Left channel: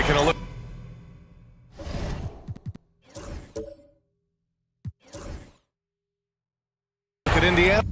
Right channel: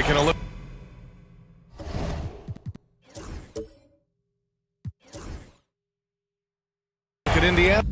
taking a look at Indiana.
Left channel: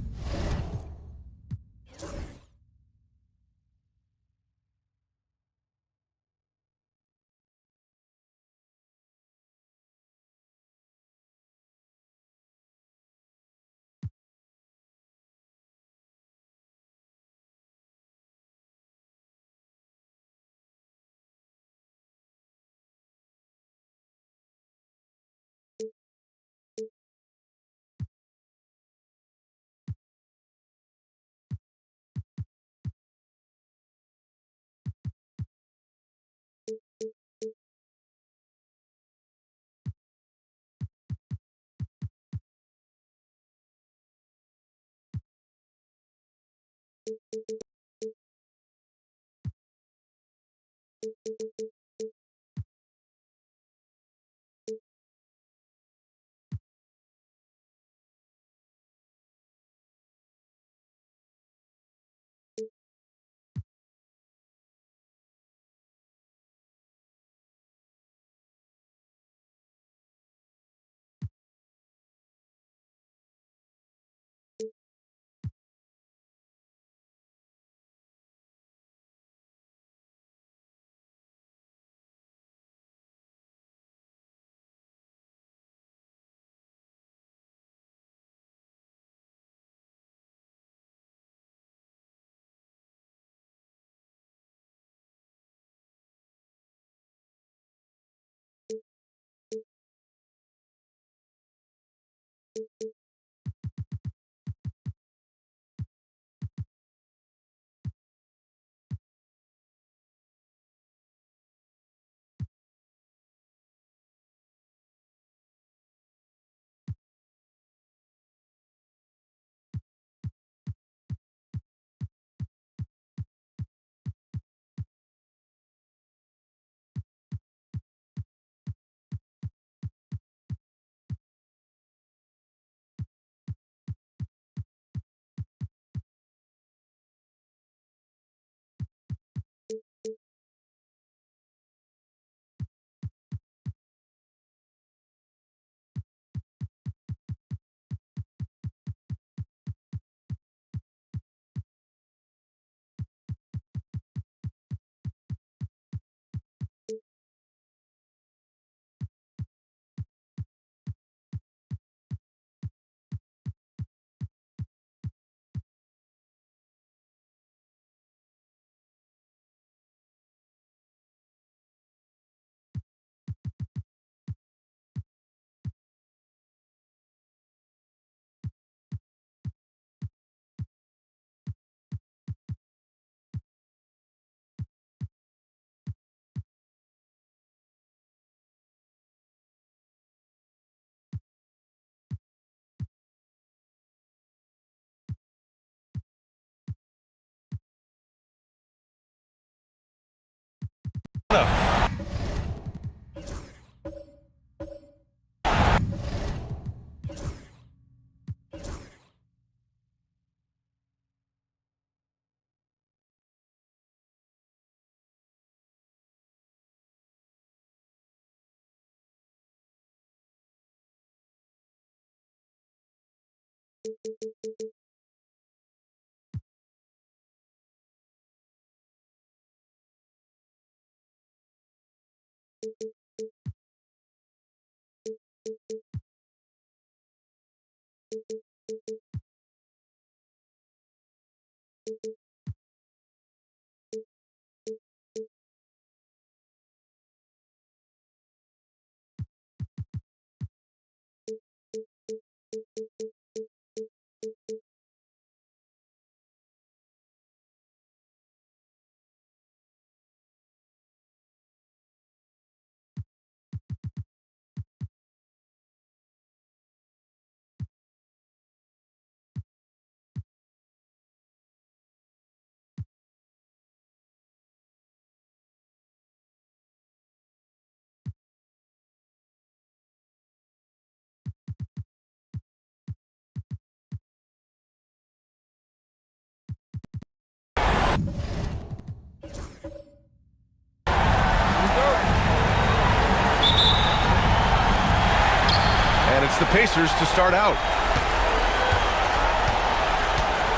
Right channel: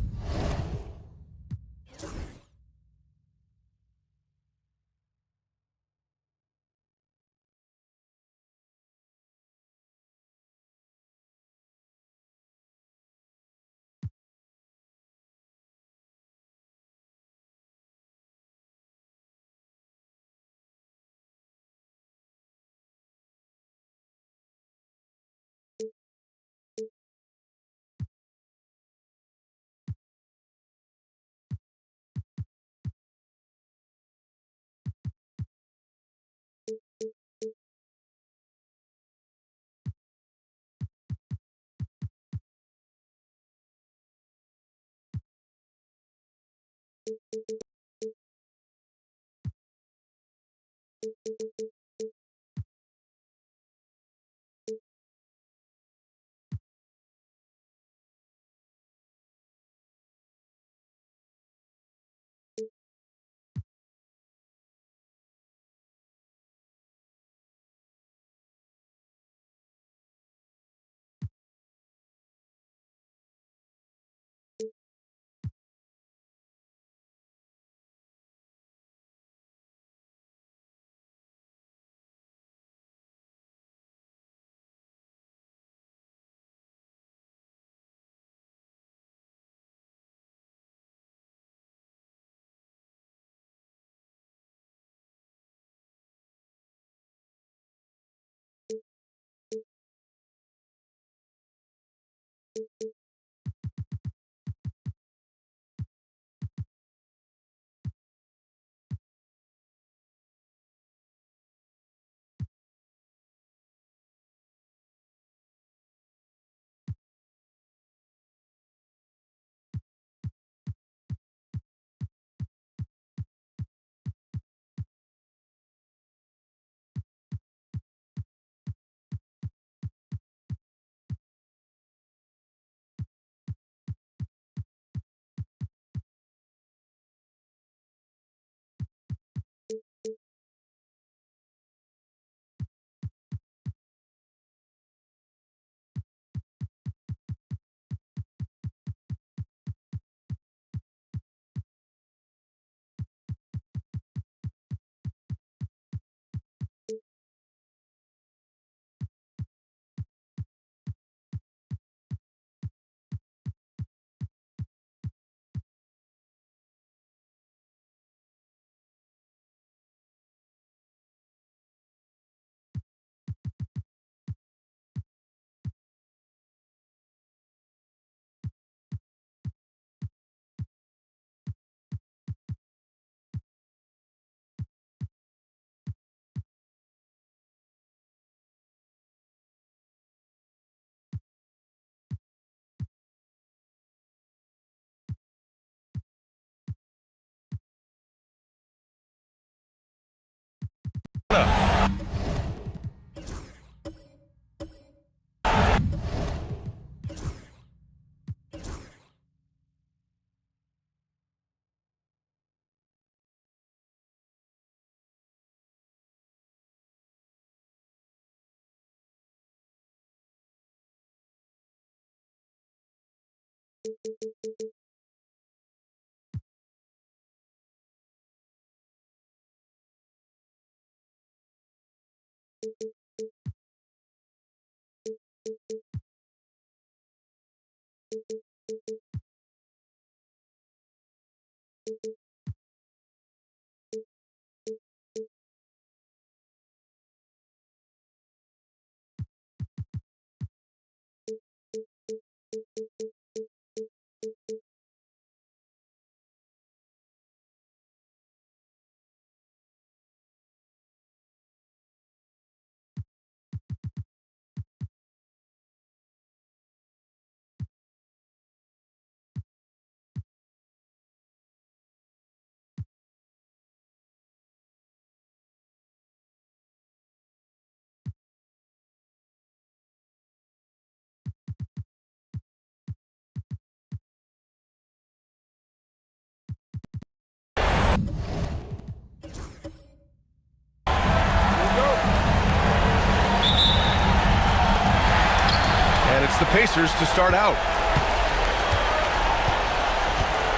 And it's the Pacers to start out.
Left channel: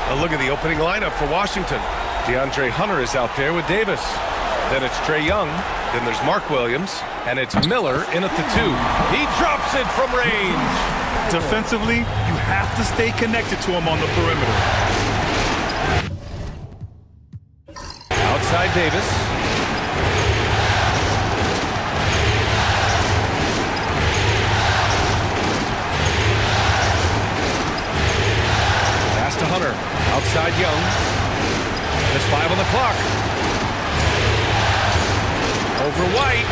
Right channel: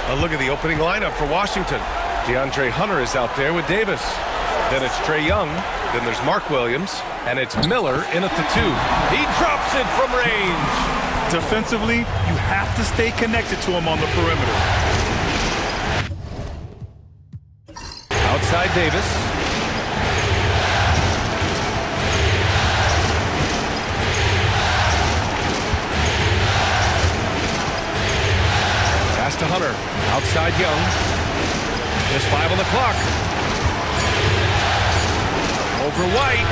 A look at the opening lineup for Washington. DeAndre Hunter is out there with Davis. Then it's Trae Young. Then there's Mark Williams. And it's Miller in at the 2. He drops it from range. Defensively, you have to stay connected to him on the perimeter. Outside Davis. Pass to Hunter. Outside Young. There's 5 on the clock. Over White.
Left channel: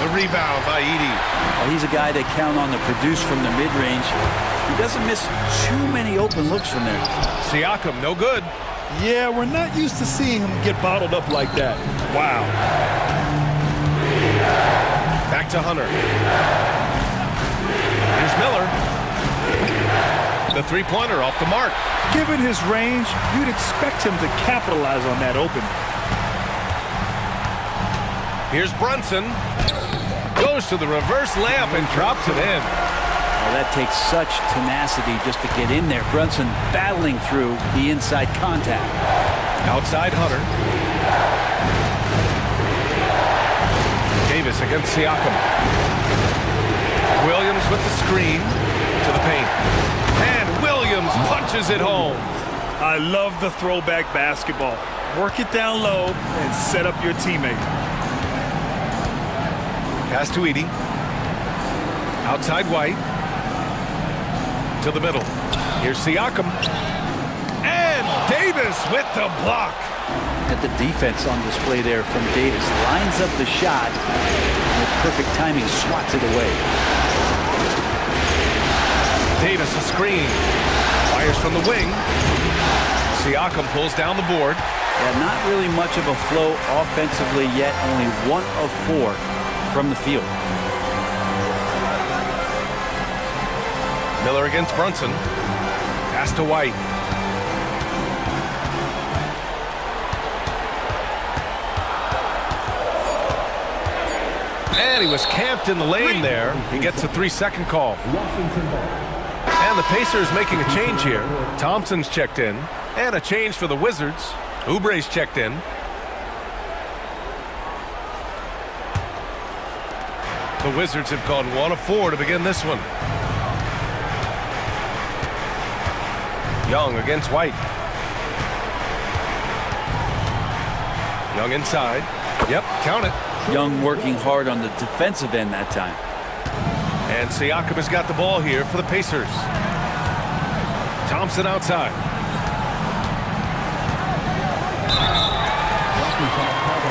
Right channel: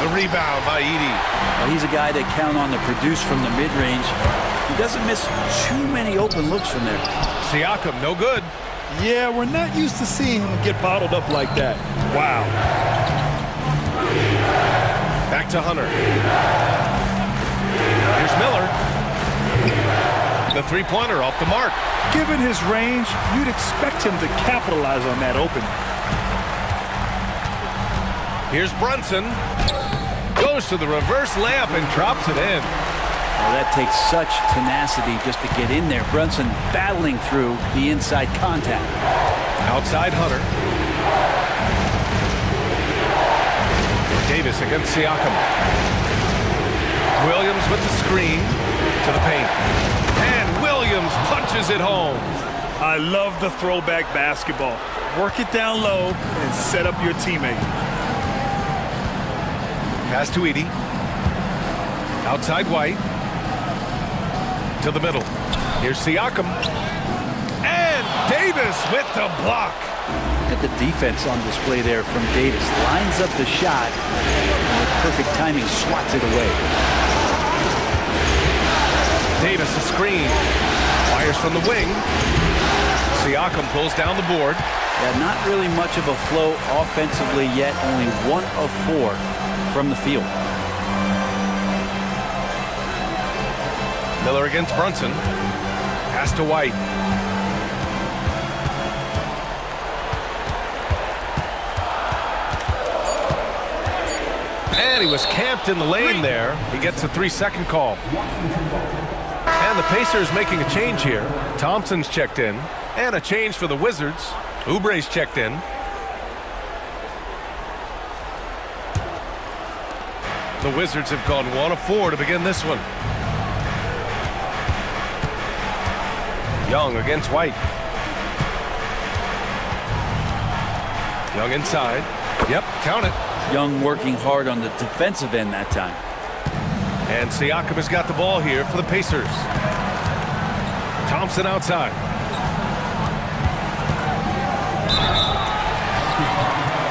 The rebound by Edey. Well, he's a guy that count on to produce from the mid-range. He doesn't miss too many open looks from there. Siakam, no good. Yeah, we're not used to seeing him get bottled up like that. Wow. Back to Hunter. Here's Miller. The three-pointer off the mark. Given his range, you'd expect him to capitalize on that opening. Here's Brunson. Goes to the reverse layup and drops it in. Well, that takes such tenacity just to get in there. Brunson battling through the inside contact. Outside Hunter. Davis against Siakam. Williams with the screen to the paint. And Williams punches it home. I love the throwback basketball. Work it down low and set up your teammate. Pass to Edey. Outside White. To the middle. Here's Siakam. And Davis with the block. Look at the defense on display there from Davis. Lines up the shot and with perfect timing swats it away. Davis a screen. Fires from the wing. Siakam pulls down the board. Yeah, not really much of a flow offensively yet. Only 1 of 4 from the field. Miller against Brunson. Pass to White. And he was camped in the lane there. He gets a 3-second call. And the Pacers making a change here. Thompson's checked in. And a change for the Wizards. Oubre's checked in. The Wizards have gone 1 of 4 to begin this one. Young against White. Young inside. Yep, count it. Young working hard on the defensive end that time. And Siakam has got the ball here for the Pacers. Thompson outside.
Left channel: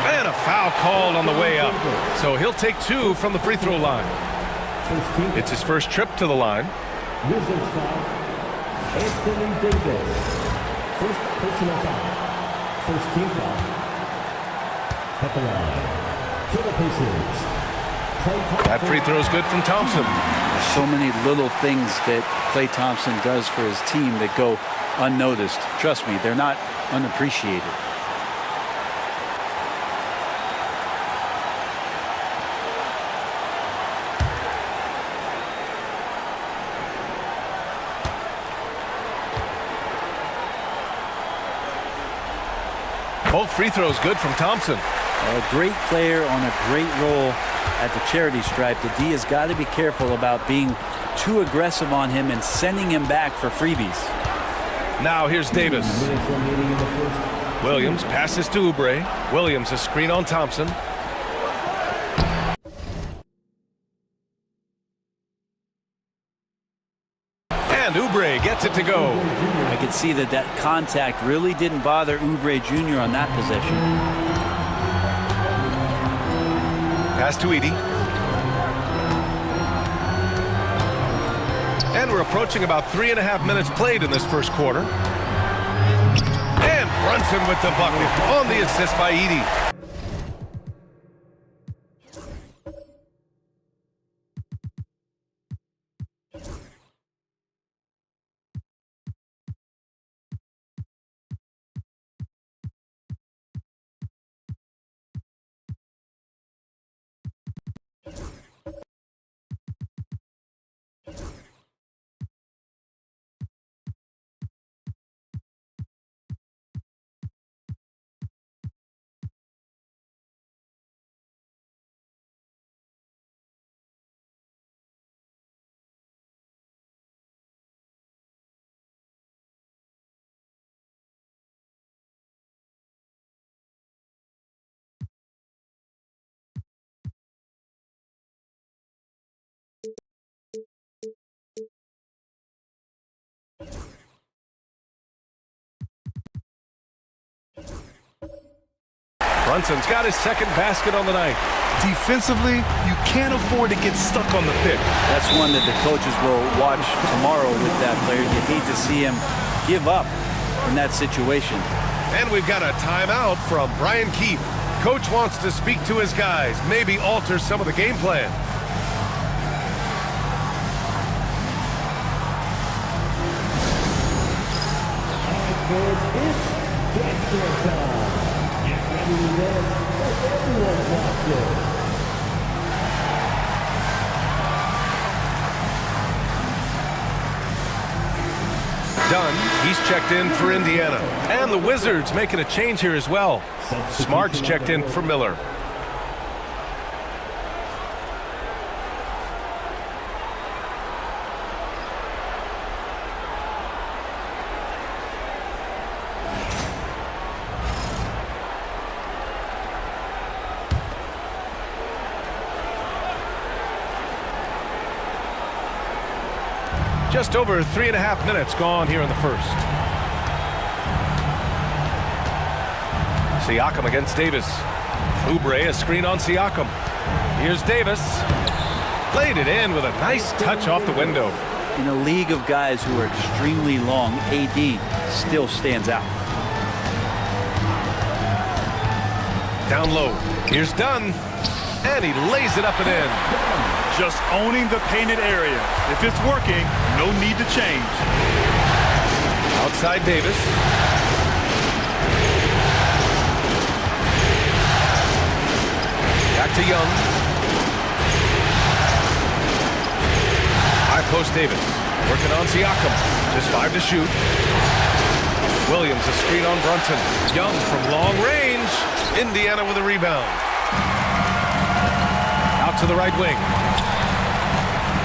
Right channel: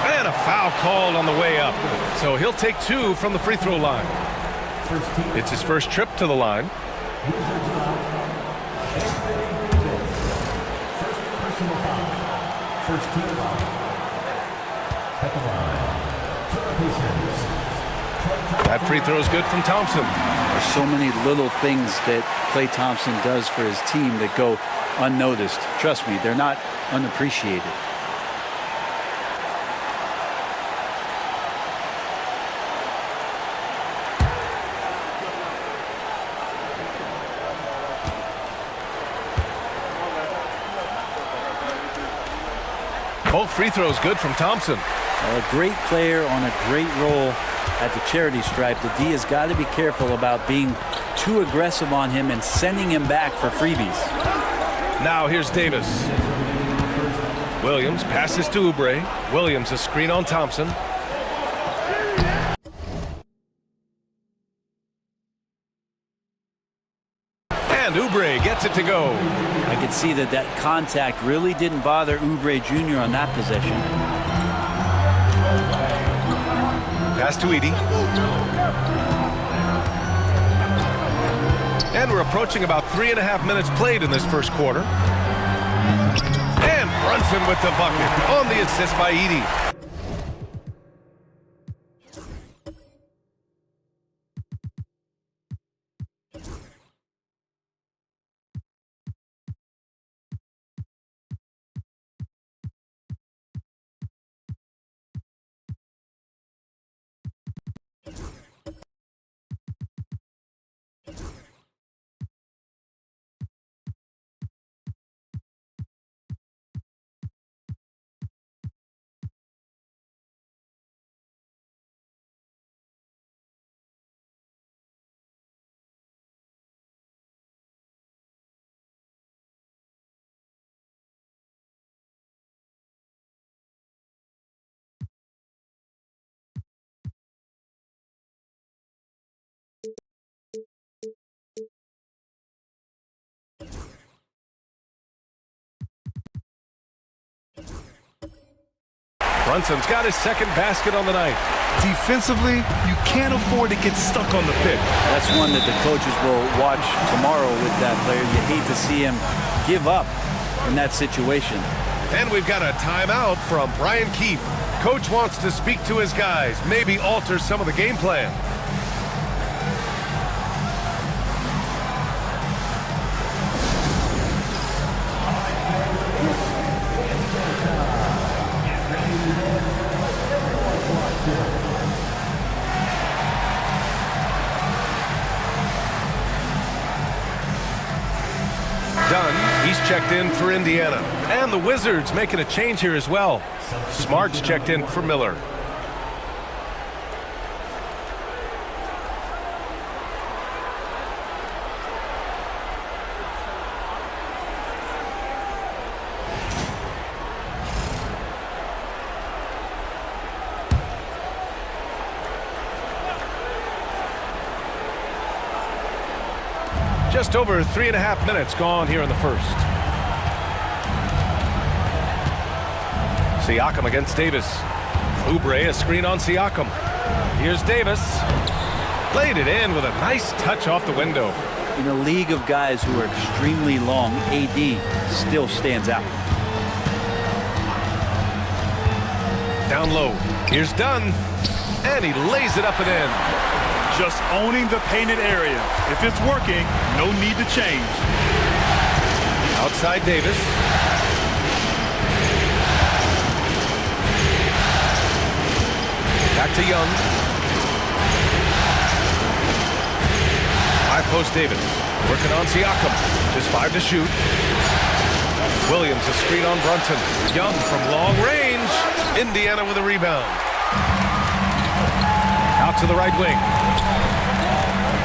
And a foul called on the way up. So he'll take 2 from the free throw line. It's his first trip to the line. Wizards foul. Anthony Davis. First personal foul. First team foul. At the line. For the Pacers. That free throw is good from Thompson. There's so many little things that Klay Thompson does for his team that go unnoticed. Trust me, they're not unappreciated. Both free throws good from Thompson. A great player on a great role at the charity stripe. The D has got to be careful about being too aggressive on him and sending him back for freebies. Now here's Davis. Williams passes to Oubre. Williams a screen on Thompson. And Oubre gets it to go. I could see that that contact really didn't bother Oubre Jr. on that possession. Pass to Edey. And we're approaching about 3.5 minutes played in this first quarter. And Brunson with the bucket on the assist by Edey. Brunson's got his second basket on the night. Defensively, you can't afford to get stuck on the pick. That's one that the coaches will watch tomorrow with that player. You hate to see him give up in that situation. And we've got a timeout from Brian Keefe. Coach wants to speak to his guys, maybe alter some of the game plan. Dunn, he's checked in for Indiana. And the Wizards making a change here as well. Smart's checked in for Miller. Just over 3.5 minutes gone here in the first. Siakam against Davis. Oubre, a screen on Siakam. Here's Davis. Played it in with a nice touch off the window. In a league of guys who are extremely long, AD still stands out. Down low. Here's Dunn. And he lays it up and in. Just owning the painted area. If it's working, no need to change. Outside Davis. Back to Young. High post Davis. Working on Siakam. Just 5 to shoot. Williams a screen on Brunson. Young from long range. Indiana with a rebound. Out to the right wing.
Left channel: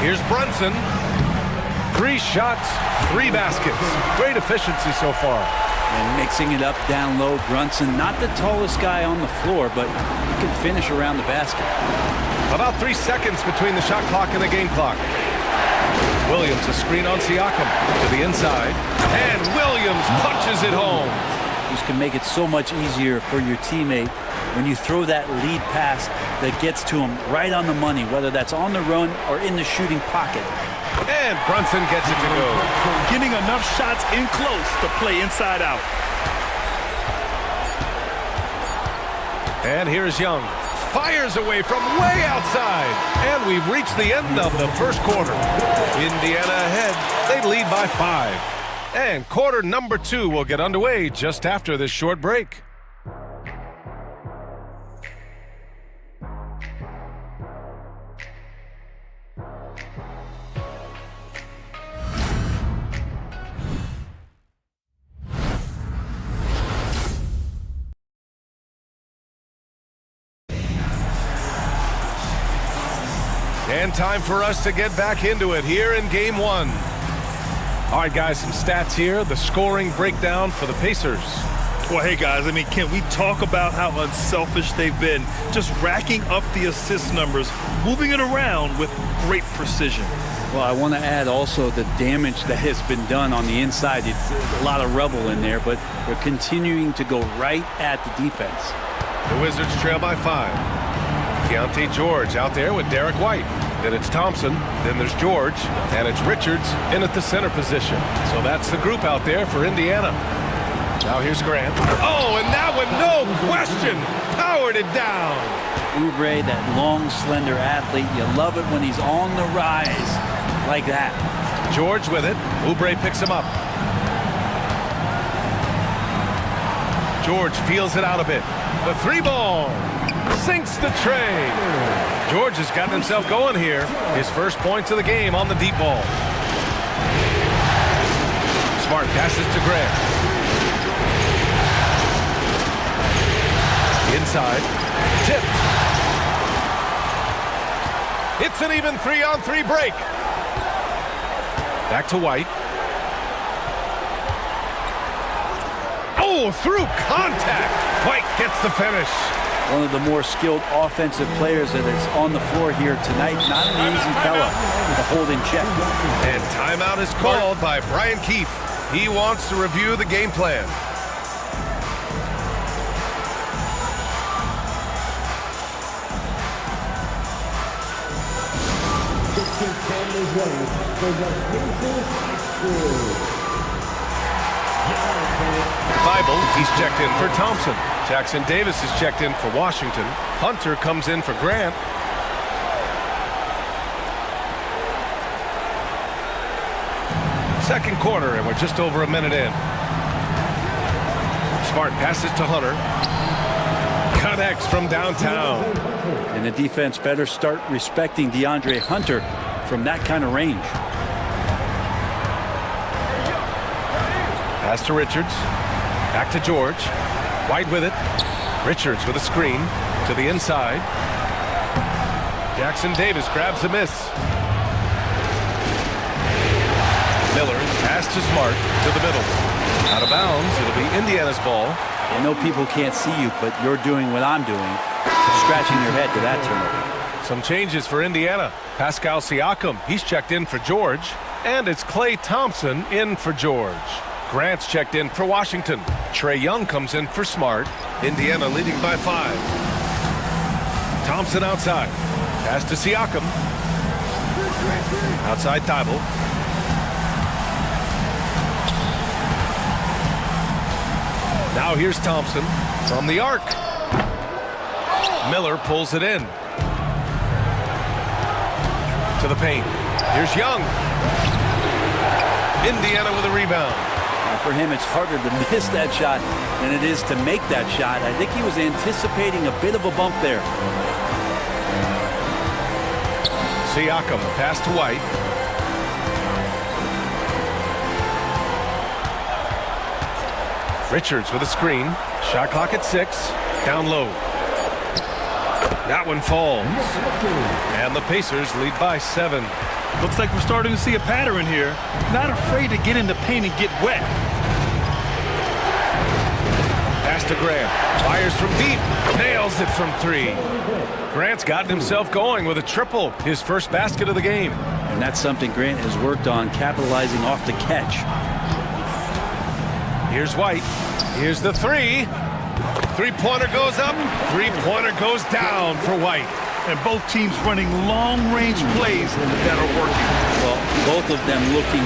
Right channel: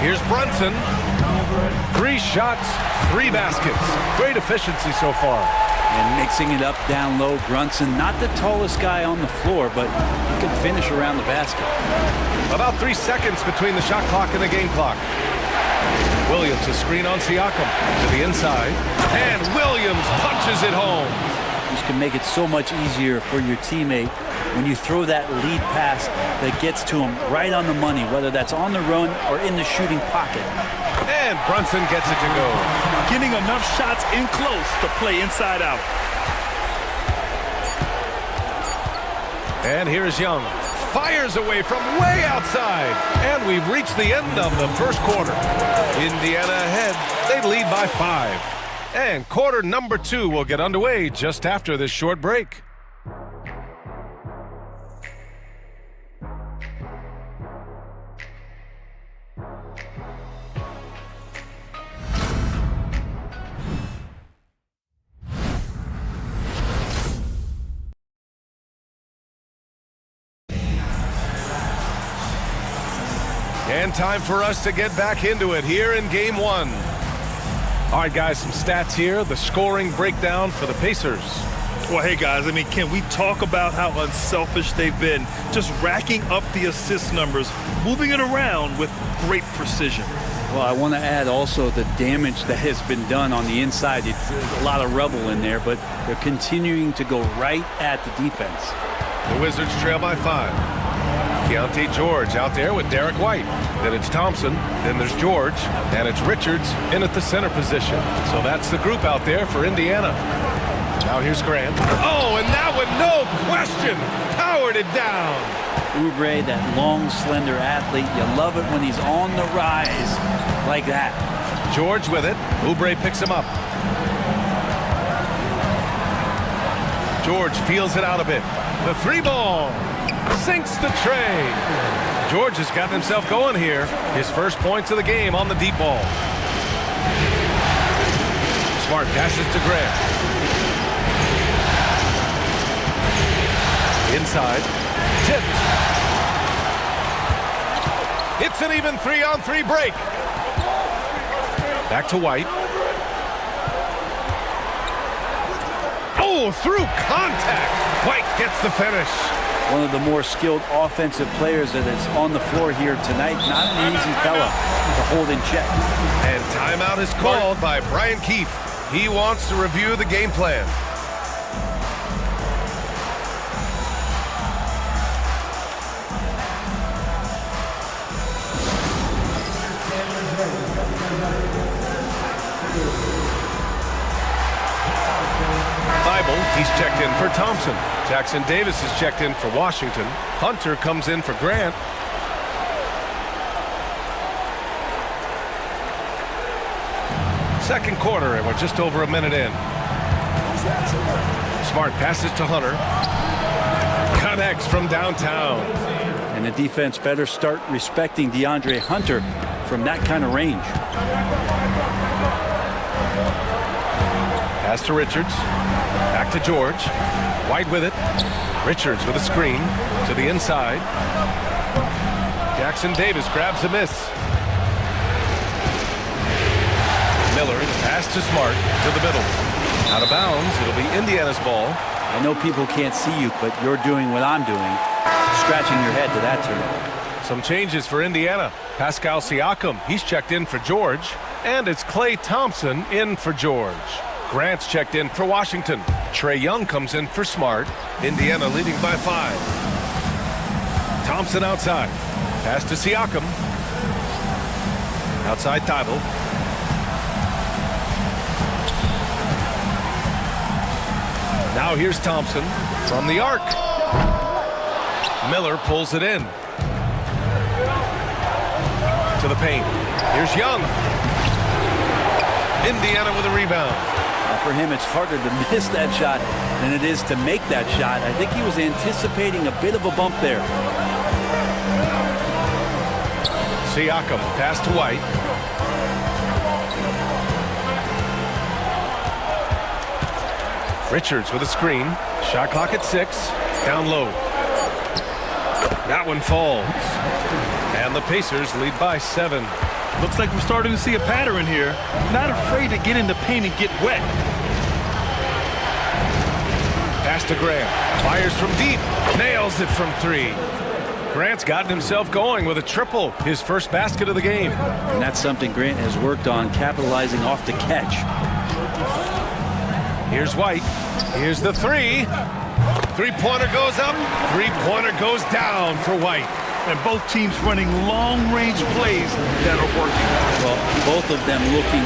Here's Brunson. 3 shots, 3 baskets. Great efficiency so far. And mixing it up down low, Brunson, not the tallest guy on the floor, but he can finish around the basket. About 3 seconds between the shot clock and the game clock. Williams a screen on Siakam to the inside. And Williams punches it home. This can make it so much easier for your teammate when you throw that lead pass that gets to him right on the money, whether that's on the run or in the shooting pocket. And Brunson gets it to go. Getting enough shots in close to play inside out. And here's Young. Fires away from way outside. And we've reached the end of the first quarter. Indiana ahead. They lead by 5. And quarter number 2 will get underway just after this short break. And time for us to get back into it here in game 1. All right, guys, some stats here. The scoring breakdown for the Pacers. Well, hey, guys, I mean, can we talk about how unselfish they've been? Just racking up the assist numbers, moving it around with great precision. Well, I want to add also the damage that has been done on the inside. It's a lot of rubble in there, but they're continuing to go right at the defense. The Wizards trail by 5. Keontae George out there with Derek White. Then it's Thompson, then there's George, and it's Richards in at the center position. So that's the group out there for Indiana. Now here's Grant. Oh, and that one, no question, powered it down. Oubre, that long, slender athlete, you love it when he's on the rise like that. George with it. Oubre picks him up. George feels it out a bit. The 3-ball sinks the tray. George has gotten himself going here. His first points of the game on the deep ball. Smart passes to Grant. Inside. Tipped. It's an even 3-on-3 break. Back to White. Oh, through contact. White gets the finish. One of the more skilled offensive players that is on the floor here tonight. Not an easy fella to hold in check. And timeout is called by Brian Keefe. He wants to review the game plan. ready for the Pacers backfield. Thibault, he's checked in for Thompson. Jackson Davis is checked in for Washington. Hunter comes in for Grant. Second quarter, and we're just over a minute in. Smart passes to Hunter. Connects from downtown. And the defense better start respecting DeAndre Hunter from that kind of range. Pass to Richards. Back to George. White with it. Richards with a screen to the inside. Jackson Davis grabs a miss. Miller, pass to Smart to the middle. Out of bounds. It'll be Indiana's ball. I know people can't see you, but you're doing what I'm doing. Scratching your head to that turnover. Some changes for Indiana. Pascal Siakam, he's checked in for George. And it's Klay Thompson in for George. Grant's checked in for Washington. Trae Young comes in for Smart. Indiana leading by 5. Thompson outside. Pass to Siakam. Outside Thibault. Now here's Thompson from the arc. Miller pulls it in. To the paint. Here's Young. Indiana with a rebound. For him, it's harder to miss that shot than it is to make that shot. I think he was anticipating a bit of a bump there. Siakam, pass to White. Richards with a screen. Shot clock at 6. Down low. That one falls. And the Pacers lead by 7. Looks like we're starting to see a pattern here. Not afraid to get in the paint and get wet. Pass to Grant. Fires from deep. Nails it from 3. Grant's gotten himself going with a triple. His first basket of the game. And that's something Grant has worked on, capitalizing off the catch. Here's White. Here's the 3. Three-pointer goes up. Three-pointer goes down for White. And both teams running long-range plays that are working. Well, both of them looking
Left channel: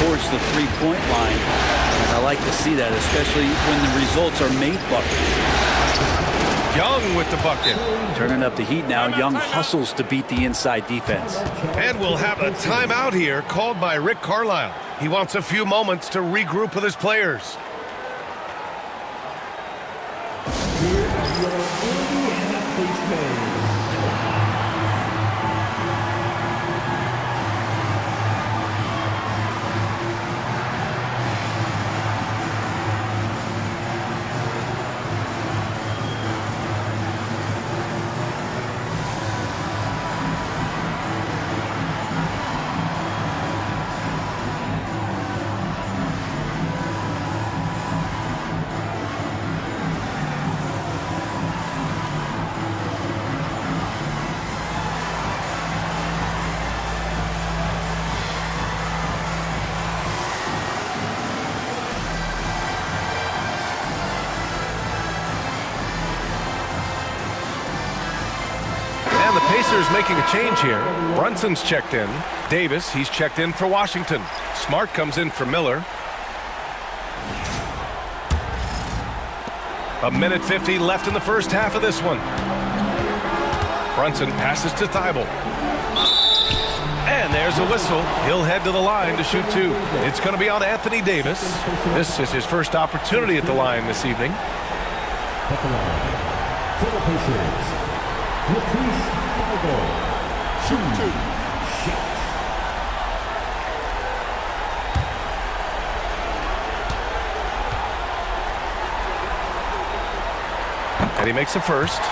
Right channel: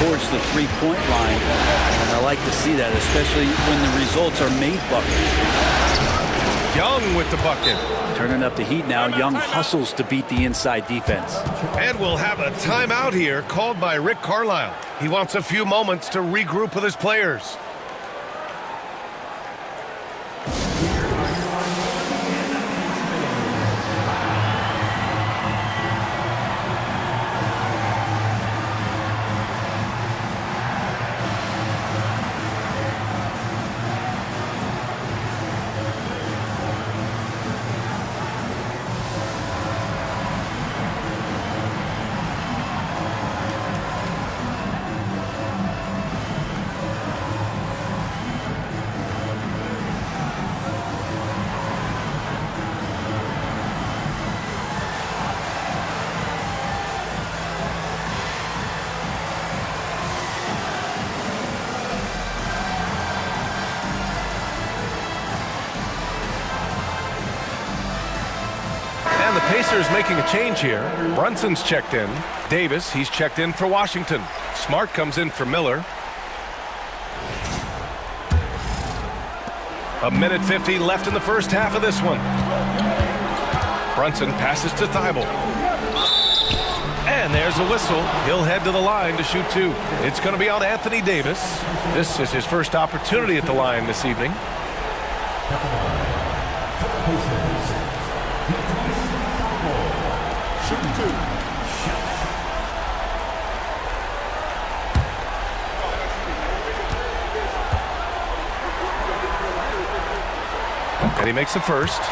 towards the three-point line. And I like to see that, especially when the results are made buckets. Young with the bucket. Turning up the heat now. Young hustles to beat the inside defense. And we'll have a timeout here called by Rick Carlisle. He wants a few moments to regroup with his players. Here are your Indiana Pacers. And the Pacers making a change here. Brunson's checked in. Davis, he's checked in for Washington. Smart comes in for Miller. A minute 50 left in the first half of this one. Brunson passes to Thibault. And there's a whistle. He'll head to the line to shoot 2. It's going to be on Anthony Davis. This is his first opportunity at the line this evening. At the line for the Pacers, Matisse Thybulle. Shoot 2. And he makes a first.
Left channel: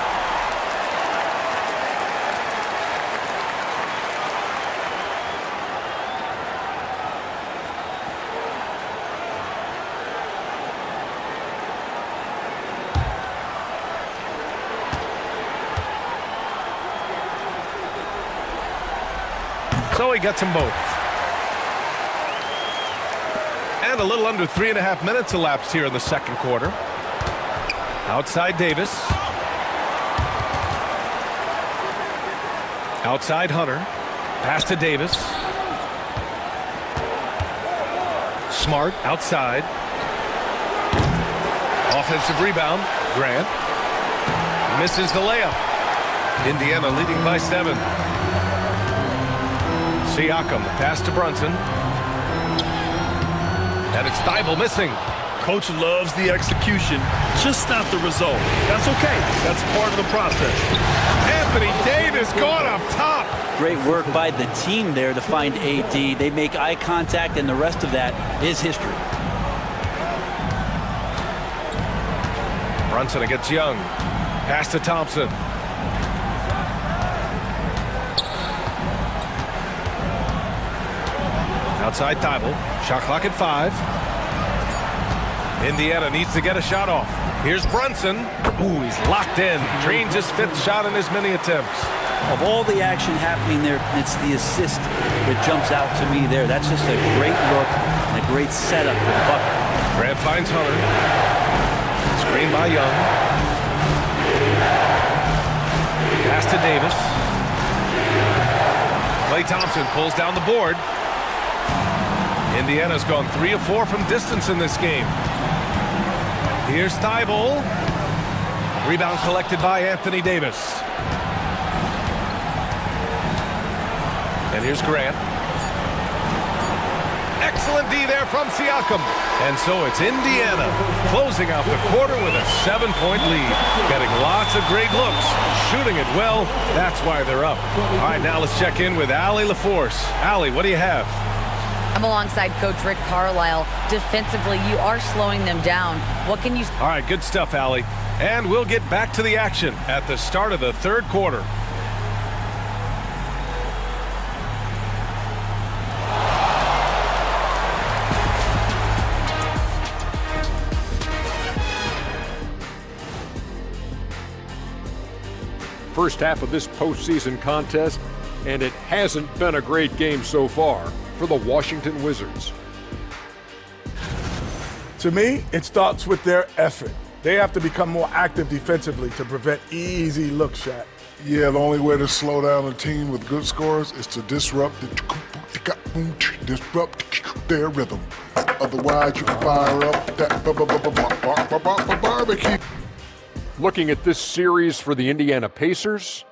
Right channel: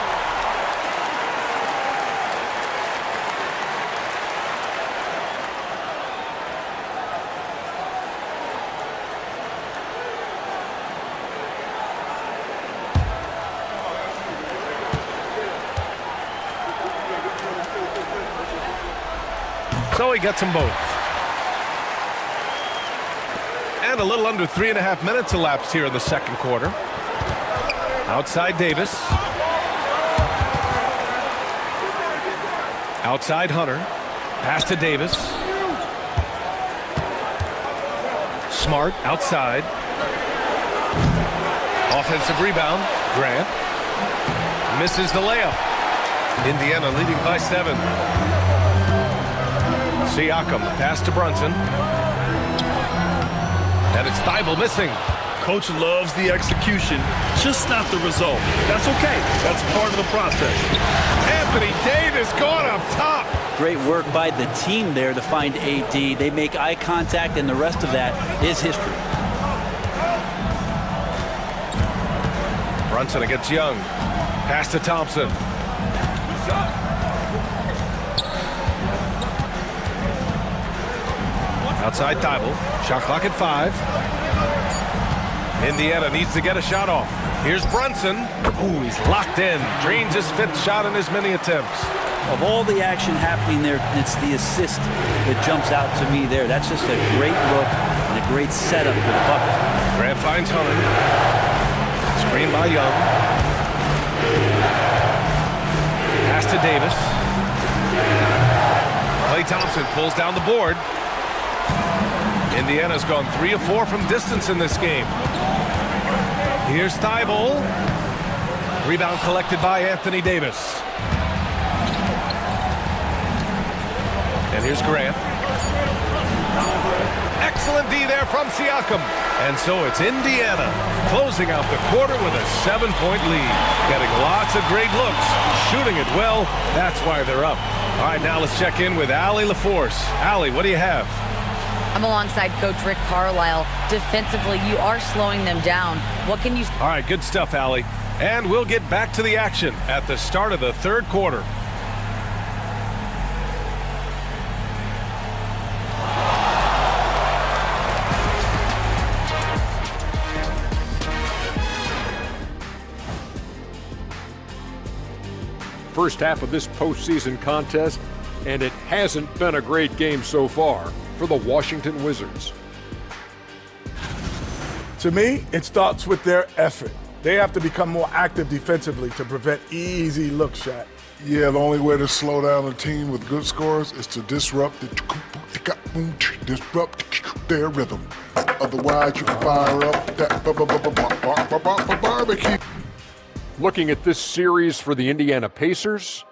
So he gets them both. And a little under 3.5 minutes elapsed here in the second quarter. Outside Davis. Outside Hunter. Pass to Davis. Smart outside. Offensive rebound. Grant misses the layup. Indiana leading by 7. Siakam, the pass to Brunson. And it's Thibault missing. Coach loves the execution, just not the result. That's okay. That's part of the process. Anthony Davis going up top. Great work by the team there to find AD. They make eye contact, and the rest of that is history. Brunson against Young. Pass to Thompson. Outside Thibault. Shot clock at 5. Indiana needs to get a shot off. Here's Brunson. Ooh, he's locked in. Drains his 5th shot in as many attempts. Of all the action happening there, it's the assist that jumps out to me there. That's just a great look and a great setup for the bucket. Grant finds Hunter. Screen by Young. Pass to Davis. Klay Thompson pulls down the board. Indiana's gone 3 of 4 from distance in this game. Here's Thibault. Rebound collected by Anthony Davis. And here's Grant. Excellent D there from Siakam. And so it's Indiana closing out the quarter with a 7-point lead. Getting lots of great looks. Shooting it well. That's why they're up. All right, now let's check in with Allie LaForce. Allie, what do you have? I'm alongside Coach Rick Carlisle. Defensively, you are slowing them down. What can you... All right, good stuff, Allie. And we'll get back to the action at the start of the 3rd quarter. First half of this postseason contest, and it hasn't been a great game so far for the Washington Wizards. To me, it starts with their effort. They have to become more active defensively to prevent easy look shot. Yeah, the only way to slow down a team with good scores is to disrupt their rhythm. Otherwise, you can fire up that barbecue. Looking at this series for the Indiana Pacers,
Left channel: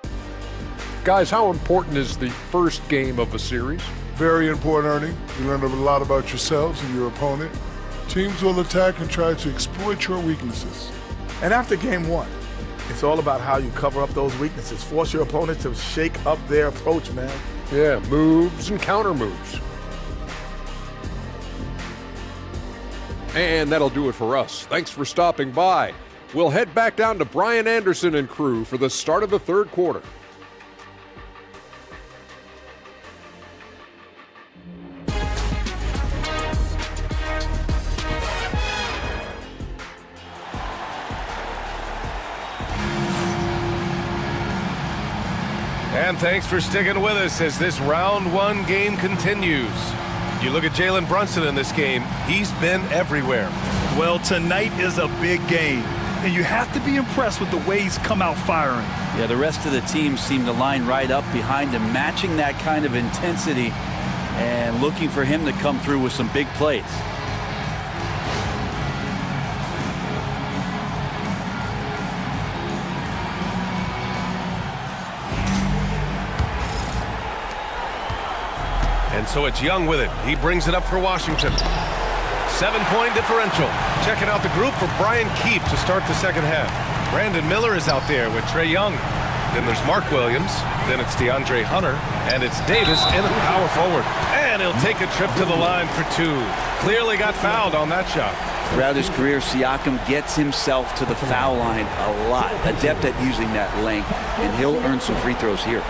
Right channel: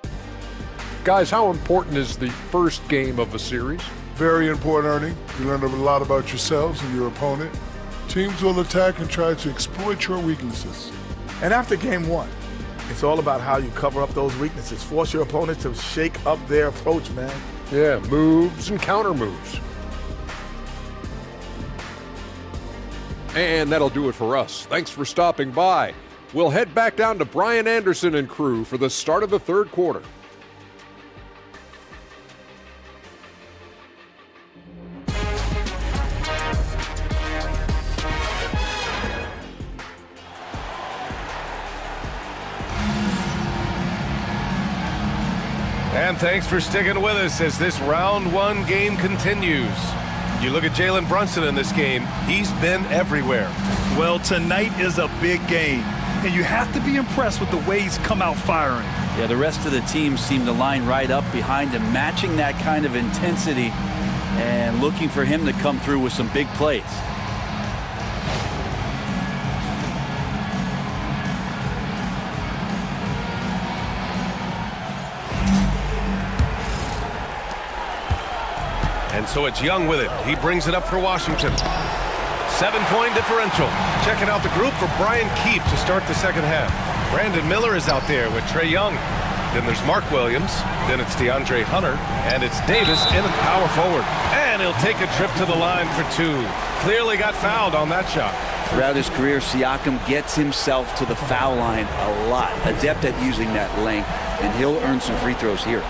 guys, how important is the first game of a series? Very important, Ernie. You learn a lot about yourselves and your opponent. Teams will attack and try to exploit your weaknesses. And after game 1, it's all about how you cover up those weaknesses. Force your opponent to shake up their approach, man. Yeah, moves and counter moves. And that'll do it for us. Thanks for stopping by. We'll head back down to Brian Anderson and crew for the start of the 3rd quarter. And thanks for sticking with us as this round 1 game continues. You look at Jalen Brunson in this game, he's been everywhere. Well, tonight is a big game, and you have to be impressed with the way he's come out firing. Yeah, the rest of the team seem to line right up behind him, matching that kind of intensity and looking for him to come through with some big plays. And so it's Young with it. He brings it up for Washington. 7-point differential. Checking out the group for Brian Keefe to start the 2nd half. Brandon Miller is out there with Trae Young. Then there's Mark Williams. Then it's DeAndre Hunter. And it's Davis in at power forward. And he'll take a trip to the line for 2. Clearly got fouled on that shot. Throughout his career, Siakam gets himself to the foul line a lot. Adept at using that length. And he'll earn some free throws here.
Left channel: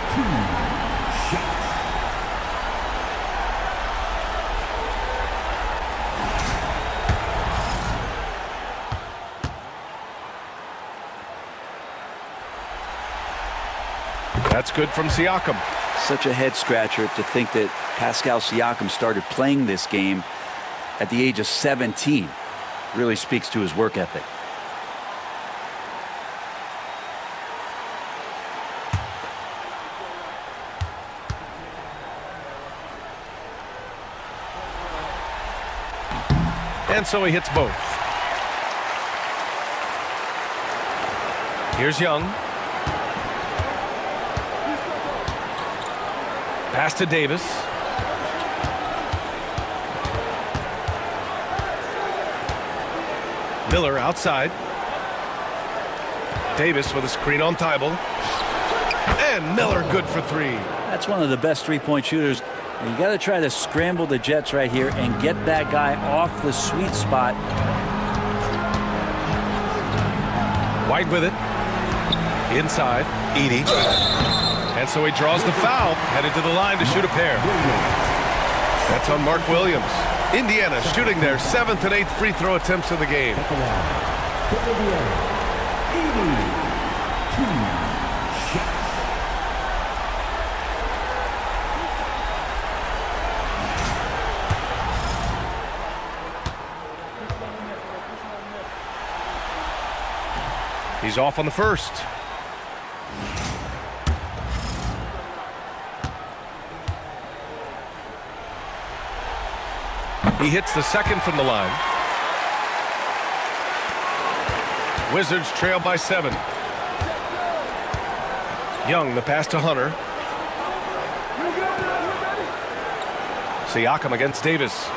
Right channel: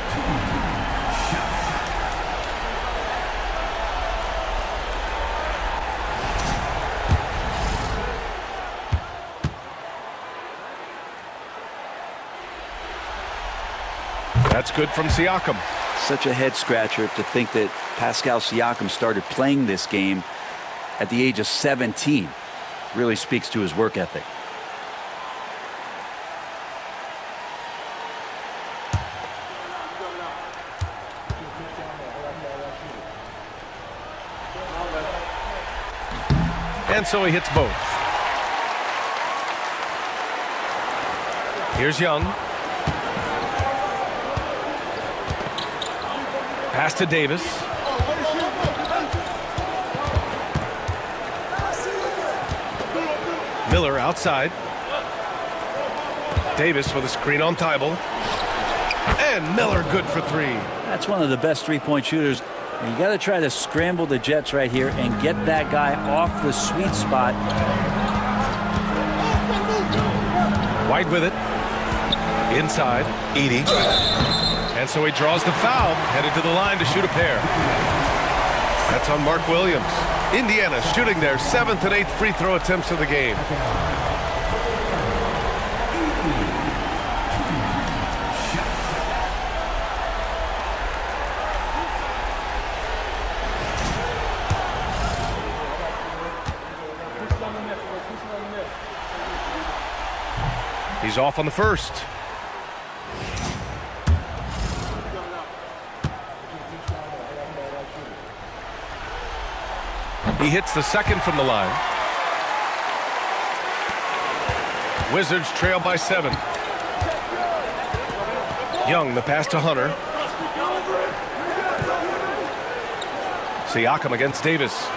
That's good from Siakam. Such a head scratcher to think that Pascal Siakam started playing this game at the age of 17. Really speaks to his work ethic. And so he hits both. Here's Young. Pass to Davis. Miller outside. Davis with a screen on Thibault. And Miller good for three. That's one of the best three-point shooters. You got to try to scramble the Jets right here and get that guy off the sweet spot. White with it. Inside. Edey. And so he draws the foul, headed to the line to shoot a pair. That's on Mark Williams. Indiana shooting their 7th and 8th free throw attempts of the game. He's off on the first. He hits the second from the line. Wizards trail by 7. Young, the pass to Hunter. Siakam against Davis.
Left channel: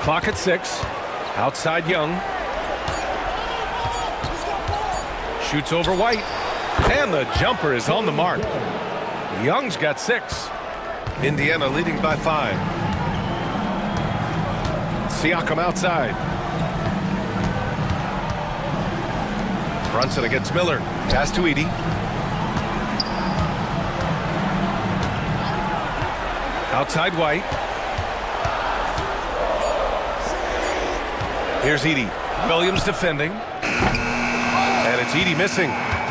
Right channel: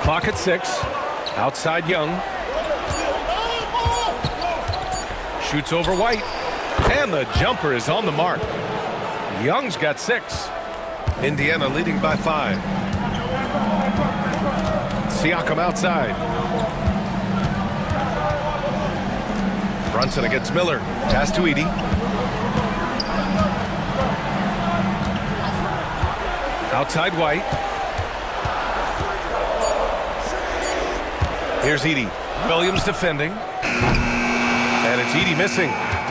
Clock at 6. Outside Young. Shoots over White. And the jumper is on the mark. Young's got 6. Indiana leading by 5. Siakam outside. Brunson against Miller. Pass to Edey. Outside White. Here's Edey. Williams defending. And it's Edey missing.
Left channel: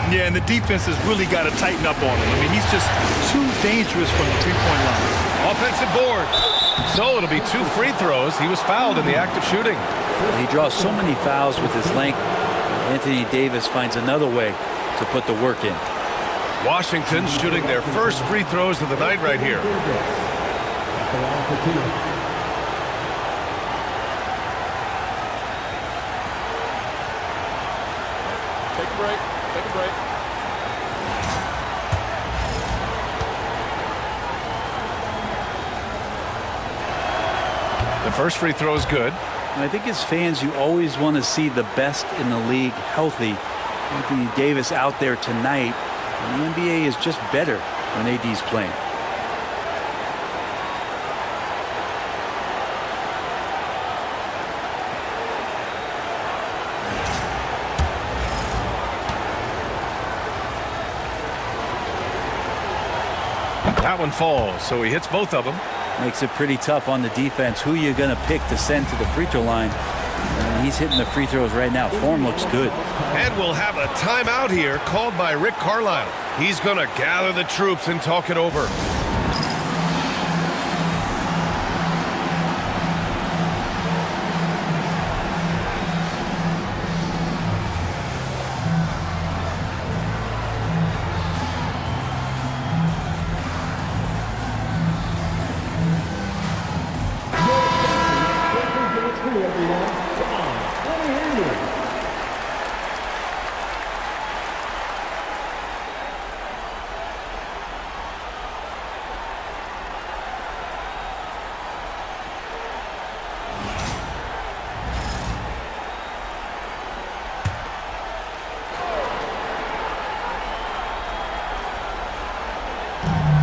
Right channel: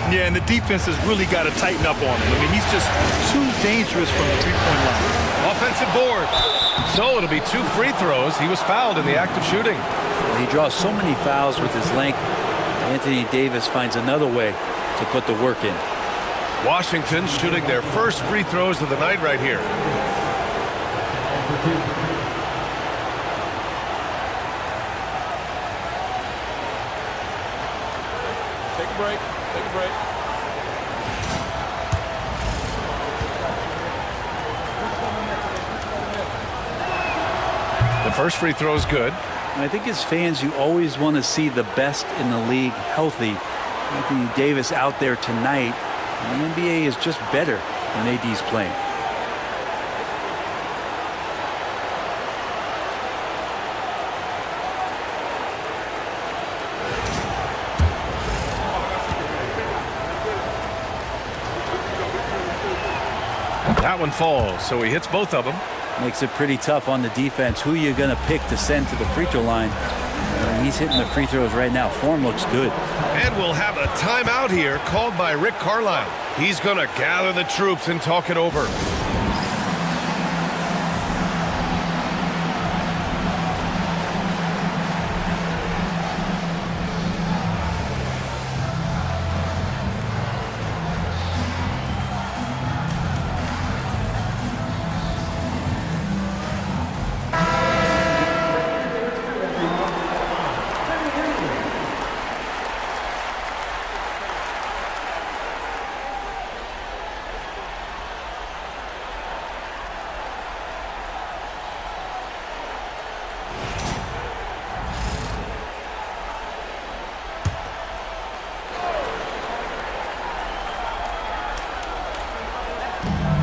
Yeah, and the defense has really got to tighten up on him. I mean, he's just too dangerous from the three-point line. Offensive board. So it'll be 2 free throws. He was fouled in the act of shooting. Well, he draws so many fouls with his length. Anthony Davis finds another way to put the work in. Washington shooting their first free throws of the night right here. Take a break. Take a break. The first free throw is good. I think as fans, you always want to see the best in the league healthy. Anthony Davis out there tonight, and the NBA is just better when AD's playing. That one falls, so he hits both of them. Makes it pretty tough on the defense. Who you're going to pick to send to the free throw line. And he's hitting the free throws right now. Form looks good. And we'll have a timeout here called by Rick Carlisle. He's going to gather the troops and talk it over.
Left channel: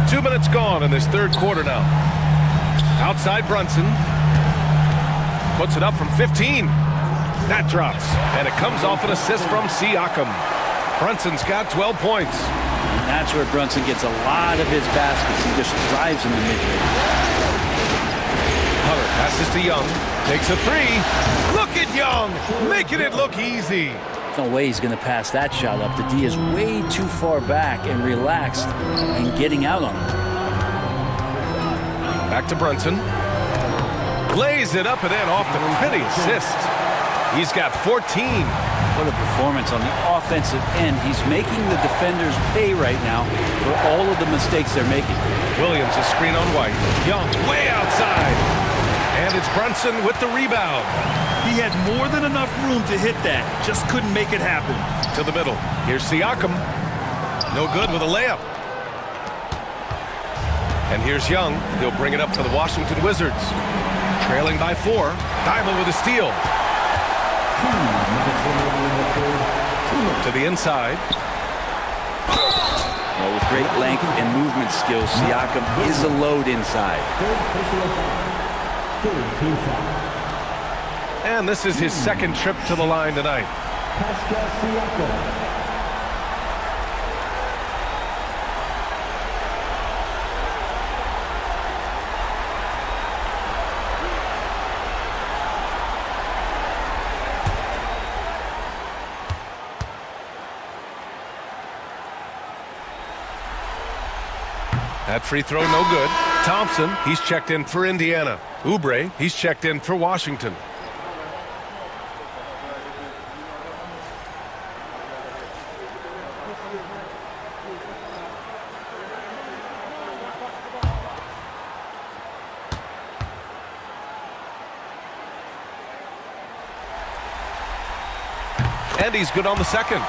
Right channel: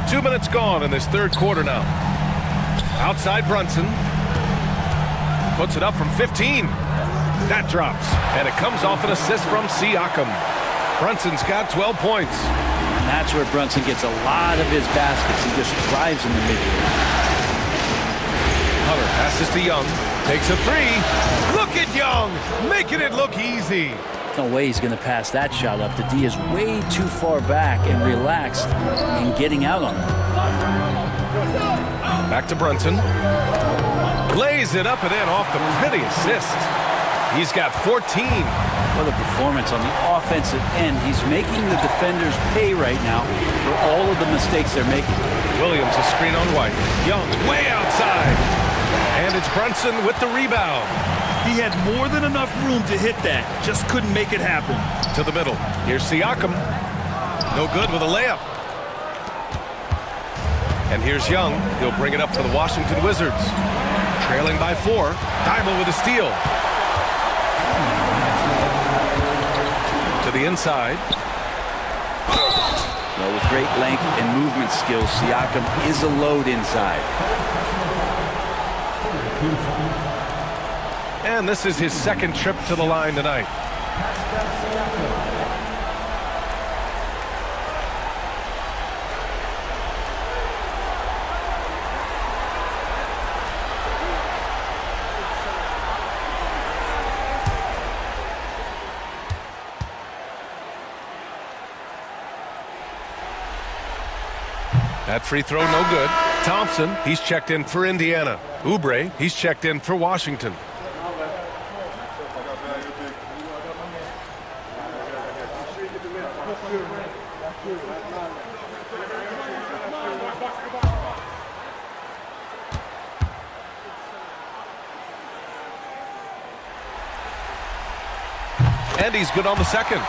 Two minutes gone in this third quarter now. Outside Brunson. Puts it up from 15. That drops. And it comes off an assist from Siakam. Brunson's got 12 points. And that's where Brunson gets a lot of his baskets. He just thrives in the mid-range. Hunter passes to Young. Takes a 3. Look at Young. Making it look easy. No way he's going to pass that shot up. The D is way too far back and relaxed in getting out on him. Back to Brunson. Lays it up and in off the pretty assist. He's got 14. What a performance on the offensive end. He's making the defenders pay right now for all of the mistakes they're making. Williams a screen on White. Young way outside. And it's Brunson with the rebound. He had more than enough room to hit that. Just couldn't make it happen. To the middle. Here's Siakam. No good with a layup. And here's Young. He'll bring it up for the Washington Wizards. Trailing by 4. Dybel with a steal. To the inside. Well, with great length and movement skills, Siakam is a load inside. And this is his second trip to the line tonight. That free throw no good. Thompson, he's checked in for Indiana. Oubre, he's checked in for Washington. And he's good on the second.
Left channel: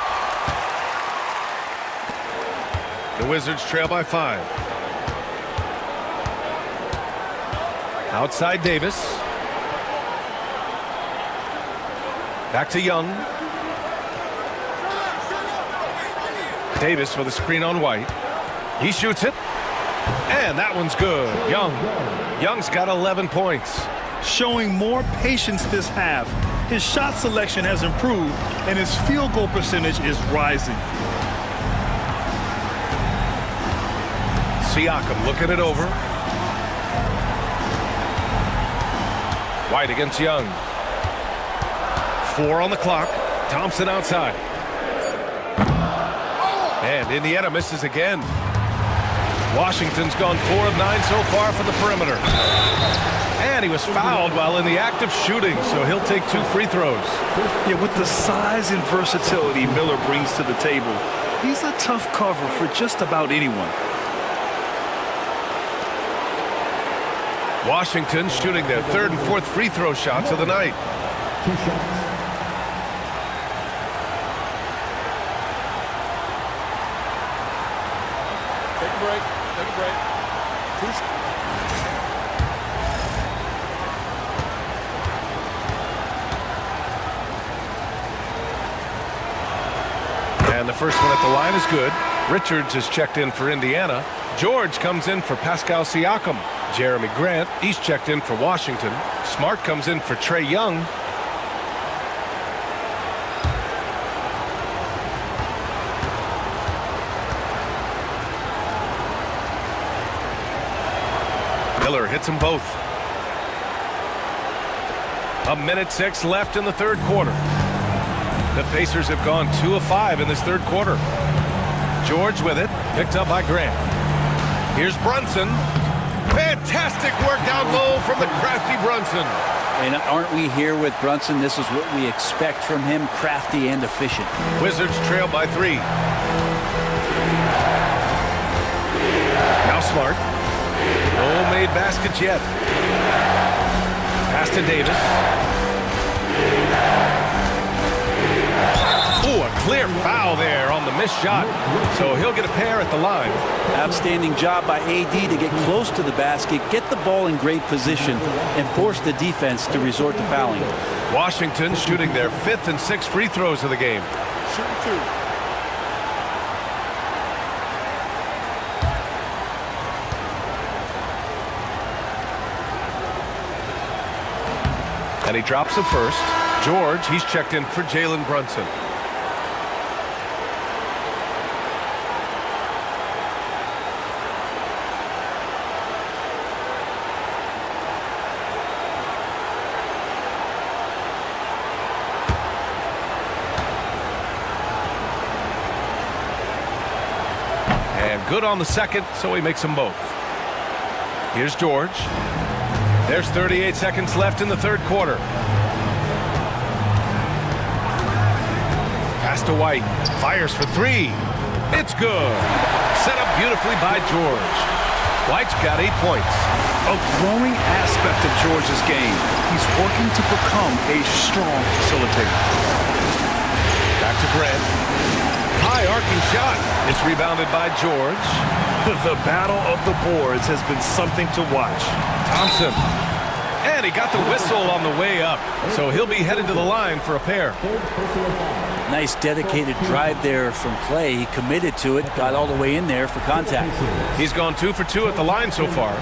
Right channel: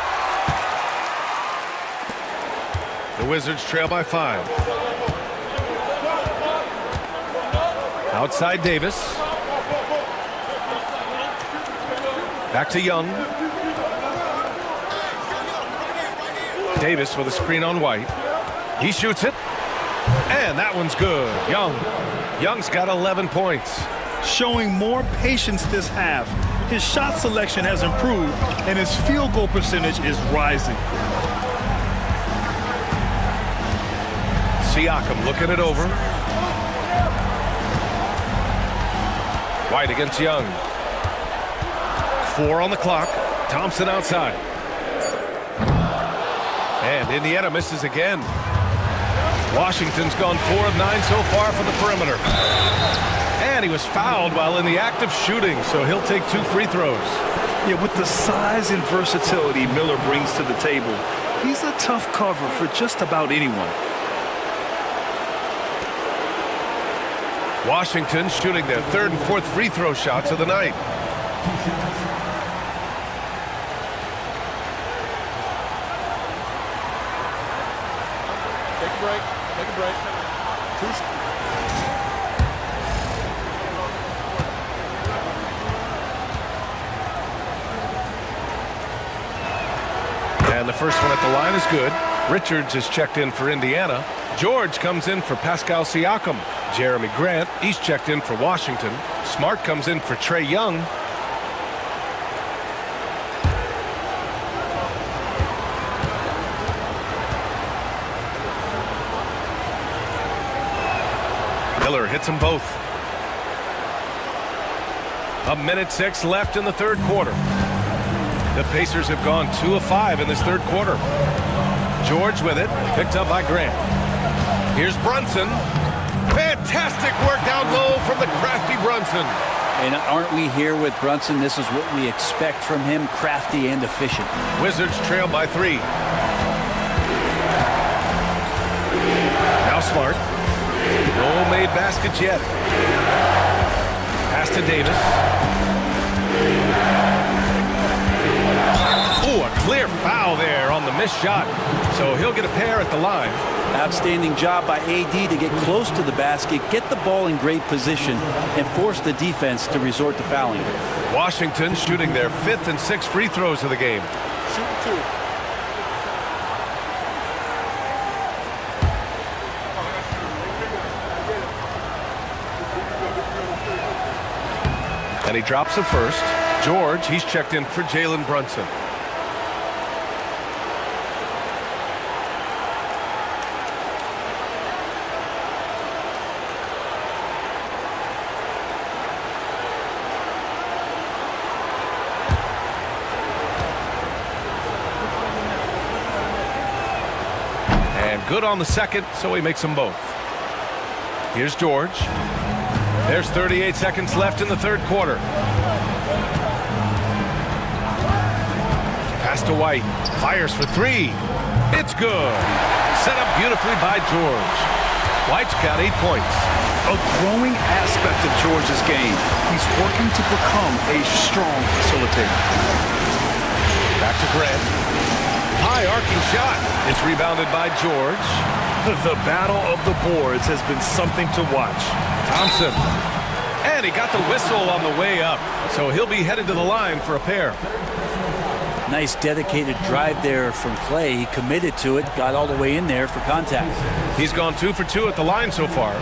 The Wizards trail by 5. Outside Davis. Back to Young. Davis with a screen on White. He shoots it. And that one's good. Young's got 11 points. Showing more patience this half. His shot selection has improved, and his field goal percentage is rising. Siakam looking it over. White against Young. 4 on the clock. Thompson outside. And Indiana misses again. Washington's gone 4 of 9 so far from the perimeter. And he was fouled while in the act of shooting, so he'll take 2 free throws. Yeah, with the size and versatility Miller brings to the table, he's a tough cover for just about anyone. Washington shooting their 3rd and 4th free throw shots of the night. Take a break. Take a break. And the first one at the line is good. Richards is checked in for Indiana. George comes in for Pascal Siakam. Jeremy Grant, he's checked in for Washington. Smart comes in for Trae Young. Miller hits them both. 1:06 left in the 3rd quarter. The Pacers have gone 2 of 5 in this 3rd quarter. George with it, picked up by Grant. Here's Brunson. Fantastic work down low from the crafty Brunson. And aren't we here with Brunson? This is what we expect from him, crafty and efficient. Wizards trail by 3. Now Smart. No made baskets yet. Pass to Davis. Ooh, a clear foul there on the missed shot. So he'll get a pair at the line. Outstanding job by AD to get close to the basket, get the ball in great position, and force the defense to resort to fouling. Washington shooting their 5th and 6th free throws of the game. Shooting 2. And he drops the first. George, he's checked in for Jalen Brunson. And good on the second, so he makes them both. Here's George. There's 38 seconds left in the 3rd quarter. Pass to White. Fires for three. It's good. Set up beautifully by George. White's got 8 points. A growing aspect of George's game. He's working to become a strong facilitator. Back to Grant. High arcing shot. It's rebounded by George. The battle of the boards has been something to watch. Thompson. And he got the whistle on the way up. So he'll be headed to the line for a pair. Nice dedicated drive there from Clay. He committed to it, got all the way in there for contact. He's gone 2 for 2 at the line so far.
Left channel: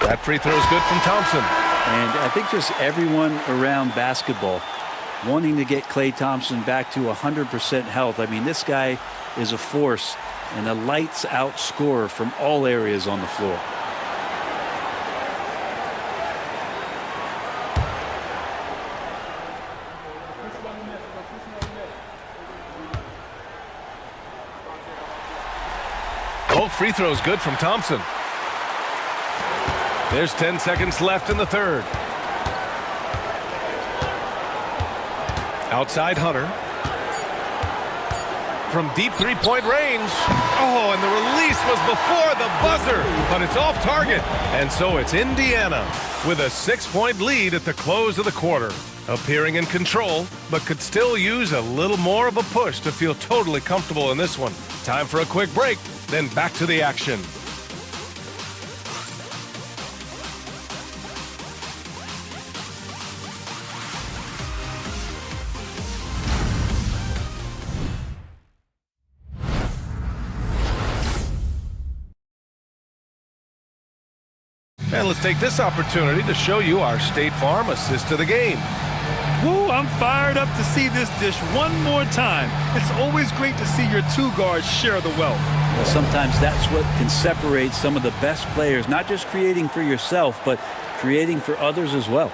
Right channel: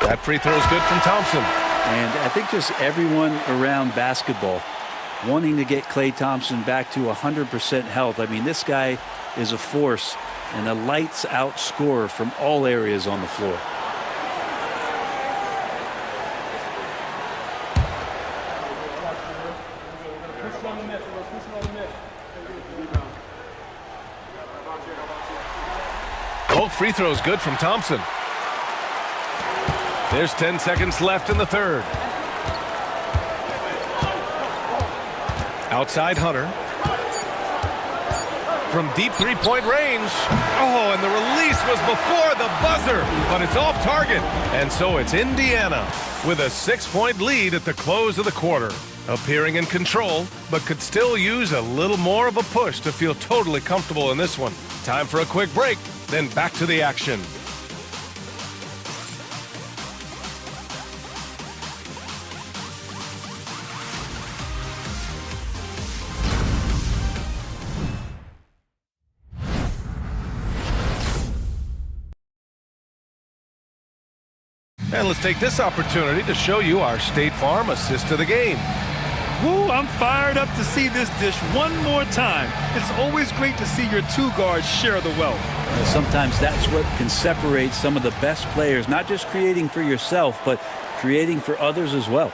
That free throw is good from Thompson. And I think just everyone around basketball wanting to get Klay Thompson back to 100% health. I mean, this guy is a force and a lights-out scorer from all areas on the floor. Both free throws good from Thompson. There's 10 seconds left in the third. Outside Hunter. From deep three-point range. Oh, and the release was before the buzzer, but it's off target. And so it's Indiana with a 6-point lead at the close of the quarter. Appearing in control, but could still use a little more of a push to feel totally comfortable in this one. Time for a quick break, then back to the action. And let's take this opportunity to show you our State Farm assist of the game. Woo, I'm fired up to see this dish one more time. It's always great to see your two guards share the wealth. Well, sometimes that's what can separate some of the best players, not just creating for yourself, but creating for others as well.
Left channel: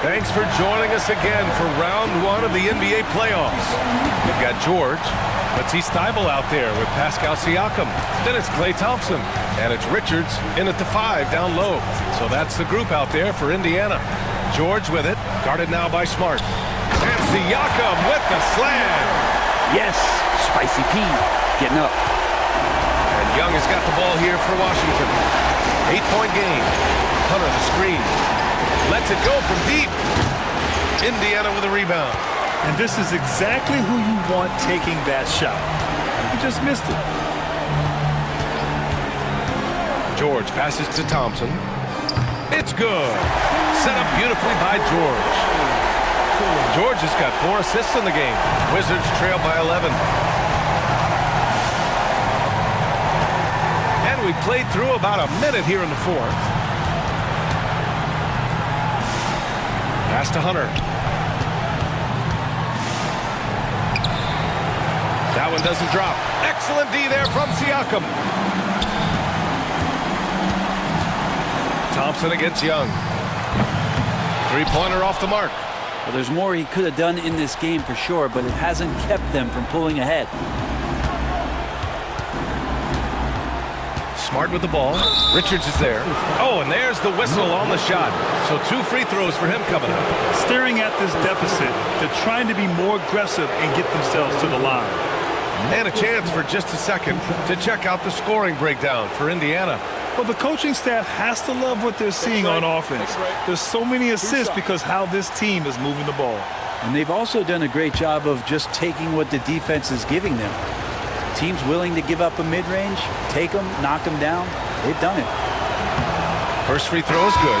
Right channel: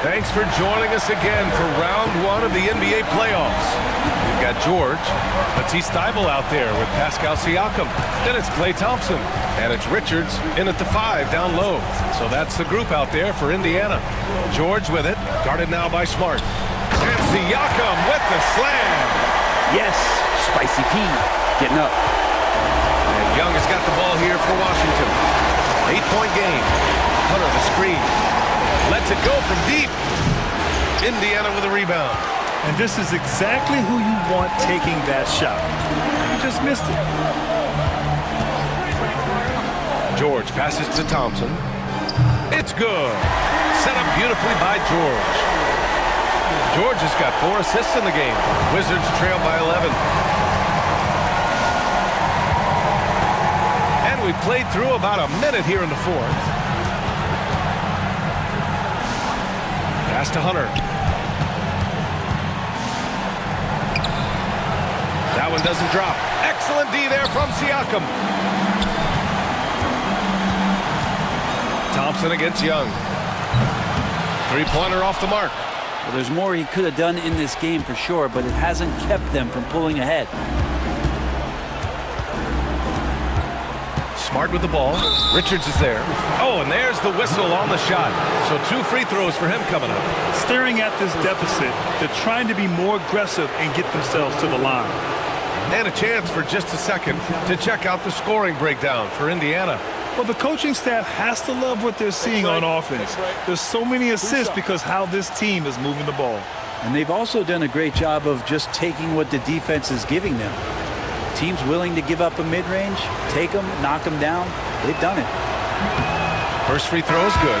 Thanks for joining us again for round 1 of the NBA playoffs. We've got George. Let's see Steibel out there with Pascal Siakam. Then it's Klay Thompson. And it's Richards in at the 5 down low. So that's the group out there for Indiana. George with it. Guarded now by Smart. And Siakam with the slam. Yes, Spicy P getting up. And Young has got the ball here for Washington. 8-point game. Hunter the screen. Lets it go from deep. Indiana with a rebound. And this is exactly who you want taking that shot. He just missed it. George passes to Thompson. It's good. Set up beautifully by George. George has got 4 assists in the game. Wizards trail by 11. And we played through about a minute here in the fourth. Pass to Hunter. That one doesn't drop. Excellent D there from Siakam. Thompson against Young. Three-pointer off the mark. Well, there's more he could have done in this game for sure, but it hasn't kept them from pulling ahead. Smart with the ball. Richards is there. Oh, and there's the whistle on the shot. So 2 free throws for him coming up. Staring at this deficit, they're trying to be more aggressive and get themselves to the line. And a chance for just a second to check out the scoring breakdown for Indiana. Well, the coaching staff has to love what they're seeing on offense. There's so many assists because how this team is moving the ball. And they've also done a great job of just taking what the defense is giving them. Teams willing to give up a mid-range, take them, knock them down. They've done it. First free throw is good.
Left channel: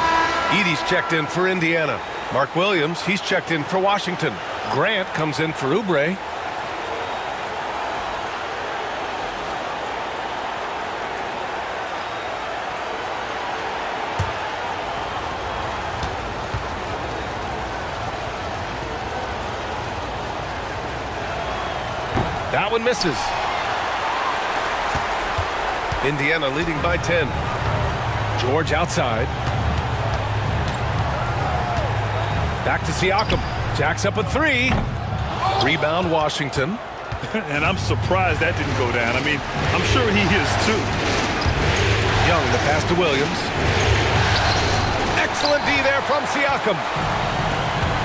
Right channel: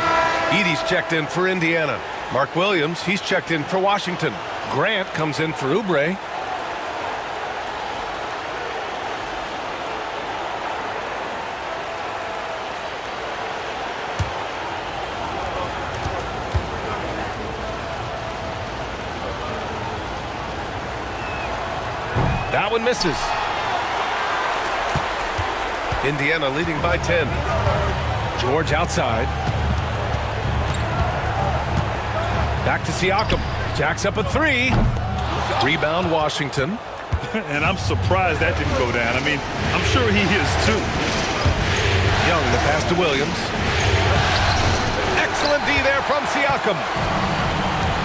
Edey's checked in for Indiana. Mark Williams, he's checked in for Washington. Grant comes in for Oubre. That one misses. Indiana leading by 10. George outside. Back to Siakam. Jacks up a 3. Rebound Washington. And I'm surprised that didn't go down. I mean, I'm sure he is too. Young, the pass to Williams. Excellent D there from Siakam.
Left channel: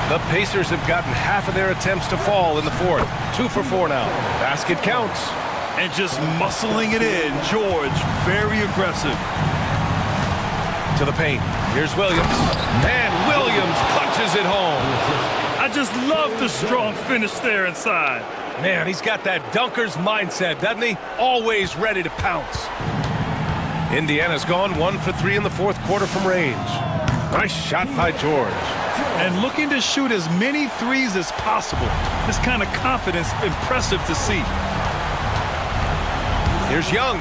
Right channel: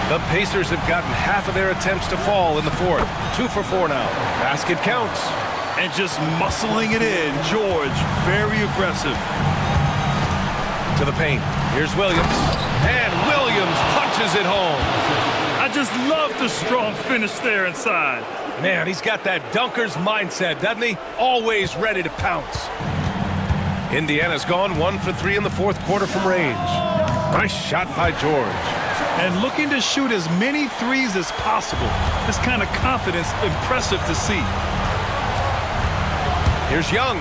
The Pacers have gotten half of their attempts to fall in the fourth. 2 for 4 now. Basket counts. And just muscling it in. George, very aggressive. To the paint. Here's Williams. And Williams punches it home. I just love the strong finish there inside. Man, he's got that dunker's mindset, doesn't he? Always ready to pounce. Indiana's gone 1 for 3 in the fourth quarter from range. Nice shot by George. And looking to shoot as many threes as possible. This kind of confidence, impressive to see. Here's Young.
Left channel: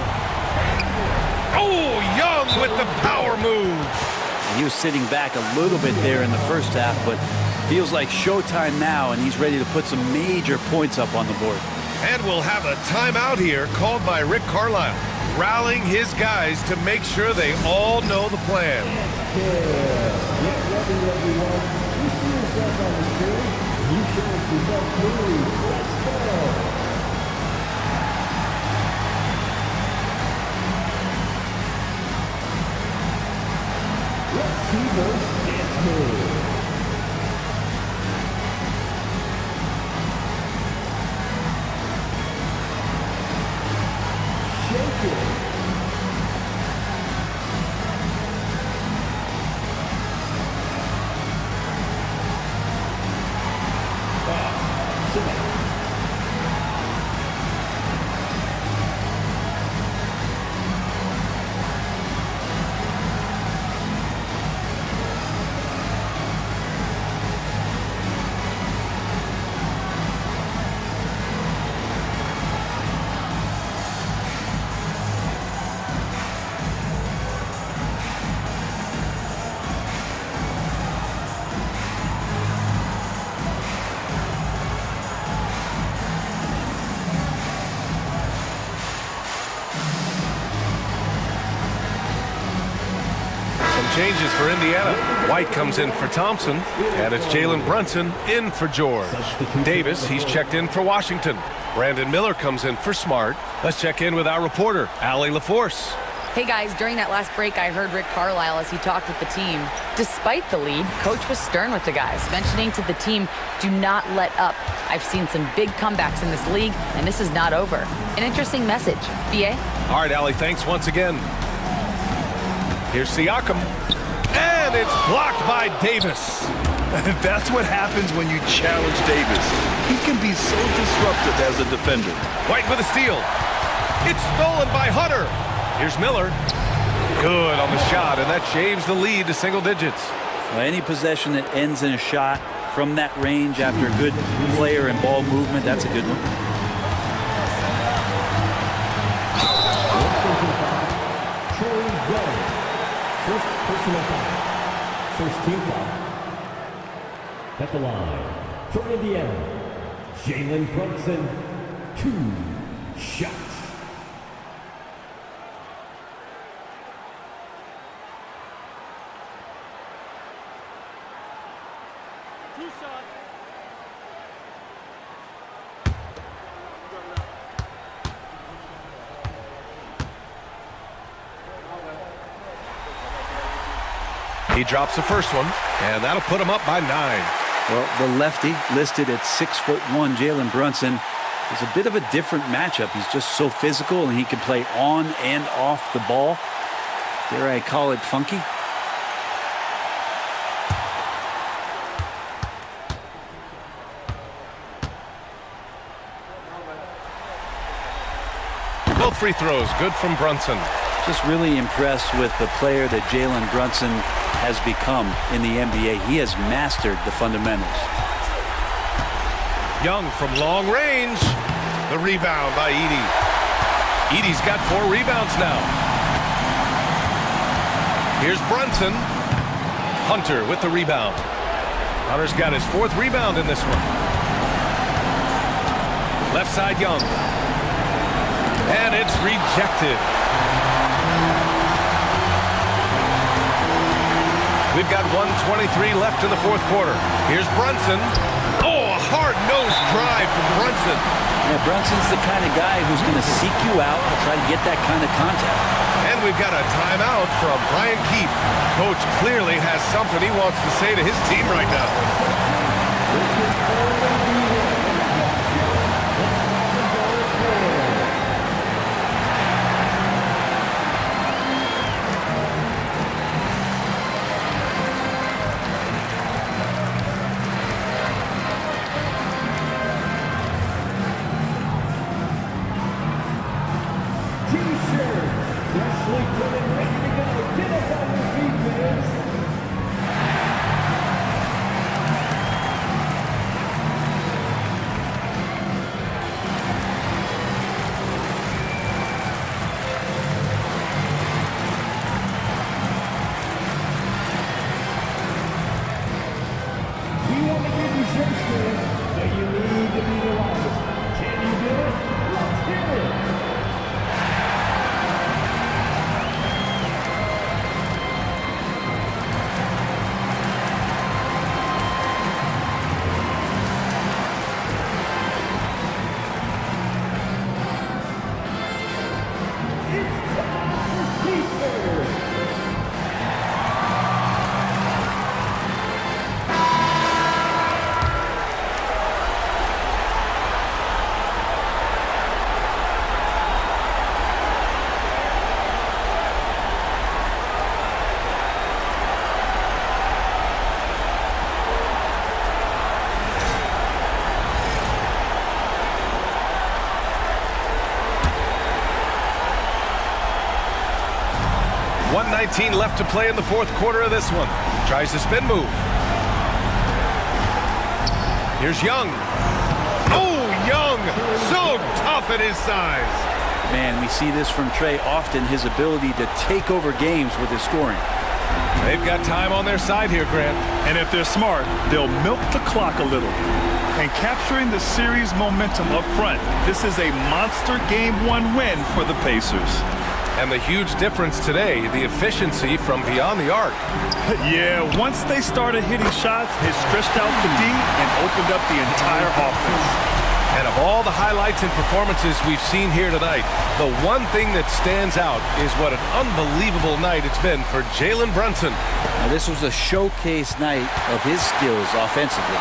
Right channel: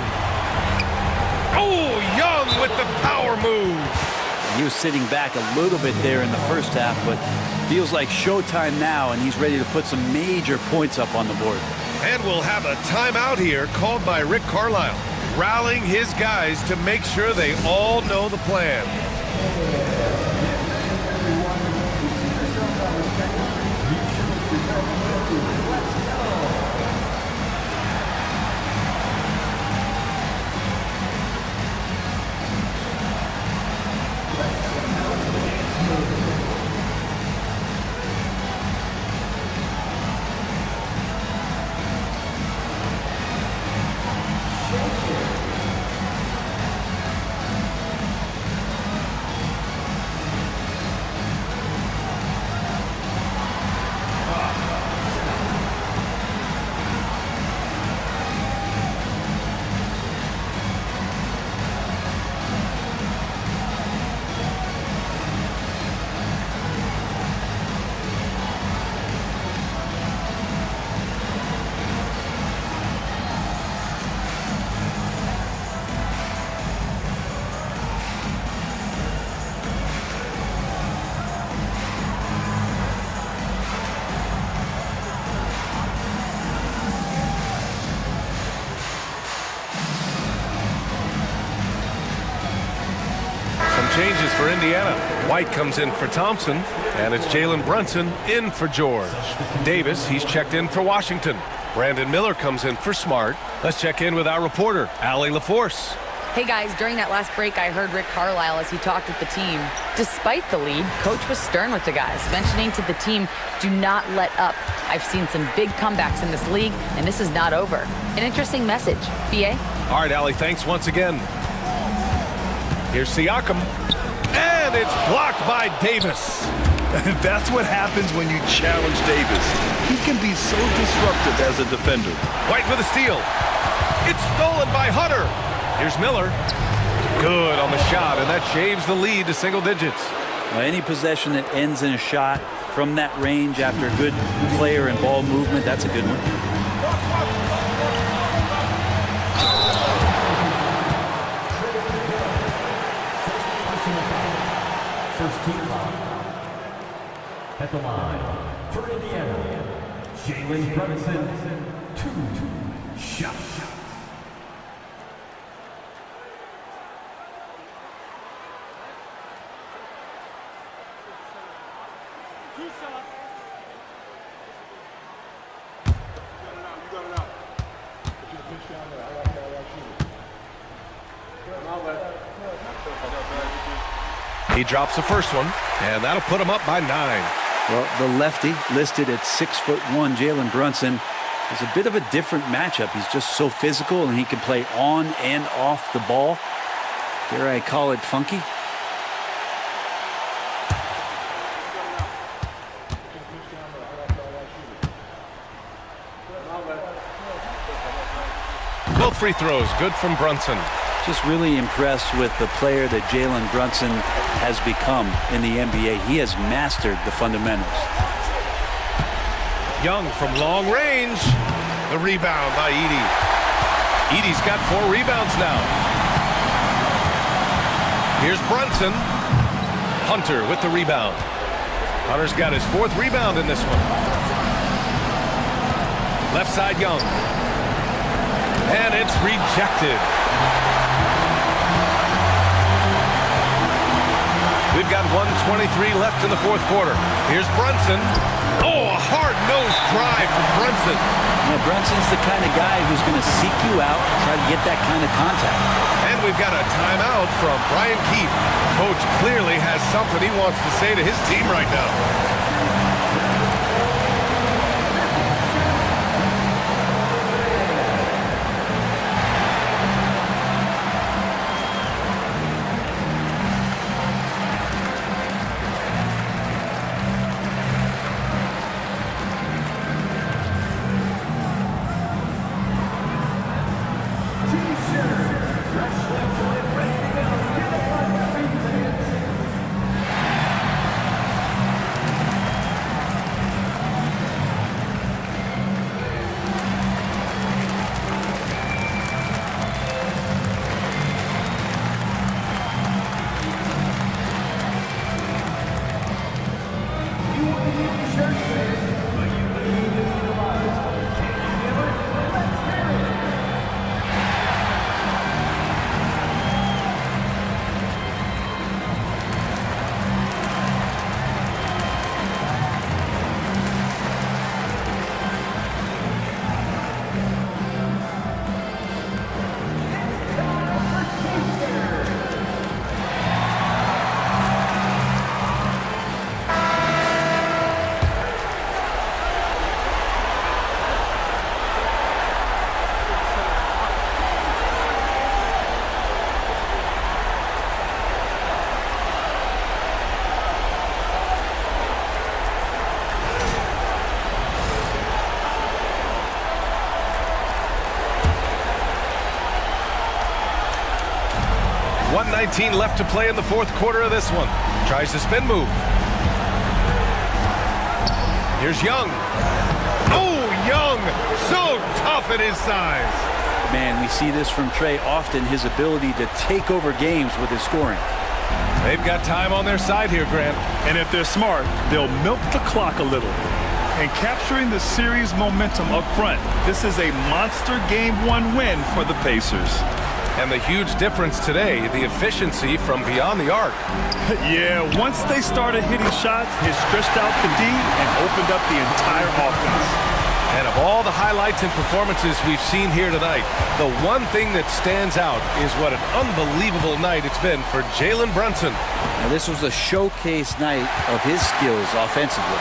Oh, Young with the power move. He was sitting back a little bit there in the first half, but feels like showtime now, and he's ready to put some major points up on the board. And we'll have a timeout here called by Rick Carlisle, rallying his guys to make sure they all know the plan. Get ready, everyone. You see yourself on the screen. You show us your best moves. Let's go. Let's see those dance moves. Shake it. Changes for Indiana. White comes in for Thompson, and it's Jalen Brunson in for George. Davis, he's checked in for Washington. Brandon Miller comes in for Smart. Let's check in with our reporter, Allie LaForce. Hey guys, during that last break, I heard Rick Carlisle as he talked with the team. Despite the lead, Coach was stern with the guys, mentioning to the team, do not let up. I've seen some big comebacks in this league, and this is not over. An interesting message. B.A.? All right, Allie, thanks once again. Here's Siakam, and it's blocked by Davis. That's what happens when you challenge Davis. He can be so disruptive as a defender. White with a steal. It's stolen by Hunter. Here's Miller. Good on the shot, and that shaves the lead to single digits. Well, any possession that ends in a shot from that range after a good player and ball movement, that's a good one. First team foul. At the line for Indiana, Jalen Brunson, 2 shots. He drops the first one, and that'll put him up by 9. Well, the lefty listed at 6'1", Jalen Brunson, is a bit of a different matchup. He's just so physical, and he can play on and off the ball. Dare I call it funky? Both free throws, good from Brunson. Just really impressed with the player that Jalen Brunson has become in the NBA. He has mastered the fundamentals. Young from long range. The rebound by Edey. Edey's got 4 rebounds now. Here's Brunson. Hunter with the rebound. Hunter's got his 4th rebound in this one. Left side Young. And it's rejected. We've got 1:23 left in the fourth quarter. Here's Brunson. Oh, a hard-nosed drive from Brunson. Yeah, Brunson's the kind of guy who's going to seek you out and try to get that kind of contact. And we've got a timeout from Brian Keefe. Coach clearly has something he wants to say to his team right now. T-shirts, freshly printed, ready to go. Get up on your feet, fans. We want to give you shirts, fans, but you need to be the loudest. Can you do it? Let's hear it. It's time for T-shirts. .19 left to play in the fourth quarter of this one. Tries to spin move. Here's Young. Oh, Young! So tough at his size. Man, we see this from Trey often, his ability to take over games with his scoring. They've got time on their side here, Grant. And if they're smart, they'll milk the clock a little. And capturing the series momentum up front, this is a monster Game 1 win for the Pacers. And the huge difference today, the efficiency from beyond the arc. Yeah, once they started hitting shots, it stretched out the D and opened up the entire offense. And of all the highlights and performances we've seen here tonight, the one thing that stands out is what an unbelievable night it's been for Jalen Brunson. Now, this was a showcase night of his skills offensively.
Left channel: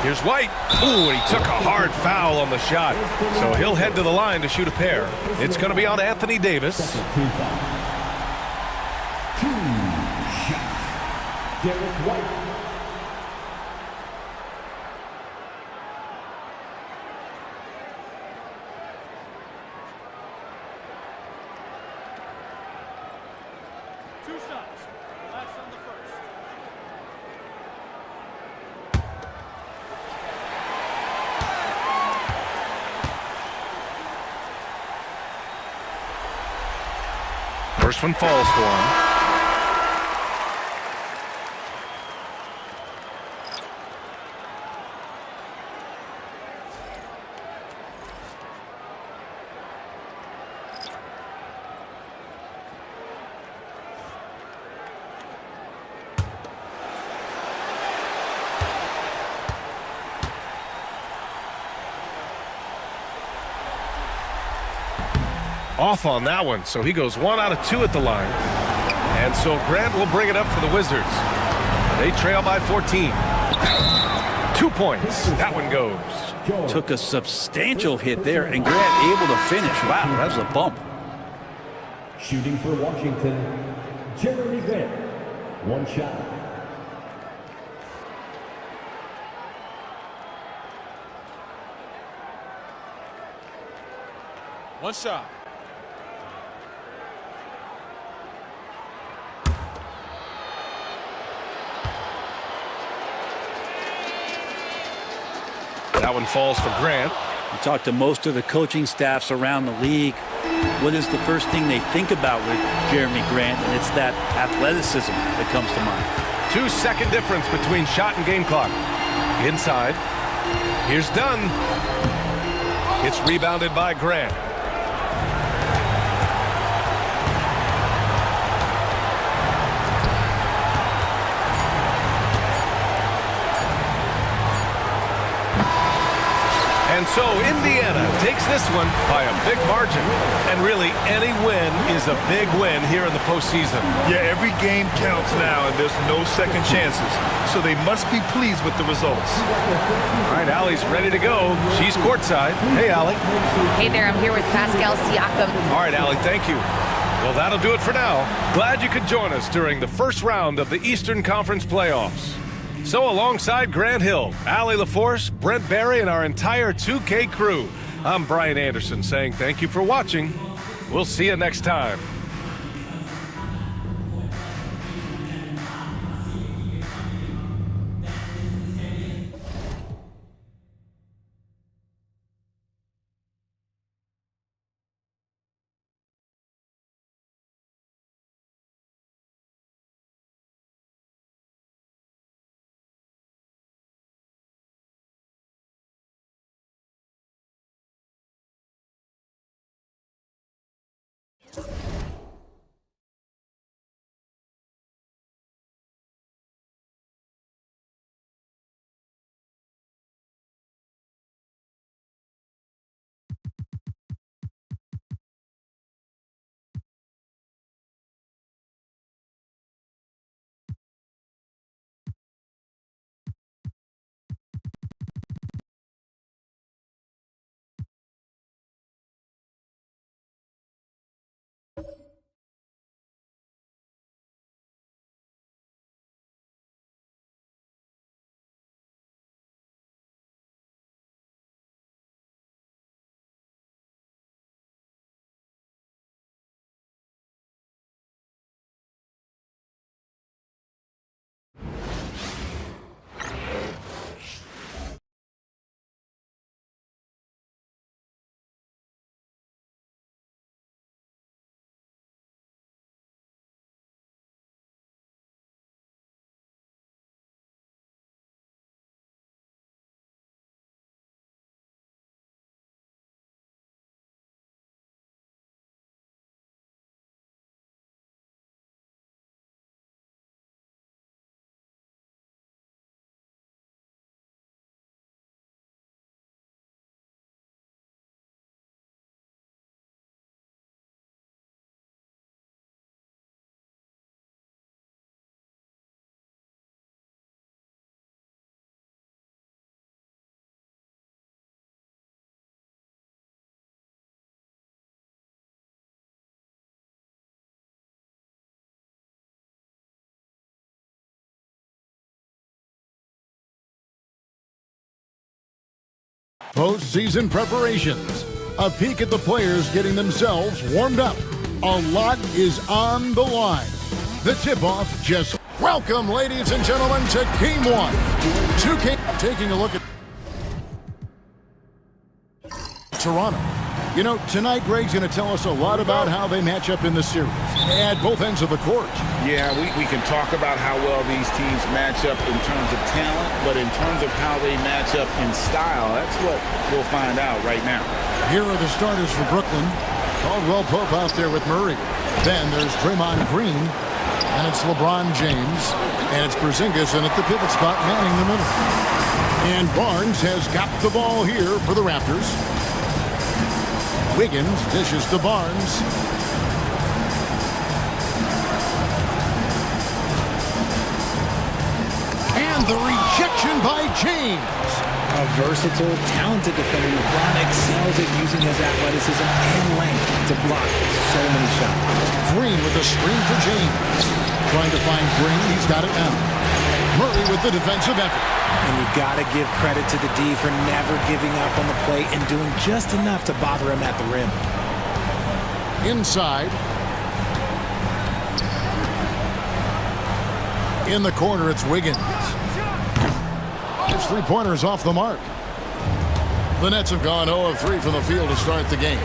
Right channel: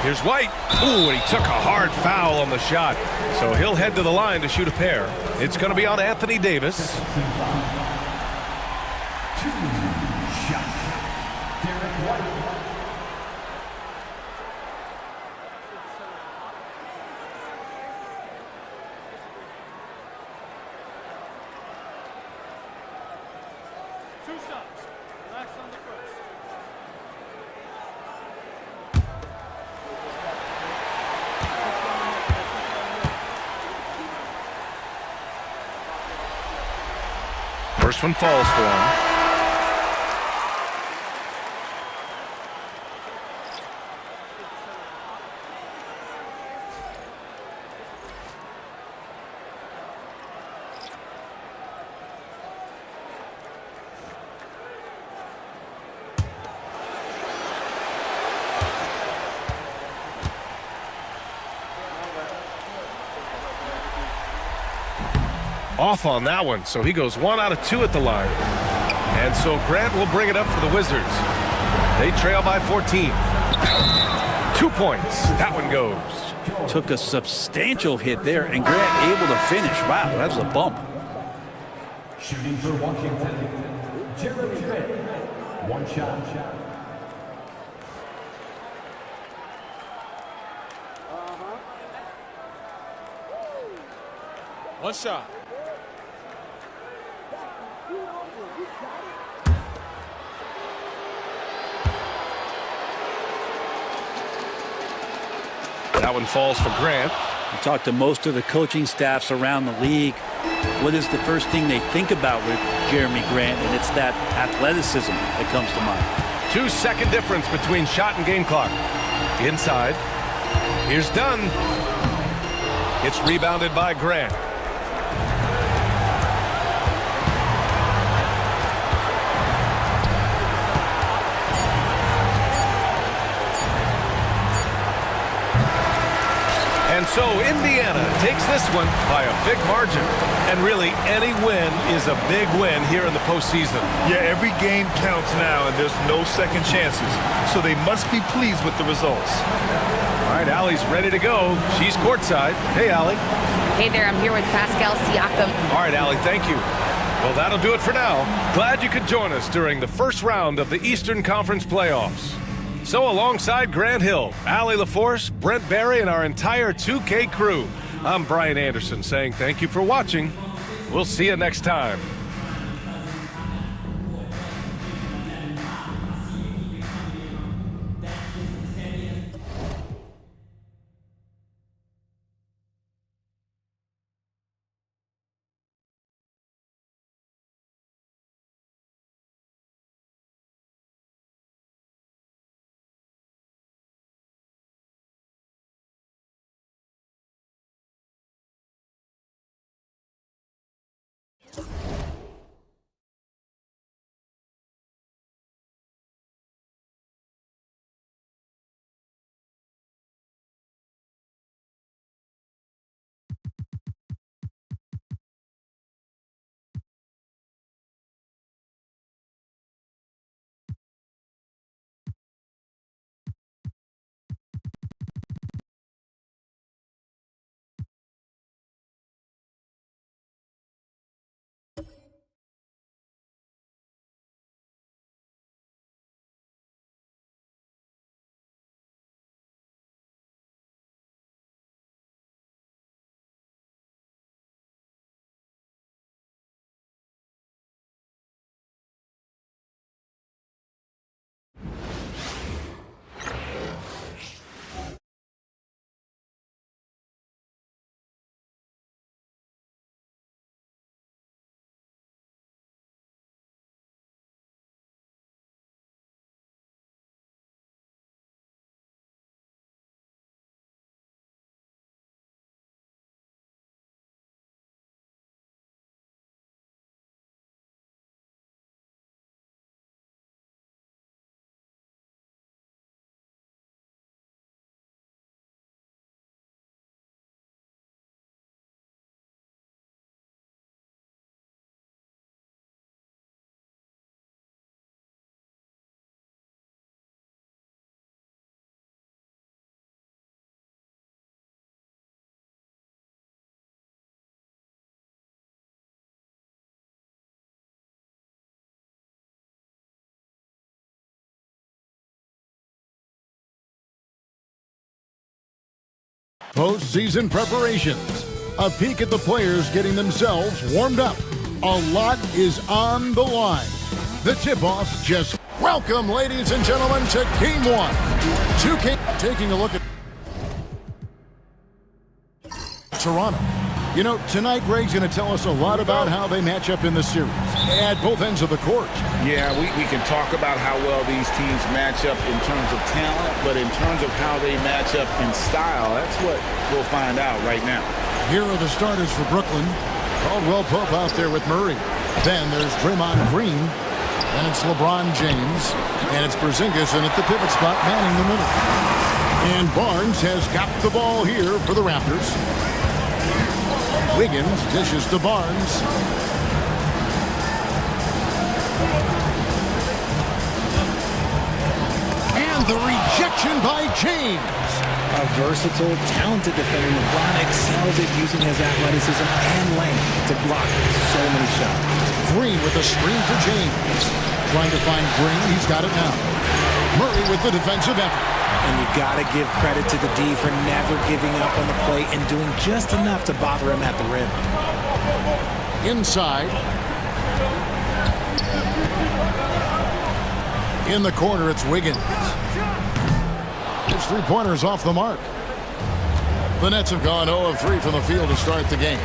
Here's White. Ooh, and he took a hard foul on the shot. So he'll head to the line to shoot a pair. It's going to be on Anthony Davis. Team foul. 2 shots. Derek White. Two shots. Relax on the first. First one falls for him. Off on that one, so he goes 1 out of 2 at the line. And so Grant will bring it up for the Wizards. They trail by 14. 2 points. That one goes. Took a substantial hit there, and Grant able to finish. Wow, that was a bump. Shooting for Washington, Jeremy Grant. 1 shot. One shot. That one falls for Grant. We talked to most of the coaching staffs around the league. What is the first thing they think about with Jeremy Grant? And it's that athleticism that comes to mind. 2-second difference between shot and game clock. Inside. Here's Dunn. It's rebounded by Grant. And so Indiana takes this one by a big margin. And really, any win is a big win here in the postseason. Yeah, every game counts now, and there's no second chances. So they must be pleased with the results. All right, Allie's ready to go. She's courtside. Hey, Allie. Hey there, I'm here with Pascal Siakam. All right, Allie, thank you. Well, that'll do it for now. Glad you could join us during the first round of the Eastern Conference playoffs. So alongside Grant Hill, Allie LaForce, Brent Barry, and our entire 2K crew, I'm Brian Anderson saying thank you for watching. We'll see you next time. Postseason preparations. A peek at the players getting themselves warmed up. A lot is on the line. The tip-off just... Welcome, ladies and gentlemen, to Game 1. 2K taking a look at Toronto. You know, tonight Greg's going to tell us a lot about how they match up in the series at both ends of the court. Yeah, we can talk about how well these teams match up in terms of talent, but in terms of how they match up in style, that's what we'll find out right now. Here are the starters for Brooklyn. Caldwell Pope out there with Murray. Then there's Draymond Green. Then it's LeBron James. And it's Porzingis, and at the pivot spot, manning the middle. And Barnes has got the ball here for the Raptors. Wiggins dishes to Barnes. And the rejection by James. A versatile, talented defender, LeBron excels at using his athleticism and length to block so many shots. Green with a screen for James. Trying to find Green. He's got it now. Murray with the defensive effort. And you got to give credit to the D for never giving up on the play and doing just enough to bother him at the rim. Inside. In the corner, it's Wiggins. His three-pointers off the mark. The Nets have gone 0 of 3 from the field to start the game.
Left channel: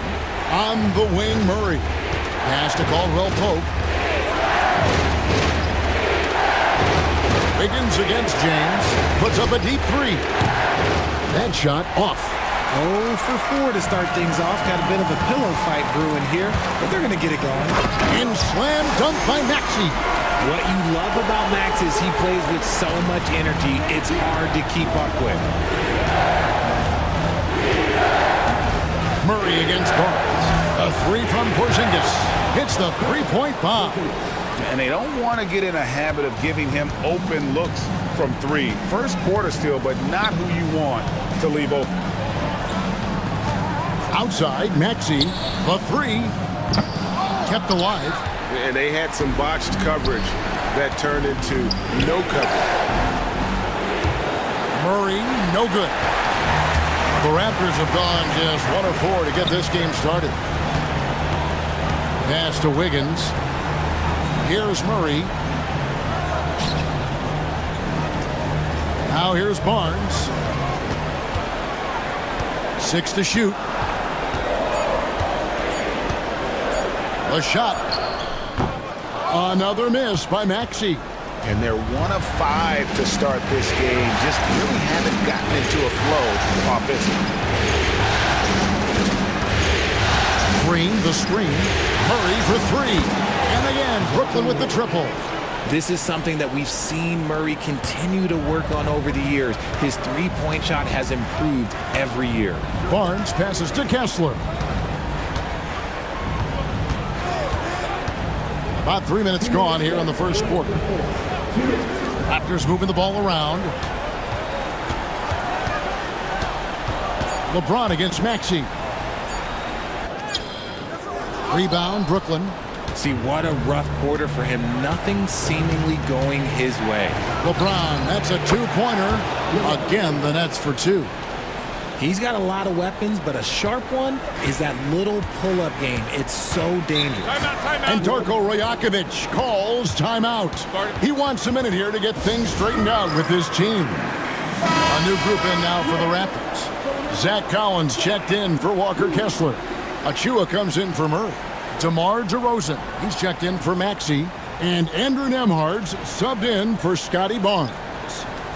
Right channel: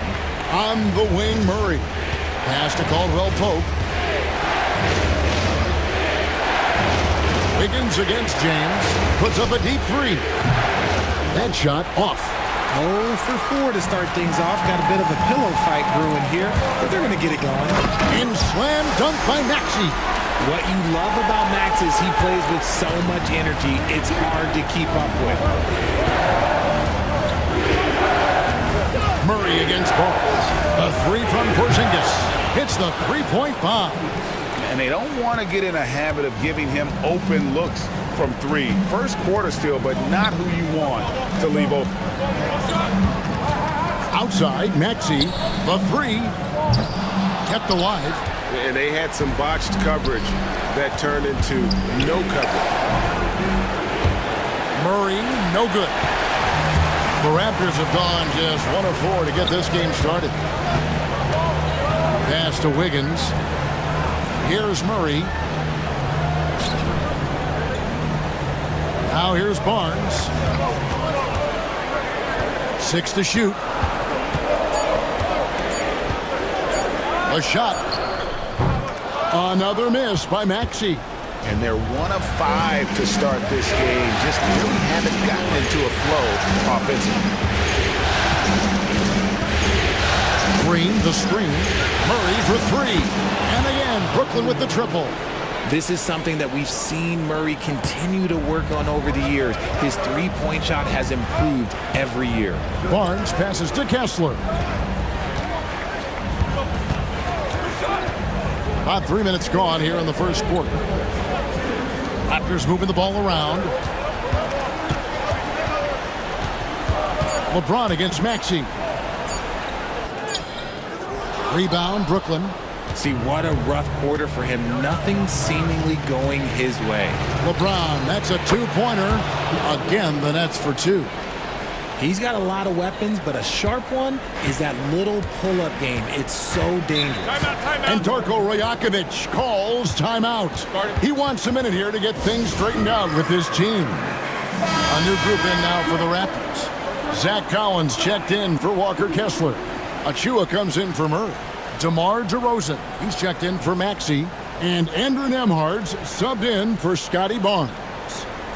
On the wing, Murray. Pass to Caldwell Pope. Wiggins against James. Puts up a deep three. That shot off. 0 for 4 to start things off. Got a bit of a pillow fight brewing here, but they're going to get it going. And slam dunk by Maxey. What you love about Max is he plays with so much energy, it's hard to keep up with. Murray against Barnes. A three from Porzingis. Hits the three-point bomb. And they don't want to get in a habit of giving him open looks from three. First quarter still, but not who you want to leave open. Outside, Maxey. The three. Kept alive. And they had some botched coverage that turned into no coverage. Murray, no good. The Raptors have gone just 1 of 4 to get this game started. Pass to Wiggins. Here's Murray. Now here's Barnes. 6 to shoot. A shot. Another miss by Maxey. And they're 1 of 5 to start this game. Just really haven't gotten into a flow offensively. Green, the screen. Murray for 3. And again, Brooklyn with the triple. This is something that we've seen Murray continue to work on over the years. His three-point shot has improved every year. Barnes passes to Kessler. About 3 minutes gone here in the first quarter. Raptors moving the ball around. LeBron against Maxey. Rebound, Brooklyn. See, what a rough quarter for him. Nothing seemingly going his way. LeBron, that's a two-pointer. Again, the Nets for 2. He's got a lot of weapons, but a sharp one is that little pull-up game. It's so dangerous. Timeout. And Darko Rajakovic calls timeout. He wants a minute here to get things straightened out with his team. A new group in now for the Raptors. Zach Collins checked in for Walker Kessler. Achua comes in for Murray. DeMar DeRozan, he's checked in for Maxey. And Andrew Nembhard's subbed in for Scotty Barnes.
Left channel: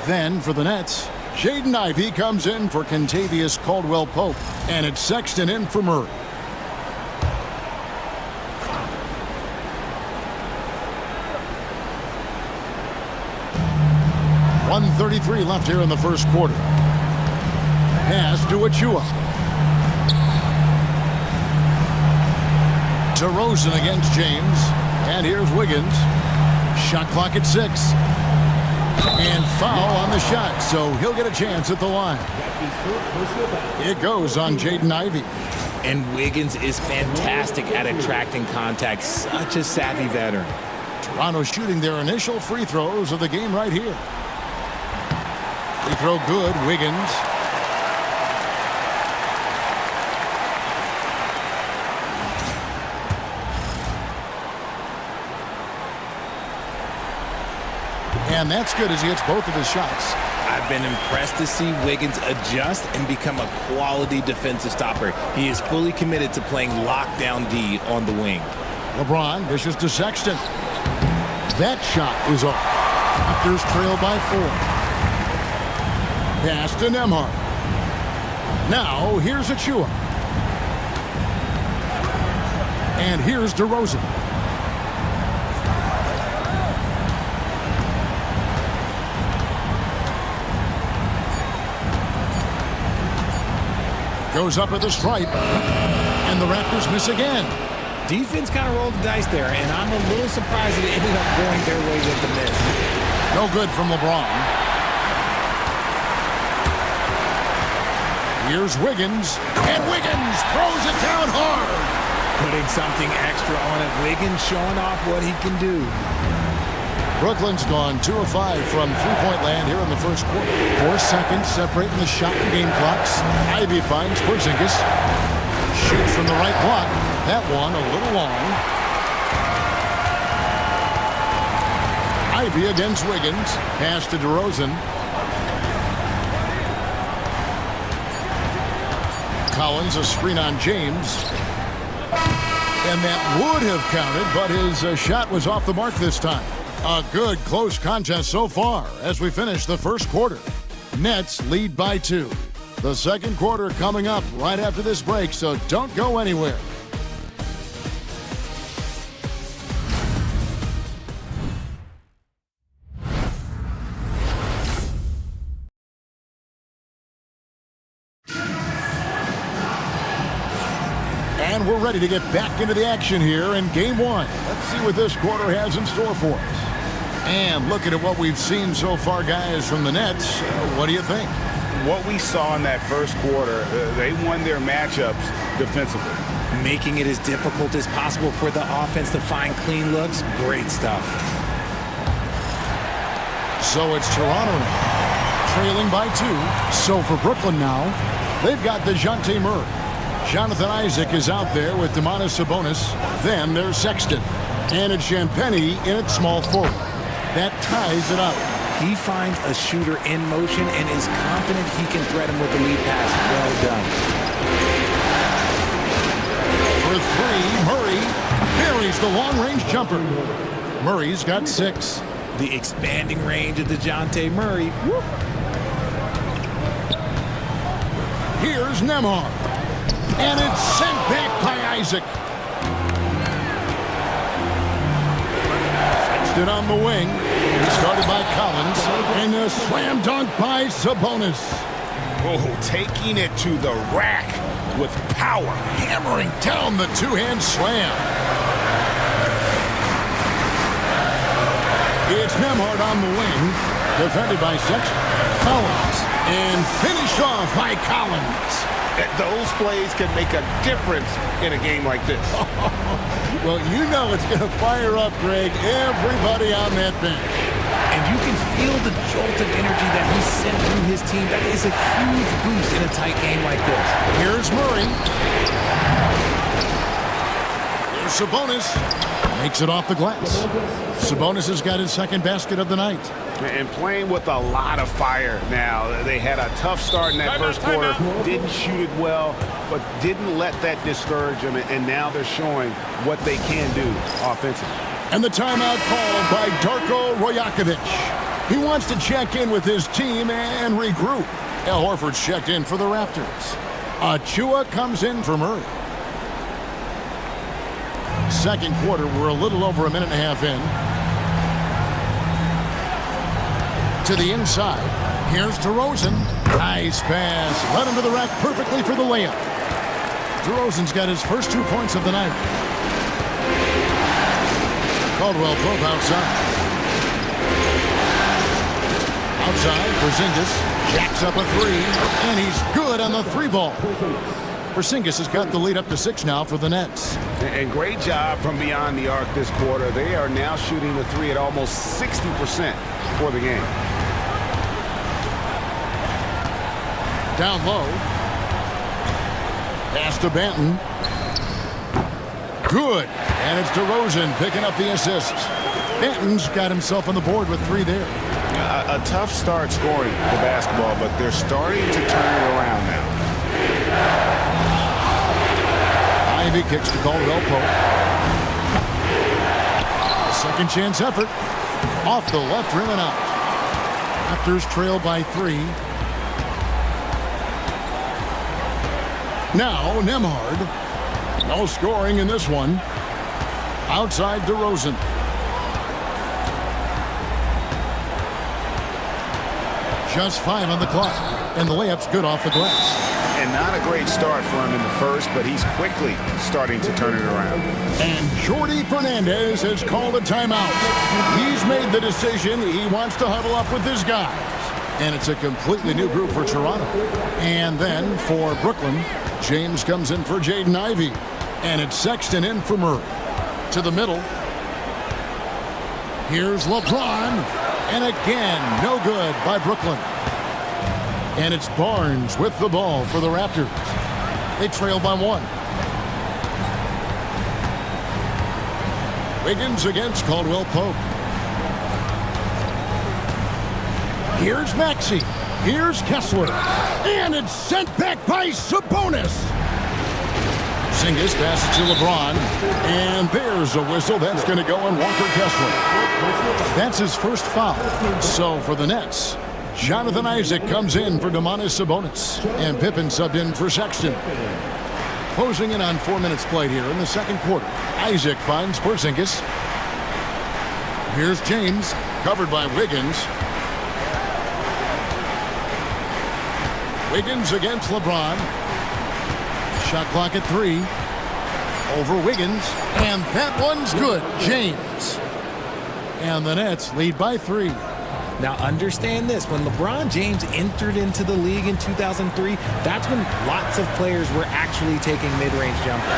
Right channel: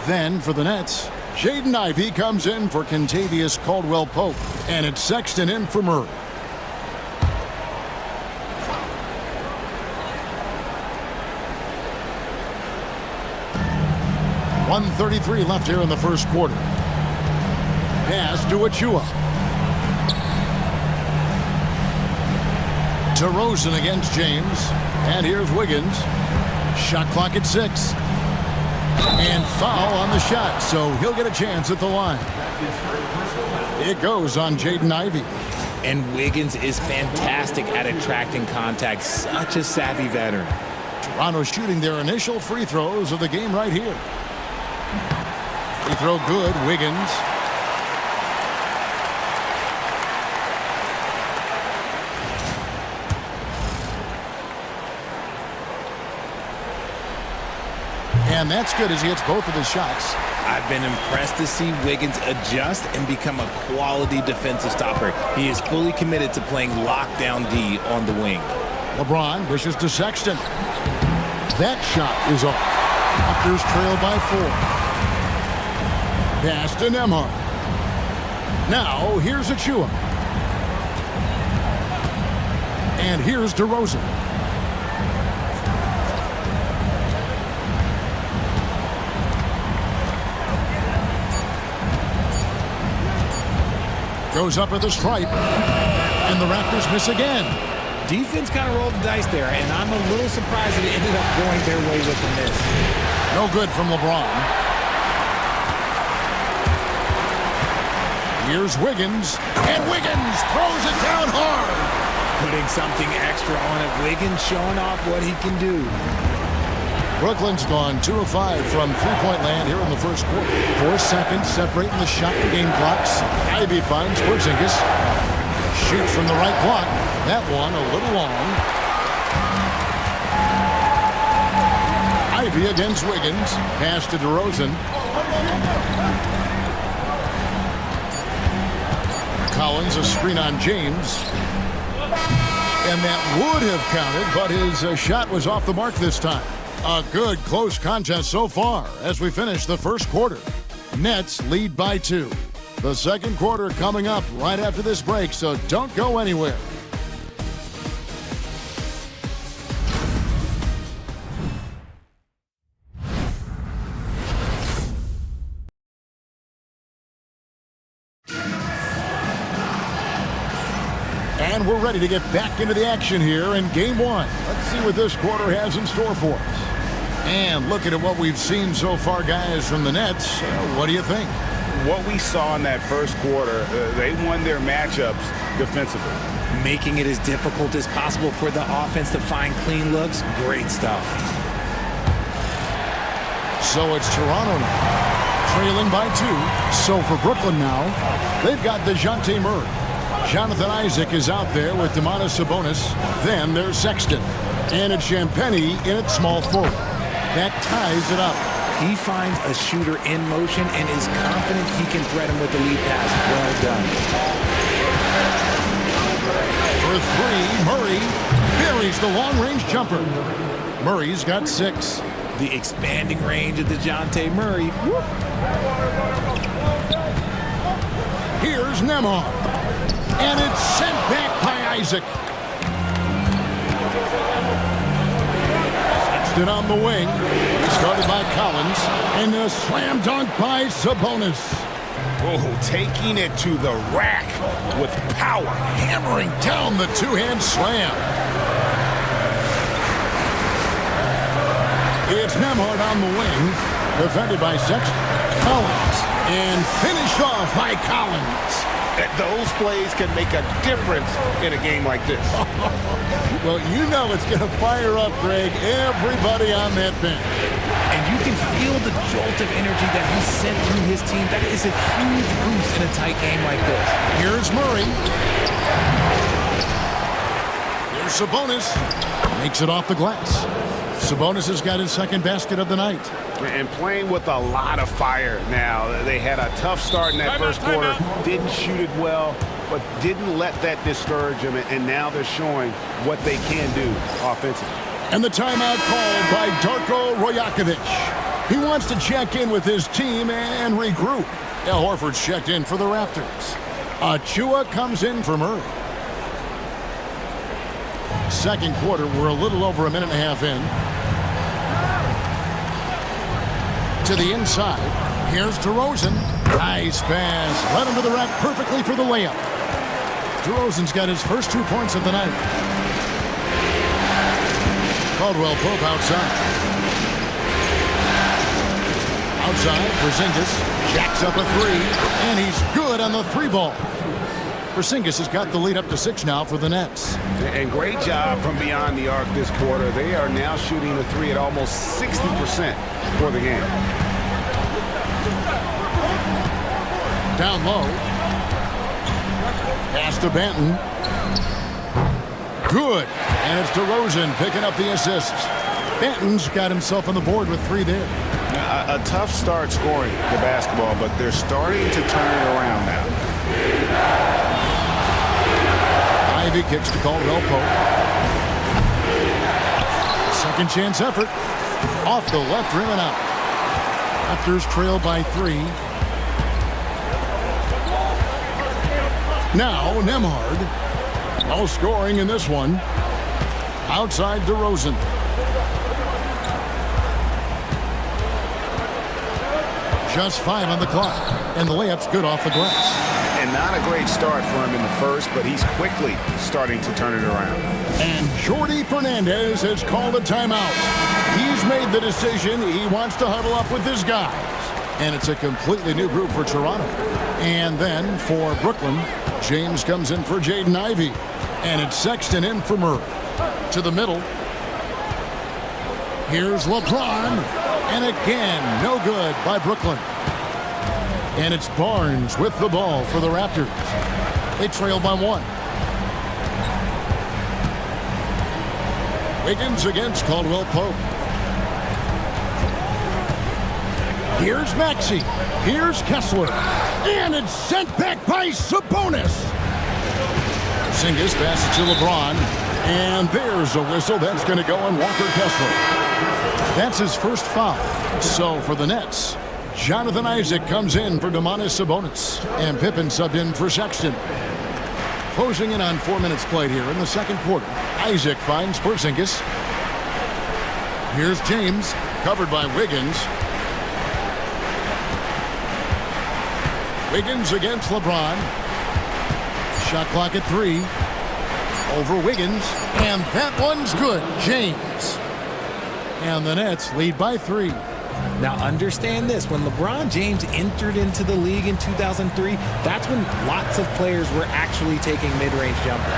Then for the Nets, Jaden Ivey comes in for Kentavious Caldwell-Pope. And it's Sexton in for Murray. .133 left here in the first quarter. Pass to Achua. DeRozan against James. And here's Wiggins. Shot clock at 6. And foul on the shot, so he'll get a chance at the line. It goes on Jaden Ivey. And Wiggins is fantastic at attracting contact. Such a savvy veteran. Toronto shooting their initial free throws of the game right here. Free throw good, Wiggins. And that's good as he hits both of his shots. I've been impressed to see Wiggins adjust and become a quality defensive stopper. He is fully committed to playing lockdown D on the wing. LeBron dishes to Sexton. That shot is off. Raptors trail by 4. Pass to Nembhard. Now here's Achua. And here's DeRozan. Goes up at the stripe, and the Raptors miss again. Defense kind of rolled the dice there, and I'm a little surprised that it ended up going their way with the miss. No good from LeBron. Here's Wiggins, and Wiggins throws it down hard. Putting something extra on it. Wiggins showing off what he can do. Brooklyn's gone 2 of 5 from three-point land here in the first quarter. 4 seconds separating the shot and game clocks. Ivey finds Porzingis. Shoots from the right block. That one a little long. Ivey against Wiggins. Pass to DeRozan. Collins, a screen on James. And that would have counted, but his shot was off the mark this time. A good close contest so far as we finish the first quarter. Nets lead by 2. The second quarter coming up right after this break, so don't go anywhere. And we're ready to get back into the action here in game one. Let's see what this quarter has in store for us. And looking at what we've seen so far, guys, from the Nets, what do you think? What we saw in that first quarter, they won their matchups defensively. Making it as difficult as possible for the offense to find clean looks. Great stuff. So it's Toronto now, trailing by 2. So for Brooklyn now, they've got DeJounte Murray. Jonathan Isaac is out there with Domantas Sabonis. Then there's Sexton. And it's Champagnie in at small forward. That ties it up. He finds a shooter in motion and is confident he can thread him with the lead pass. Well done. For 3, Murray buries the long-range jumper. Murray's got 6. The expanding range of DeJounte Murray. Woo. Here's Nembhard. And it's sent back by Isaac. Sexton on the wing. Started by Collins. And a slam dunk by Sabonis. Oh, taking it to the rack with power. Hammering down the two-hand slam. It's Nembhard on the wing. Defended by Sexton. Collins. And finished off by Collins. Those plays can make a difference in a game like this. Well, you know it's going to fire up, Greg, everybody on that bench. And you can feel the jolt of energy that he sent through his team. That is a huge boost in a tight game like this. Here's Murray. Here's Sabonis. Makes it off the glass. Sabonis has got his second basket of the night. And playing with a lot of fire now. They had a tough start in that first quarter. Didn't shoot it well, but didn't let that discourage them. And now they're showing what they can do offensively. And the timeout called by Darko Rajakovic. He wants to check in with his team and regroup. Al Horford's checked in for the Raptors. Achua comes in for Murray. Second quarter, we're a little over a minute and a half in. To the inside. Here's DeRozan. Nice pass. Led him to the rack perfectly for the layup. DeRozan's got his first 2 points of the night. Caldwell Pope outside. Outside, Porzingis jacks up a 3, and he's good on the 3 ball. Porzingis has got the lead up to 6 now for the Nets. And great job from beyond the arc this quarter. They are now shooting the 3 at almost 60% for the game. Down low. Pass to Banton. Good. And it's DeRozan picking up the assist. Banton's got himself on the board with 3 there. A tough start scoring the basketball, but they're starting to turn it around now. Ivy kicks to Caldwell Pope. Second chance effort. Off the left rim and out. Raptors trail by 3. Now Nembhard. No scoring in this one. Outside DeRozan. Just 5 on the clock. And the layup's good off the glass. And not a great start for him in the first, but he's quickly starting to turn it around. And Jordi Fernandez has called a timeout. He's made the decision he wants to huddle up with his guys. And it's a completely new group for Toronto. And then for Brooklyn, James comes in for Jaden Ivey. And it's Sexton in for Murray. To the middle. Here's LeBron. And again, no good by Brooklyn. And it's Barnes with the ball for the Raptors. They trail by 1. Wiggins against Caldwell Pope. Here's Maxey. Here's Kessler. And it's sent back by Sabonis. Porzingis passes to LeBron. And there's a whistle. That's going to go on Walker Kessler. That's his first foul. So for the Nets, Jonathan Isaac comes in for Domantas Sabonis. And Pippen subbed in for Sexton. Closing in on 4 minutes played here in the second quarter. Isaac finds Porzingis. Here's James, covered by Wiggins. Wiggins against LeBron. Shot clock at 3. over Wiggins, and that one's good. James. And the Nets lead by 3. Now understand this, when LeBron James entered into the league in 2003, that's when lots of players were actually taking mid-range jumpers.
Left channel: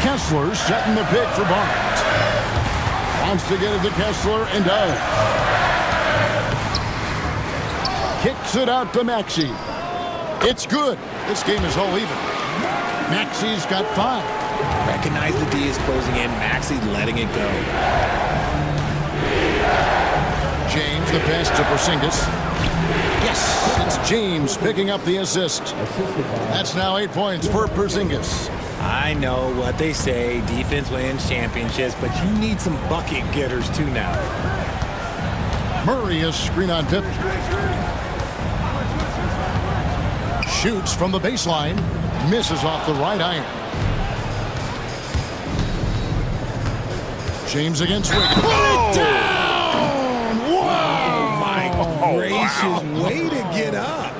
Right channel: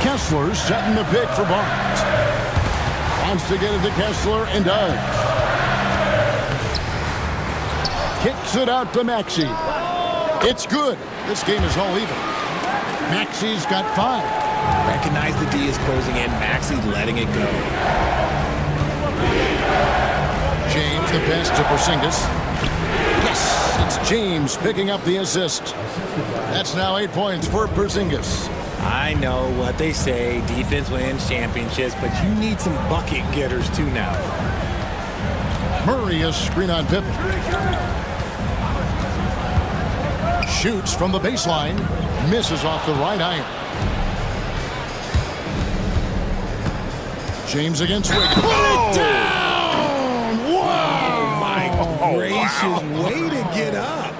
Kessler setting the pick for Barnes. Wants to get it to Kessler and does. Kicks it out to Maxey. It's good. This game is all even. Maxey's got 5. Recognize the D is closing in. Maxey letting it go. James, the pass to Porzingis. Yes, it's James picking up the assist. That's now 8 points for Porzingis. I know what they say, defense wins championships, but you need some bucket getters too now. Murray is screen on Pippen. Shoots from the baseline, misses off the right iron. James against Wiggins. Put it down! Wow! Oh my gracious, way to get up.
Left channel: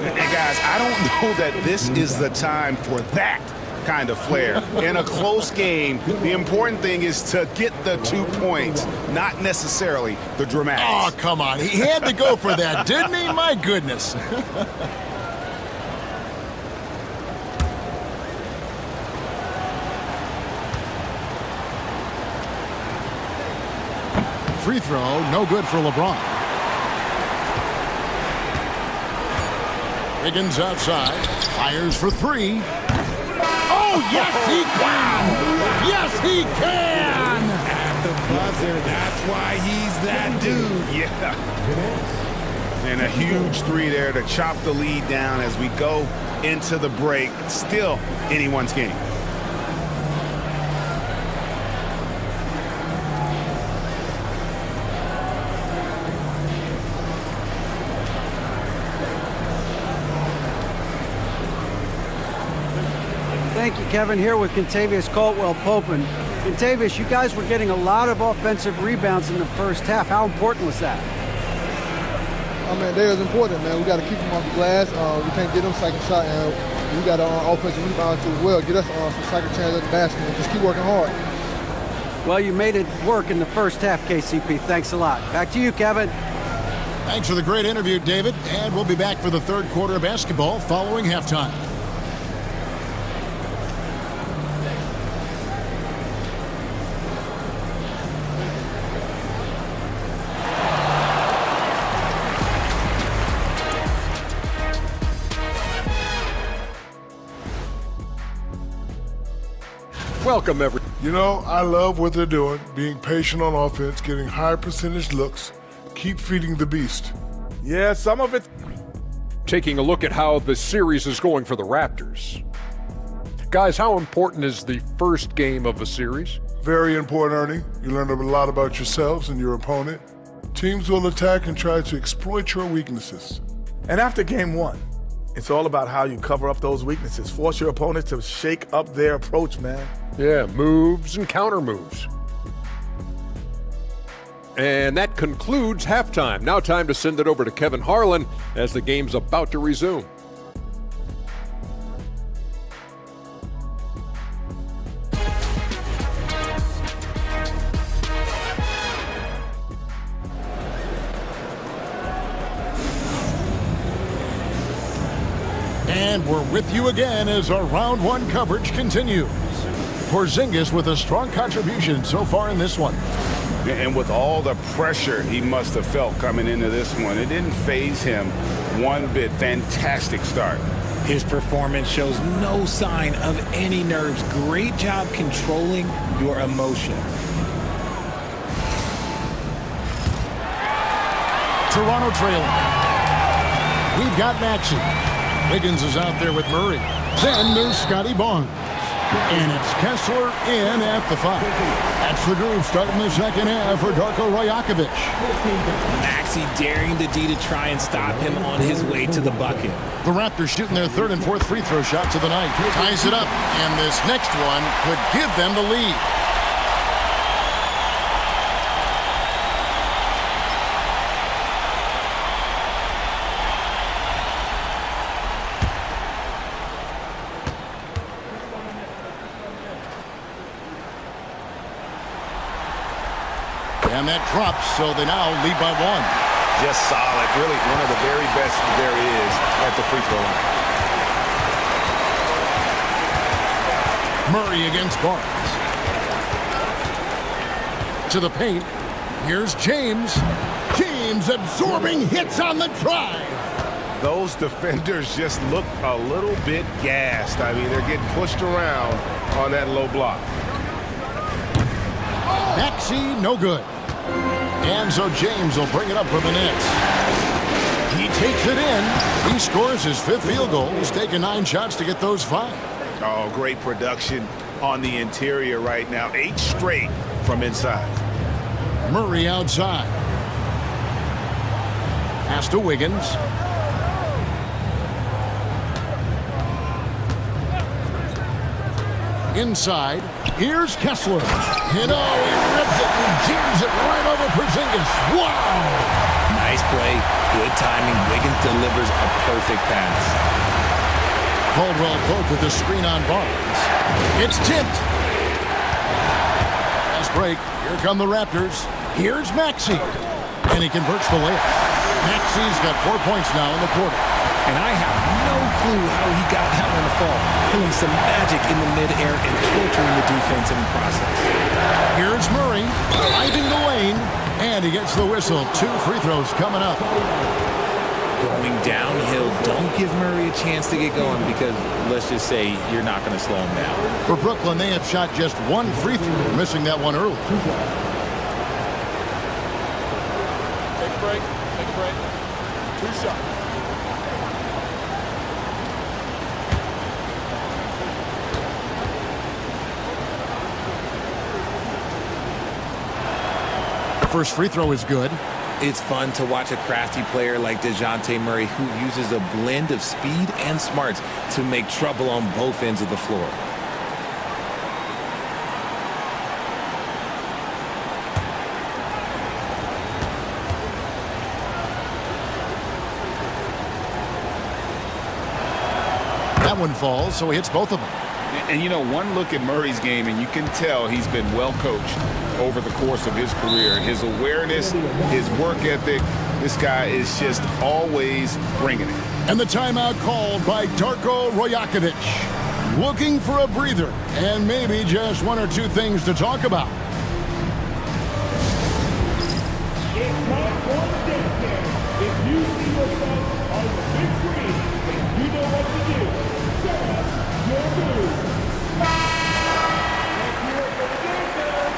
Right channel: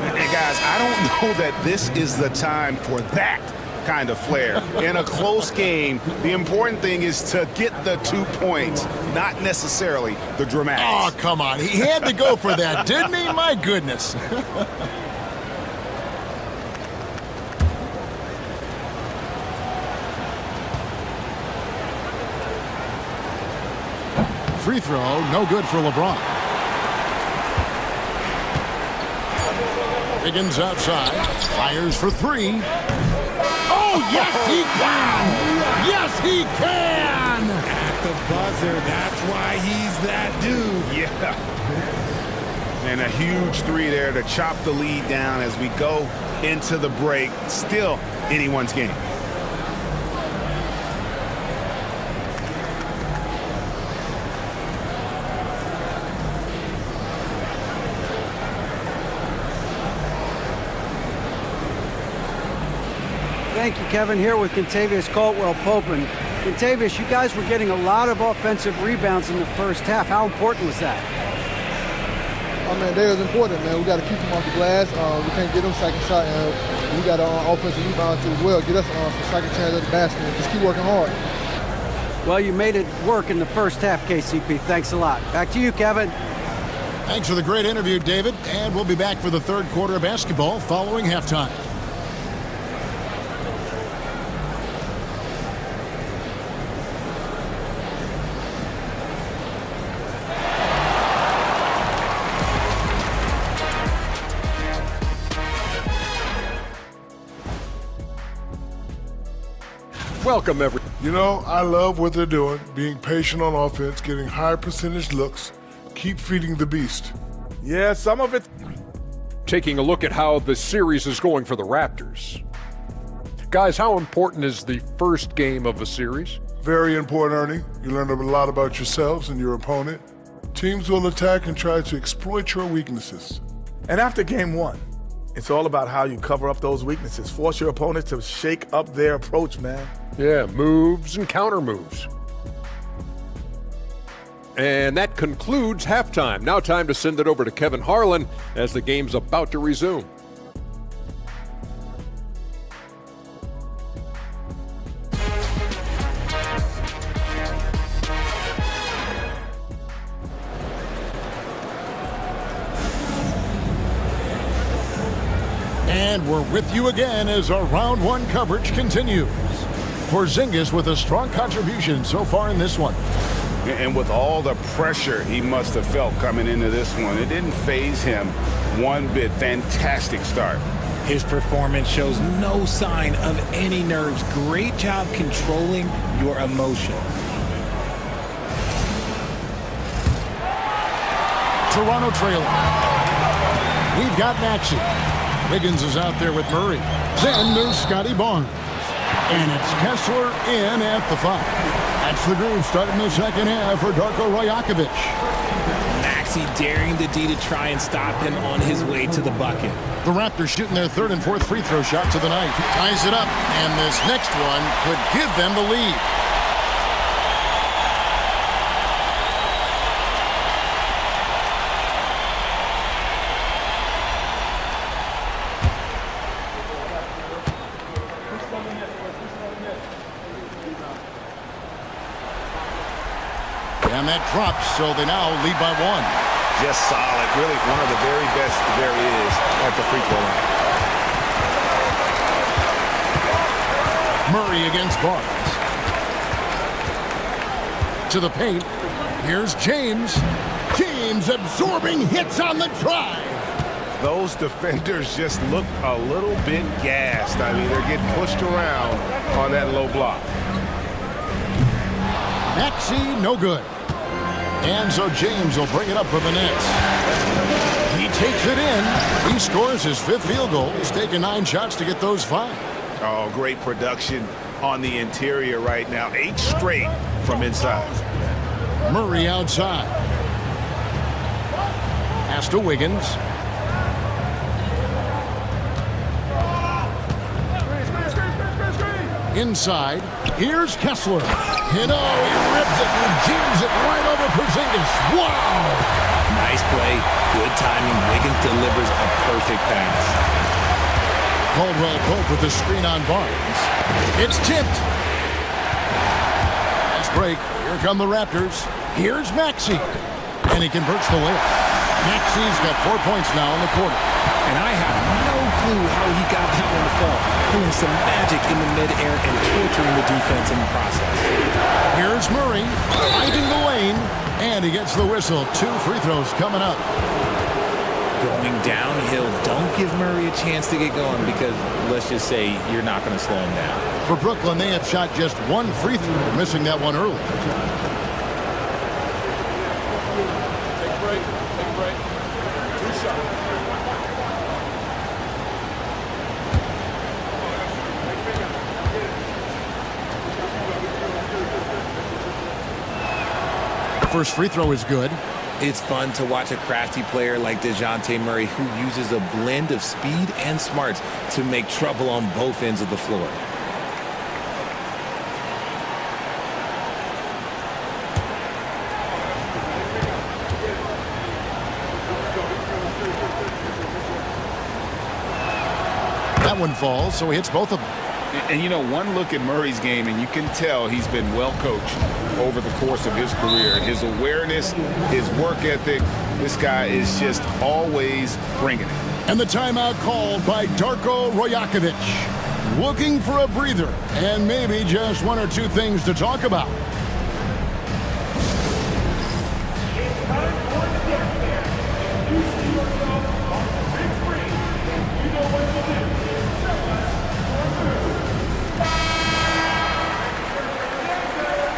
And guys, I don't know that this is the time for that kind of flair. In a close game, the important thing is to get the 2 points, not necessarily the dramatics. Oh, come on. He had to go for that, didn't he? My goodness. Free throw, no good for LeBron. Wiggins outside, fires for 3. Oh, yes, he can! Yes, he can! At the buzzer, that's why he's that dude. Yeah. And a huge 3 there to chop the lead down as we go into the break. Still anyone's game. Thank you, Kevin. Here with Kentavious Caldwell-Pope. And Kentavious, you guys were getting a lot of offensive rebounds in the first half. How important was that? I mean, they was important, man. We got to keep them off the glass. We can't get them second shot, and we got to offensive rebound too as well. Get us some second chance at the basket and just keep working hard. Well, you made it work in the first half, KCP. Thanks a lot. Back to you, Kevin. Thanks for the great interview, David. And we'll be back for the third quarter of basketball following halftime. Welcome, everyone. You know, I love what they're doing, being patient on offense, getting high percentage looks, keep feeding the beast. Yeah, some of it. Taking a look at how the series is going for the Raptors. Guys, how important is the first game of a series? Very important, Ernie. You learn a lot about yourselves and your opponent. Teams will attack and try to exploit your weaknesses. And after game 1, it's all about how you cover up those weaknesses. Force your opponent to shake up their approach, man. Yeah, moves and counter moves. And that concludes halftime. Now time to send it over to Kevin Harlan as the game's about to resume. And we're with you again as our round 1 coverage continues. Porzingis with a strong contribution so far in this one. And with all the pressure he must have felt coming into this one, it didn't faze him one bit. Fantastic start. His performance shows no sign of any nerves. Great job controlling your emotions. Toronto trailing. We've got Maxey. Wiggins is out there with Murray. Then there's Scotty Barnes. And it's Kessler in at the 5. That's the groove starting the second half for Darko Rajakovic. Maxey daring the D to try and stop him on his way to the bucket. The Raptors shooting their 3rd and 4th free throw shots of the night. Ties it up, and this next one could give them the lead. And that drops, so they now lead by 1. Just solid. Really one of the very best there is at the free throw line. Murray against Barnes. To the paint. Here's James. James absorbing hits on the drive. Those defenders just look a little bit gassed. I mean, they're getting pushed around on that low block. Maxey, no good. And so James will bring it up for the Nets. He takes it in. He scores his 5th field goal. He's taken 9 shots to get those 5. Oh, great production on the interior right now. 8 straight from inside. Murray outside. Pass to Wiggins. Inside, here's Kessler. You know, he rips it and jams it right over Porzingis. Wow! Nice play, good timing. Wiggins delivers a perfect pass. Caldwell Pope with the screen on Barnes. It's tipped. Fast break. Here come the Raptors. Here's Maxey. And he converts the layup. Maxey's got 4 points now in the quarter. And I have no clue how he got that one to fall. Pulling some magic in the midair and torturing the defense in the process. Here's Murray, driving the lane, and he gets the whistle. 2 free throws coming up. Going downhill, don't give Murray a chance to get going because, let's just say, you're not going to slow him down. For Brooklyn, they have shot just 1 free throw, missing that one early. Take a break. Take a break. 2 shots. First free throw is good. It's fun to watch a crafty player like DeJounte Murray who uses a blend of speed and smarts to make trouble on both ends of the floor. That one falls, so he hits both of them. And you know, one look at Murray's game, and you can tell he's been well coached over the course of his career. His awareness, his work ethic, this guy is just always bringing it. And the timeout called by Darko Rojakovic. Looking for a breather and maybe just 1 or 2 things to talk about. It's time for the dance dance. If you see yourself on the big screen, you know what to do. Show us your move. Here for the dancers.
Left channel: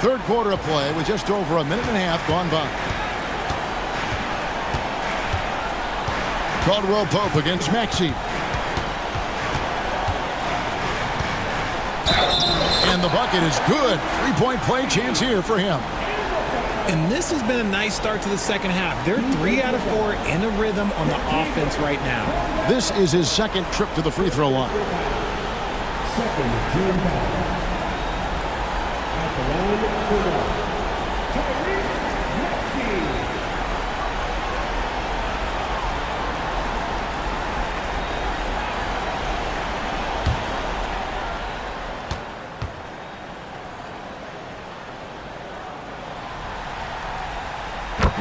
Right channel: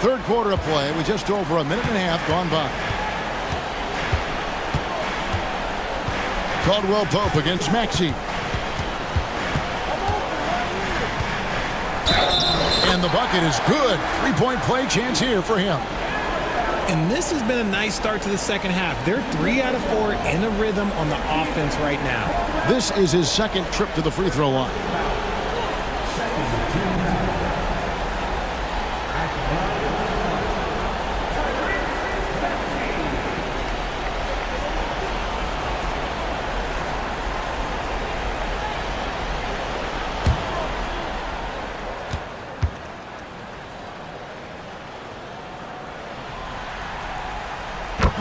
Third quarter of play with just over a minute and a half gone by. Caldwell Pope against Maxey. And the bucket is good. 3-point play chance here for him. And this has been a nice start to the second half. They're 3 out of 4 in a rhythm on the offense right now. This is his second trip to the free throw line. Second team foul. At the line for one. Tyrese Maxey.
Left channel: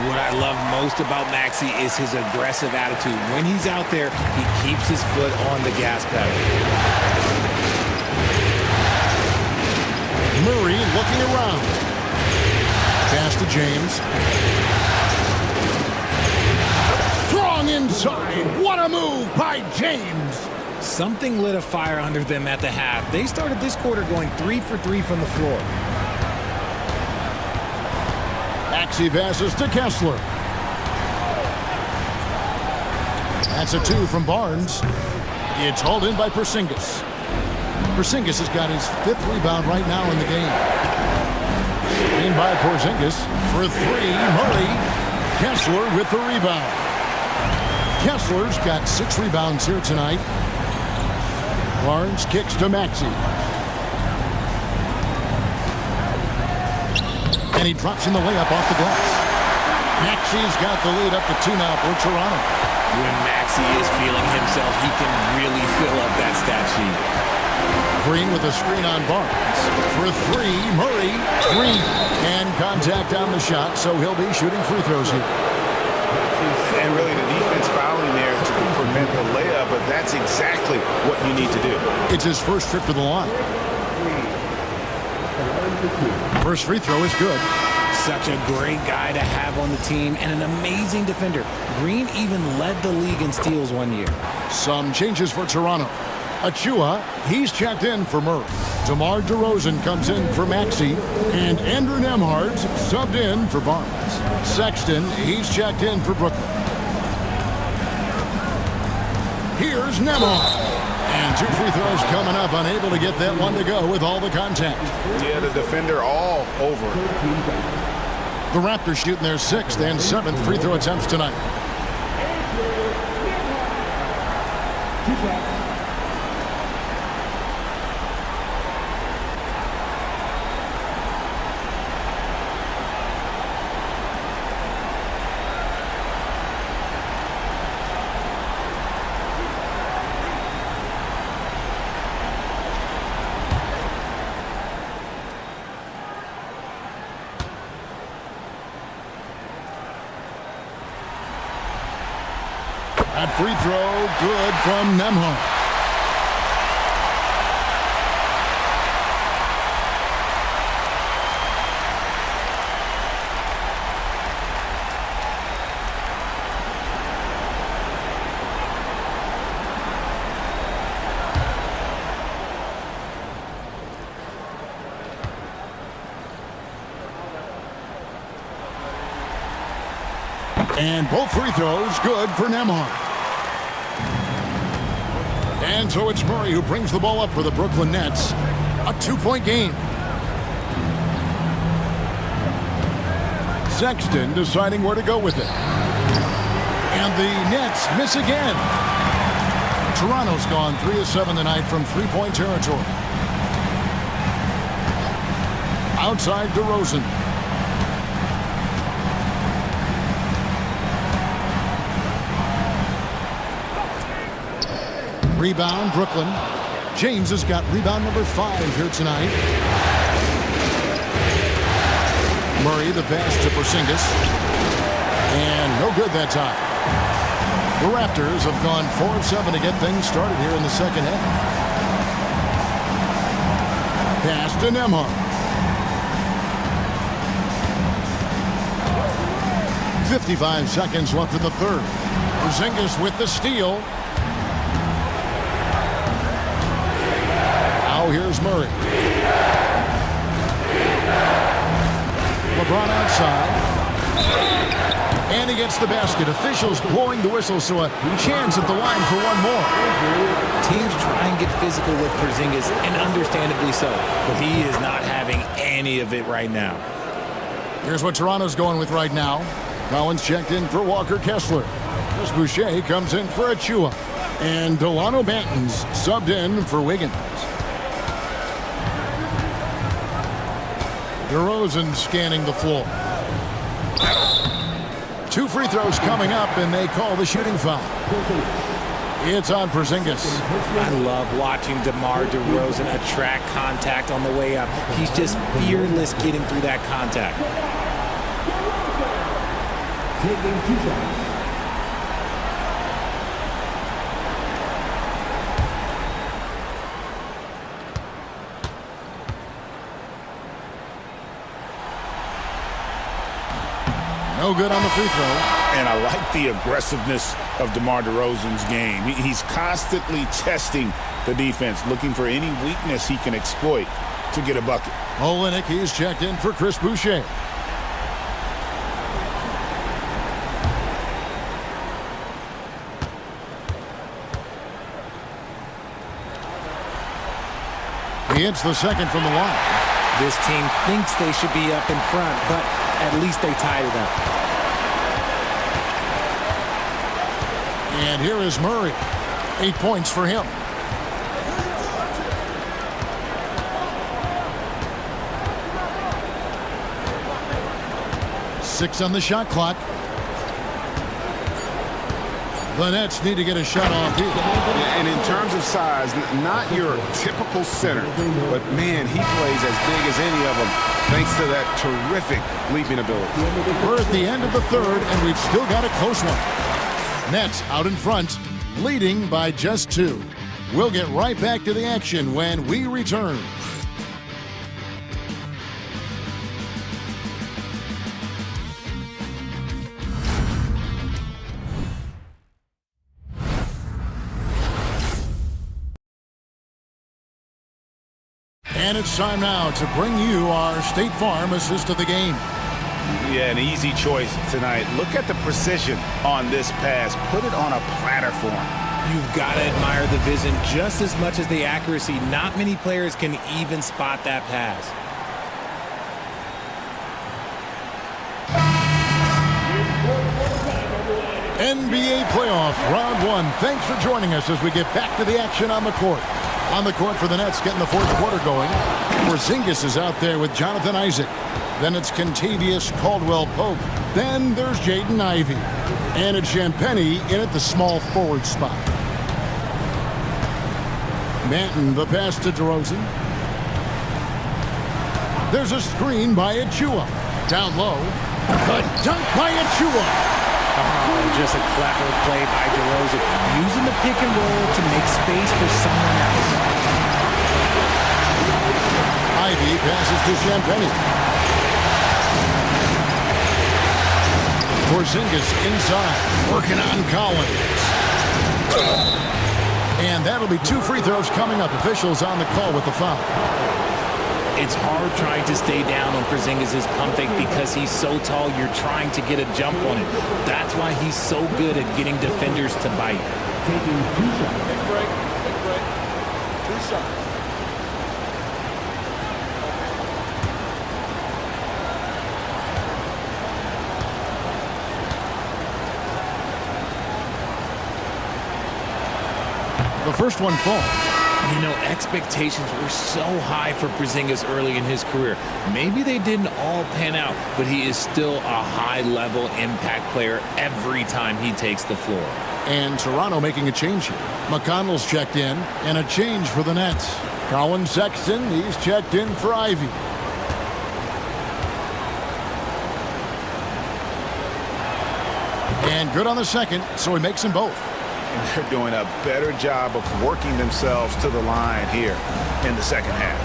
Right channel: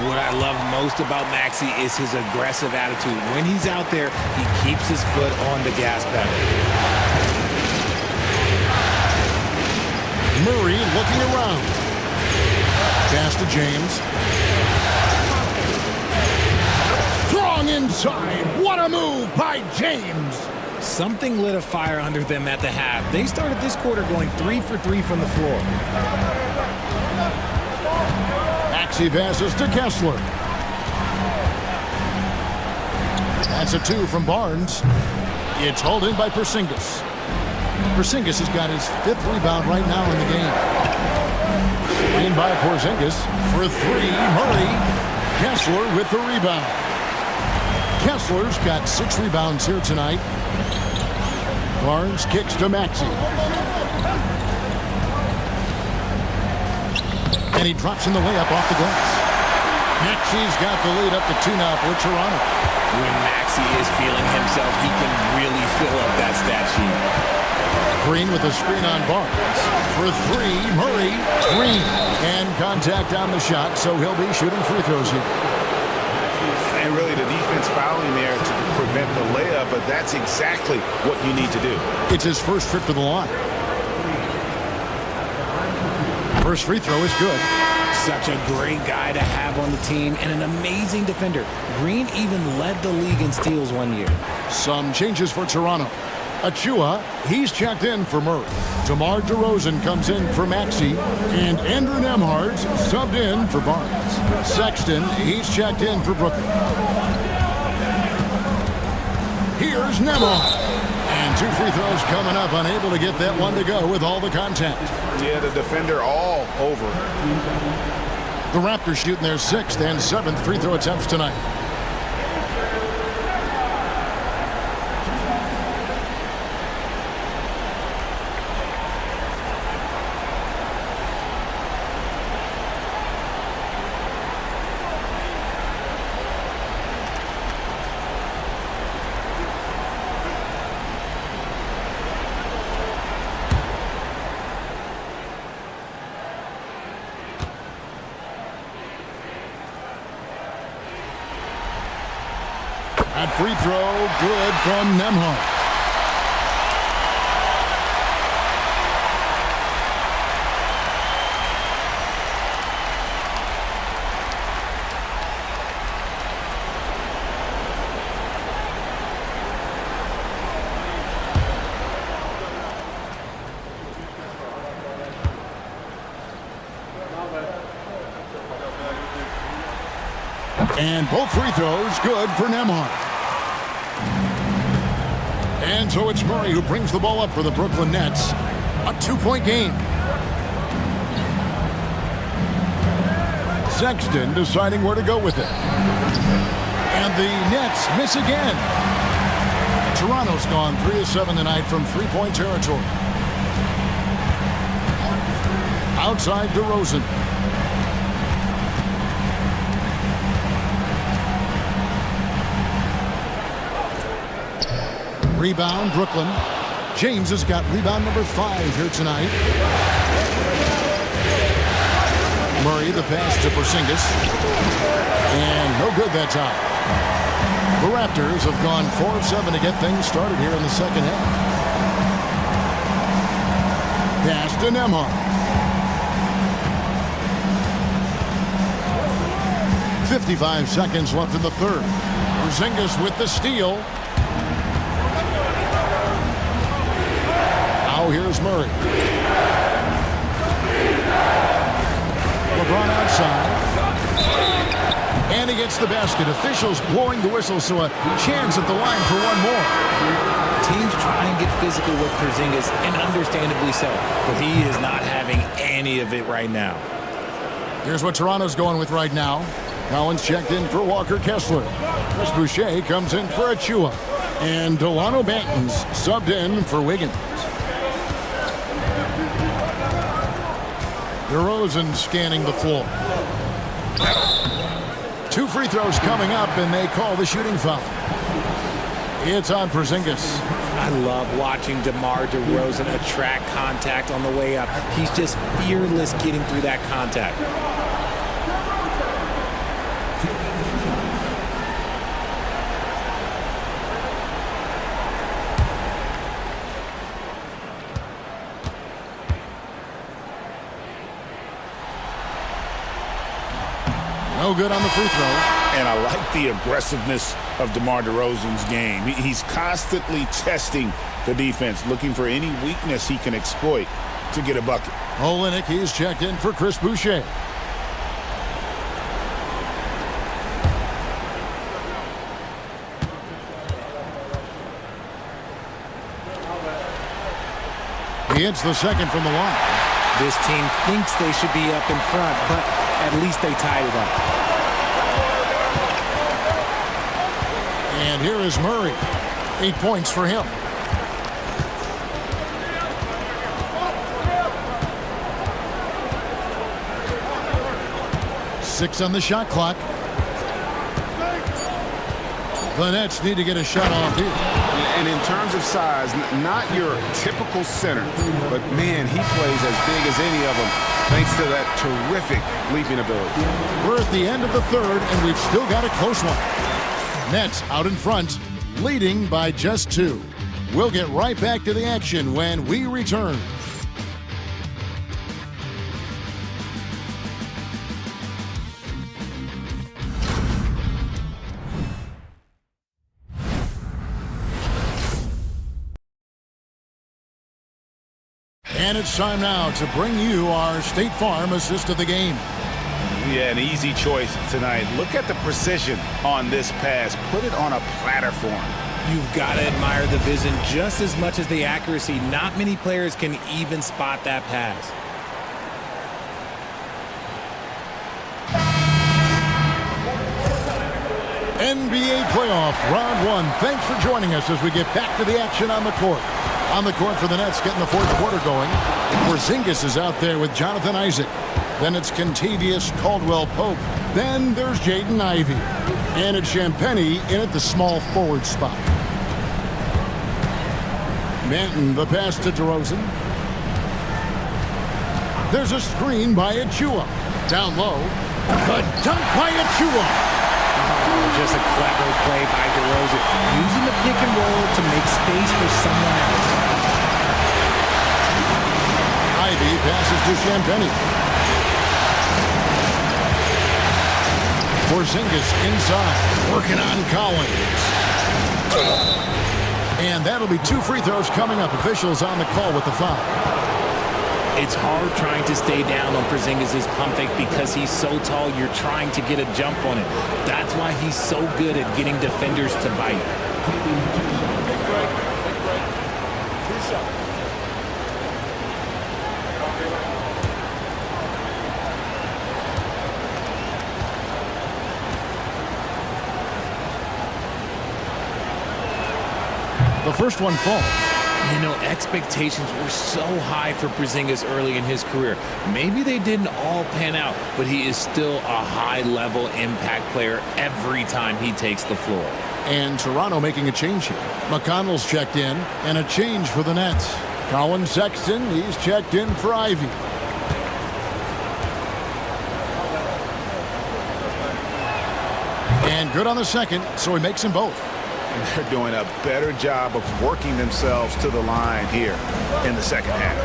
What I love most about Maxey is his aggressive attitude. When he's out there, he keeps his foot on the gas pedal. Murray looking around. Pass to James. Strong inside. What a move by James. Something lit a fire under them at the half. They started this quarter going 3 for 3 from the floor. Maxey passes to Kessler. That's a 2 from Barnes. It's hauled in by Porzingis. Porzingis has got his 5th rebound right now in the game. Screen by Porzingis for 3. Murray. Kessler with the rebound. Kessler's got 6 rebounds here tonight. Barnes kicks to Maxey. And he drops in the layup off the glass. Maxey's got the lead up to 2 now for Toronto. When Maxey is feeling himself, he can really fill up that stat sheet. Green with a screen on Barnes. For 3, Murray. Green. And contact on the shot, so he'll be shooting free throws here. And really the defense fouling there to prevent the layup, but that's exactly what you need to do. It's his first trip to the line. First free throw is good. Such a great guy to have on the team and an amazing defender. Green even led the league in steals one year. Some changes for Toronto. Achua, he's checked in for Murray. DeMar DeRozan comes in for Maxey. And Andrew Nembhard's subbed in for Barnes. Sexton, he's checked in for Brooklyn. Here's Nembhard. And 2 free throws coming up, unable to get that one to go with all the contact. Yeah, the defender all over. The Raptors shooting their 6th and 7th free throw attempts tonight. That free throw, good from Nembhard. And both free throws good for Nembhard. And so it's Murray who brings the ball up for the Brooklyn Nets. A 2-point game. Sexton deciding where to go with it. And the Nets miss again. Toronto's gone 3 of 7 tonight from 3-point territory. Outside DeRozan. Rebound, Brooklyn. James has got rebound number 5 here tonight. Murray, the pass to Porzingis. And no good that time. The Raptors have gone 4 of 7 to get things started here in the second half. Pass to Nembhard. 55 seconds left in the third. Porzingis with the steal. Now here's Murray. LeBron outside. And he gets the basket. Officials blowing the whistle, so a chance at the line for one more. Teams try and get physical with Porzingis, and understandably so. But he is not having any of it right now. Here's what Toronto's going with right now. Collins checked in for Walker Kessler. Chris Boucher comes in for Achua. And Delano Banton's subbed in for Wiggins. DeRozan scanning the floor. 2 free throws coming up, and they call the shooting foul. It's on Porzingis. I love watching DeMar DeRozan attract contact on the way up. He's just fearless getting through that contact. No good on the free throw. And I like the aggressiveness of DeMar DeRozan's game. He's constantly testing the defense, looking for any weakness he can exploit to get a bucket. Olenek, he's checked in for Chris Boucher. He hits the second from the line. This team thinks they should be up in front, but at least they tied it up. And here is Murray. 8 points for him. Six on the shot clock. The Nets need to get a shot off here. And in terms of size, not your typical center, but man, he plays as big as any of them thanks to that terrific leaping ability. We're at the end of the third, and we've still got a close one. Nets out in front, leading by just 2. We'll get right back to the action when we return. And it's time now to bring you our State Farm assist of the game. Yeah, an easy choice tonight. Look at the precision on this pass. Put it on a platter for him. You've got to admire the vision just as much as the accuracy. Not many players can even spot that pass. NBA playoff round 1. Thanks for joining us as we get back to the action on the court. On the court for the Nets, getting the fourth quarter going. Porzingis is out there with Jonathan Isaac. Then it's Kentavious Caldwell-Pope. Then there's Jaden Ivey. And it's Champagnie in at the small forward spot. Manton, the pass to DeRozan. There's a screen by Achua. Down low. The dunk by Achua. Oh, just a clever play by DeRozan, using the pick and roll to make space for someone else. Ivey passes to Champagnie. Porzingis inside, working on Collins. And that'll be 2 free throws coming up. Officials on the call with the foul. It's hard trying to stay down on Porzingis' pump fake because he's so tall. You're trying to get a jump on it. That's why he's so good at getting defenders to bite. Take a break. Take a break. 2 shots. The first one falls. You know, expectations were so high for Porzingis early in his career. Maybe they didn't all pan out, but he is still a high-level impact player every time he takes the floor. And Toronto making a change here. McConnell's checked in, and a change for the Nets. Colin Sexton, he's checked in for Ivey. And good on the second, so he makes them both. And they're doing a better job of working themselves to the line here in the second half.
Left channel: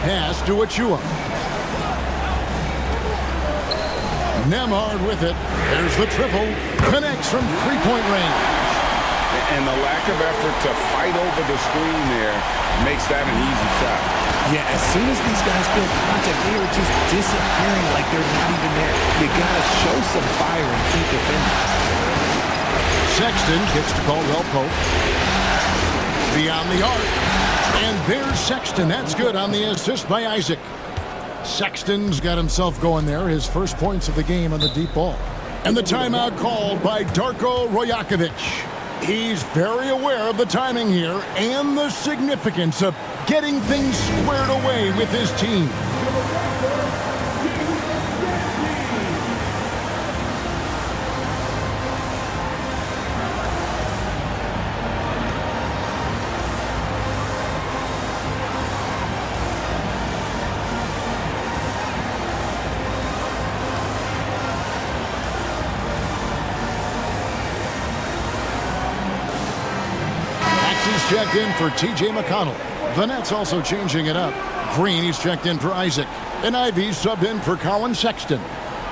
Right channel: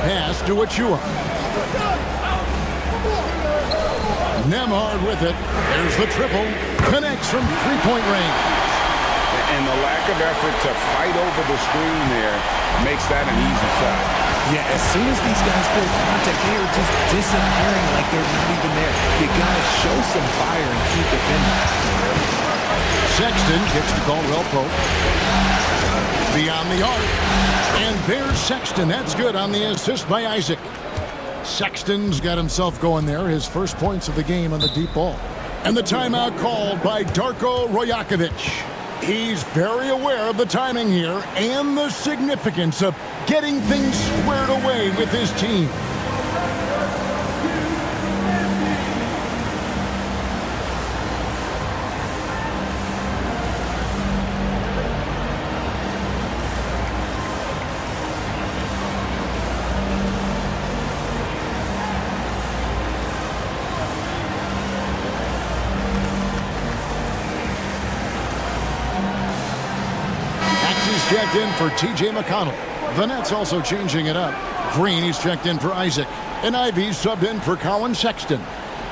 Pass to Achua. Nembhard with it. There's the triple. Connects from three-point range. And the lack of effort to fight over the screen there makes that an easy shot. Yeah, as soon as these guys feel contact, they are just disappearing like they're not even there. You got to show some fire and keep defending. Sexton kicks to Caldwell-Pope. Beyond the arc. And there's Sexton. That's good on the assist by Isaac. Sexton's got himself going there. His first points of the game on the deep ball. And the timeout called by Darko Rajakovic. He's very aware of the timing here and the significance of getting things squared away with his team. He's checked in for T.J. McConnell. The Nets also changing it up. Green, he's checked in for Isaac. And Ivey subbed in for Colin Sexton.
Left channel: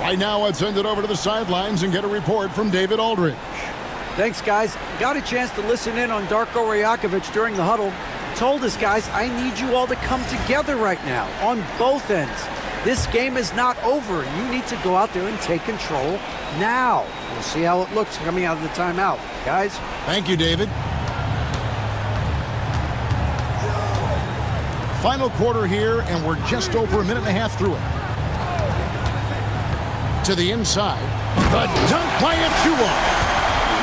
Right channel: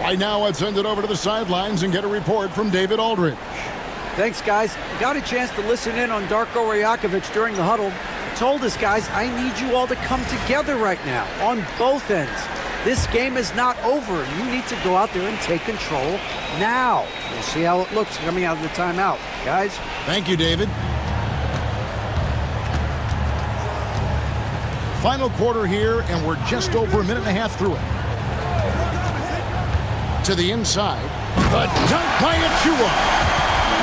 Right now, let's send it over to the sidelines and get a report from David Aldridge. Thanks, guys. Got a chance to listen in on Darko Rajakovic during the huddle. Told us, guys, I need you all to come together right now on both ends. This game is not over. You need to go out there and take control now. We'll see how it looks coming out of the timeout. Guys? Thank you, David. Final quarter here, and we're just over a minute and a half through it. To the inside. The dunk by Achua.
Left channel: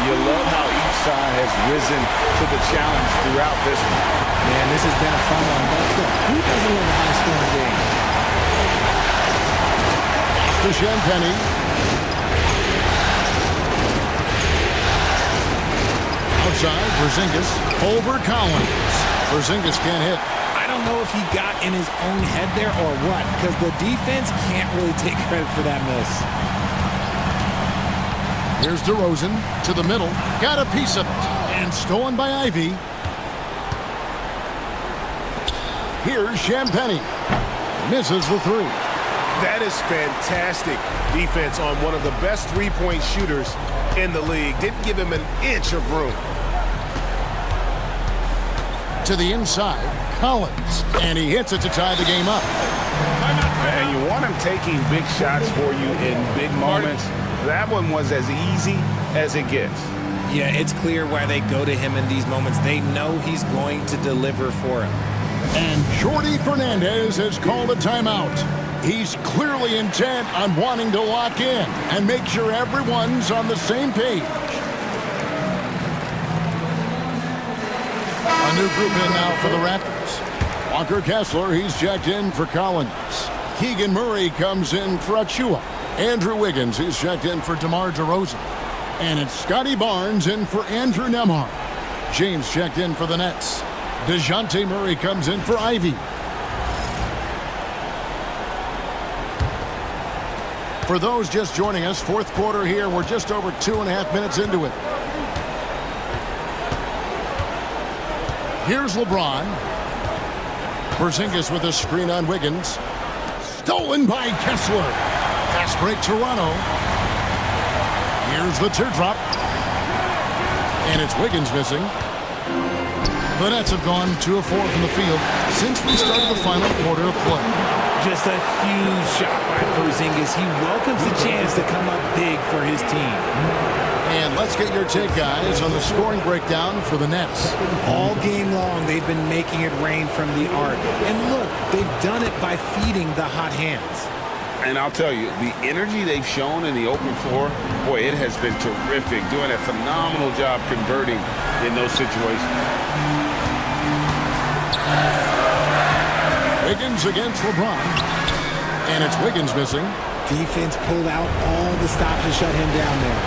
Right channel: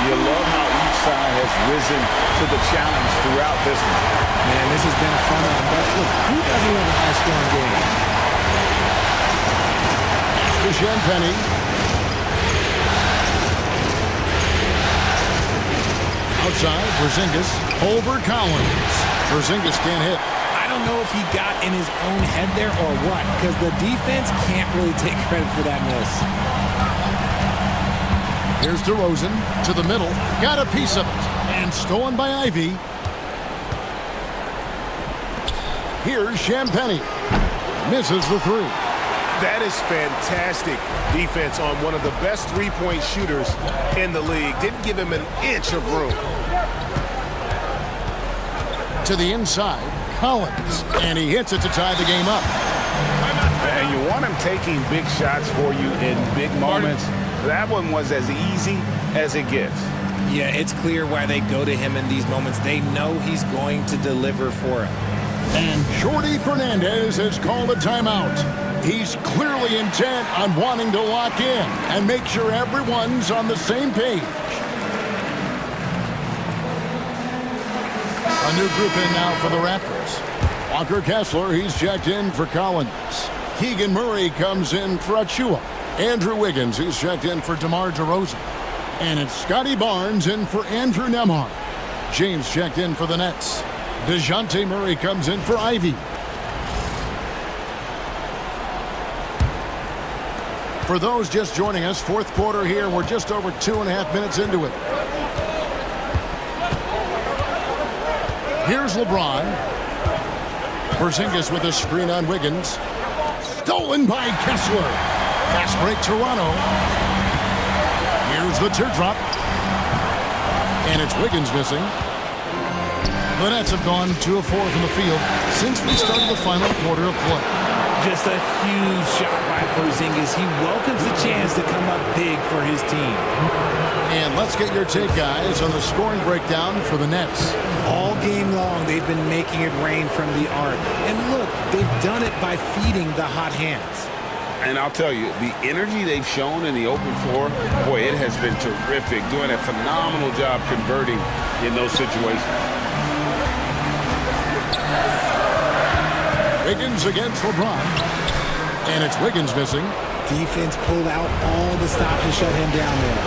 You love how each side has risen to the challenge throughout this one. Man, this has been a fun one, but look, who doesn't love a high-scoring game? To Champagny. Outside, Porzingis over Collins. Porzingis can't hit. I don't know if he got in his own head there or what, because the defense can't really take credit for that miss. Here's DeRozan to the middle. Got a piece of it. And stolen by Ivy. Here's Champagny. Misses the three. That is fantastic defense on one of the best three-point shooters in the league. Didn't give him an inch of room. To the inside, Collins. And he hits it to tie the game up. And you want him taking big shots for you in big moments. That one was as easy as it gets. Yeah, it's clear why they go to him in these moments. They know he's going to deliver for him. And Jordi Fernandez has called a timeout. He's clearly intent on wanting to lock in and make sure everyone's on the same page. A new group in now for the Raptors. Walker Kessler, he's checked in for Collins. Keegan Murray comes in for Achua. Andrew Wiggins, he's checked in for DeMar DeRozan. And it's Scotty Barnes in for Andrew Nembhard. James checked in for the Nets. DeJounte Murray comes in for Ivy. For those just joining us, fourth quarter here. We're just over 2.5 minutes into it. Here's LeBron. Porzingis with a screen on Wiggins. Stolen by Kessler. Fast break Toronto. Here's the teardrop. And it's Wiggins missing. The Nets have gone 2 of 4 from the field since we started the final quarter of play. Just a huge shot by Porzingis. He welcomes the chance to come up big for his team. And let's get your take, guys, on the scoring breakdown for the Nets. All game long, they've been making it rain from the arc. And look, they've done it by feeding the hot hands. And I'll tell you, the energy they've shown in the open floor, boy, it has been terrific. Doing a phenomenal job converting in those situations. Wiggins against LeBron. And it's Wiggins missing. Defense pulled out all the stops to shut him down there.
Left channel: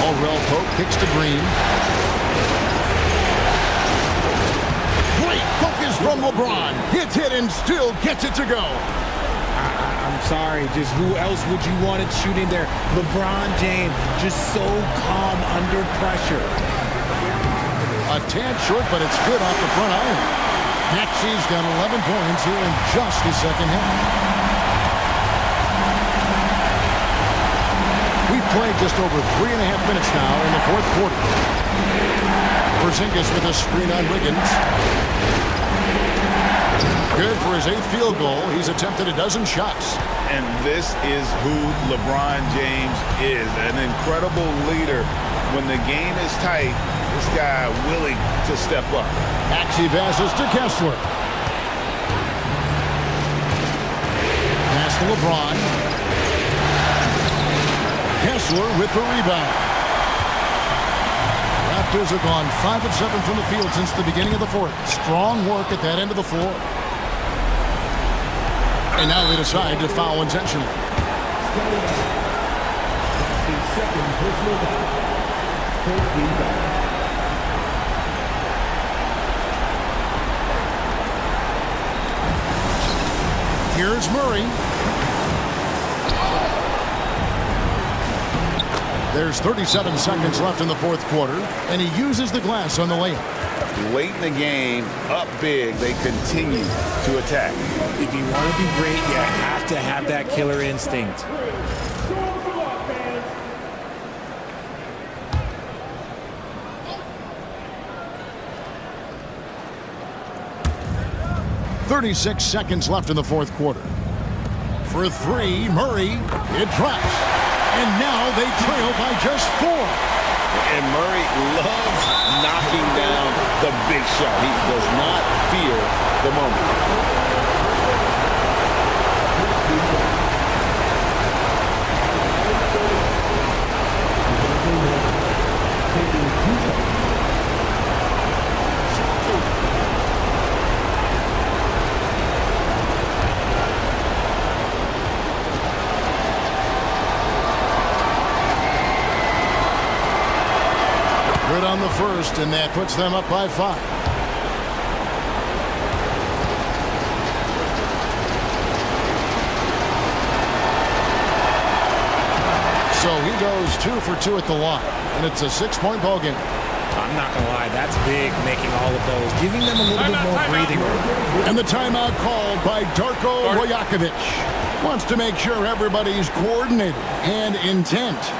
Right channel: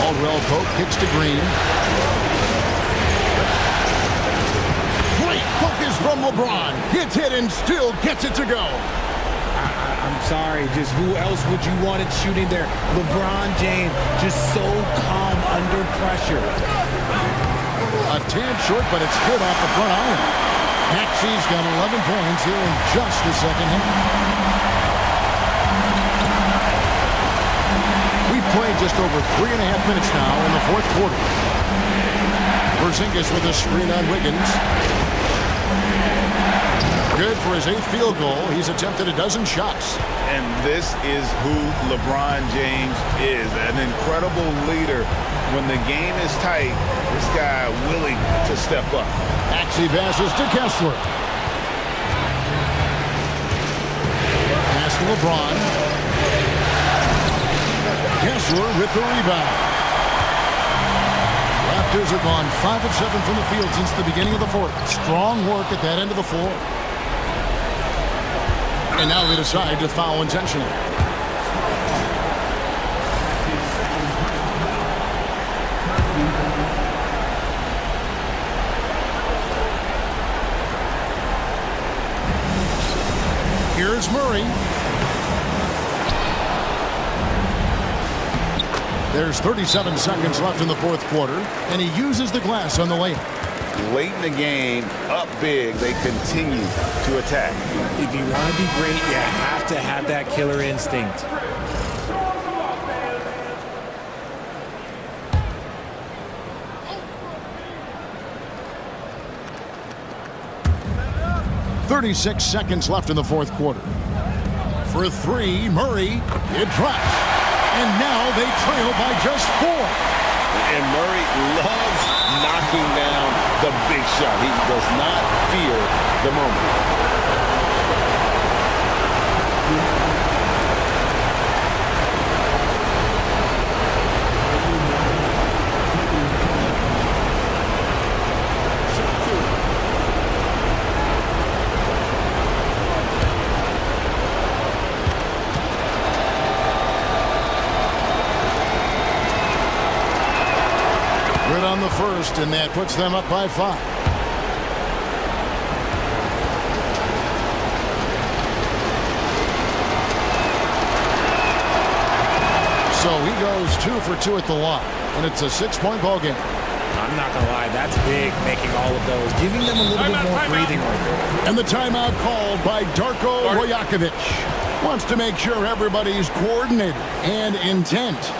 Caldwell Pope kicks to Green. Great focus from LeBron. Gets hit and still gets it to go. I'm sorry, just who else would you want it shooting there? LeBron James, just so calm under pressure. A tad short, but it's good off the front iron. Maxi's got 11 points here in just the second half. We've played just over 3.5 minutes now in the fourth quarter. Porzingis with a screen on Wiggins. Good for his 8th field goal. He's attempted a dozen shots. And this is who LeBron James is, an incredible leader. When the game is tight, this guy willing to step up. Maxey passes to Kessler. Pass to LeBron. Kessler with the rebound. Raptors have gone 5 of 7 from the field since the beginning of the fourth. Strong work at that end of the floor. And now they decide to foul intentionally. Here's Murray. There's 37 seconds left in the fourth quarter, and he uses the glass on the layup. Late in the game, up big, they continue to attack. If you want to be great, you have to have that killer instinct. .36 seconds left in the fourth quarter. For 3, Murray, it drops. And now they trail by just 4. And Murray loves knocking down the big shot. He does not fear the moment. Taking on the first, and that puts them up by 5. So he goes 2 for 2 at the line, and it's a 6-point ball game. I'm not going to lie, that's big, making all of those, giving them a little bit more breathing room. And the timeout called by Darko Rajakovic. Wants to make sure everybody's coordinated and intent.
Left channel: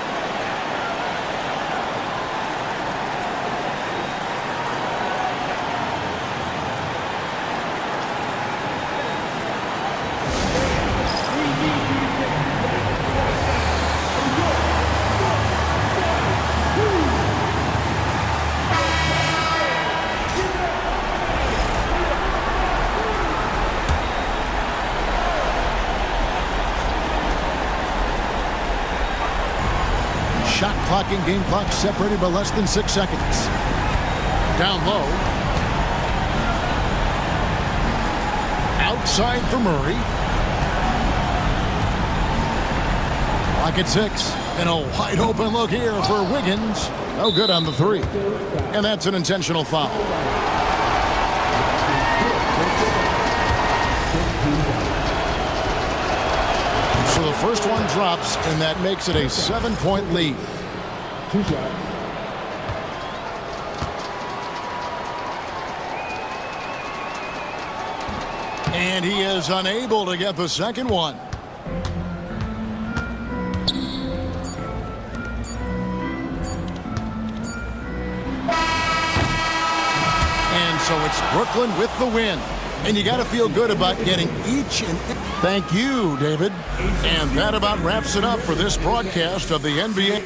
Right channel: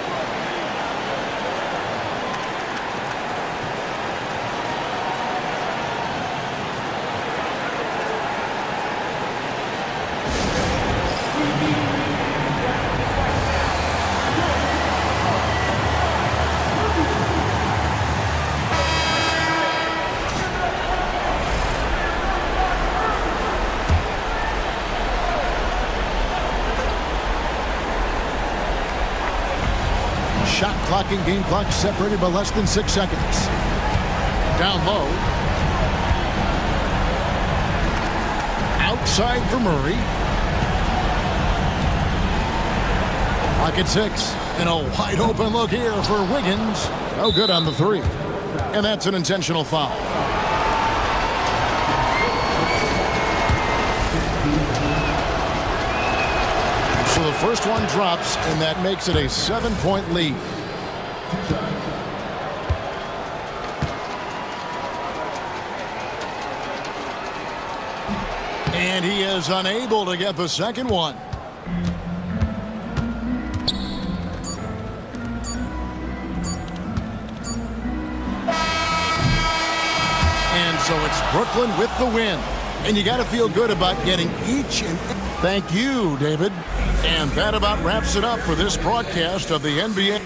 Shot clock and game clock separated by less than 6 seconds. Down low. Outside for Murray. Clock at 6. And a wide open look here for Wiggins. No good on the 3. And that's an intentional foul. So the first one drops, and that makes it a 7-point lead. And he is unable to get the second one. And so it's Brooklyn with the win. And you got to feel good about getting each and thank you, David. And that about wraps it up for this broadcast of the NBA.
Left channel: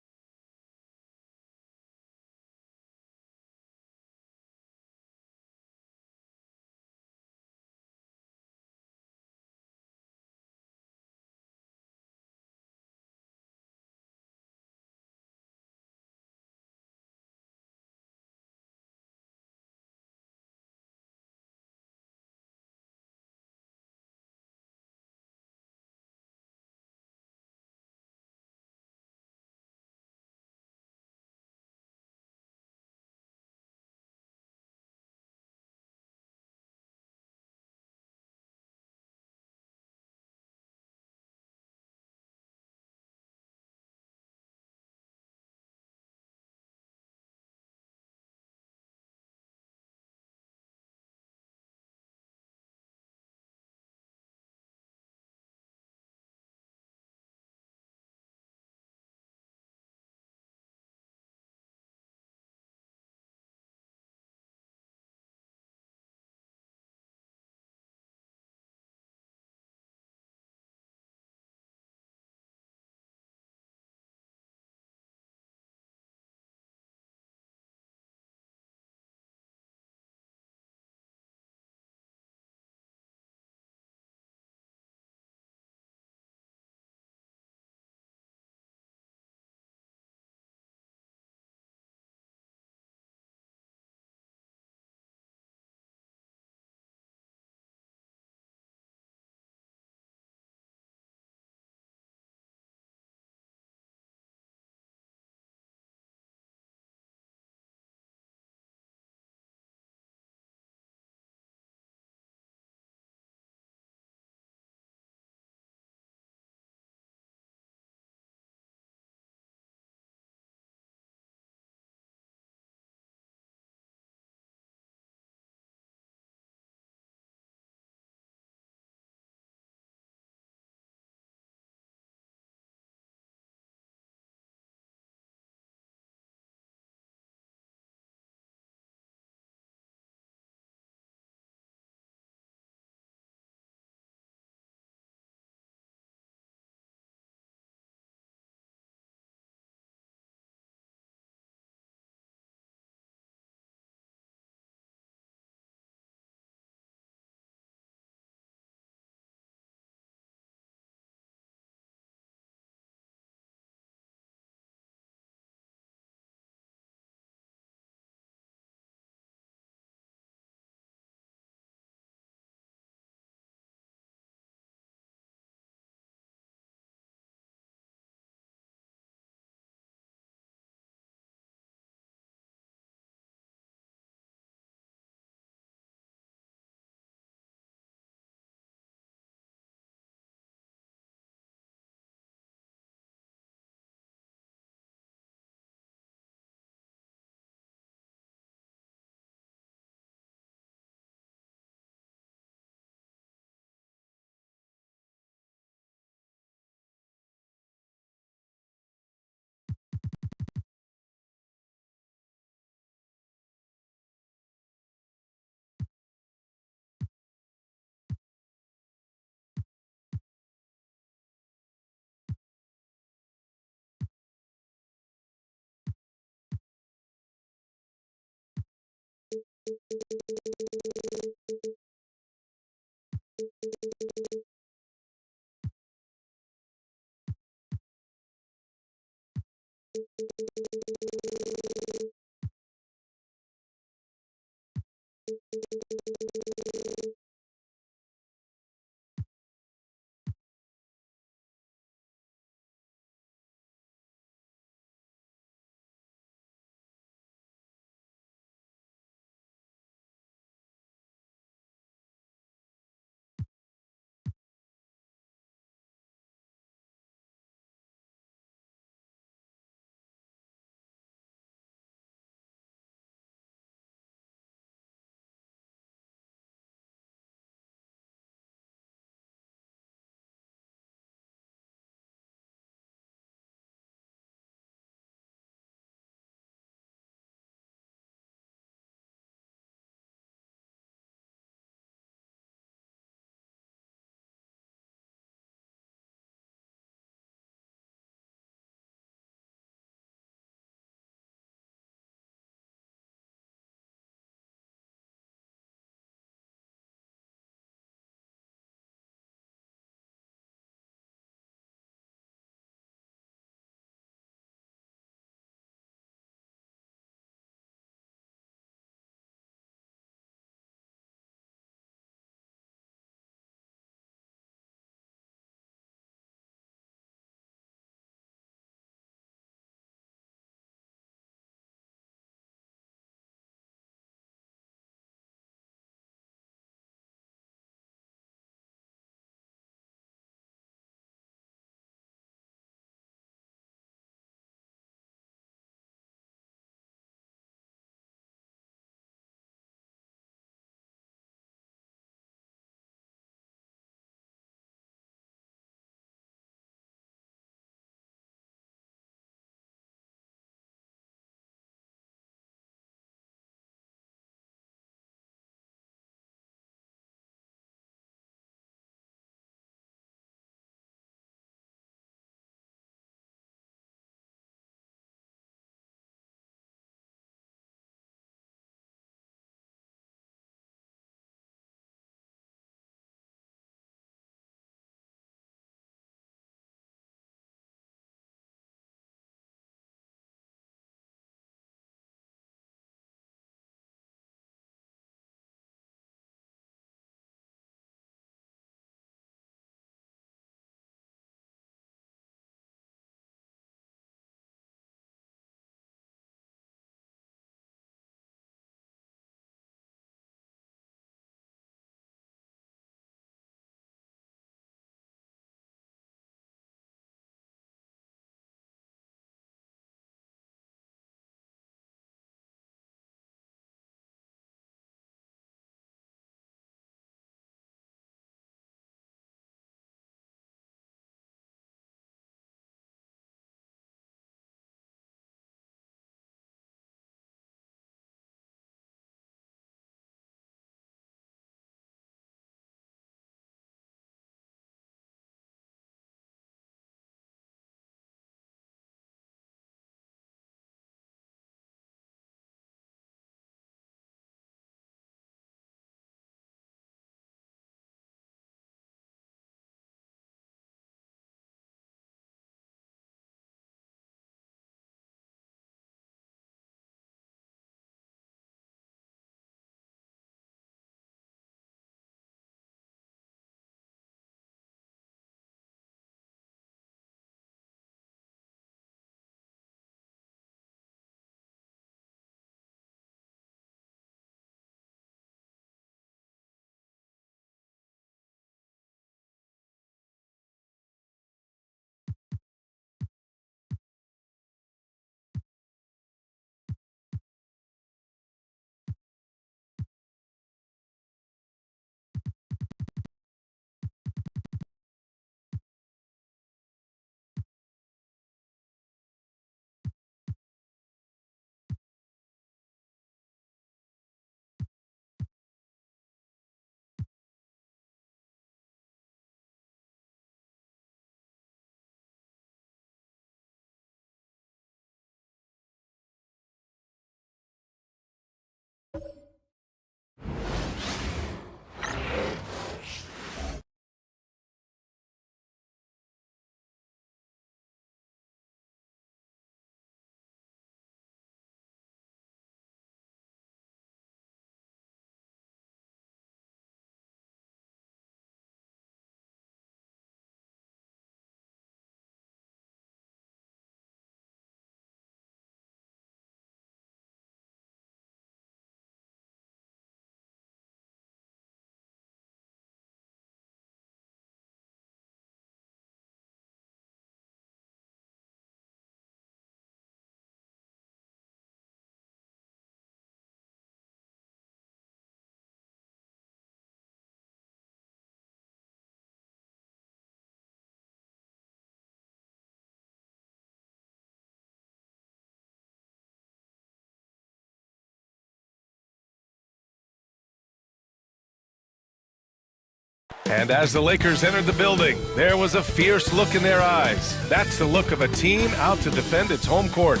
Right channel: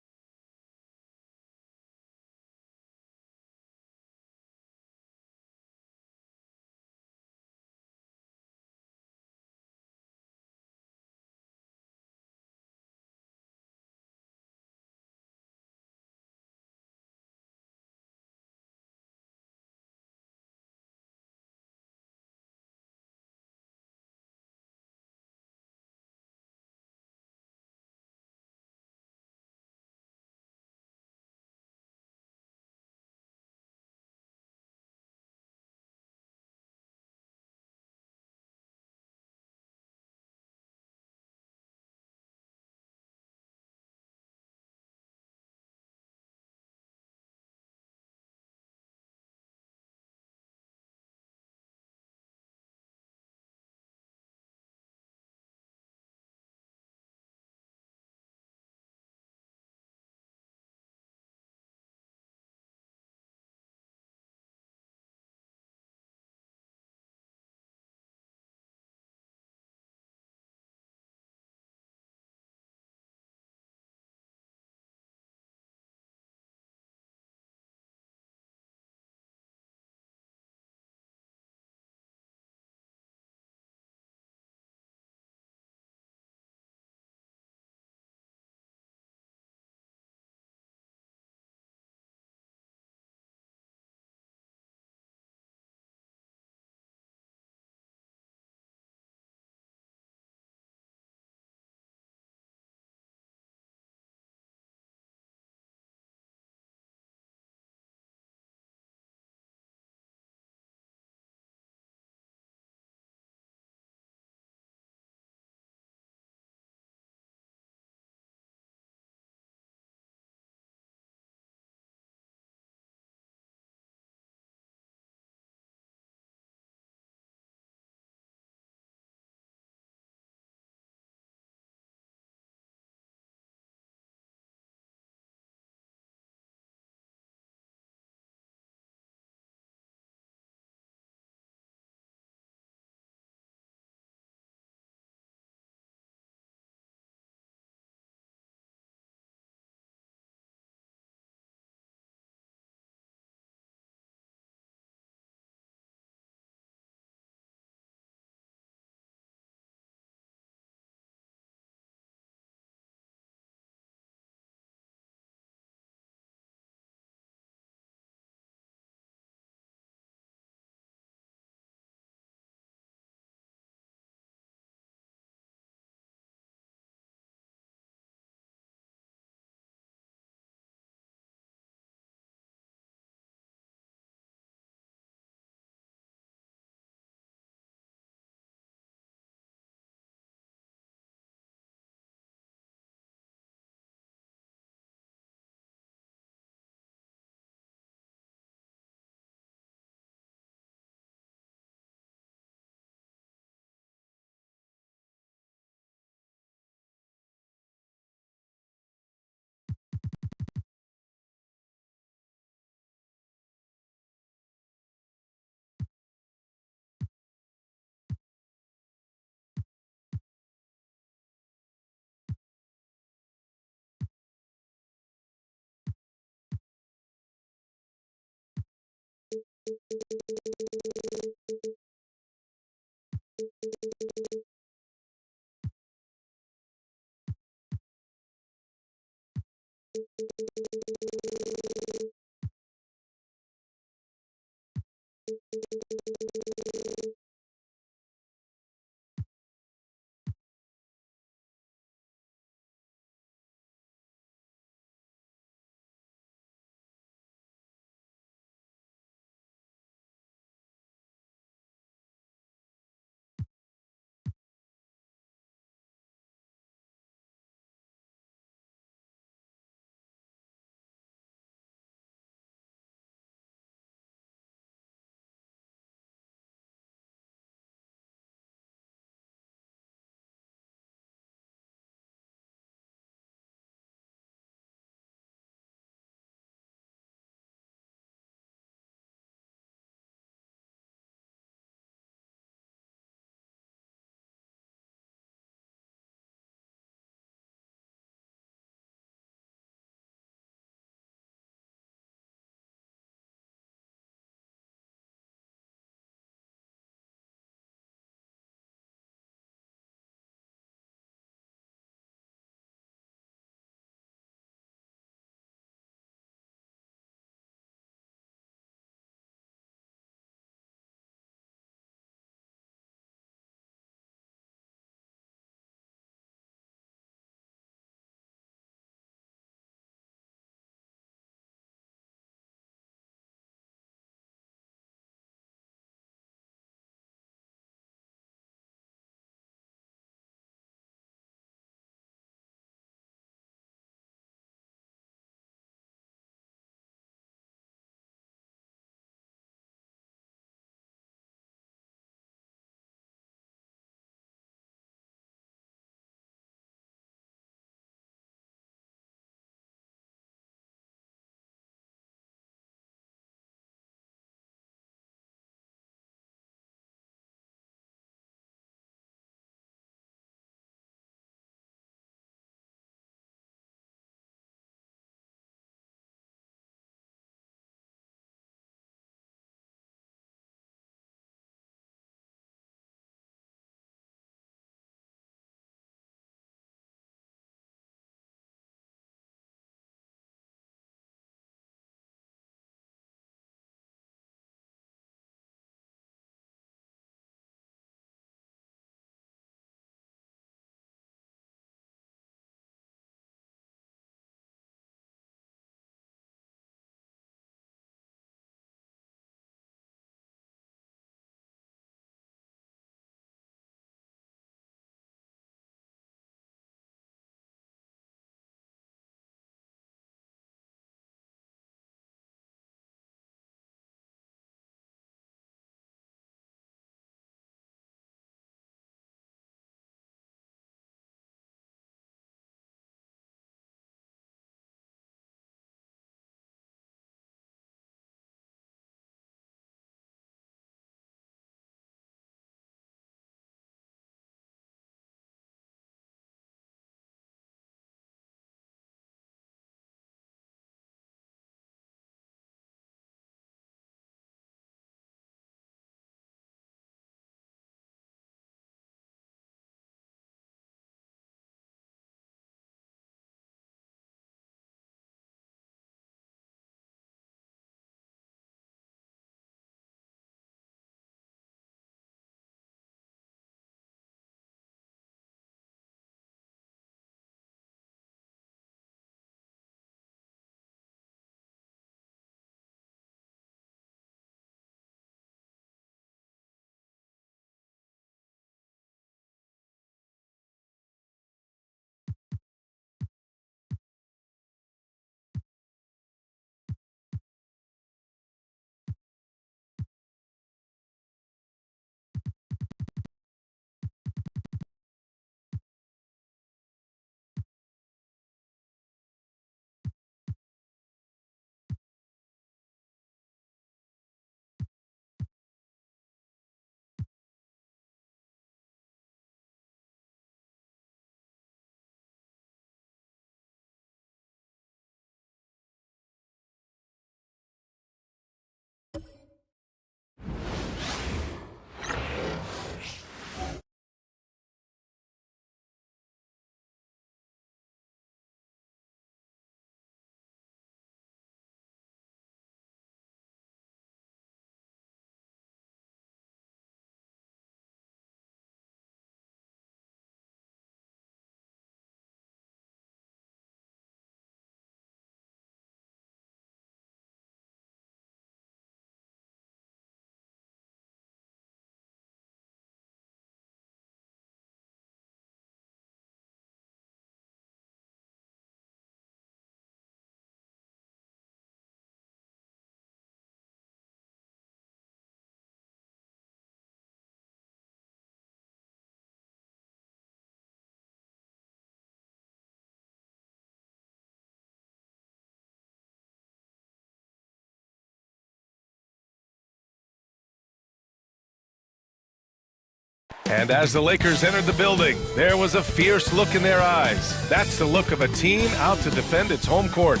And as the Lakers entered the building, there was a fierce look in their eyes. That's the look of a team out to defend its home court.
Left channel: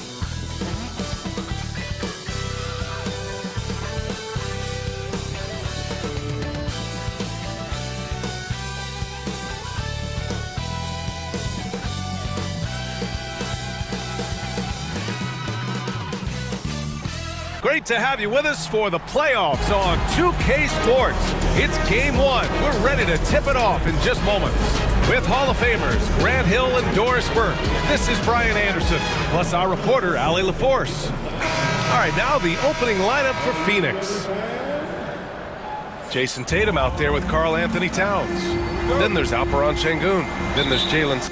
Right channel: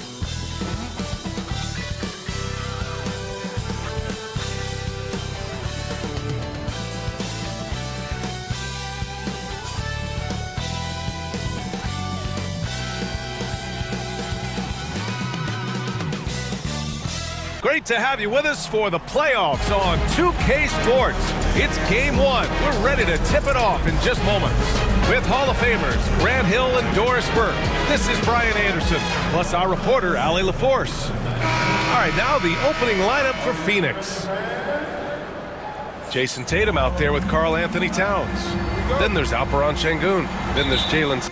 Great to have you with us for the playoffs on 2K Sports. It's Game 1. We're ready to tip it off in just moments. With Hall of Famers Grant Hill and Doris Burke, this is Brian Anderson, plus our reporter, Allie LaForce. All right, now the opening lineup for Phoenix. Jason Tatum out there with Karl Anthony Towns. Then there's Alperen Şengün. Then there's Jalen.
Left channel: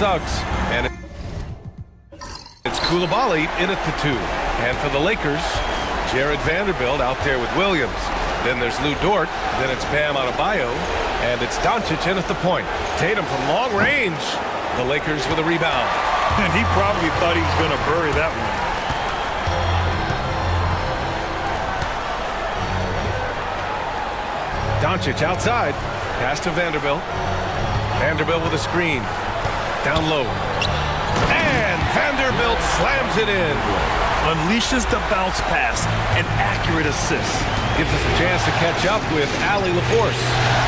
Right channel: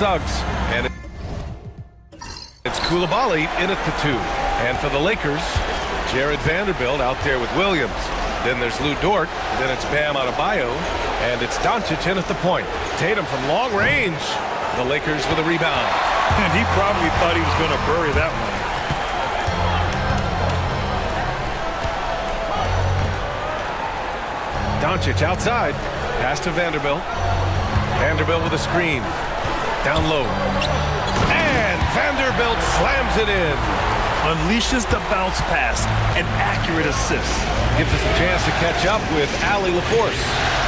Suggs, and it's Coulibaly in at the 2. And for the Lakers, Jared Vanderbilt out there with Williams. Then there's Lou Dort. Then it's Bam Adebayo. And it's Doncic in at the point. Tatum from long range. The Lakers with a rebound. And he probably thought he was going to bury that one. Doncic outside. Pass to Vanderbilt. Vanderbilt with a screen. Down low. And Vanderbilt slams it in. Unleashes the bounce pass. An accurate assist. Gives us a chance to catch up with Allie LaForce.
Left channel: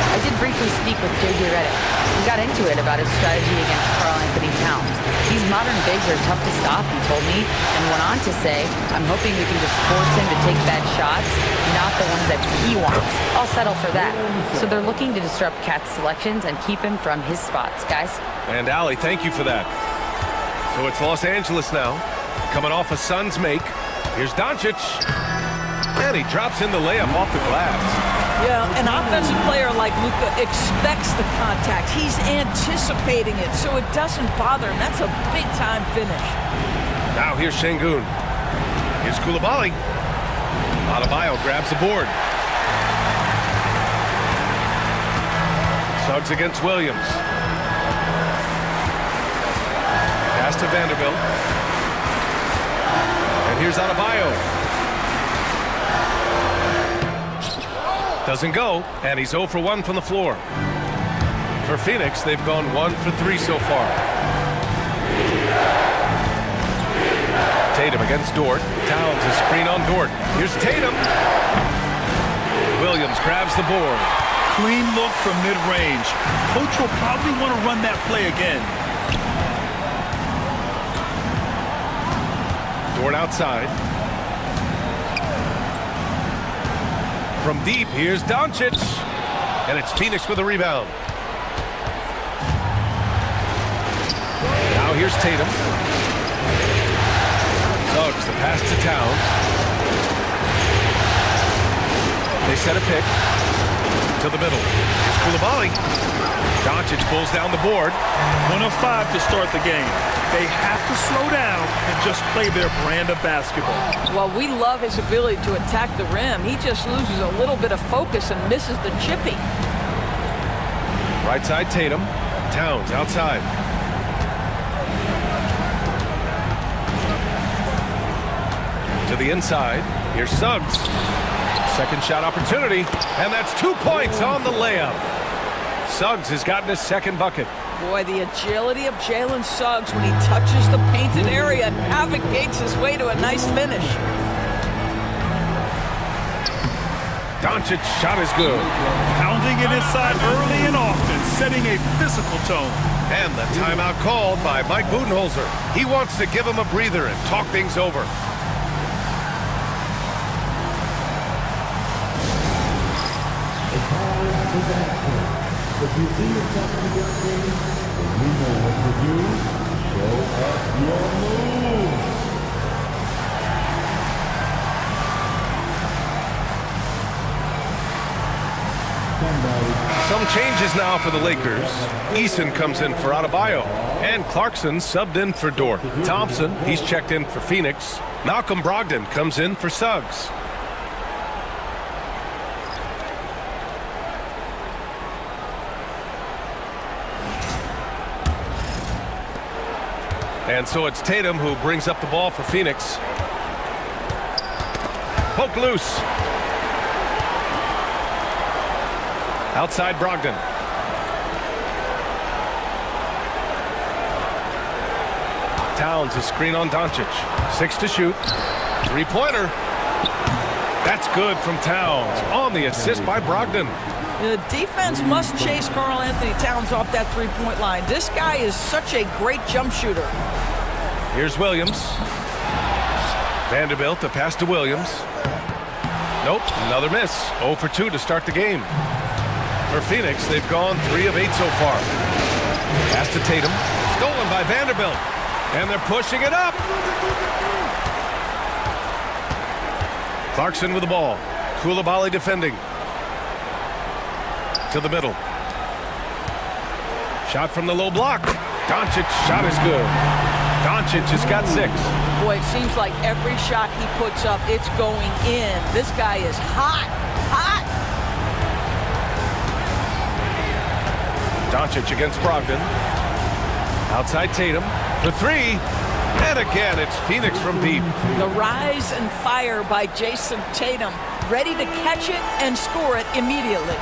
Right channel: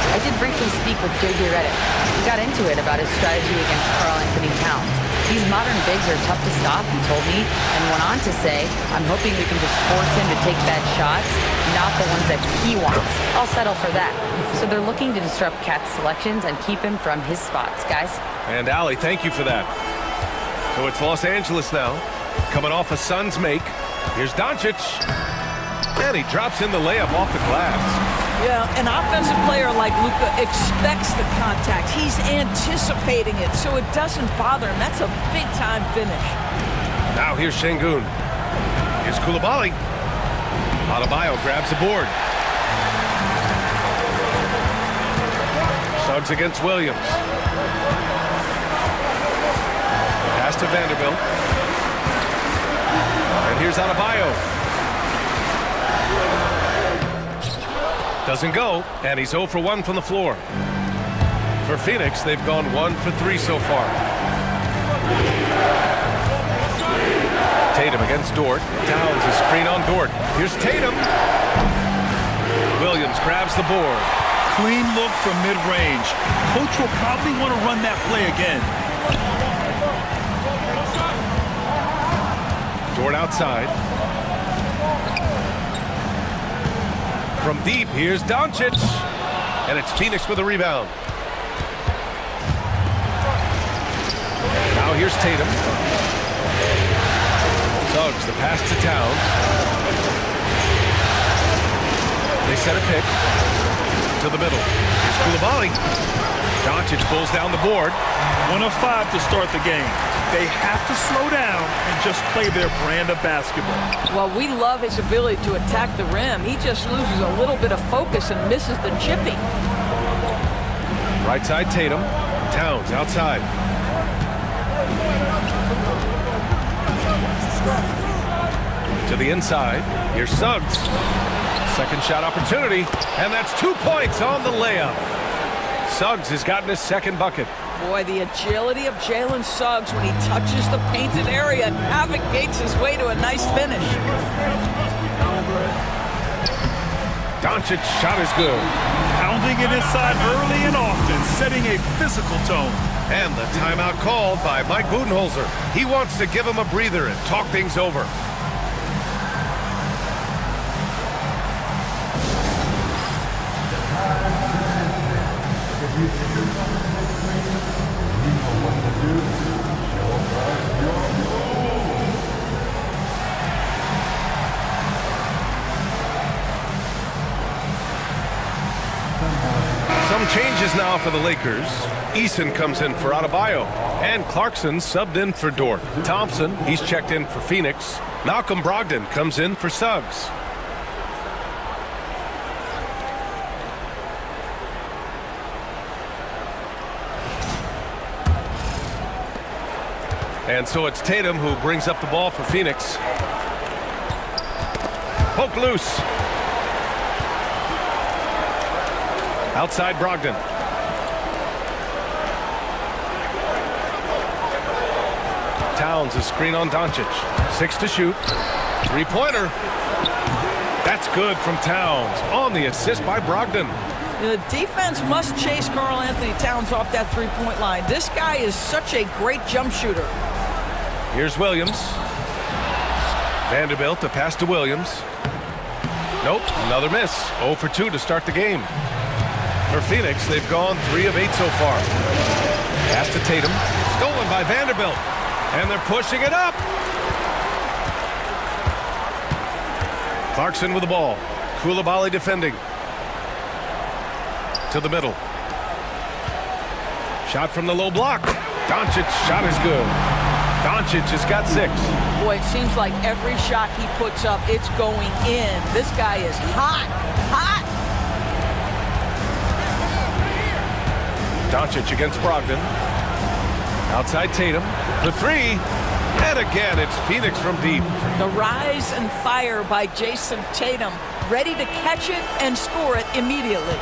I did briefly speak with J.J. Redick. We got into it about his strategy against Karl Anthony Towns. These modern bigs are tough to stop, he told me, and went on to say, I'm hoping we can just force him to take bad shots, not the ones that he wants. I'll settle for that. So they're looking to disrupt Cat's selections and keep him from his spots, guys. And Allie, thank you for that. So it's Los Angeles now, coming off a Suns make. Here's Doncic. And he drops in the layup off the glass. Yeah, an offensive player like Luka expects the contact. He's anticipating it, so it doesn't bother him. That's a big-time finish. Now here's Şengün. Here's Coulibaly. Adebayo grabs the board. Suggs against Williams. to Vanderbilt. And here's Adebayo. Doesn't go, and he's 0 for 1 from the floor. For Phoenix, they've gone 1 for 3 so far. Tatum against Dort. Towns a screen on Dort. Here's Tatum. Williams grabs the board. Clean look from mid-range. Coach will probably want to run that play again. Dort outside. From deep, here's Doncic. And it's Phoenix with a rebound. Now here's Tatum. Suggs, the pass to Towns. They set a pick to the middle. Here's Coulibaly. Doncic pulls down the board. 1 of 5 to start the game. They have to slow down and just play their brand of basketball. Well, we love his ability to attack the rim. He just loses a little bit of focus and misses the chippy. Right side Tatum. Towns outside. To the inside. Here's Suggs. Second shot opportunity. And that's 2 points on the layup. Suggs has gotten his second bucket. Boy, the agility of Jalen Suggs when he touches the painted area navigates his way to a nice finish. Doncic's shot is good. Pounding it inside early and often, setting a physical tone. And the timeout called by Mike Budenholzer. He wants to give him a breather and talk things over. If you see yourself in the big screen, and you know what to do, show us your move. Some changes now for the Lakers. Eason comes in for Adebayo. And Clarkson subbed in for Dort. Thompson, he's checked in for Phoenix. Malcolm Brogdon comes in for Suggs. And so it's Tatum who brings up the ball for Phoenix. Poke loose. Outside Brogdon. Towns a screen on Doncic. 6 to shoot. Three-pointer. That's good from Towns. On the assist by Brogdon. The defense must chase Karl Anthony Towns off that three-point line. This guy is such a great jump shooter. Here's Williams. Vanderbilt, a pass to Williams. Nope, another miss. 0 for 2 to start the game. For Phoenix, they've gone 3 of 8 so far. Pass to Tatum. Stolen by Vanderbilt. And they're pushing it up. Clarkson with the ball. Coulibaly defending. To the middle. Shot from the low block. Doncic shot is good. Doncic has got 6. Boy, it seems like every shot he puts up, it's going in. This guy is hot, hot. Doncic against Brogdon. Outside Tatum for 3. And again, it's Phoenix from deep. The rise and fire by Jason Tatum, ready to catch it and score it immediately.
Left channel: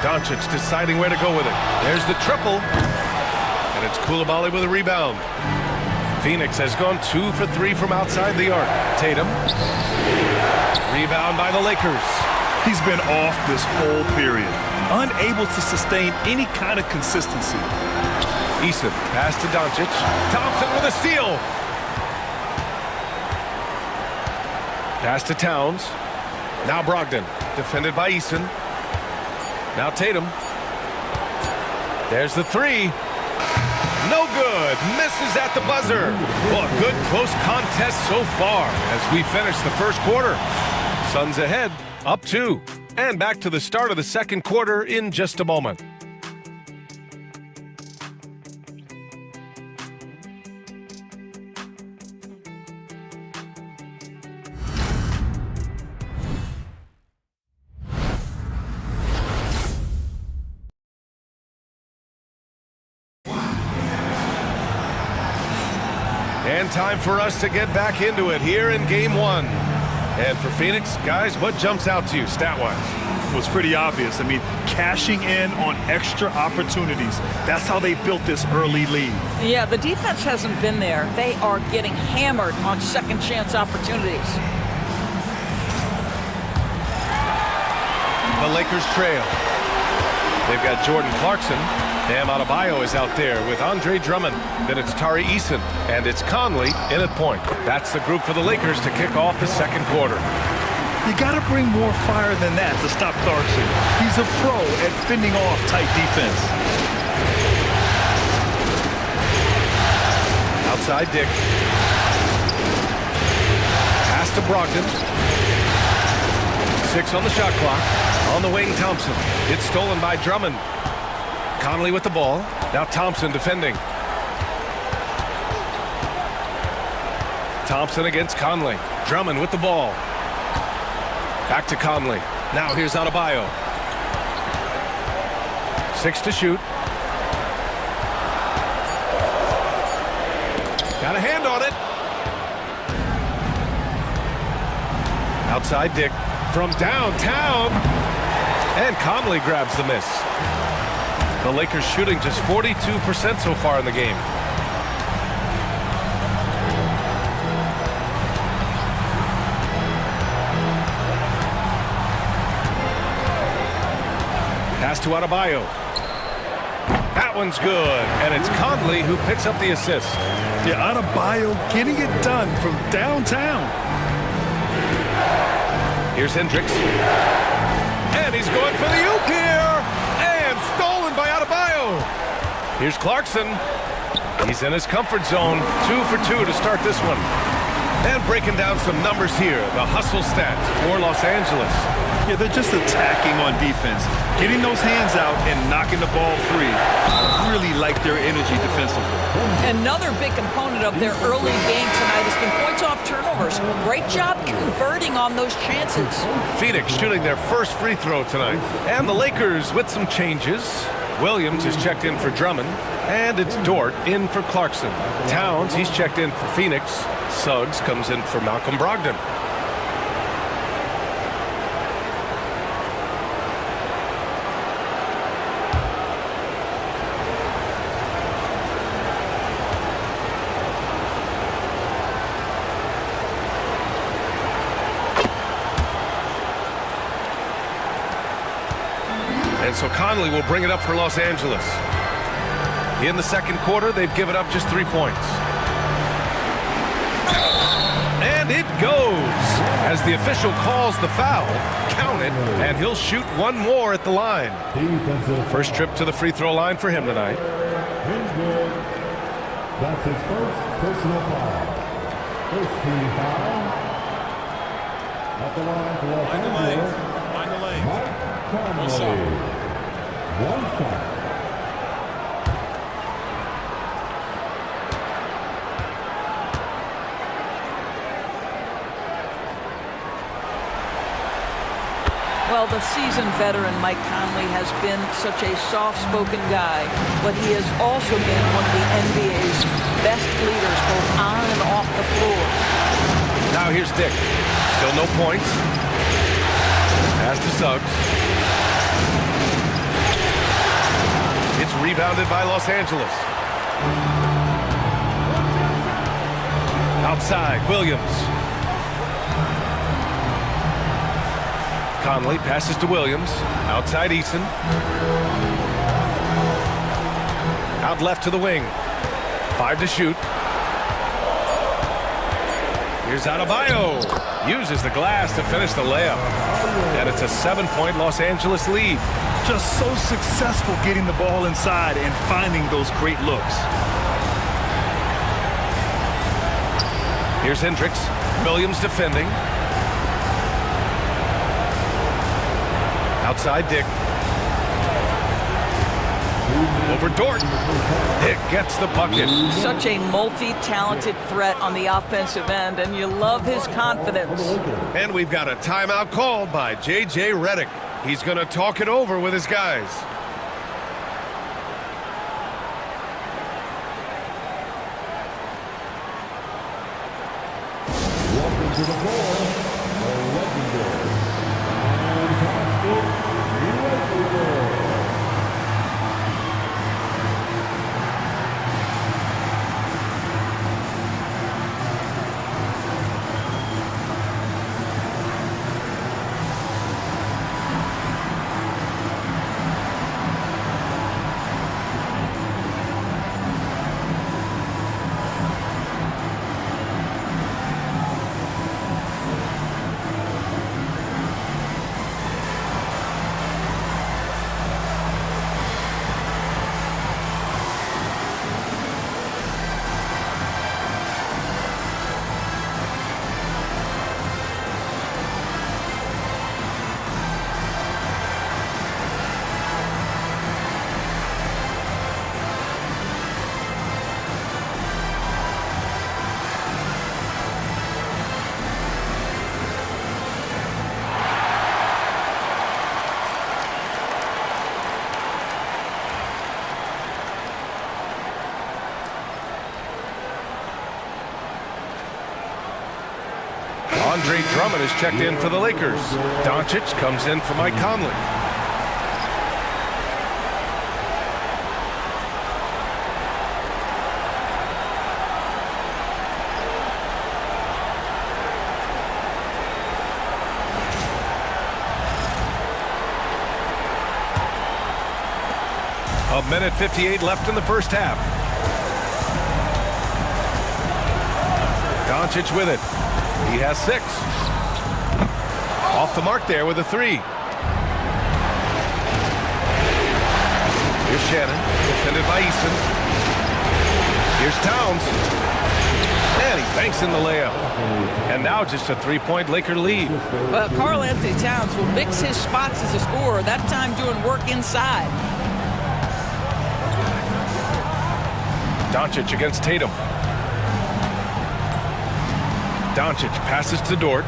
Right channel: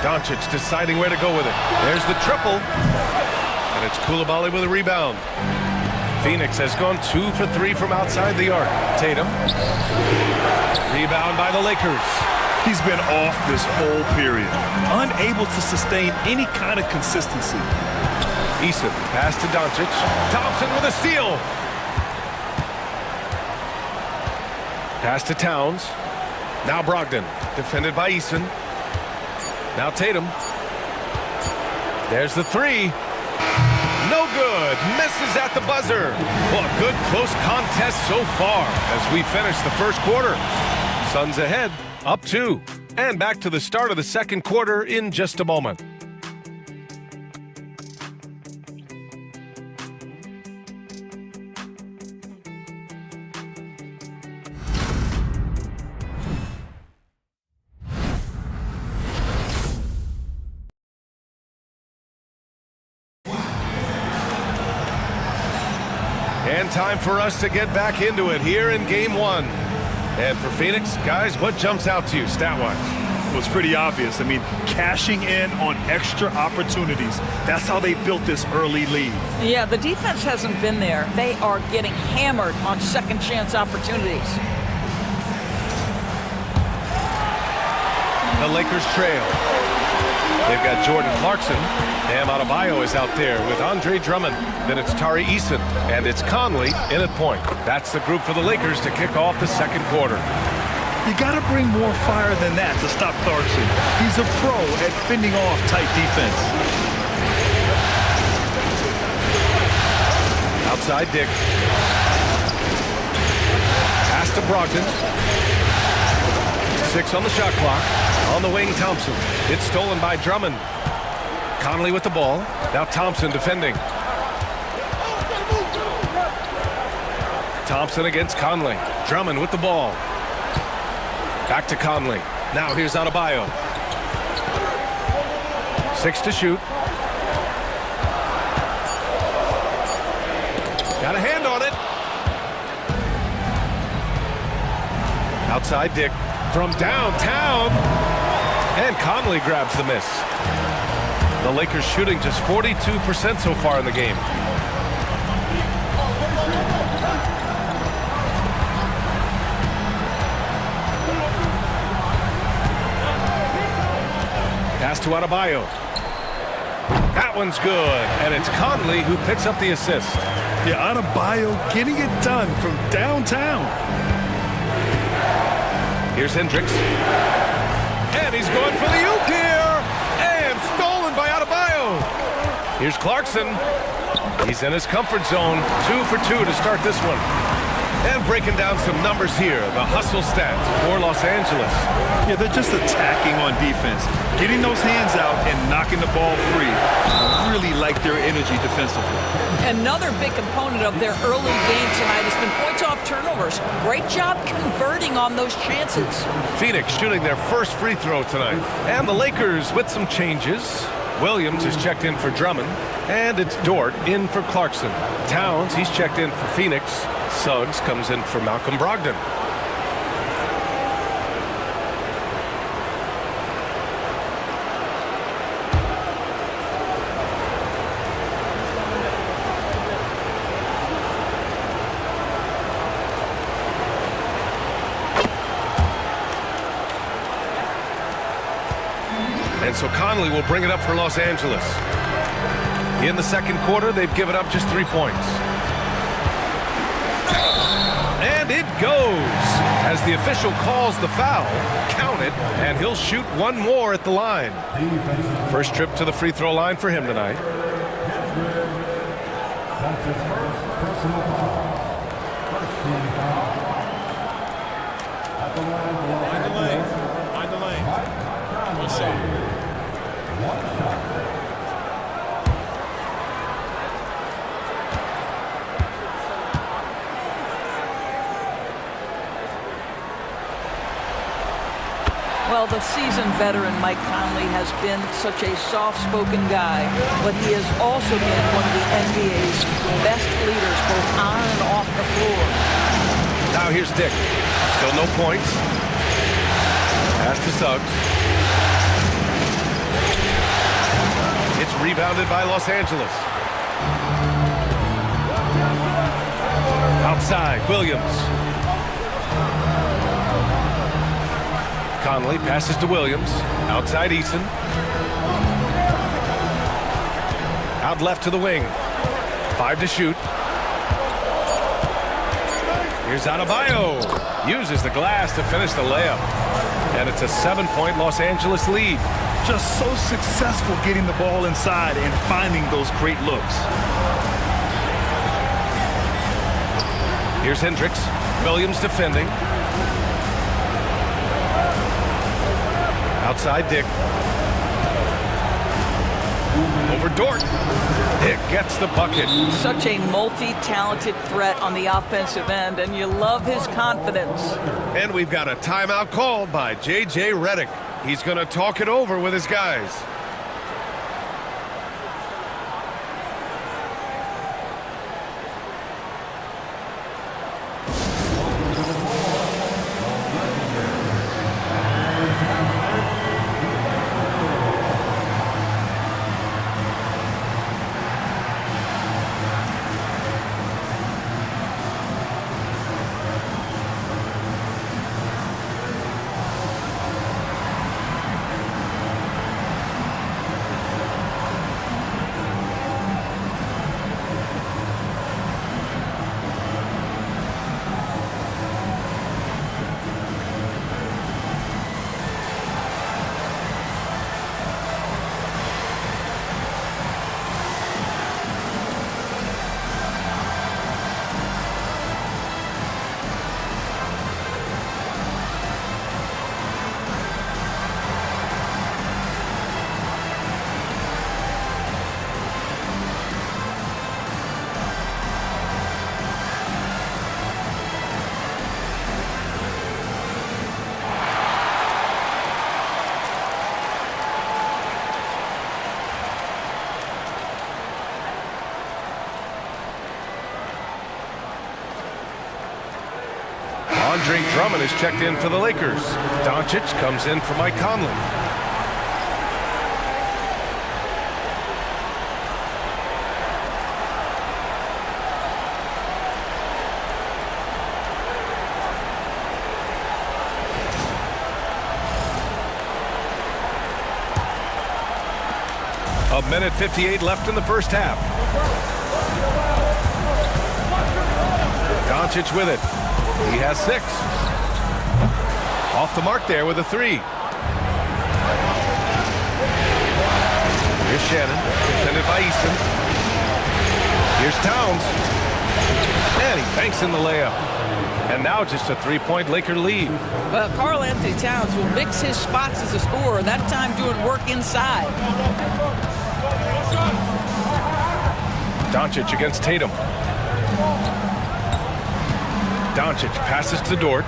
Doncic deciding where to go with it. There's the triple. And it's Coulibaly with a rebound. Phoenix has gone 2 for 3 from outside the arc. Tatum. Rebound by the Lakers. He's been off this whole period, unable to sustain any kind of consistency. Eason, pass to Doncic. Thompson with a steal. Pass to Towns. Now Brogdon, defended by Eason. Now Tatum. There's the 3. No good. Misses at the buzzer. Well, a good close contest so far as we finish the first quarter. Suns ahead, up 2. And back to the start of the second quarter in just a moment. And time for us to get back into it here in Game 1. And for Phoenix, guys, what jumps out to you stat-wise? It was pretty obvious. I mean, cashing in on extra opportunities. That's how they built this early lead. Yeah, the defense hasn't been there. They are getting hammered on second chance opportunities. The Lakers trail. They've got Jordan Clarkson. Bam Adebayo is out there with Andre Drummond. Then it's Tari Eason, and it's Conley in at point. That's the group for the Lakers to kick off the second quarter. You got to bring more fire than that to stop Clarkson. He's a pro at fending off tight defense. Outside Dick. Pass to Brogdon. 6 on the shot clock. On the wing, Thompson. It's stolen by Drummond. Conley with the ball. Now Thompson defending. Thompson against Conley. Drummond with the ball. Back to Conley. Now here's Adebayo. 6 to shoot. Got a hand on it. Outside Dick from downtown. And Conley grabs the miss. The Lakers shooting just 42% so far in the game. Pass to Adebayo. That one's good, and it's Conley who picks up the assist. Yeah, Adebayo getting it done from downtown. Here's Hendricks. And he's going for the oop here. And stolen by Adebayo. Here's Clarkson. He's in his comfort zone. 2 for 2 to start this one. And breaking down some numbers here. The hustle stats for Los Angeles. Yeah, they're just attacking on defense. Getting those hands out and knocking the ball free. I really like their energy defensively. Another big component of their early game tonight has been points off turnovers. Great job converting on those chances. Phoenix shooting their first free throw tonight. And the Lakers with some changes. Williams is checked in for Drummond. And it's Dort in for Clarkson. Towns, he's checked in for Phoenix. Suggs comes in for Malcolm Brogdon. And so Conley will bring it up for Los Angeles. In the second quarter, they've given up just 3 points. And it goes as the official calls the foul. Count it, and he'll shoot one more at the line. First trip to the free throw line for him tonight. That's his first personal foul. First team foul. At the line for Los Find the Angeles. lane. Find the lane. One shot. One shot. Well, the seasoned veteran Mike Conley has been such a soft-spoken guy, but he has also been one of the NBA's best leaders both on and off the floor. Now here's Dick. Still no points. Pass to Suggs. It's rebounded by Los Angeles. Outside, Williams. Conley passes to Williams. Outside Eason. Out left to the wing. 5 to shoot. Here's Adebayo. Uses the glass to finish the layup. And it's a 7-point Los Angeles lead. Just so successful getting the ball inside and finding those great looks. Here's Hendricks. Williams defending. Outside Dick. Over Dort. Dick gets the bucket. Such a multi-talented threat on the offensive end, and you love his confidence. And we've got a timeout called by J.J. Redick. He's going to talk it over with his guys. Andre Drummond is checked in for the Lakers. Doncic comes in for Mike Conley. A minute 58 left in the first half. Doncic with it. He has 6. Off the mark there with a 3. Here's Shannon, defended by Eason. Here's Towns. And he banks in the layup. And now just a 3-point Laker lead. Well, Karl Anthony Towns will mix his spots as a scorer, that time doing work inside. Doncic against Tatum. Doncic passes to Dort.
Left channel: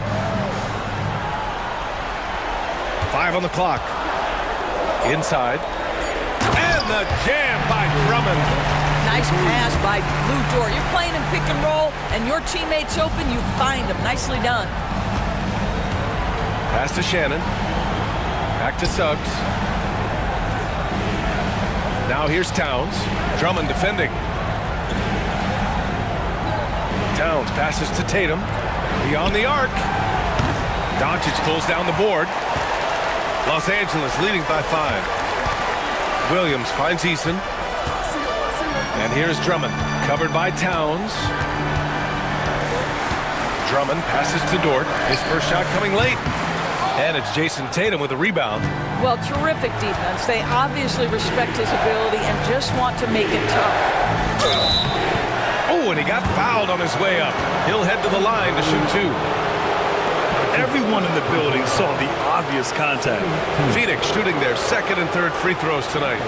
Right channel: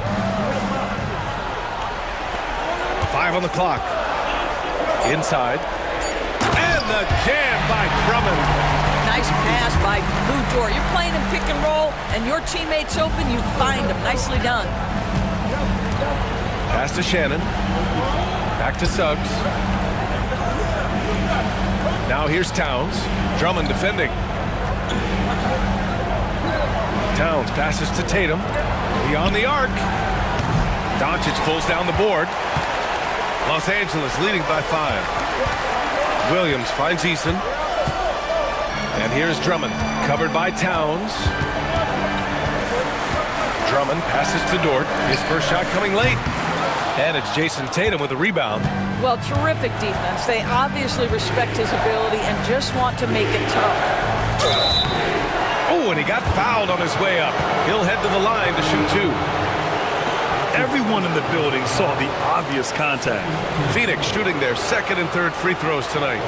5 on the clock. Inside. And the jam by Drummond. Nice pass by Lou Dort. You're playing in pick and roll, and your teammate's open, you find him. Nicely done. Pass to Shannon. Back to Suggs. Now here's Towns. Drummond defending. Towns passes to Tatum. Beyond the arc. Doncic pulls down the board. Los Angeles leading by 5. Williams finds Eason. And here's Drummond, covered by Towns. Drummond passes to Dort. His first shot coming late. And it's Jason Tatum with a rebound. Well, terrific defense. They obviously respect his ability and just want to make it tough. Oh, and he got fouled on his way up. He'll head to the line to shoot 2. Everyone in the building saw the obvious contact. Phoenix shooting their second and third free throws tonight.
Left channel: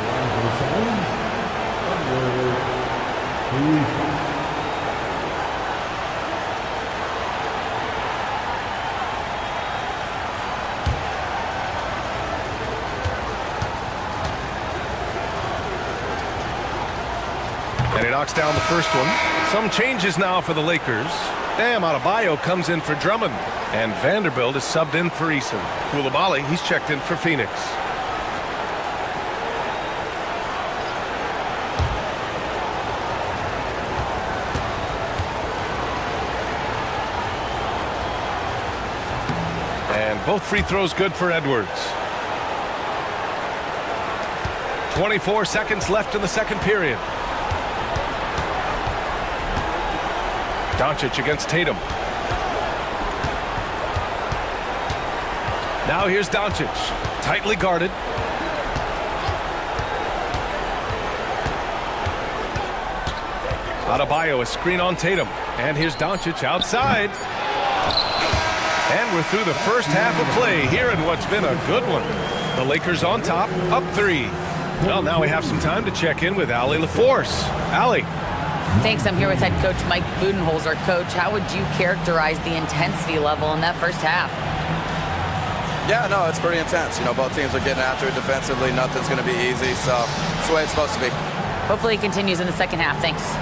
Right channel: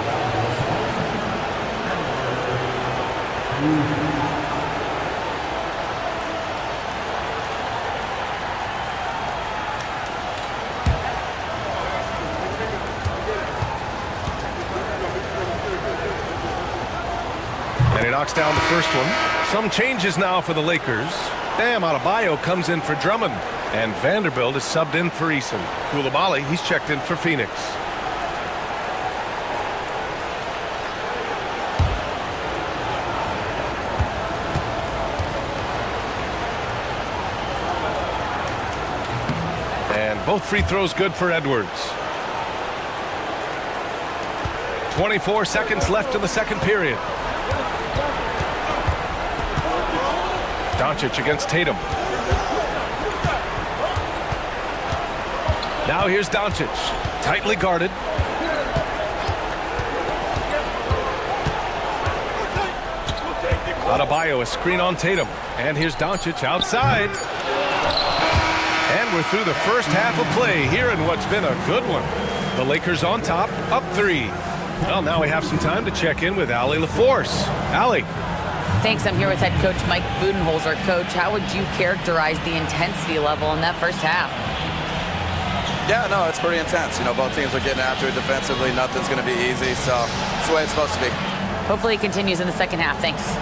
And he knocks down the first one. Some changes now for the Lakers. Bam Adebayo comes in for Drummond. And Vanderbilt is subbed in for Eason. Koulibaly, he's checked in for Phoenix. And both free throws good for Edwards. 24 seconds left in the second period. Doncic against Tatum. Now here's Doncic, tightly guarded. Adebayo, a screen on Tatum. And here's Doncic outside. And we're through the first half of play here in what's been a good one. The Lakers on top, up 3. Well, now we have some time to check in with Allie LaForce. Allie. Thanks. I'm here with head coach Mike Budenholzer. Coach, how would you characterize the intensity level in that first half? Yeah, no, it's pretty intense. You know, both teams are getting after it defensively. Nothing's going to be easy, so it's the way it's supposed to be. Hopefully it continues in the second half. Thanks.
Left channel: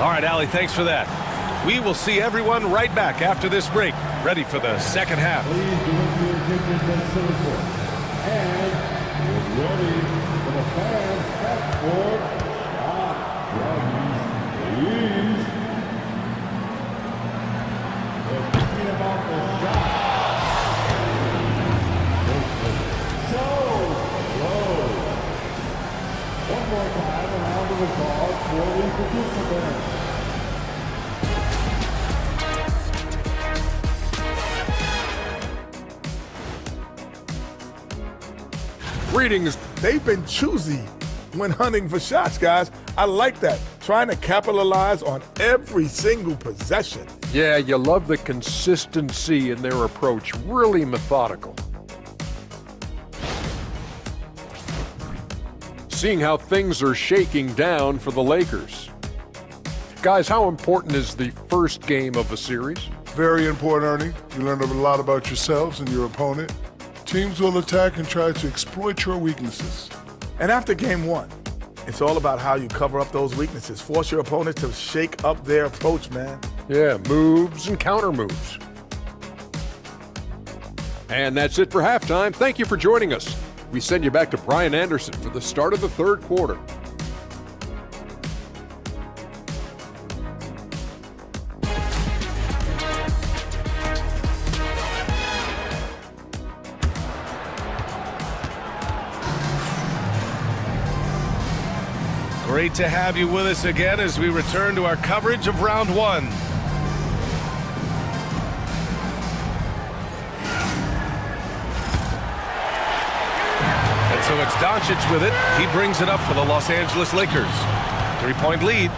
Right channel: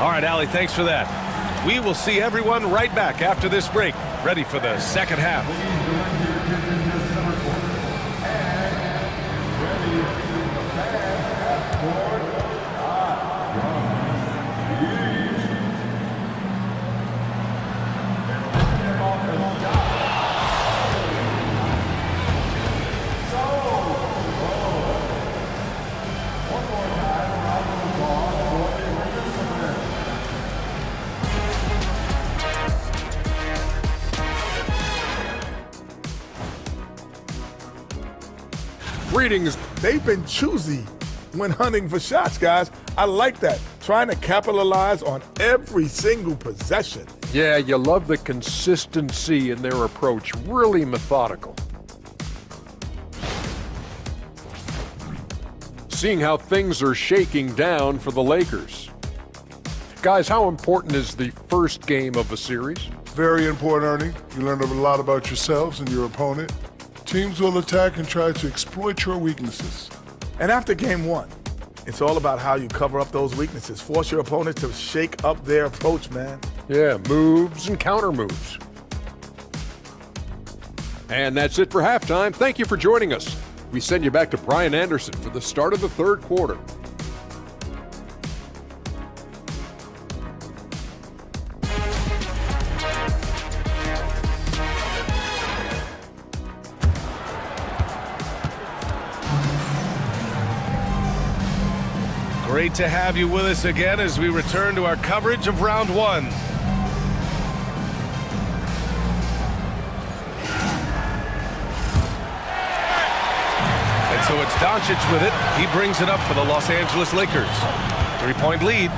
All right, Allie, thanks for that. We will see everyone right back after this break, ready for the second half. Please direct your attention to center court. And is ready for the fans at court. Shot Young, please. They're thinking about the shot. So low. One more time, a round of applause for the participants. Greetings. They've been choosy when hunting for shots, guys. I like that. Trying to capitalize on every single possession. Yeah, you love the consistency in their approach. Really methodical. Seeing how things are shaking down for the Lakers. Guys, how important is the first game of a series? Very important, Ernie. You learn a lot about yourselves and your opponent. Teams will attack and try to exploit your weaknesses. And after game one, it's all about how you cover up those weaknesses. Force your opponent to shake up their approach, man. Yeah, moves and counter moves. And that's it for halftime. Thank you for joining us. We send you back to Brian Anderson for the start of the third quarter. Great to have you with us again as we return to our coverage of round one. And so it's Doncic with it. He brings it up for the Los Angeles Lakers. 3-point lead.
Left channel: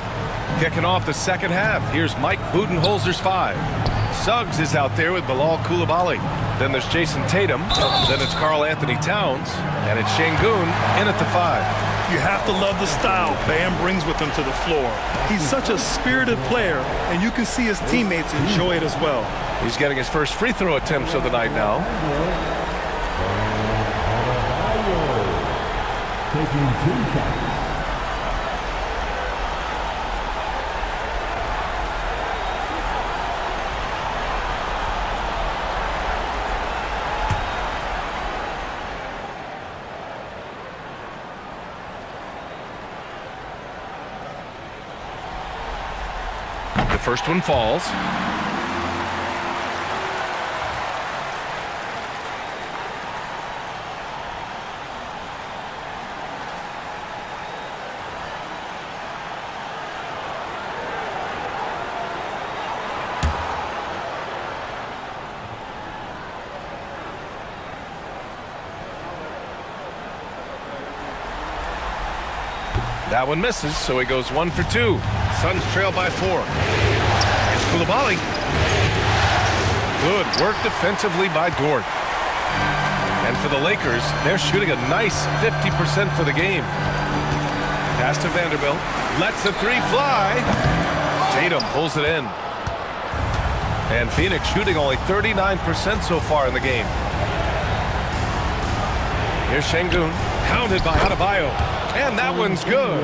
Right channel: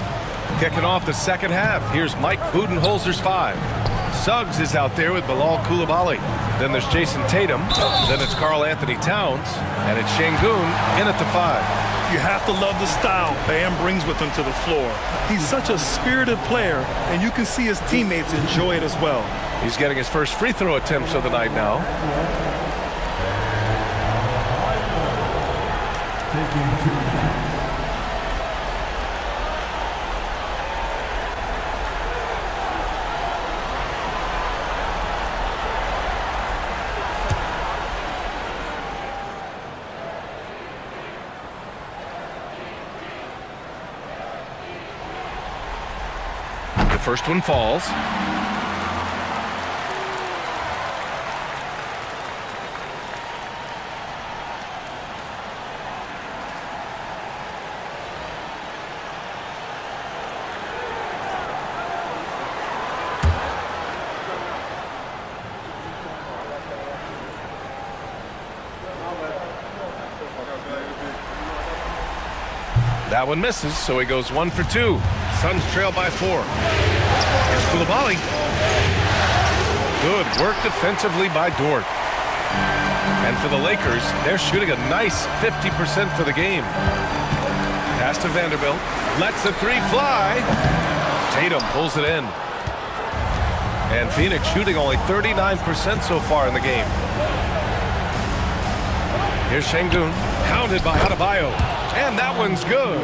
Kicking off the second half. Here's Mike Budenholzer's 5. Suggs is out there with Bilal Coulibaly. Then there's Jason Tatum. Then it's Karl Anthony Towns. And it's Şengün in at the 5. You have to love the style Bam brings with him to the floor. He's such a spirited player, and you can see his teammates enjoy it as well. He's getting his first free throw attempts of the night now. Taking 2 shots. The first one falls. That one misses, so he goes 1 for 2. Suns trail by 4. Here's Coulibaly. Good work defensively by Dort. And for the Lakers, they're shooting a nice 50% for the game. Pass to Vanderbilt. Lets the 3 fly. Tatum pulls it in. And Phoenix shooting only 39% so far in the game. Here's Şengün, hounded by Adebayo. And that one's good.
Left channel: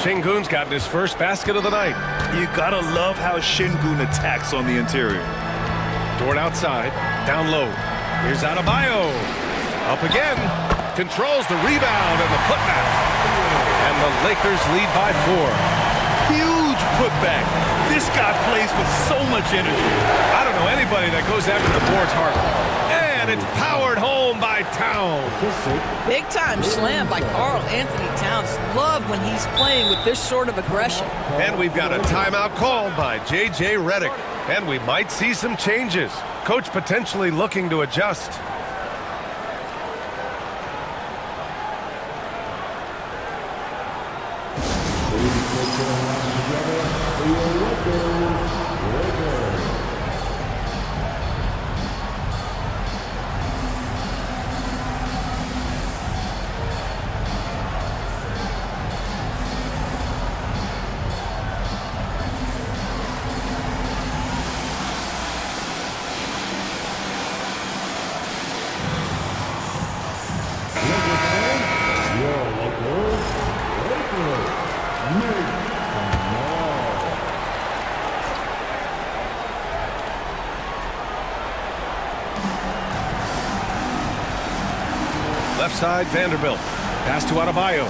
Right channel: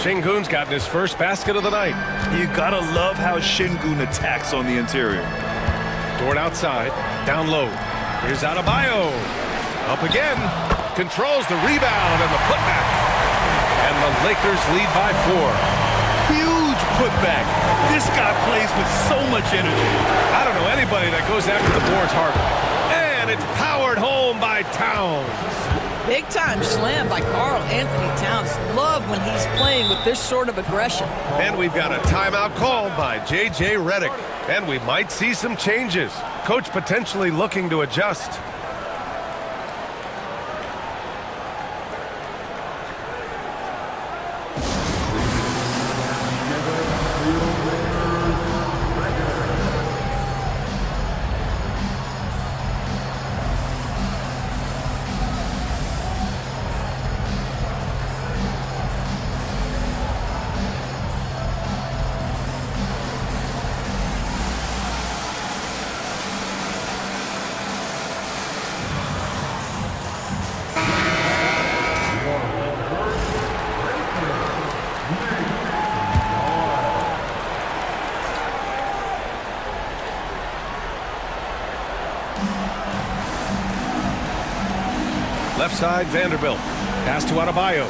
Şengün's gotten his first basket of the night. You gotta love how Şengün attacks on the interior. Dort outside, down low. Here's Adebayo. Up again. Controls the rebound and the putback. And the Lakers lead by 4. Huge putback. This guy plays with so much energy. I don't know anybody that goes after the boards harder. And it's powered home by Towns. Big time slam by Karl Anthony Towns. Love when he's playing with this sort of aggression. And we've got a timeout called by J.J. Redick. And we might see some changes. Coach potentially looking to adjust. Left side, Vanderbilt. Pass to Adebayo.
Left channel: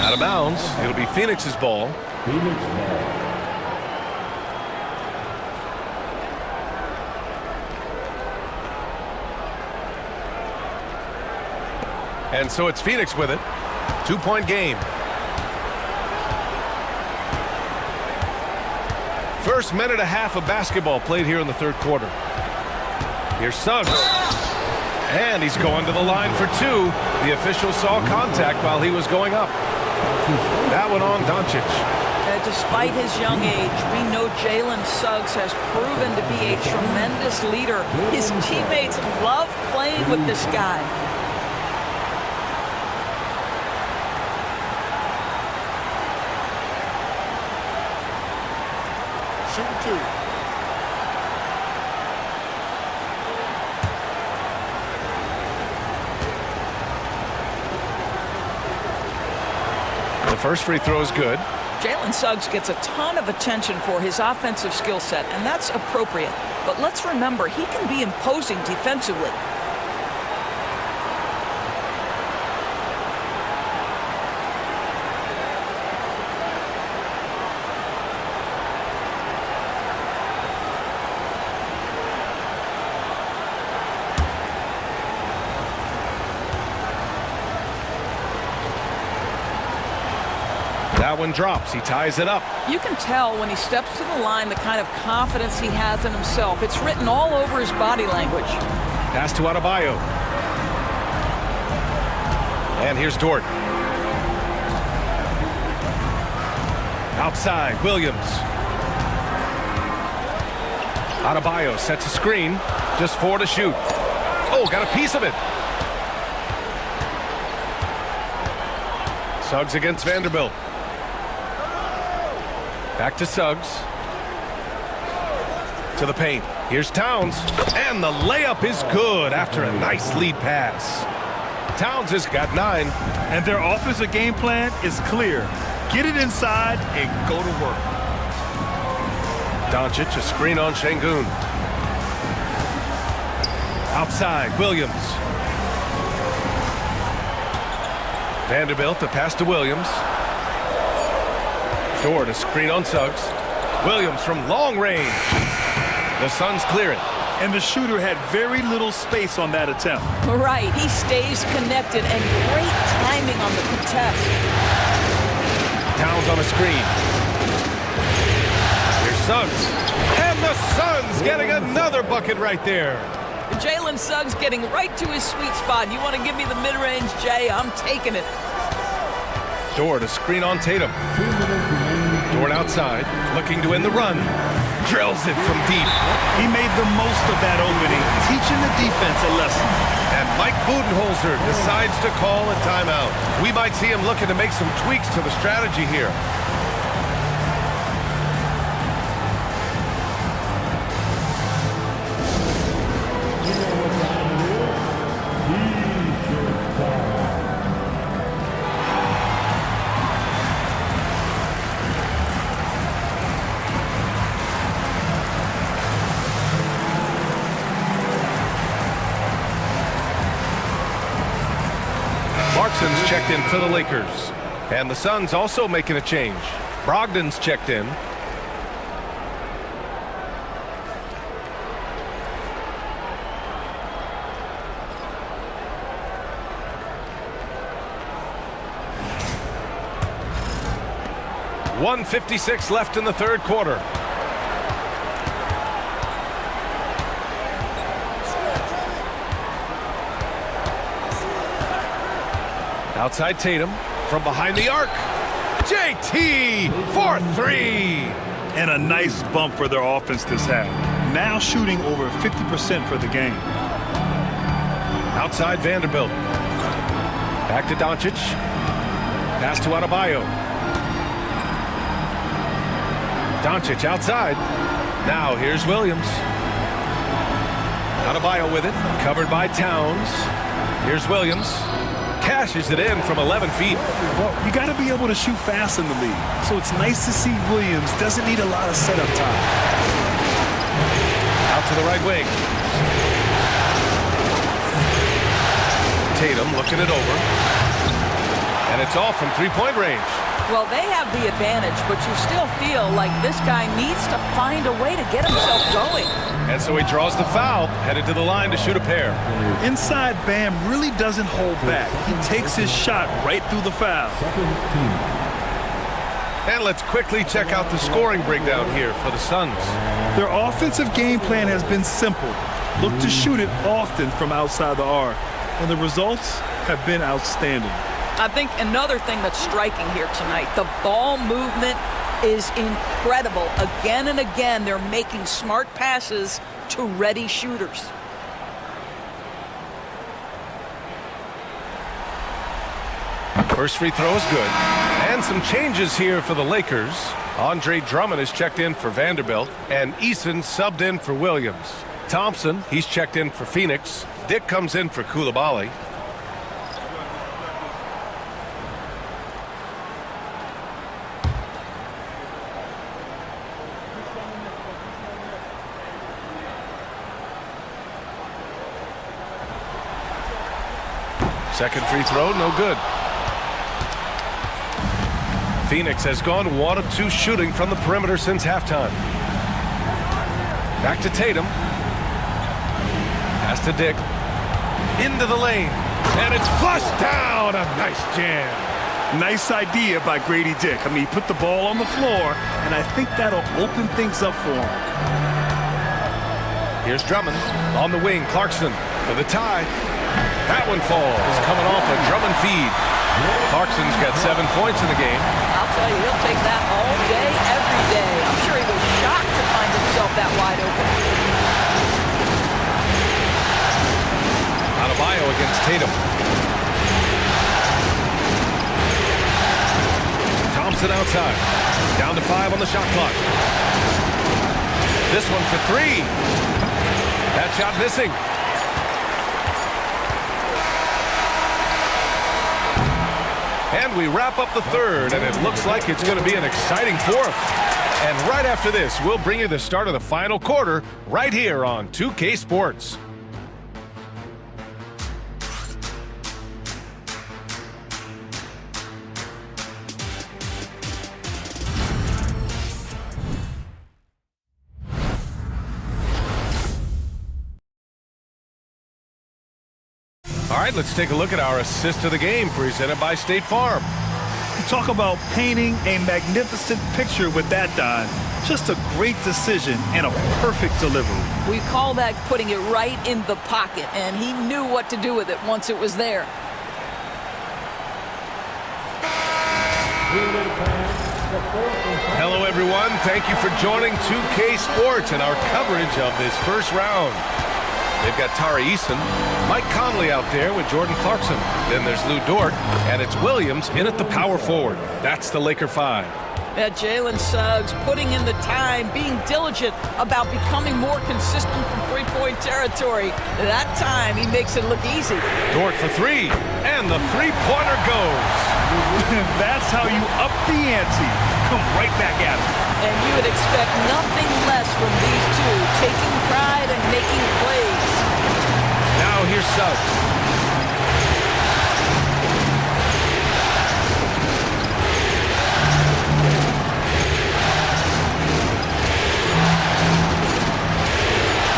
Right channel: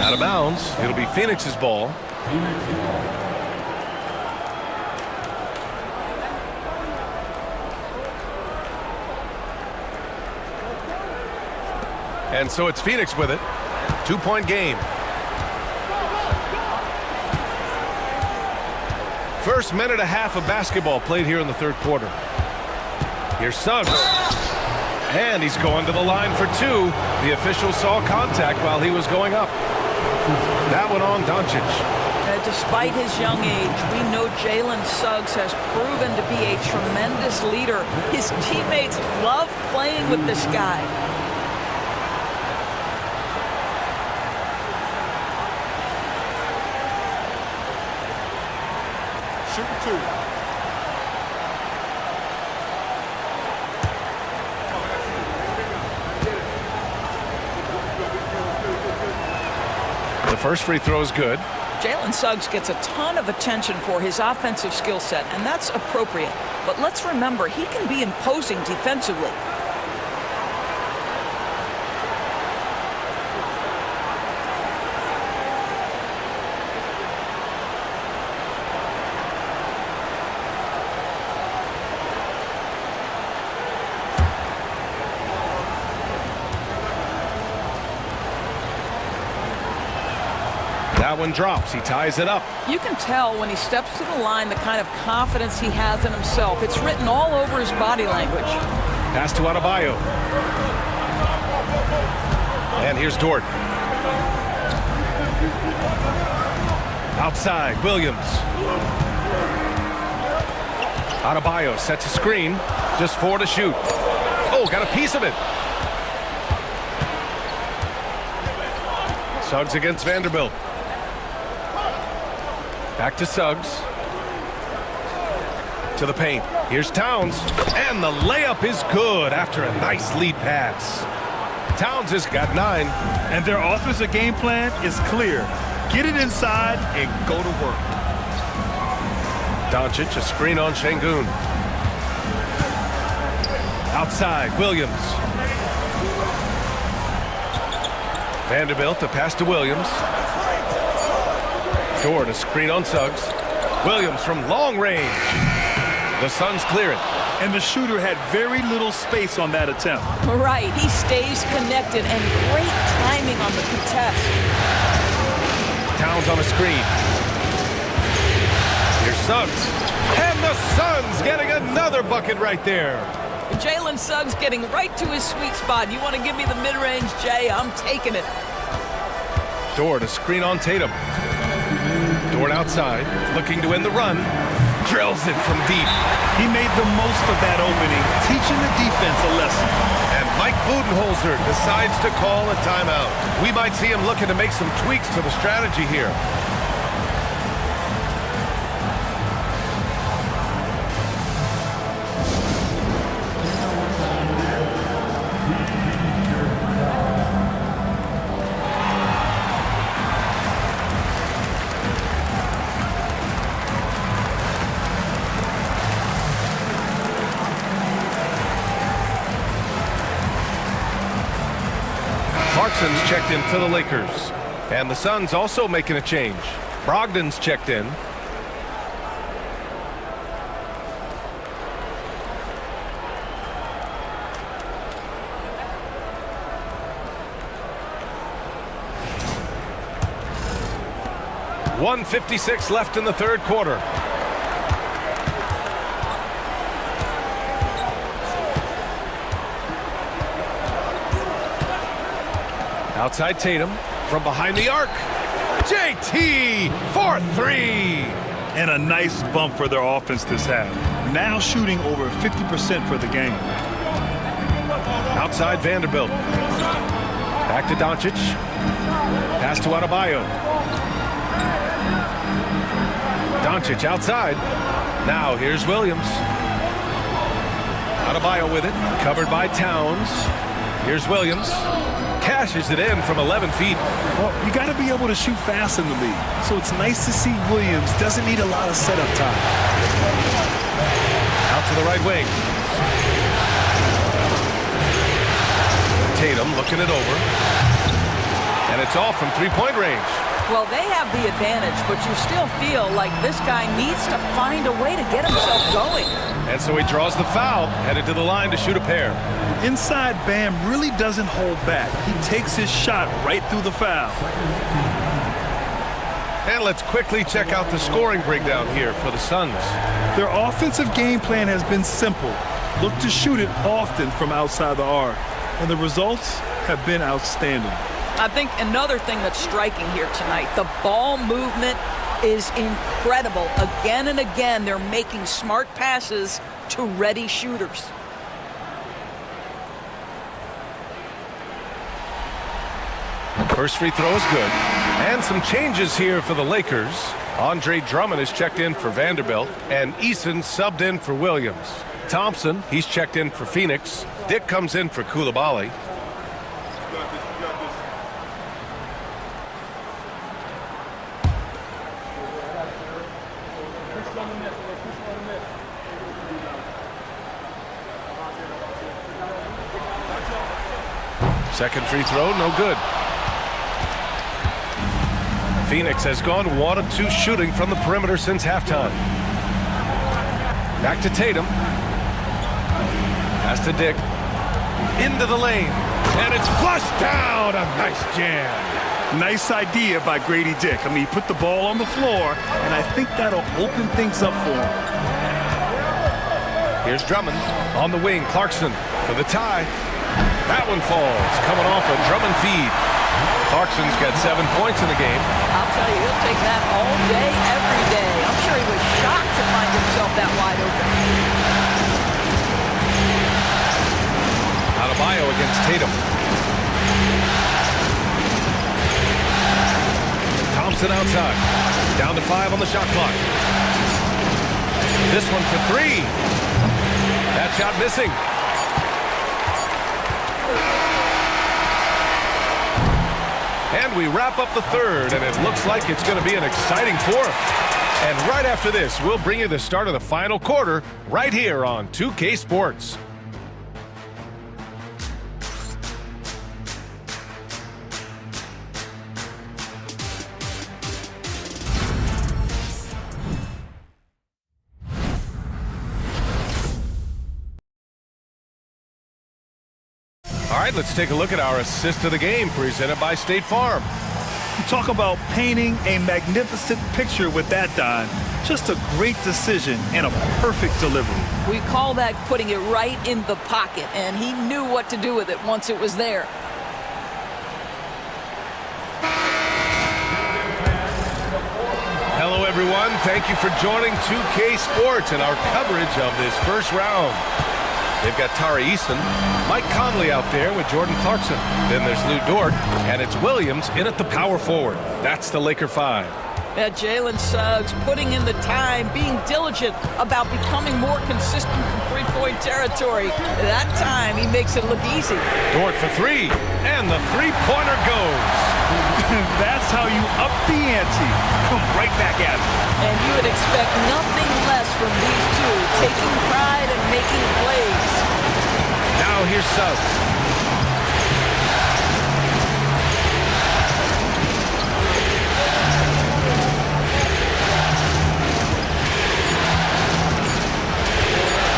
Out of bounds. It'll be Phoenix's ball. Phoenix ball. And so it's Phoenix with it. 2-point game. First minute and a half of basketball played here in the third quarter. Here's Suggs. And he's going to the line for two. The official saw contact while he was going up. That one on Doncic. Despite his young age, we know Jalen Suggs has proven to be a tremendous leader. His teammates love playing with this guy. Shooting two. The first free throw is good. Jalen Suggs gets a ton of attention for his offensive skill set, and that's appropriate. But let's remember, he can be imposing defensively. That one drops. He ties it up. You can tell when he steps to the line the kind of confidence he has in himself. It's written all over his body language. Pass to Adebayo. And here's Dort. Outside, Williams. Adebayo sets a screen. Just 4 to shoot. Oh, got a piece of it. Suggs against Vanderbilt. Back to Suggs. To the paint. Here's Towns. And the layup is good after a nice lead pass. Towns has got 9. And their offensive game plan is clear. Get it inside and go to work. Doncic, a screen on Şengün. Outside, Williams. Vanderbilt, a pass to Williams. Dort, a screen on Suggs. Williams from long range. The Suns clear it. And the shooter had very little space on that attempt. Right, he stays connected and great timing on the contest. Towns on a screen. Here's Suggs. And the Suns getting another bucket right there. Jalen Suggs getting right to his sweet spot. You want to give me the mid-range, Jay? I'm taking it. Dort, a screen on Tatum. Dort outside, looking to end the run. Drills it from deep. He made the most of that opening, teaching the defense a lesson. And Mike Budenholzer decides to call a timeout. We might see him looking to make some tweaks to the strategy here. Clarkson's checked in for the Lakers. And the Suns also making a change. Brogdon's checked in. .156 left in the third quarter. Outside Tatum, from behind the arc. JT for 3. And a nice bump for their offense this half. Now shooting over 50% for the game. Outside Vanderbilt. Back to Doncic. Pass to Adebayo. Doncic outside. Now here's Williams. Adebayo with it. Covered by Towns. Here's Williams. Cashes it in from 11 feet. Well, you got to be able to shoot fast in the league. So it's nice to see Williams doesn't need a lot of setup time. Out to the right wing. Tatum looking it over. And it's off from three-point range. Well, they have the advantage, but you still feel like this guy needs to find a way to get himself going. And so he draws the foul, headed to the line to shoot a pair. Inside, Bam really doesn't hold back. He takes his shot right through the foul. And let's quickly check out the scoring breakdown here for the Suns. Their offensive game plan has been simple. Look to shoot it often from outside the arc. And the results have been outstanding. I think another thing that's striking here tonight, the ball movement is incredible. Again and again, they're making smart passes to ready shooters. First free throw is good. And some changes here for the Lakers. Andre Drummond is checked in for Vanderbilt, and Eason subbed in for Williams. Thompson, he's checked in for Phoenix. Dick comes in for Koulibaly. Second free throw, no good. Phoenix has gone 1 of 2 shooting from the perimeter since halftime. Back to Tatum. Pass to Dick. Into the lane. And it's flushed down. A nice jam. Nice idea by Grady Dick. I mean, he put the ball on the floor, and I think that'll open things up for him. Here's Drummond on the wing. Clarkson for the tie. That one falls. Coming off a Drummond feed. Clarkson's got 7 points in the game. I'll tell you, he'll take that all day, every day. I'm sure he was shocked to find himself that wide open. Adebayo against Tatum. Thompson outside. Down to 5 on the shot clock. This one for 3. That shot missing. And we wrap up the third, and it looks like it's going to be an exciting fourth. And right after this, we'll bring you the start of the final quarter right here on 2K Sports. All right, let's take a look at our assist of the game presented by State Farm. You talk about painting a magnificent picture with that, Don. Just a great decision and a perfect delivery. We call that putting it right in the pocket, and he knew what to do with it once it was there. Hello, everyone. Thank you for joining 2K Sports and our coverage of this first round. They've got Tari Eason, Mike Conley out there with Jordan Clarkson. Then there's Lou Dort, and it's Williams in at the power forward. That's the Laker 5. That Jalen Suggs putting in the time, being diligent about becoming more consistent from three-point territory. That time, he makes it look easy. Dort for 3, and the three-pointer goes. That's how you up the ante. Come right back at him. And you would expect nothing less from these two, taking pride and making plays. Now here's Suggs.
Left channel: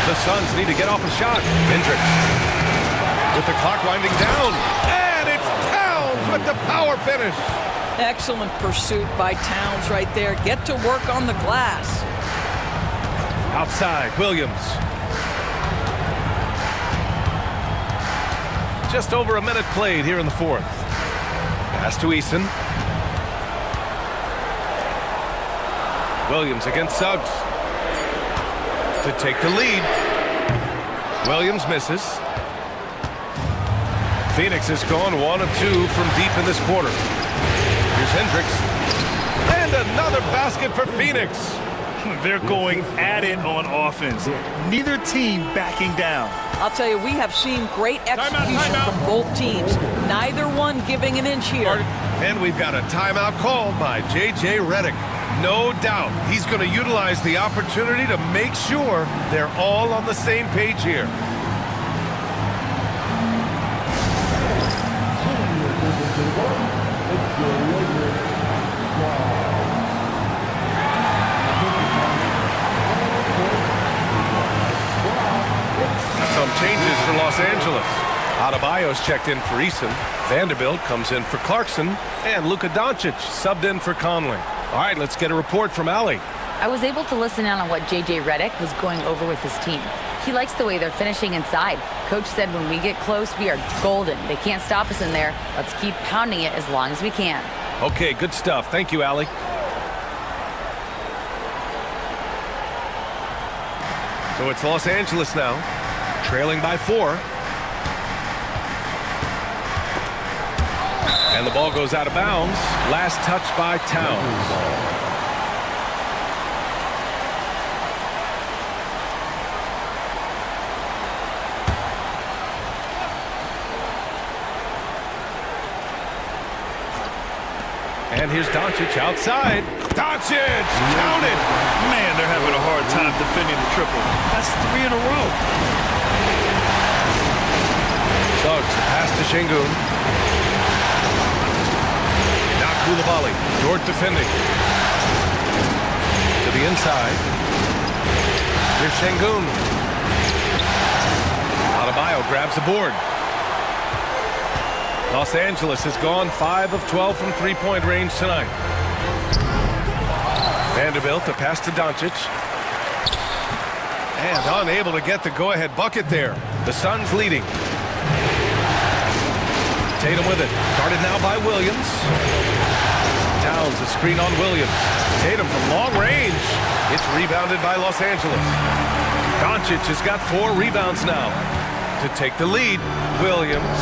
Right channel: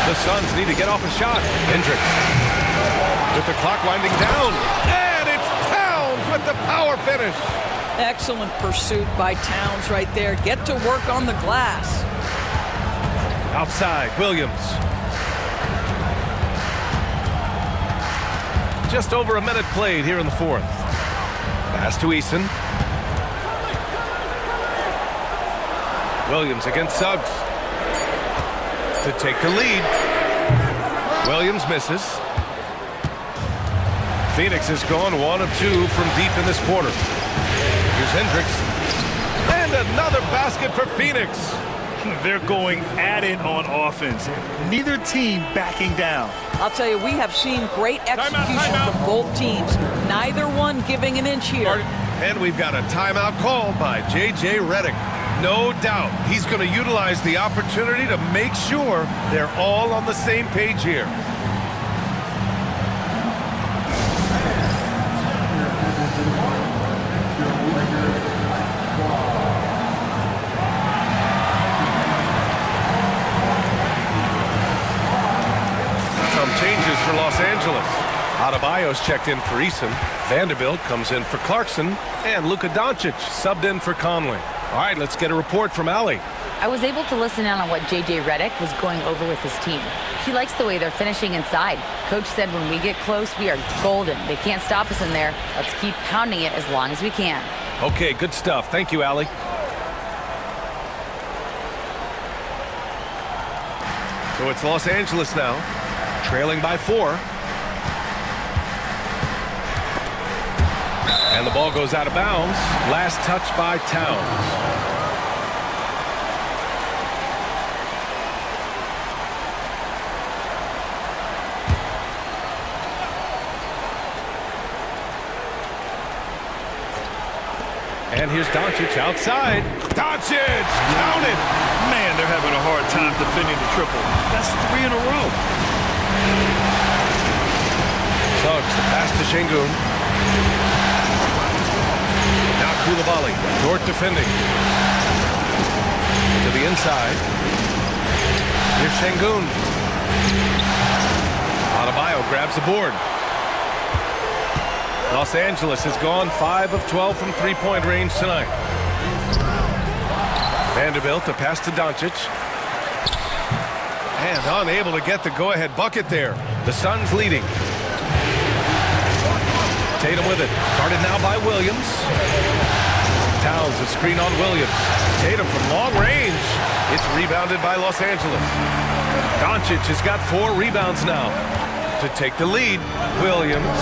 The Suns need to get off a shot. Hendricks with the clock winding down. And it's Towns with the power finish. Excellent pursuit by Towns right there. Get to work on the glass. Outside, Williams. Just over a minute played here in the fourth. Pass to Eason. Williams against Suggs to take the lead. Williams misses. Phoenix has gone 1 of 2 from deep in this quarter. Here's Hendricks. And another basket for Phoenix. They're going at it on offense. Neither team backing down. I'll tell you, we have seen great execution from both teams. Neither one giving an inch here. And we've got a timeout called by J.J. Redick. No doubt he's going to utilize the opportunity to make sure they're all on the same page here. changes for Los Angeles. Adebayo's checked in for Eason. Vanderbilt comes in for Clarkson. And Luka Doncic subbed in for Conley. All right, let's get a report from Allie. I was able to listen in on what J.J. Redick was going over with his team. He likes the way they're finishing inside. Coach said when we get close, we are golden. They can't stop us in there. Let's keep pounding it as long as we can. Okay, good stuff. Thank you, Allie. So it's Los Angeles now, trailing by 4. And the ball goes out of bounds. Last touch by Towns. And here's Doncic outside. Doncic, count it. Man, they're having a hard time defending the triple. That's 3 in a row. Suggs, the pass to Şengün. Now Coulibaly, Dort defending. To the inside. Here's Şengün. Adebayo grabs the board. Los Angeles has gone 5 of 12 from three-point range tonight. Vanderbilt, the pass to Doncic. And unable to get the go-ahead bucket there. The Suns leading. Tatum with it. Guarded now by Williams. Towns, a screen on Williams. Tatum from long range. It's rebounded by Los Angeles. Doncic has got 4 rebounds now to take the lead. Williams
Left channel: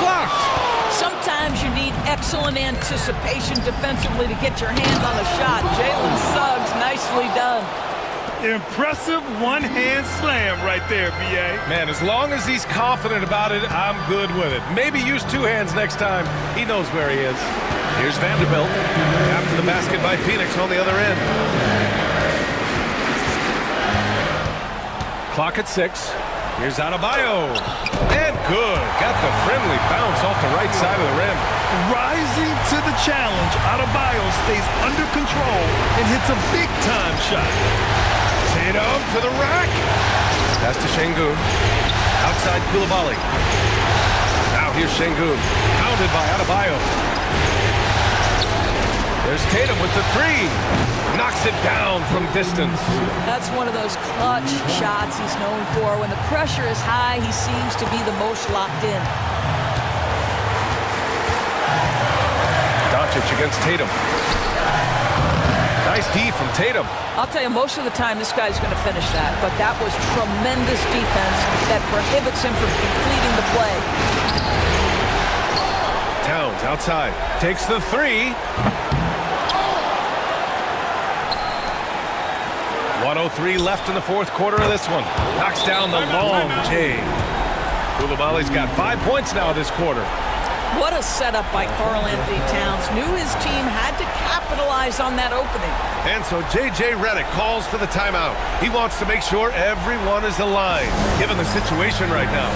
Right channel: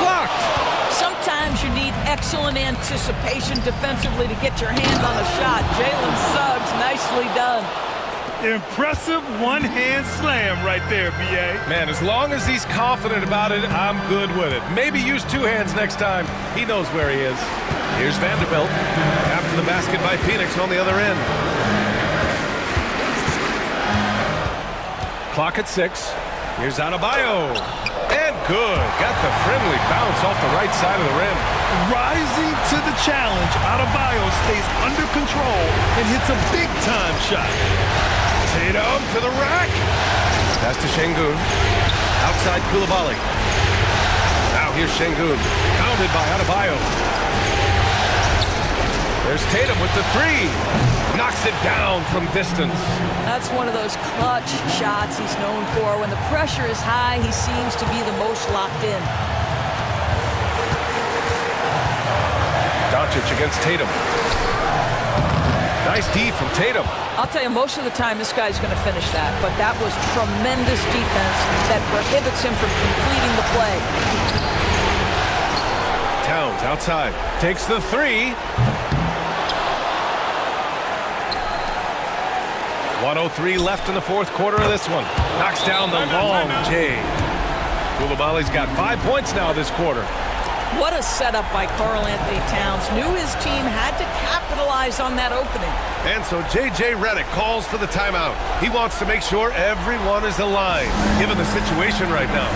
blocked. Sometimes you need excellent anticipation defensively to get your hand on a shot. Jalen Suggs, nicely done. Impressive one-hand slam right there, B.A. Man, as long as he's confident about it, I'm good with it. Maybe use 2 hands next time. He knows where he is. Here's Vanderbilt after the basket by Phoenix on the other end. Clock at 6. Here's Adebayo. And good. Got the friendly bounce off the right side of the rim. Rising to the challenge, Adebayo stays under control and hits a big-time shot. Tatum to the rack. Pass to Şengün. Outside Coulibaly. Now here's Şengün. Pounded by Adebayo. There's Tatum with the 3. Knocks it down from distance. That's one of those clutch shots he's known for. When the pressure is high, he seems to be the most locked in. Doncic against Tatum. Nice D from Tatum. I'll tell you, most of the time this guy's going to finish that, but that was tremendous defense that prohibits him from completing the play. Towns outside. Takes the 3. 1:03 left in the 4th quarter of this one. Knocks down the long J. Coulibaly's got 5 points now this quarter. What a setup by Karl Anthony Towns. Knew his team had to capitalize on that opening. And so J.J. Redick calls for the timeout. He wants to make sure everyone is aligned, given the situation right now.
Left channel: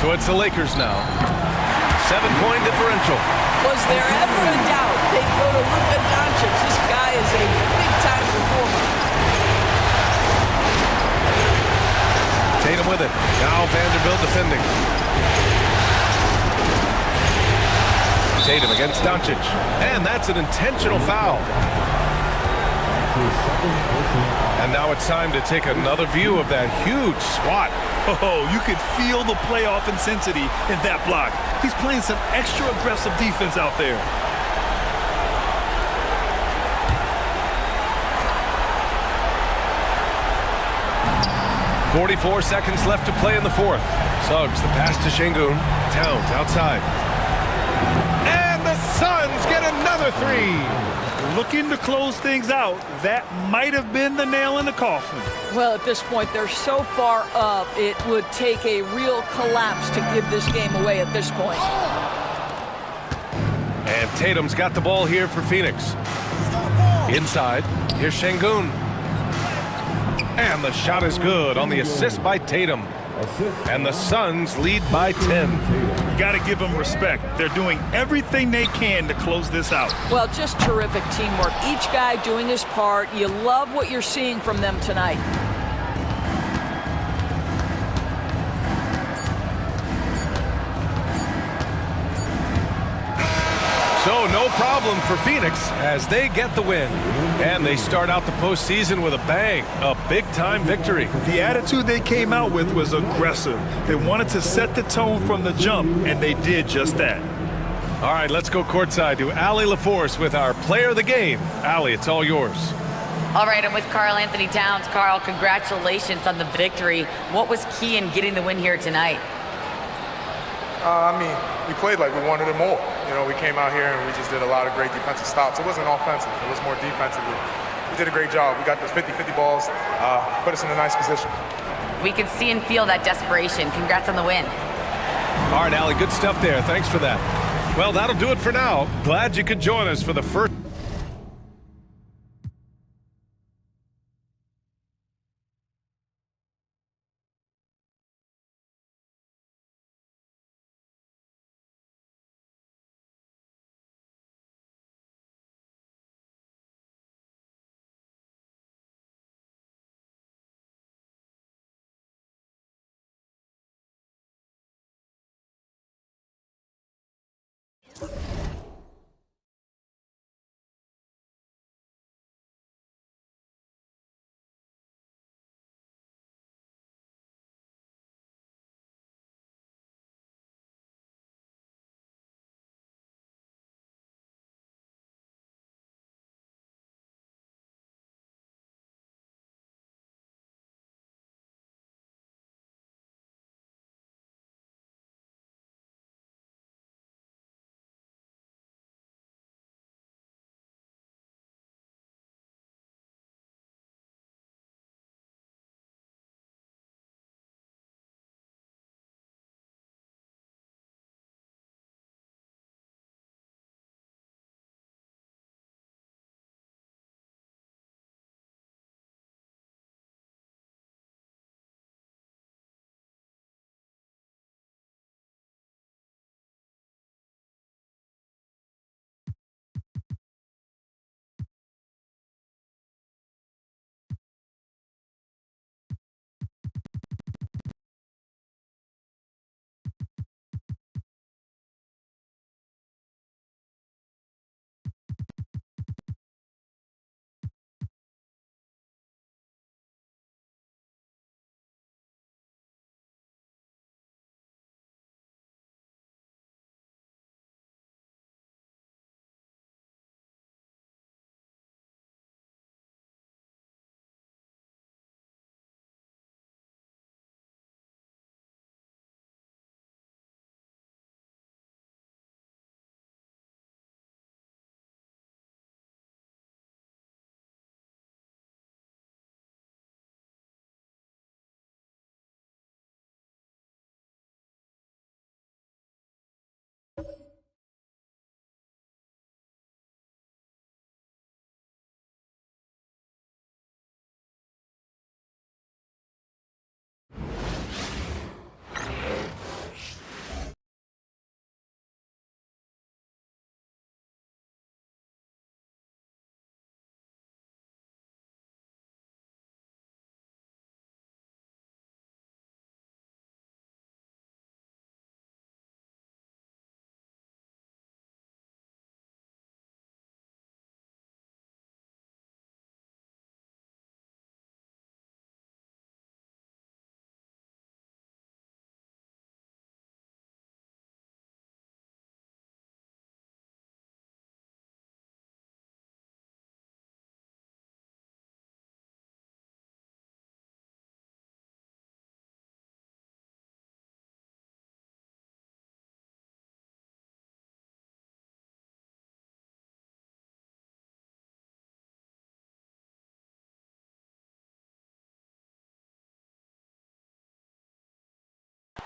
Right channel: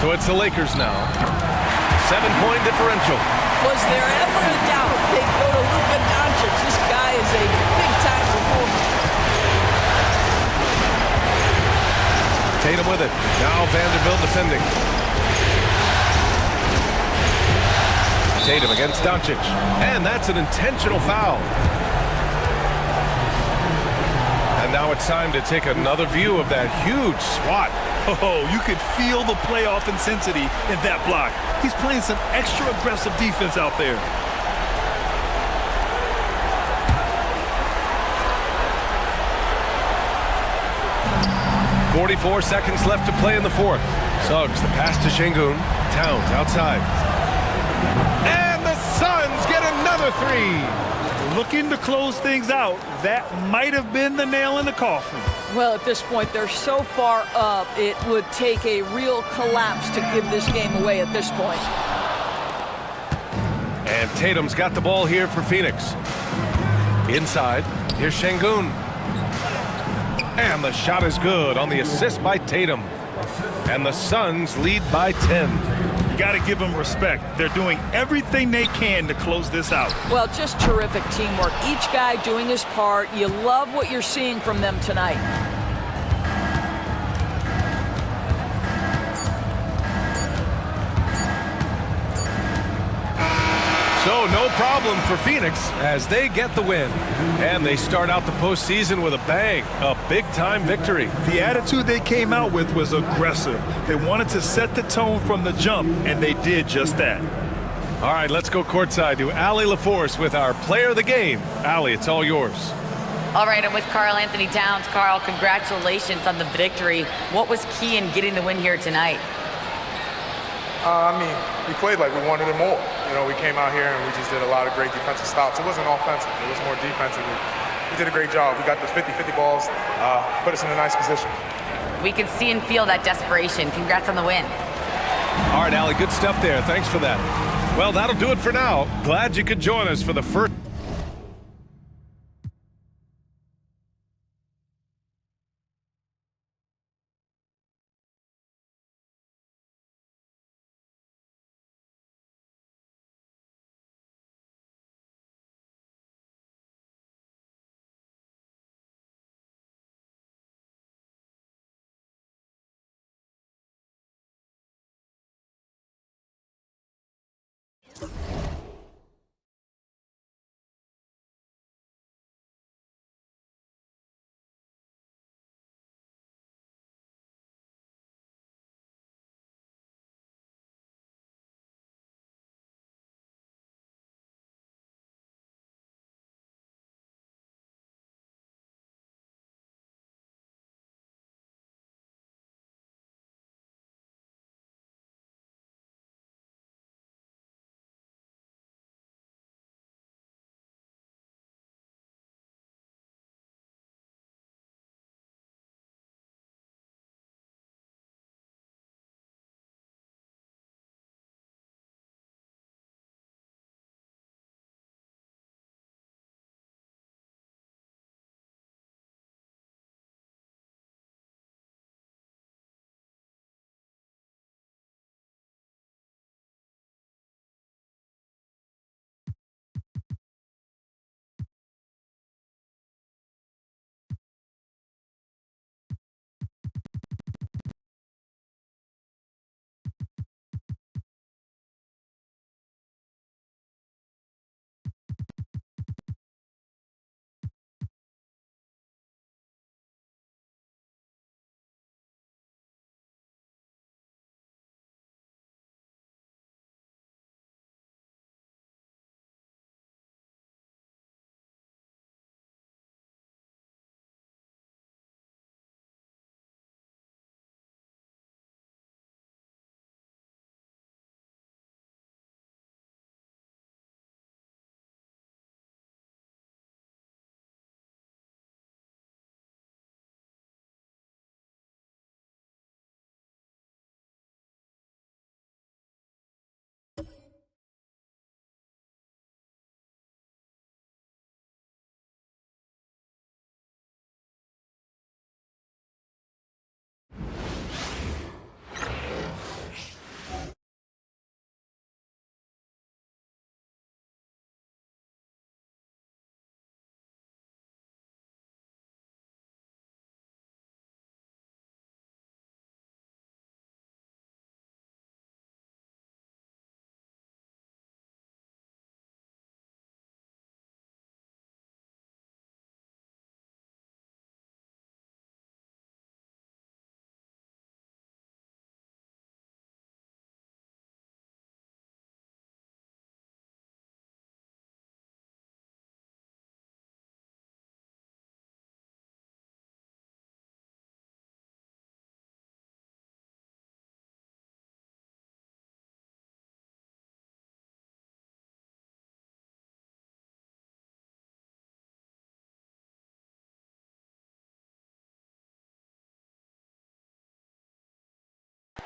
So it's the Lakers now. 7-point differential. Was there ever a doubt they'd go to Luka Doncic? This guy is a big-time performer. Tatum with it. Now Vanderbilt defending. Tatum against Doncic. And that's an intentional foul. And now it's time to take another view of that huge swat. Oh, you could feel the playoff intensity in that block. He's playing some extra aggressive defense out there. .44 seconds left to play in the fourth. Suggs, the pass to Şengün. Towns outside. And the Suns get another three. Looking to close things out. That might have been the nail in the coffin. Well, at this point, they're so far up, it would take a real collapse to give this game away at this point. And Tatum's got the ball here for Phoenix. Inside, here's Şengün. And the shot is good on the assist by Tatum. And the Suns lead by 10. You got to give them respect. They're doing everything they can to close this out. Well, just terrific teamwork. Each guy doing his part. You love what you're seeing from them tonight. So no problem for Phoenix as they get the win. And they start out the postseason with a bang, a big-time victory. The attitude they came out with was aggressive. They wanted to set the tone from the jump, and they did just that. All right, let's go courtside to Allie LaForce with our player of the game. Allie, it's all yours. All right, I'm with Karl Anthony Towns. Karl, congratulations on the victory. What was key in getting the win here tonight? We played like we wanted it more. You know, we came out here and we just did a lot of great defensive stops. It wasn't offensive. It was more defensive. We did a great job. We got those 50-50 balls, put us in a nice position. We can see and feel that desperation. Congrats on the win. All right, Allie, good stuff there. Thanks for that. Well, that'll do it for now. Glad you could join us for the first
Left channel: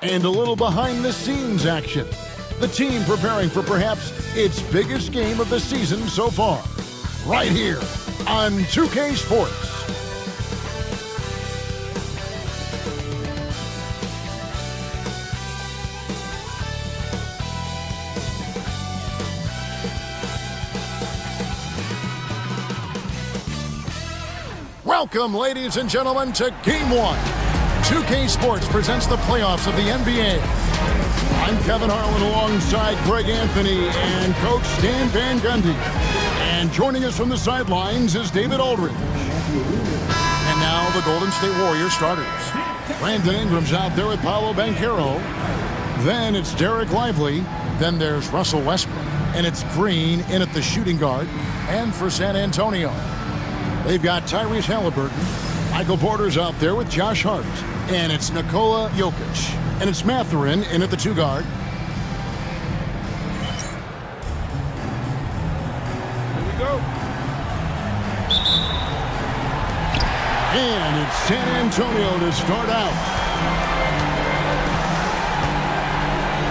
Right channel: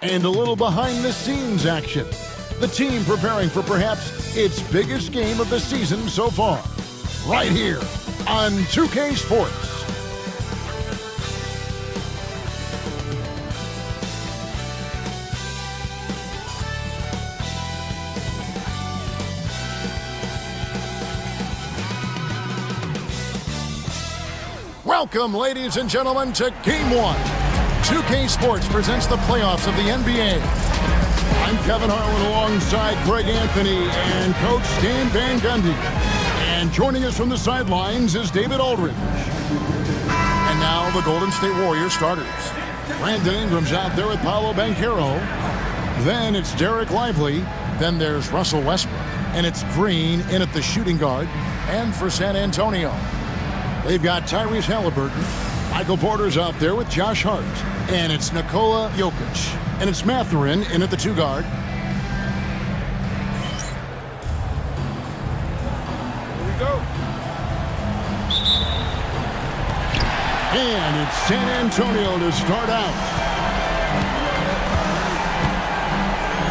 and a little behind-the-scenes action. The team preparing for perhaps its biggest game of the season so far. Right here on 2K Sports. Welcome, ladies and gentlemen, to Game 1. 2K Sports presents the playoffs of the NBA. I'm Kevin Harlan alongside Greg Anthony and Coach Stan Van Gundy. And joining us from the sidelines is David Aldridge. And now the Golden State Warriors starters. Brandon Ingram's out there with Paolo Banchero. Then it's Derek Lively. Then there's Russell Westbrook. And it's Green in at the shooting guard. And for San Antonio, they've got Tyrese Halliburton. Michael Porter's out there with Josh Hart. And it's Nikola Jokic. And it's Mathurin in at the 2 guard. Here we go. And it's San Antonio to start out.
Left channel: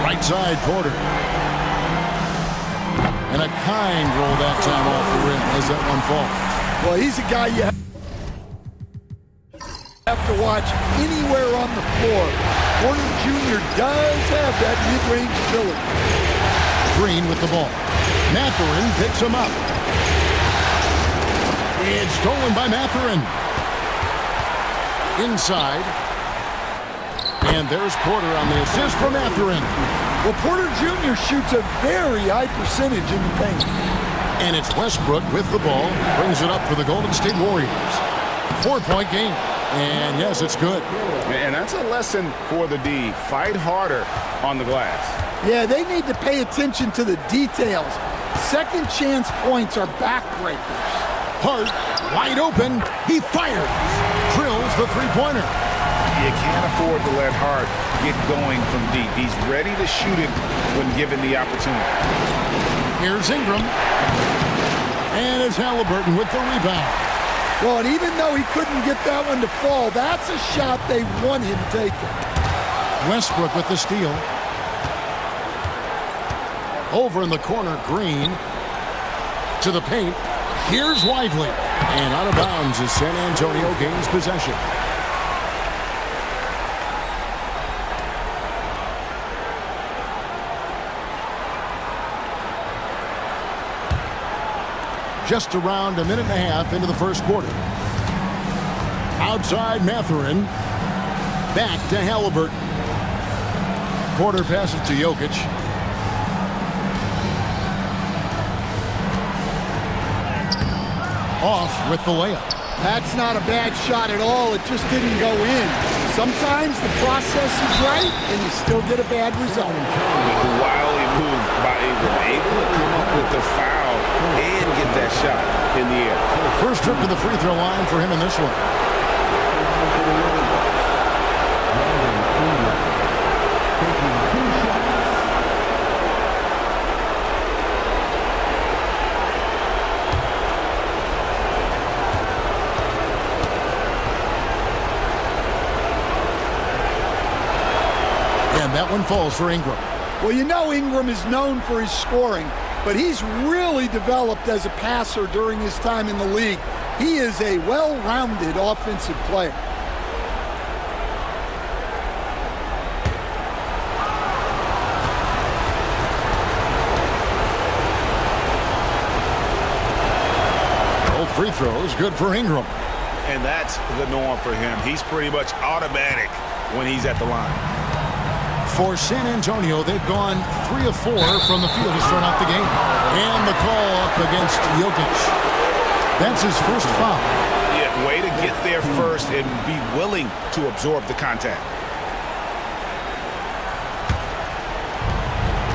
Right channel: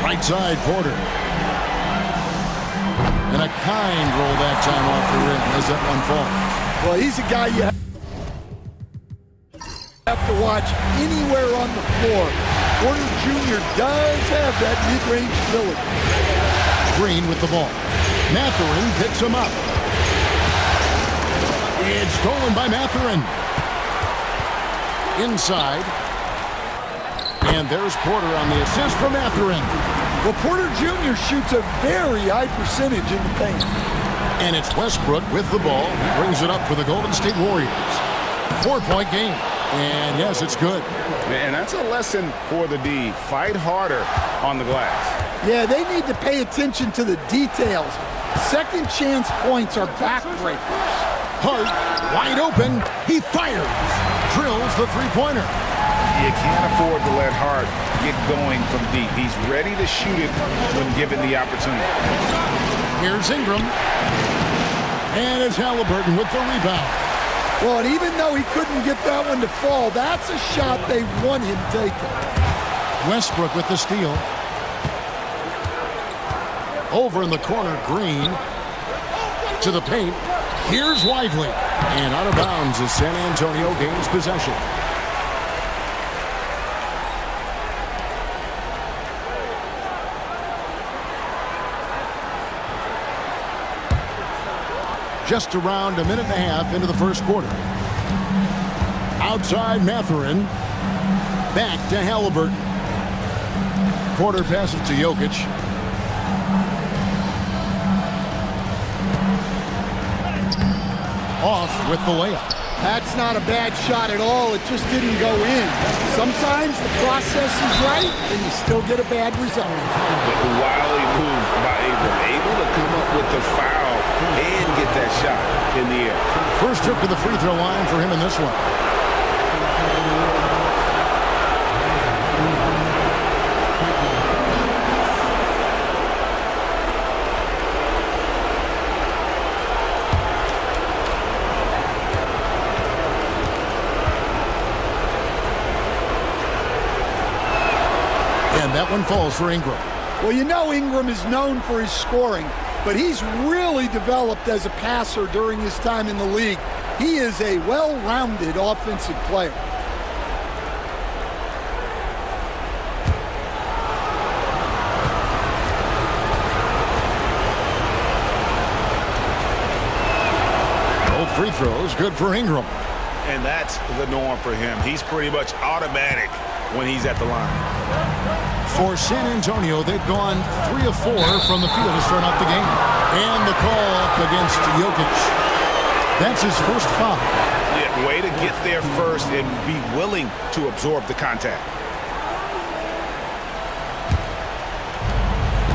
Right side, Porter. And a kind roll that time off the rim as that one falls. Well, he's a guy you have to watch anywhere on the floor. Porter Jr. does have that mid-range ability. Green with the ball. Mathurin picks him up. It's stolen by Mathurin. Inside. And there's Porter on the assist for Mathurin. Well, Porter Jr. shoots a very high percentage in the paint. And it's Westbrook with the ball. He brings it up for the Golden State Warriors. 4-point game. And yes, it's good. And that's a lesson for the D. Fight harder on the glass. Yeah, they need to pay attention to the details. Second chance points are backbreakers. Hart, wide open. He fires. Drills the three-pointer. You can't afford to let Hart get going from deep. He's ready to shoot it when given the opportunity. Here's Ingram. And it's Halliburton with the rebound. Well, and even though he couldn't get that one to fall, that's a shot they want him taking. Westbrook with the steal. Over in the corner, Green. To the paint. Here's Lively. And out of bounds as San Antonio gains possession. Just around a minute and a half into the first quarter. Outside Mathurin. Back to Halliburton. Porter passes to Jokic. Off with the layup. That's not a bad shot at all. It just didn't go in. Sometimes the process is right, and you still get a bad result. Wily move by Ingram, able to come up with the foul and get that shot in the air. First trip to the free throw line for him in this one. And that one falls for Ingram. Well, you know Ingram is known for his scoring, but he's really developed as a passer during his time in the league. He is a well-rounded offensive player. Both free throws, good for Ingram. And that's the norm for him. He's pretty much automatic when he's at the line. For San Antonio, they've gone 3 of 4 from the field to start out the game. And the call up against Jokic. That's his first foul. Yeah, way to get there first and be willing to absorb the contact.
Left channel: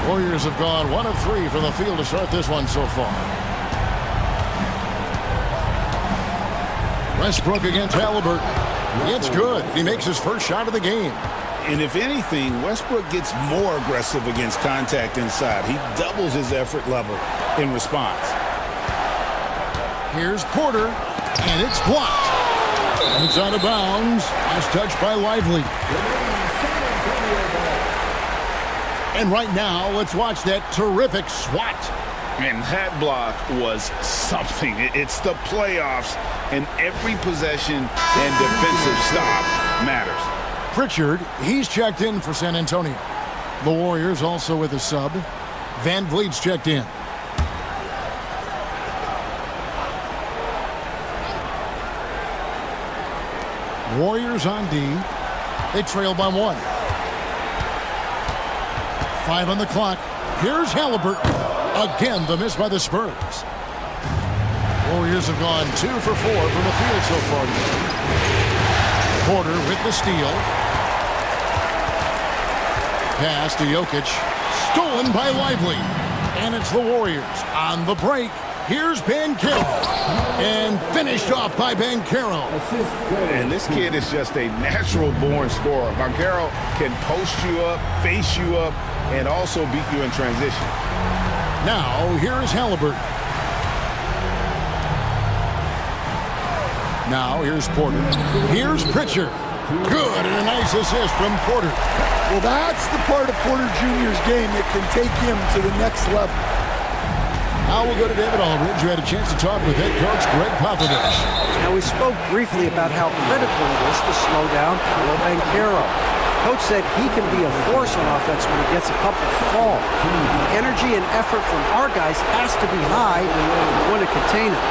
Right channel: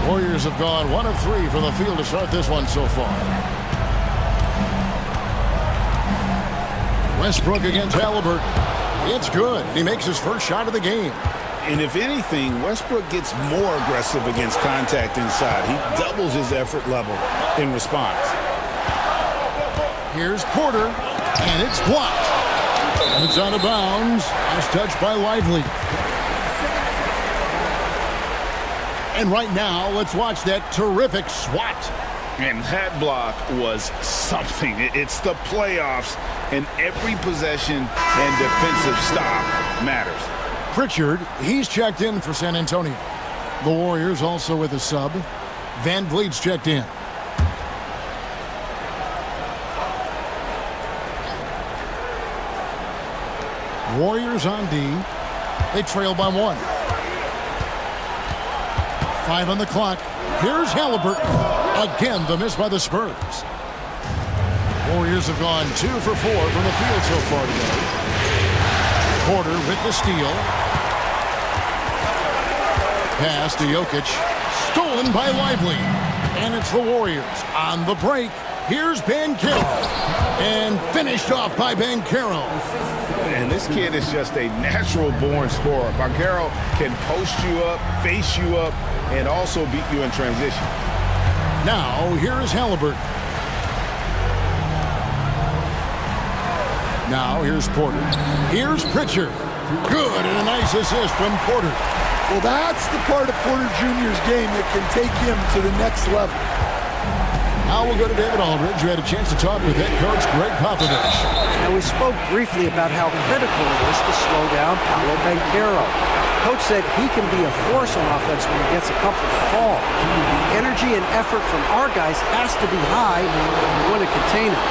Warriors have gone 1 of 3 from the field to start this one so far. Westbrook against Halliburton. It's good. He makes his first shot of the game. And if anything, Westbrook gets more aggressive against contact inside. He doubles his effort level in response. Here's Porter, and it's blocked. It's out of bounds. Last touch by Lively. And right now, let's watch that terrific swat. And that block was something. It's the playoffs, and every possession and defensive stop matters. Pritchard, he's checked in for San Antonio. The Warriors also with a sub. Van Vliet's checked in. Warriors on D. They trail by 1. 5 on the clock. Here's Halliburton. Again, the miss by the Spurs. Warriors have gone 2 for 4 from the field so far today. Porter with the steal. Pass to Jokic. Stolen by Lively. And it's the Warriors on the break. Here's Banchero. And finished off by Banchero. And this kid is just a natural-born scorer. Banchero can post you up, face you up, and also beat you in transition. Now, here's Halliburton. Now, here's Porter. Here's Pritchard. Good, and a nice assist from Porter. Well, that's the part of Porter Jr.'s game that can take him to the next level. Now we'll go to David Aldridge, who had a chance to talk with head coach Greg Popovich. Now, we spoke briefly about how critical it is to slow down Paolo Banchero. Coach said he can be a force on offense when he gets a couple to fall. The energy and effort from our guys has to be high if we want to contain him.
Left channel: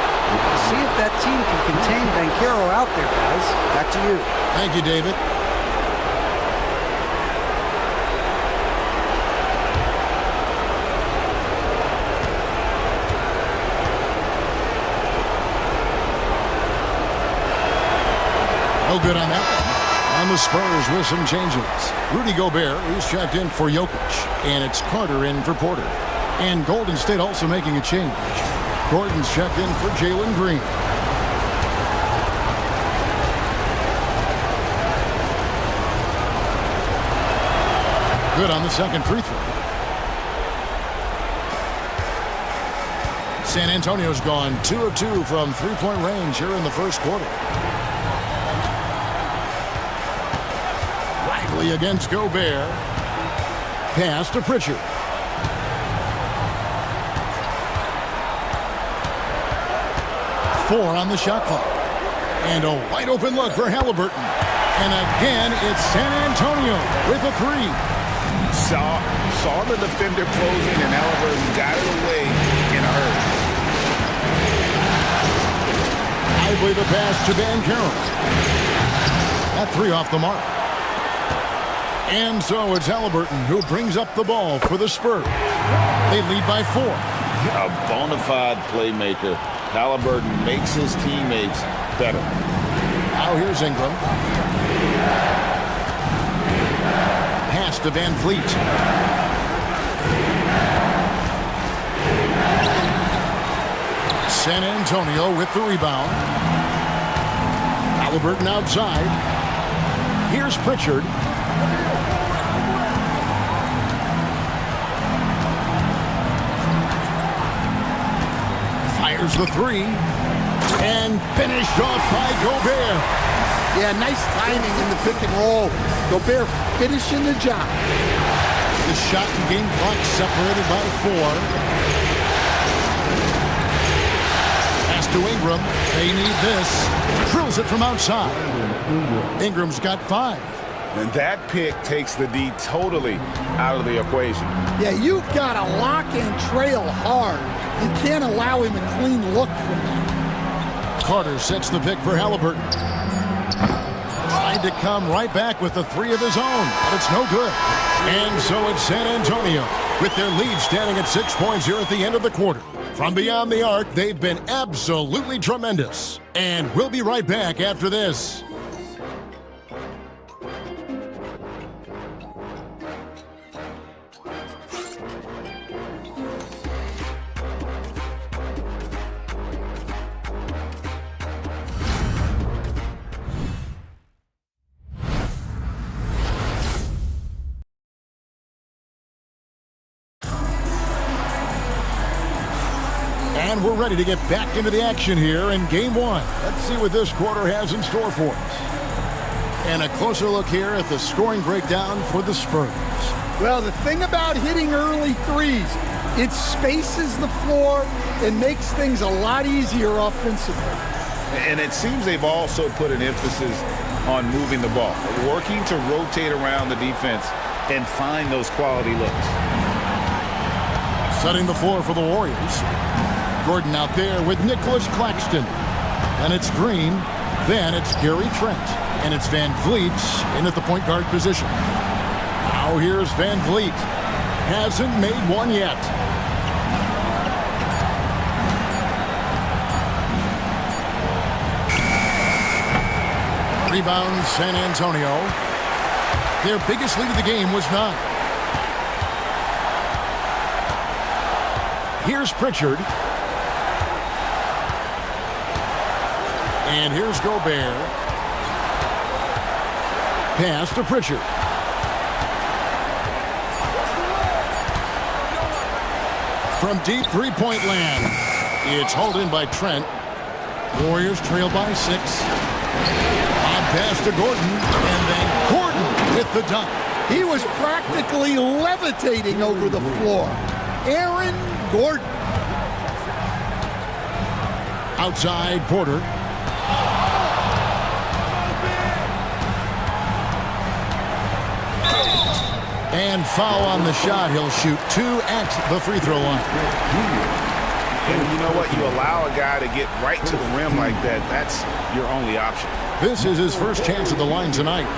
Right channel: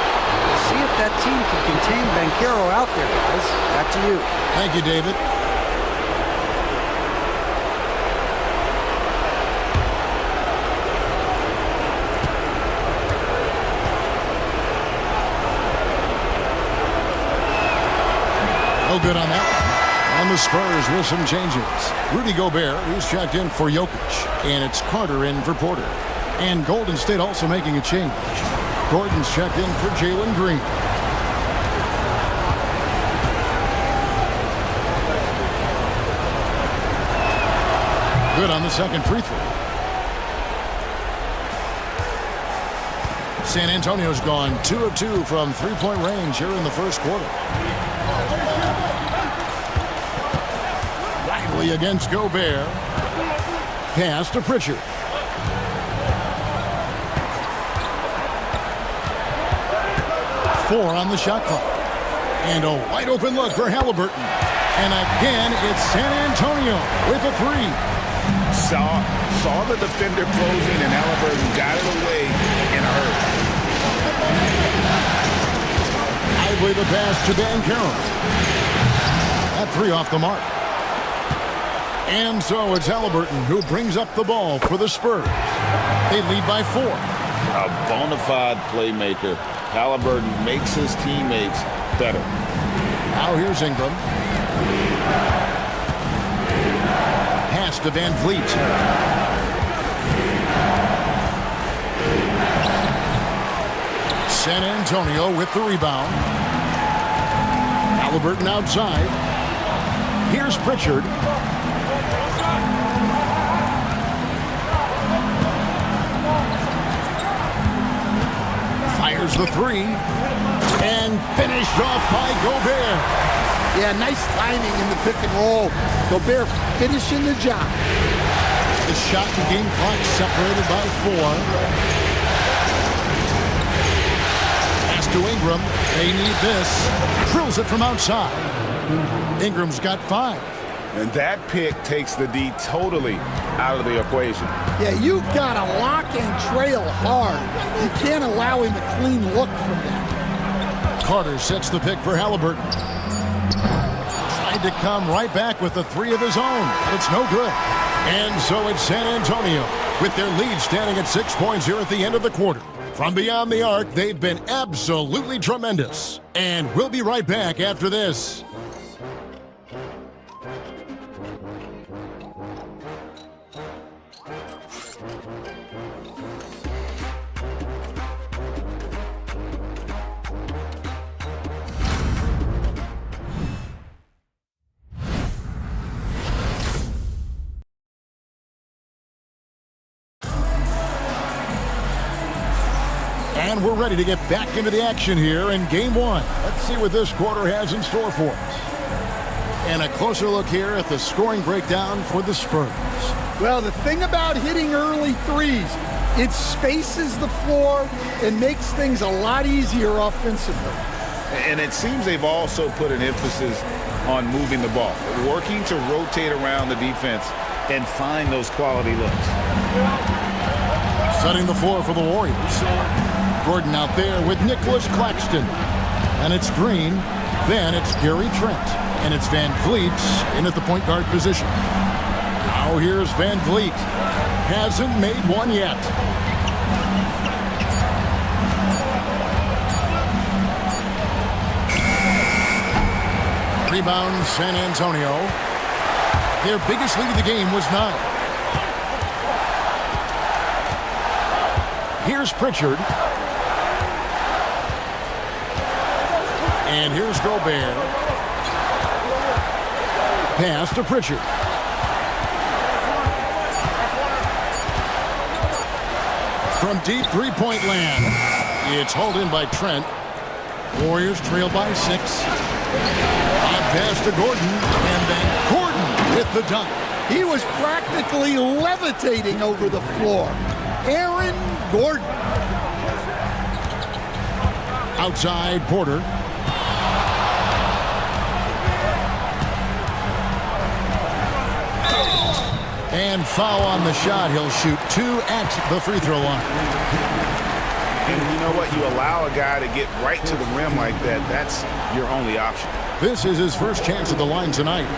We'll see if that team can contain Banchero out there, guys. Back to you. Thank you, David. No good on that one. On the Spurs with some changes. Rudy Gobert, he's checked in for Jokic. And it's Carter in for Porter. And Golden State also making a change. Gordon's checked in for Jalen Green. Good on the second free throw. San Antonio's gone 2 of 2 from three-point range here in the first quarter. Lively against Gobert. Pass to Pritchard. Four on the shot clock. And a wide open look for Halliburton. And again, it's San Antonio with a 3. Saw the defender closing, and Halliburton got it away in a hurry. Lively the pass to Banchero. That 3 off the mark. And so it's Halliburton who brings up the ball for the Spurs. They lead by 4. A bona fide playmaker. Halliburton makes his teammates better. Now here's Ingram. Pass to Van Vliet. San Antonio with the rebound. Halliburton outside. Here's Pritchard. Fires the 3. And finished off by Gobert. Yeah, nice timing in the pick and roll. Gobert finishing the job. The shot and game clock separated by 4. Pass to Ingram. They need this. Drills it from outside. Ingram's got 5. And that pick takes the D totally out of the equation. Yeah, you've got to lock and trail hard. You can't allow him a clean look from that. Carter sets the pick for Halliburton. Tried to come right back with the 3 of his own, but it's no good. And so it's San Antonio with their lead standing at 6 points here at the end of the quarter. From beyond the arc, they've been absolutely tremendous. And we'll be right back after this. And we're ready to get back into the action here in Game 1. Let's see what this quarter has in store for us. And a closer look here at the scoring breakdown for the Spurs. Well, the thing about hitting early threes, it spaces the floor and makes things a lot easier offensively. And it seems they've also put an emphasis on moving the ball, working to rotate around the defense and find those quality looks. Setting the floor for the Warriors. Gordon out there with Nicholas Claxton. And it's Green. Then it's Gary Trent. And it's Van Vliet in at the point guard position. Now here's Van Vliet. Hasn't made one yet. Rebound San Antonio. Their biggest lead of the game was 9. Here's Pritchard. And here's Gobert. Pass to Pritchard. From deep three-point land. It's hauled in by Trent. Warriors trail by 6. On pass to Gordon. And then Gordon with the dunk. He was practically levitating over the floor. Aaron Gordon. Outside Porter. And foul on the shot. He'll shoot 2 at the free throw line. And you know what? You allow a guy to get right to the rim like that. That's your only option. This is his first chance at the line tonight.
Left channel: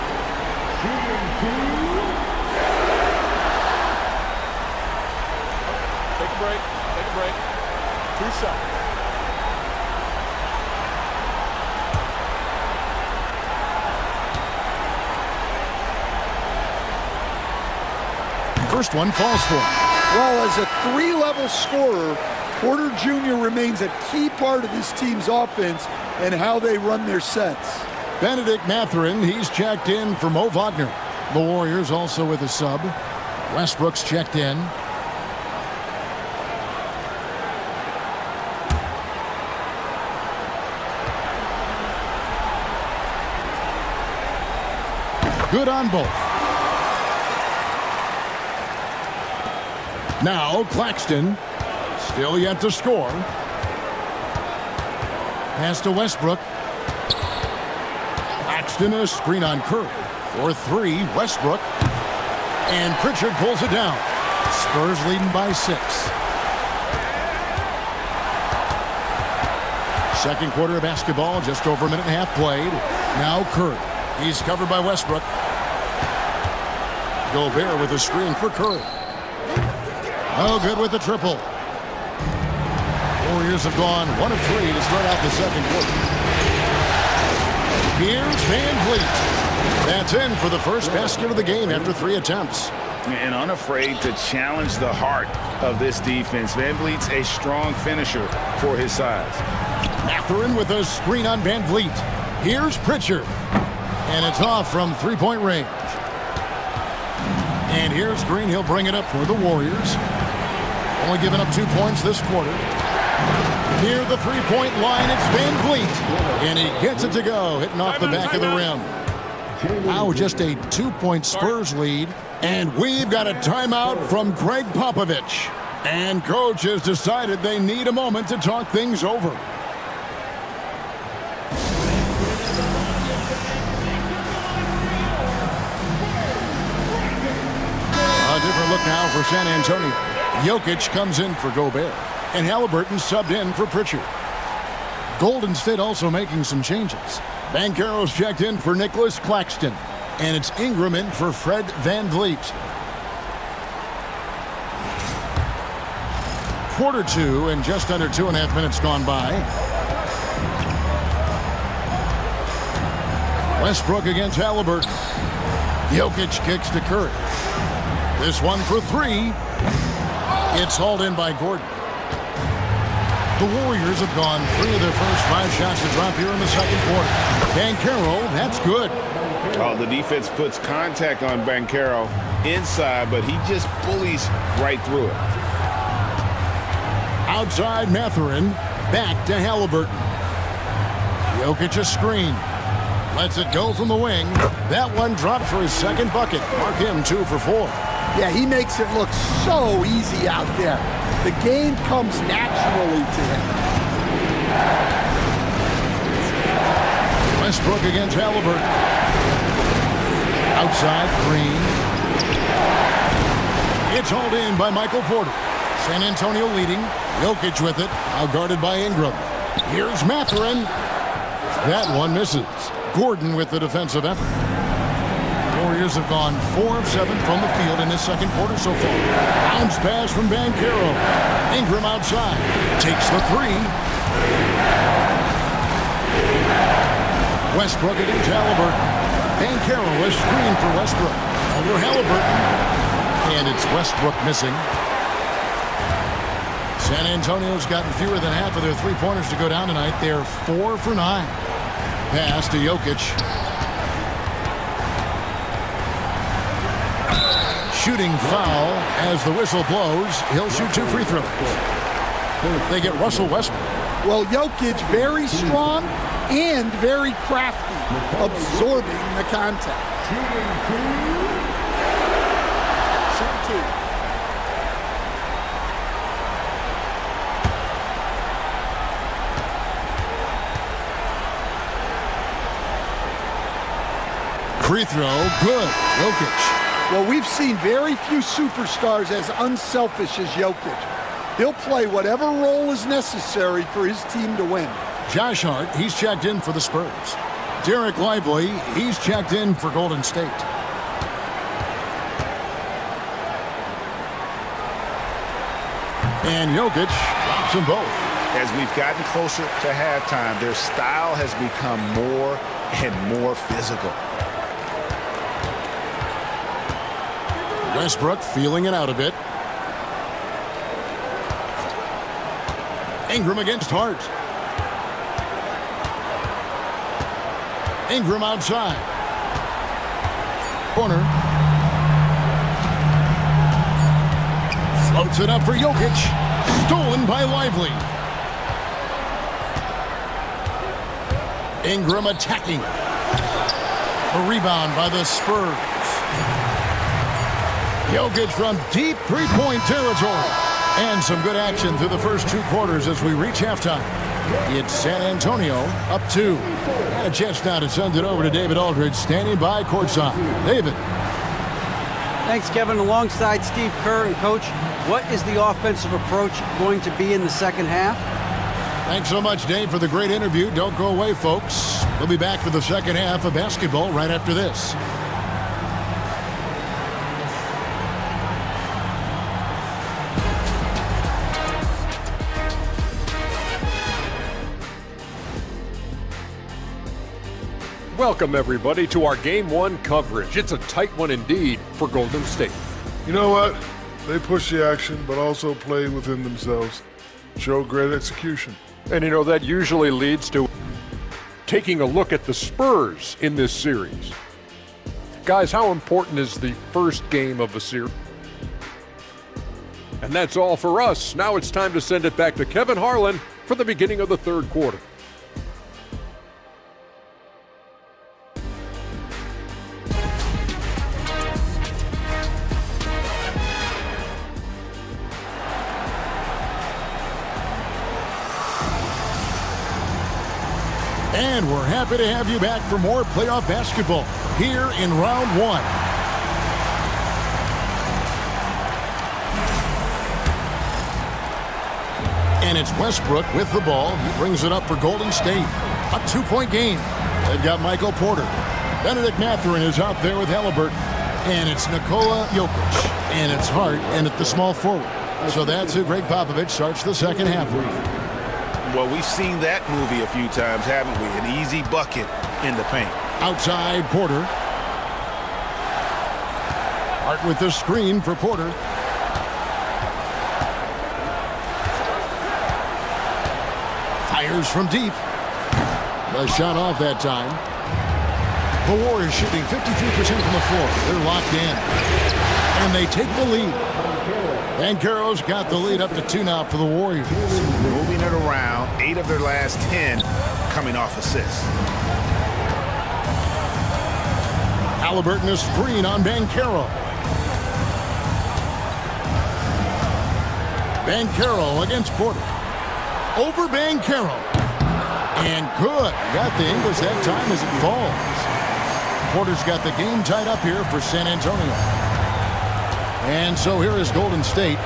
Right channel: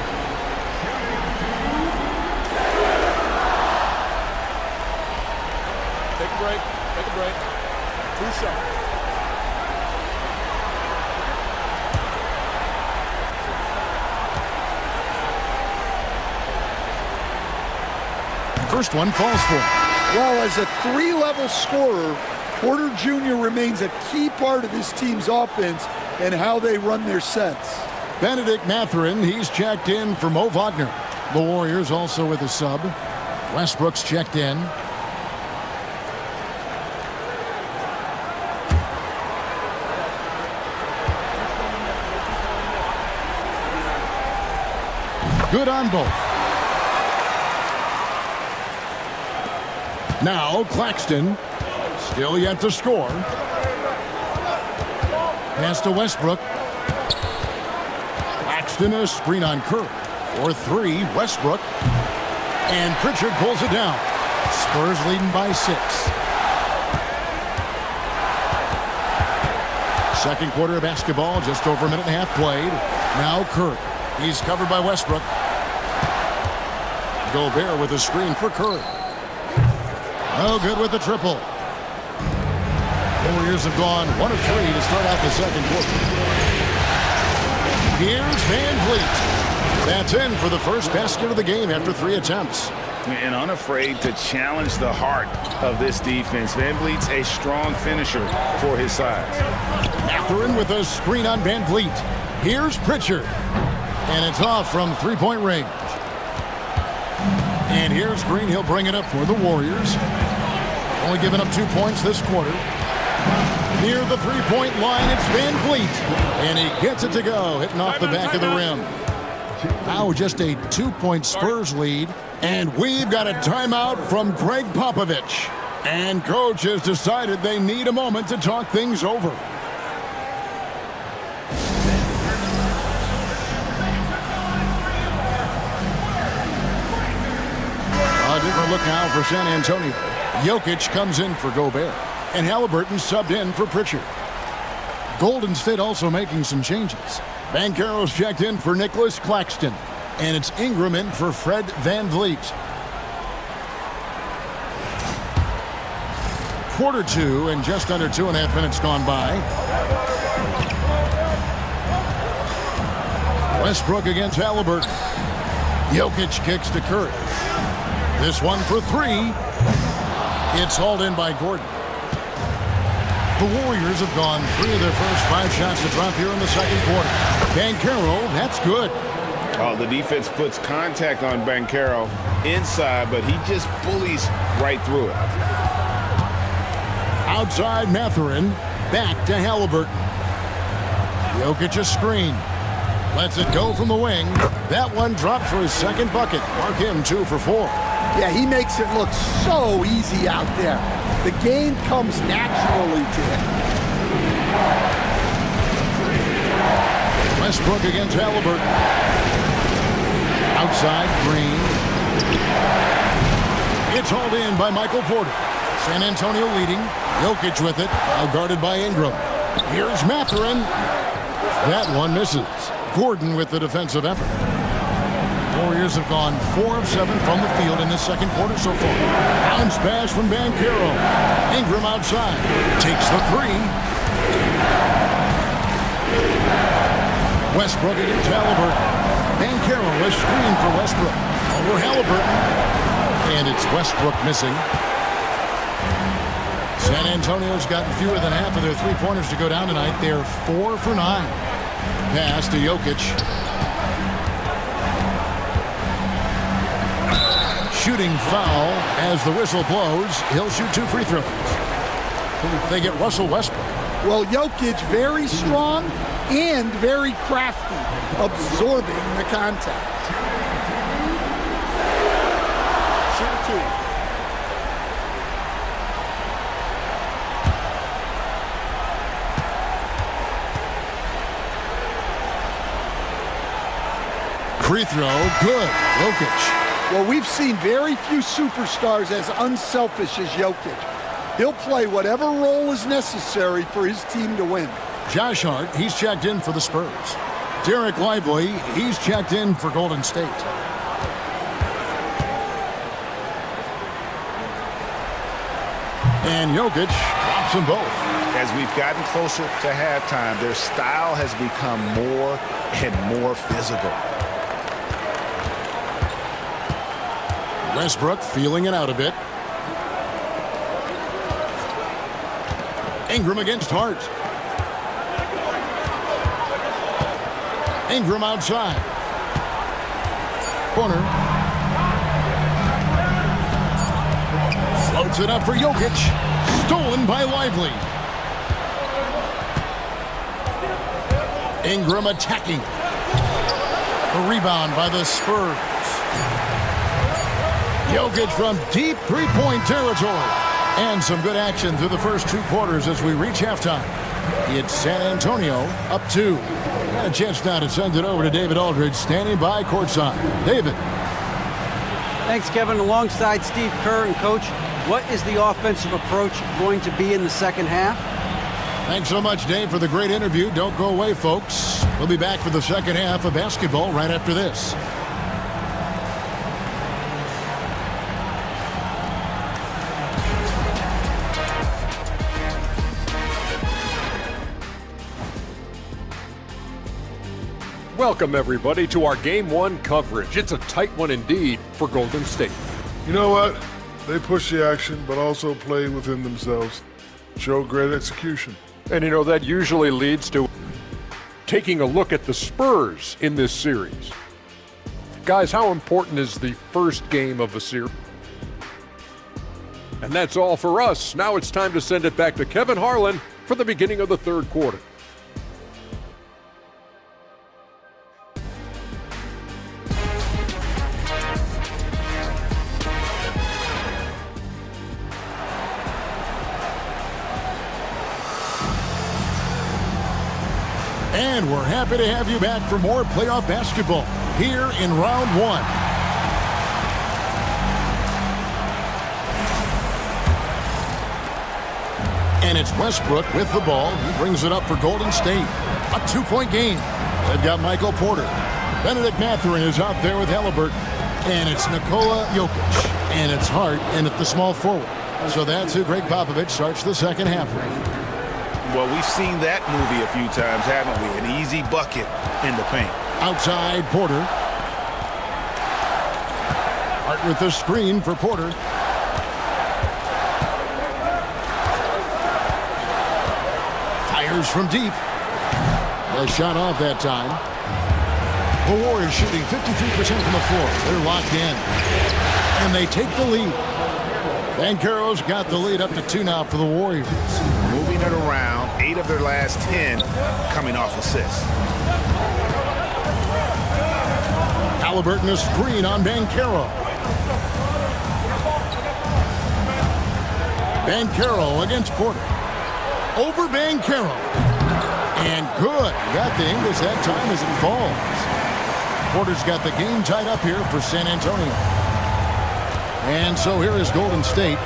Take a break. Take a break. 2 shots. First one falls for him. Well, as a 3-level scorer, Porter Jr. remains a key part of this team's offense and how they run their sets. Benedict Mathurin, he's checked in for Mo Wagner. The Warriors also with a sub. Westbrook's checked in. Good on both. Now Claxton, still yet to score. Pass to Westbrook. Claxton, a screen on Curry. For 3, Westbrook. And Pritchard pulls it down. Spurs leading by 6. Second quarter of basketball, just over a minute and a half played. Now Curry. He's covered by Westbrook. Gobert with a screen for Curry. No good with the triple. Warriors have gone 1 of 3 to start out the second quarter. Here's Van Vliet. That's in for the first basket of the game after 3 attempts. And unafraid to challenge the heart of this defense. Van Vliet's a strong finisher for his size. Mathurin with a screen on Van Vliet. Here's Pritchard. And it's off from three-point range. And here's Green. He'll bring it up for the Warriors. Only giving up 2 points this quarter. Near the three-point line, it's Van Vliet. And he gets it to go, hitting off the back of the rim. Now just a 2-point Spurs lead. And we've got a timeout from Greg Popovich. And coach has decided they need a moment to talk things over. A different look now for San Antonio. Jokic comes in for Gobert. And Halliburton subbed in for Pritchard. Golden State also making some changes. Banchero's checked in for Nicholas Claxton. And it's Ingram in for Fred Van Vliet. Quarter 2 and just under 2.5 minutes gone by. Westbrook against Halliburton. Jokic kicks to Curry. This one for 3. It's hauled in by Gordon. The Warriors have gone 3 of their first 5 shots to drop here in the second quarter. Banchero, that's good. Oh, the defense puts contact on Banchero inside, but he just bullies right through it. Outside Mathurin, back to Halliburton. Jokic a screen. Lets it go from the wing. That one dropped for his second bucket. Mark him 2 for 4. Yeah, he makes it look so easy out there. The game comes naturally to him. Westbrook against Halliburton. Outside, Green. It's hauled in by Michael Porter. San Antonio leading. Jokic with it. Now guarded by Ingram. Here's Mathurin. That one misses. Gordon with the defensive effort. Warriors have gone 4 of 7 from the field in this second quarter so far. Bounce pass from Banchero. Ingram outside. Takes the 3. Westbrook against Halliburton. Banchero a screen for Westbrook. Over Halliburton. And it's Westbrook missing. San Antonio's gotten fewer than half of their three-pointers to go down tonight. They're 4 for 9. Pass to Jokic. Shooting foul as the whistle blows. He'll shoot 2 free throws. They get Russell Westbrook. Well, Jokic very strong and very crafty, absorbing the contact. Shoot 2. Free throw, good. Jokic. Well, we've seen very few superstars as unselfish as Jokic. He'll play whatever role is necessary for his team to win. Josh Hart, he's checked in for the Spurs. Derek Lively, he's checked in for Golden State. And Jokic drops them both. As we've gotten closer to halftime, their style has become more and more physical. Westbrook feeling it out a bit. Ingram against Hart. Ingram outside. Corner. Floats it up for Jokic. Stolen by Lively. Ingram attacking. A rebound by the Spurs. Jokic from deep three-point territory. And some good action through the first 2 quarters as we reach halftime. It's San Antonio up 2. And a chance now to send it over to David Aldridge, standing by courtside. David. Thanks, Kevin. Alongside Steve Kerr and Coach, what is the offensive approach going to be in the second half? Thanks so much, Dave, for the great interview. Don't go away, folks. We'll be back for the second half of basketball right after this. Welcome, everybody, to our Game 1 coverage. It's a tight one indeed for Golden State. You know what? They push the action, but also play within themselves. Show great execution. And, you know, that usually leads to taking a look at the Spurs in this series. Guys, how important is the first game of a series? And that's all for us. Now it's time to send it back to Kevin Harlan for the beginning of the third quarter. And we're happy to have you back for more playoff basketball here in round 1. And it's Westbrook with the ball. He brings it up for Golden State. A 2-point game. They've got Michael Porter. Benedict Mathurin is out there with Halliburton. And it's Nikola Jokic. And it's Hart in at the small forward. So that's who Greg Popovich starts the second half with. Well, we've seen that movie a few times, haven't we? An easy bucket in the paint. Outside, Porter. Hart with the screen for Porter. Fires from deep. The shot off that time. The Warriors shooting 53% from the floor. They're locked in. And they take the lead. Banchero's got the lead up to 2 now for the Warriors. Moving it around, 8 of their last 10 coming off assists. Halliburton a screen on Banchero. Banchero against Porter. Over Banchero. And good. Got the English that time as it falls. Porter's got the game tied up here for San Antonio. And so here is Golden State.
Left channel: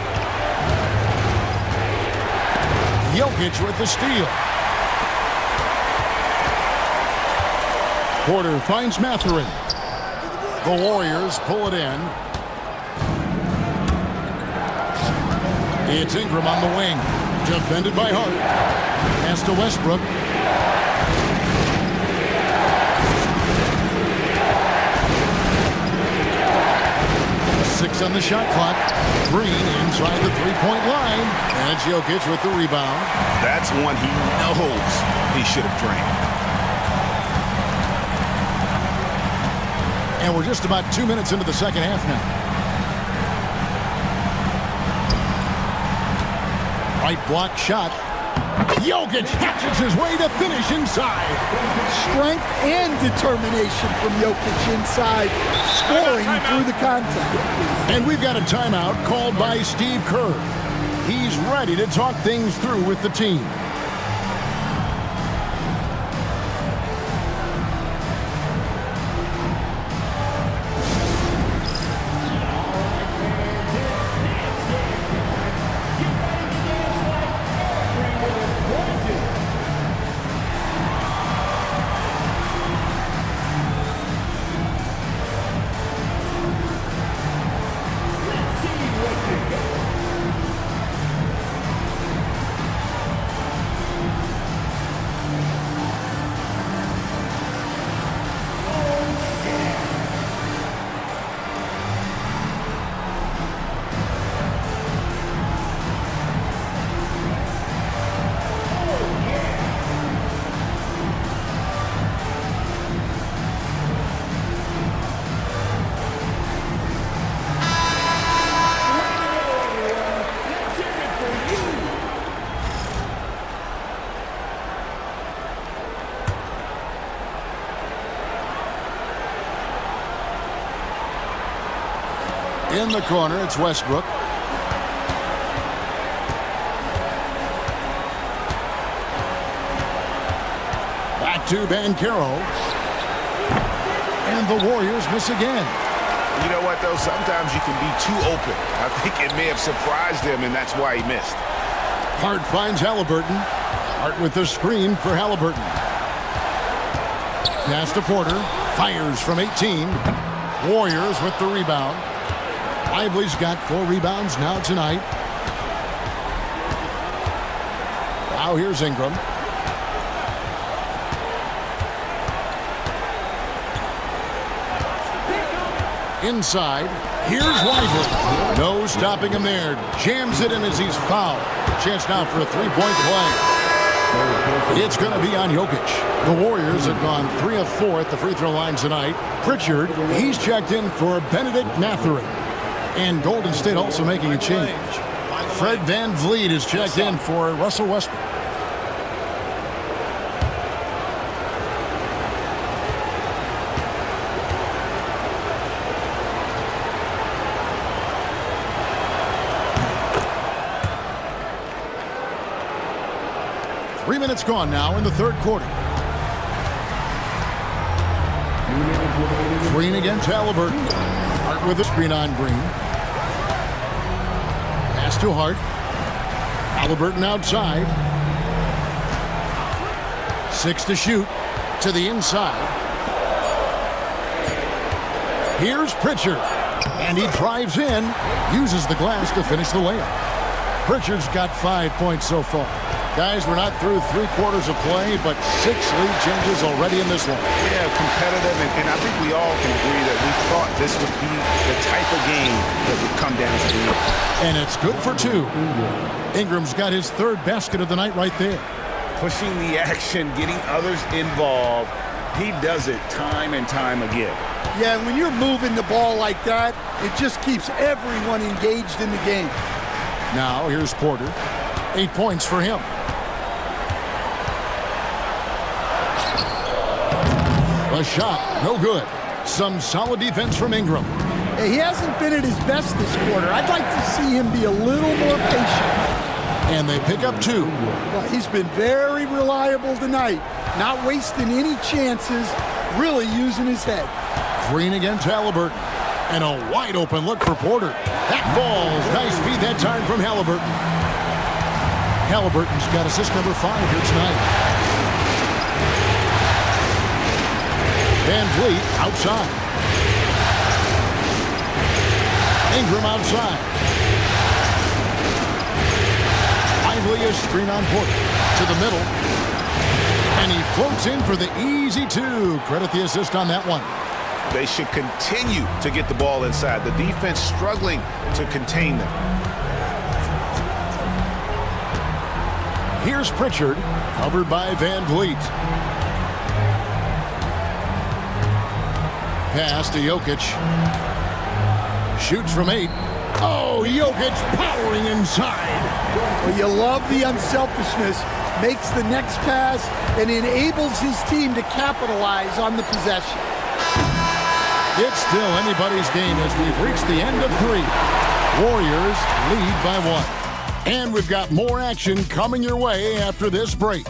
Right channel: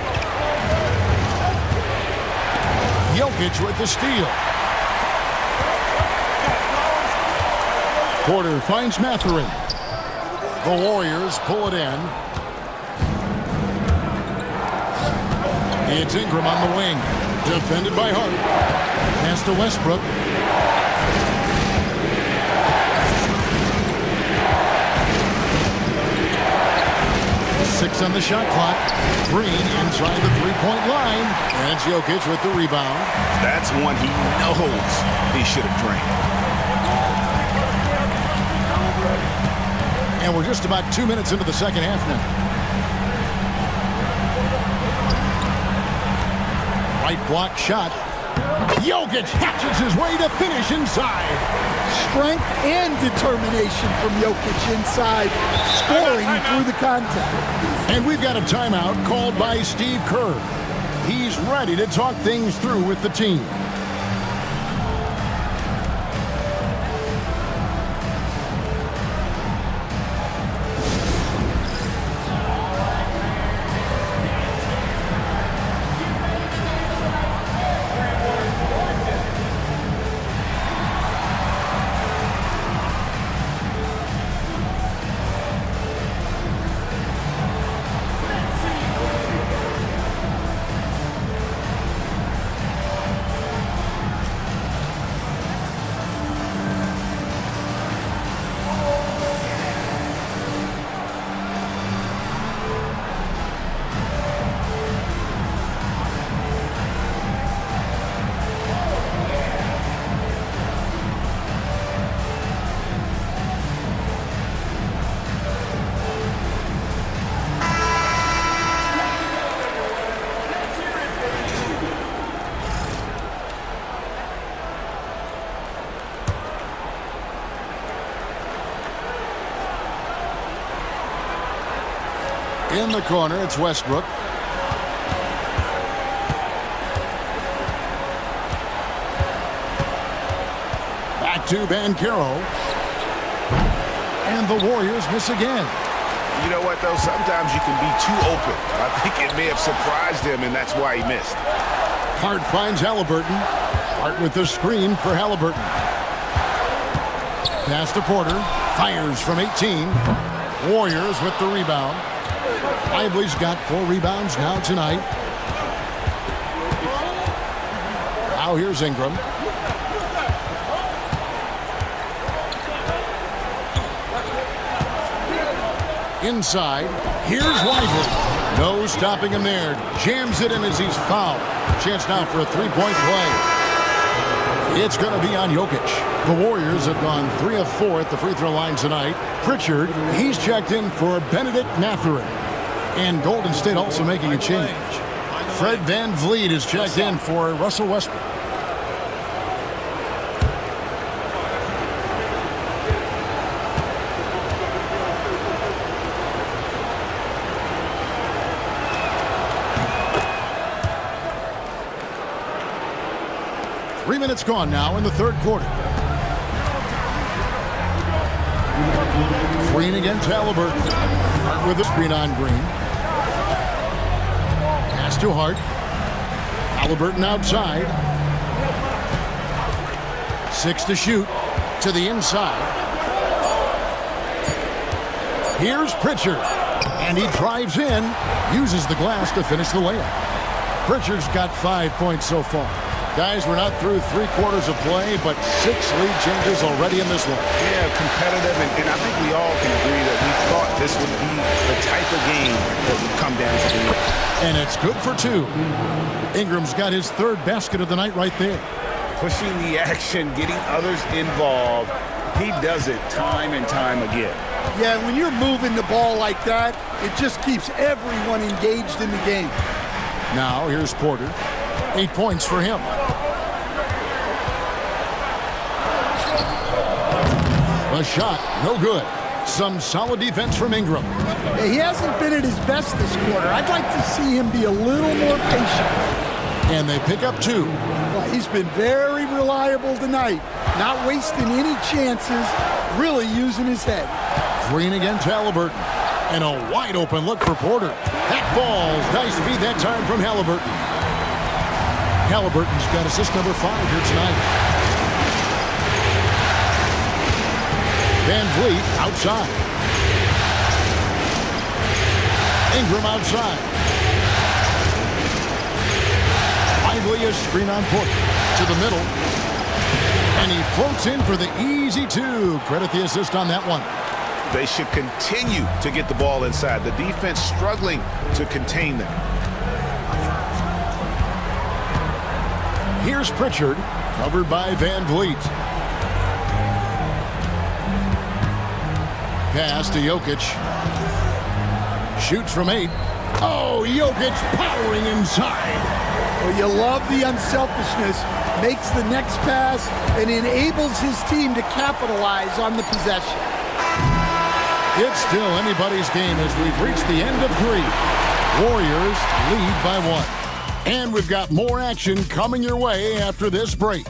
Jokic with the steal. Porter finds Mathurin. The Warriors pull it in. It's Ingram on the wing. Defended by Hart. Pass to Westbrook. Six on the shot clock. Green inside the three-point line. And it's Jokic with the rebound. That's one he knows he should have drained. And we're just about 2 minutes into the second half now. Right block shot. Jokic hatches his way to finish inside. Strength and determination from Jokic inside, scoring through the contact. And we've got a timeout called by Steve Kerr. He's ready to talk things through with the team. In the corner, it's Westbrook. Back to Banchero. And the Warriors miss again. You know what, though? Sometimes you can be too open. I think it may have surprised him, and that's why he missed. Hart finds Halliburton. Hart with the screen for Halliburton. Pass to Porter. Fires from 18. Warriors with the rebound. Lively's got 4 rebounds now tonight. Now here's Ingram. Inside. Here's Lively. No stopping him there. Jams it in as he's fouled. Chance now for a three-point play. It's going to be on Jokic. The Warriors have gone 3 of 4 at the free throw line tonight. Pritchard, he's checked in for Benedict Mathurin. And Golden State also making a change. Fred VanVleet is checked in for Russell Westbrook. Three minutes gone now in the third quarter. Green against Halliburton. Hart with a screen on Green. Pass to Hart. Halliburton outside. 6 to shoot. To the inside. Here's Pritchard. And he drives in. Uses the glass to finish the layup. Pritchard's got 5 points so far. Guys, we're not through 3 quarters of play, but 6 lead changes already in this one. Yeah, competitive, and I think we all can agree that we thought this would be the type of game that would come down to the end. And it's good for 2. Ingram's got his 3rd basket of the night right there. Pushing the action, getting others involved. He does it time and time again. Yeah, when you're moving the ball like that, it just keeps everyone engaged in the game. Now, here's Porter. 8 points for him. A shot, no good. Some solid defense from Ingram. He hasn't been at his best this quarter. I'd like to see him be a little more patient right now. And they pick up 2. Well, he's been very reliable tonight, not wasting any chances, really using his head. Green against Halliburton. And a wide open look for Porter. That falls. Nice feed that time from Halliburton. Halliburton's got assist number 5 here tonight. Van Vliet outside. Ingram outside. Lively a screen on Porter to the middle. And he floats in for the easy 2. Credit the assist on that one. They should continue to get the ball inside. The defense struggling to contain them. Here's Pritchard, covered by Van Vliet. Pass to Jokic. Shoots from 8. Oh, Jokic powering inside. Well, you love the unselfishness. Makes the next pass and enables his team to capitalize on the possession. It's still anybody's game as we've reached the end of 3. Warriors lead by 1. And we've got more action coming your way after this break.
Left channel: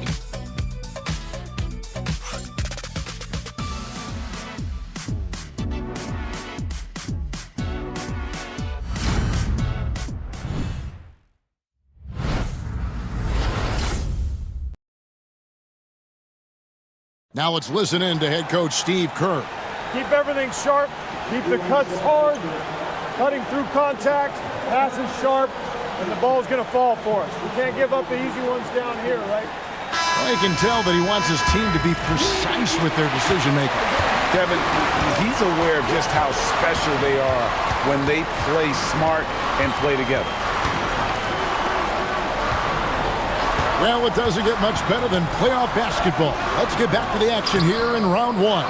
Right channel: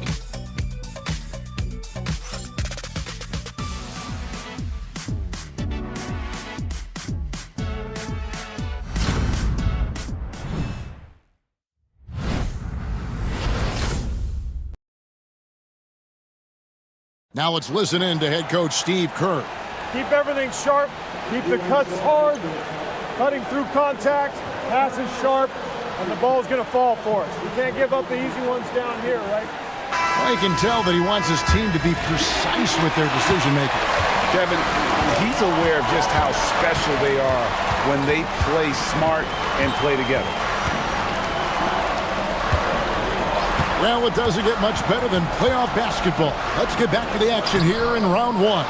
Now let's listen in to head coach Steve Kerr. Keep everything sharp, keep the cuts hard, cutting through contact, passes sharp, and the ball's going to fall for us. We can't give up the easy ones down here, right? Well, you can tell that he wants his team to be precise with their decision-making. Kevin, he's aware of just how special they are when they play smart and play together. Well, it doesn't get much better than playoff basketball. Let's get back to the action here in round 1.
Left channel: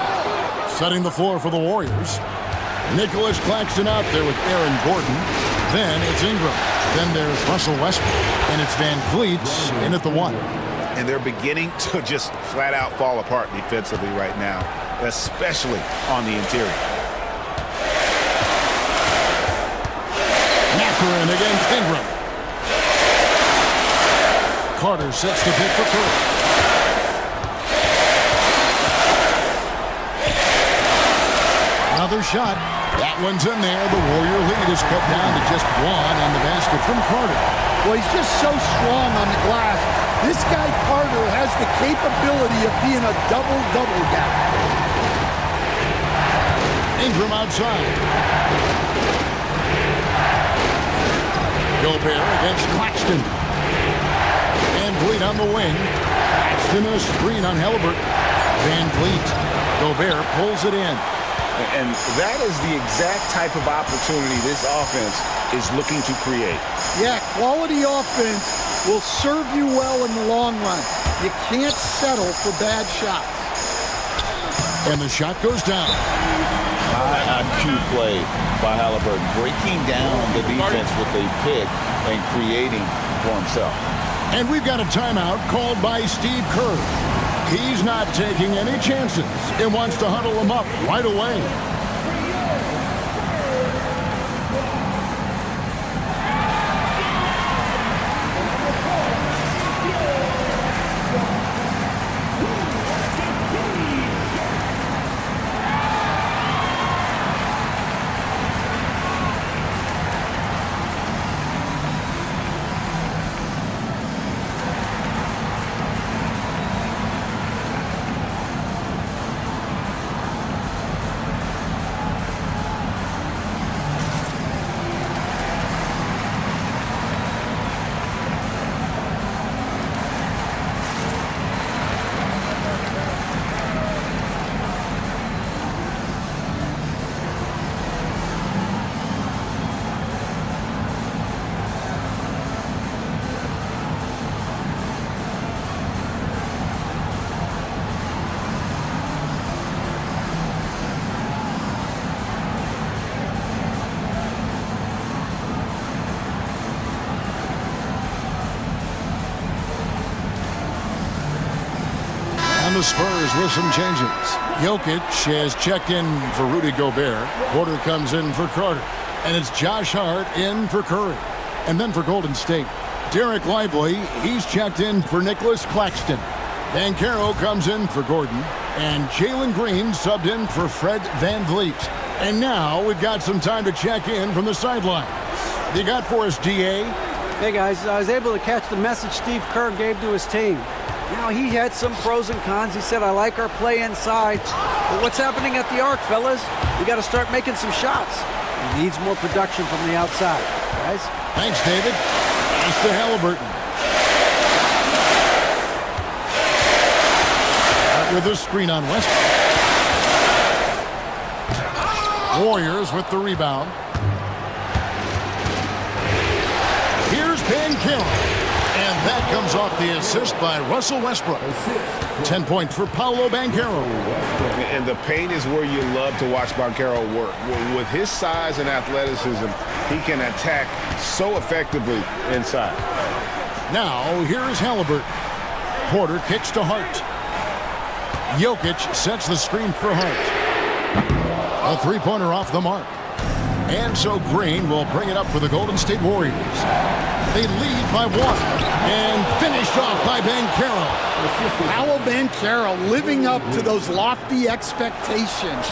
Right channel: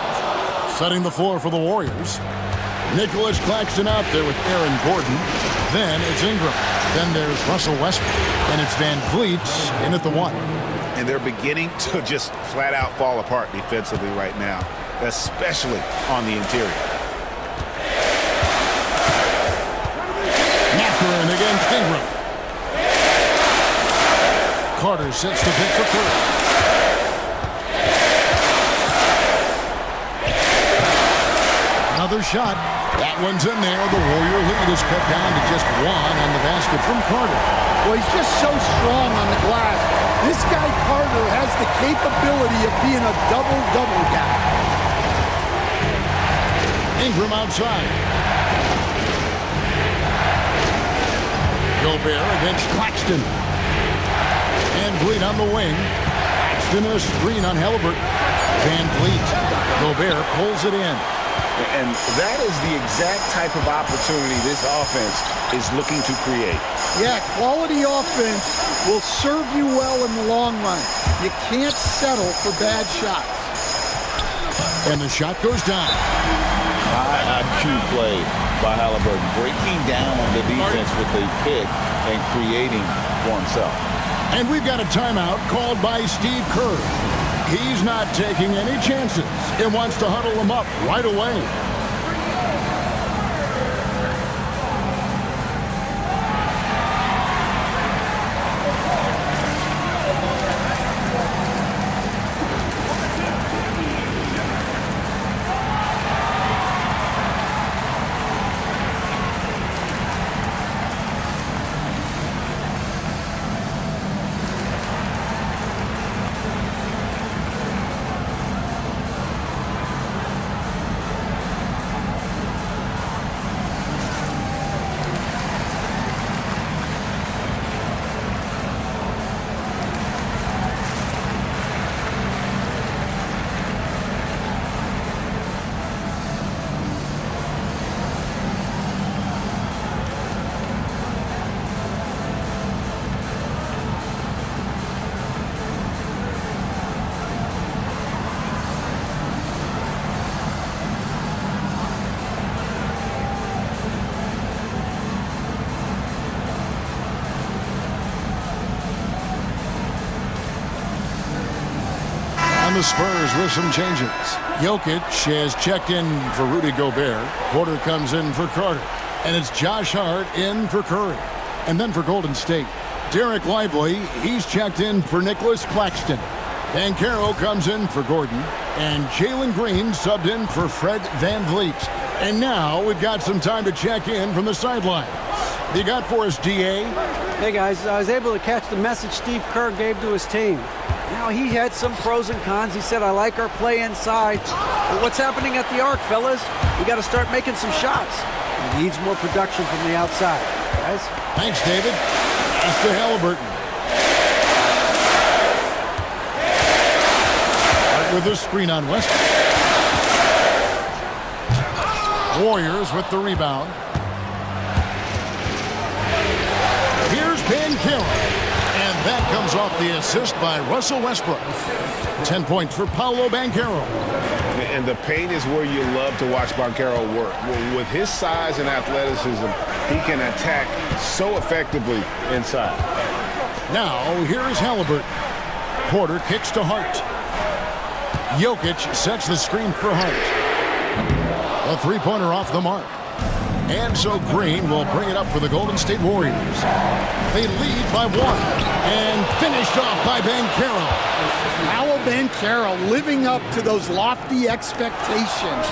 Setting the floor for the Warriors. Nicholas Claxton out there with Aaron Gordon. Then it's Ingram. Then there's Russell Westbrook. And it's Van Vliet in at the 1. And they're beginning to just flat out fall apart defensively right now, especially on the interior. Mathurin against Ingram. Carter sets the pick for Curry. Another shot. That one's in there. The Warrior lead is cut down to just 1 on the basket from Carter. Well, he's just so strong on the glass. This guy, Carter, has the capability of being a double-double guy. Ingram outside. Gobert against Claxton. Van Vliet on the wing. Claxton a screen on Halliburton. Van Vliet. Gobert pulls it in. And that is the exact type of opportunity this offense is looking to create. Yeah, quality offense will serve you well in the long run. You can't settle for bad shots. And the shot goes down. High IQ play by Halliburton, breaking down the defense with a pick and creating for himself. And we've got a timeout called by Steve Kerr. He's not taking any chances and wants to huddle them up right away. the Spurs with some changes. Jokic has checked in for Rudy Gobert. Porter comes in for Carter. And it's Josh Hart in for Curry. And then for Golden State, Derek Lively, he's checked in for Nicholas Claxton. Banchero comes in for Gordon. And Jalen Green subbed in for Fred VanVleet. And now we've got some time to check in from the sidelines. What you got for us, DA? Hey guys, I was able to catch the message Steve Kerr gave to his team. Now, he had some pros and cons. He said, I like our play inside. But what's happening at the arc, fellas? We got to start making some shots. He needs more production from the outside, guys. Thanks, David. Pass to Halliburton. Hart with a screen on Westbrook. Warriors with the rebound. Here's Banchero. And that comes off the assist by Russell Westbrook. 10 points for Paolo Banchero. And the paint is where you love to watch Banchero work. With his size and athleticism, he can attack so effectively inside. Now, here is Halliburton. Porter kicks to Hart. Jokic sets the screen for Hart. A three-pointer off the mark. And so Green will bring it up for the Golden State Warriors. They lead by one and finished off by Banchero. Paolo Banchero living up to those lofty expectations.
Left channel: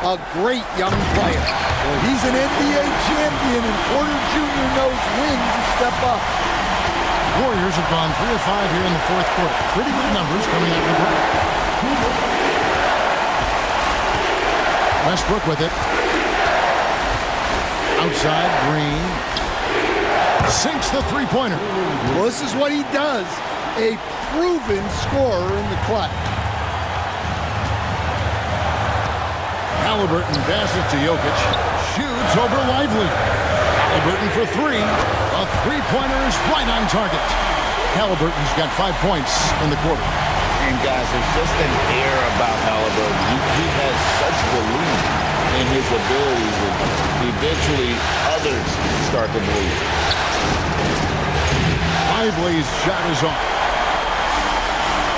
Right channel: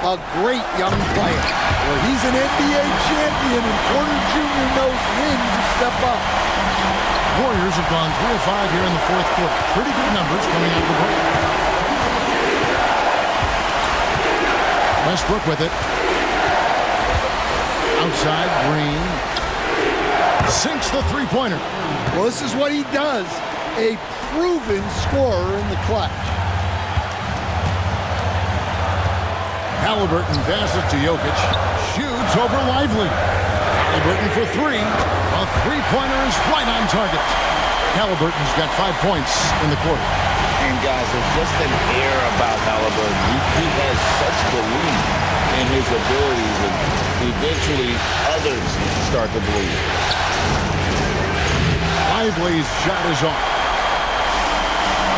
A great young player. Well, he's an NBA champion, and Porter Jr. knows when to step up. Warriors have gone 3 of 5 here in the fourth quarter. Pretty good numbers coming out of the break. Westbrook with it. Outside, Green. Sinks the three-pointer. Well, this is what he does. A proven scorer in the clutch. Halliburton passes to Jokic. Shoots over Lively. Halliburton for three. A three-pointer is right on target. Halliburton's got 5 points in the quarter. And guys, there's just an air about Halliburton. He has such belief in his abilities, and eventually others start to believe. Lively's shot is off.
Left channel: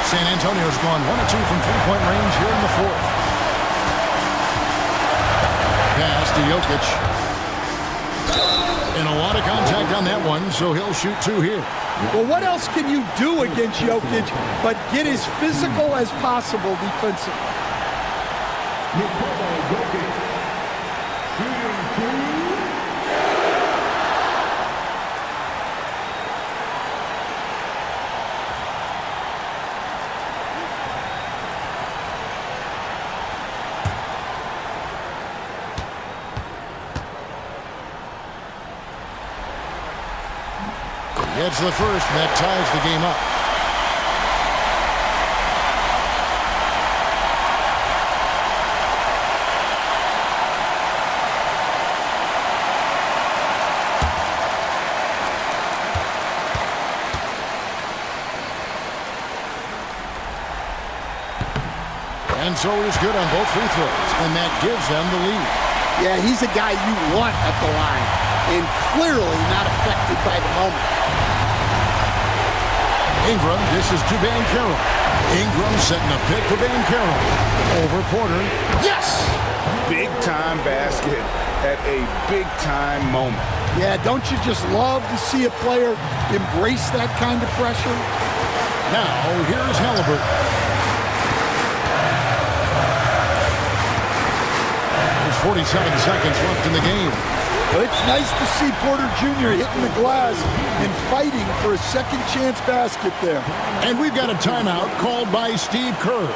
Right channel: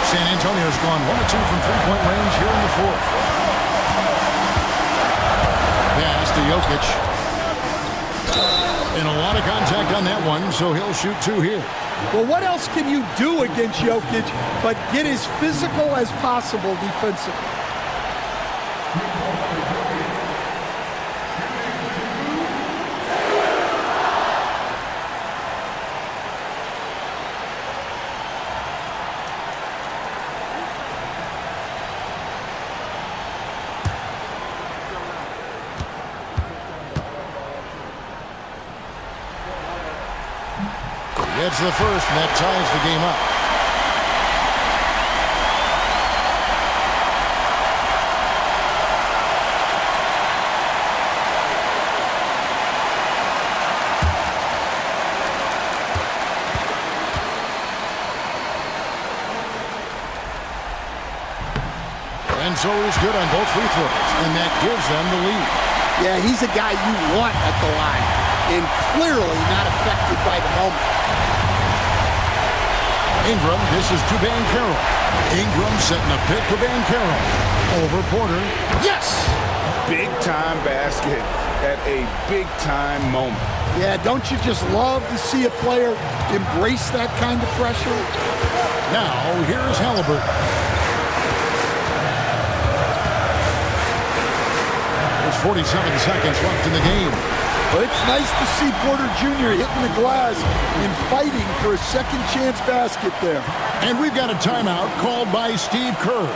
San Antonio's gone 1 of 2 from three-point range here in the fourth. Pass to Jokic. And a lot of contact on that one, so he'll shoot 2 here. Well, what else can you do against Jokic but get as physical as possible defensively? It's the first, and that ties the game up. And so he's good on both free throws, and that gives them the lead. Yeah, he's a guy you want at the line, and clearly not affected by the moment. Ingram dishes to Banchero. Ingram setting a pick for Banchero. Over Porter. Yes! Big-time basket at a big-time moment. Yeah, don't you just love to see a player embrace that kind of pressure? Now, here's Halliburton. There's 47 seconds left in the game. Well, it's nice to see Porter Jr. hitting the glass and fighting for a second chance basket there. And we've got a timeout called by Steve Kerr.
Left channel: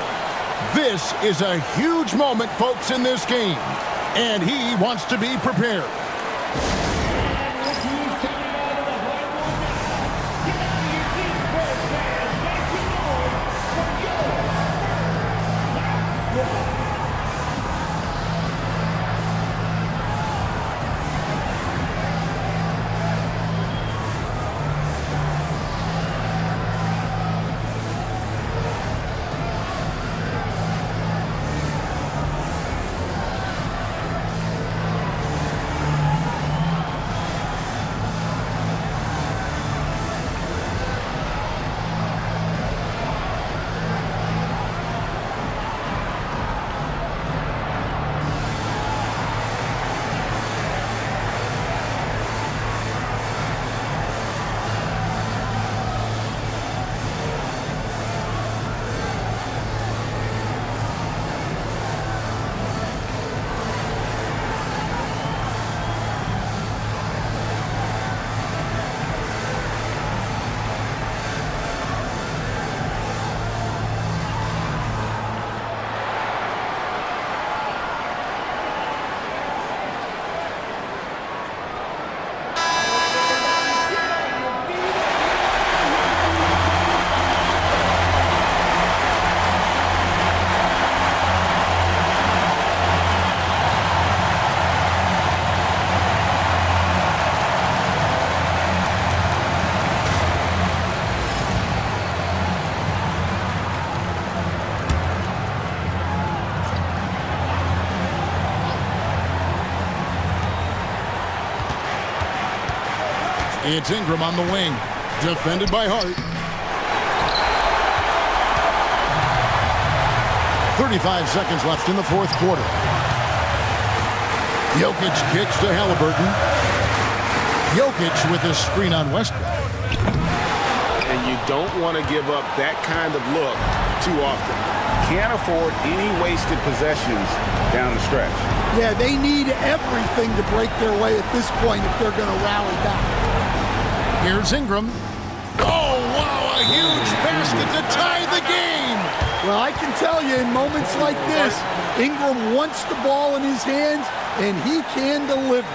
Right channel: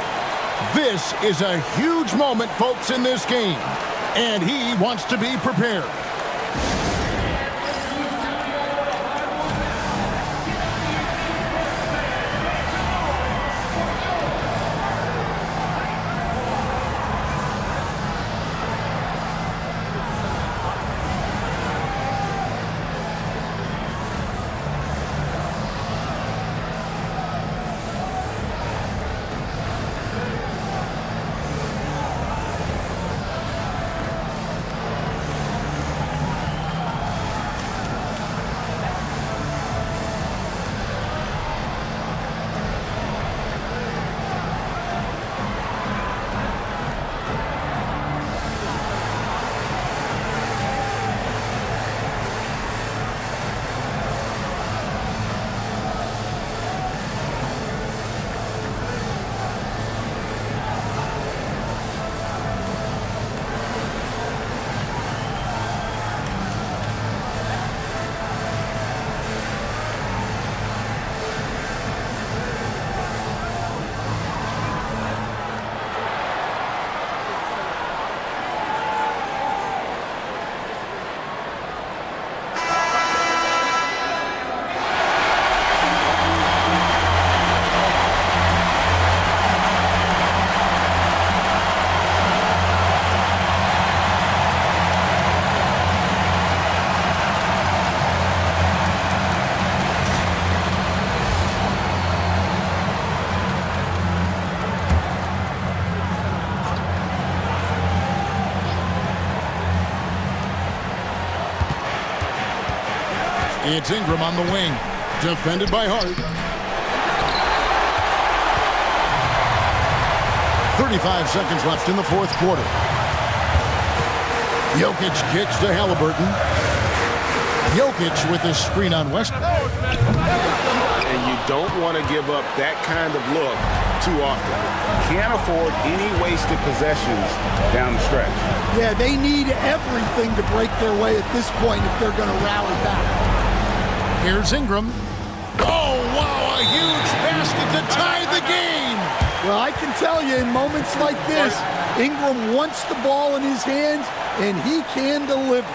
This is a huge moment, folks, in this game. And he wants to be prepared. It's Ingram on the wing. Defended by Hart. 35 seconds left in the fourth quarter. Jokic kicks to Halliburton. Jokic with a screen on Westbrook. And you don't want to give up that kind of look too often. Can't afford any wasted possessions down the stretch. Yeah, they need everything to break their way at this point if they're going to rally back. Here's Ingram. Oh, wow, a huge basket to tie the game. Well, I can tell you, in moments like this, Ingram wants the ball in his hands, and he can deliver.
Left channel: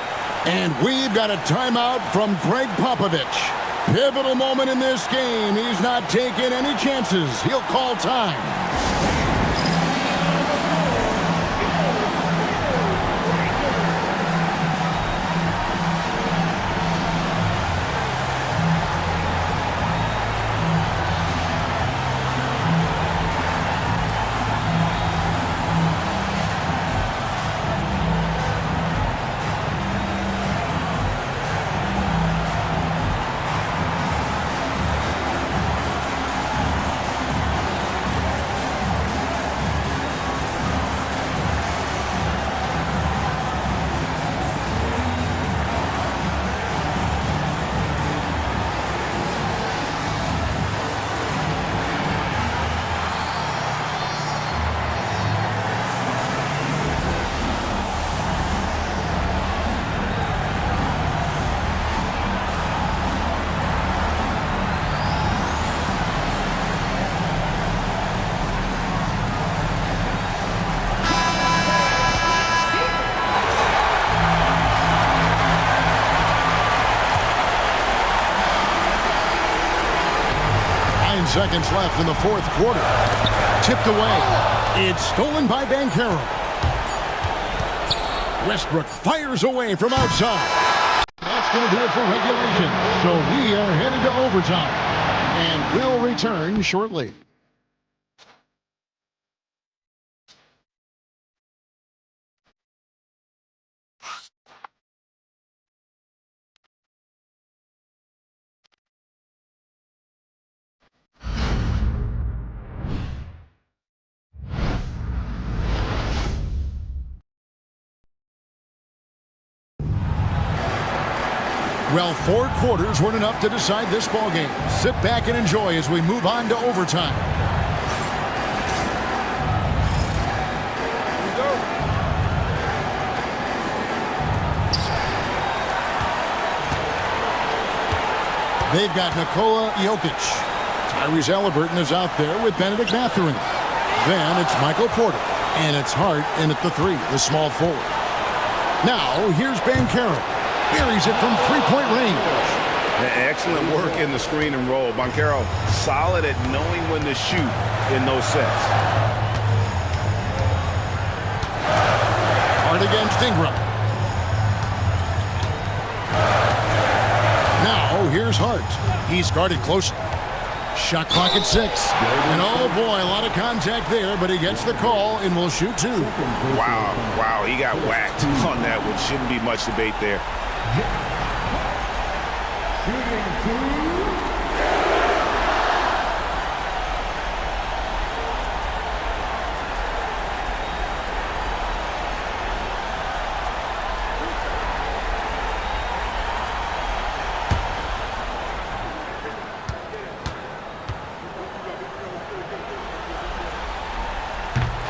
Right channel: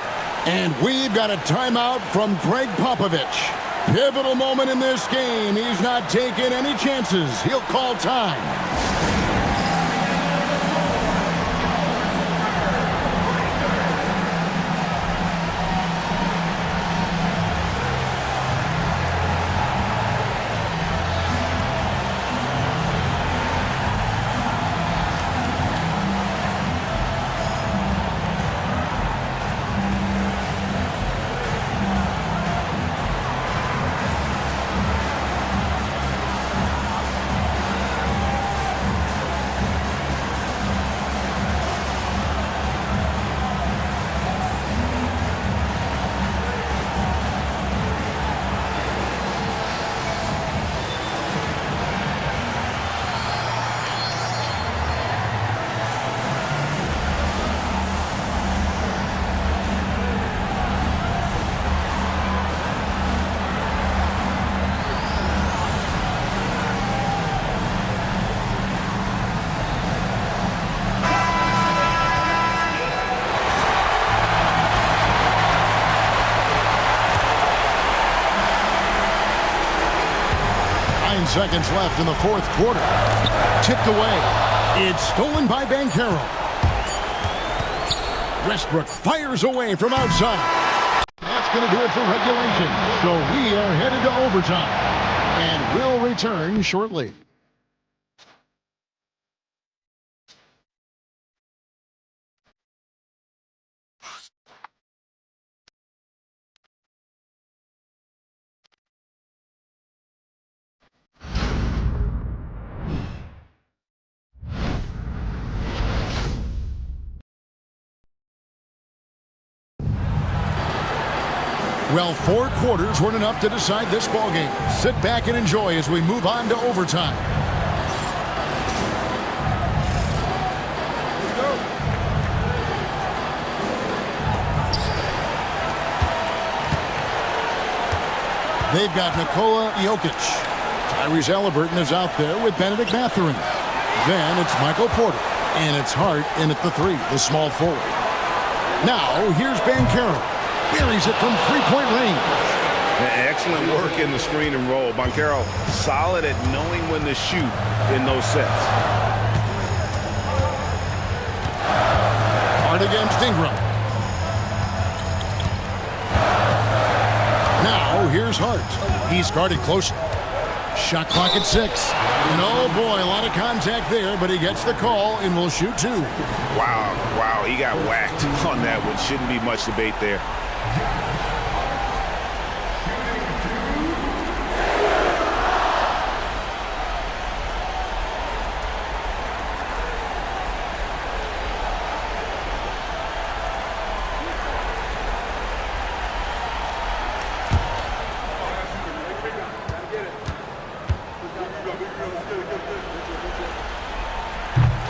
And we've got a timeout from Greg Popovich. Pivotal moment in this game. He's not taking any chances. He'll call time. Seconds left in the fourth quarter. Tipped away. It's stolen by Banchero. Westbrook fires away from outside. That's going to do it for regulation. So we are headed to overtime. And we'll return shortly. Well, 4 quarters weren't enough to decide this ballgame. Sit back and enjoy as we move on to overtime. Here we go. They've got Nikola Jokic. Tyrese Halliburton is out there with Benedict Mathurin. Then it's Michael Porter. And it's Hart in at the 3, the small forward. Now, here's Banchero. Buries it from three-point range. Excellent work in the screen and roll. Banchero solid at knowing when to shoot in those sets. Hart against Ingram. Now here's Hart. He's guarded closely. Shot clock at 6. And oh boy, a lot of contact there, but he gets the call and will shoot 2. Wow, he got whacked on that one. Shouldn't be much debate there.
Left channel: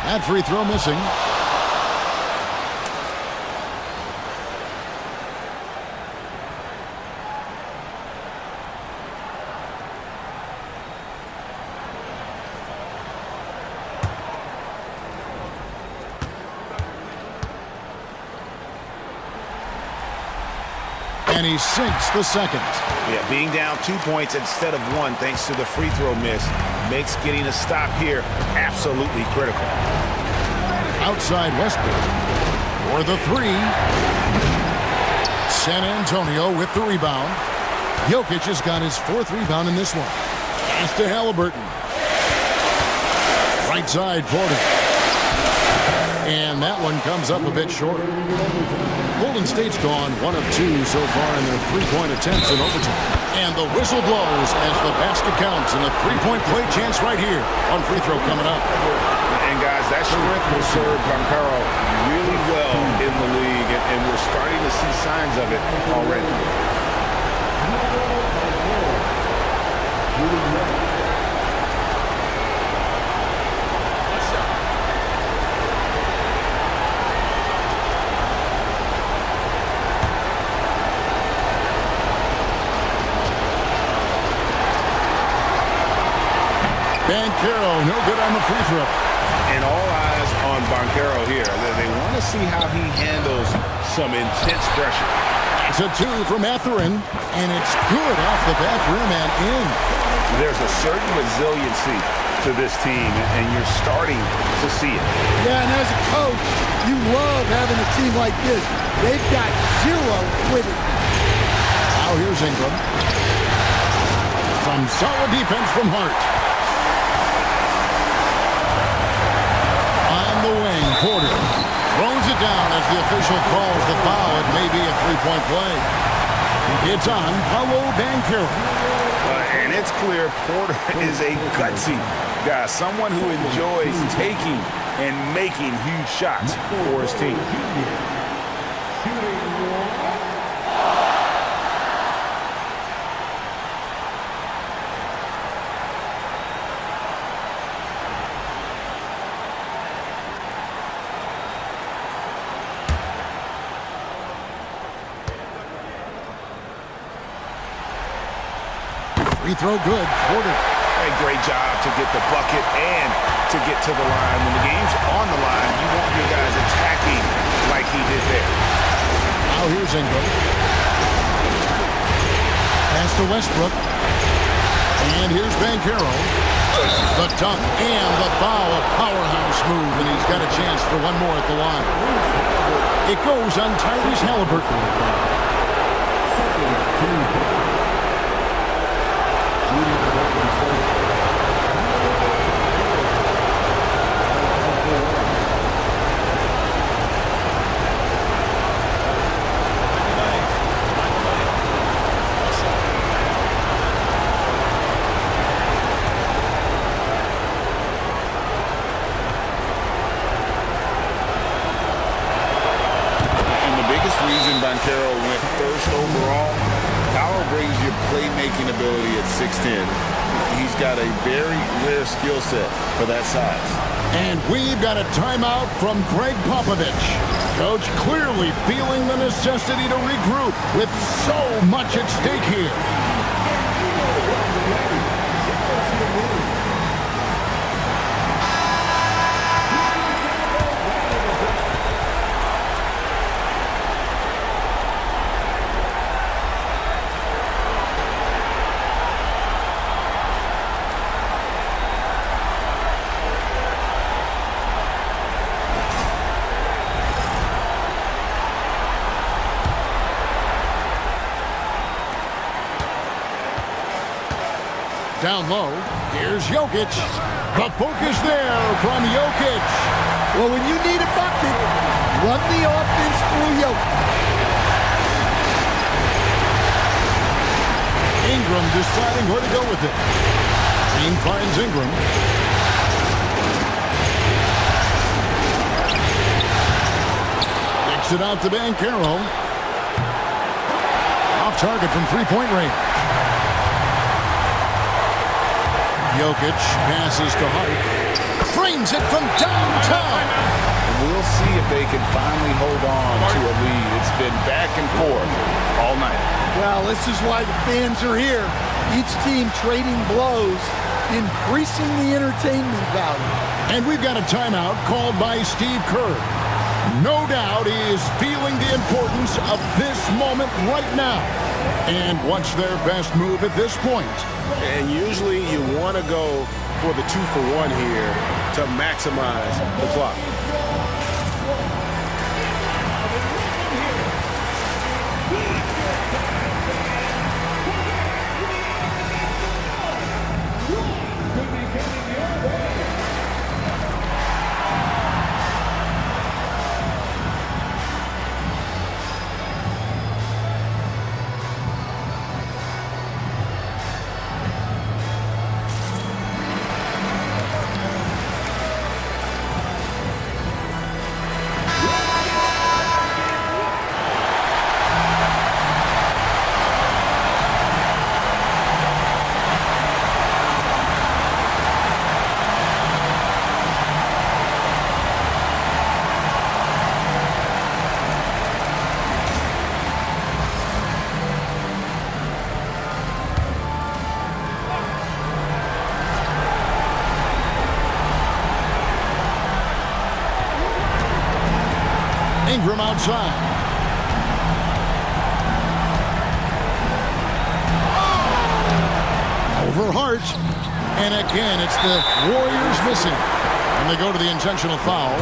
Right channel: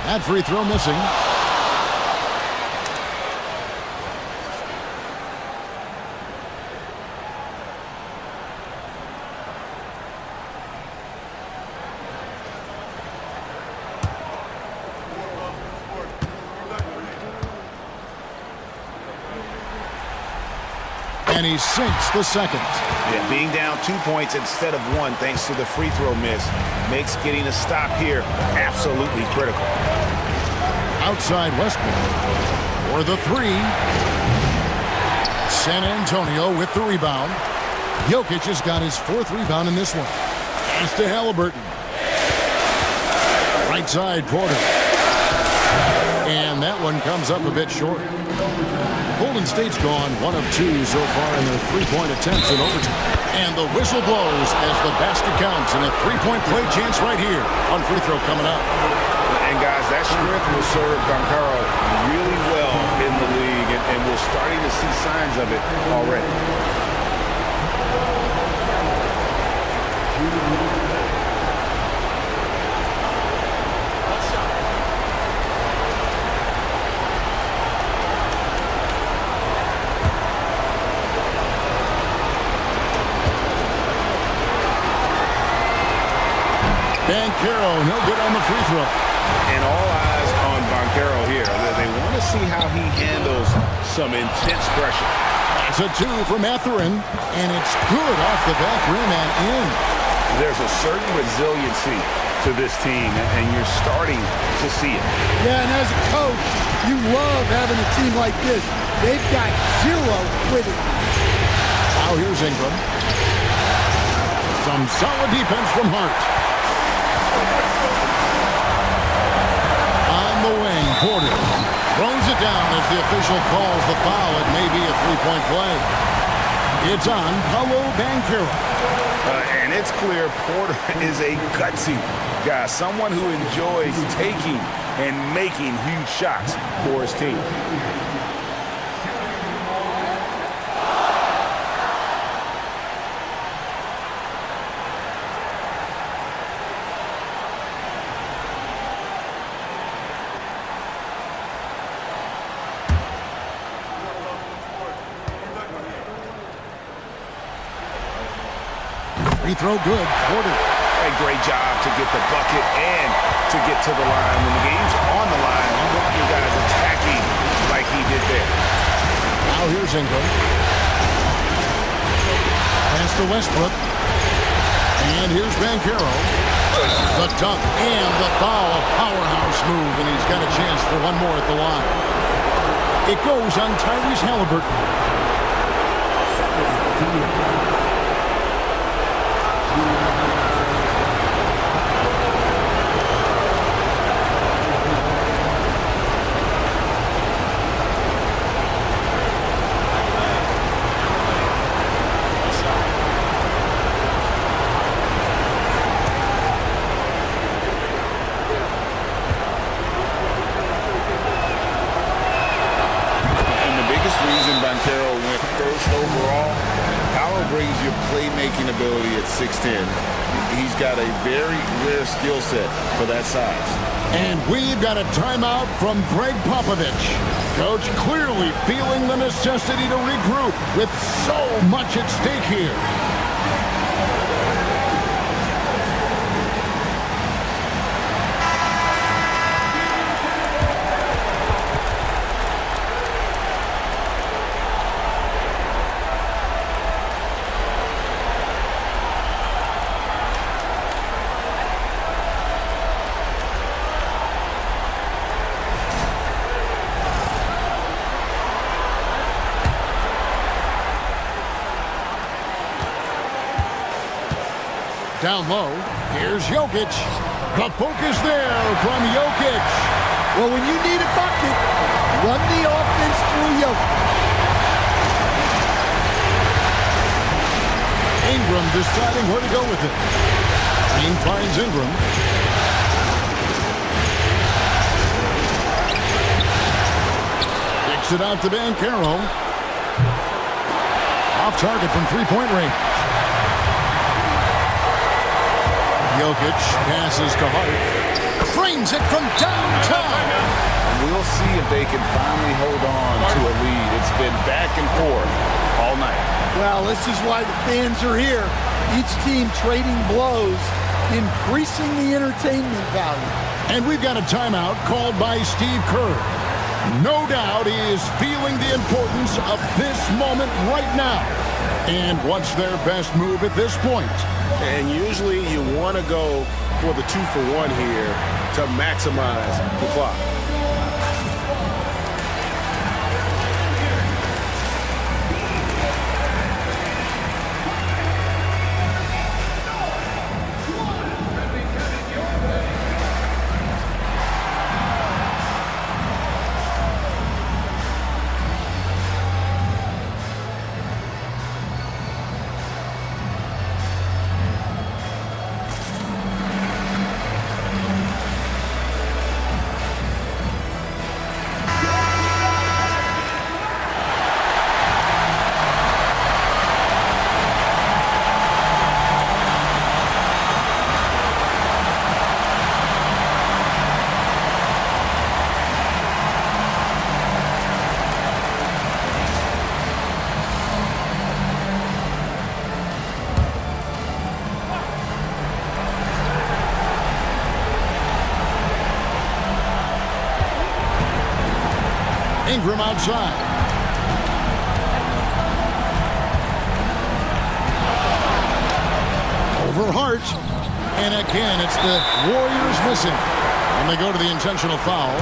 That free throw missing. And he sinks the second. Yeah, being down 2 points instead of 1 thanks to the free throw miss makes getting a stop here absolutely critical. Outside Westbrook for the 3. San Antonio with the rebound. Jokic has got his 4th rebound in this one. Pass to Halliburton. Right side Porter. And that one comes up a bit short. Golden State's gone 1 of 2 so far in their three-point attempts in overtime. And the whistle blows as the basket counts, and a three-point play chance right here on free throw coming up. And guys, that strength will serve Banchero really well in the league, and we're starting to see signs of it already. Banchero, no good on the free throw. And all eyes on Banchero here. They want to see how he handles some intense pressure. It's a 2 from Etherin, and it's good off the back rim and in. There's a certain resiliency to this team, and you're starting to see it. Yeah, and as a coach, you love having a team like this. They've got zero quitting. Now here's Ingram. Some solid defense from Hart. On the wing, Porter throws it down as the official calls the foul. It may be a three-point play. It's on Paolo Banchero. And it's clear Porter is a gutsy guy, someone who enjoys taking and making huge shots for his team. Free throw good, Porter. A great job to get the bucket and to get to the line. When the game's on the line, you want your guys attacking like he did there. Now here's Ingram. Pass to Westbrook. And here's Banchero. The dunk and the foul, a powerhouse move, and he's got a chance for one more at the line. It goes on Tyrese Halliburton. Banchero went first overall. Paolo brings your playmaking ability at 6'10". He's got a very rare skill set for that size. And we've got a timeout from Greg Popovich. Coach clearly feeling the necessity to regroup with so much at stake here. Down low, here's Jokic. The focus there from Jokic. Well, when you need a bucket, run the offense through Jokic. Ingram deciding where to go with it. Green finds Ingram. Kicks it out to Banchero. Off target from three-point range. Jokic passes to Hart. Frames it from downtown. And we'll see if they can finally hold on to a lead. It's been back and forth all night. Well, this is why the fans are here. Each team trading blows, increasing the entertainment value. And we've got a timeout called by Steve Kerr. No doubt he is feeling the importance of this moment right now. And what's their best move at this point? And usually you want to go for the 2-for-1 here to maximize the clock. Ingram outside. Over Hart. And again, it's the Warriors missing. And they go to the intentional foul.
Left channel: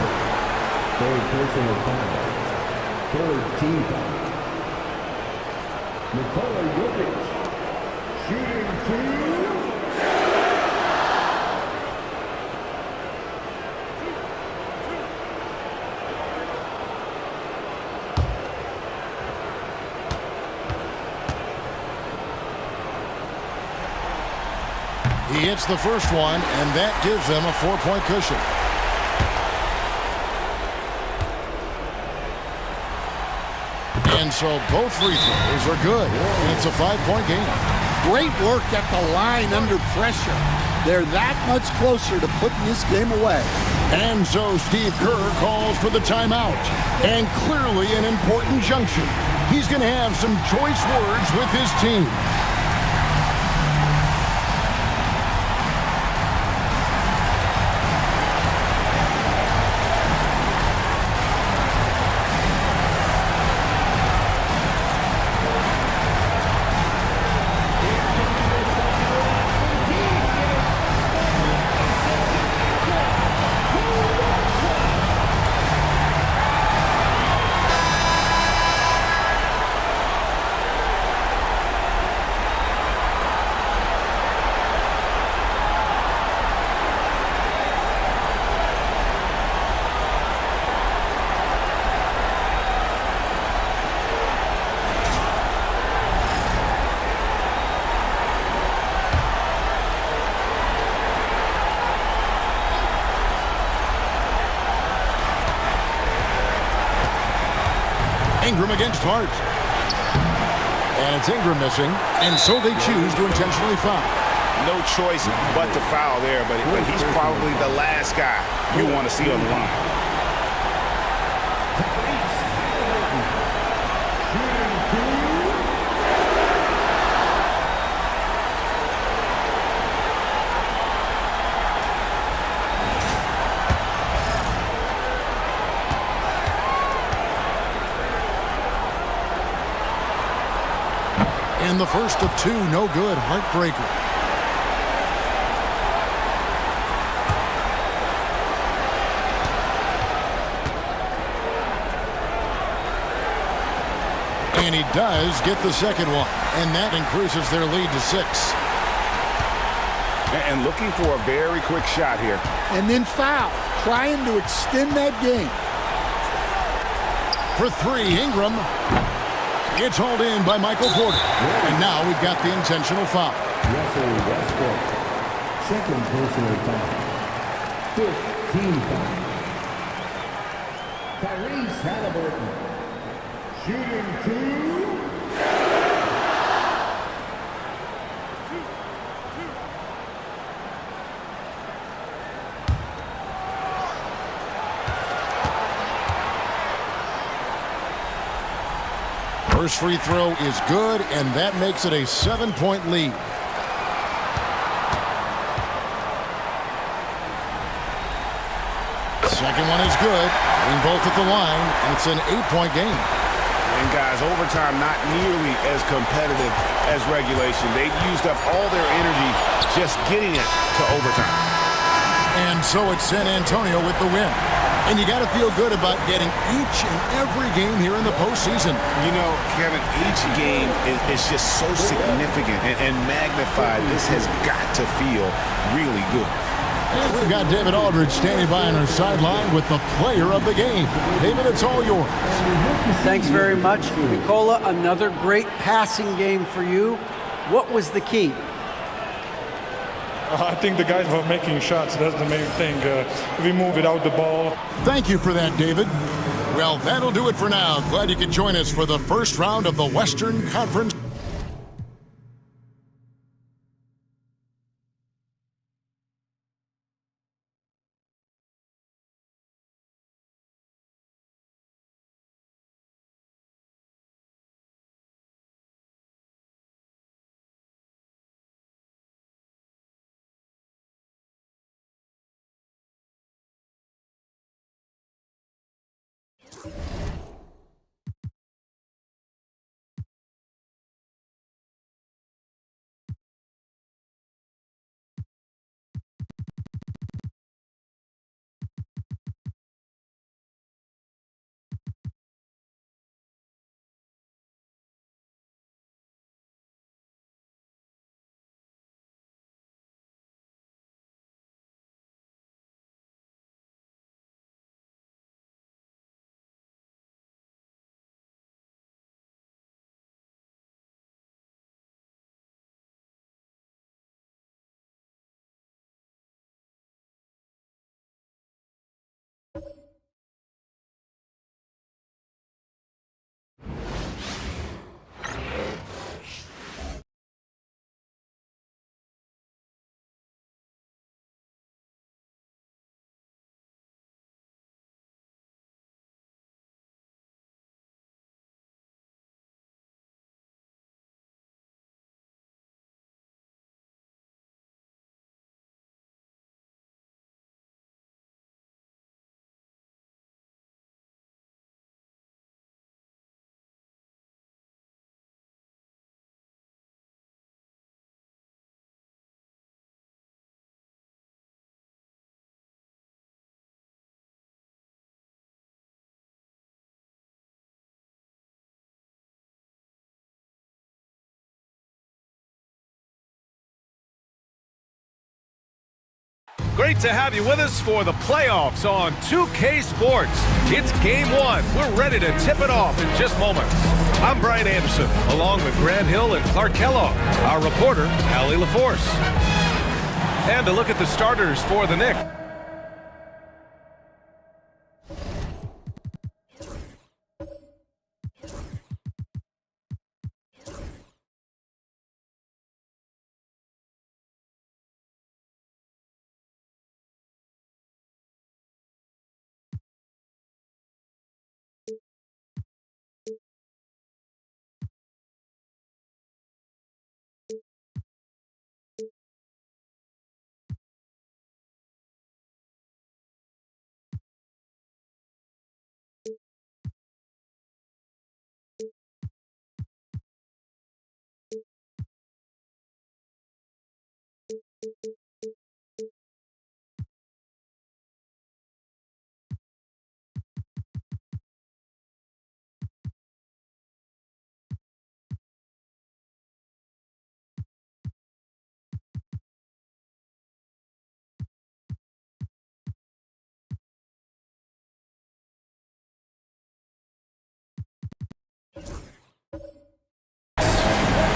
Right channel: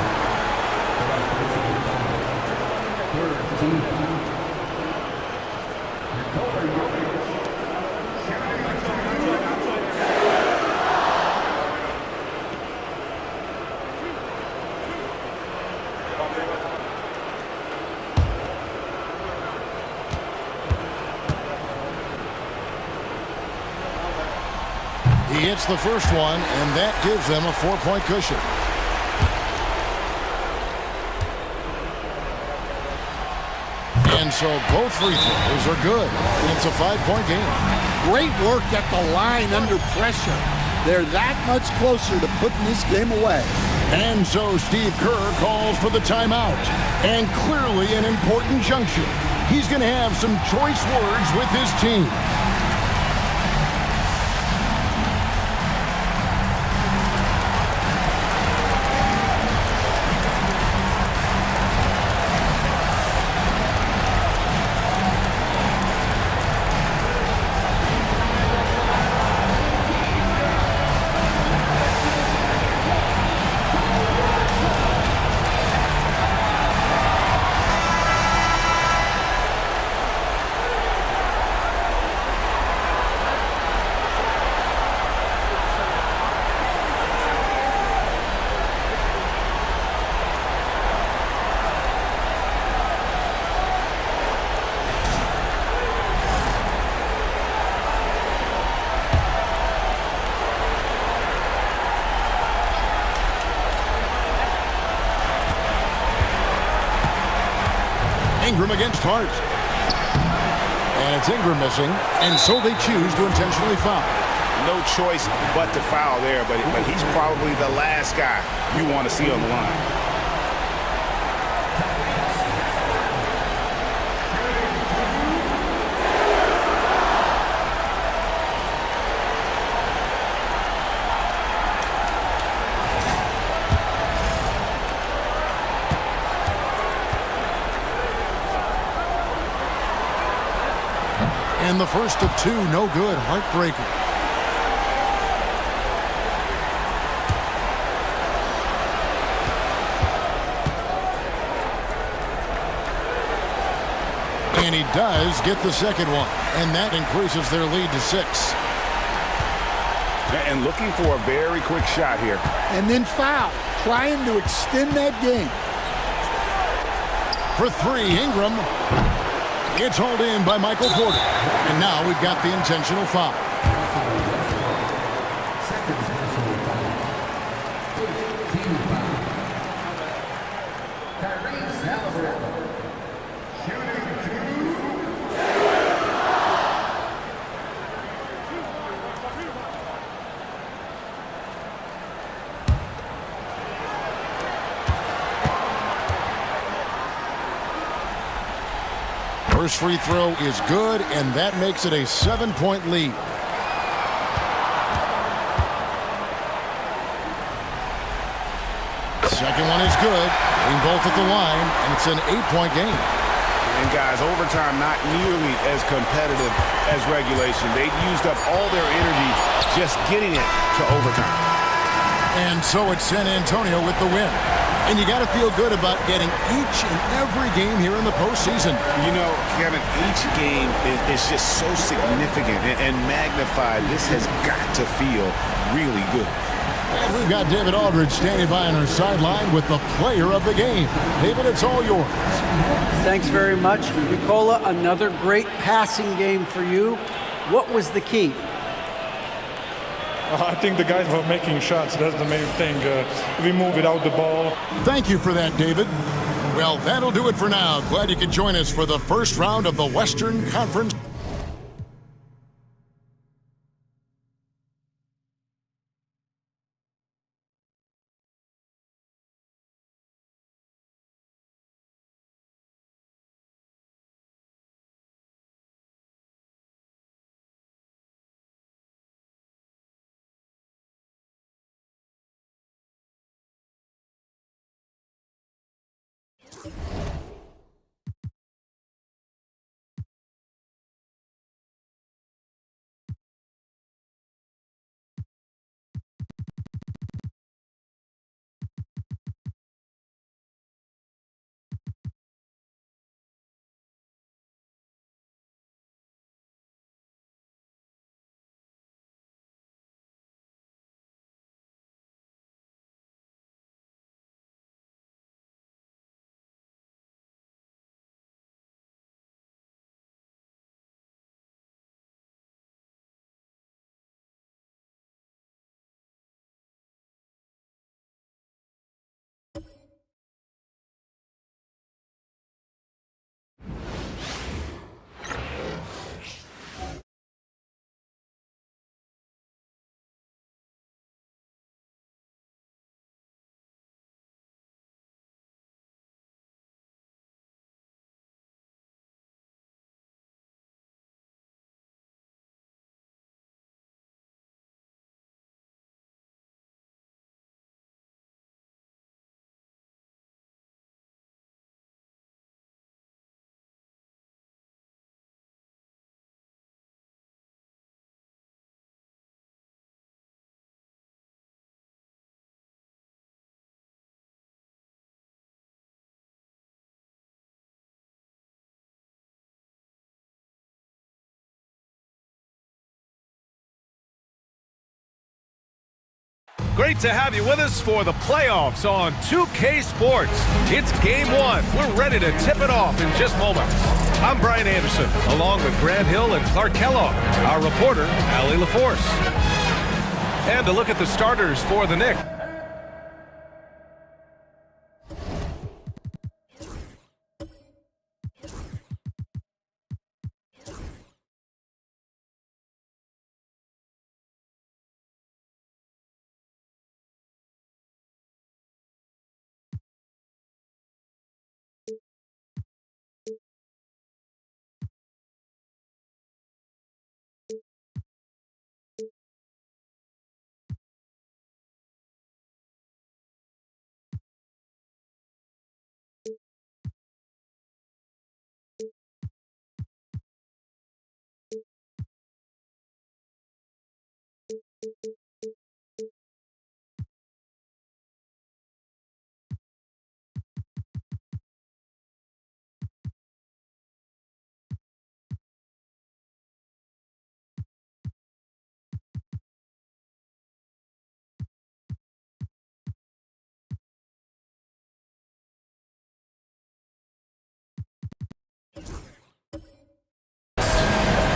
He hits the first one, and that gives them a 4-point cushion. And so both free throws are good, and it's a 5-point game. Great work at the line under pressure. They're that much closer to putting this game away. And so Steve Kerr calls for the timeout. And clearly an important juncture. He's going to have some choice words with his team. Ingram against Hart. And it's Ingram missing, and so they choose to intentionally foul. No choice but to foul there, but he's probably the last guy you want to see on the line. And the first of two, no good. Heartbreaker. And he does get the second one. And that increases their lead to 6. And looking for a very quick shot here. And then foul. Trying to extend that game. For 3, Ingram. It's hauled in by Michael Porter. And now we've got the intentional foul. Russell Westbrook. Second personal foul. 15 foul. Tyrese Halliburton. Shooting 2. First free throw is good, and that makes it a 7-point lead. Second one is good, getting both at the line, and it's an 8-point game. And guys, overtime not nearly as competitive as regulation. They've used up all their energy just getting it to overtime. And so it's San Antonio with the win. And you got to feel good about getting each and every game here in the postseason. You know, Kevin, each game is just so significant and magnified. This has got to feel really good. And we've got David Aldridge standing by on our sideline with the player of the game. David, it's all yours. Thanks very much. Nicola, another great passing game for you. What was the key? I think the guys were making shots. That's the main thing. We move without the ball. Thank you for that, David. Well, that'll do it for now. Glad you could join us for the first round of the Western Conference. Great to have you with us for the playoffs on 2K Sports. It's game one. We're ready to tip it off in just moments. I'm Brian Anderson, along with Grant Hill and Clark Kellogg, our reporter, Allie LaForce. And to look at the starters for the Knicks.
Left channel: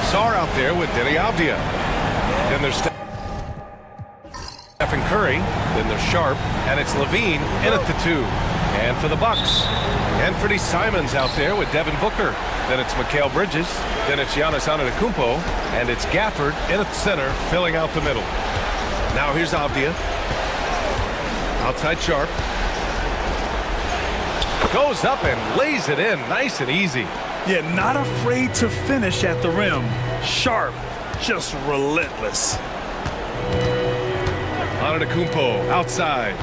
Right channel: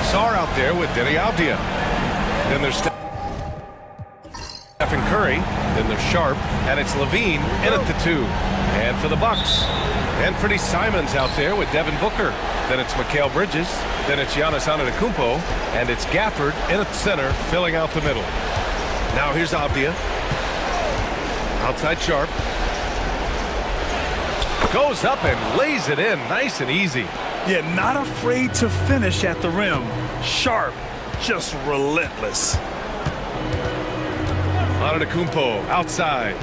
Sarr out there with Denny Avdia. Then there's Stephen Curry. Then there's Sharp. And it's Levine in at the 2. And for the Bucks, Anthony Simons out there with Devin Booker. Then it's Mikal Bridges. Then it's Giannis Antetokounmpo. And it's Gafford in at center, filling out the middle. Now here's Avdia. Outside Sharp. Goes up and lays it in nice and easy. Yeah, not afraid to finish at the rim. Sharp, just relentless. Antetokounmpo outside.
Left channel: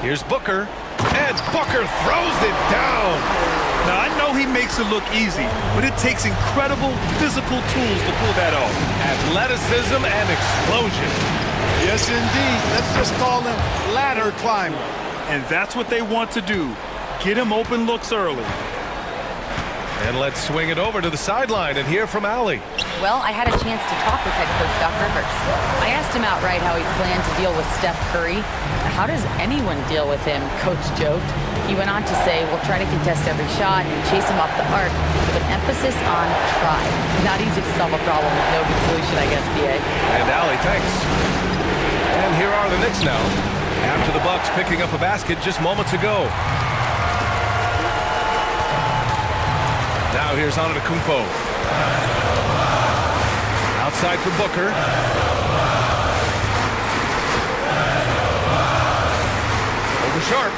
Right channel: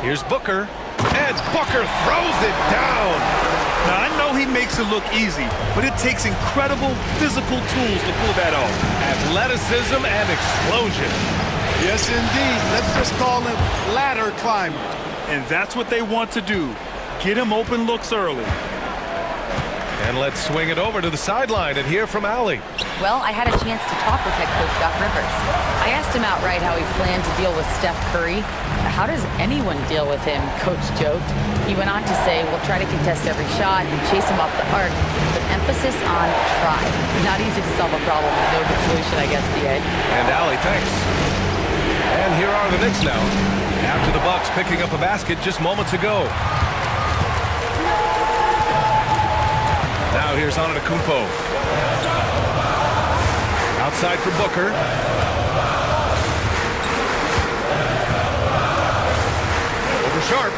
Here's Booker, and Booker throws it down. Now, I know he makes it look easy, but it takes incredible physical tools to pull that off. Athleticism and explosion. Yes, indeed. Let's just call him ladder climber. And that's what they want to do. Get him open looks early. And let's swing it over to the sideline and hear from Allie. Well, I had a chance to talk with head coach Doc Rivers. I asked him outright how he planned to deal with Steph Curry. How does anyone deal with him? Coach joked. He went on to say, we'll try to contest every shot and chase him off the arc, but emphasis on try. Not easy to solve a problem with no good solution, I guess, BA. And Allie, thanks. And here are the Knicks now, after the Bucks picking up a basket just moments ago. Now here's Antetokounmpo. Outside for Booker. Over Sharp.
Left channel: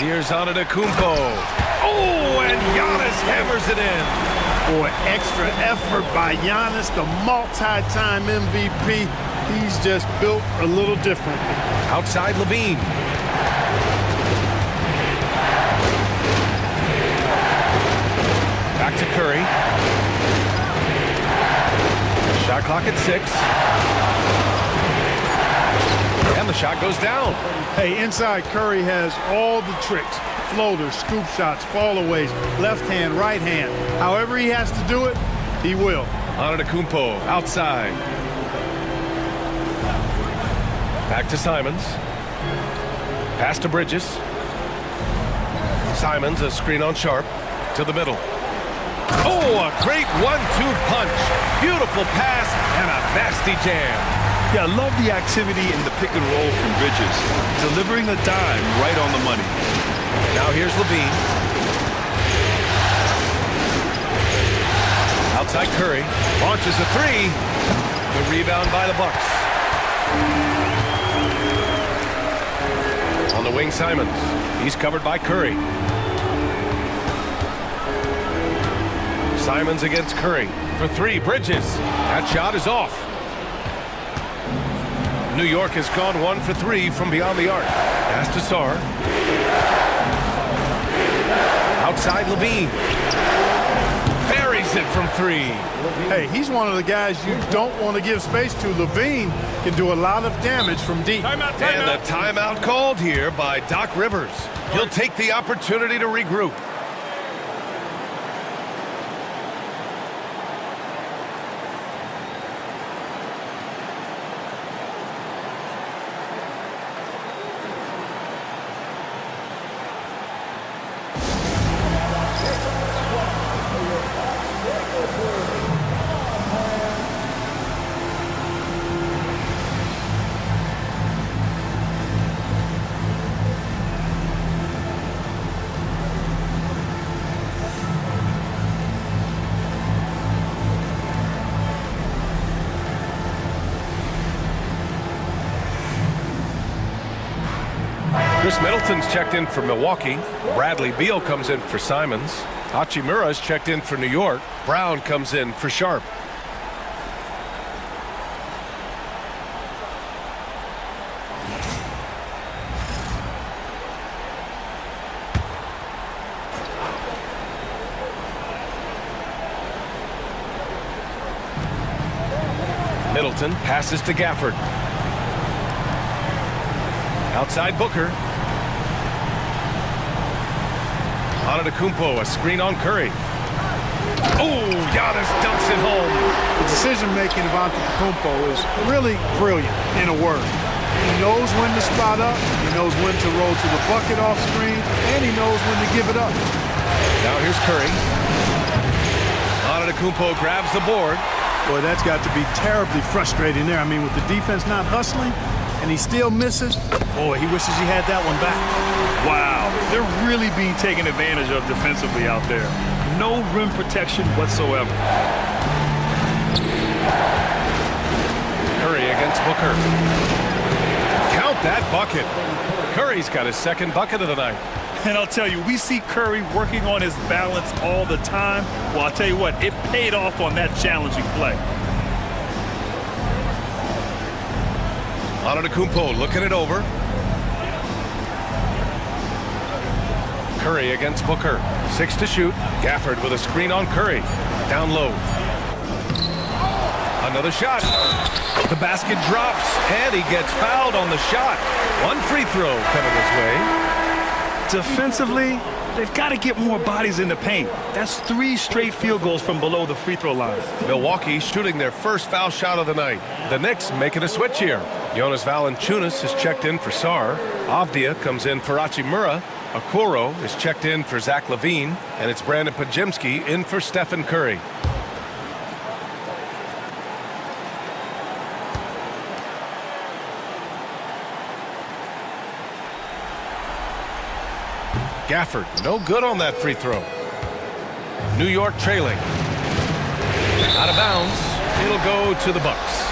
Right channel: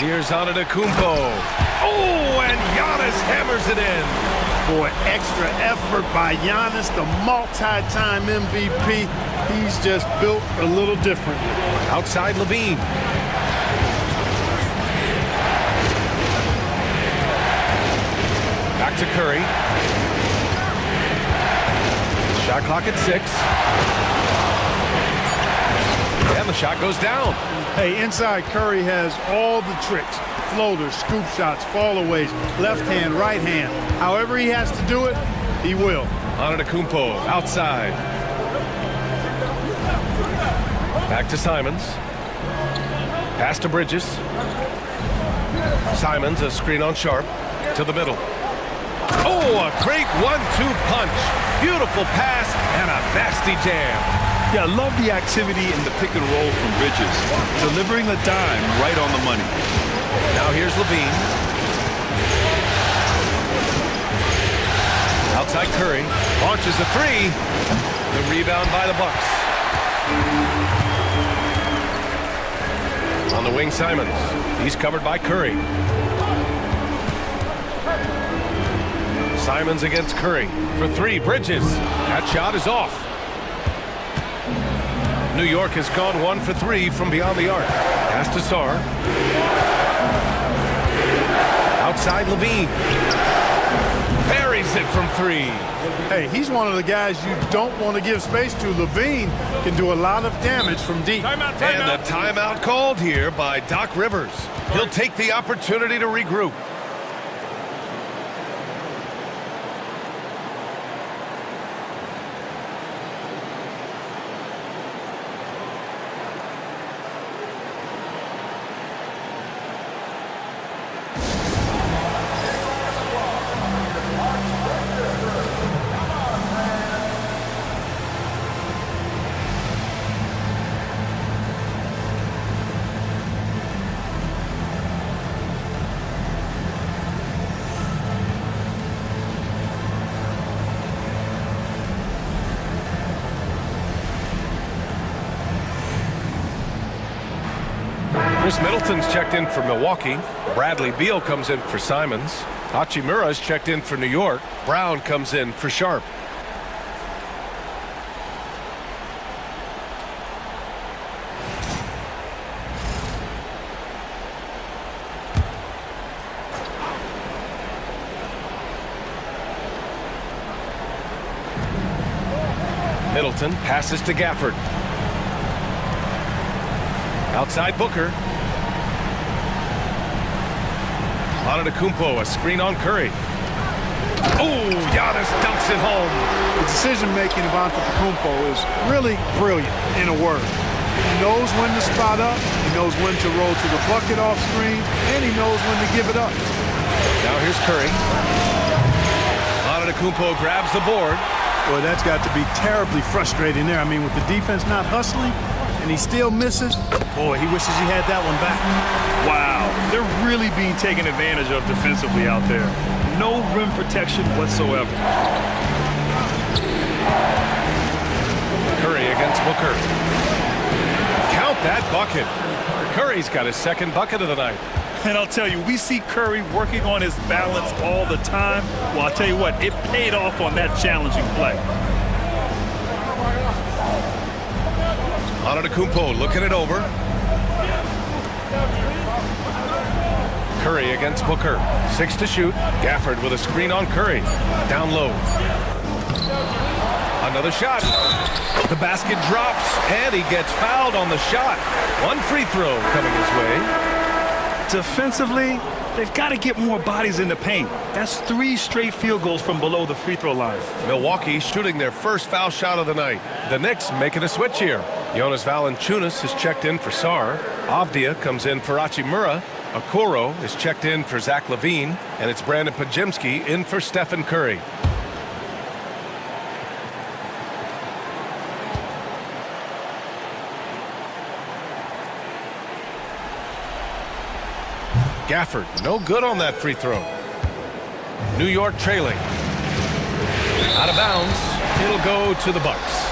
Here's Antetokounmpo. Oh, and Giannis hammers it in. Boy, extra effort by Giannis, the multi-time MVP. He's just built a little differently. Outside Levine. Back to Curry. Shot clock at 6. And the shot goes down. Hey, inside Curry has all the tricks. Floaters, scoop shots, fallaways, left hand, right hand. However he has to do it, he will. Antetokounmpo outside. Back to Simons. Pass to Bridges. Simons, a screen on Sharp. To the middle. Oh, a great 1-2 punch. Beautiful pass and a nasty jam. Yeah, I love the activity in the pick and roll from Bridges. Delivering a dime right on the money. Now here's Levine. Outside Curry. Launches a 3. The rebound by the Bucks. On the wing, Simons. He's covered by Curry. Simons against Curry for 3. Bridges. That shot is off. New York has gone 1 for 3 from beyond the arc. Pass to Sarr. Outside Levine. Buries it from 3. Hey, he's one of the guys you don't want to give space to. Levine can do a lot of damage from deep. Timeout. And a timeout called here by Doc Rivers. He'll take the opportunity to regroup. Chris Middleton's checked in for Milwaukee. Bradley Beal comes in for Simons. Hachimura's checked in for New York. Brown comes in for Sharp. Middleton passes to Gafford. Outside Booker. Antetokounmpo, a screen on Curry. Oh, Giannis dunks it home. The decision-making of Antetokounmpo is really brilliant, in a word. He knows when to spot up, he knows when to roll to the bucket off screen, and he knows when to give it up. Now here's Curry. Antetokounmpo grabs the board. Boy, that's got to be terribly frustrating there. I mean, with the defense not hustling, and he still misses, boy, he wishes he had that one back. Wow, they're really being taken advantage of defensively out there. No rim protection whatsoever. Curry against Booker. Count that bucket. Curry's got his second bucket of the night. And I'll tell you, we see Curry working on his balance all the time. Well, I'll tell you what, it paid off on that challenging play. Antetokounmpo looking it over. Curry against Booker. 6 to shoot. Gafford with a screen on Curry. Down low. Another shot. The basket drops, and he gets fouled on the shot. One free throw coming his way. Defensively, they've got to get more bodies in the paint. That's 3 straight field goals from below the free throw line. Milwaukee shooting their first foul shot of the night. The Knicks making a switch here. Jonas Valanciunas is checked in for Sarr. Avdia comes in for Hachimura. Okoro is checked in for Zach LaVine. And it's Brandon Podziemski in for Stephen Curry. Gafford, no good on that free throw. New York trailing. Out of bounds. It'll go to the Bucks.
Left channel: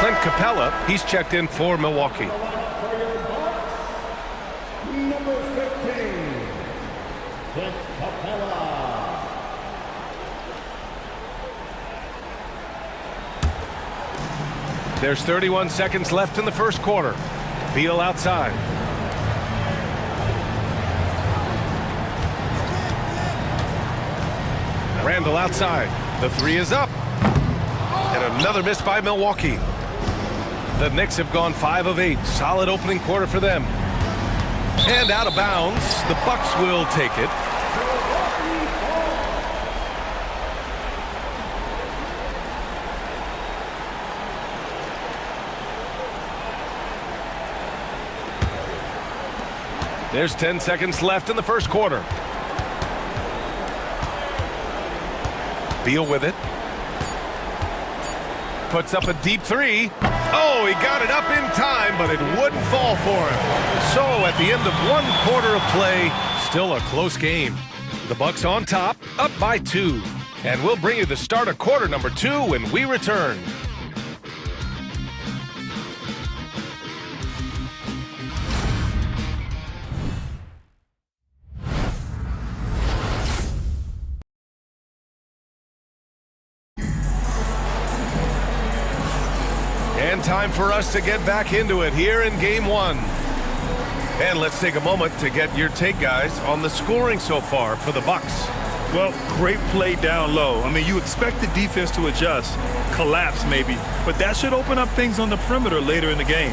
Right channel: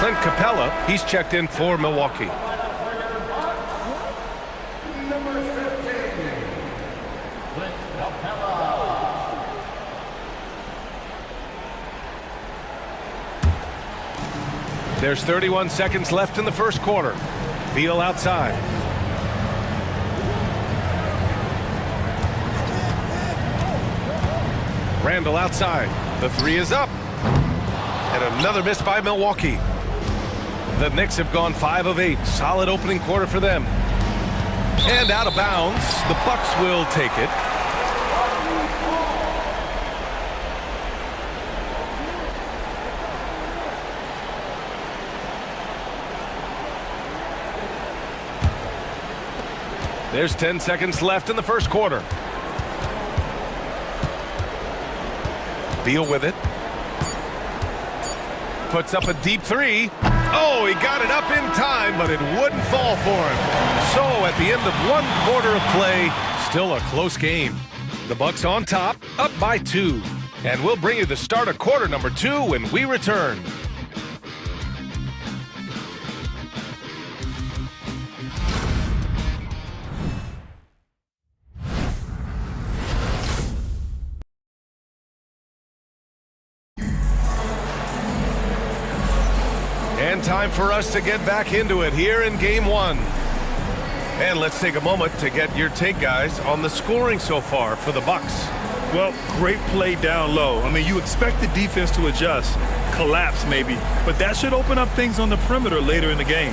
Clint Capella, he's checked in for Milwaukee. Number 15, Clint Capella. There's 31 seconds left in the first quarter. Beal outside. Randall outside. The 3 is up. And another miss by Milwaukee. The Knicks have gone 5 of 8. Solid opening quarter for them. And out of bounds. The Bucks will take it. There's 10 seconds left in the first quarter. Beal with it. Puts up a deep 3. Oh, he got it up in time, but it wouldn't fall for him. So at the end of 1 quarter of play, still a close game. The Bucks on top, up by 2. And we'll bring you the start of quarter number 2 when we return. And time for us to get back into it here in game 1. And let's take a moment to get your take, guys, on the scoring so far for the Bucks. Well, great play down low. I mean, you expect the defense to adjust, collapse maybe, but that should open up things on the perimeter later in the game.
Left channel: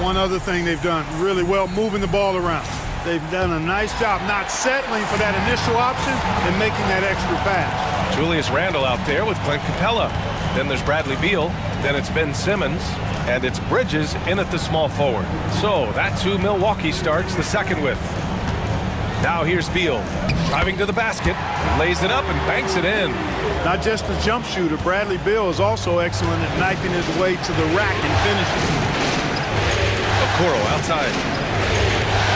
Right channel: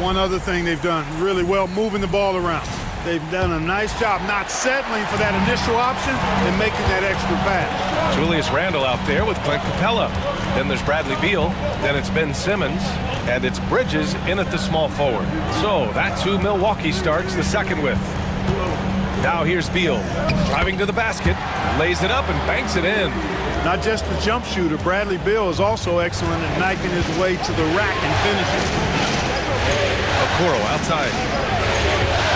One other thing they've done really well, moving the ball around. They've done a nice job not settling for that initial option and making that extra pass. Julius Randle out there with Clint Capella. Then there's Bradley Beal. Then it's Ben Simmons. And it's Bridges in at the small forward. So that's who Milwaukee starts the second with. Now here's Beal. Driving to the basket. Lays it up and banks it in. Not just a jump shooter, Bradley Beal is also excellent at knifing his way to the rack and finishing. Okoro outside.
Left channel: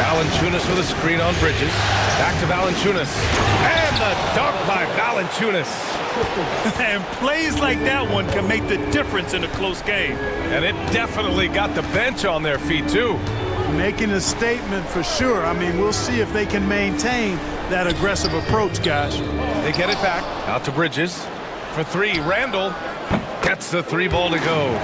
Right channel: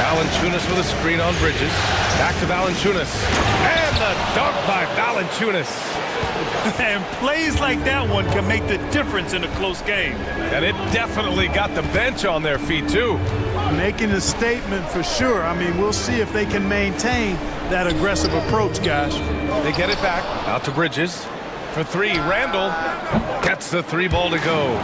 Valanciunas with a screen on Bridges. Back to Valanciunas. And the dunk by Valanciunas. And plays like that one can make the difference in a close game. And it definitely got the bench on their feet, too. Making a statement for sure. I mean, we'll see if they can maintain that aggressive approach, guys. They get it back. Out to Bridges. For three, Randall gets the three ball to go.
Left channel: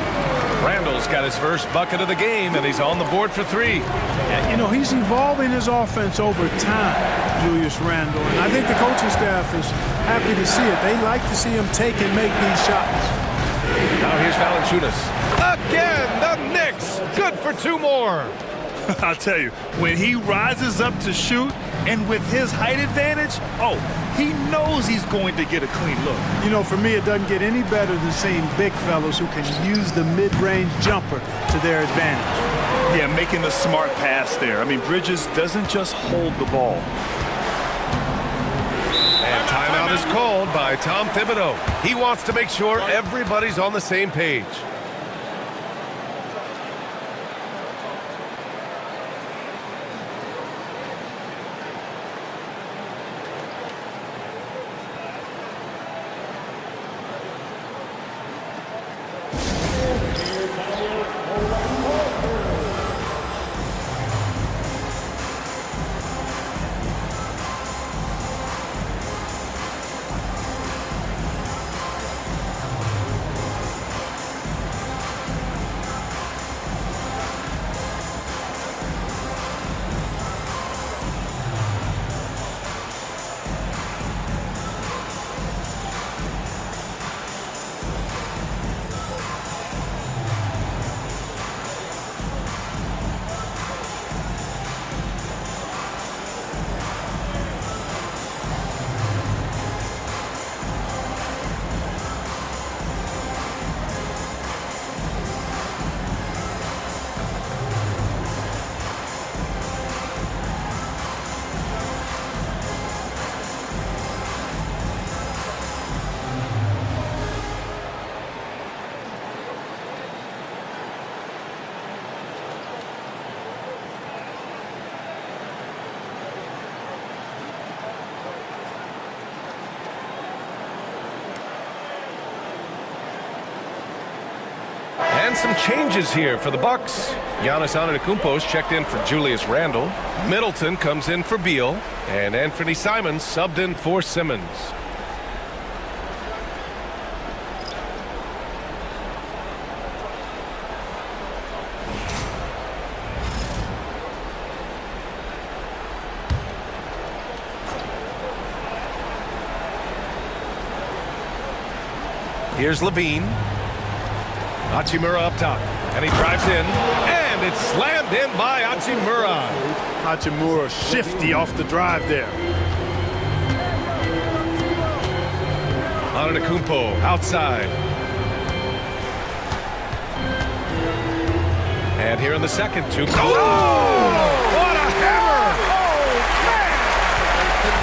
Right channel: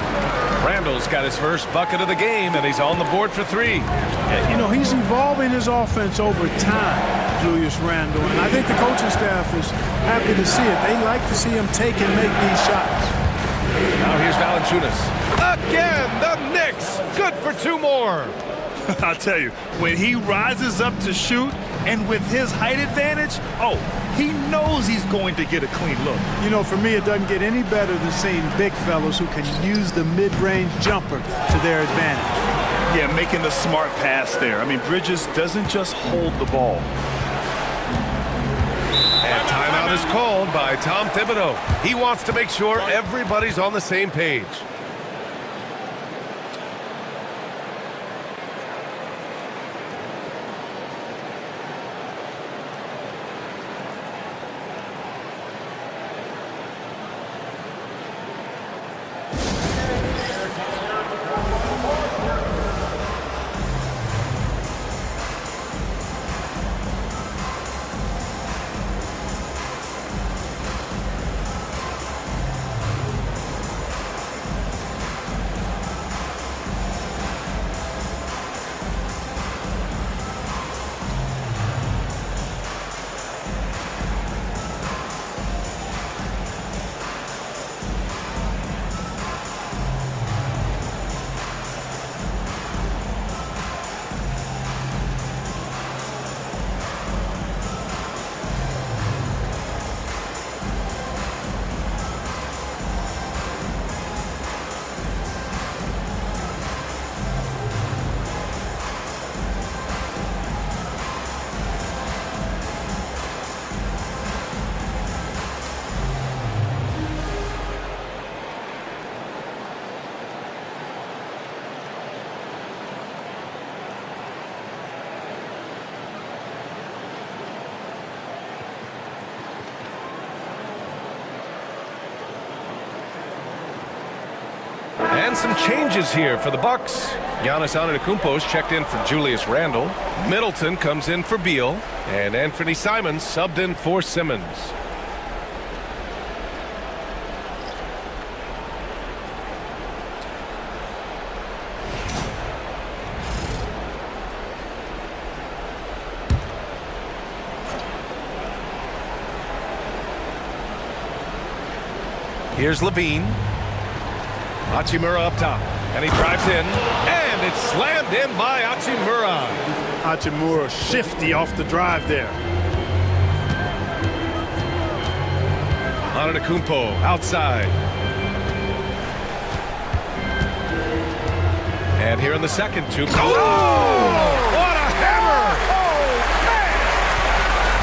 Randall's got his first bucket of the game, and he's on the board for three. Yeah, you know, he's evolving his offense over time, Julius Randall, and I think the coaching staff is happy to see it. They like to see him take and make these shots. Now here's Valanciunas. Again, the Knicks. Good for two more. I'll tell you, when he rises up to shoot and with his height advantage, he knows he's going to get a clean look. You know, for me, it doesn't get any better than seeing big fellas who can use the mid-range jumper to their advantage. Yeah, making the smart pass there. I mean, Bridges doesn't just hold the ball. And timeout is called by Tom Thibodeau. He wants to make sure everybody's on the same page. And some changes here for the Bucks. Giannis Antetokounmpo's checked in for Julius Randle. Middleton comes in for Beal. And Anthony Simons subbed in for Simmons. Here's Levine. Hachimura up top, and he drives in, and it's slammed in by Hachimura. Hachimura shifty off the drive there. Antetokounmpo outside. And here in the second, two. Oh! What a hammer! Oh, man!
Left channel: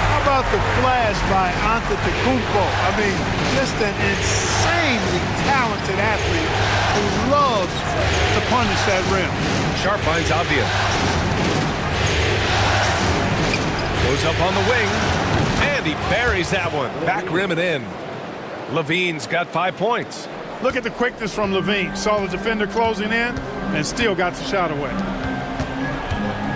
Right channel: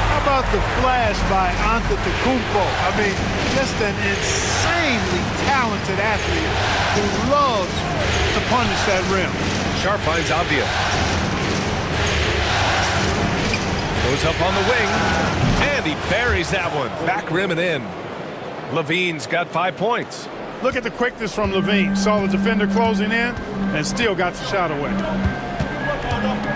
How about the flash by Antetokounmpo? I mean, just an insanely talented athlete who loves to punish that rim. Sharp finds Avdia. Goes up on the wing, and he buries that one. Back rim and in. Levine's got 5 points. Look at the quickness from Levine. Saw the defender closing in and still got the shot away.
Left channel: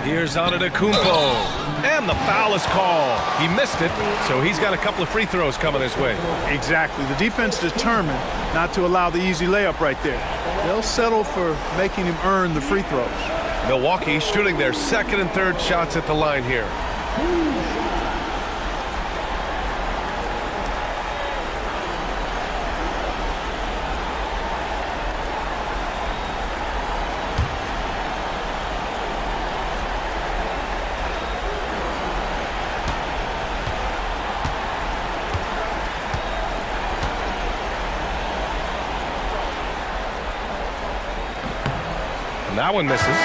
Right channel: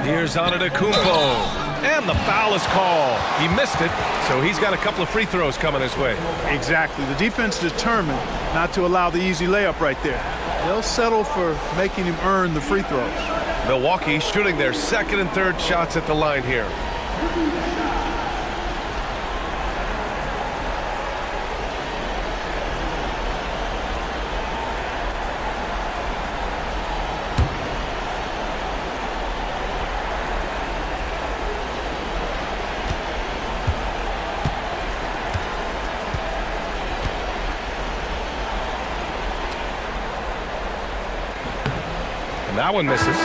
Here's Antetokounmpo. And the foul is called. He missed it, so he's got a couple of free throws coming his way. Exactly. The defense determined not to allow the easy layup right there. They'll settle for making him earn the free throws. Milwaukee shooting their second and third shots at the line here. And that one misses.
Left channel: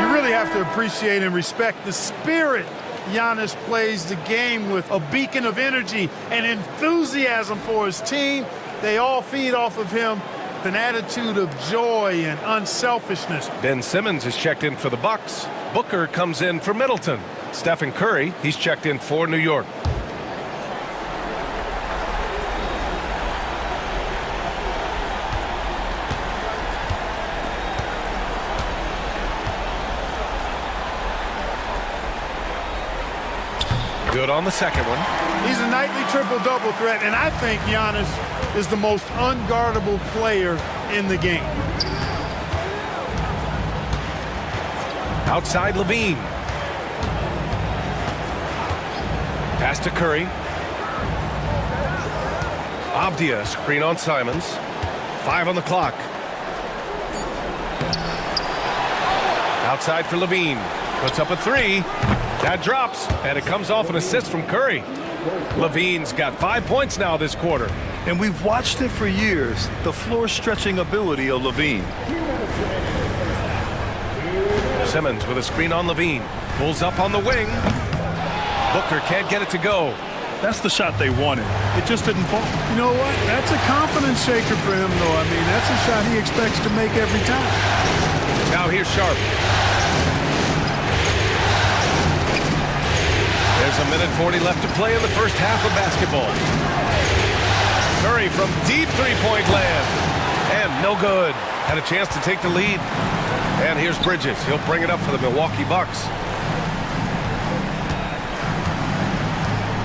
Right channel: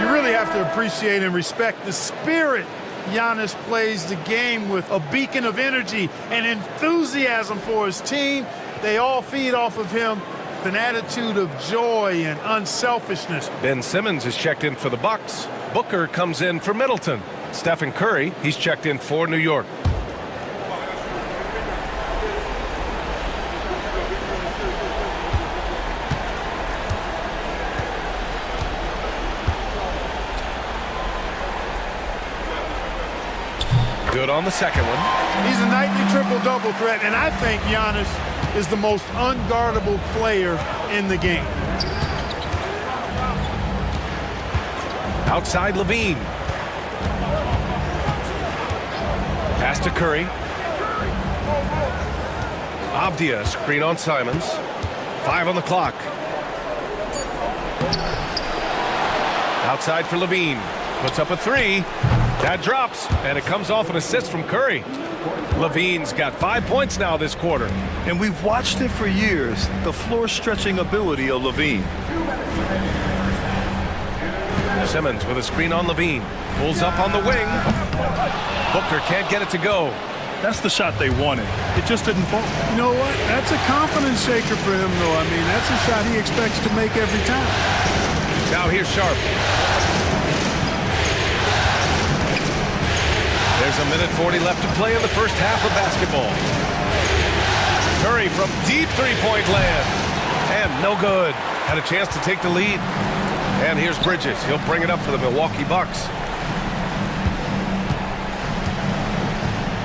You really have to appreciate and respect the spirit Giannis plays the game with. A beacon of energy and enthusiasm for his team. They all feed off of him. An attitude of joy and unselfishness. Ben Simmons is checked in for the Bucks. Booker comes in for Middleton. Stephen Curry, he's checked in for New York. Good on the second one. He's a nightly triple-double threat, and I think Giannis is the most unguardable player in the game. Outside Levine. Pass to Curry. Avdia, screen on Simons. 5 on the clock. Outside for Levine. Puts up a 3. That drops, and it comes off an assist from Curry. Levine's got 5 points now this quarter. And we've watched it for years, the floor-stretching ability of Levine. Simmons with a screen on Levine. Pulls up on the wing. Booker can't get it to go. That's the shot they wanted. It just didn't fall. You know what? That's a confidence shaker for him, though. I mean, that's a shot he expects to make every time. Now here's Sharp. There's a minute 40 left to play in the first half of basketball. Curry from deep three-point land. And no good. Had a chance to take the lead. And here's Bridges. He'll bring it up for the Milwaukee Bucks.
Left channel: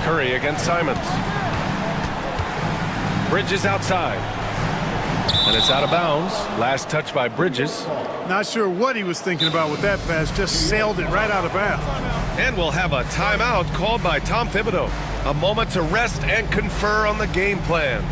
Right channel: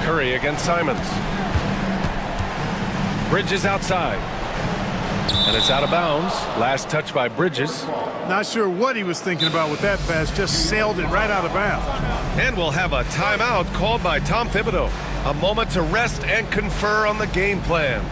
Curry against Simons. Bridges outside. And it's out of bounds. Last touch by Bridges. Not sure what he was thinking about with that pass. Just sailed it right out of bounds. And we'll have a timeout called by Tom Thibodeau. A moment to rest and confer on the game plan.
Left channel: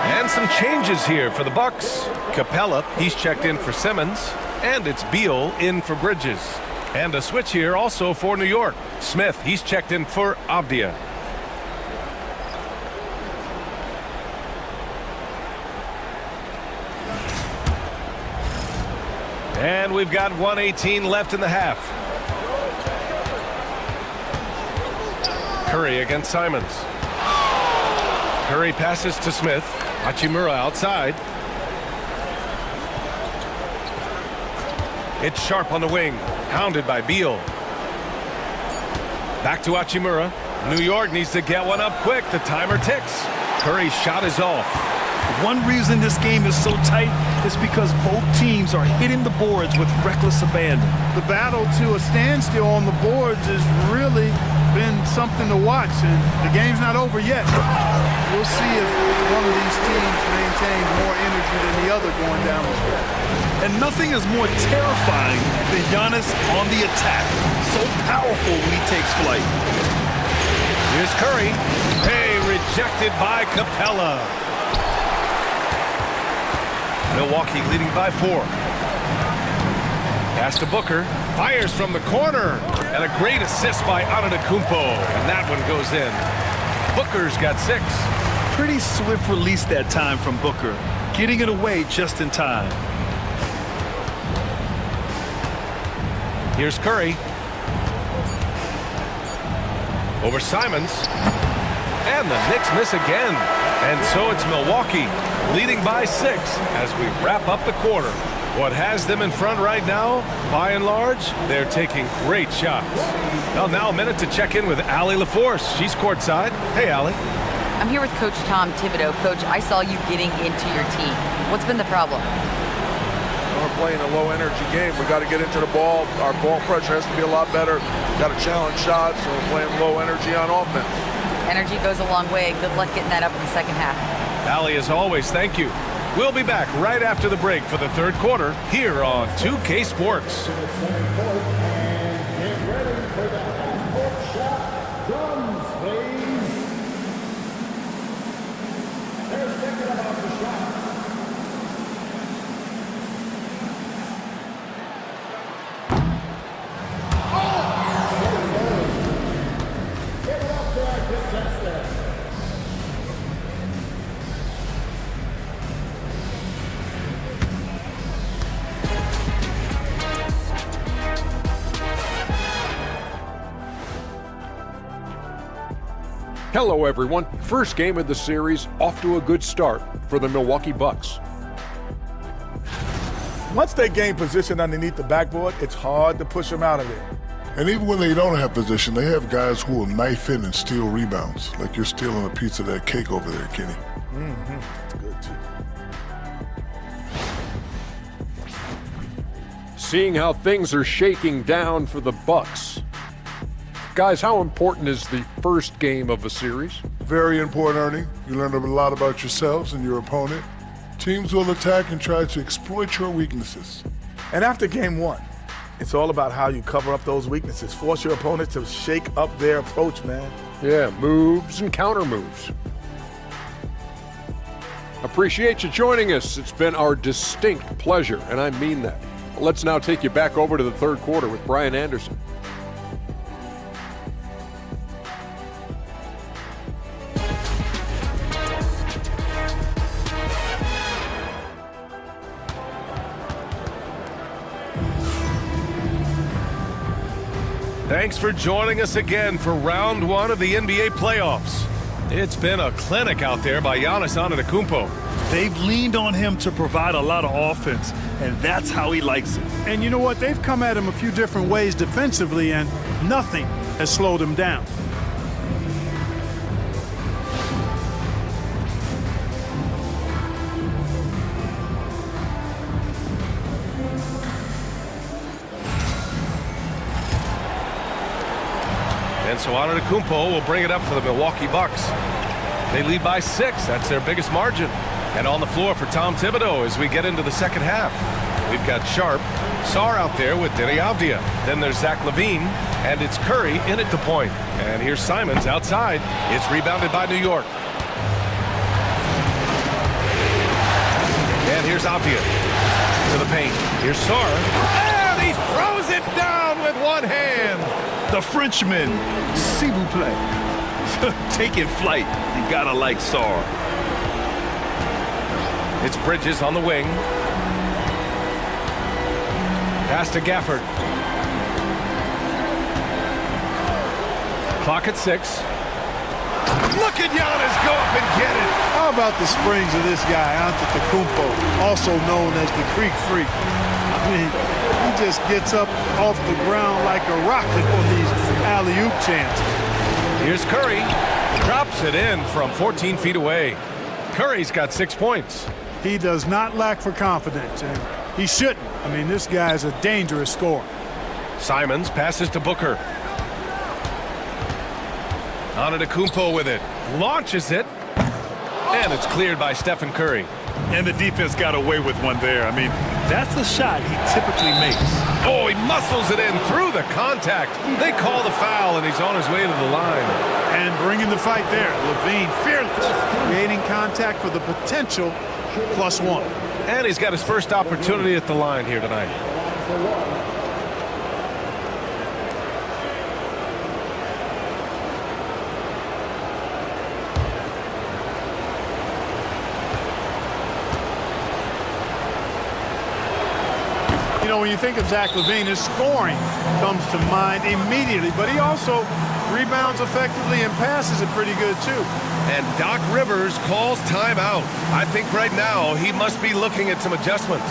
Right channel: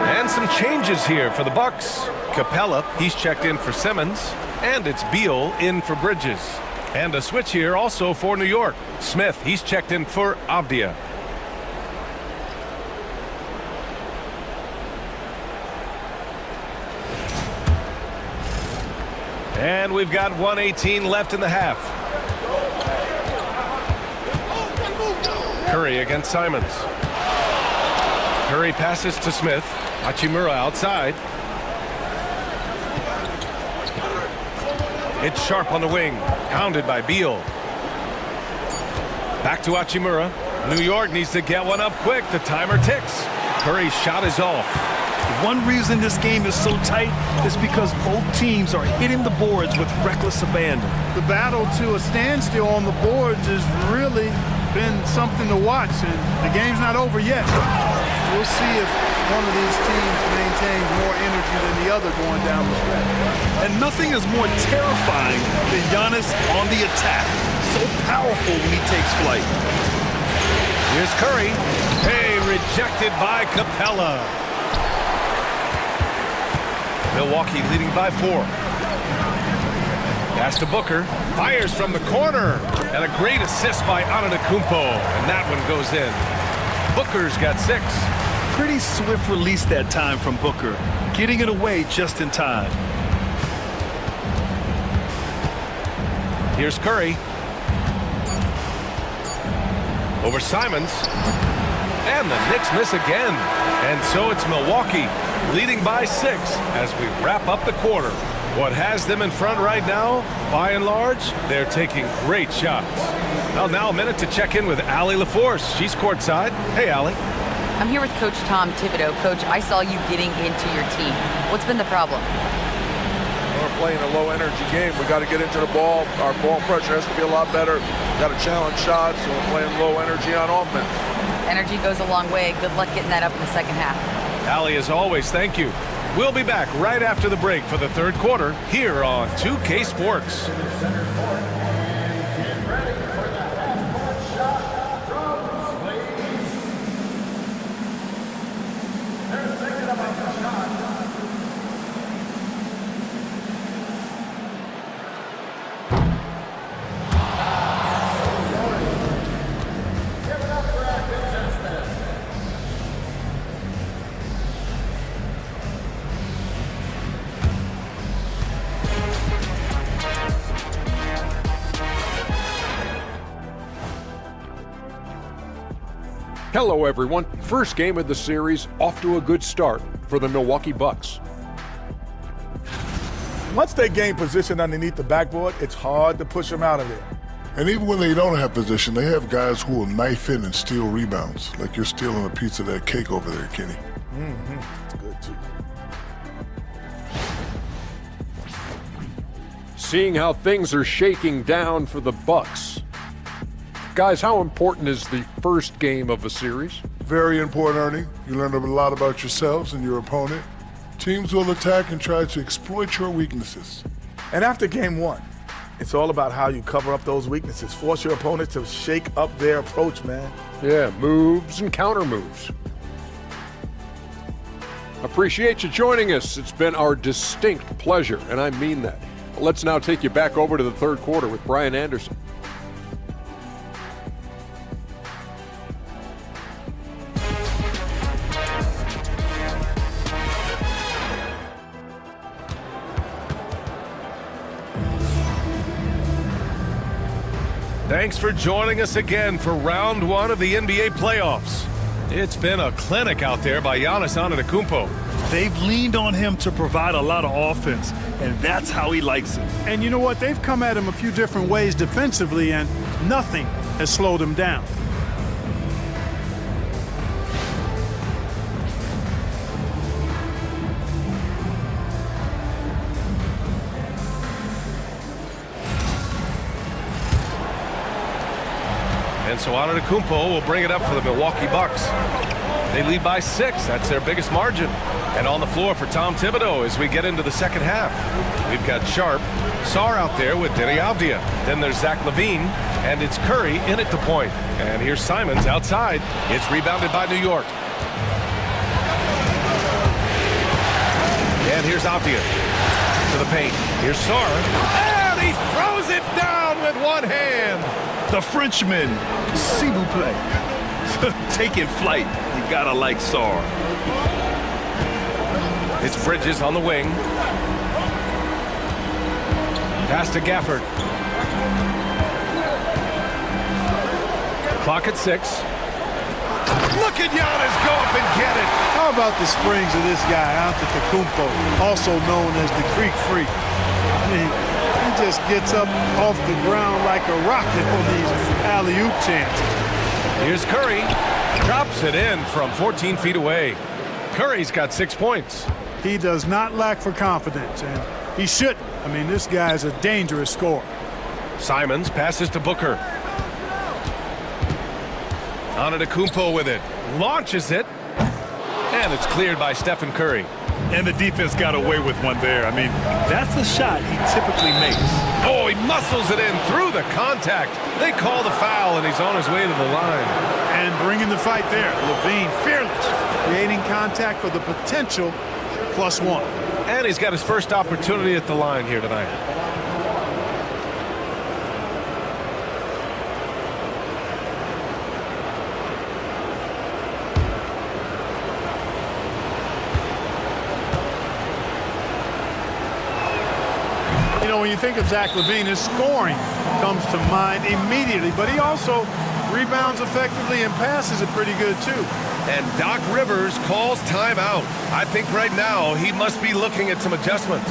And some changes here for the Bucks. Capella, he's checked in for Simmons. And it's Beal in for Bridges. And a switch here also for New York. Smith, he's checked in for Avdia. And we've got 1:18 left in the half. Curry against Simons. Curry passes to Smith. Hachimura outside. It's Sharp on the wing. Hounded by Beal. Back to Hachimura. New York needs to get one up quick. The timer ticks. Curry's shot is off. One reason this game is so tight is because both teams are hitting the boards with reckless abandon. The battle to a standstill on the boards has really been something to watch, and the game's not over yet. We'll see if one of these teams maintains more energy than the other going down the stretch. And nothing is more terrifying than Giannis on the attack. So powerful when he takes flight. Here's Curry. Hey, rejected by Capella. Milwaukee leading by 4. Pass to Booker. Fires from the corner. And a great assist by Antetokounmpo. And that one goes in. Booker's got 6. Pretty swift release that time from Booker. Getting it away just in time. Here's Curry. Over Simons. And the Knicks miss again. And so it's Milwaukee leading by 6 as we wrap up the quarter. What has them in front right now, by and large, they're taking great shots. Well, now a minute to check in with Allie LaForce. She's courtside. Hey, Allie. I'm here with Coach Tom Thibodeau. Coach, I saw you getting into your team. What's been the problem? We're playing a low-energy game. We got to get into the ball. Our ball pressure has to be a lot better. Got to challenge shots, so we're playing low energy on offense. Energy goes a long way. Good luck getting that up in the second half. Allie, as always, thank you. We'll be back right after the break for the third quarter here on 2K Sports. Hello, everyone. First game of the series, off to a good start for the Milwaukee Bucks. Once they gain position underneath the backboard, it's hard to push them out of there. And even when they don't have position, they have guys who will knife in and steal rebounds, like you're stealing a piece of that cake over there, Kenny. It's good, too. Seeing how things are shaking down for the Bucks. Guys, how important is the first game of a series? Very important, Ernie. You learn a lot about yourselves and your opponent. Teams will attack and try to exploit your weaknesses. And after game one, it's all about how you cover up those weaknesses. Force your opponent to shake up their approach, man. Yeah, moves and counter moves. Appreciate you joining us. It's been our distinct pleasure, and I mean that. Let's now take you back over to the third quarter with Brian Anderson. Thanks for joining us again for round one of the NBA playoffs. It's been a clinic out there by Giannis Antetokounmpo. They've leaned on him to provide a lot of offense, and that's how he likes it. And you know what? They've come at him a few different ways defensively, and nothing has slowed him down. And so Antetokounmpo will bring it up for the Milwaukee Bucks. They lead by 6. That's their biggest margin. And on the floor for Tom Thibodeau as we get into the second half. We've got Sharp, Sarr out there with Denny Avdia. Then there's Zach LaVine, and it's Curry in at the point. And here's Simons outside. It's rebounded by New York. And here's Avdia to the paint. Here's Sarr. And he throws it down with one hand. The Frenchman, s'il vous plaît. Taking flight. You gotta like Sarr. It's Bridges on the wing. Pass to Gafford. Clock at 6. Look at Giannis go up and get it. How about the springs of this guy, Antetokounmpo, also known as the Creek Freak? I mean, he just gets up off the ground like a rocket on these alley-oop chances. Here's Curry. Drops it in from 14 feet away. Curry's got 6 points. He does not lack for confidence, and he shouldn't. I mean, this guy is a dangerous scorer. Simons passes to Booker. Antetokounmpo with it. Launches it. And it's cleared by Stephen Curry. And the defense got away with one there. I mean, that's a shot he typically makes. Oh, he muscles it in through the contact. They call the foul, and he's on his way to the line. And bringing the fight there. LaVine, fearless, creating contact for the potential +1. And he's got his first opportunity at the line here tonight. You know, when you think of Zach LaVine, his scoring comes to mind immediately, but he also rebounds effectively and passes it pretty good, too. And Doc Rivers calls timeout. I think right now he must be looking at some adjustments.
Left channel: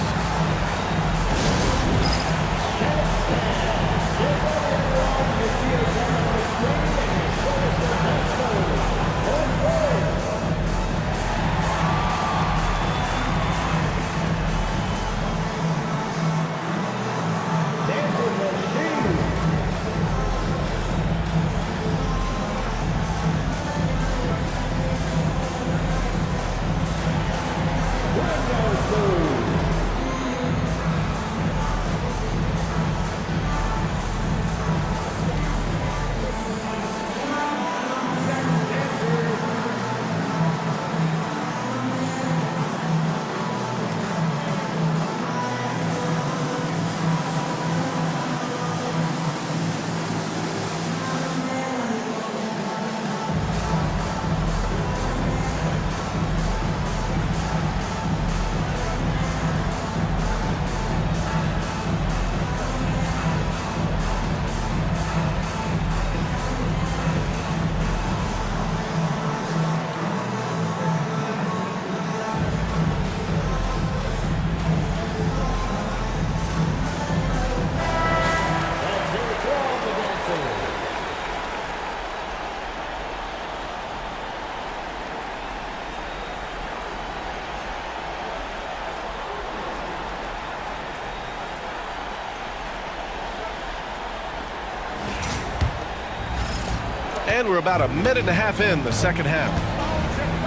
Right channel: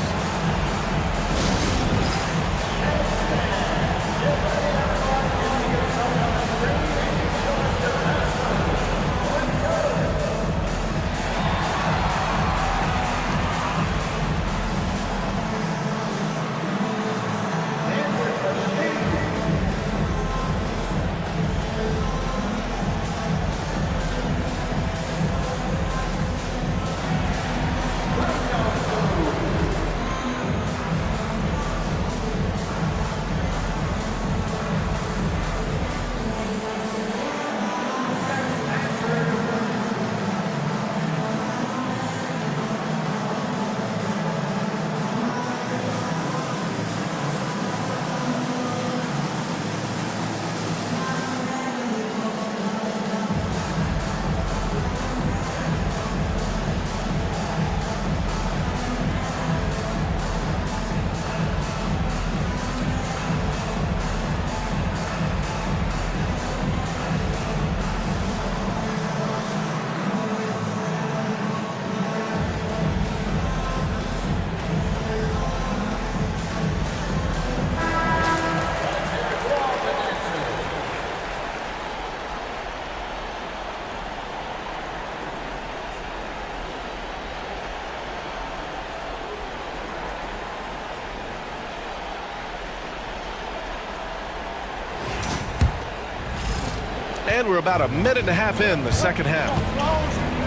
And we're about a minute and a half in the second half.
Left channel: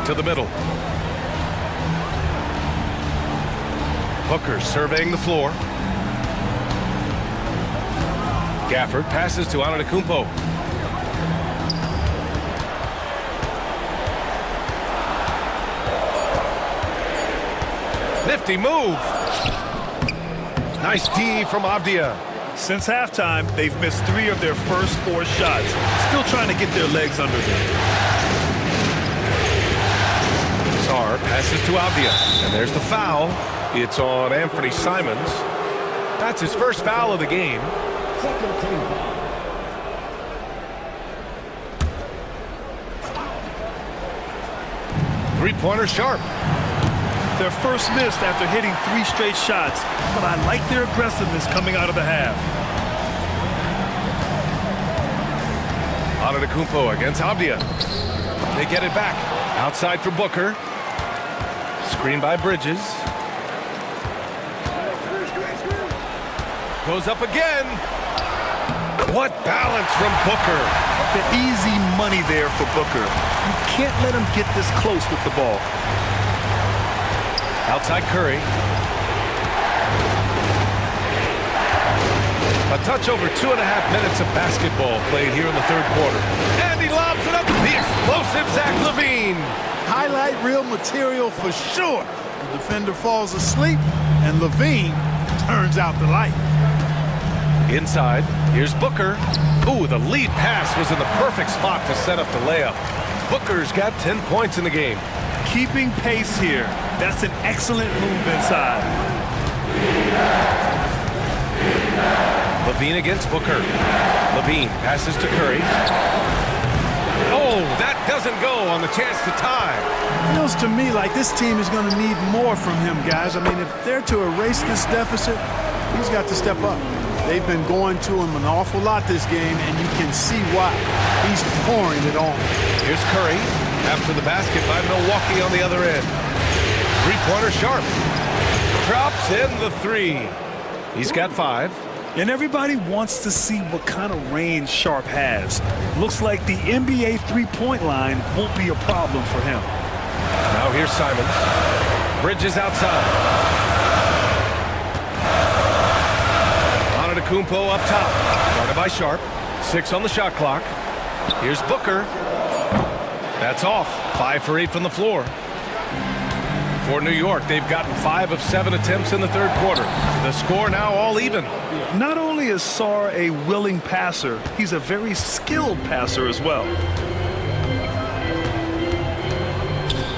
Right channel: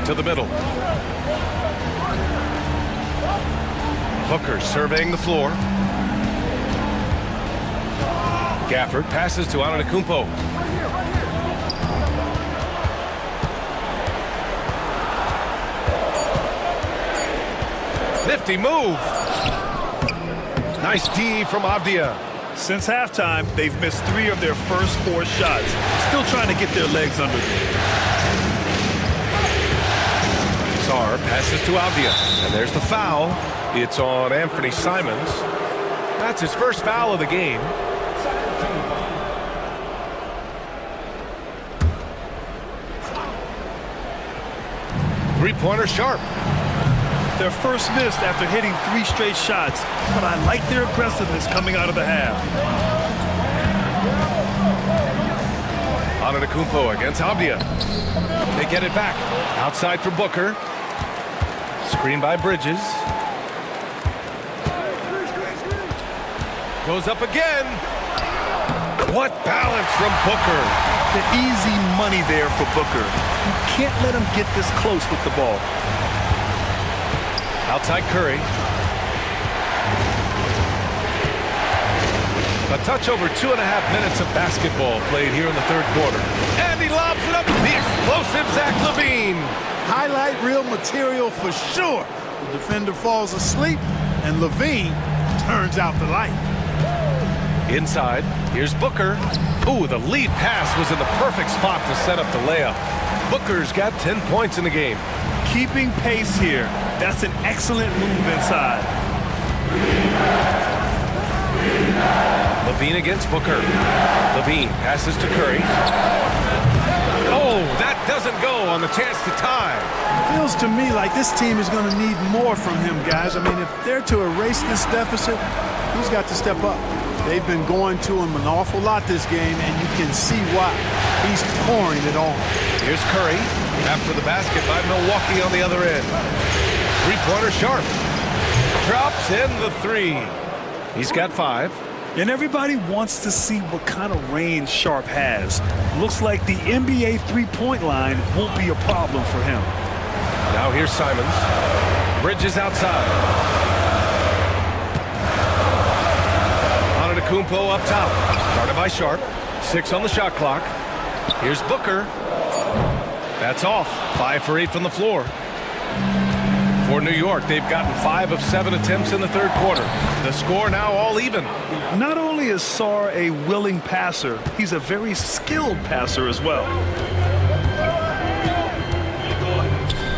To the middle. Booker surveying the floor. Gafford passes to Antetokounmpo. Nifty move. Nice D from Avdia. Since halftime, they've missed 3 of their first 4 shots. Still trying to get their legs under them. Sarr passes to Avdia. And there's the foul. It's on Anthony Simons. That's his first foul of the game. Second team foul. Three-pointer Sharp. Their first missed after hitting 3 straight shots, but I like their aggressiveness coming out of the half. Antetokounmpo against Avdia. They get it back. Outside for Booker. Screen by Bridges. Goes up again. What balance from Booker. The easy money there for Booker. You can't let him get this close with the ball. Outside Curry. A touch over 2.5 minutes of basketball played here in the third quarter. And he lobs it up to the explosive Zach LaVine. Highlight reel material for sure. The defender falls asleep, and LaVine turns out the light. Inside, here's Booker. Ooh, the lead pass was in the perfect spot to set up the layup. Booker's got 10 points in the game. Keeping pace here. That's an excellent move inside. LaVine against Booker. LaVine passes to Curry. Oh, that doesn't go on the chance to tie. Feels to me like this team is going to need more from him, guys. I mean, if they're to erase this deficit, he's got to step up. They've been going to him an awful lot this game, and you can see why. He's pouring it on. Here's Curry after the basket by Milwaukee on the other end. Three-pointer Sharp. Drops in the 3. He's got 5. And everybody wants to see what kind of range Sharp has. Looks like the NBA three-point line won't be a problem for him. Now here's Simons. Bridges outside. Antetokounmpo up top. Guarded by Sharp. 6 on the shot clock. Here's Booker. That's off. 5 for 8 from the floor. For New York, they've gotten 5 of 7 attempts in the third quarter. The score now all even. Not only is Sarr a willing passer, he's a very skilled passer as well.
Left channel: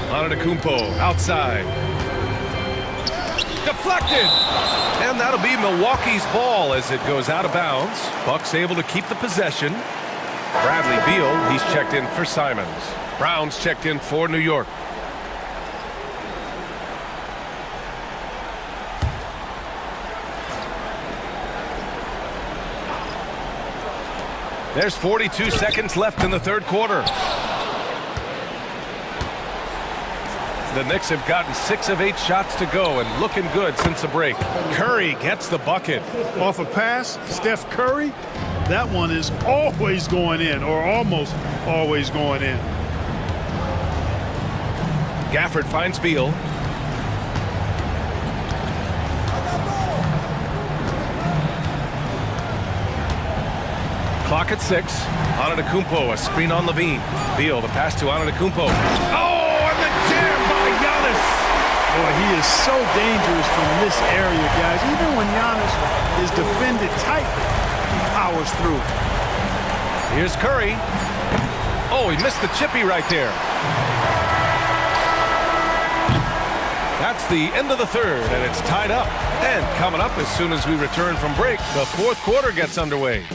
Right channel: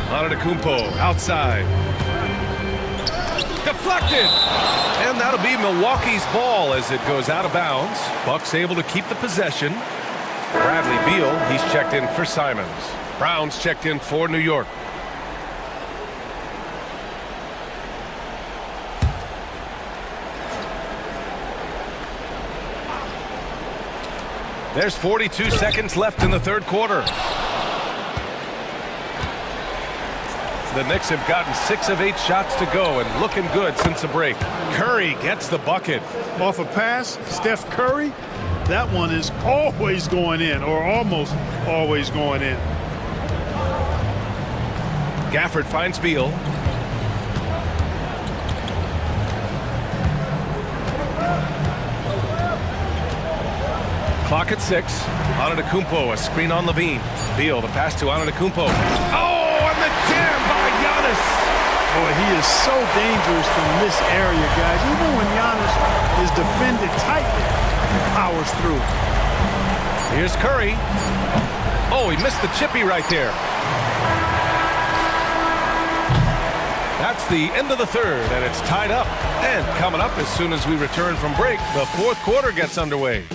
Antetokounmpo outside. Deflected! And that'll be Milwaukee's ball as it goes out of bounds. Bucks able to keep the possession. Bradley Beal, he's checked in for Simons. Brown's checked in for New York. There's 42 seconds left in the third quarter. The Knicks have gotten 6 of 8 shots to go and looking good since the break. Curry gets the bucket. Off a pass, Steph Curry, that one is always going in, or almost always going in. Gafford finds Beal. Clock at 6. Antetokounmpo, a screen on LaVine. Beal, the pass to Antetokounmpo. Oh, and the jam by Giannis. Boy, he is so dangerous from this area, guys. Even when Giannis is defended tightly, he powers through. Here's Curry. Oh, he missed the chippy right there. That's the end of the third, and it's tied up. And coming up as soon as we return from break, the fourth quarter gets underway.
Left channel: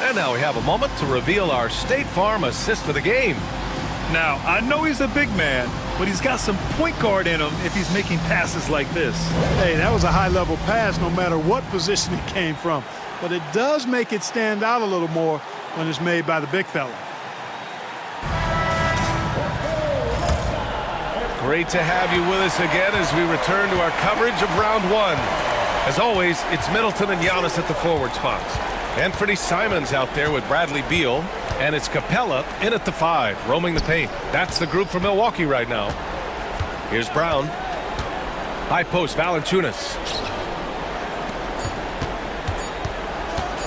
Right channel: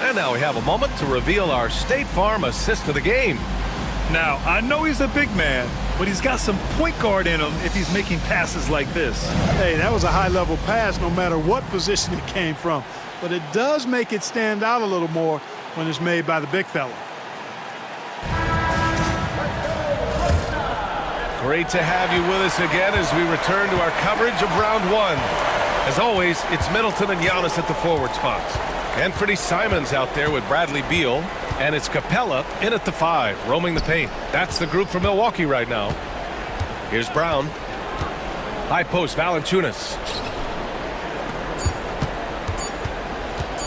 And now we have a moment to reveal our State Farm assist of the game. Now, I know he's a big man, but he's got some point guard in him if he's making passes like this. Hey, that was a high-level pass no matter what position it came from. But it does make it stand out a little more when it's made by the big fella. Great to have you with us again as we return to our coverage of round one. As always, it's Middleton and Giannis at the forward spots. Anthony Simons out there with Bradley Beal. And it's Capella in at the 5, roaming the paint. That's the group for Milwaukee right now. Here's Brown. High post, Valanciunas.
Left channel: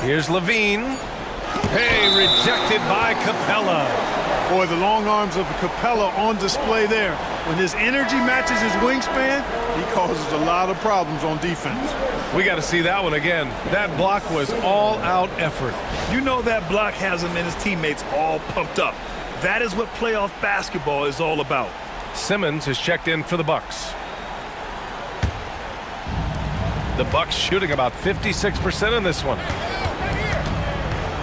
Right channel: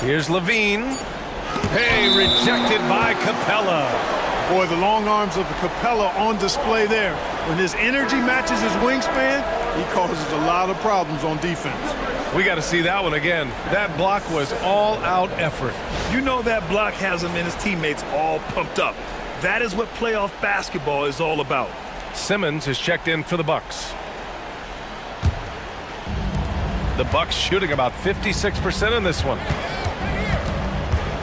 Here's Levine. Hey, rejected by Capella. Boy, the long arms of Capella on display there. When his energy matches his wingspan, he causes a lot of problems on defense. We got to see that one again. That block was all-out effort. You know that block has him and his teammates all pumped up. That is what playoff basketball is all about. Simmons is checked in for the Bucks. The Bucks shooting about 56% in this one.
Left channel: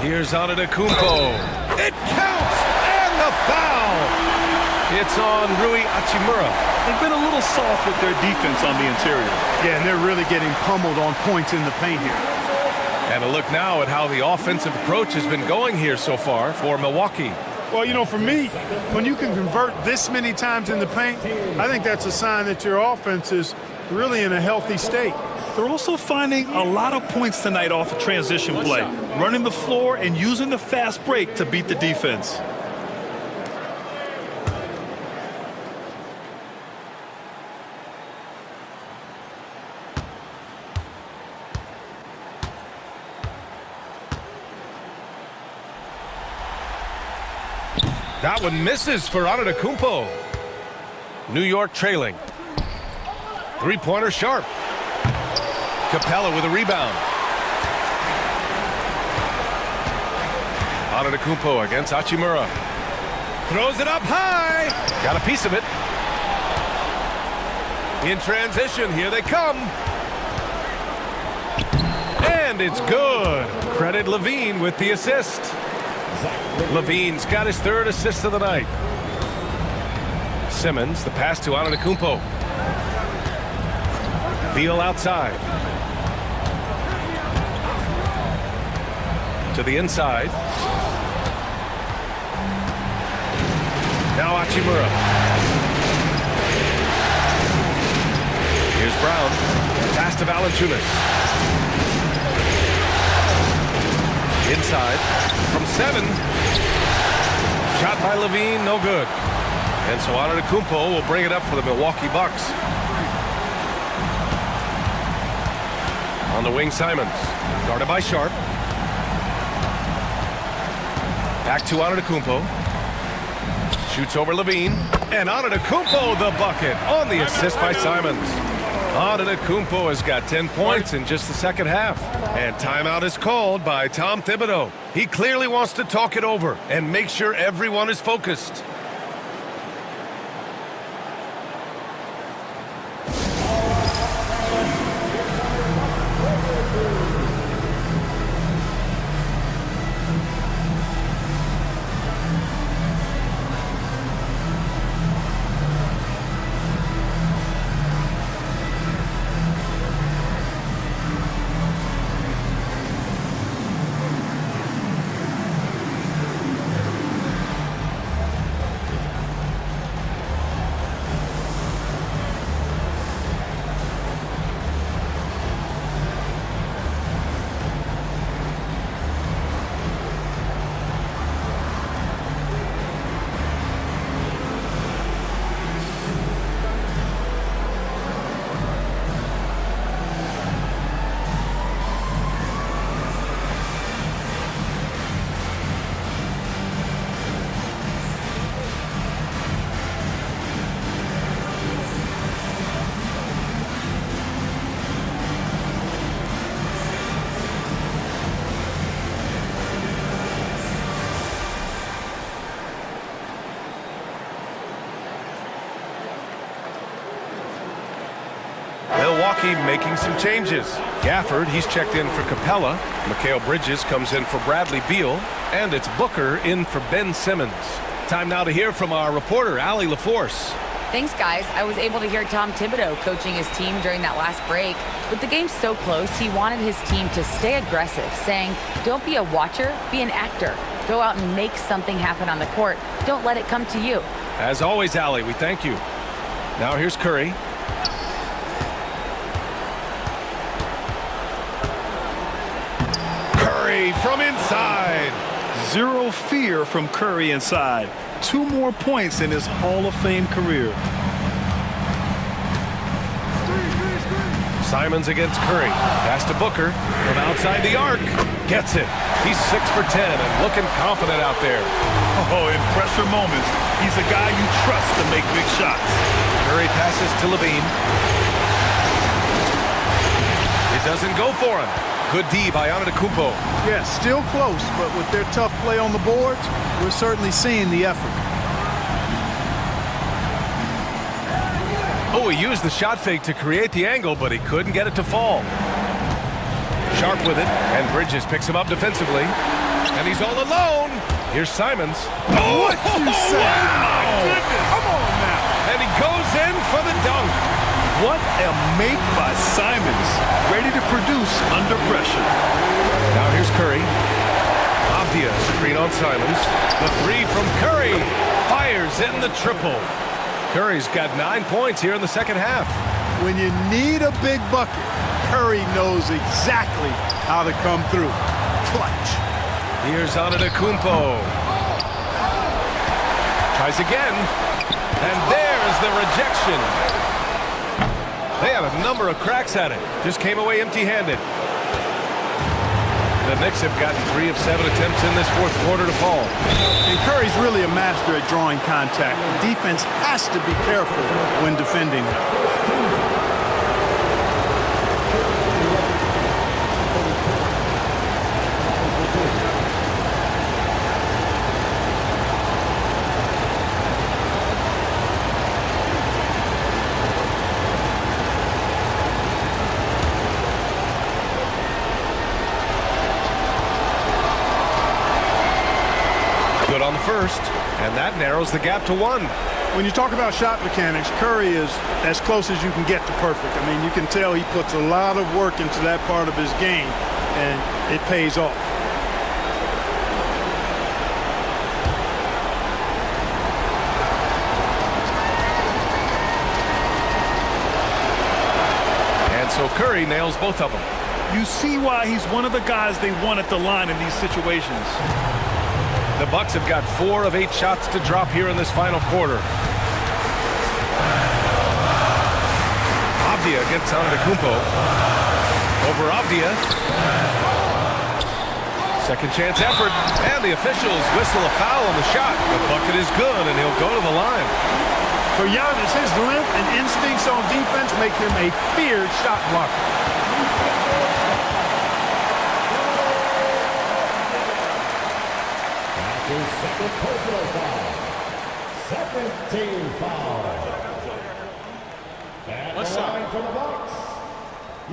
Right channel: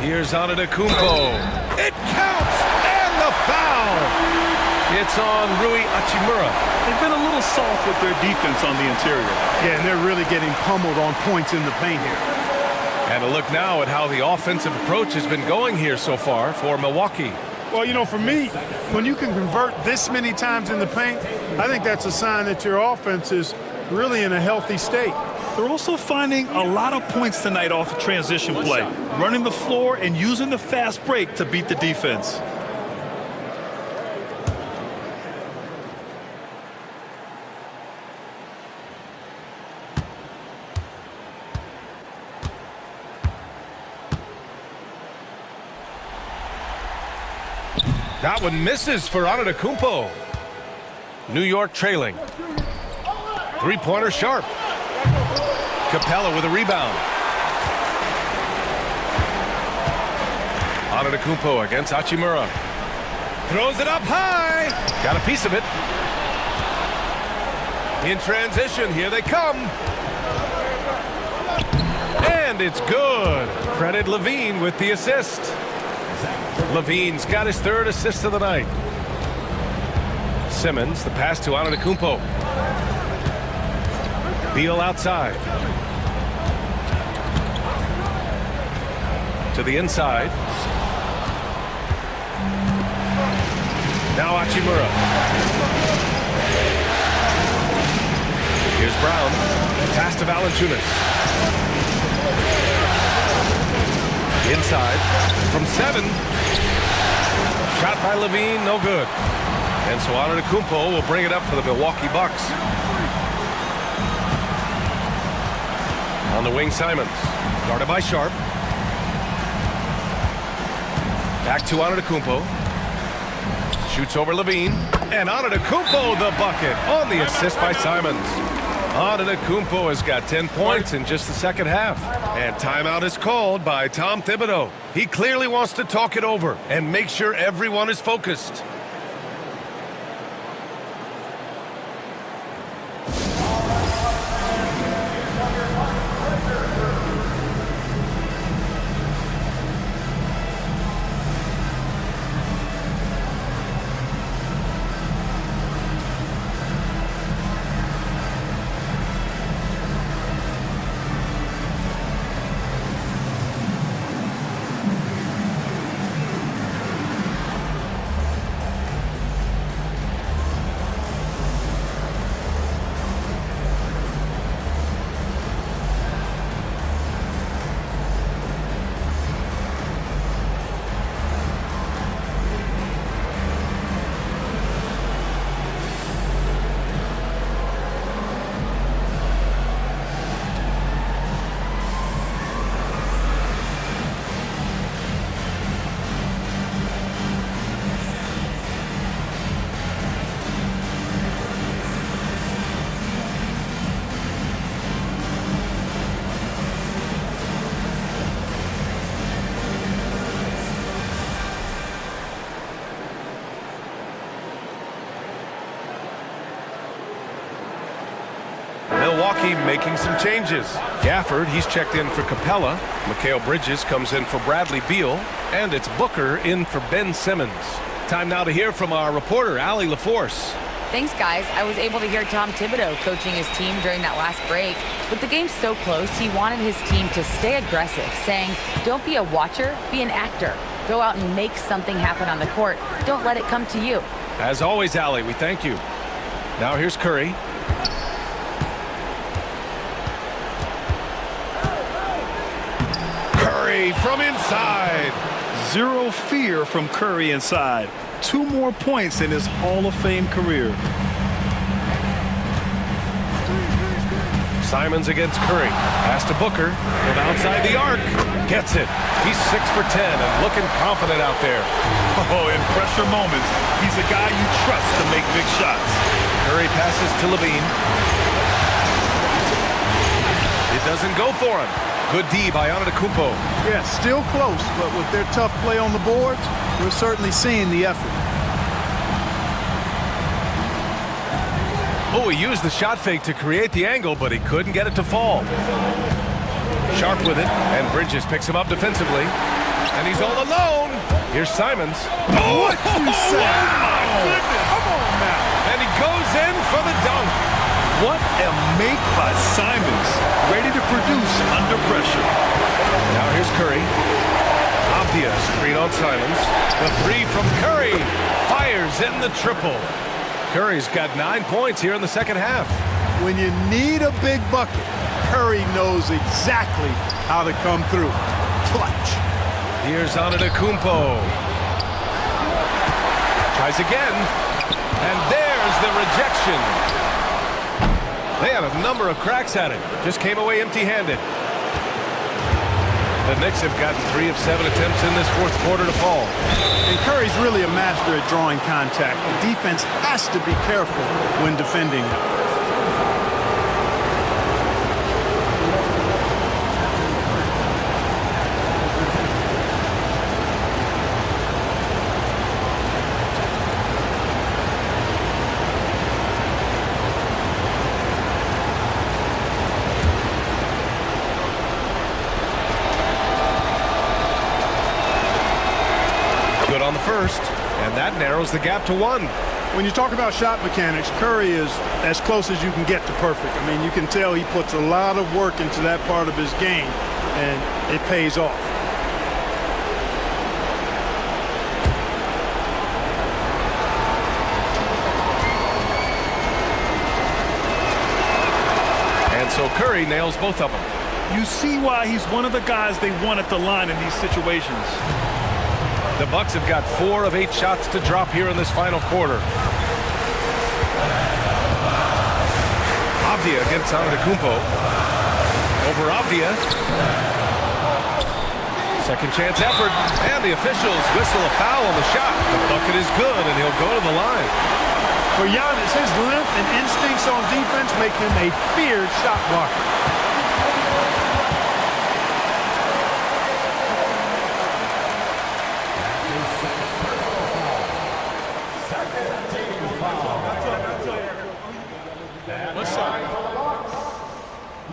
Here's Antetokounmpo. It counts, and the foul. It's on Rui Hachimura. They've been a little soft with their defense on the interior. Yeah, and they're really getting pummeled on points in the paint here. And a look now at how the offensive approach has been going here so far for Milwaukee. Well, you know, for me, when you can convert this many times in the paint, I think that's a sign that your offense is really in a healthy state. They're also finding a lot of points tonight off of transition play, running the floor and using the fast break to beat the defense. That one misses for Antetokounmpo. New York trailing. Three-pointer sharp. Capella with a rebound. Antetokounmpo against Hachimura. Throws it up high. Got a piece of it. In transition, here they come. And it's good. Credit Levine with the assist. Levine's got his 3rd assist of the night. Simmons, the pass to Antetokounmpo. Beal outside. To the inside. Now Hachimura. Here's Brown. Pass to Valanciunas. Inside from 7. Shot by Levine, no good. And so Antetokounmpo will bring it up for the Milwaukee Bucks. On the wing, Simons. Guarded by Sharp. Back to Antetokounmpo. Shoots over Levine. And Antetokounmpo the bucket on the assist by Simons. Antetokounmpo has got 10 points in just the second half. And timeout is called by Tom Thibodeau. He clearly wants to talk it over and make sure everyone is focused. Milwaukee making some changes. Gafford, he's checked in for Capella. Mikal Bridges comes in for Bradley Beal. And it's Booker in for Ben Simmons. Time now to hear from our reporter, Allie LaForce. Thanks, guys. I was able to hear Tom Thibodeau coaching his team during that last break. With the game so close, he wanted his team to stay aggressive, saying, don't be a watcher, be an actor. Go out and make something happen on the court. Don't let it come to you. As always, Allie, we thank you. Now here's Curry. Curry from inside. Zero fear from Curry inside. 2 more points in his Hall of Fame career. Simons against Curry. Pass to Booker from outside the arc. Gets it. He's 6 for 10 and looking confident out there. Oh, in pressure moments, he's a guy you trust to make big shots. Curry passes to Levine. It doesn't go for him. Good D by Antetokounmpo. Yeah, still close, but with their tough play on the boards, we're certainly seeing the effort. Oh, he used the shot fake to create the angle, but he couldn't get it to fall. Sharp with it, and Bridges picks him up defensively. And he's all alone. Here's Simons. Oh, what you say? Wow. Oh, my goodness. Come on now. And he goes in for the dunk. What a make by Simons. Ready to produce under pressure. Now here's Curry. Avdia screen on Simons. The 3 from Curry. Fires in the triple. Curry's got 9 points here in the second half. When you need a big bucket, Curry knows exactly how to come through. Clutch. Here's Antetokounmpo. Tries again. And there's the rejection. They had a number of cracks at it. Just came away empty-handed. The Knicks have gotten 3 of 7 attempts in this fourth quarter to fall. And Curry's really a master at drawing contact. The defense has to be careful when defending him. Good on the first, and that narrows the gap to 1. When you talk about shot mechanics, Curry is as close as you can get to perfect. I mean, you can tell he puts a lot of work into that part of his game, and it pays off. And so Curry nails both of them. You see why he's one of the guys they want at the line in these situations. The Bucks have got 4 of 8 shots to drop here in this final quarter. Avdia against Antetokounmpo. Over Avdia. Second chance effort, and the officials whistle a foul on the shot. The bucket is good, and he'll go to the line. For Giannis, his length and instincts on defense make him a feared shot blocker. That's his second personal foul. Second team foul. One shot. For the Bucks,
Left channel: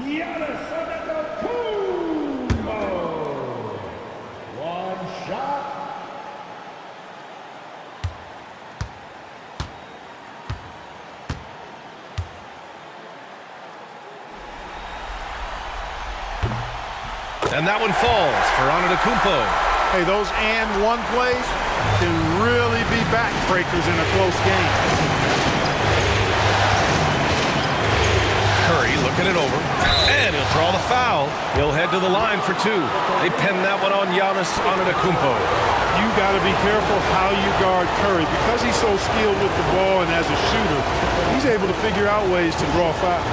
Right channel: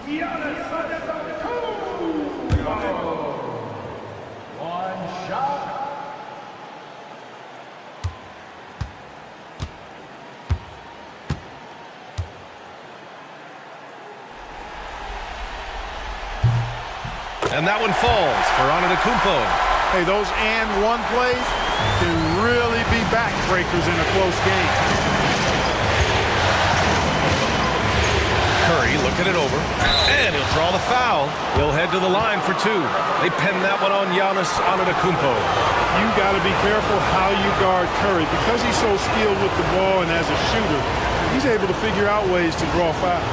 Giannis Antetokounmpo. One shot. And that one falls for Antetokounmpo. Hey, those and one plays can really be backbreakers in a close game. Curry looking it over, and he'll draw the foul. He'll head to the line for 2. They pin that one on Giannis Antetokounmpo. You got to be careful how you guard Curry. Because he's so skilled with the ball and as a shooter, he's able to figure out ways to draw fouls.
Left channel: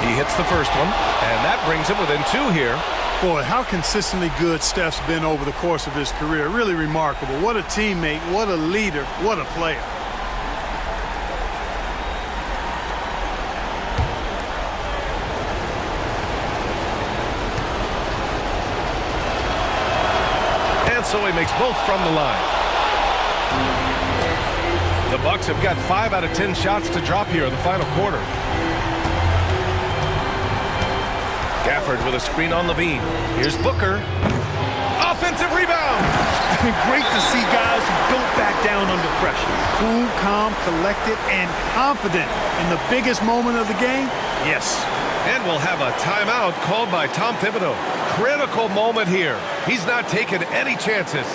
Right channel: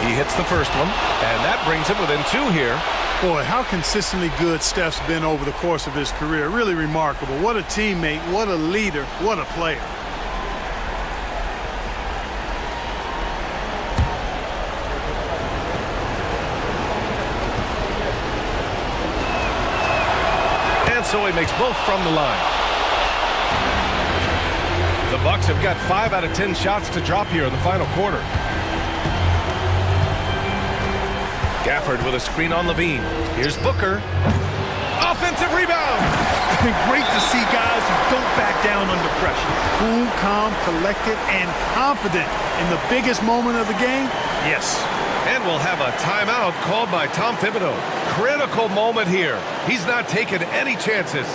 He hits the first one, and that brings him within 2 here. Boy, how consistently good Steph's been over the course of his career. Really remarkable. What a teammate, what a leader, what a player. And so he makes both from the line. The Bucks have got 5 out of 10 shots to drop here in the final quarter. Gafford with a screen on Levine. Here's Booker. Offensive rebound. Great to see guys who don't back down under pressure. Cool, calm, collected, and confident in the biggest moment of the game. Yes. And we'll have a timeout called by Tom Thibodeau. Critical moment here. He's not taking any chances.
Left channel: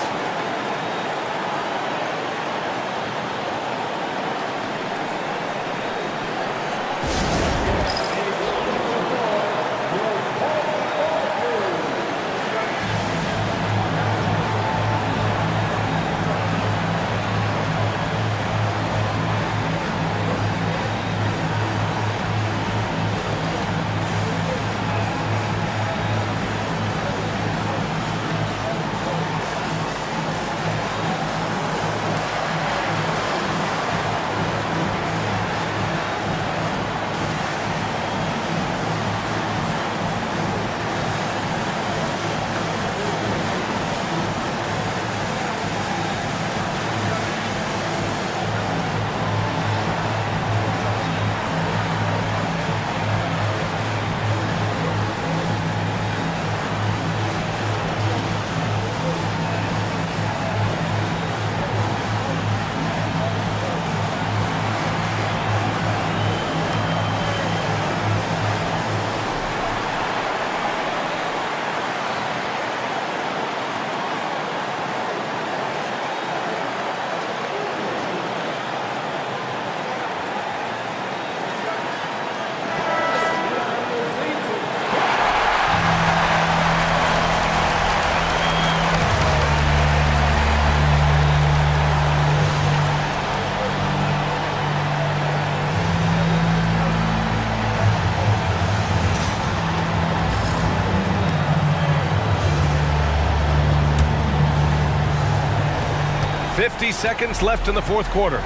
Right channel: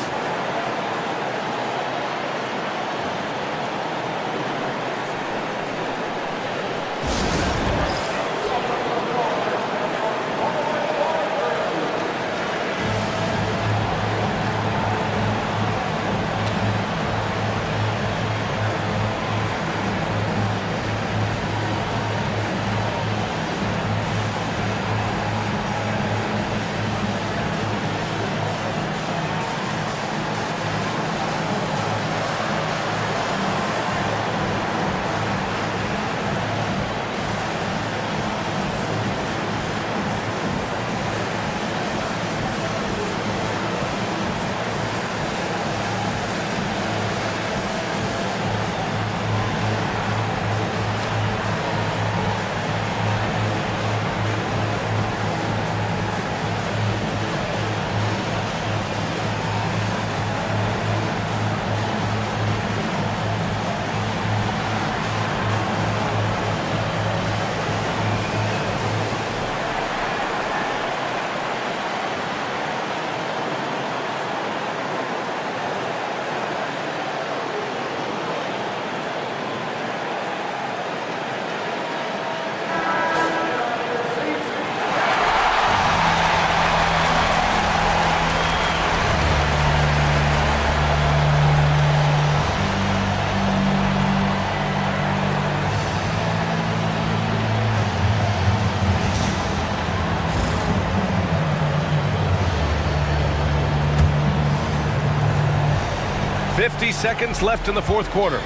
.50 seconds left in the fourth quarter.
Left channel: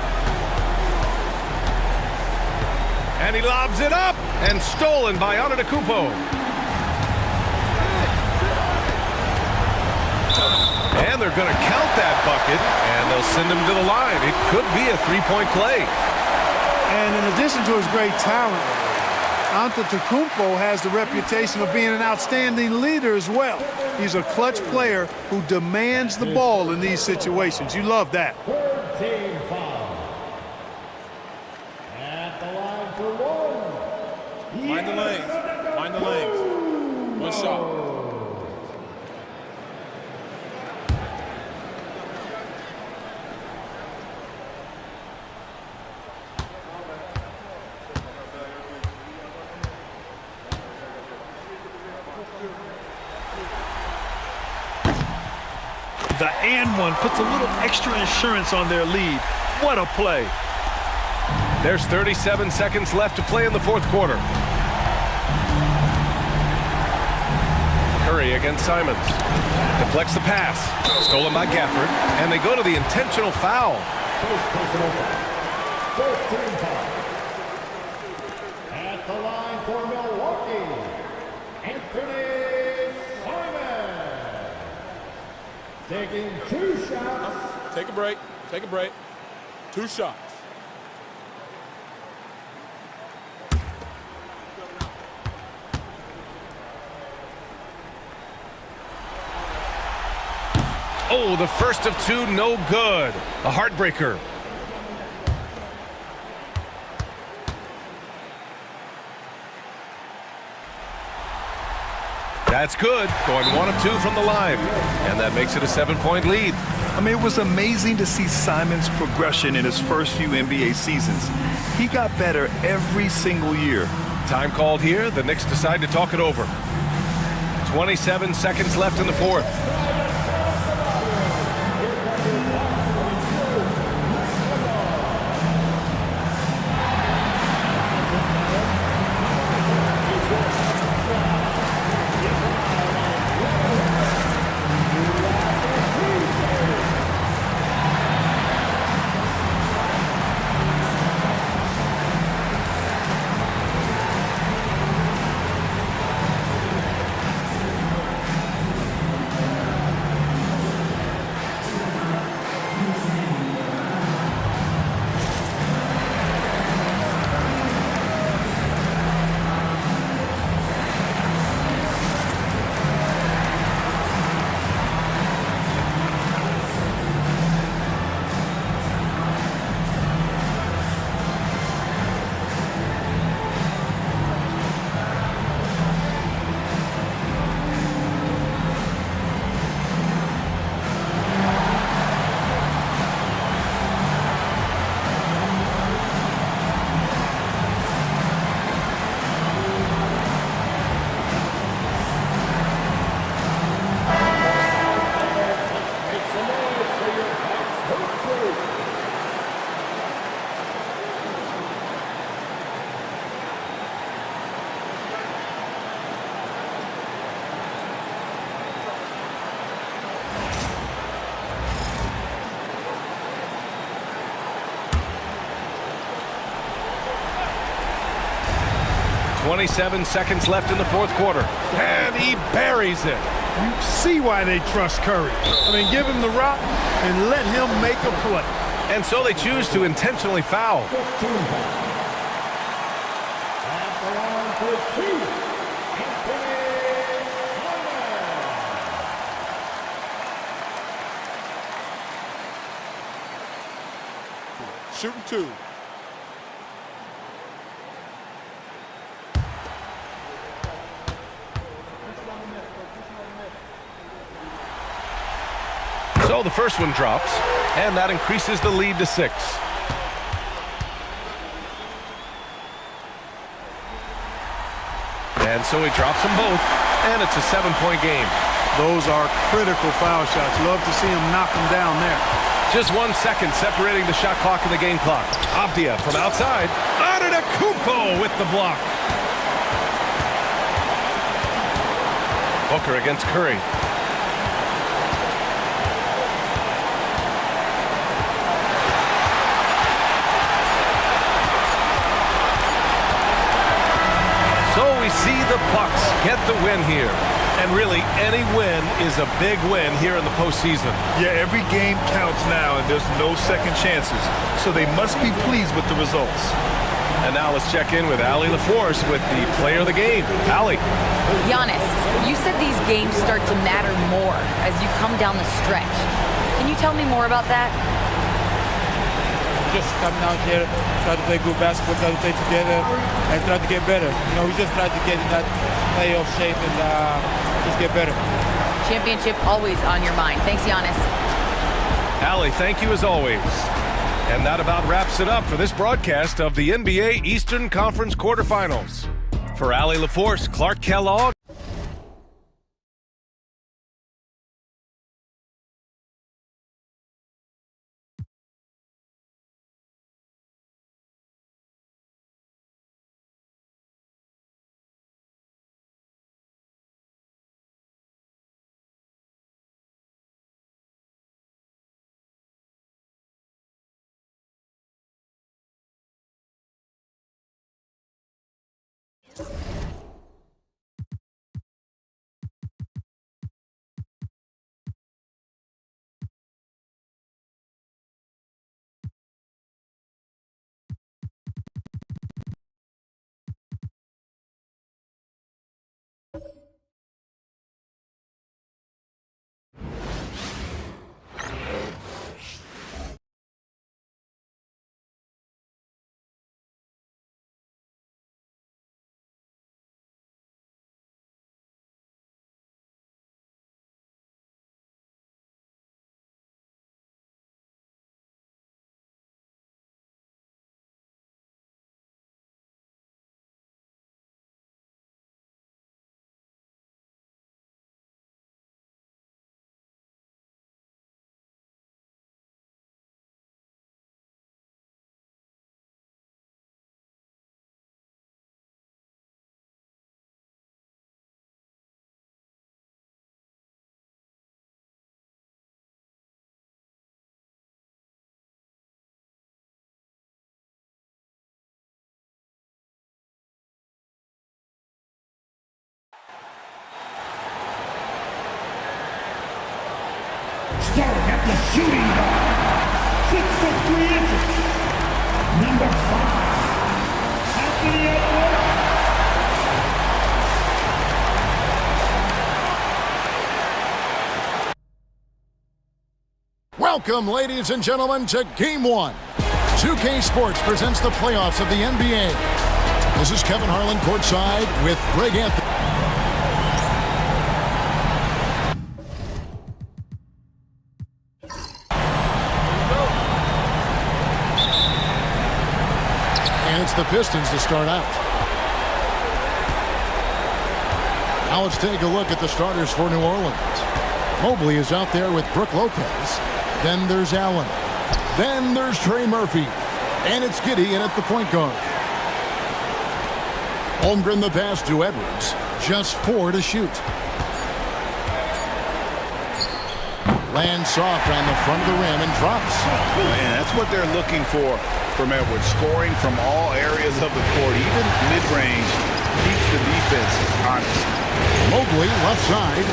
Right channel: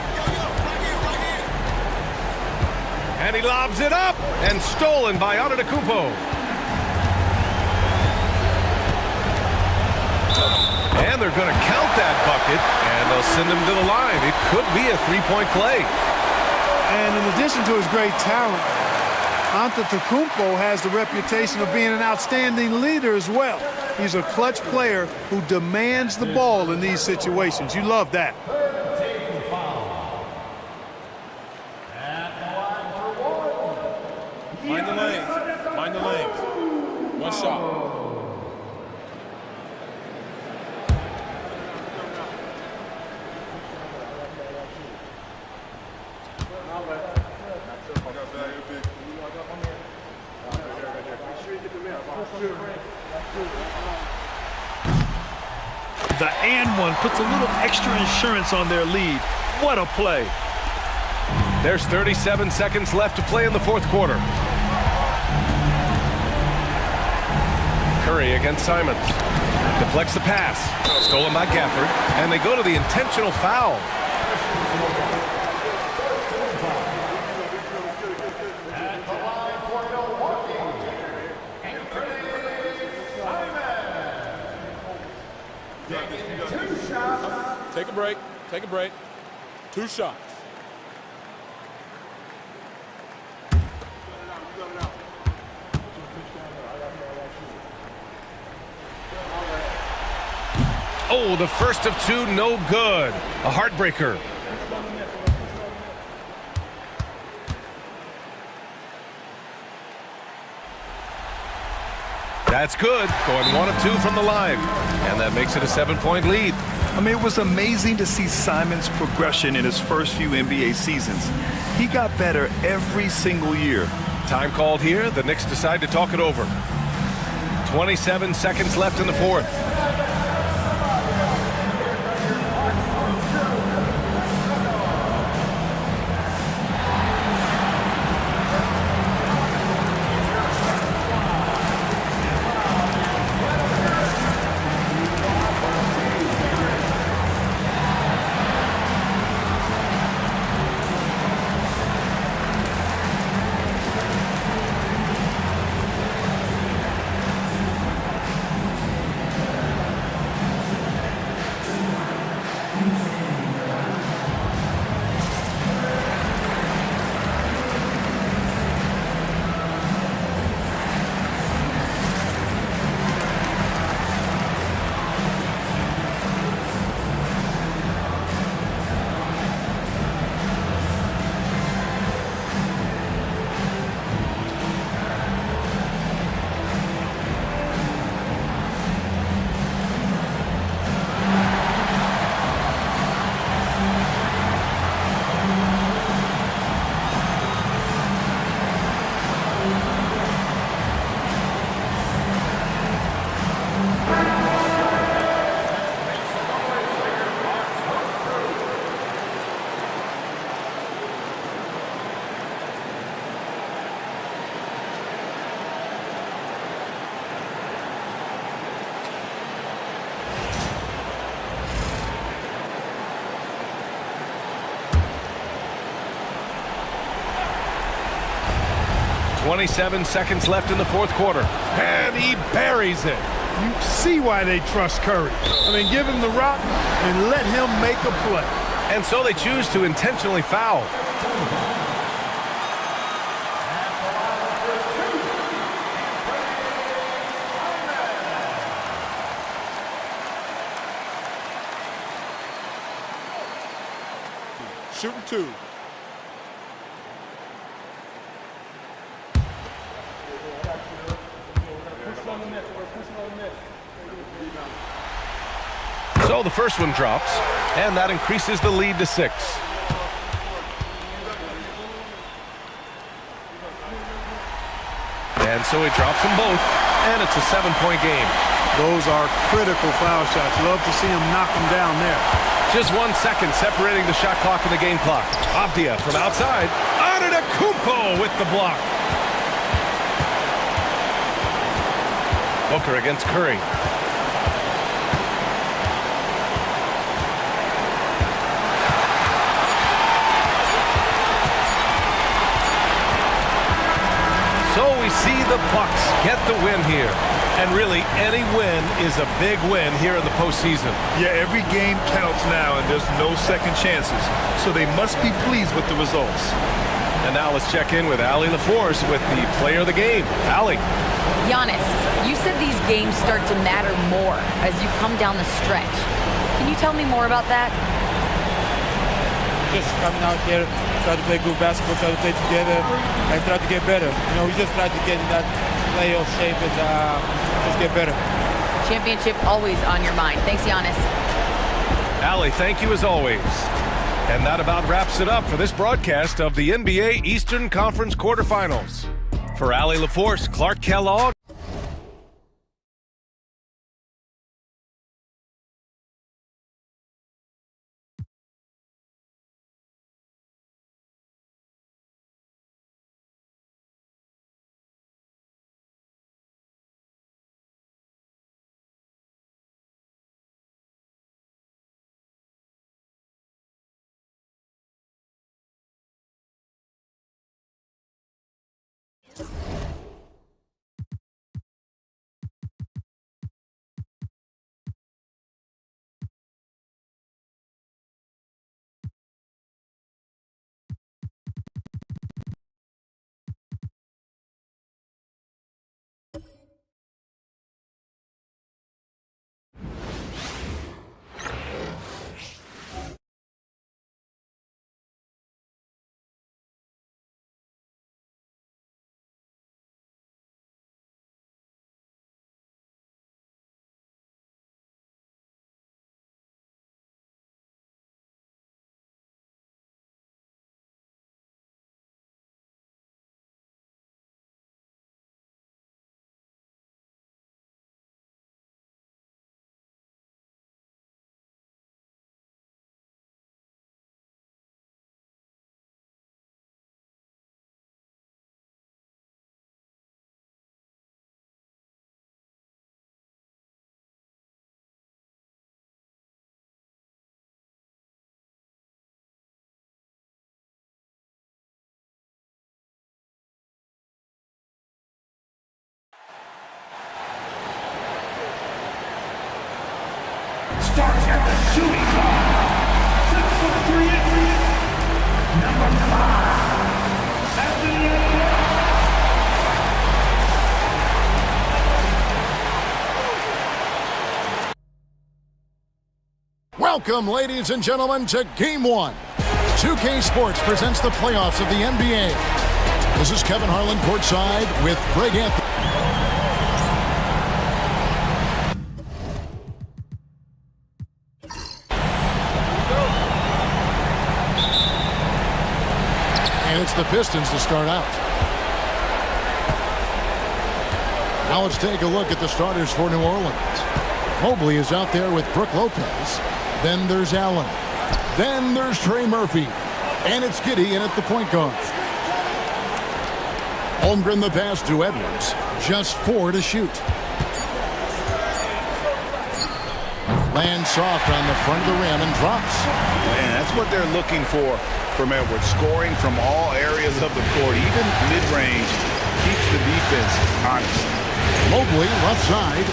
And he lobs it up, and stolen by Antetokounmpo. And they're going to count that bucket, and they'll send him to the line. It could be a three-point play. And in addition to his great talent, Antetokounmpo has the reputation of being an outstanding leader as well. He's a clutch player who demands the ball in these situations. You love that. Team foul. At the line for one. Mind the lanes. Mind the lanes. One shot. The and one puts a little extra insurance on their lead. What a play. There's 37 seconds left to play in the fourth quarter. Curry against Simons. Deflects the pass. Stolen by Gafford. And they go to the intentional foul. At the line for Milwaukee, Anthony Simons. Taking 2 shots. Take a break. Take a break. 2 shots. Oh, the first of 2, no good. A heartbreaker. That's good. Going 1 of 2 from the line. And that makes it a 7-point lead. I mean, it was amazing to see Simons' progression in his first few NBA seasons. He got better every single year. Time called here. The Knicks decide to talk it over. 27 seconds left in the fourth. 27 seconds left in the fourth quarter. And he buries it. You see why they trust Curry. I mean, give him the rock and let him make a play. And so they choose to intentionally foul. Shooting two. So the first one drops, and that increases the lead to 6. And so he drops them both, and it's a 7-point game. Those are critical foul shots. Love to see him knock them down there. Just 1 second separating the shot clock and the game clock. Avdia from outside. Antetokounmpo with the block. Booker against Curry. So we see the Bucks get the win here. And really, any win is a big win here in the postseason. Yeah, every game counts now, and there's no second chances. So they must be pleased with the results. And now let's check in with Allie LaForce with the player of the game. Allie. Giannis, you said these games start to matter more as you come down the stretch. Can you tell me more about that? Just coming out here, try to play good basketball, try to play together, and try to get better. You know, we just try to get in that playoff shape and just get better. Championship always on your mind. Thanks, Giannis. Allie, thank you as always. And that about wraps it up for this broadcast of the NBA Eastern Conference quarterfinals. For Allie LaForce, Clark Kellogg. Starts at the shooting guard. 6 foot 3 inches. Number 5. Anthony Edwards. Welcome, ladies and gentlemen, to Game 1. 2K Sports presents the playoffs of the NBA. This is Kevin Harlan courtside with Greg Anthony. And it's the Pistons to start out. Now let's take a look at the starters for New Orleans. Mobley is out there with Brook Lopez. Then there's Allen. Then there's Trey Murphy. And it's Giddey in at the point guard. Holmgren the pass to Edwards. Just 4 to shoot. Lands soft on the front of the rim and drops. Man, that's what they're looking for from Edwards. Scoring from all areas of the court, even mid-range. keeps the defense honest. Mobley, left side.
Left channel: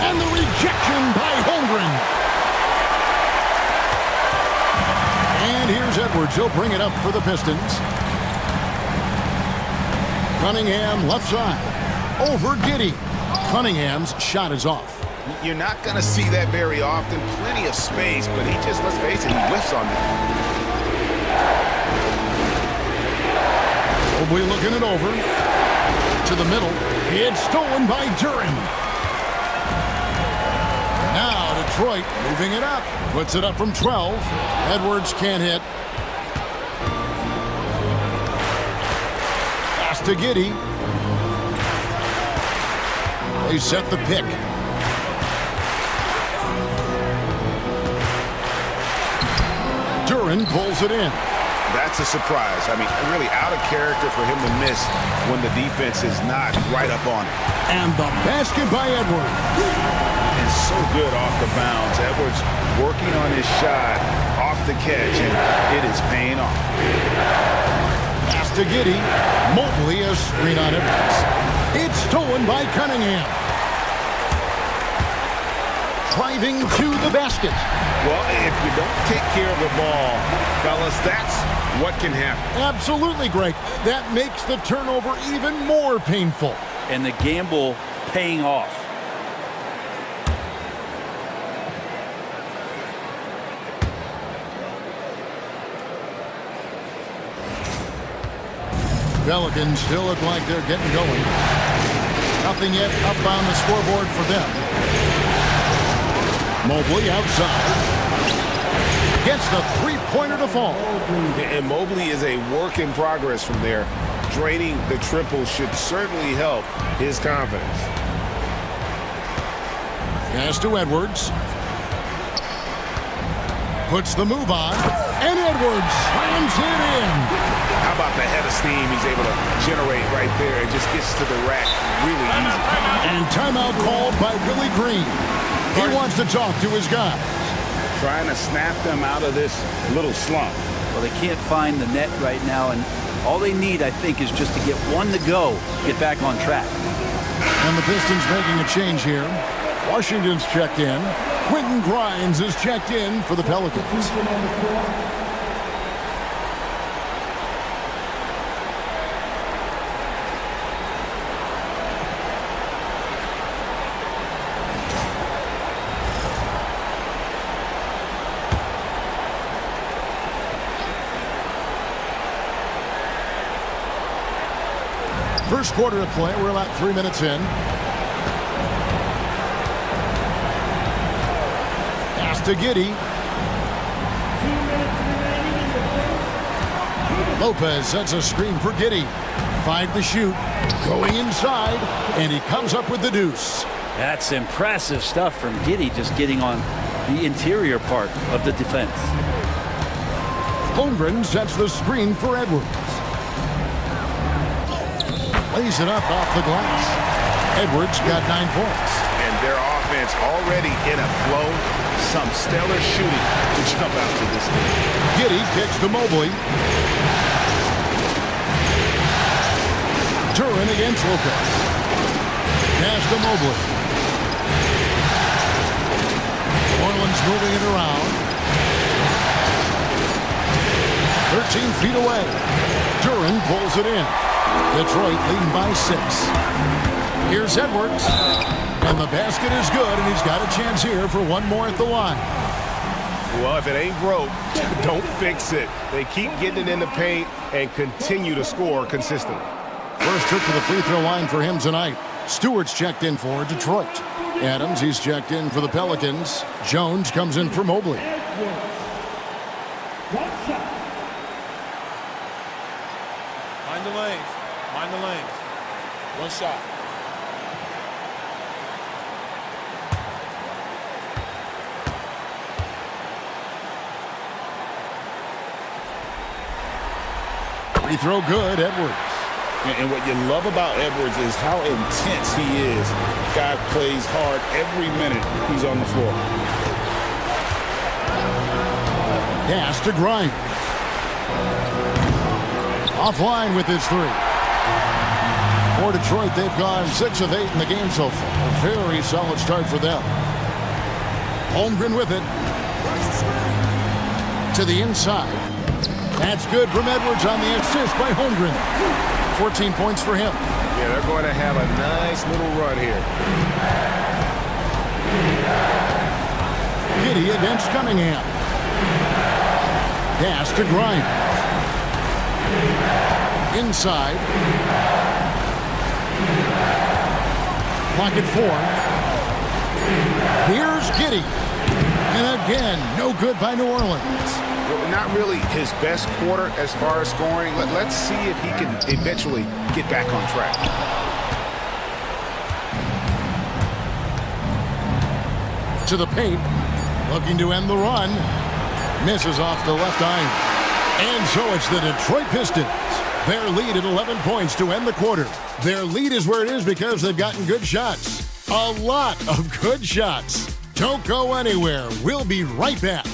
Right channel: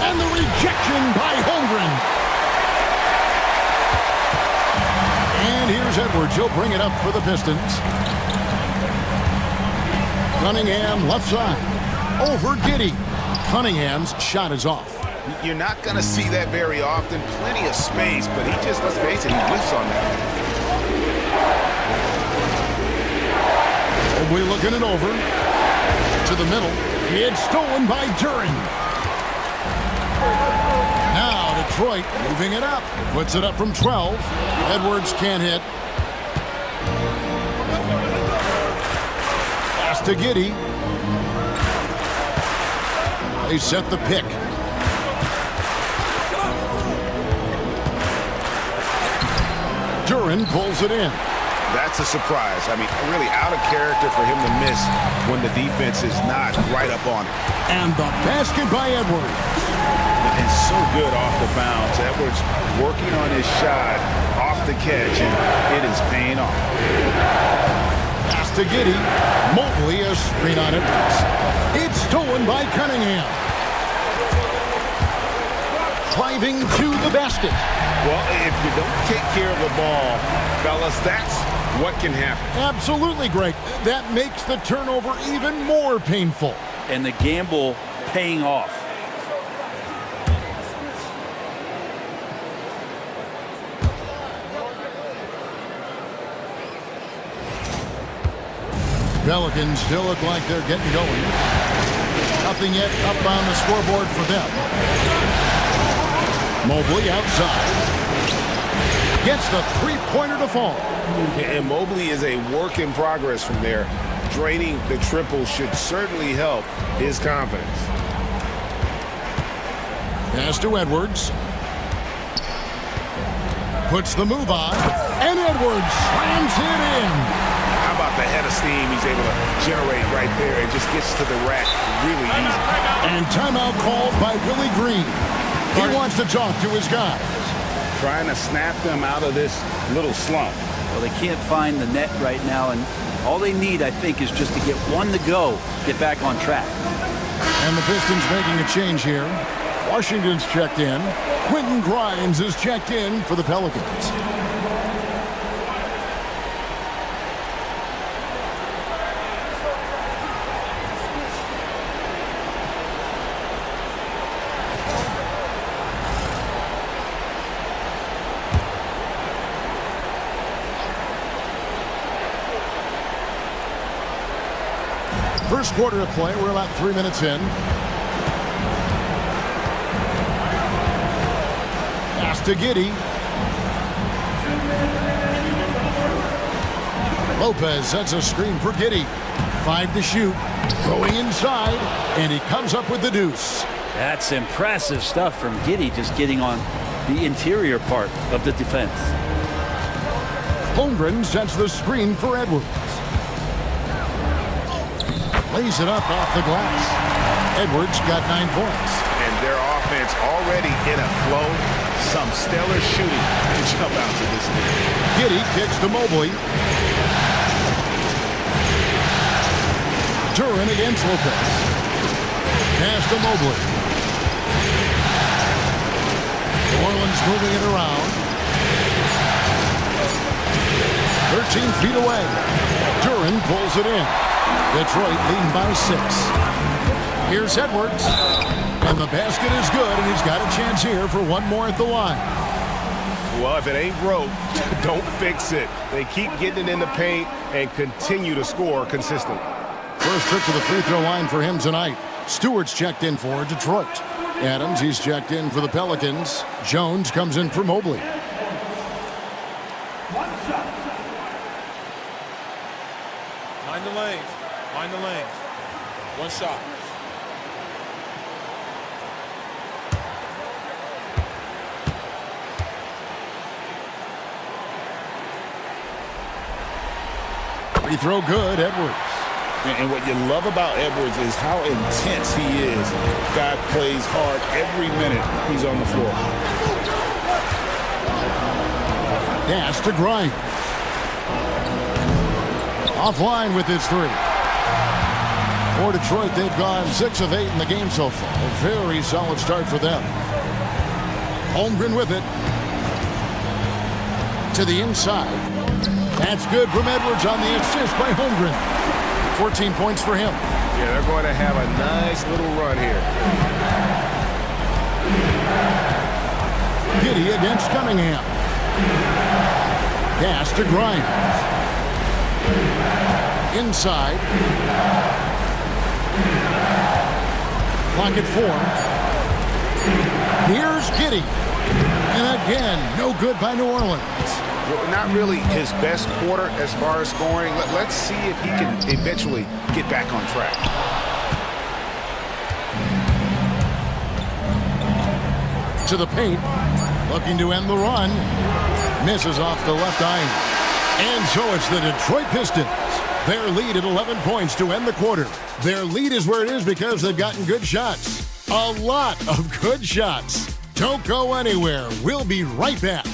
And the rejection by Holmgren. And here's Edwards. He'll bring it up for the Pistons. Cunningham, left side. Over Giddey. Cunningham's shot is off. You're not going to see that very often. Plenty of space, but he just, let's face it, he whiffs on that. Mobley looking it over. To the middle. It's stolen by Duren. Now Detroit moving it up. Puts it up from 12. Edwards can't hit. Pass to Giddey. They set the pick. Duren pulls it in. That's a surprise. I mean, really out of character for him to miss when the defense is not right up on it. And the basket by Edwards. And so good off the bounds. Edwards working on his shot off the catch, and it is paying off. Pass to Giddey. Mobley, a screen on Edwards. It's stolen by Cunningham. Driving to the basket. Well, if you don't take care of the ball, fellas, that's what can happen. Absolutely, Greg. That makes the turnover even more painful. And the gamble paying off. Pelicans still look like they're getting going. Nothing yet up on the scoreboard for them. Mobley outside. Gets the three-pointer to fall. And Mobley is a work in progress from there. Draining the triple should certainly help his confidence. Pass to Edwards. Puts the move on. And Edwards slams it in. How about the head of steam he's able to generate right there and just gets to the rack really easy. And timeout called by Willie Green. He wants to talk to his guys. Trying to snap them out of this little slump. Well, they can't find the net right now, and all they need, I think, is just to get one to go, get back on track. And the Pistons making a change here. Washington's checked in. Quentin Grimes is checked in for the Pelicans. First quarter of play. We're about 3 minutes in. Pass to Giddey. Lopez sets a screen for Giddey. 5 to shoot. Going inside. And he comes up with the deuce. That's impressive stuff from Giddey, just getting on the interior part of the defense. Holmgren sets the screen for Edwards. Lays it up off the glass. Edwards got 9 points. And their offense already in a flow. Some stellar shooting to jump out to this thing. Giddey kicks to Mobley. Duren against Lopez. Pass to Mobley. New Orleans moving it around. 13 feet away. Duren pulls it in. Detroit leading by 6. Here's Edwards. And the basket is good, and he's got a chance here for one more at the line. Well, if it ain't broke, don't fix it. They keep getting it in the paint and continue to score consistently. First trip to the free throw line for him tonight. Stewart's checked in for Detroit. Adams, he's checked in for the Pelicans. Jones comes in for Mobley. One shot. Mind the lanes. Mind the lanes. One shot. Free throw good, Edwards. And what you love about Edwards is how intense he is. Guy plays hard every minute he's on the floor. Pass to Grimes. Offline with his 3. For Detroit, they've gone 6 of 8 in the game so far. A very solid start for them. Holmgren with it. To the inside. That's good from Edwards on the assist by Holmgren. 14 points for him. Yeah, they're going to have a nice little run here. Giddey against Cunningham. Pass to Grimes. Inside. Clock at 4. Here's Giddey. And again, no good by New Orleans. Well, not really his best quarter as far as scoring. Let's see if he can eventually get back on track. To the paint. Looking to end the run. Misses off the left iron. And so it's the Detroit Pistons. Their lead at 11 points to end the quarter. Their lead is where it is because they've gotten good shots. A lot of good shots. Don't go anywhere. We'll be right back.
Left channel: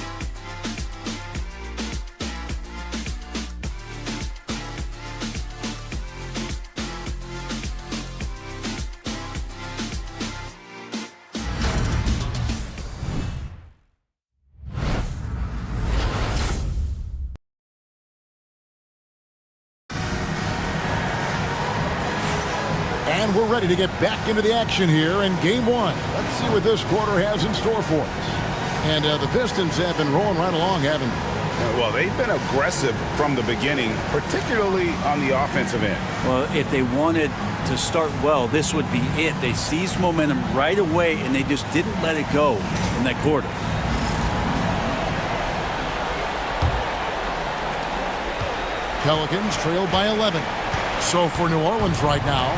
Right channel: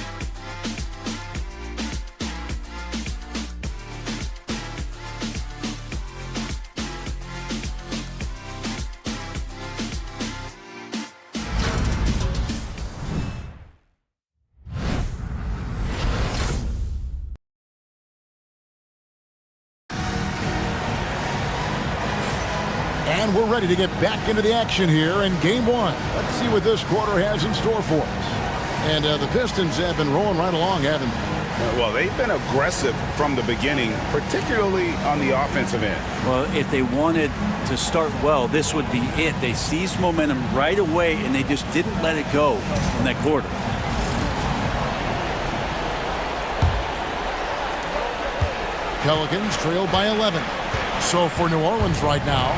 And we're ready to get back into the action here in Game 1. Let's see what this quarter has in store for us. And the Pistons have been rolling right along, haven't they? Well, they've been aggressive from the beginning, particularly on the offensive end. Well, if they wanted to start well, this would be it. They seized momentum right away, and they just didn't let it go in that quarter. Pelicans trail by 11. So for New Orleans right now,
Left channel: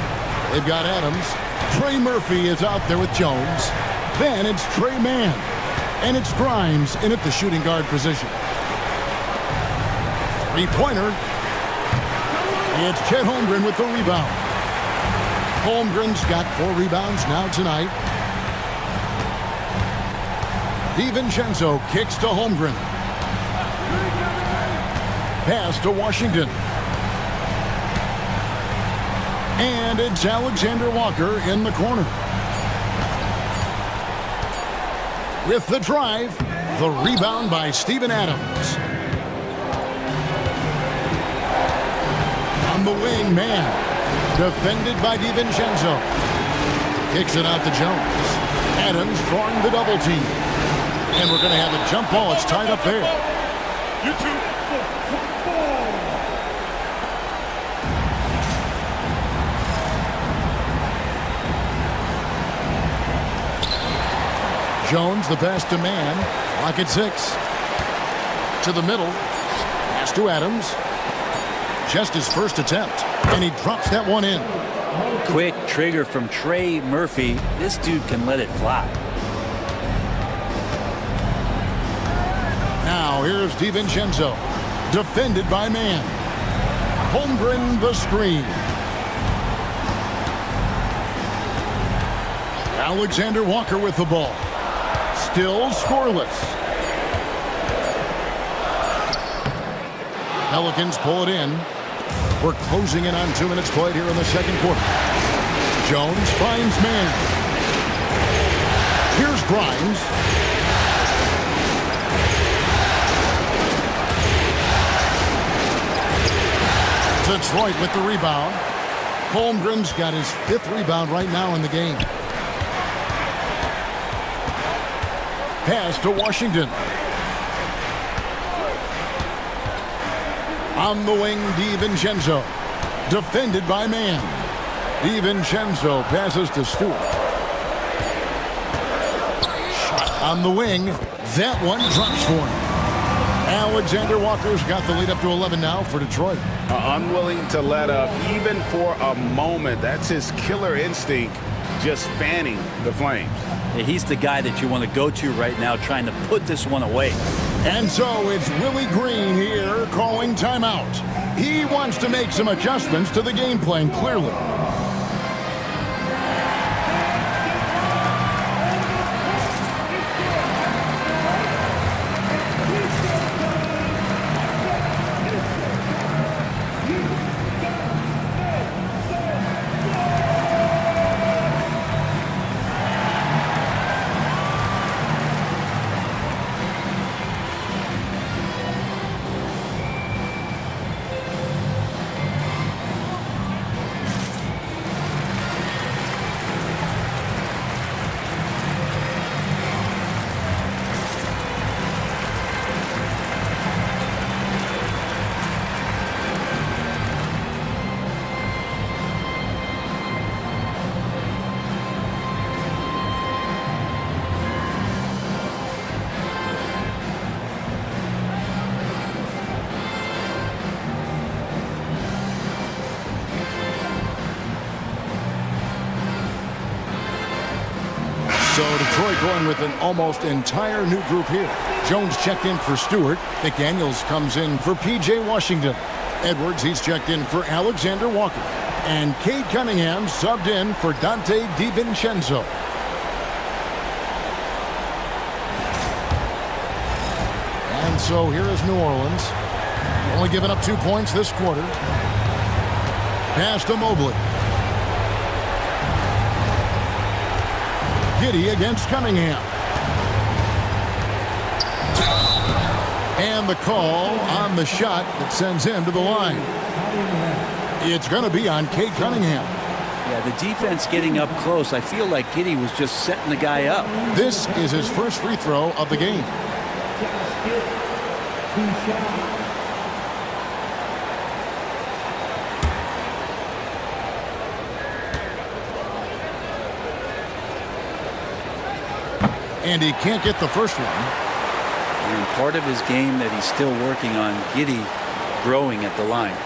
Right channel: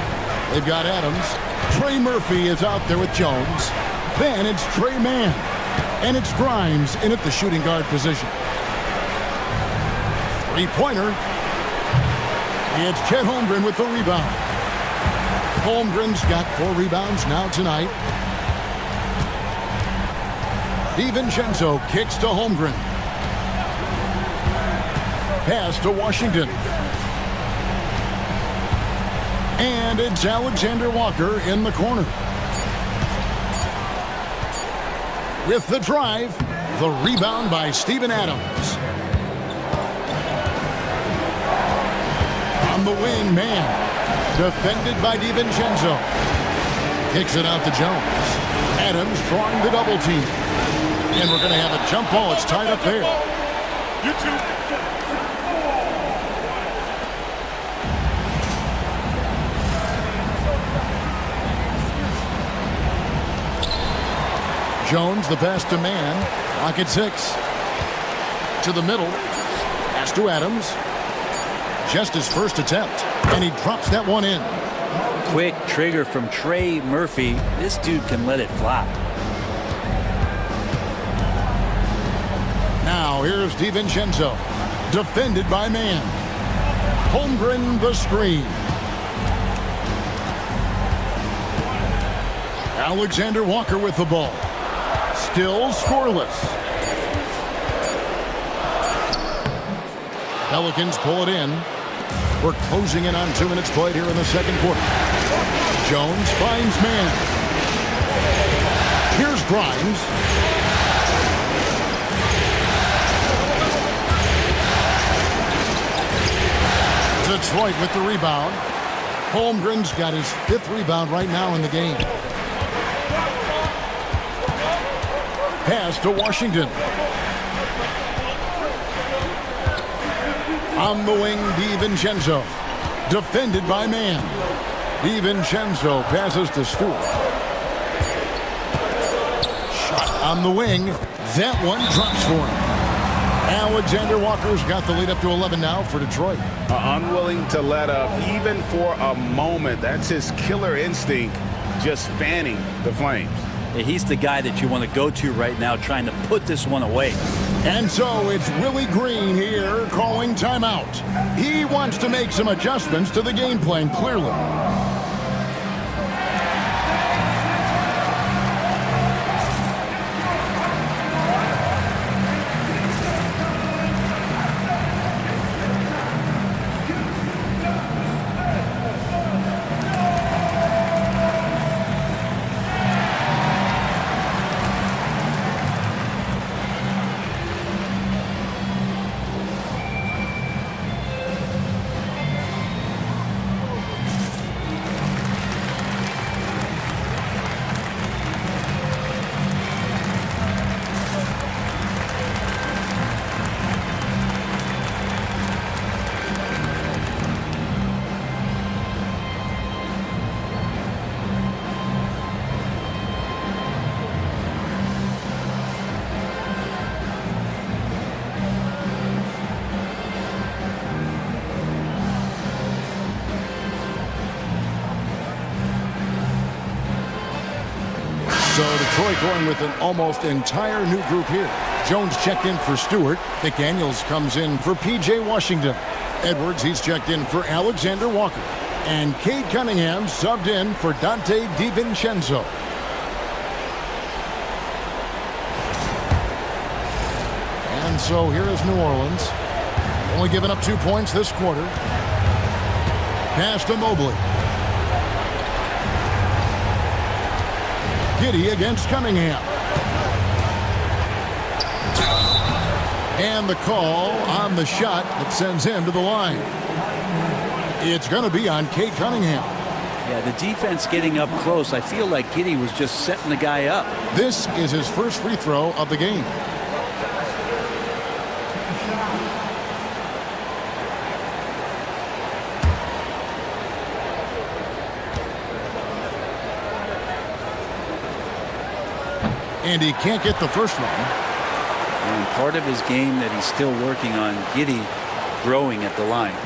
they've got Adams. Trey Murphy is out there with Jones. Then it's Trey Mann. And it's Grimes in at the shooting guard position. Three-pointer. It's Chet Holmgren with the rebound. Holmgren's got 4 rebounds now tonight. DiVincenzo kicks to Holmgren. Pass to Washington. And it's Alexander Walker in the corner. With the drive, the rebound by Steven Adams. On the wing, Mann. Defended by DiVincenzo. Kicks it out to Jones. Adams drawing the double team. And we're going to have a jump ball. It's tied up there. You two. Jones, the pass to Mann. Clock at 6. To the middle. Pass to Adams. Just his first attempt. And he drops that one in. Quick trigger from Trey Murphy. This dude can let it fly. Now here's DiVincenzo. Defended by Mann. Holmgren the screen. Alexander Walker with the ball. Still scoreless. Pelicans pull it in. We're closing in on 2 minutes played here in the second quarter. Jones finds Mann. Here's Grimes. Detroit with the rebound. Holmgren's got his 5th rebound right now in the game. Pass to Washington. On the wing, DiVincenzo. Defended by Mann. DiVincenzo passes to Stewart. Shot on the wing. That one drops for him. Alexander Walker's got the lead up to 11 now for Detroit. Unwilling to let up even for a moment. That's his killer instinct, just fanning the flames. He's the guy that you want to go to right now trying to put this one away. And so it's Willie Green here calling timeout. He wants to make some adjustments to the game plan, clearly. So Detroit going with an almost entire new group here. Jones checked in for Stewart. McDaniels comes in for P.J. Washington. Edwards, he's checked in for Alexander Walker. And Cade Cunningham subbed in for Dante DiVincenzo. And so here is New Orleans. Only giving up 2 points this quarter. Pass to Mobley. Giddey against Cunningham. And the call on the shot that sends him to the line. It's going to be on Cade Cunningham. Yeah, the defense getting up close. I feel like Giddey was just setting the guy up. This is his first free throw of the game. And he can't get the first one. And part of his game that he's still working on, Giddey growing at the line.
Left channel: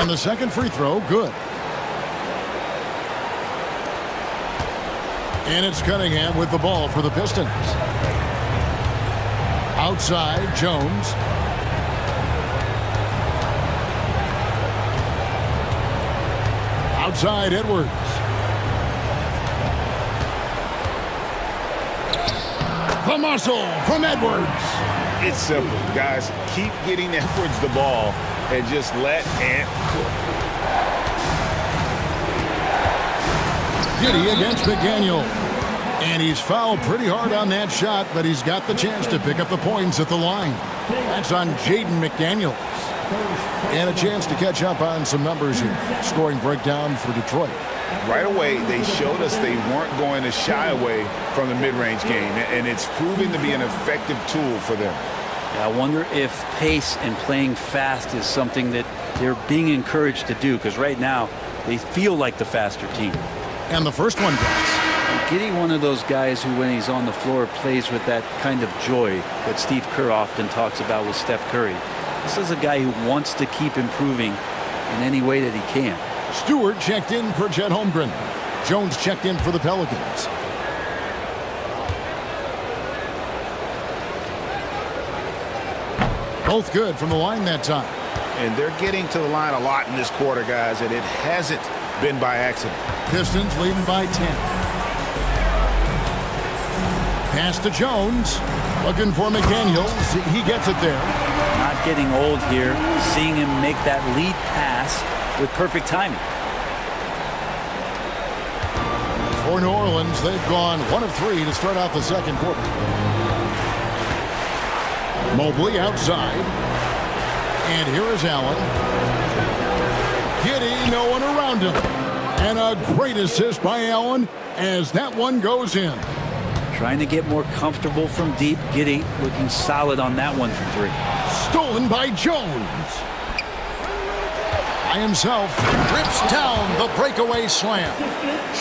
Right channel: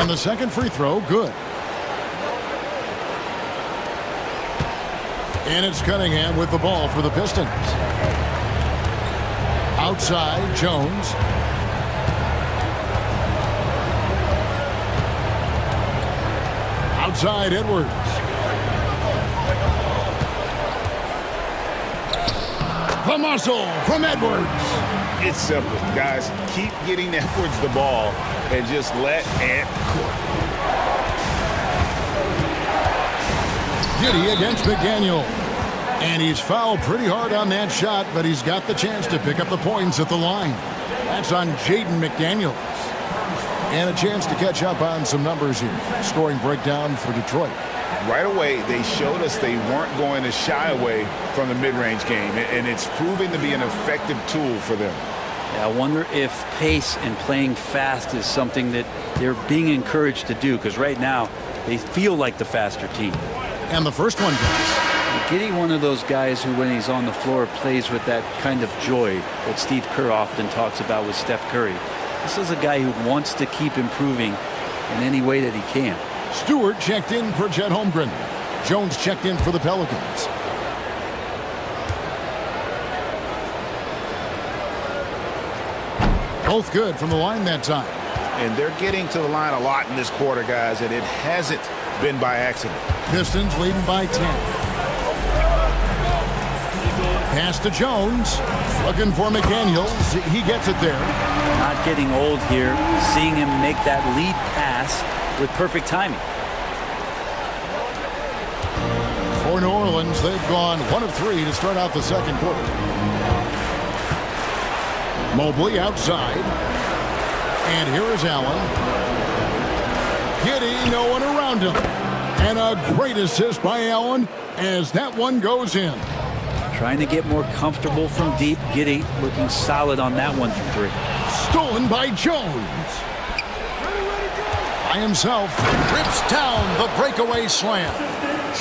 And the second free throw, good. And it's Cunningham with the ball for the Pistons. Outside, Jones. Outside, Edwards. The muscle from Edwards. It's simple, guys. Keep getting Edwards the ball and just let Ant cook. Giddey against McDaniel. And he's fouled pretty hard on that shot, but he's got the chance to pick up the points at the line. That's on Jaden McDaniels. And a chance to catch up on some numbers here. Scoring breakdown for Detroit. Right away, they showed us they weren't going to shy away from the mid-range game, and it's proving to be an effective tool for them. Yeah, I wonder if pace and playing fast is something that they're being encouraged to do, because right now they feel like the faster team. And the first one drops. Giddey, one of those guys who, when he's on the floor, plays with that kind of joy that Steve Kerr often talks about with Steph Curry. This is a guy who wants to keep improving in any way that he can. Stewart checked in for Chet Holmgren. Jones checked in for the Pelicans. Both good from the line that time. And they're getting to the line a lot in this quarter, guys, and it hasn't been by accident. Pistons leading by 10. Pass to Jones. Looking for McDaniels. He gets it there. Not getting old here. Seeing him make that lead pass with perfect timing. For New Orleans, they've gone 1 of 3 to start out the second quarter. Mobley outside. And here is Allen. Giddey, no one around him. And a great assist by Allen as that one goes in. Trying to get more comfortable from deep. Giddey looking solid on that one from 3. Stolen by Jones. By himself, rips down the breakaway slam.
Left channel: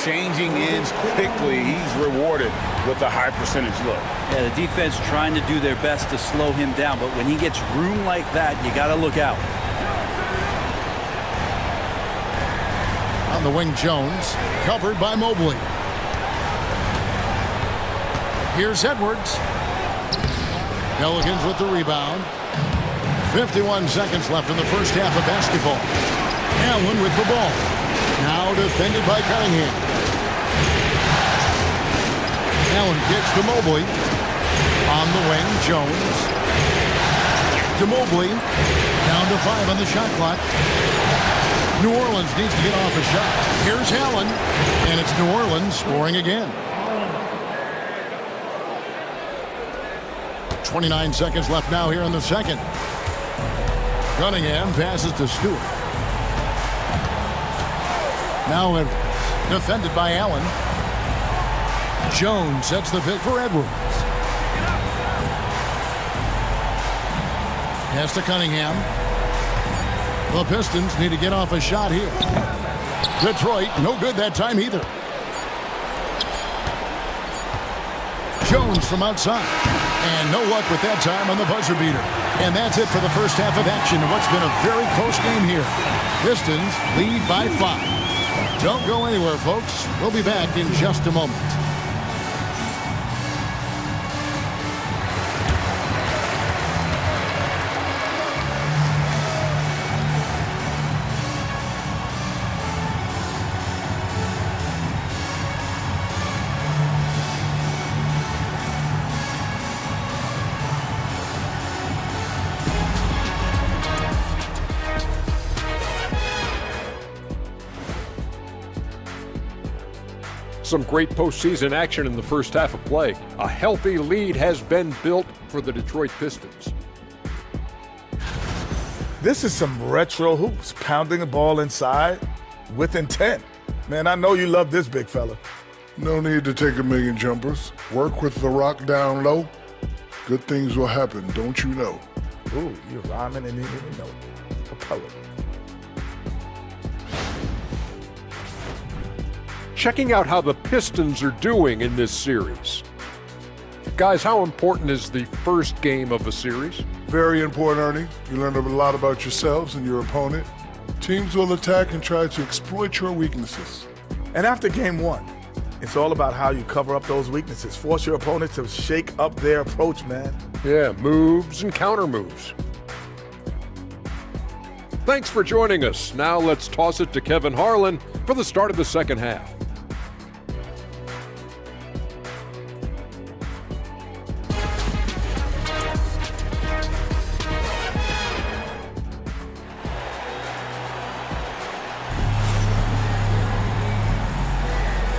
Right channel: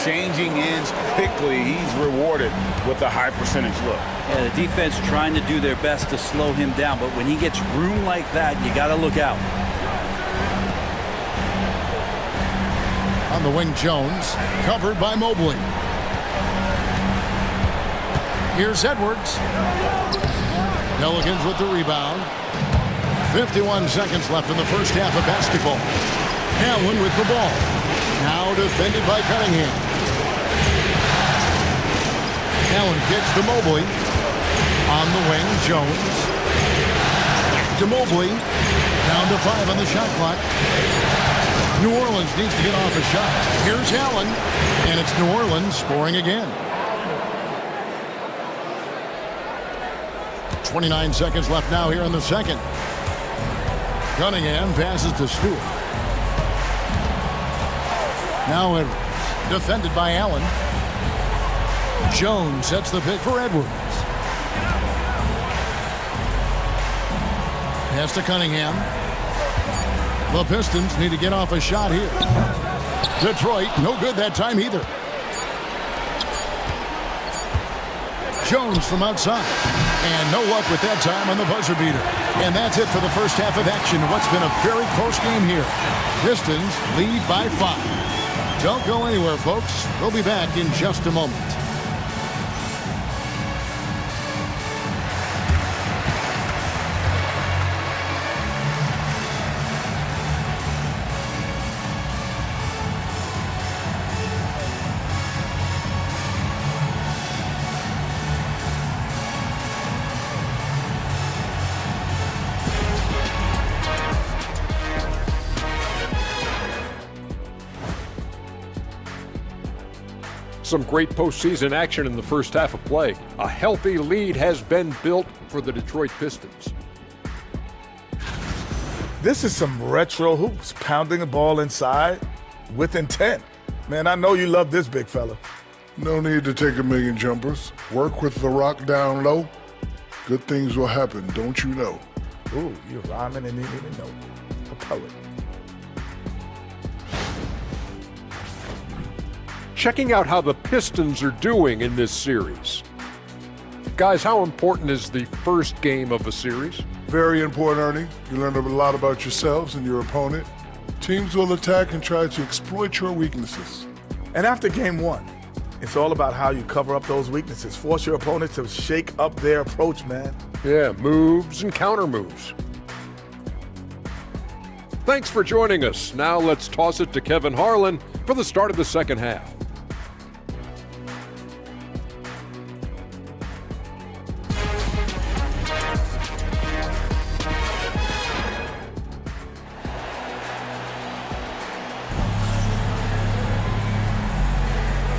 Changing ends quickly. He's rewarded with a high percentage look. Yeah, the defense trying to do their best to slow him down, but when he gets room like that, you got to look out. On the wing, Jones, covered by Mobley. Here's Edwards. Pelicans with the rebound. 51 seconds left in the first half of basketball. Allen with the ball. Now defended by Cunningham. Allen kicks to Mobley. On the wing, Jones. To Mobley. Down to 5 on the shot clock. New Orleans needs to get off a shot. Here's Allen. And it's New Orleans scoring again. 29 seconds left now here in the second. Cunningham passes to Stewart. Now Edwards, defended by Allen. Jones sets the pick for Edwards. Pass to Cunningham. The Pistons need to get off a shot here. Detroit, no good that time either. Jones from outside. And no luck with that time on the buzzer beater. And that's it for the first half of action. What's been a very close game here. Pistons lead by 5. Don't go anywhere, folks. We'll be back in just a moment. Some great postseason action in the first half of play. A healthy lead has been built for the Detroit Pistons. This is some retro hoops, pounding the ball inside with intent. Man, I know you love this, big fella. No need to take a million jumpers. Work with the rock down low. Good things will happen, don't you know? Ooh, you're rhyming and you didn't even know. A poet. Checking out how the Pistons are doing in this series. Guys, how important is the first game of a series? Very important, Ernie. You learn a lot about yourselves and your opponent. Teams will attack and try to exploit your weaknesses. And after game 1, it's all about how you cover up those weaknesses. Force your opponent to shake up their approach, man. Yeah, moves and counter moves. Thanks for joining us. Now let's toss it to Kevin Harlan for the start of the second half.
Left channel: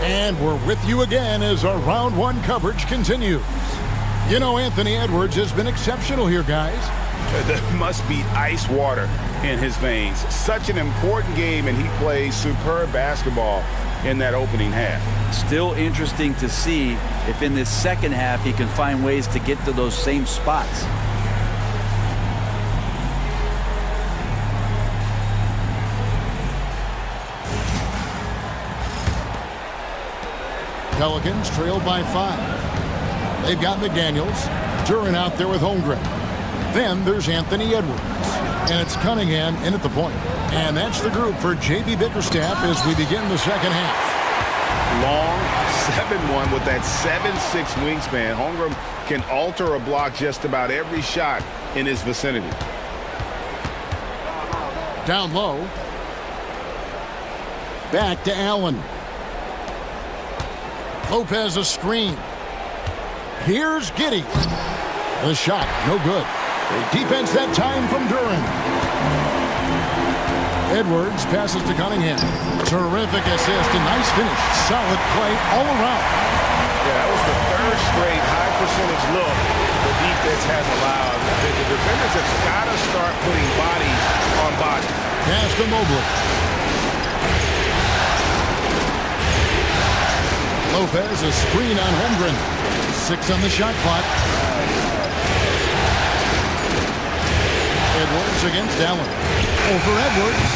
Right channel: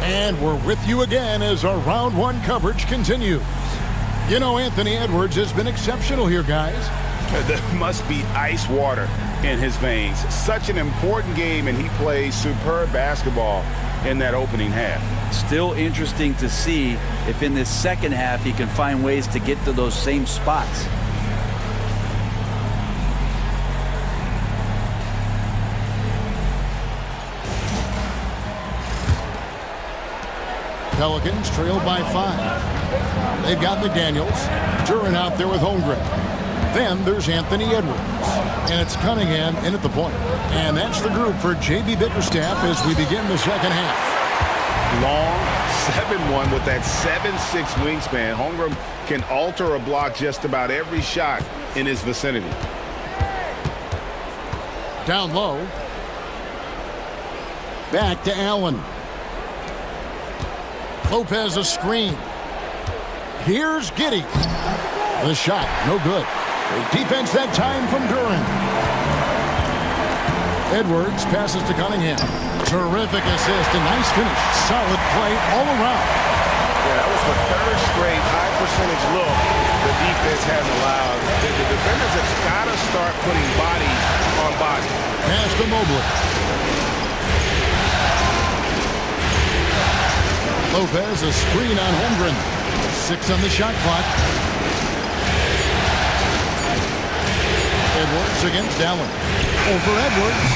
And we're with you again as our round 1 coverage continues. You know, Anthony Edwards has been exceptional here, guys. There must be ice water in his veins. Such an important game, and he plays superb basketball in that opening half. Still interesting to see if in this second half he can find ways to get to those same spots. Pelicans trailed by 5. They've got McDaniels, Duran out there with Holmgren. Then there's Anthony Edwards, and it's Cunningham in at the point. And that's the group for J.B. Bickerstaff as we begin the second half. Long 7-1 with that 7'6" wingspan. Holmgren can alter a block just about every shot in his vicinity. Down low. Back to Allen. Lopez a screen. Here's Giddey. The shot, no good. Great defense that time from Duran. Edwards passes to Cunningham. Terrific assist, a nice finish. Solid play all around. Yeah, that was the third straight high percentage look the defense has allowed. The defenders have got to start putting bodies on bodies. Pass to Mobley. Lopez, a screen on Holmgren. 6 on the shot clock. Edwards against Allen. Over Edwards.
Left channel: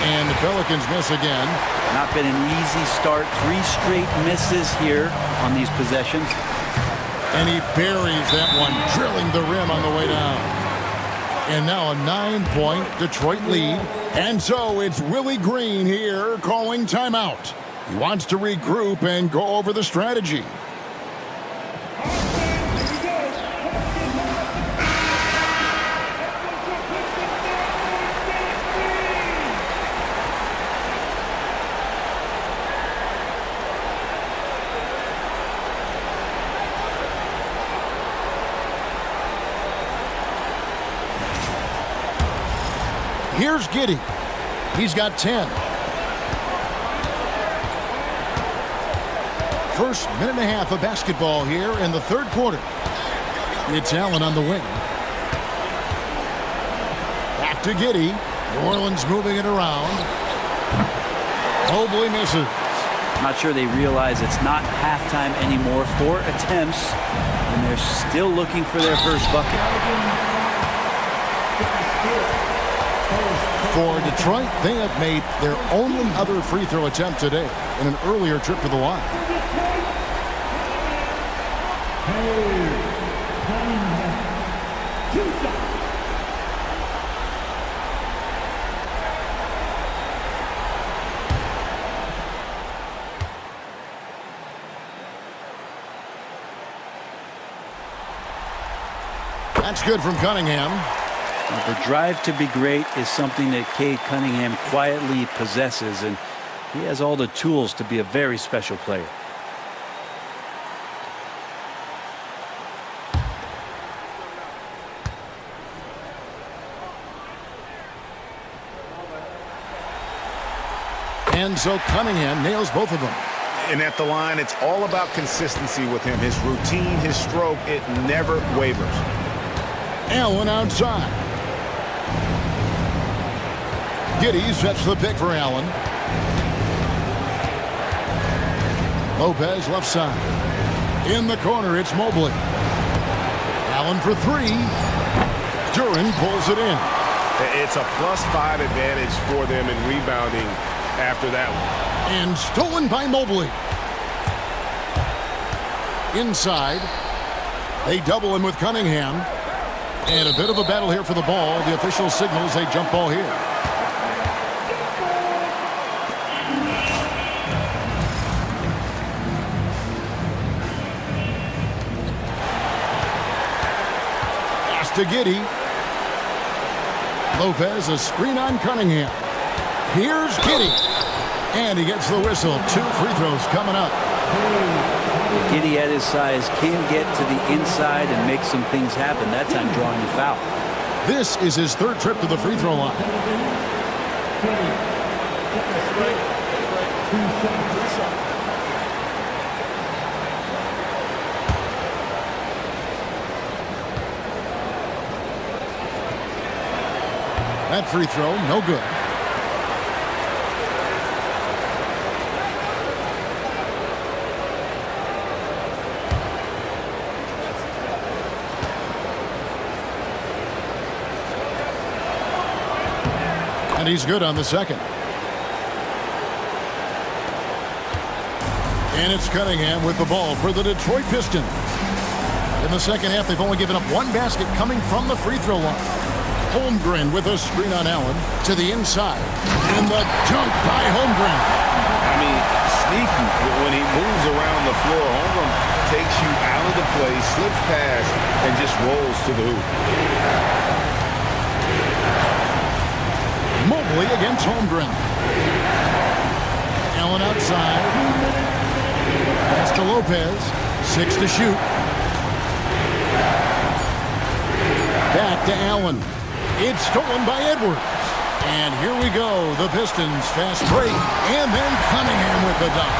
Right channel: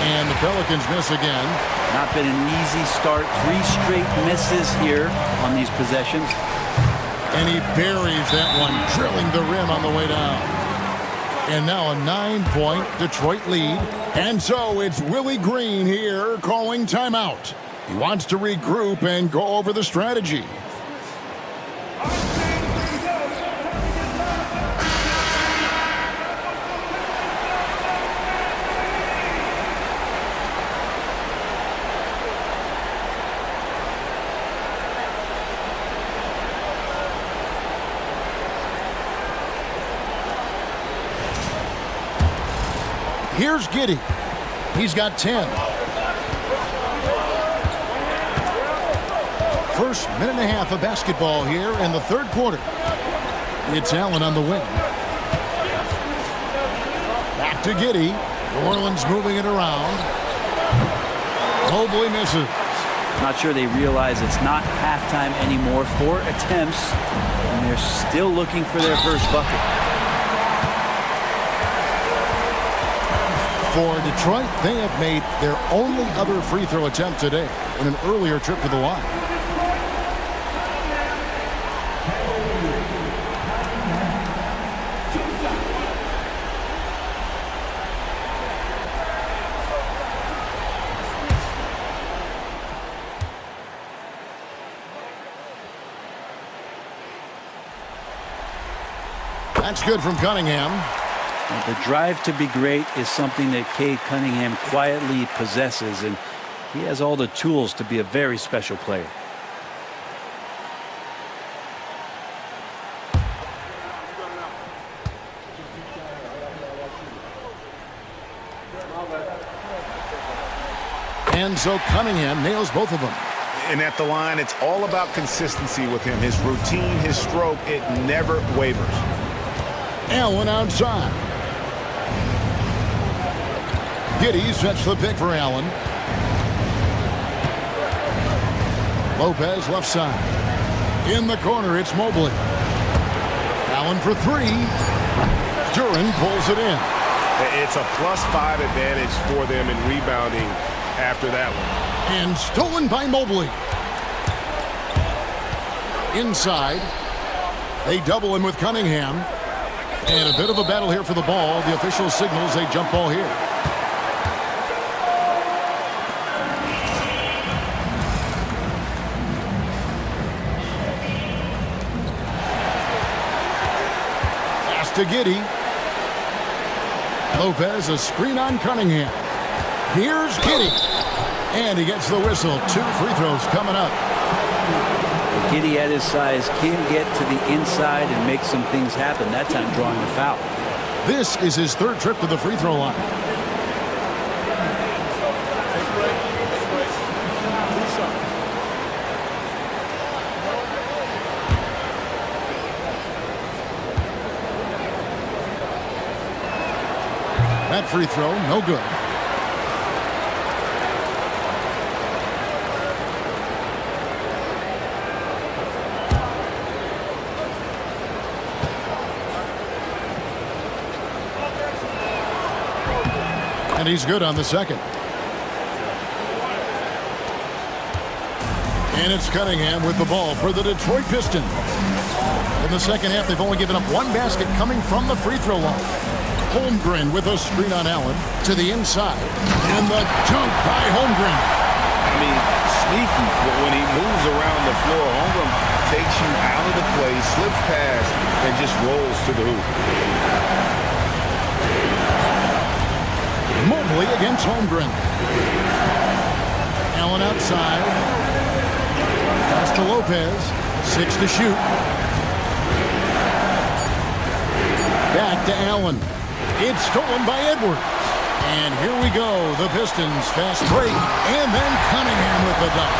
And the Pelicans miss again. Not been an easy start. 3 straight misses here on these possessions. And he buries that one, drilling the rim on the way down. And now a 9-point Detroit lead. And so it's Willie Green here calling timeout. He wants to regroup and go over the strategy. Here's Giddey. He's got 10. First minute and a half of basketball here in the third quarter. It's Allen on the wing. Back to Giddey. New Orleans moving it around. Mobley misses. Not sure they realize it's not halftime anymore. 4 attempts, and they're still looking for their first bucket. For Detroit, they have made their only other free throw attempt today in an earlier trip to the line. That's good from Cunningham. The drive to be great is something that Cade Cunningham quietly possesses, and he has all the tools to be a very special player. And so Cunningham nails both of them. And at the line, it's all about consistency with him. His routine, his stroke, it never wavers. Allen outside. Giddey sets the pick for Allen. Lopez left side. In the corner, it's Mobley. Allen for three. Duren pulls it in. It's a +5 advantage for them in rebounding after that one. And stolen by Mobley. Inside. They double him with Cunningham. And a bit of a battle here for the ball. The official signals a jump ball here. Pass to Giddey. Lopez, a screen on Cunningham. Here's Giddey. And he gets the whistle. 2 free throws coming up. Giddey at his size can get to the inside and make some things happen, that time drawing a foul. This is his 3rd trip to the free throw line. Take a break. Take a break. 2 shots. That free throw, no good. And he's good on the second. And it's Cunningham with the ball for the Detroit Pistons. In the second half, they've only given up 1 basket coming from the free throw line. Holmgren with a screen on Allen to the inside. And the dunk by Holmgren. I mean, sneaky. When he moves around the floor, Holmgren takes you out of the play, slips past, and just rolls to the hoop. Mobley against Holmgren. Allen outside. Pass to Lopez. 6 to shoot. Back to Allen. It's stolen by Edwards. And here we go. The Pistons fast break. And then Cunningham with the dunk.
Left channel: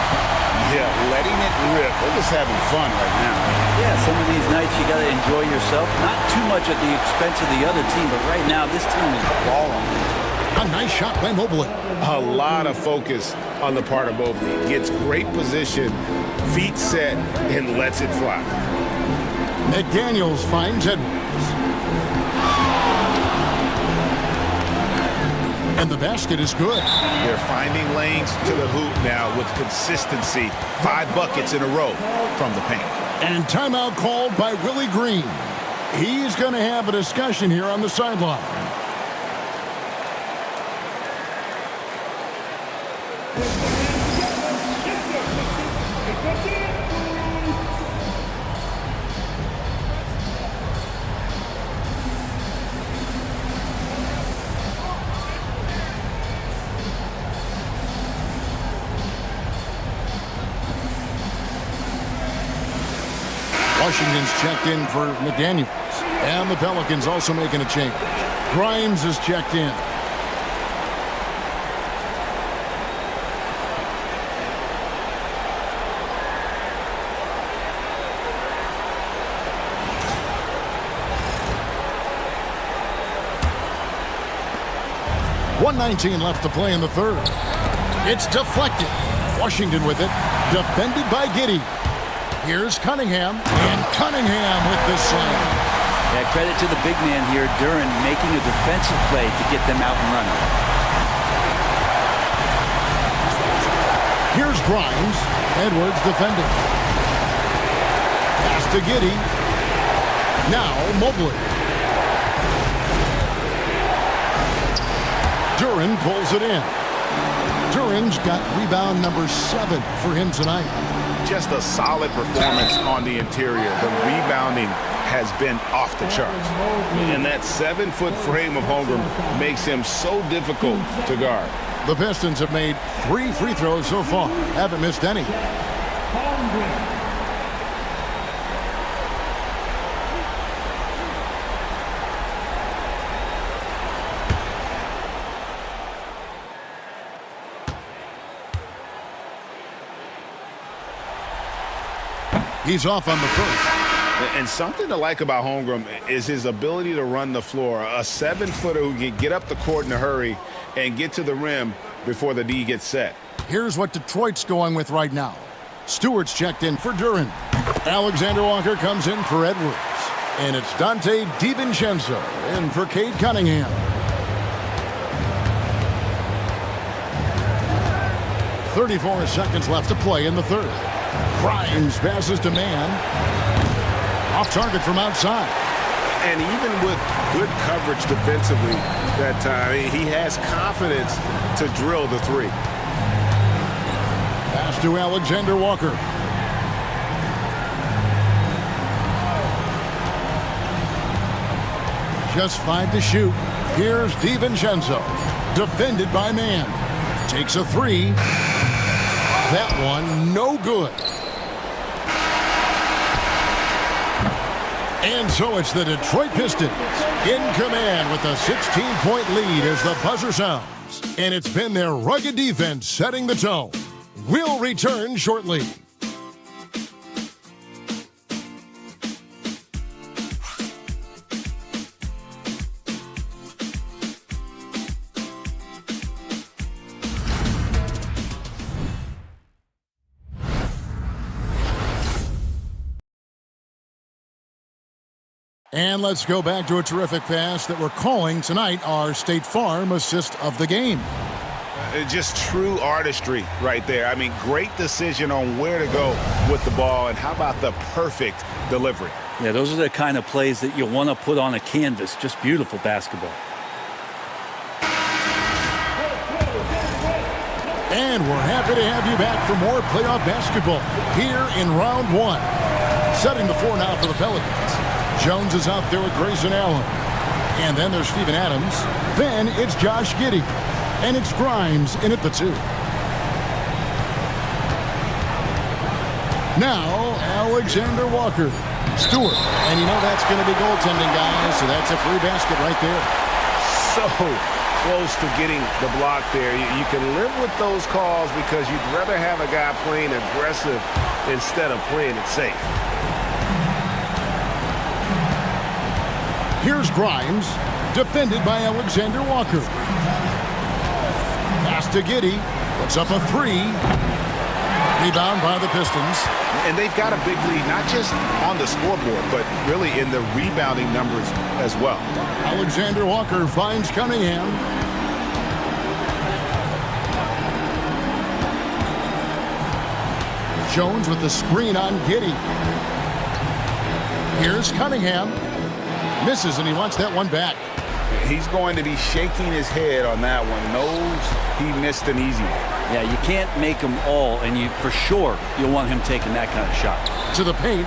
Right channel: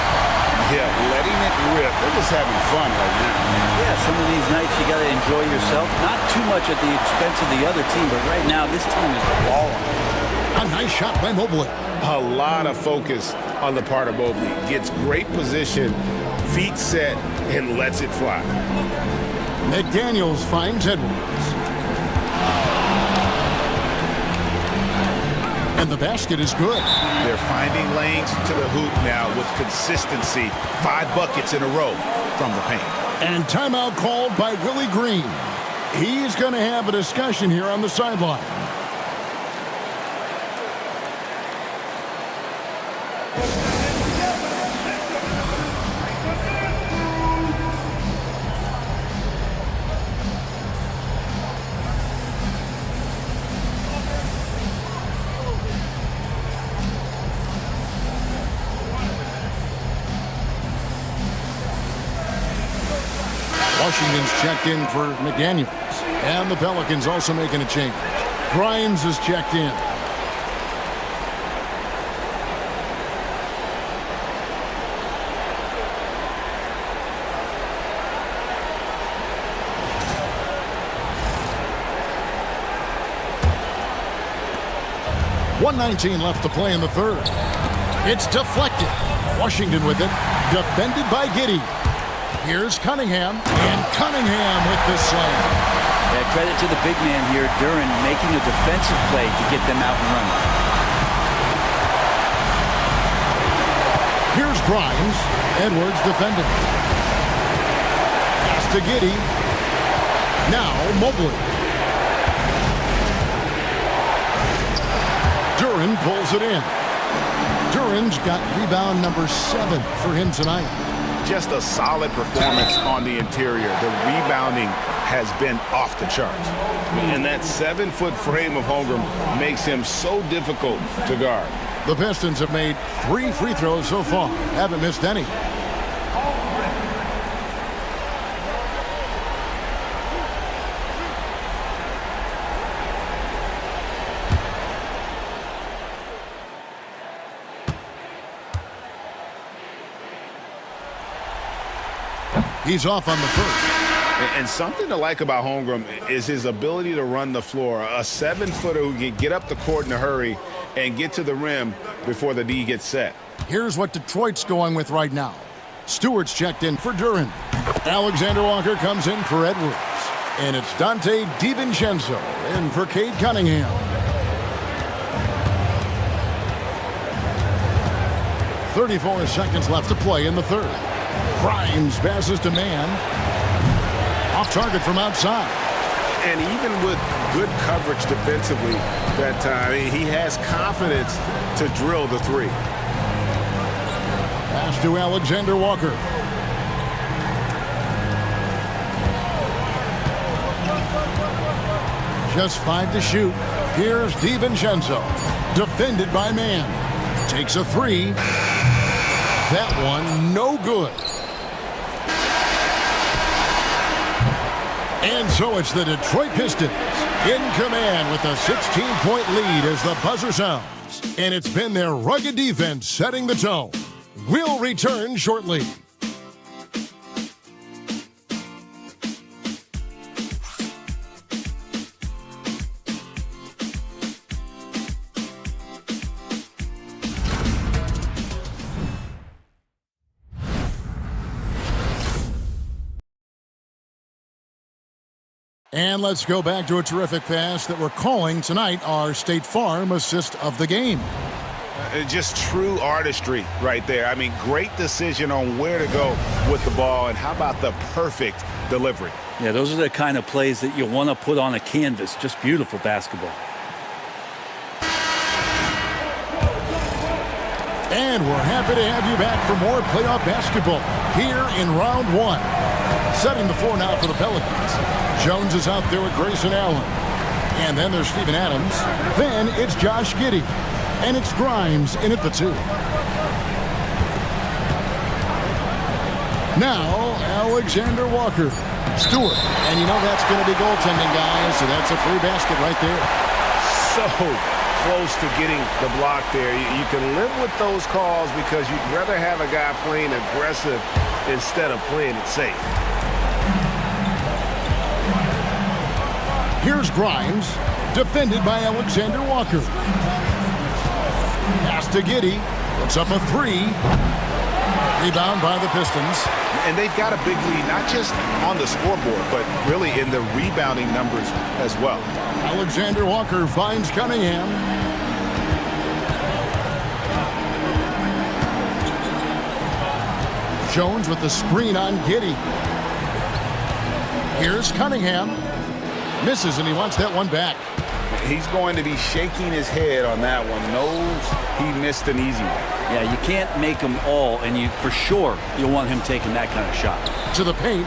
Yeah, letting it rip. They're just having fun right now. Yeah, some of these nights you got to enjoy yourself. Not too much at the expense of the other team, but right now this team is balling. A nice shot by Mobley. A lot of focus on the part of Mobley. Gets great position, feet set, and lets it fly. McDaniels finds Edwards. And the basket is good. They're finding lanes to the hoop now with consistency. 5 buckets in a row from the paint. And timeout called by Willie Green. He's going to have a discussion here on the sideline. Washington's checked in for McDaniels. And the Pelicans also making a change. Grimes is checked in. .119 left to play in the third. It's deflected. Washington with it. Defended by Giddey. Here's Cunningham, and Cunningham with the slam. Yeah, credit to the big man here, Duren, making a defensive play to get them out and running. Here's Grimes. Edwards defending. Pass to Giddey. Now Mobley. Duren pulls it in. Duren's got rebound number 7 for him tonight. Just a solid performance on the interior. The rebounding has been off the charts. And that 7-foot frame of Holmgren makes him so difficult to guard. The Pistons have made 3 free throws so far. Haven't missed any. He's off on the first. And something to like about Holmgren is his ability to run the floor. A 7-footer who can get up the court in a hurry and get to the rim before the D gets set. Here's what Detroit's going with right now. Stewart's checked in for Duren. Alexander Walker comes in for Edwards. And it's Dante DiVincenzo in for Cade Cunningham. 34 seconds left to play in the third. Grimes passes to man. Off target from outside. And even with good coverage defensively that time, he has confidence to drill the three. Pass to Alexander Walker. Just 5 to shoot. Here's DiVincenzo. Defended by man. Takes a 3. That one no good. And so it's the Detroit Pistons in command with a 16-point lead as the buzzer sounds. And it's been their rugged defense setting the tone. We'll return shortly. And let's go back to a terrific pass that we're calling tonight our State Farm assist of the game. Just true artistry right there. I mean, great decision on where to go with the ball, and how about the perfect delivery? Yeah, those are the kind of plays that you want to put on a canvas. Just beautiful basketball. And we're happy to have you back for more playoff basketball here in round 1. Setting the floor now for the Pelicans. Jones is out there with Grayson Allen. And then there's Steven Adams. Then it's Josh Giddey. And it's Grimes in at the 2. Now, Alexander Walker. Stewart. And you know that's going to be goaltending, guys, so that's a free basket right there. So close to getting the block there. You can live with those calls because you'd rather have a guy playing aggressive instead of playing it safe. Here's Grimes, defended by Alexander Walker. Pass to Giddey, puts up a 3. Rebound by the Pistons. And they've got a big lead, not just on the scoreboard, but really in the rebounding numbers as well. Alexander Walker finds Cunningham. Jones with the screen on Giddey. Here's Cunningham. Misses, and he wants that one back. He's going to be shaking his head on that one. Knows he missed an easy one. Yeah, you can't make them all, and you for sure you'll want him taking that kind of shot. To the paint.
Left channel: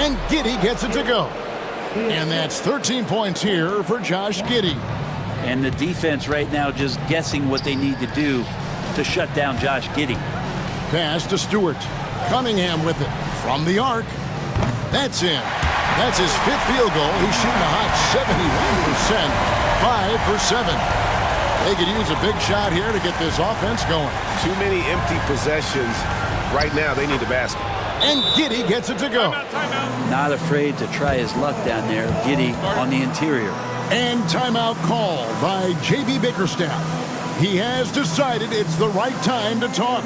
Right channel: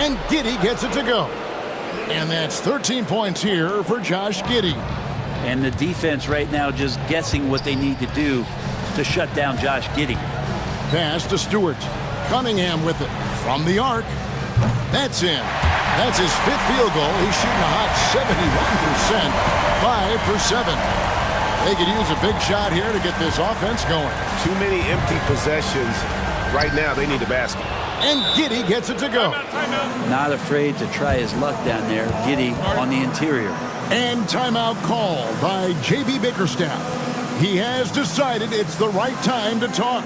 And Giddey gets it to go. And that's 13 points here for Josh Giddey. And the defense right now just guessing what they need to do to shut down Josh Giddey. Pass to Stewart. Cunningham with it. From the arc. That's in. That's his 5th field goal. He's shooting a hot 71%. 5 for 7. They could use a big shot here to get this offense going. Too many empty possessions. Right now, they need a basket. And Giddey gets it to go. Not afraid to try his luck down there. Giddey on the interior. And timeout called by J.B. Bickerstaff. He has decided it's the right time to talk.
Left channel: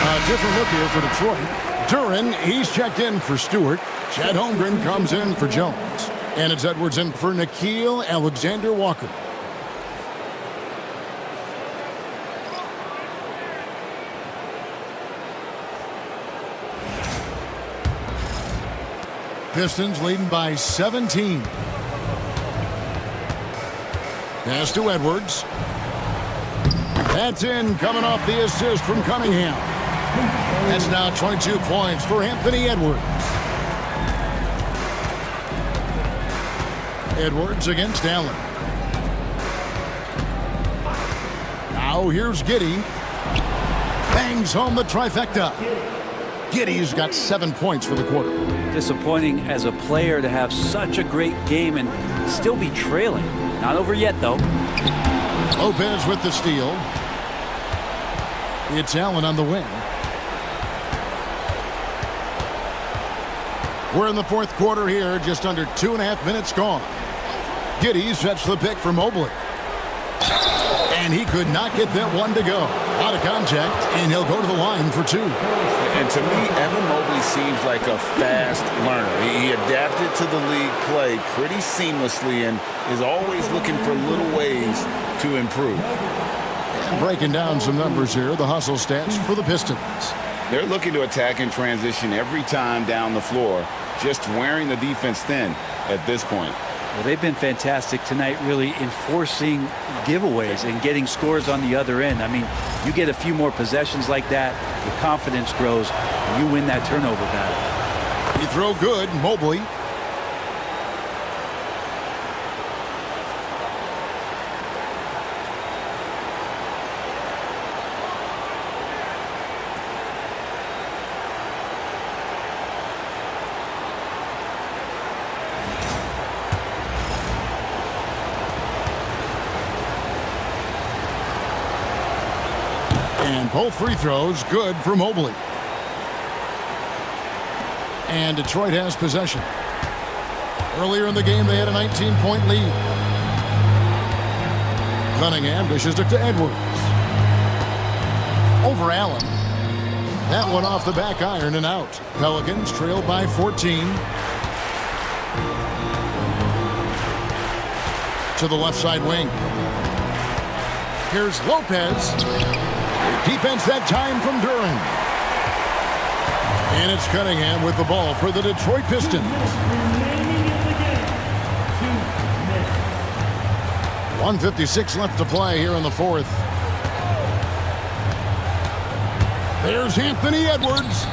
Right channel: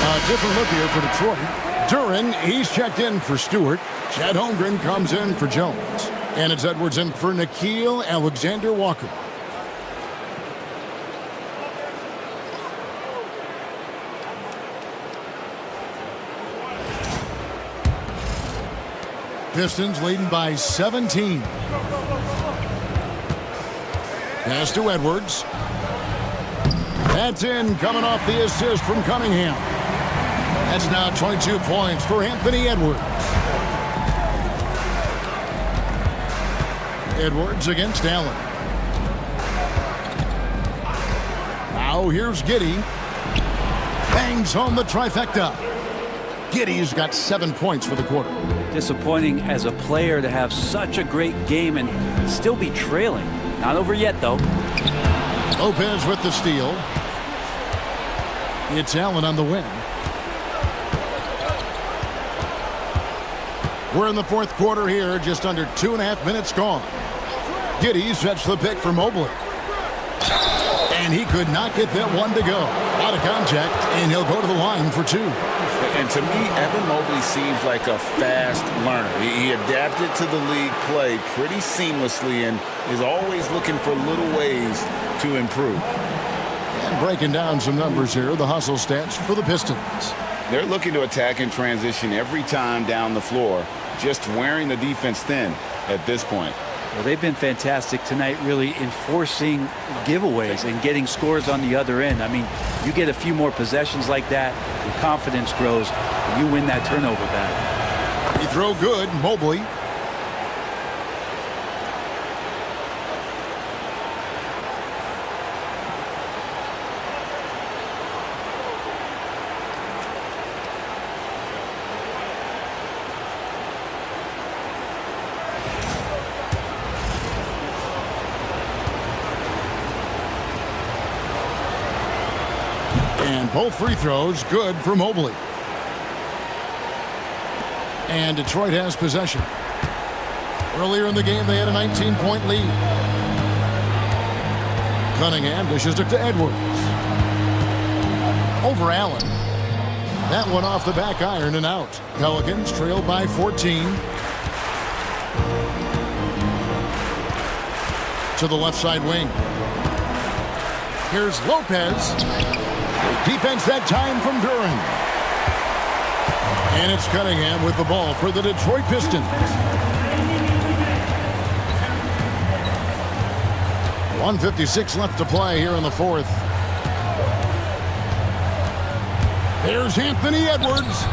A different look here for Detroit. Duren, he's checked in for Stewart. Chad Holmgren comes in for Jones. And it's Edwards in for Nickeil Alexander-Walker. Pistons leading by 17. Pass to Edwards. That's in, coming off the assist from Cunningham. That's now 22 points for Anthony Edwards. Edwards against Allen. Now here's Giddey. Bangs home the trifecta. Giddey's got 7 points for the quarter. Disappointing as a player to have such a great game and still be trailing. Not over yet, though. Lopez with the steal. It's Allen on the wing. We're in the fourth quarter here, just under 2.5 minutes gone. Giddey sets the pick for Mobley. And he could not get that one to go. A lot of contact, and he'll go to the line for 2. And to me, Evan Mobley seems like a fast learner. He adapted to the league play pretty seamlessly and is always looking for little ways to improve. And breaking down some numbers here, the hustle stats for the Pistons. They're looking to attack and transition every time down the floor, just wearing the defense thin at this point. Well, they've been fantastic tonight, really enforcing giveaways and getting scores on the other end. I mean, you get a few more possessions like that, your confidence grows, and you win that turnover battle. Free throw good, Mobley. And both free throws good for Mobley. And Detroit has possession. Earlier in the game, they had a 19-point lead. Cunningham dishes it to Edwards. Over Allen. That one off the back iron and out. Pelicans trail by 14. To the left side wing. Here's Lopez. Great defense that time from Duren. And it's Cunningham with the ball for the Detroit Pistons. 1:56 left to play here in the fourth. There's Anthony Edwards.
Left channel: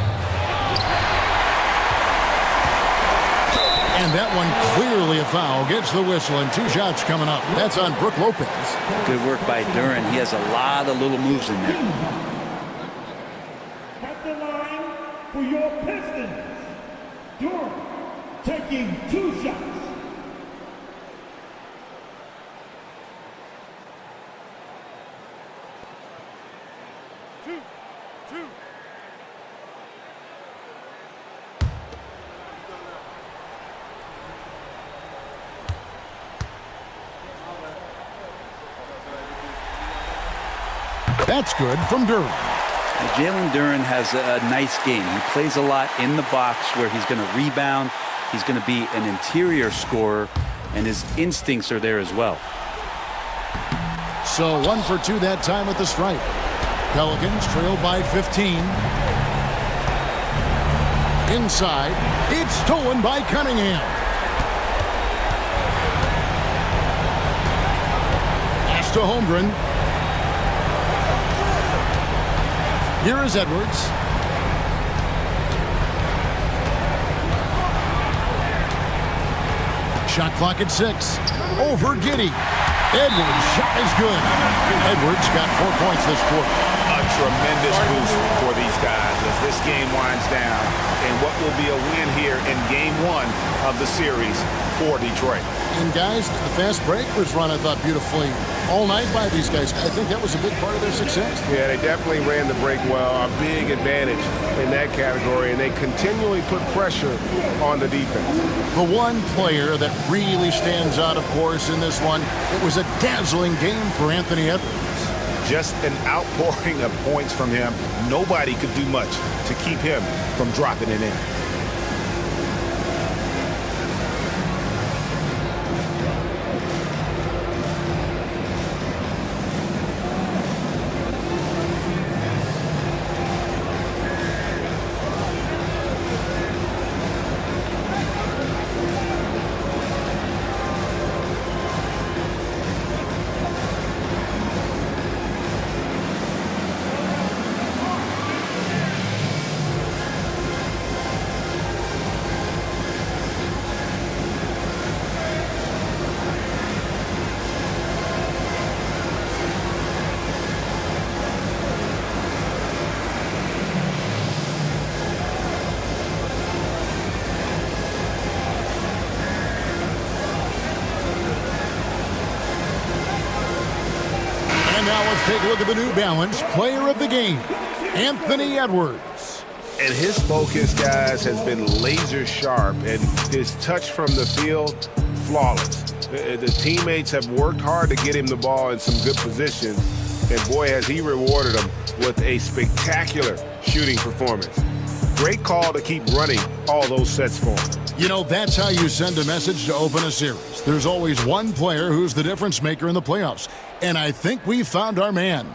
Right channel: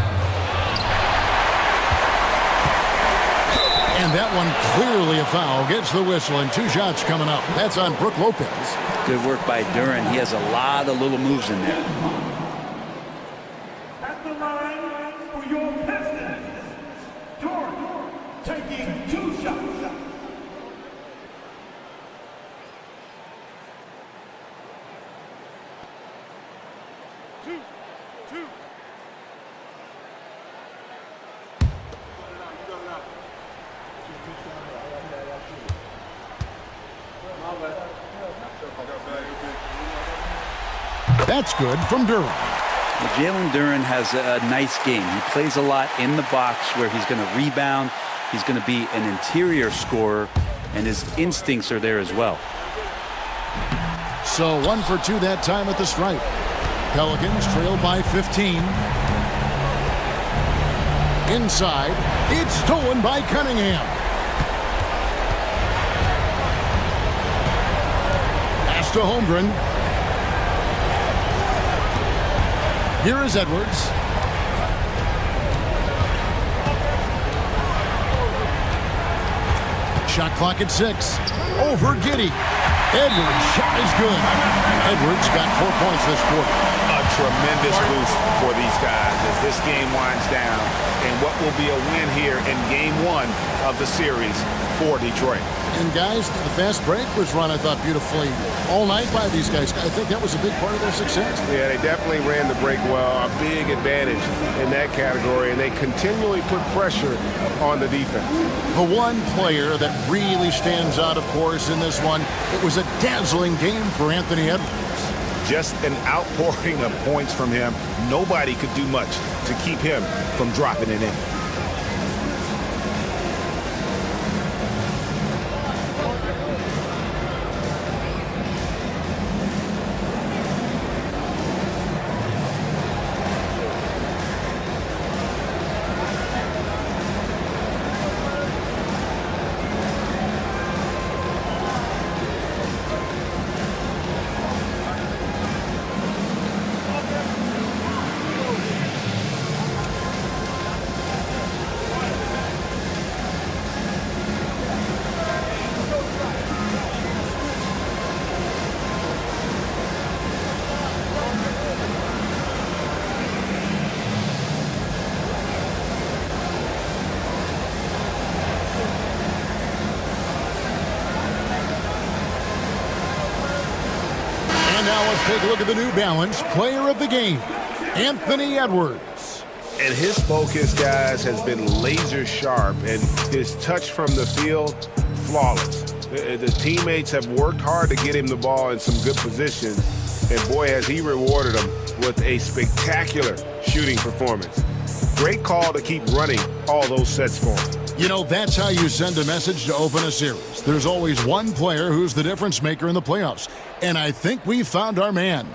And that one clearly a foul. Gets the whistle and 2 shots coming up. That's on Brook Lopez. Good work by Duren. He has a lot of little moves in there. At the line for your Pistons, Duren taking 2 shots. Two. That's good from Duren. Well, Jalen Duren has a nice game. He plays a lot in the box where he's going to rebound. He's going to be an interior scorer, and his instincts are there as well. So 1 for 2 that time at the stripe. Pelicans trail by 15. Inside, it's stolen by Cunningham. Pass to Holmgren. Here is Edwards. Shot clock at 6. Over Giddey. Edwards' shot is good. Edwards got 4 points this quarter. A tremendous boost for these guys as this game winds down and what will be a win here in game 1 of the series for Detroit. And guys, the fast break was run, I thought, beautifully all night by these guys. I think that was a big part of their success. Yeah, they definitely ran the break well. A big advantage in that category, and they continually put pressure on the defense. The one player that really stands out, of course, in this one, it was a dazzling game for Anthony Edwards. Just an outpouring of points from him. Nobody could do much to keep him from dropping it in. And now let's take a look at the New Balance Player of the Game, Anthony Edwards. And his focus, guys, has been laser sharp, and his touch from the field, flawless. The teammates have worked hard to get him the ball in some good positions, and boy, has he rewarded them with a spectacular shooting performance. Great call to keep running all those sets for him. You know, that's how you send a message to open a series. There's always one player who's the difference maker in the playoffs, and I think we found our man.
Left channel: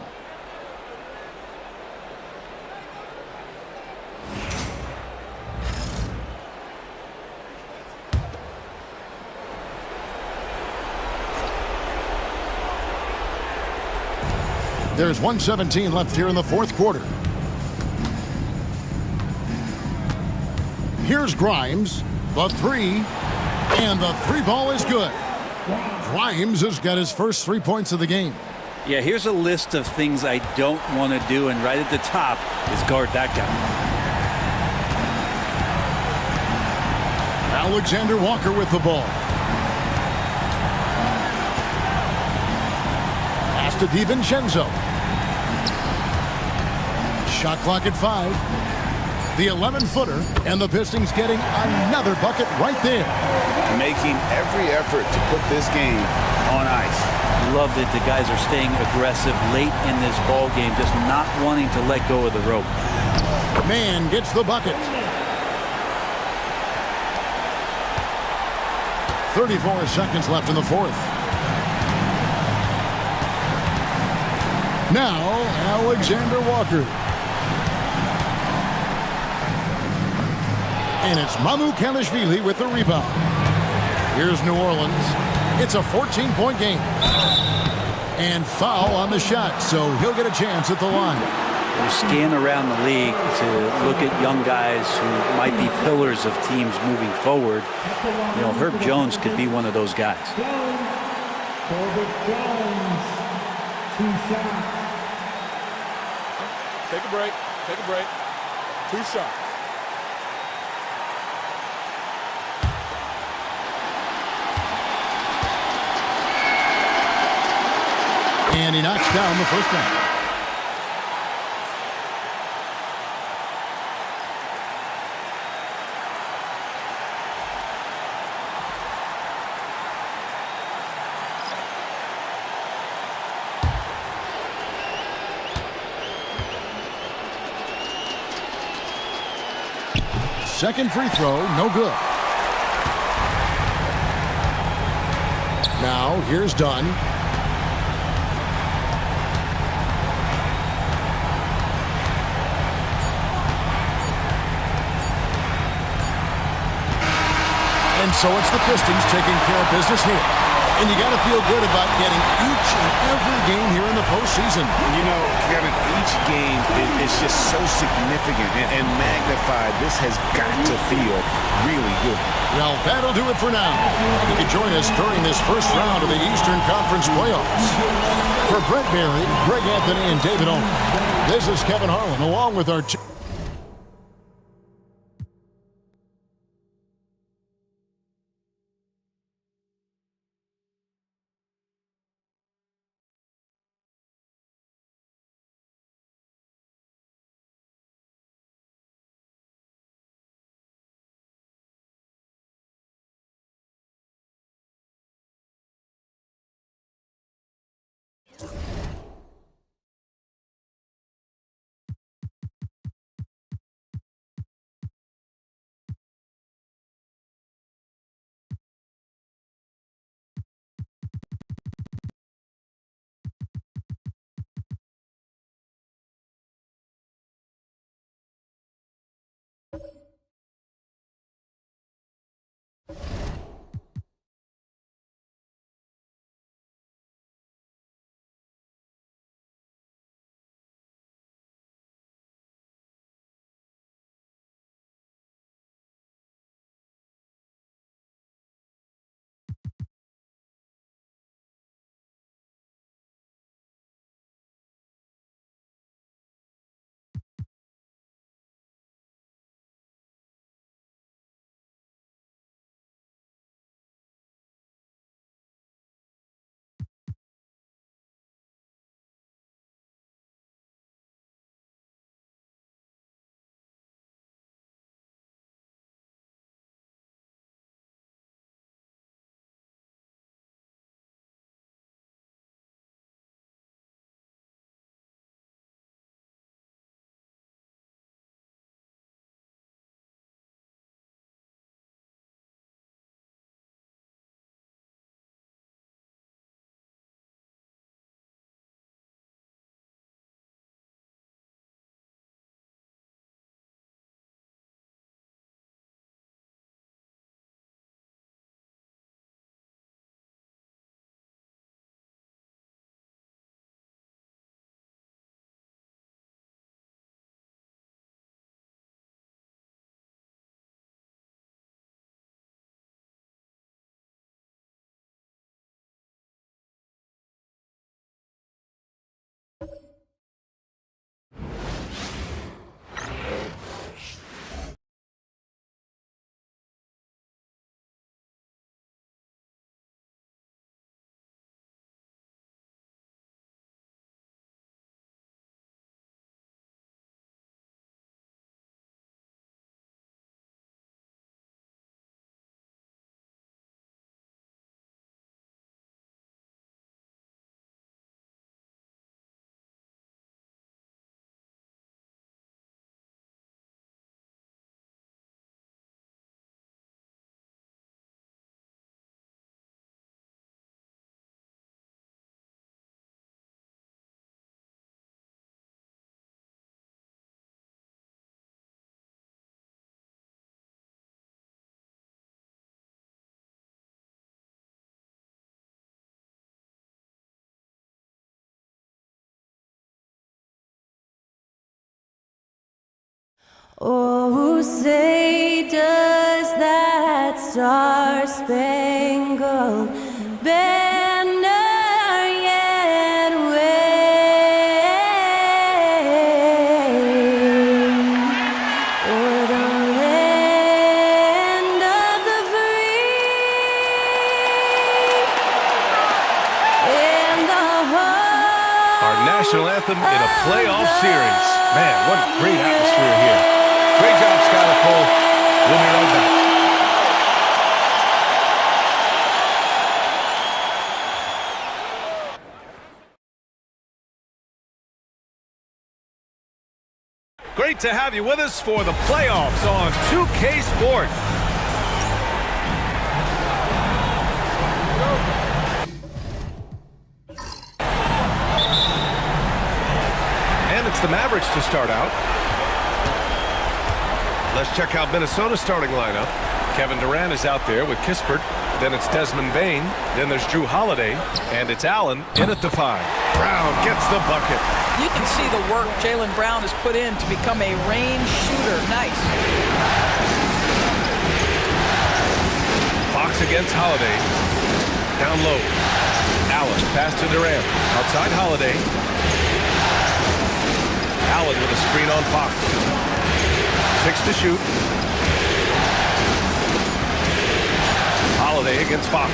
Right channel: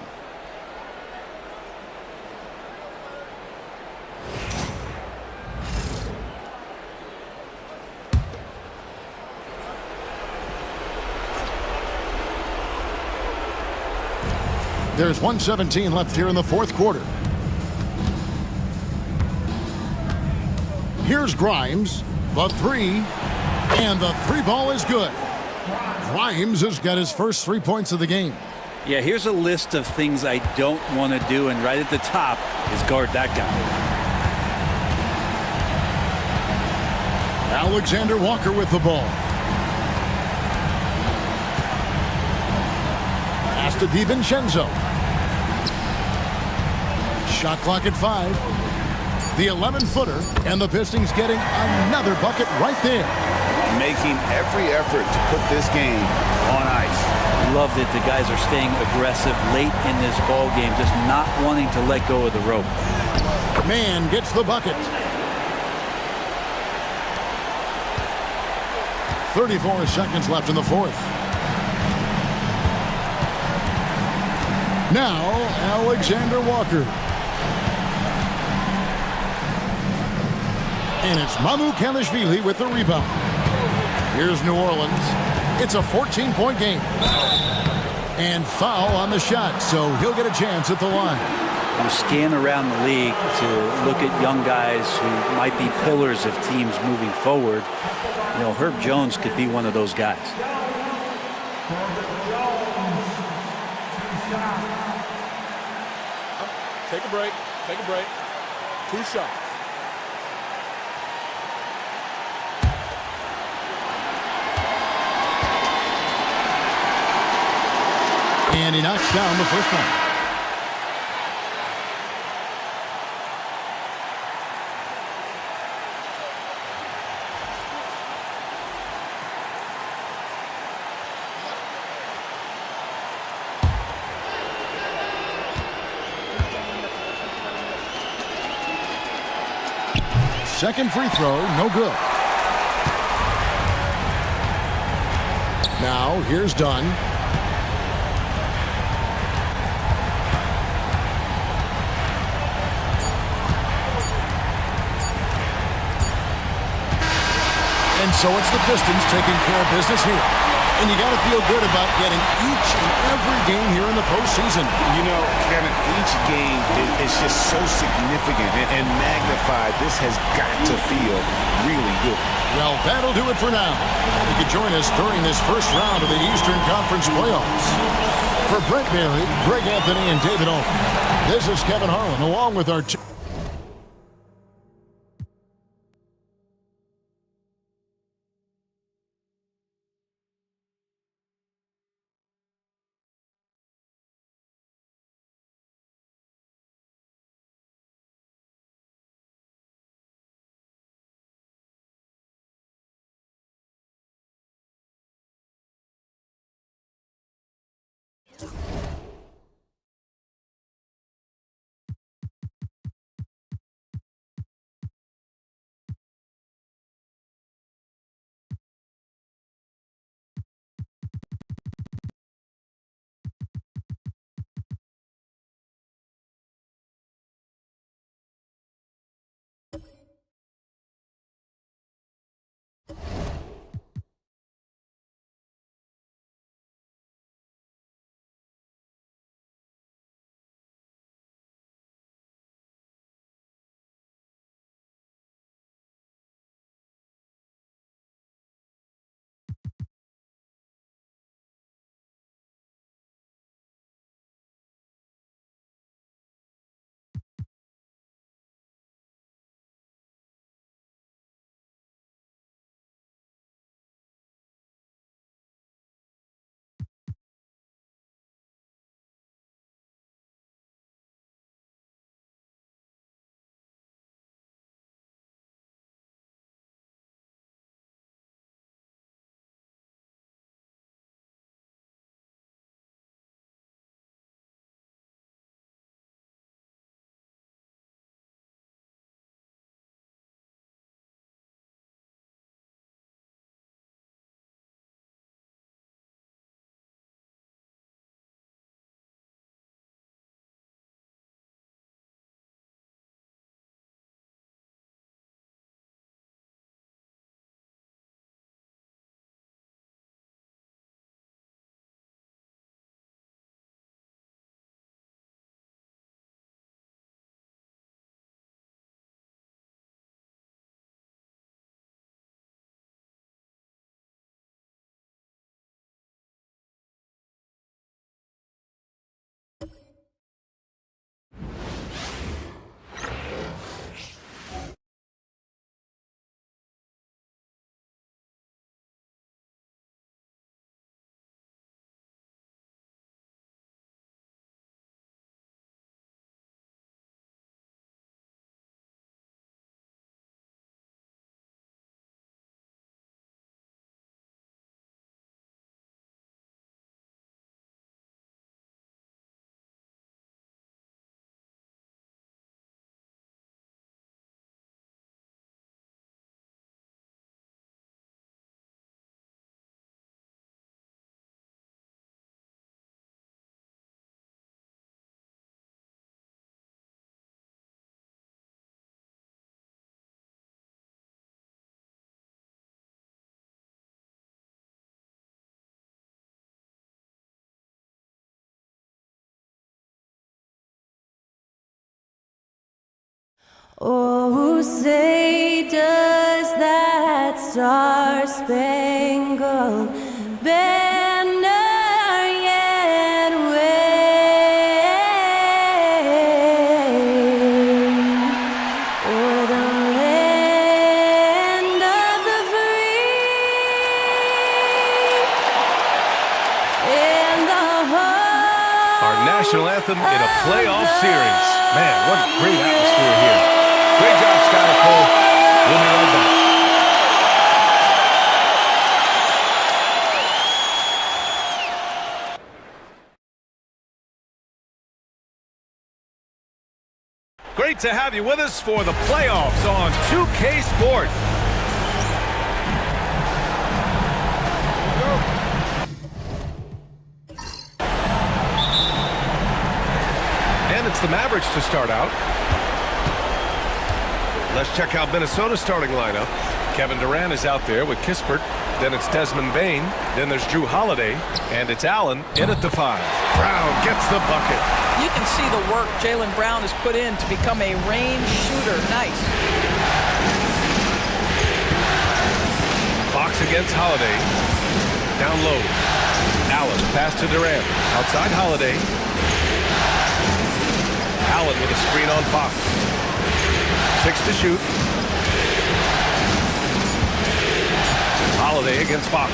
There's 1:17 left here in the fourth quarter. Here's Grimes, the three, and the three ball is good. Grimes has got his first 3 points of the game. Yeah, here's a list of things I don't want to do, and right at the top is guard that guy. Alexander Walker with the ball. Pass to DiVincenzo. Shot clock at 5. The 11-footer, and the Pistons getting another bucket right there. Making every effort to put this game on ice. Love that the guys are staying aggressive late in this ball game, just not wanting to let go of the rope. Man gets the bucket. 34 seconds left in the fourth. Now, Alexander Walker. And it's Mamu Kalishvili with the rebound. Here's New Orleans. It's a 14-point game. And foul on the shot, so he'll get a chance at the line. You scan around the league to look at young guys who might be pillars of teams moving forward. You know, Herb Jones could be one of those guys. Take a break. Take a break. 2 shots. And he knocks down the first one. Second free throw, no good. Now, here's Dunn. And so it's the Pistons taking care of business here. And you got to feel good about getting each and every game here in the postseason. You know, Kevin, each game is just so significant and magnified. This has got to feel really good. Well, that'll do it for now. You can join us during this first round of the Eastern Conference playoffs. For Brent Barry, Greg Anthony, and David Owen, this is Kevin Harlan along with our Oh, say does that star-spangled banner yet wave o'er the land of the free and the home. Our national anthem in a playoff series. Man, what a great atmosphere here. Great job, Skylar Cole. We'll be right back. Great to have you with us for the playoffs on 2K Sport. And it's the Mavericks to start out. Let's check out Minnesota's starting lineup. Kevin Durant is out there with Kispert. Then it's Desmond Bane. Then there's Drew Holiday. And it's Allen in at the 5. Brown gets the bucket. You can see the work Jaylen Brown has put in to become a range shooter. Nice. Fox against Holiday. Down low. Allen, pass to Durant. Outside Holiday. Allen with a screen on Fox. 6 to shoot. Holiday against Fox.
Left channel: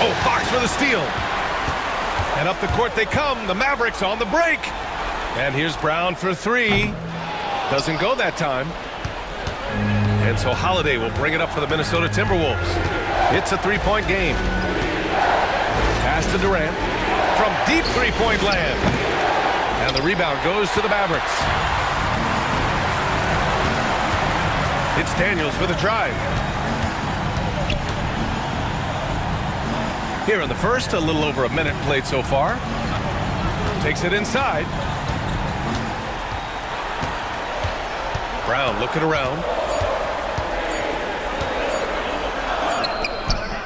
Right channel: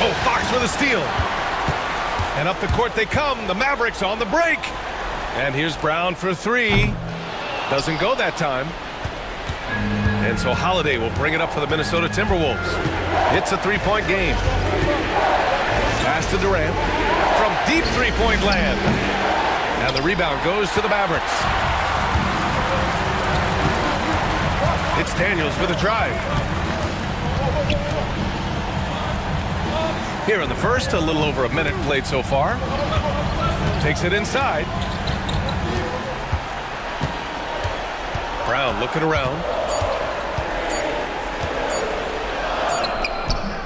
Oh, Fox with a steal. And up the court they come. The Mavericks on the break. And here's Brown for 3. Doesn't go that time. And so Holiday will bring it up for the Minnesota Timberwolves. It's a 3-point game. Pass to Durant from deep 3-point land. And the rebound goes to the Mavericks. It's Daniels with a drive. Here in the first, a little over a minute played so far. Takes it inside. Brown looking around.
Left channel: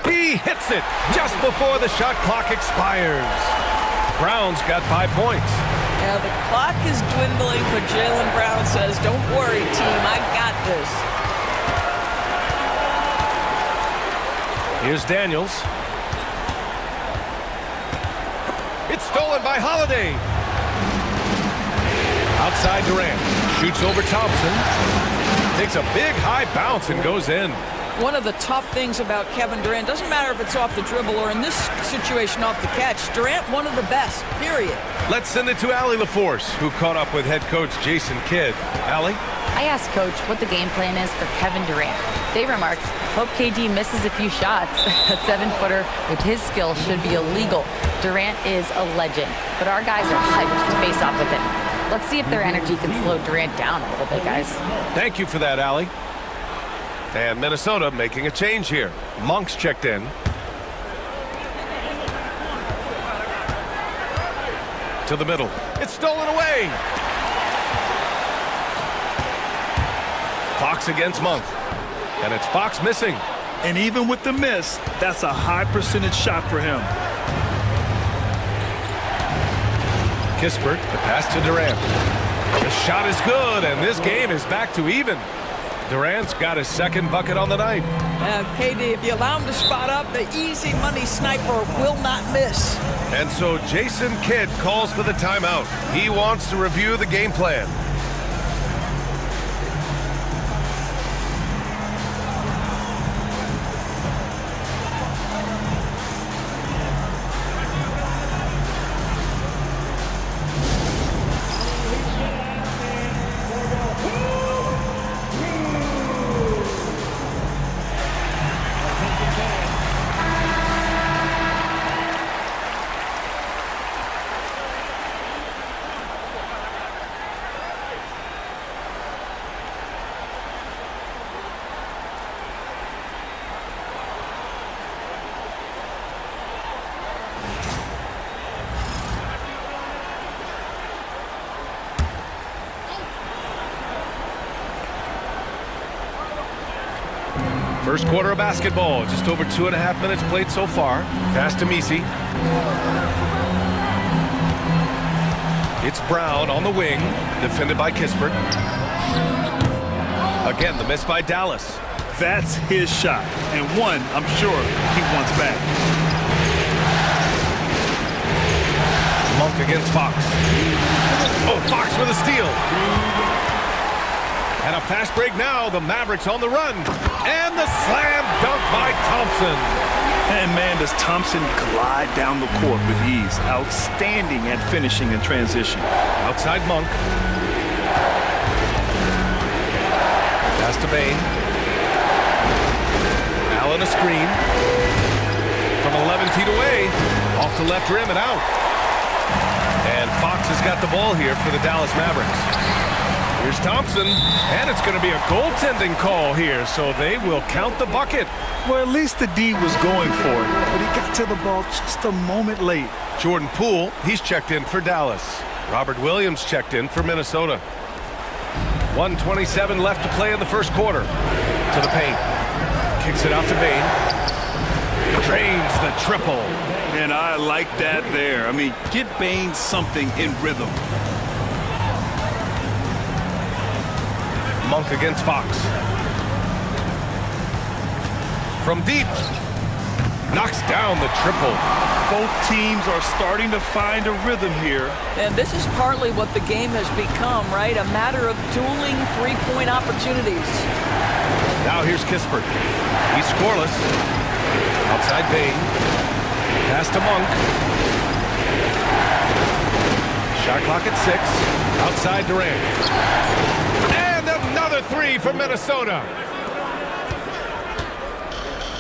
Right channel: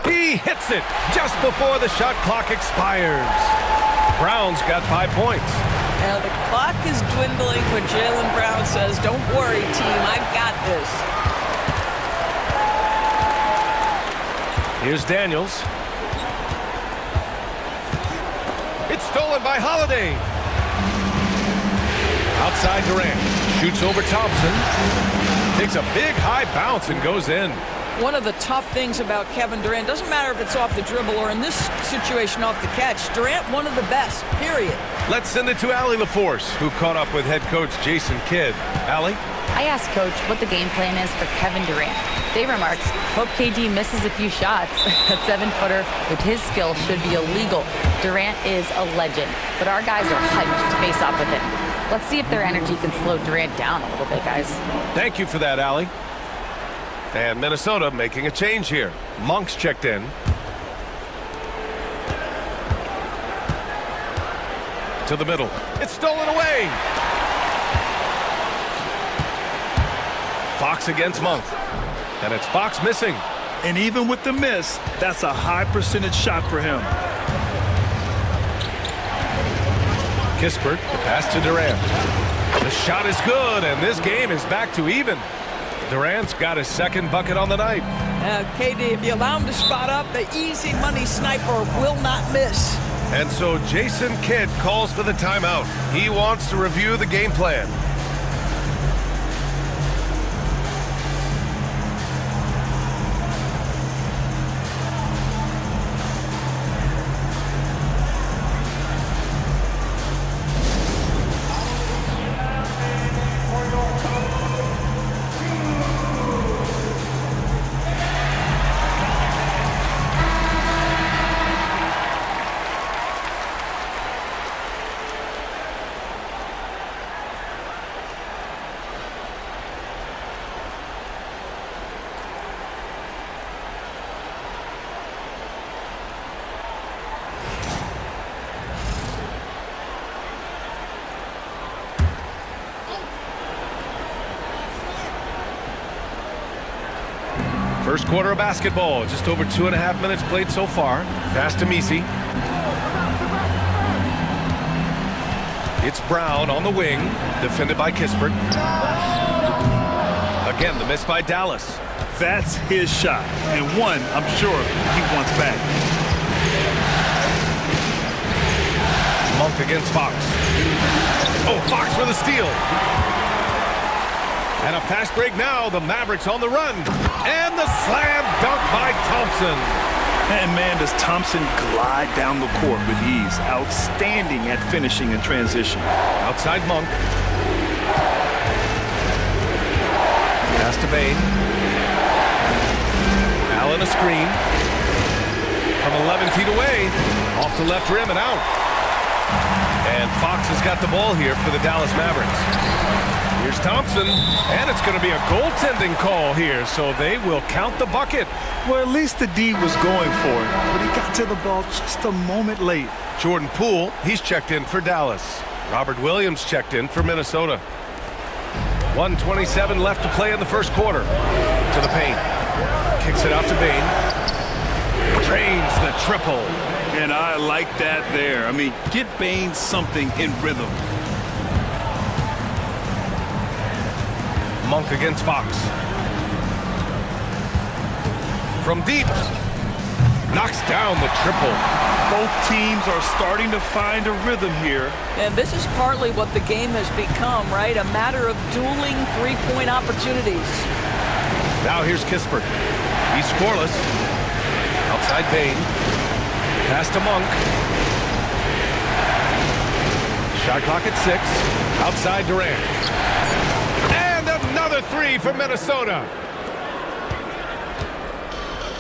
He hits it just before the shot clock expires. Brown's got 5 points. Now the clock is dwindling, but Jaylen Brown says, don't worry, team, I got this. Here's Daniels. It's stolen by Holiday. Outside Durant. Shoots over Thompson. Takes a big high bounce and goes in. One of the tough things about Kevin Durant, doesn't matter if it's off the dribble or in this situation off the catch, Durant one of the best, period. Let's send it to Allie LaForce, who caught up with head coach Jason Kidd. Allie? I asked Coach what the game plan is for Kevin Durant. They remarked, hope KD misses a few shots. A 7-footer with his skill should be illegal. Durant is a legend, but our guys are hyped to face off with him. Let's see if their energy can slow Durant down a little bit, guys. Thank you for that, Allie. And Minnesota making a change here. Monk's checked in. To the middle. It's stolen away. Fox against Monk. And it's Fox missing. And even with the miss, that's a high percentage shot for him. Kispert, the pass to Durant. The shot is good, and this game is back to even. Durant's got his second bucket on the night. KD, if you allow him to spot up, the easy money sniper will not miss. And so Jason Kidd calls for the timeout. He wants to review the game plan. First quarter of basketball, just over 2.5 minutes played so far. Pass to Misi. It's Brown on the wing, defended by Kispert. Again, the miss by Dallas. That's his shot, and one I'm sure he wants back. Monk against Fox. Oh, Fox with a steal. And a fast break now. The Mavericks on the run. And the slam dunk by Thompson. And man, does Thompson glide down the court with ease. Outstanding at finishing in transition. Outside Monk. Pass to Bain. Allen a screen. From 11 feet away. Off the left rim and out. And Fox has got the ball here for the Dallas Mavericks. Here's Thompson, and it's going to be a goaltending call here, so they will count the bucket. Well, at least the D was going for it, but he got to the ball just a moment late. Jordan Poole, he's checked in for Dallas. Robert Williams checked in for Minnesota. 1:27 left to play in the first quarter. To the paint. Kicks it out to Bain. Drains the triple. And I like that there. I mean, get Bain something in rhythm. Monk against Fox. From deep. Knocks down the triple. Both teams are starting to find a rhythm here. And this is partly what the game has become, right? A matter of dueling three-point opportunities. Now here's Kispert. He's scoreless. Outside Bain. Pass to Monk. Shot clock at 6. Outside Durant. And another three for Minnesota.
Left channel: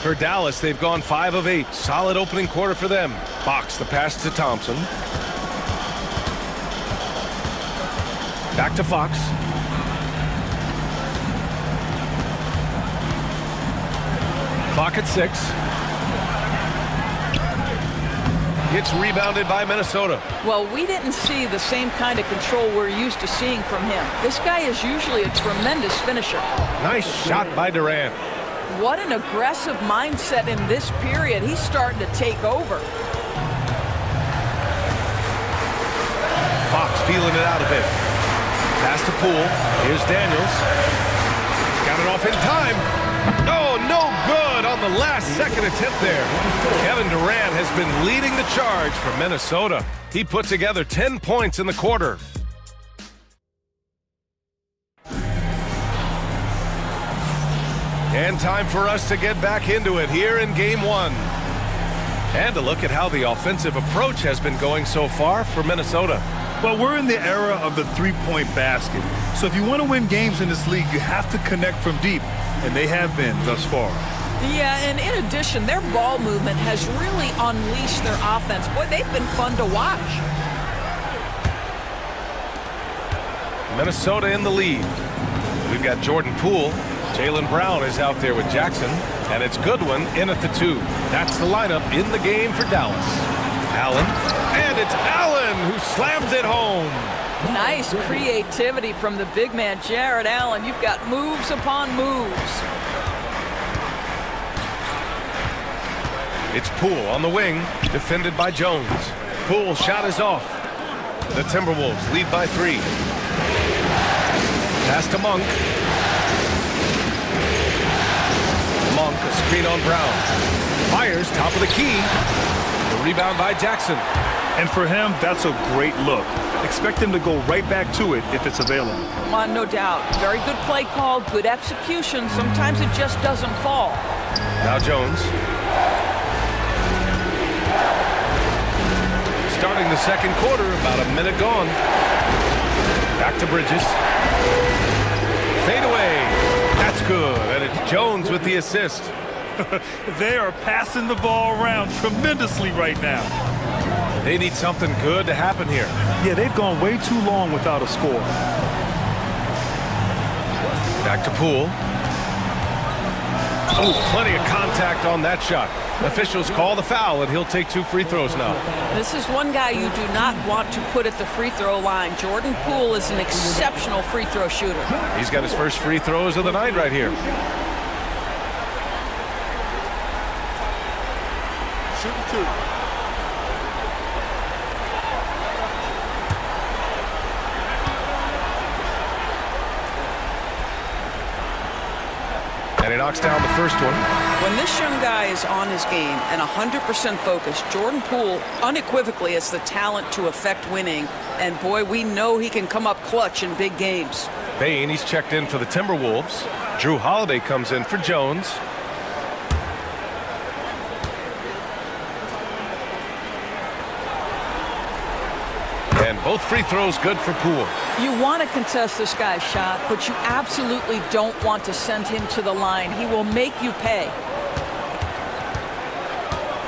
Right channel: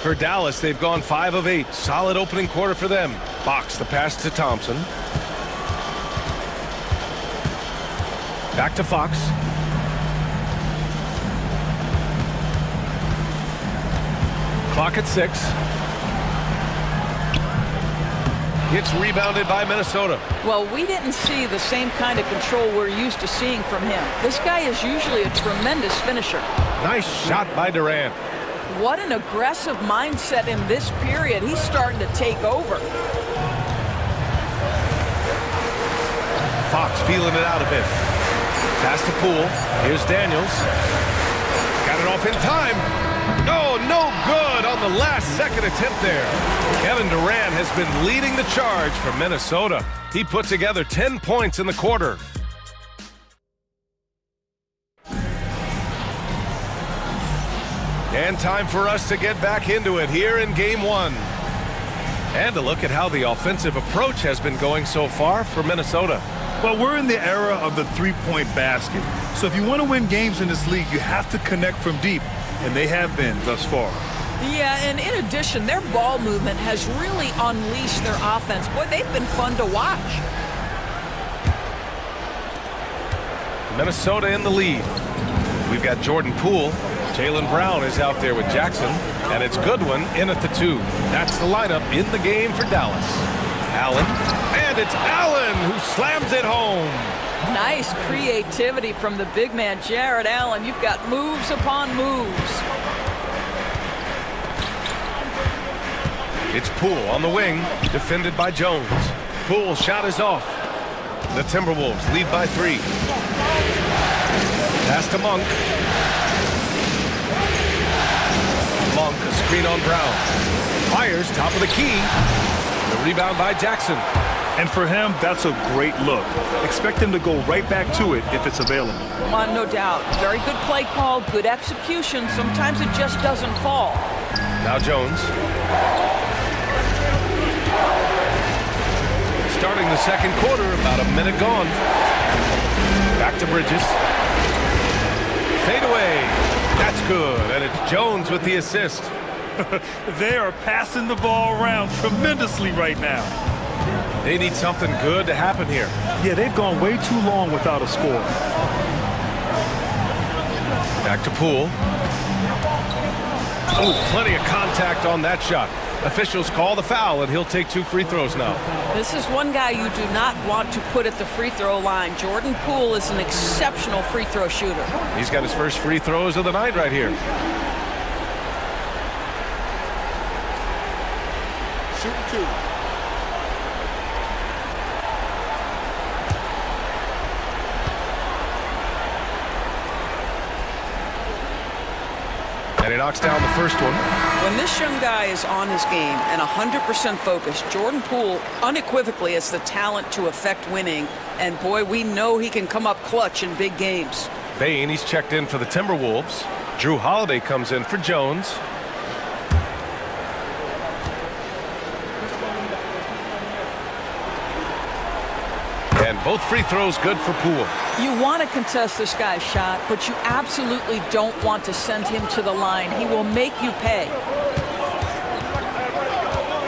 For Dallas, they've gone 5 of 8. Solid opening quarter for them. Fox, the pass to Thompson. Back to Fox. Clock at 6. It's rebounded by Minnesota. Well, we didn't see the same kind of control we're used to seeing from him. This guy is usually a tremendous finisher. Nice shot by Durant. What an aggressive mindset in this period. He's starting to take over. Fox feeling it out a bit. Pass to Poole. Here's Daniels. Got it off in time. Oh, no good on the last second attempt there. Kevin Durant has been leading the charge for Minnesota. He put together 10 points in the quarter. And time for us to get back into it here in Game 1. And to look at how the offensive approach has been going so far for Minnesota. Well, we're in the era of the three-point basket. So if you want to win games in this league, you have to connect from deep. And they have been thus far. Yeah, and in addition, their ball movement has really unleashed their offense. Boy, they've been fun to watch. Minnesota in the lead. We've got Jordan Poole. Jaylen Brown is out there with Jackson. And it's Goodwin in at the 2. That's the lineup in the game for Dallas. Allen. And it's Allen who slams it home. Nice creativity from the big man, Jared Allen. You've got moves upon moves. It's Poole on the wing, defended by Jones. Poole's shot is off. The Timberwolves lead by 3. Pass to Monk. Monk, a screen on Brown. Fires, top of the key. The rebound by Jackson. And for him, that's a great look. Expect him to go right back to it if it's available. No doubt. Very good play call, good execution. Sometimes it just doesn't fall. Now Jones. Starting the second quarter, about a minute gone. Back to Bridges. Fade away. That's good. And it's Jones with the assist. They are passing the ball around tremendously right now. They need something good to happen here. Yeah, they've gone way too long without a score. Back to Poole. Oh, plenty of contact on that shot. Officials call the foul, and he'll take 2 free throws now. This is one guy you do not want to put at the free throw line. Jordan Poole is an exceptional free throw shooter. He's got his first free throws of the night right here. Shooting 2. knocks down the first one. When this young guy is on his game and 100% focused, Jordan Poole unequivocally has the talent to affect winning. And boy, we know he can come up clutch in big games. Bain, he's checked in for the Timberwolves. Drew Holiday comes in for Jones. And both free throws good for Poole. You want to contest this guy's shot, but you absolutely don't want to send him to the line. He will make you pay.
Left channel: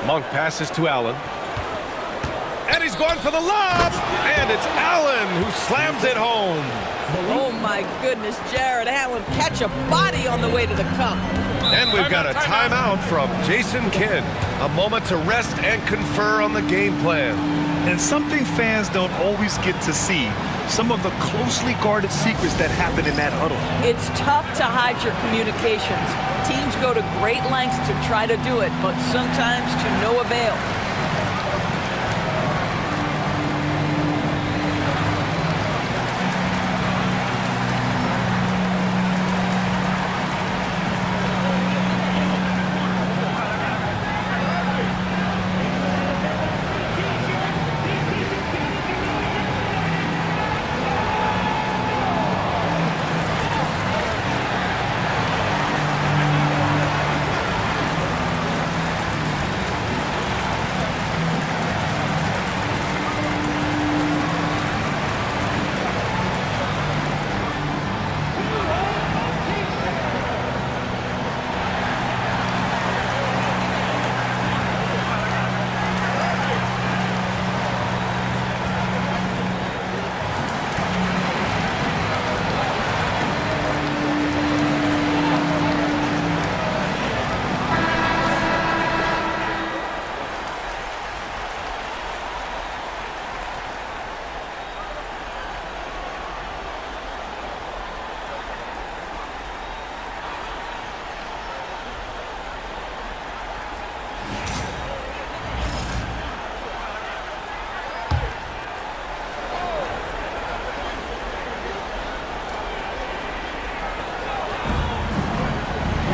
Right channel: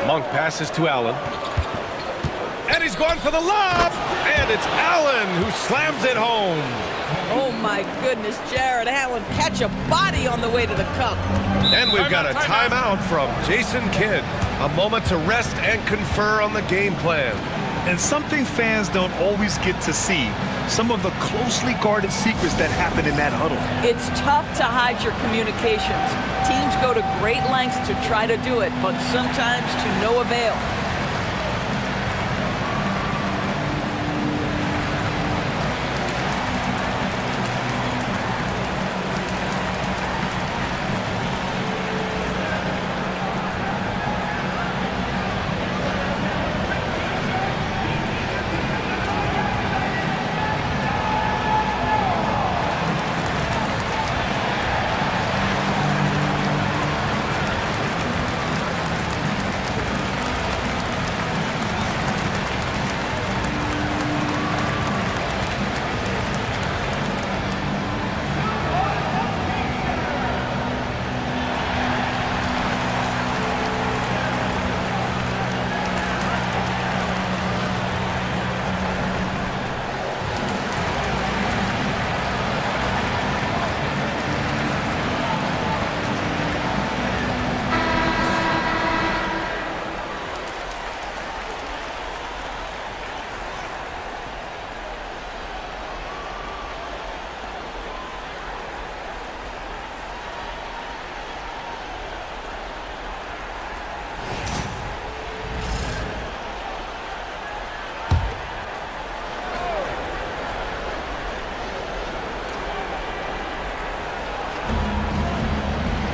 Monk passes to Allen. And he's going for the lob. And it's Allen who slams it home. Oh, my goodness, Jared Allen catch a body on the way to the cup. And we've got a timeout from Jason Kidd. A moment to rest and confer on the game plan. And something fans don't always get to see, some of the closely guarded secrets that happen in that huddle. It's tough to hide your communications. Teams go to great lengths to try to do it, but sometimes to no avail.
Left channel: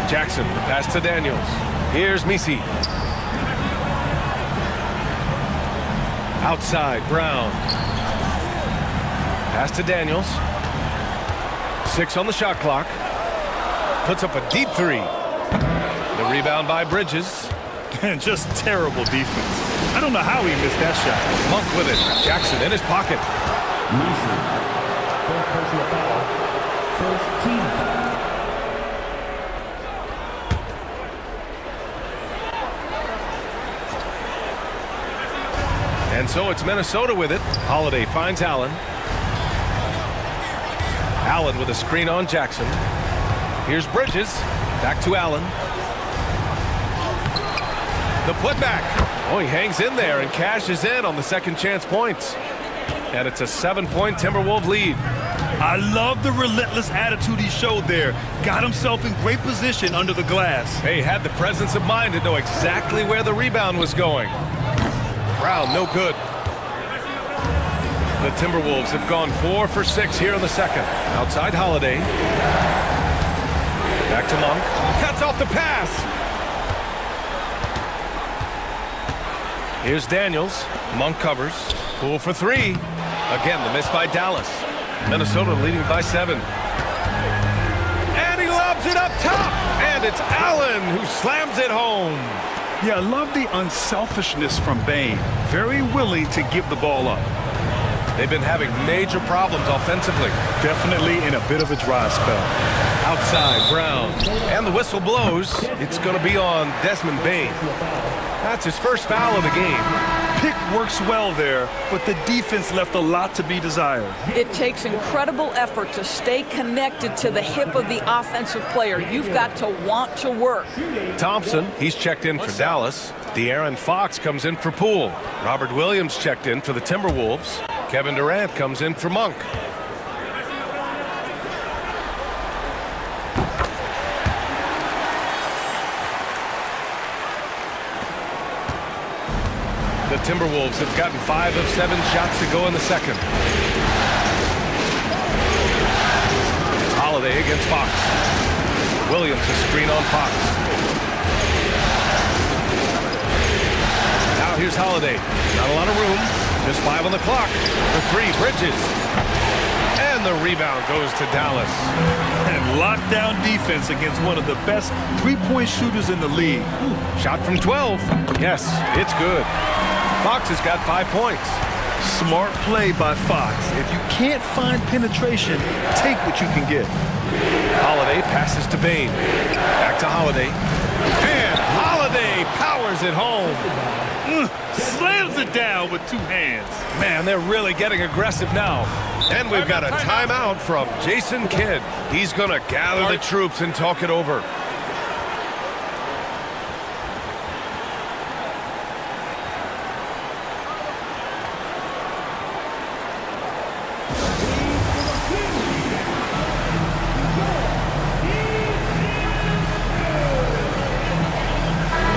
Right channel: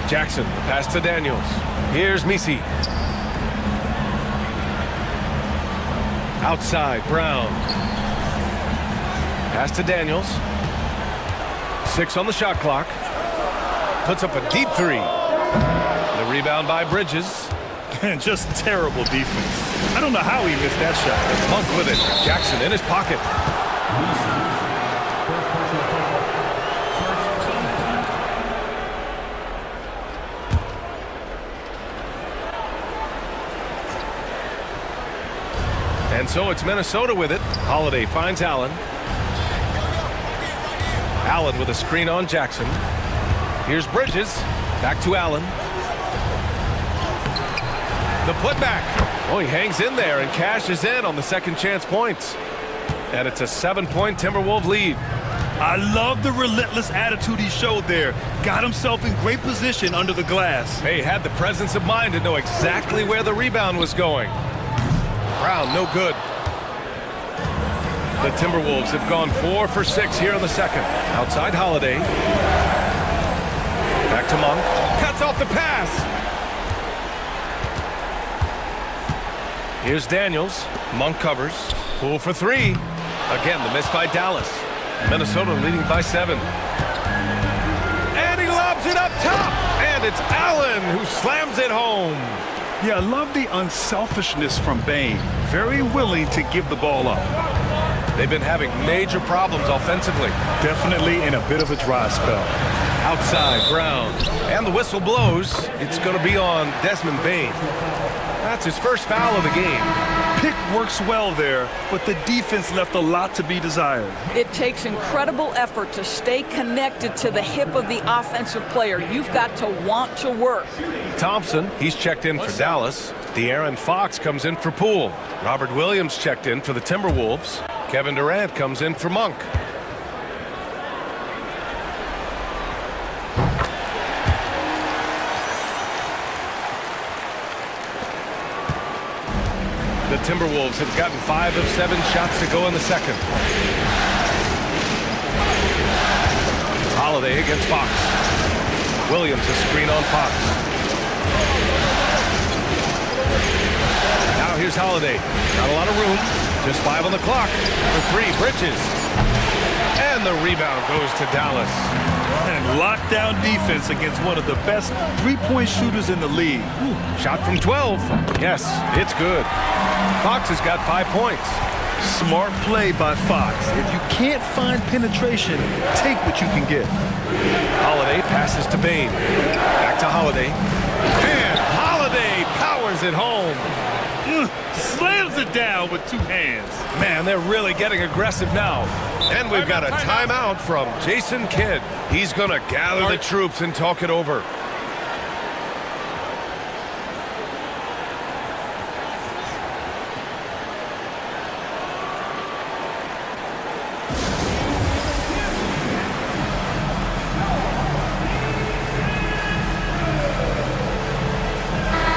Jackson, the pass to Daniels. Here's Misi. Outside, Brown. Pass to Daniels. 6 on the shot clock. Puts up a deep three. The rebound by Bridges. And just terrible defense. I don't know how he missed that shot. Monk with it. Jackson in his pocket. And so it's Minnesota with it. Holiday finds Allen. Allen with a screen on Jackson. Here's Bridges. Back to Allen. The putback. Oh, he hangs in there and cashes in on the second chance points. And it's a 7-point Timberwolves lead. I love the relentless attitude he showed there. Got himself in great position under the glass. He had the presence of mind to know exactly where the rebound was going. Brown, no good. The Timberwolves have gone 4 for 6 here in the second. Outside Holiday. Back to Monk. Cuts off the pass. Here's Daniels. Monk covers. Poole for 3. Again, the miss by Dallas. Minnesota leading by 7. And he lobs it up top. And it's Allen who slams it home. Yeah, I love the unselfishness from Bain. Very willing to give the ball up. They've been having major problems offensively. Definitely in a bit of a dry spell. Outside, Brown. And the whistle blows. It's going to be on Desmond Bain. That's his first foul of the game. Pick works well there, but the defense left a lot to be desired. It takes incredible effort to stay connected to the hip of the offensive player. You've got to want to work. Thompson, he's checked in for Dallas. De'Aaron Fox comes in for Poole. Robert Williams checked in for the Timberwolves. Kevin Durant comes in for Monk. The Timberwolves have gotten 5 of 7 shots to go in the second. Holiday against Fox. Williams a screen on Fox. Now here's Holiday. Not a lot of room. Just 5 on the clock. For 3, Bridges. And the rebound goes to Dallas. And lockdown defense against one of the best three-point shooters in the league. Ooh, shot from 12. Yes, it's good. Fox has got 5 points. Smart play by Fox. If you can't find penetration, take what you can get. Holiday passes to Bain. Back to Holiday. And Holiday powers it home. Slams it down with 2 hands. Man, they're really getting aggressive now. And we've got a timeout from Jason Kidd. He's going to gather the troops and talk it over.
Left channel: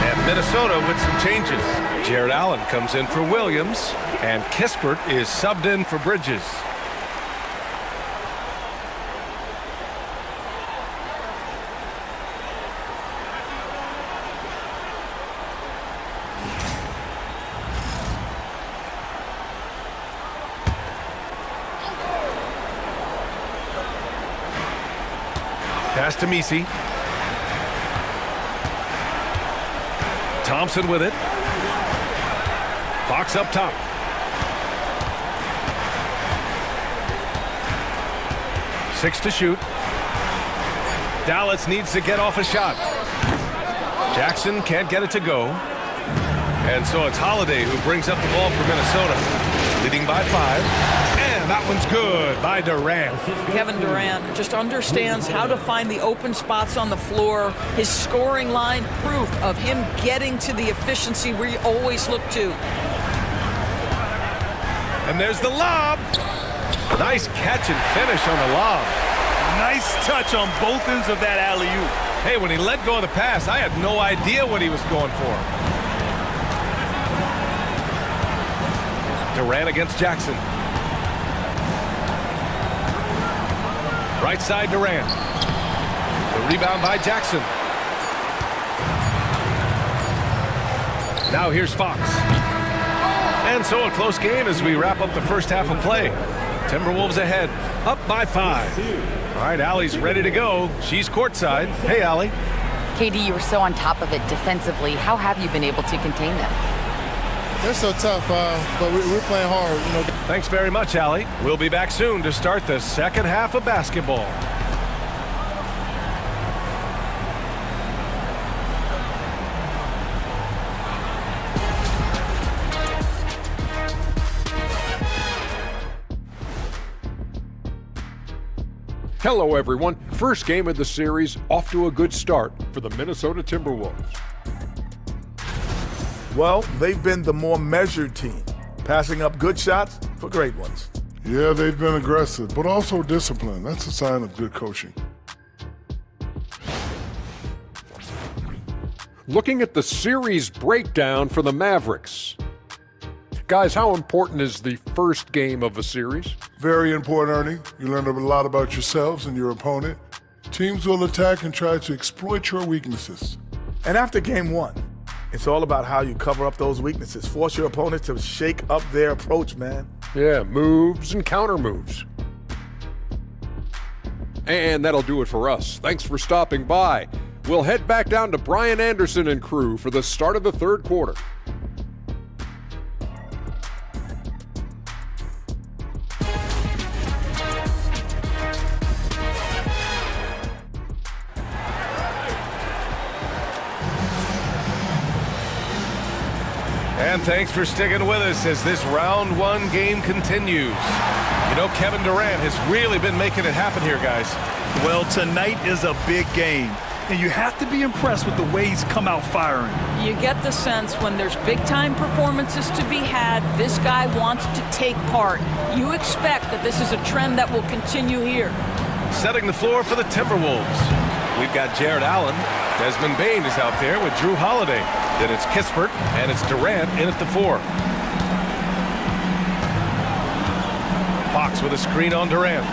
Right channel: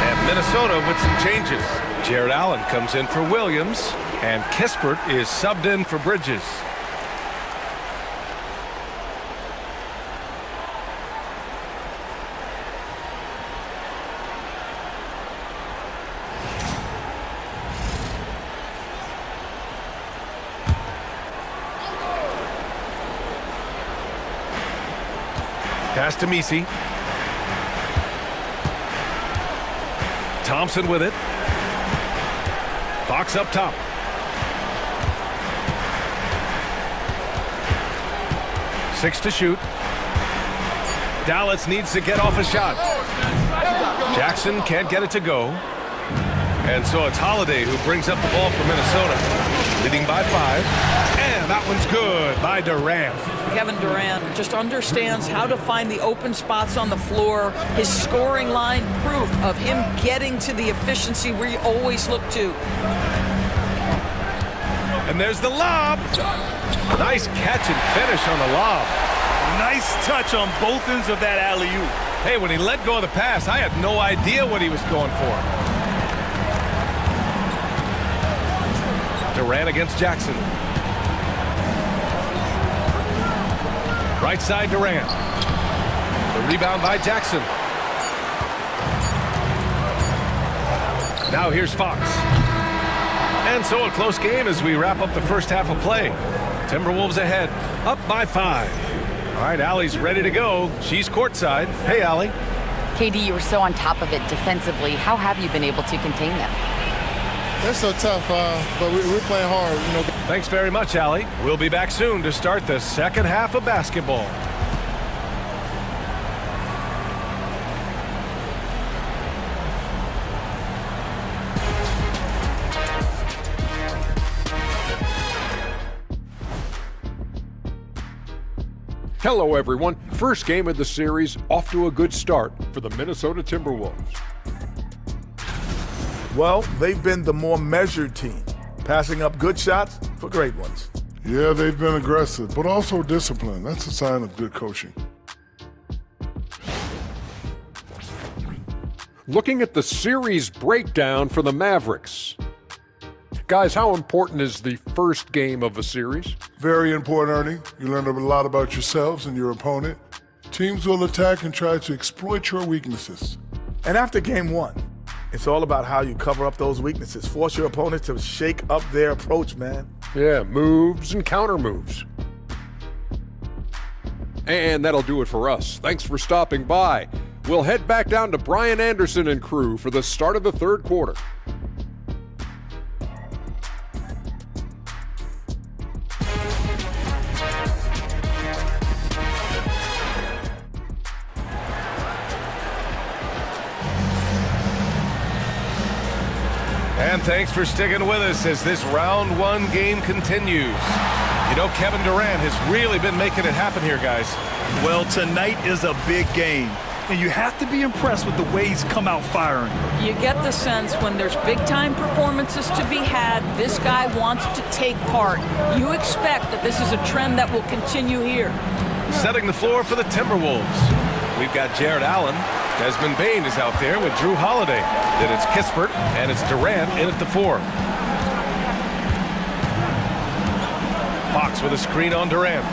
And Minnesota with some changes. Jared Allen comes in for Williams, and Kispert is subbed in for Bridges. Pass to Messi. Thompson with it. Fox up top. Six to shoot. Dallas needs to get off a shot. Jackson can't get it to go. And so it's Holiday who brings up the ball for Minnesota, leading by 5. And that one's good by Durant. Kevin Durant just understands how to find the open spots on the floor. His scoring line, proof of him getting to the efficiency we always look to. And there's the lob. Nice catch and finish on the lob. Nice touch on both ends of that alley-oop. Hey, when he let go of the pass, I had no idea what he was going for. Durant against Jackson. Right side Durant. The rebound by Jackson. Now here's Fox. And so a close game as we wrap up the first half of play. Timberwolves ahead, up by 5. All right, Allie's ready to go. She's courtside. Hey, Allie. KD, you were so on top of it defensively. How have you been able to contain them? They're so tough, but we're playing hard. You know. Thanks very much, Allie. We'll be back soon to start the second half of basketball. Hello, everyone. First game of the series, off to a good start for the Minnesota Timberwolves. Well, they've been the more measured team, passing up good shots for great ones. Yeah, they've been aggressive, but also disciplined. That's a sign of good coaching. Looking at the series breakdown for the Mavericks. Guys, how important is the first game of a series? Very important, Ernie. You learn a lot about yourselves and your opponent. Teams will attack and try to exploit your weaknesses. And after game 1, it's all about how you cover up those weaknesses. Force your opponent to shake up their approach, man. Yeah, moves and counter moves. And that'll do it for us. Thanks for stopping by. We'll head back down to Brian Anderson and crew for the start of the third quarter. And thanks for sticking with us as this round 1 game continues. You know, Kevin Durant has really been making it happen here, guys. Well, tonight is a big game, and you have to be impressed with the way he's come out firing. You get the sense when there's big-time performances to be had, this guy wants to take part. You expect that this is a trend that will continue here. Setting the floor for the Timberwolves. We've got Jared Allen. Desmond Bain is out there with Drew Holiday. Then it's Kispert, and it's Durant in at the 4. Fox with a screen on Durant.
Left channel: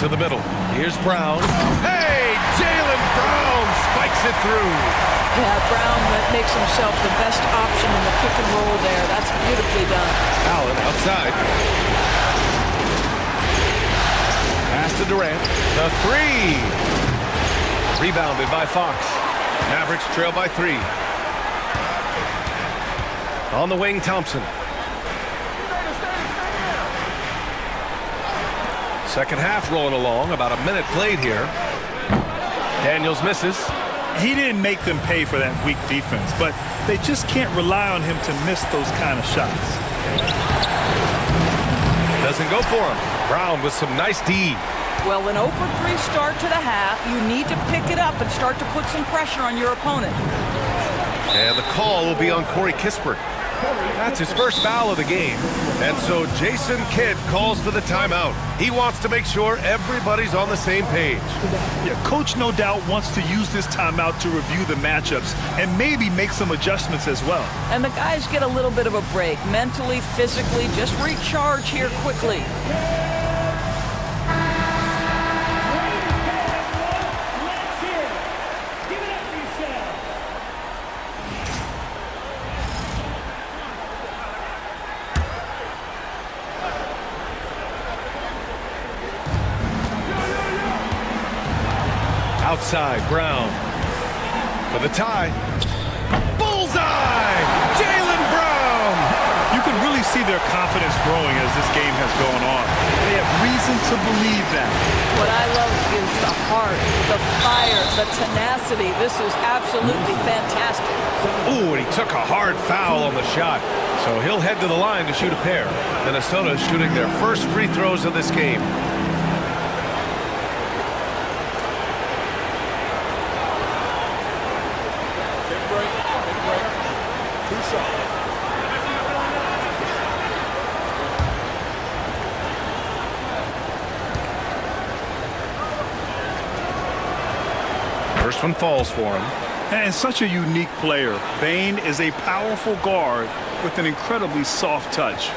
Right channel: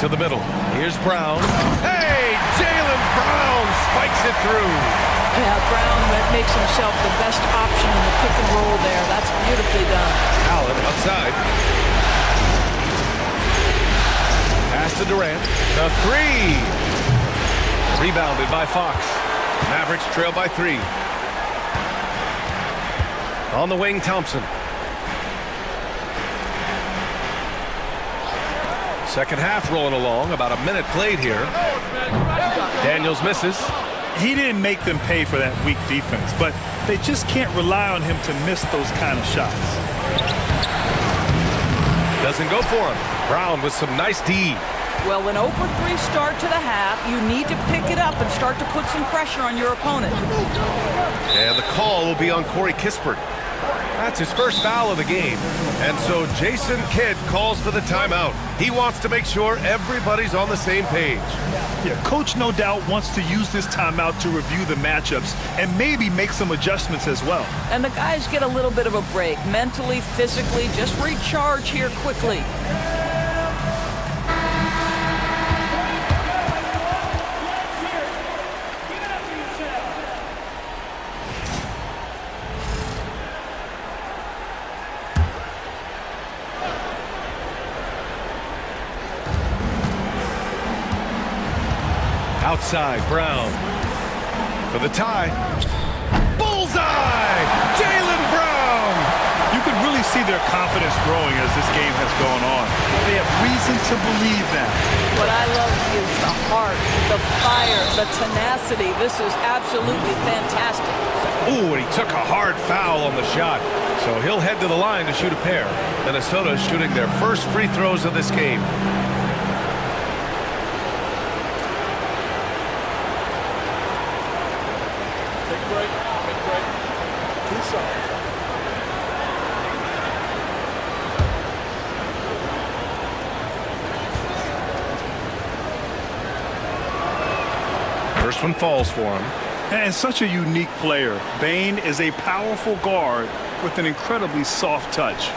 To the middle. Here's Brown. Hey, Jaylen Brown spikes it through. Yeah, Brown makes himself the best option in the pick and roll there. That's beautifully done. Allen outside. Pass to Durant. The three. Rebounded by Fox. Mavericks trail by 3. On the wing, Thompson. Second half rolling along. About a minute played here. Daniels misses. He didn't make them pay for that weak defense, but they just can't rely on him to miss those kind of shots. Doesn't go for him. Brown with some nice D. Well, an 0-for-3 start to the half. You need to pick it up and start to put some pressure on your opponent. And the call will be on Corey Kispert. That's his first foul of the game. And so Jason Kidd calls for the timeout. He wants to make sure everybody's on the same page. Yeah, coach no doubt wants to use this timeout to review the matchups and maybe make some adjustments as well. And the guys get a little bit of a break, mentally, physically, just recharge here quickly. Outside, Brown for the tie. Bullseye! Jaylen Brown! You can really see their confidence growing as this game has gone on. They have reason to believe that. What I love is the heart, the fire, the tenacity. This is absolutely fantastic. Ooh, and he took a hard foul on the shot. So he'll head to the line to shoot a pair. Minnesota is shooting their first free throws of this game. Take a break. Take a break. Peace out. First one falls for him. And such a unique player. Bane is a powerful guard with an incredibly soft touch.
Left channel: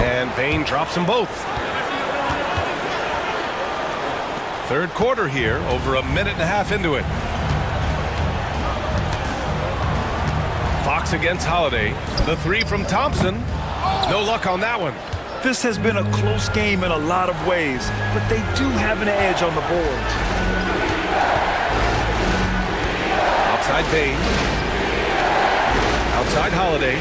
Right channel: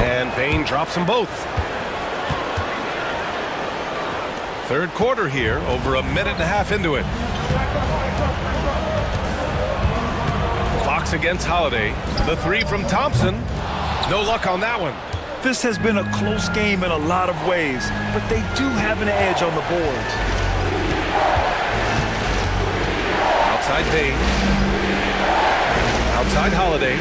And Bane drops them both. Third quarter here, over a minute and a half into it. Fox against Holiday. The three from Thompson. No luck on that one. This has been a close game in a lot of ways, but they do have an edge on the boards. Outside Bane. Outside Holiday.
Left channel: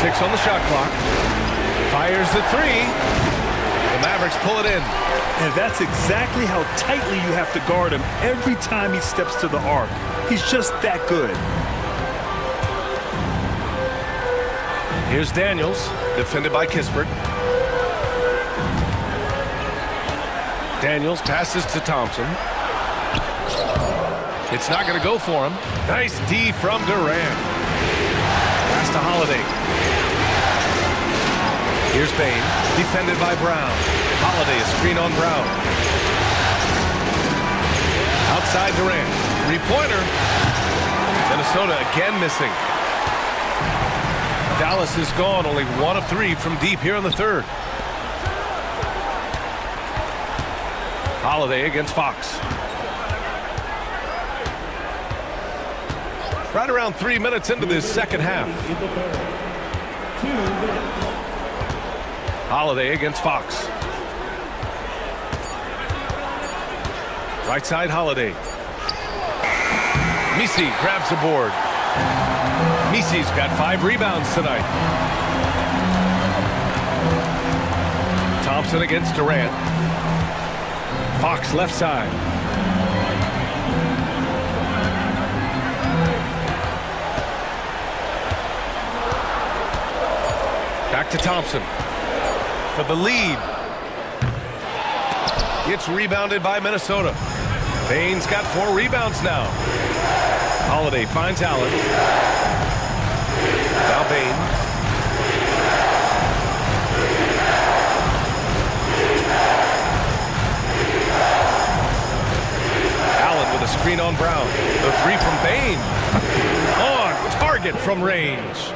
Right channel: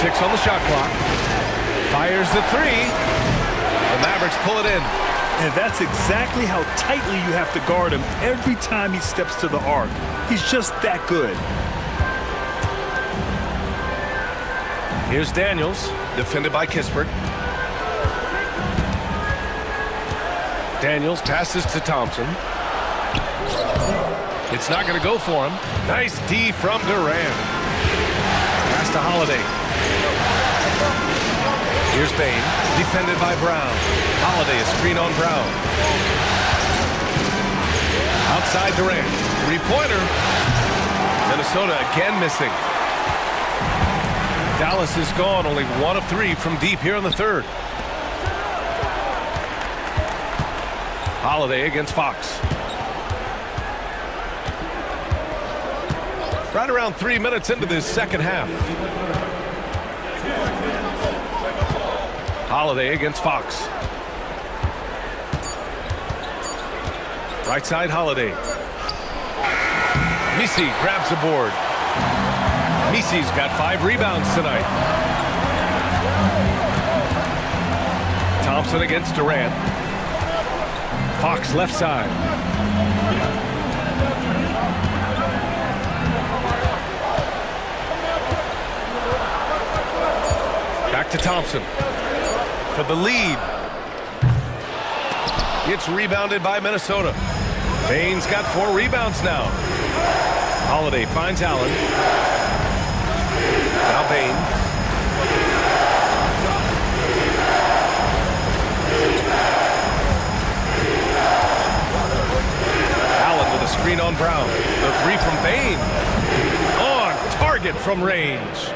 6 on the shot clock. Fires the three. The Mavericks pull it in. And that's exactly how tightly you have to guard him every time he steps to the arc. He's just that good. Here's Daniels, defended by Kispert. Daniels passes to Thompson. It's not going to go for him. Nice D from Durant. Pass to Holiday. Here's Bane, defended by Brown. Holiday, a screen on Brown. Outside Durant, three-pointer. Minnesota again missing. Dallas is gone, only 1 of 3 from deep here in the third. Holiday against Fox. Right around 3 minutes into this second half. Holiday against Fox. Right side, Holiday. Misi grabs the board. Misi's got 5 rebounds tonight. Thompson against Durant. Fox left side. Back to Thompson for the lead. It's rebounded by Minnesota. Bane's got 4 rebounds now. Holiday finds Allen. Now Bane. screen on Brown. The three from Bain. On target from range.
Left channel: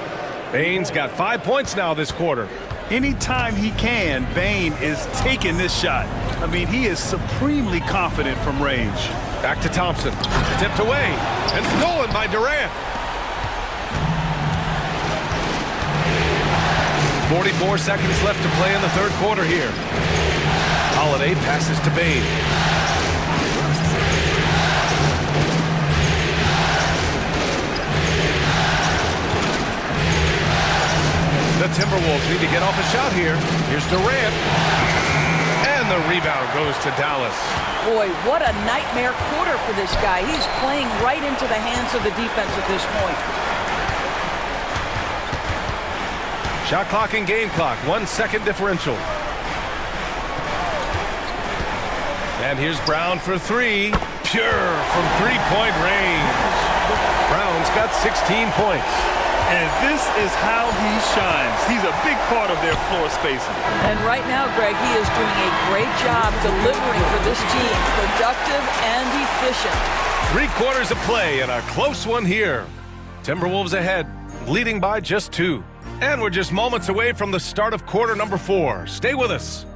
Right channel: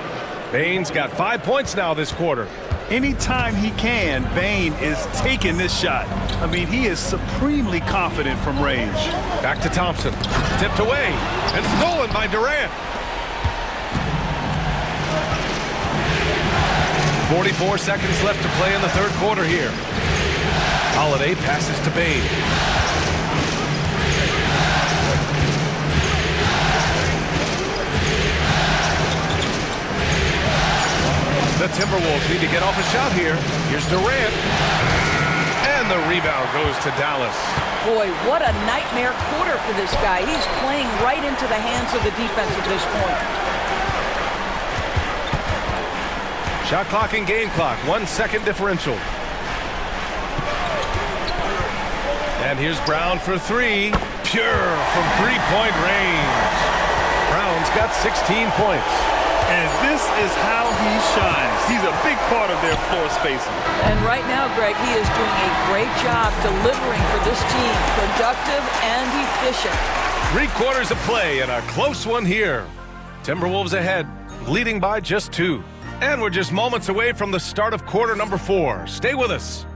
Bain's got 5 points now this quarter. Anytime he can, Bain is taking this shot. I mean, he is supremely confident from range. Back to Thompson. Tipped away and stolen by Durant. 44 seconds left to play in the third quarter here. Holiday passes to Bain. The Timberwolves need to get off a shot here. Here's Durant. And the rebound goes to Dallas. Boy, what a nightmare quarter for this guy. He's playing right into the hands of the defense at this point. Shot clock and game clock. 1 second differential. And here's Brown for three. Pure from three-point range. Brown's got 16 points. And this is how he shines. He's a big part of their floor spacing. And right now, Greg, he is doing a great job delivering for this team. Productive and efficient. 3 quarters of play and a close one here. Timberwolves ahead, leading by just 2. And we're just moments away from the start of quarter number 4. Stay with us.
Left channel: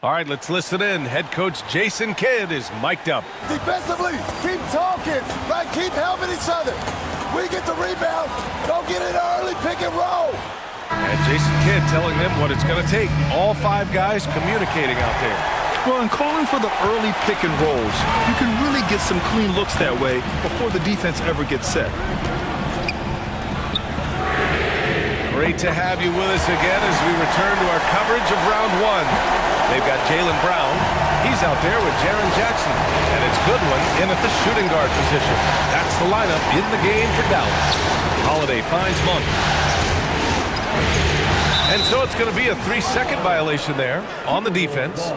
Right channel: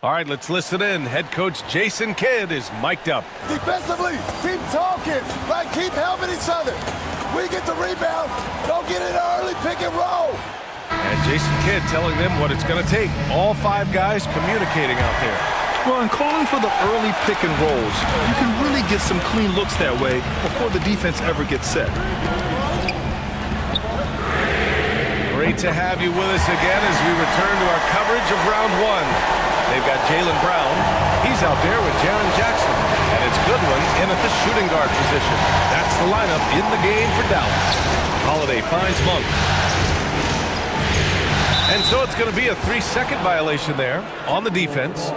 All right, let's listen in. Head coach Jason Kidd is mic'd up. Defensively, keep talking, right? Keep helping each other. We get the rebound, don't get in early pick and roll. And Jason Kidd telling them what it's going to take. All 5 guys communicating out there. Well, in calling for the early pick and rolls, you can really get some clean looks that way before the defense ever gets set. Great to have you with us again as we return to our coverage of round 1. They've got Jaylen Brown. He's out there with Jaren Jackson. And it's Goodwin in at the shooting guard position. That's the lineup in the game for Dallas. Holiday finds Monk. And so it's going to be a 3-second violation there on the defense.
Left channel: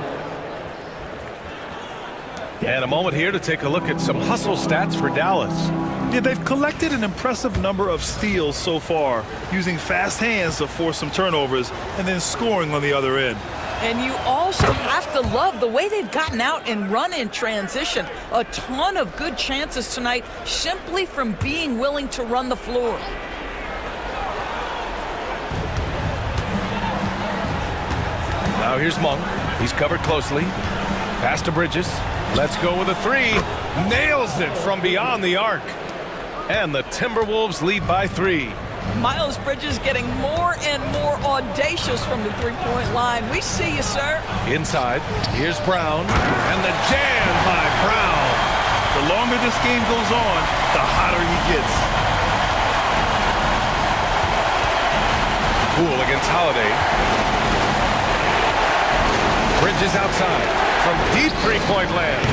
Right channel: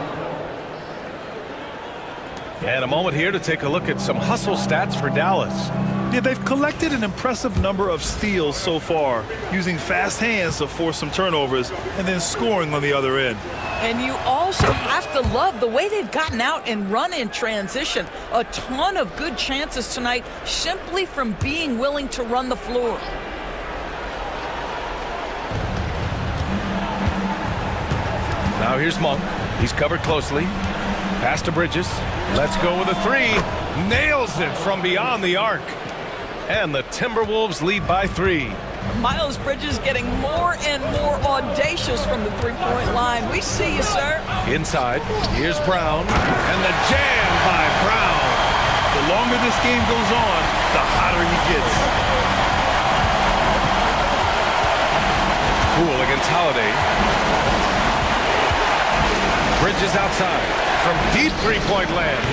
And a moment here to take a look at some hustle stats for Dallas. Yeah, they've collected an impressive number of steals so far, using fast hands to force some turnovers and then scoring on the other end. And you also have to love the way they've gotten out and run in transition. A ton of good chances tonight simply from being willing to run the floor. Now here's Monk. He's covered closely. Pass to Bridges. Let's go with a 3. Nails it from beyond the arc. And the Timberwolves lead by 3. Miles Bridges getting more and more audacious from the three-point line. We see you, sir. Inside, here's Brown, and the jam by Brown. The longer this game goes on, the hotter he gets. Poole against Holiday. Bridges outside from deep three-point land.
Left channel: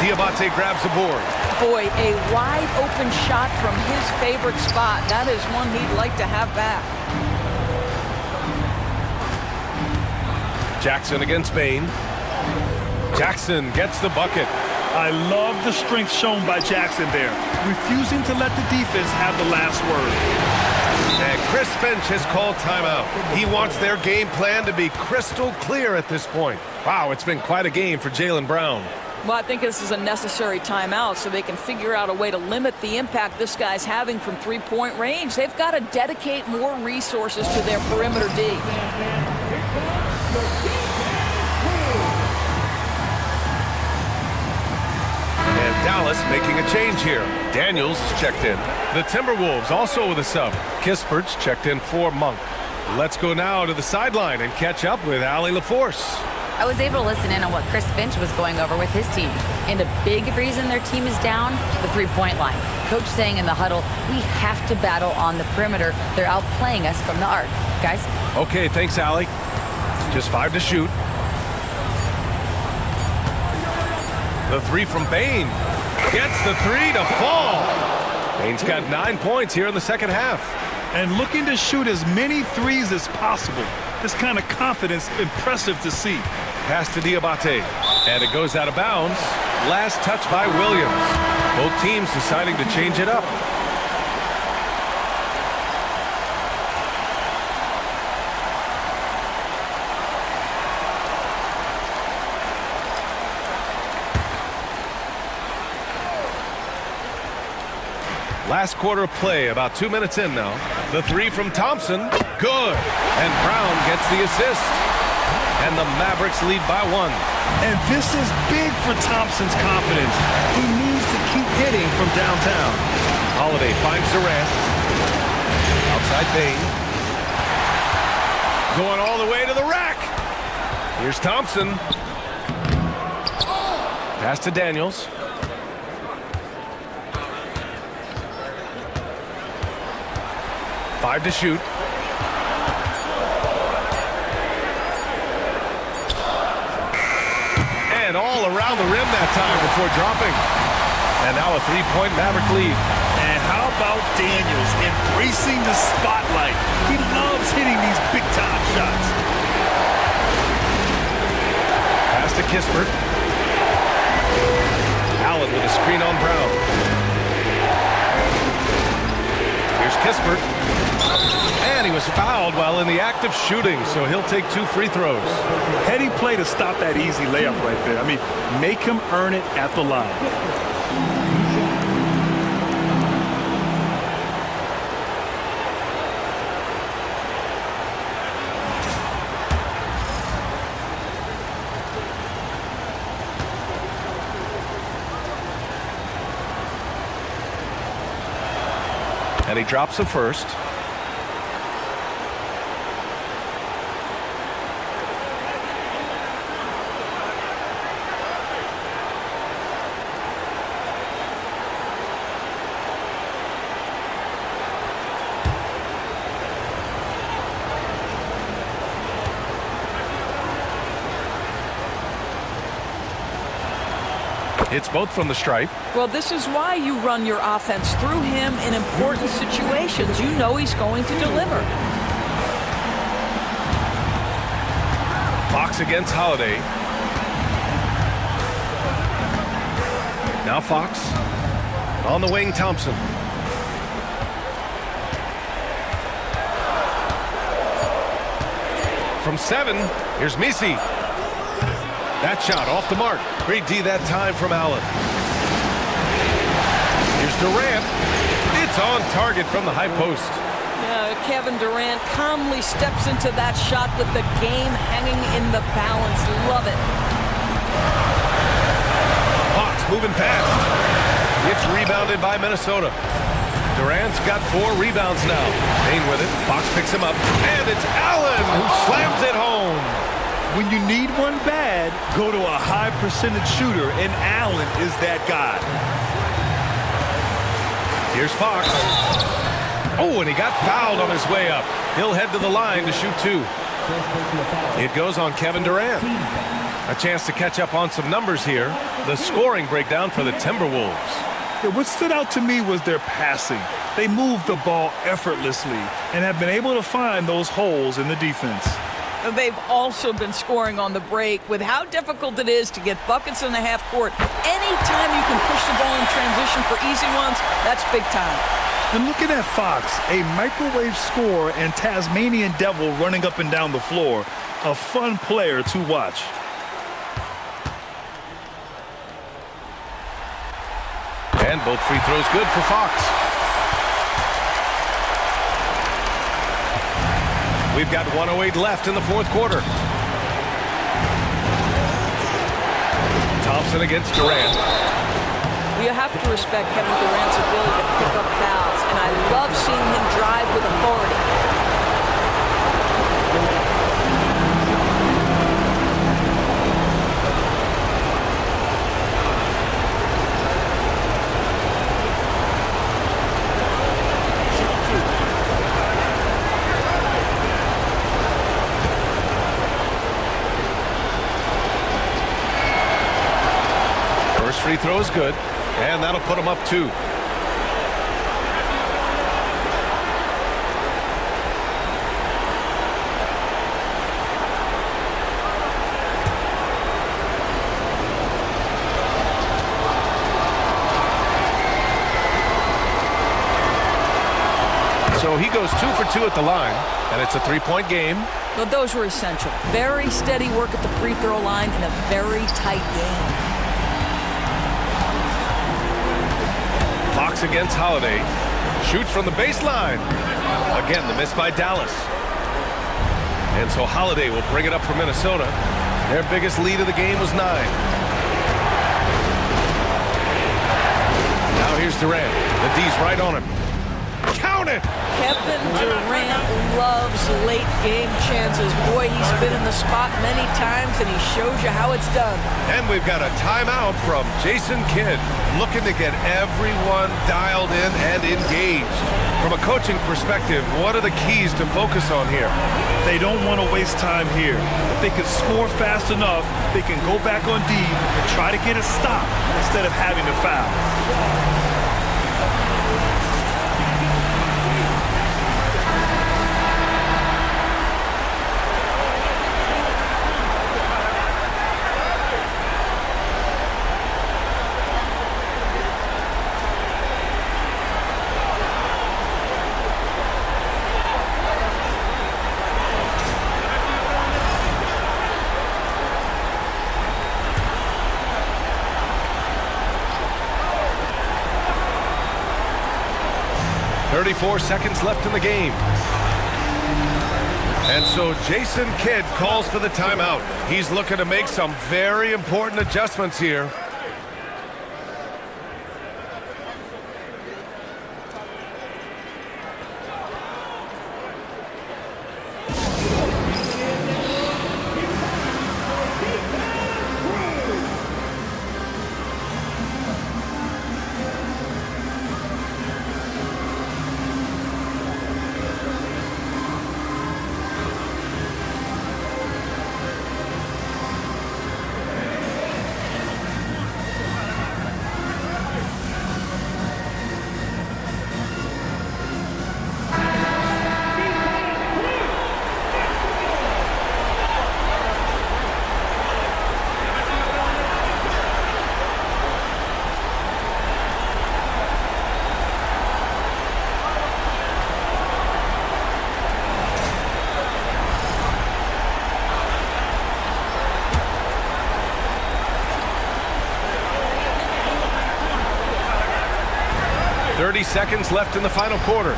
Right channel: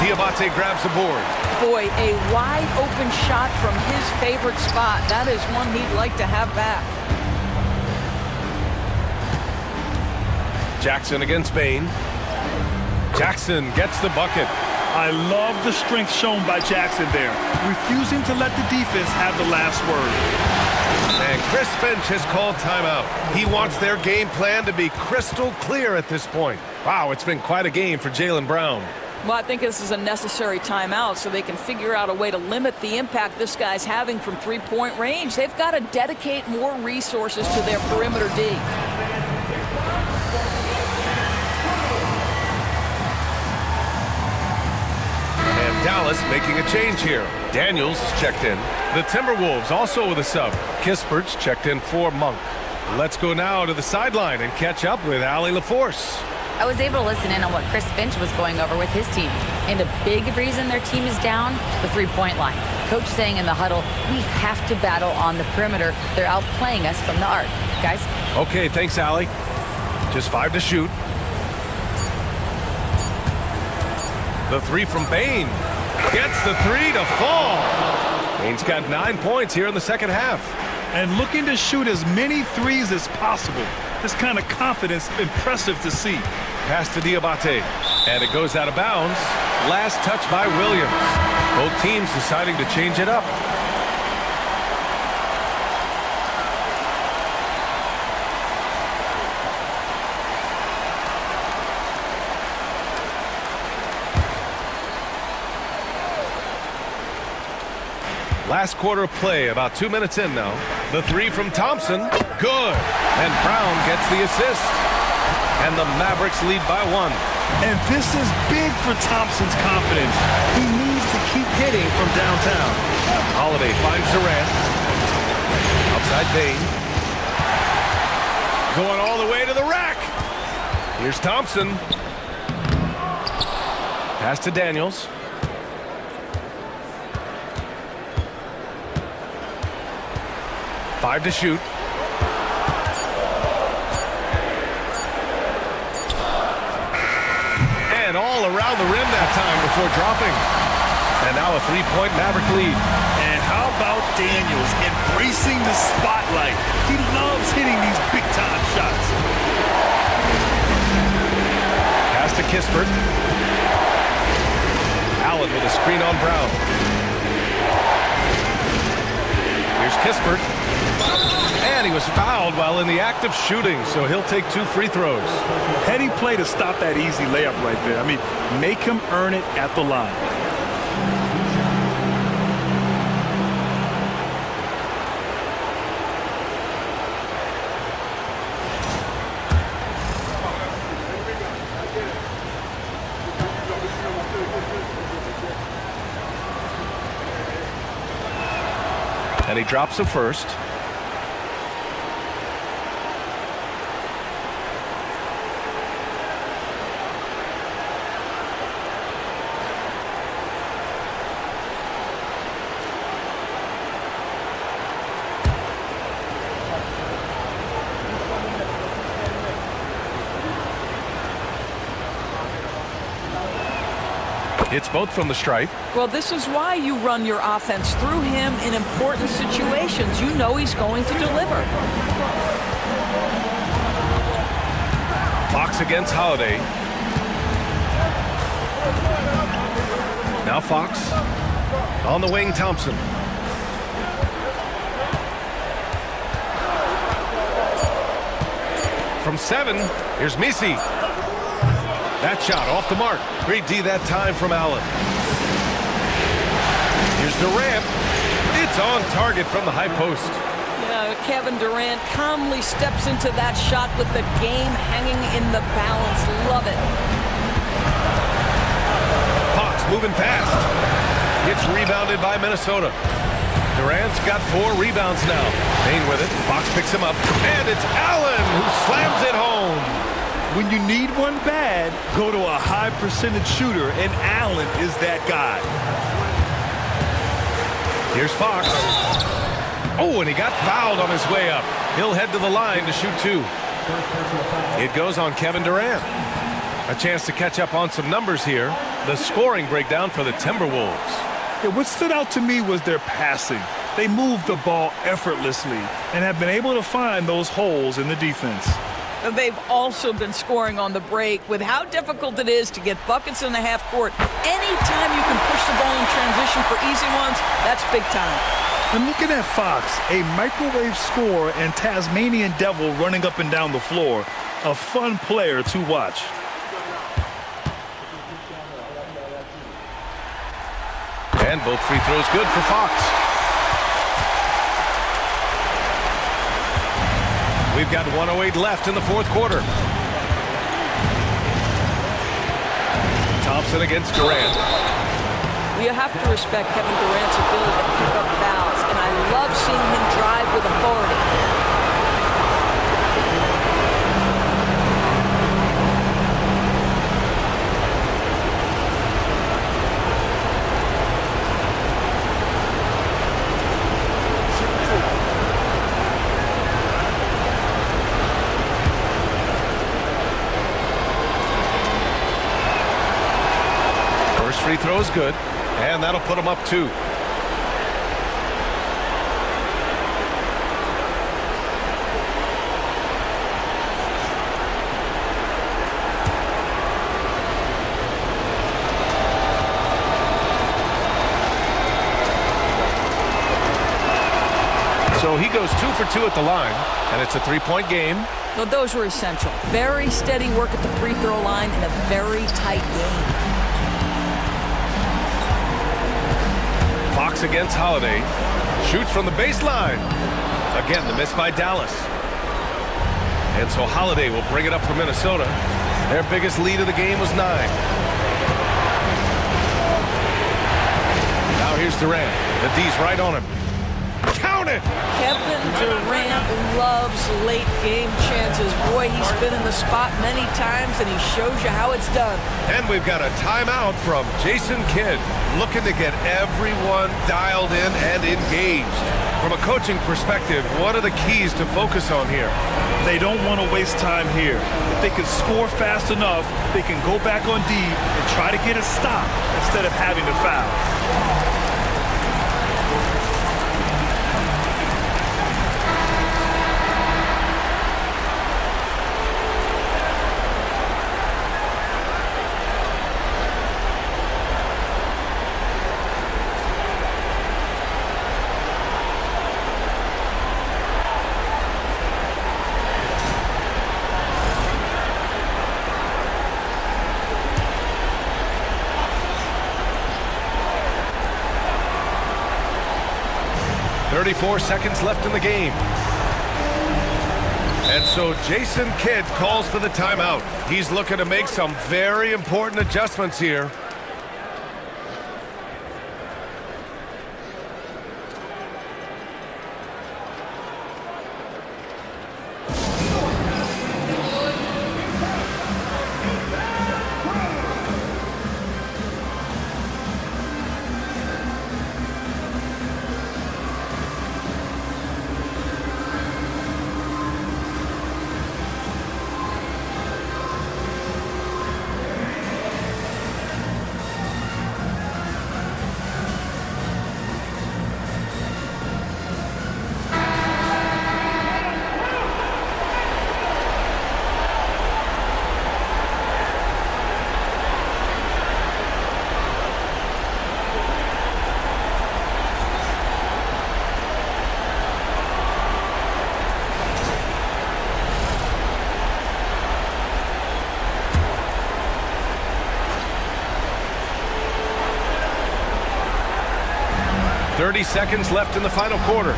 Diabate grabs the board. Boy, a wide open shot from his favorite spot. That is one he'd like to have back. Jackson against Bain. Jackson gets the bucket. I love the strength shown by Jackson there, refusing to let the defense have the last word. And Chris Finch has called timeout. He wants their game plan to be crystal clear at this point. Wow, it's been quite a game for Jaylen Brown. Well, I think this is a necessary timeout so they can figure out a way to limit the impact this guy's having from three-point range. They've got to dedicate more resources to their perimeter D. And Dallas making a change here. Daniels is checked in. The Timberwolves also with a sub. Kispert's checked in for Monk. Let's go now to the sideline and catch up with Allie LaForce. I was able to listen in on what Chris Finch was going over with his team. And a big reason their team is down, the three-point line. Coach saying in the huddle, we have to battle on the perimeter. They're outplaying us from the arc. Guys? Okay, thanks, Allie. Just 5 to shoot. The 3 from Bain. Gets the 3 to fall. Bain's got 9 points here in the second half. And looking to shoot as many threes as possible. This kind of confidence, impressive to see. Pass to Diabate. And it goes out of bounds. Last touch by Williams. Both teams deciding to change it up. Last quarter of play, about 2 minutes in now. The three from Thompson, good. And Brown gets the assist. And the Mavericks lead by 1. And this is big for Thompson's confidence. He needs to keep hitting from downtown. Holiday finds Durant. Outside Bain. Going all the way to the rack. Here's Thompson. Pass to Daniels. Five to shoot. And all around the rim that time before dropping. And now a three-point Maverick lead. And how about Daniels embracing the spotlight? He loves hitting these big-time shots. Pass to Kispert. Allen with a screen on Brown. Here's Kispert. And he was fouled while in the act of shooting, so he'll take 2 free throws. Heady play to stop that easy layup right there. I mean, make him earn it at the line. And he drops the first. It's both from the stripe. Well, this is why you run your offense through him in important situations. You know he's going to deliver. Fox against Holiday. Now Fox. On the wing, Thompson. From 7, here's Misi. That shot off the mark. Great D that time from Allen. Here's Durant. It's on target from the high post. Yeah, Kevin Durant calmly steps into that shot with the game hanging in the balance. Love it. Fox moving fast. It's rebounded by Minnesota. Durant's got 4 rebounds now. Payne with it. Fox picks him up. And it's Allen who slams it home. When you need one bad, go to a high percentage shooter, and Allen is that guy. Here's Fox. Oh, and he got fouled on his way up. He'll head to the line to shoot 2. It goes on Kevin Durant. A chance to catch up on some numbers here. The scoring breakdown for the Timberwolves. Yeah, what stood out to me was their passing. They moved the ball effortlessly and have been able to find those holes in the defense. They've also been scoring on the break. With how difficult it is to get buckets in the half court, anytime you can push the ball in transition for easy ones, that's big time. And looking at Fox, a microwave scorer and Tasmanian Devil running up and down the floor, a fun player to watch. And both free throws good for Fox. We've got 1:08 left in the fourth quarter. Thompson against Durant. Well, you have to respect Kevin Durant's ability to pick up fouls, and I love seeing him drive with authority. Free throw is good, and that'll put him up 2. So he goes 2 for 2 at the line, and it's a 3-point game. Well, those were essential. Very steady work at the free throw line in a very tight game. Fox against Holiday. Shoots from the baseline. Again, the miss by Dallas. And so Holiday will bring it up for Minnesota. Their biggest lead of the game was 9. Now here's Durant. The D's right on him. Count it! Kevin Durant loves late game chances. Boy, he's been in the spot many times, and he shows you how it's done. And we've got a timeout from Jason Kidd, looking to get everyone dialed in and engaged. From a coaching perspective, what are the keys to focus on here? They don't want to waste time here. If they can score fast enough, they can go back on D and try to get a stop instead of having to foul. .34 seconds left in the game. And so Jason Kidd calls for the timeout. He's looking to make some very important adjustments here. .30 seconds left in the final quarter.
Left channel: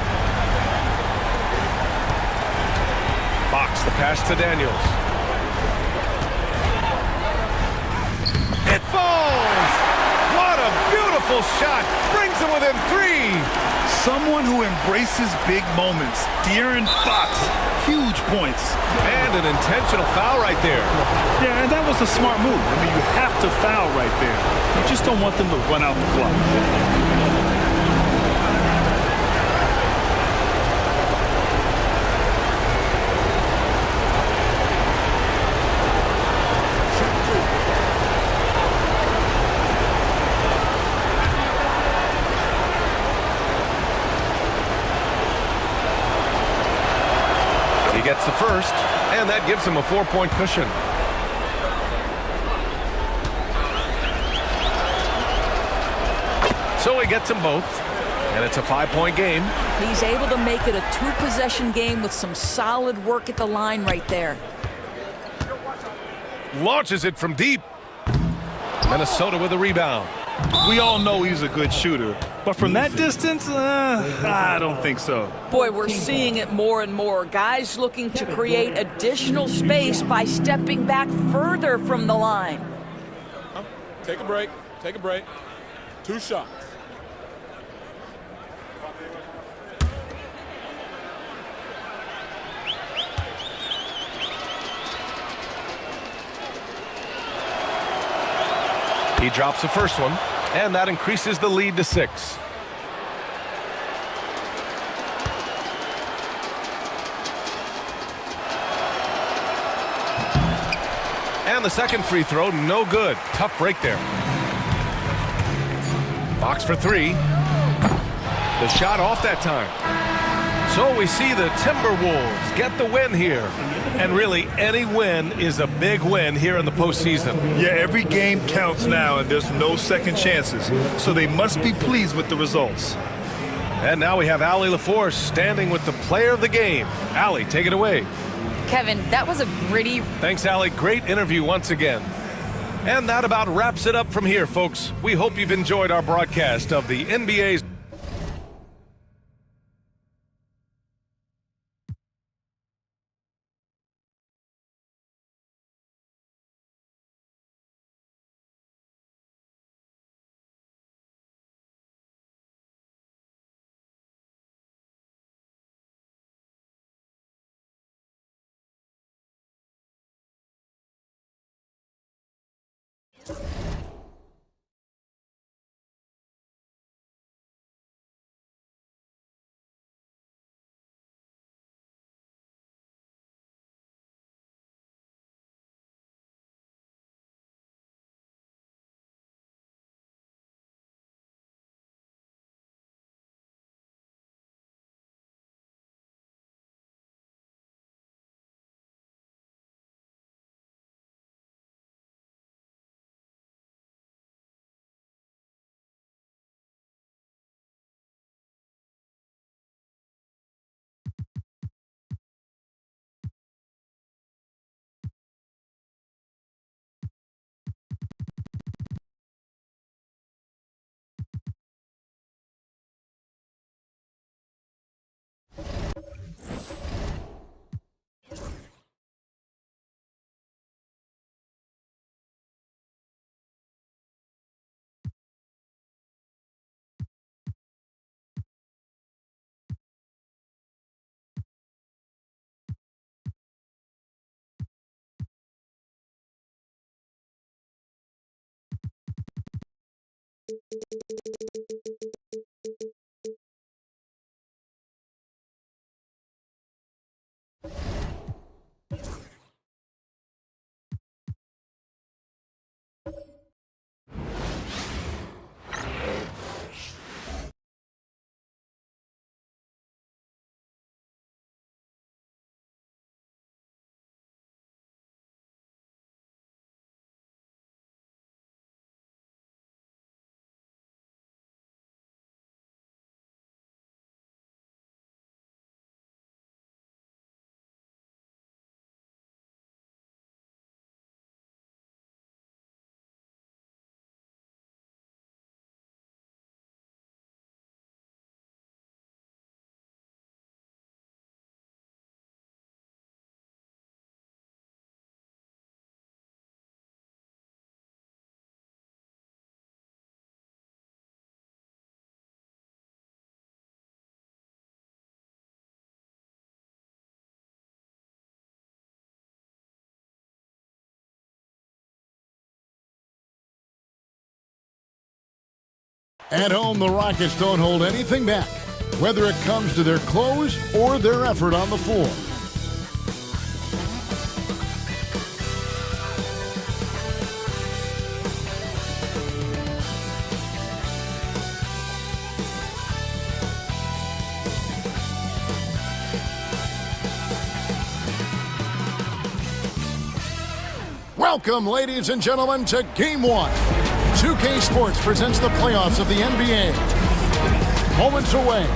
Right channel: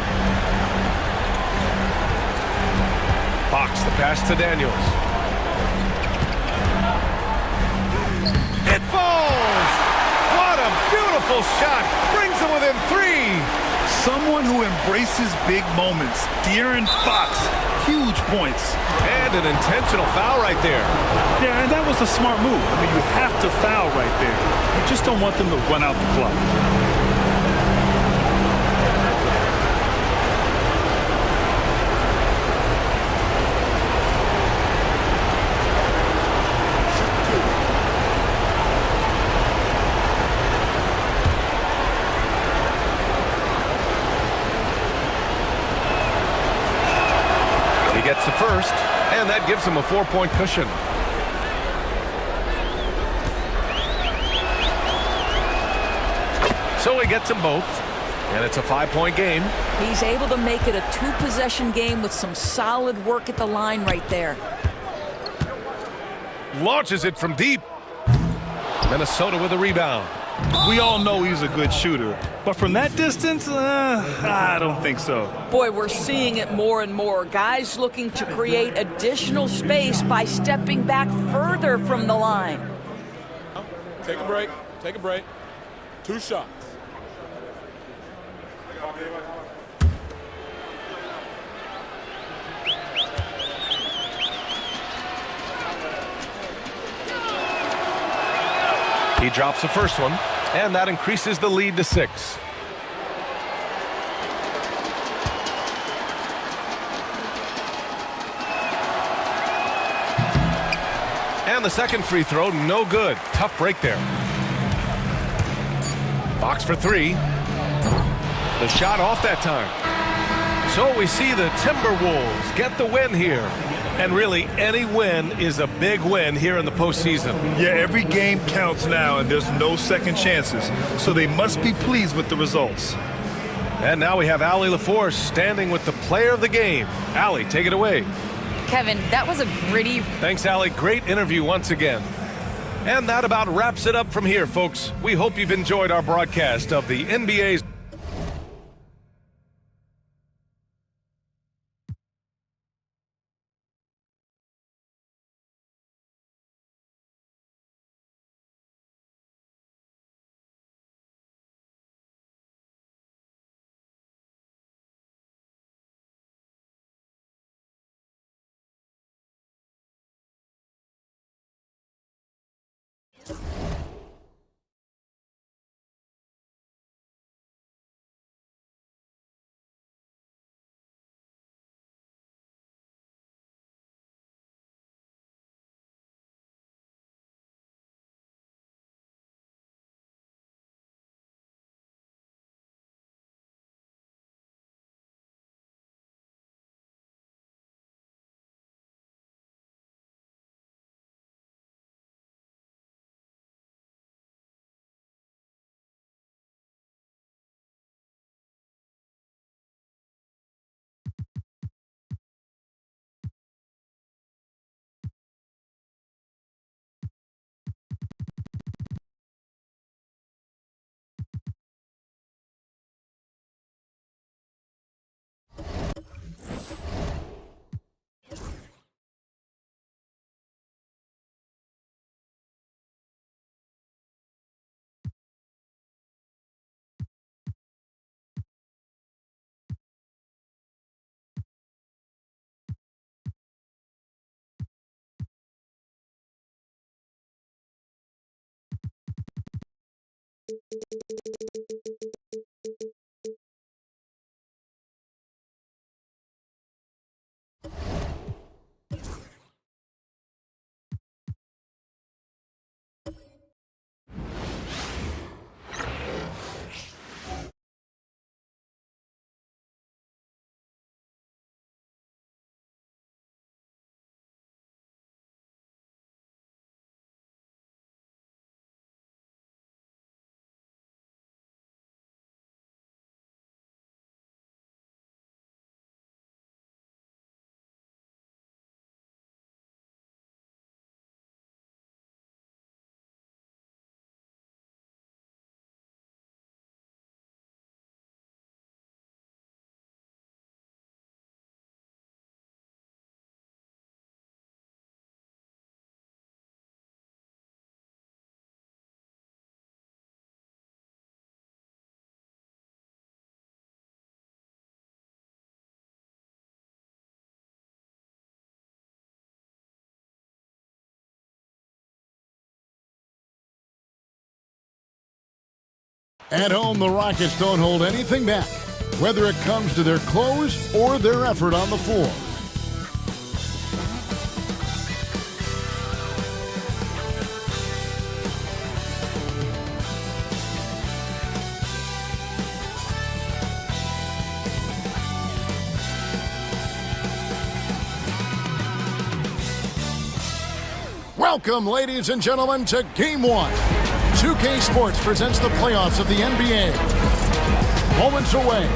Fox, the pass to Daniels. It falls! What a beautiful shot! Brings him within 3. Someone who embraces big moments. De'Aaron Fox, huge points. And an intentional foul right there. Yeah, and that was a smart move. I mean, you have to foul right there. You just don't want them to run out the clock. Gets the first, and that gives him a 4-point cushion. So he gets them both, and it's a 5-point game. He's able to make it a 2-possession game with some solid work at the line right there. Launches it from deep. Minnesota with a rebound. We all know he's a good shooter, but from that distance, I don't think so. Boy, we're seeing it more and more. Guys looking to create additional space by stepping back further from the line. Take a break. Take a break. 2 shots. He drops the first one, and that increases the lead to 6. And the second free throw, no good. Tough break there. Fox for 3. The shot off that time. So we see the Timberwolves get the win here. And really, any win is a big win here in the postseason. Yeah, every game counts now, and there's no second chances. So they must be pleased with the results. And now we have Allie LaForce standing with the player of the game. Allie, take it away. Kevin, that was a gritty... Thanks, Allie. Great interview once again. And that about wraps it up from here, folks. We hope you've enjoyed our broadcast of the NBA's... At home, the Rockets don't hold anything back, whether it comes to their close or their effort on the floor. Welcome, ladies and gentlemen, to Game 1. 2K Sports presents the playoffs of the NBA. Moments away,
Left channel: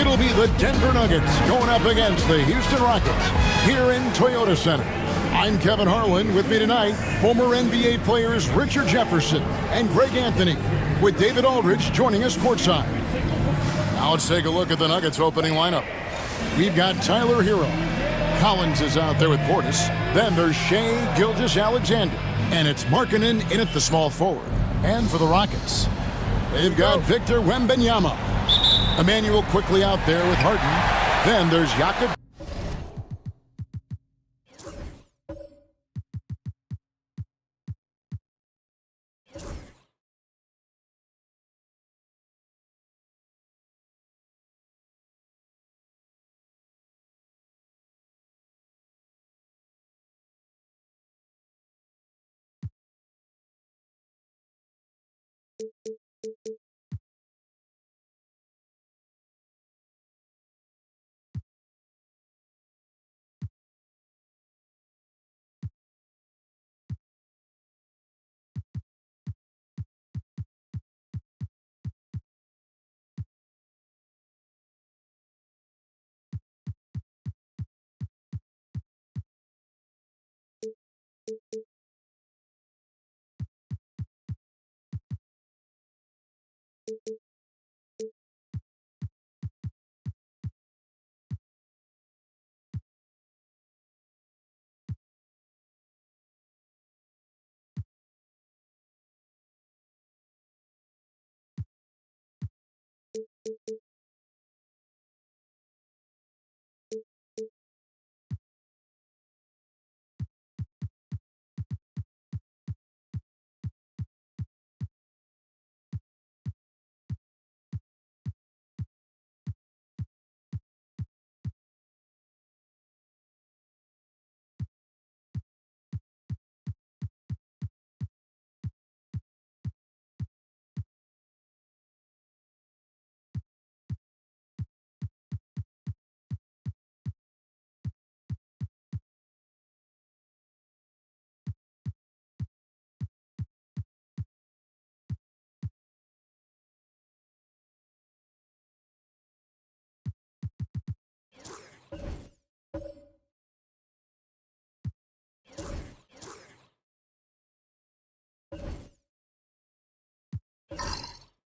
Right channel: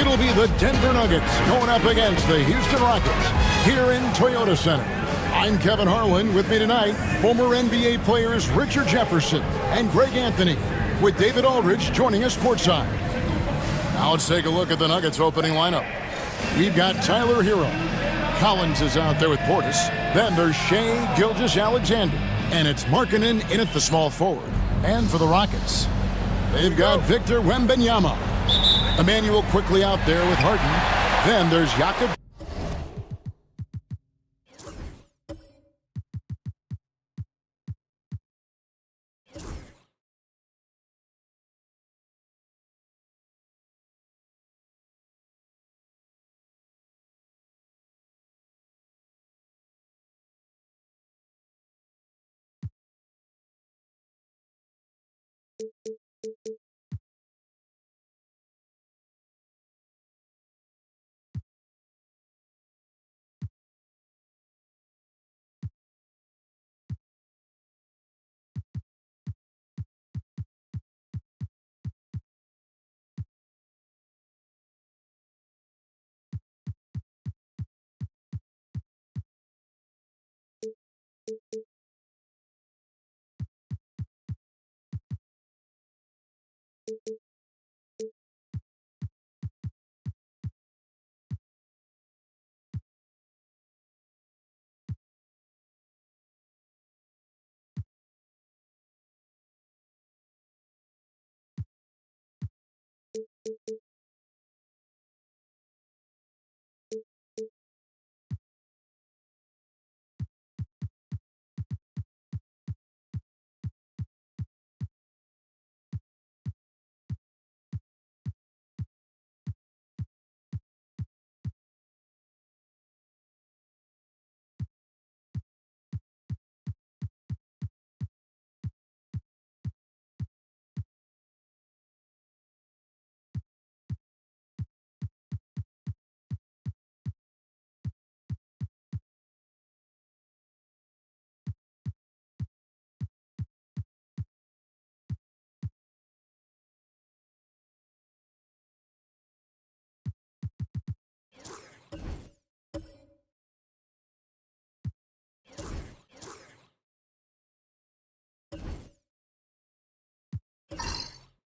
it'll be the Denver Nuggets going up against the Houston Rockets here in Toyota Center. I'm Kevin Harlan. With me tonight, former NBA players Richard Jefferson and Greg Anthony, with David Aldridge joining us courtside. Now let's take a look at the Nuggets opening lineup. We've got Tyler Hero. Collins is out there with Portis. Then there's Shai Gilgeous-Alexander. And it's Markkanen in at the small forward. And for the Rockets, they've got Victor Wembanyama. Emmanuel quickly out there with Harden. Then there's Jakob.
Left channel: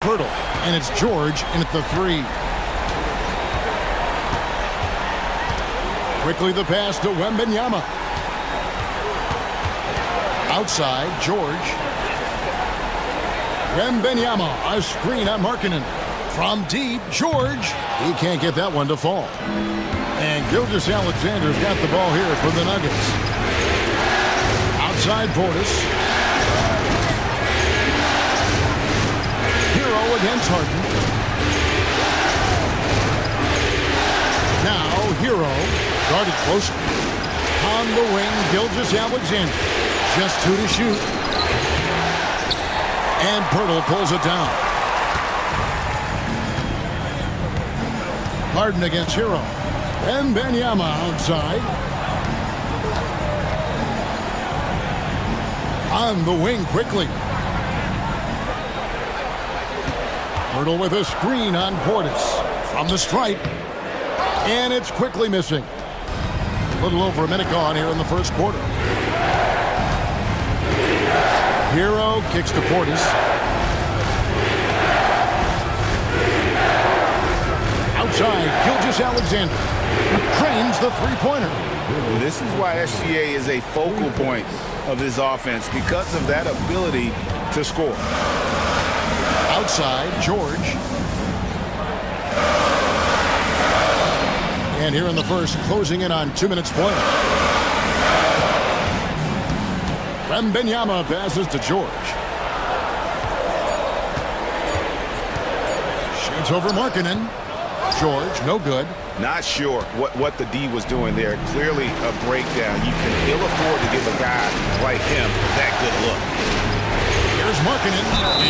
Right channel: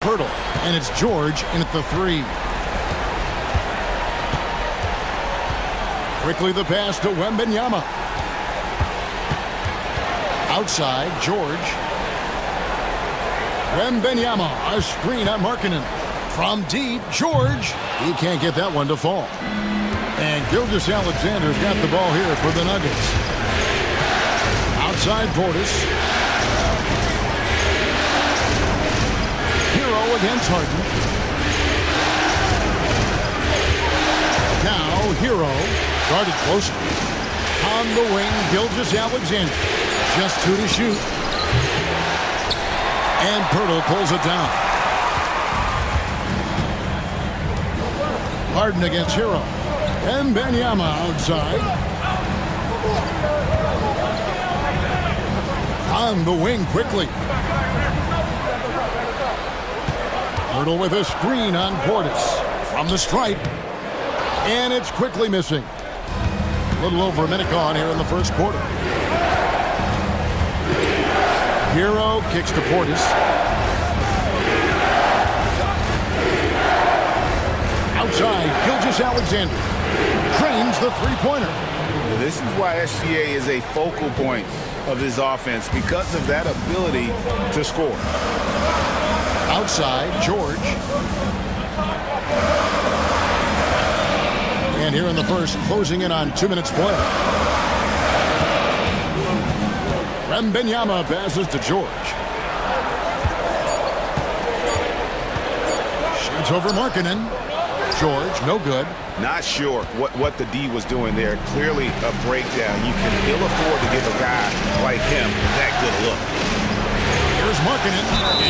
Pirtle, and it's George in at the 3. Quickly the pass to Wembanyama. Outside, George. Wembanyama, a screen on Markkanen. From deep, George. He can't get that one to fall. And Gilgeous-Alexander's got the ball here for the Nuggets. Outside Portis. Hero against Harden. Now Hero, guarded closer. On the wing, Gilgeous-Alexander. Just 2 to shoot. And Pirtle pulls it down. Harden against Hero. And Wembanyama outside. On the wing quickly. Pirtle with a screen on Portis. From the stripe. And it's quickly missing. A little over a minute gone here in the first quarter. Hero kicks to Portis. Outside, Gilgeous-Alexander trains the three-pointer. This is why SGA is a focal point of his offense, because of that ability to score. Outside, George. And here in the first, closing in on 2 minutes play. Wembanyama passes to George. Shoots over Markkanen. George, no good. Not sure what the D was doing there. Clearly a breakdown. You can ill afford to give a guy like him that good look. Here's Markkanen,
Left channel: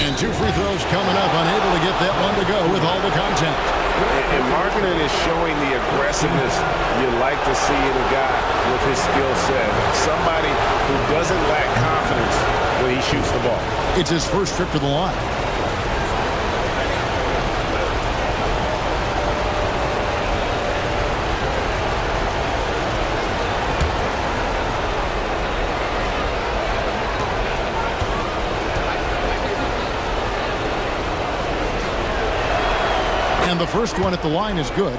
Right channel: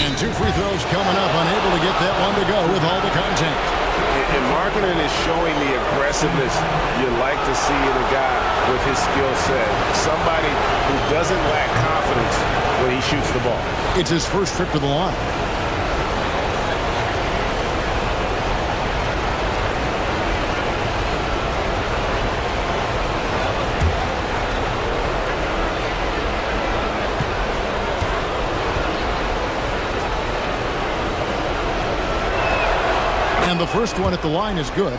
and 2 free throws coming up, unable to get that one to go with all the contact. And Markkanen is showing the aggressiveness you like to see in a guy with his skill set. Somebody who doesn't lack confidence when he shoots the ball. It's his first trip to the line. And the first one at the line is good.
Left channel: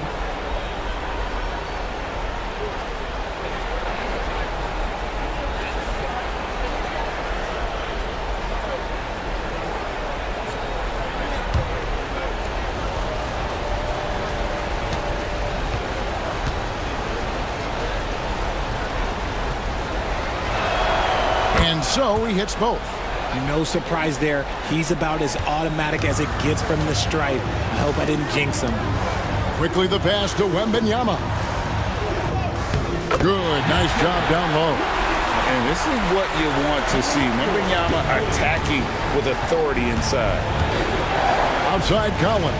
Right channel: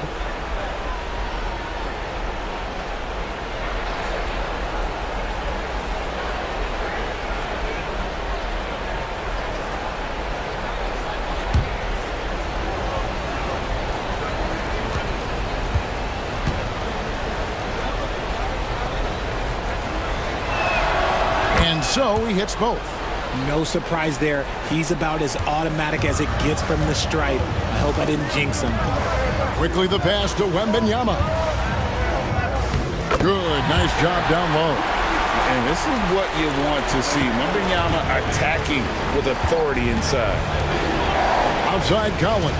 And so he hits both. No surprise there. He's about as automatic as it gets from the stripe. I hope I didn't jinx him. Quickly the pass to Wembanyama. Good, nice job down low. And this is what you want to see. Wembanyama attacking with authority inside. Outside Collins.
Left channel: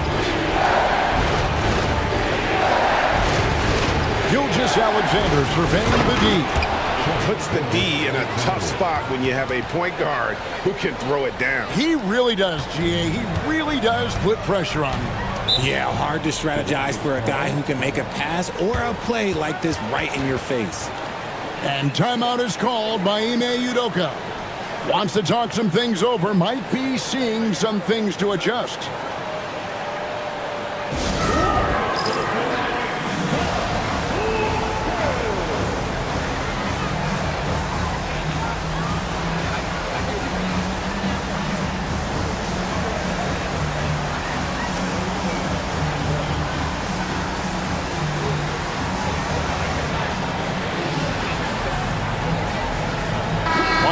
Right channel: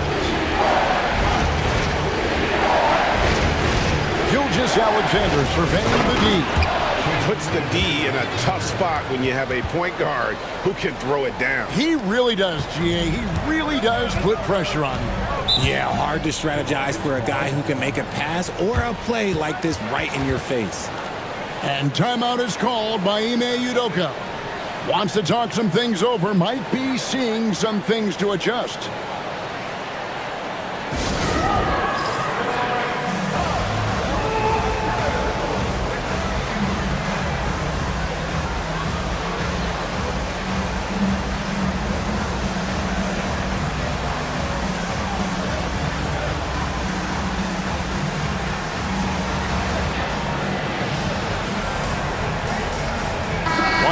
Gilgeous-Alexander surveying the D. Puts the D in a tough spot when you have a point guard who can throw it down. He really does, GA. He really does put pressure on him. Yeah, hard to strategize for a guy who can make a pass or a play like this right in your face. And timeout is called by Ime Udoka. Wants to talk some things over, might be seeing some things to adjust.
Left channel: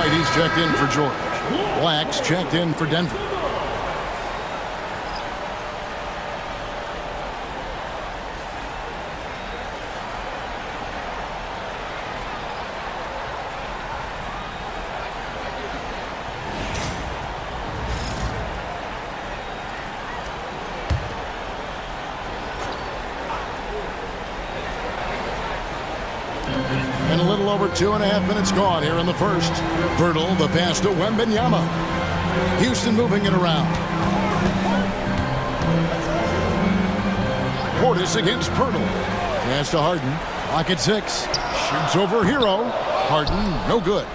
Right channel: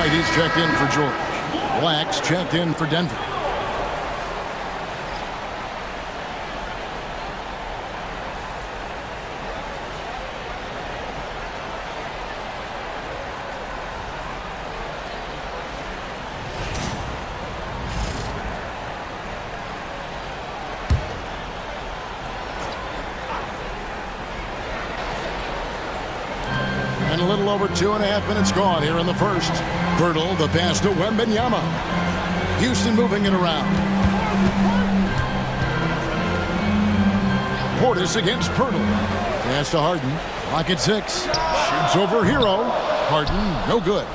right, he's checked in for George. Black's checked in for Denver. And a little over 2.5 minutes gone here in the first. Pirtle, the pass to Wembanyama. Houston moving it around. Portis against Pirtle. Pass to Harden. Clock at 6. Shoots over Hero. Harden, no good.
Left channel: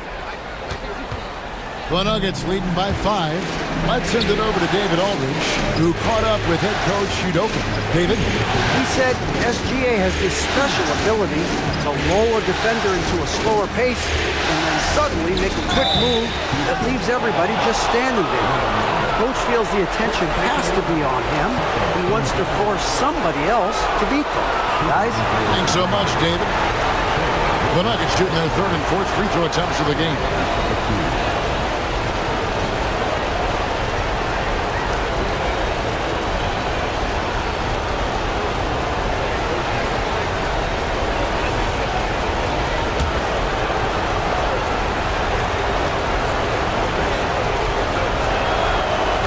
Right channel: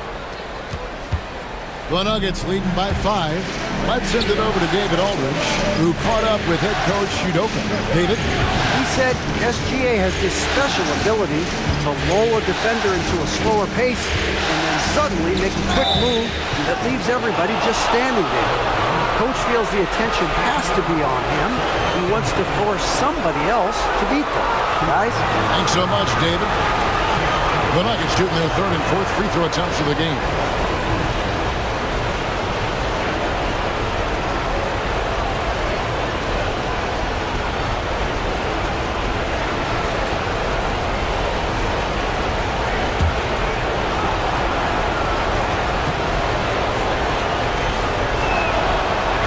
The Nuggets leading by 5. Let's send it over to David Aldridge, who caught up with head coach Udoka. David? He said SGA has this special ability to lull a defender into a slower pace and then suddenly make a quick move that leaves everybody just standing there. Coach feels the attention has to be on him. He wants to force somebody else to beat them. Guys? Thanks so much, David. The Nuggets shooting their third and fourth free throw attempts of the game.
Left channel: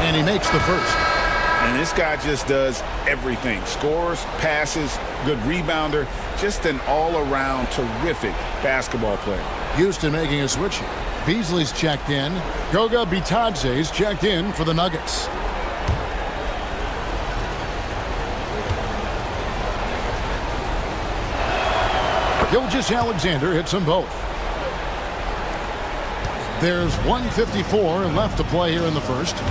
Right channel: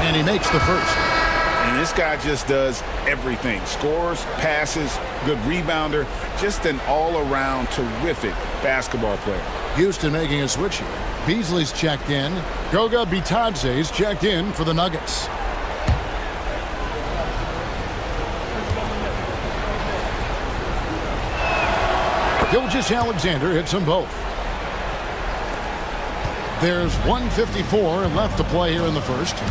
And he makes the first. And this guy just does everything. Scores, passes, good rebounder. Just an all-around terrific basketball player. Houston making a switch here. Beasley's checked in. Goga Bitadze's checked in for the Nuggets. Gilgeous-Alexander hits them both. There's 1:54 left to play here in the first.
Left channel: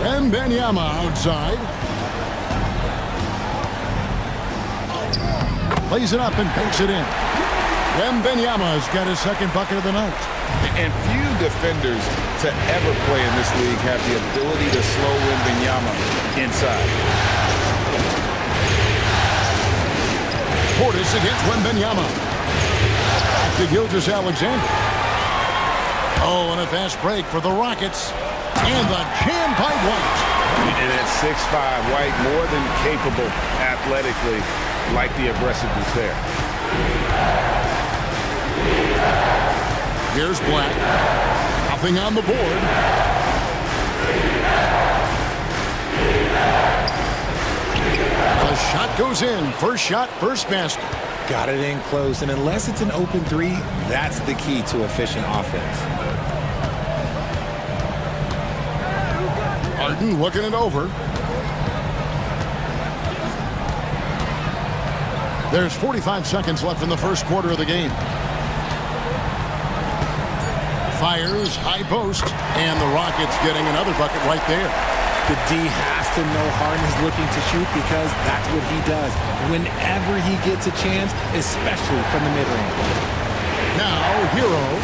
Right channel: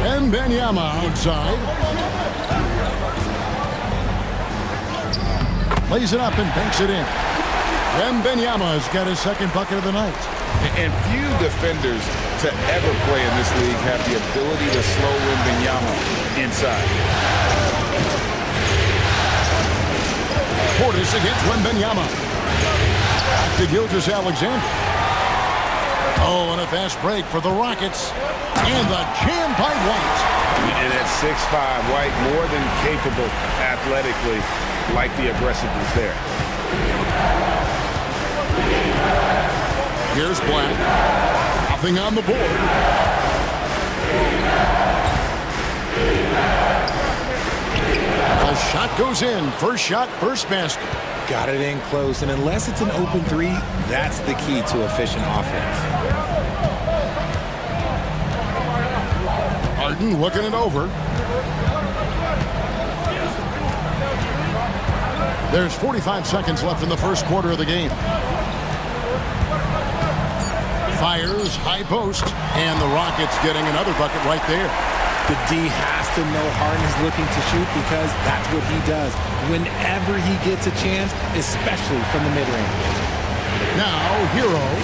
Wembanyama outside. Lays it up and banks it in. Wembanyama's got his second bucket of the night. And few defenders to ever play in this league have the ability to slow Wembanyama inside. Portis against Wembanyama. Back to Gilgeous-Alexander. Oh, and a fast break for the Rockets. And the jam by White. And at 6'5", White more than capable athletically, like the aggressiveness there. Here's Black. Nothing on the board. The shot goes in. First shot, first basket. Got it in close, and unless it's an open three, that's the key to efficient offense. Harden looking it over. There's 45 seconds left in the first quarter of the game. Fires, high post, and the Rockets getting another bucket right there. The D has to know Harden is looking to shoot because that's what he does whenever he gets a chance, especially from the mid-range. Now, Hero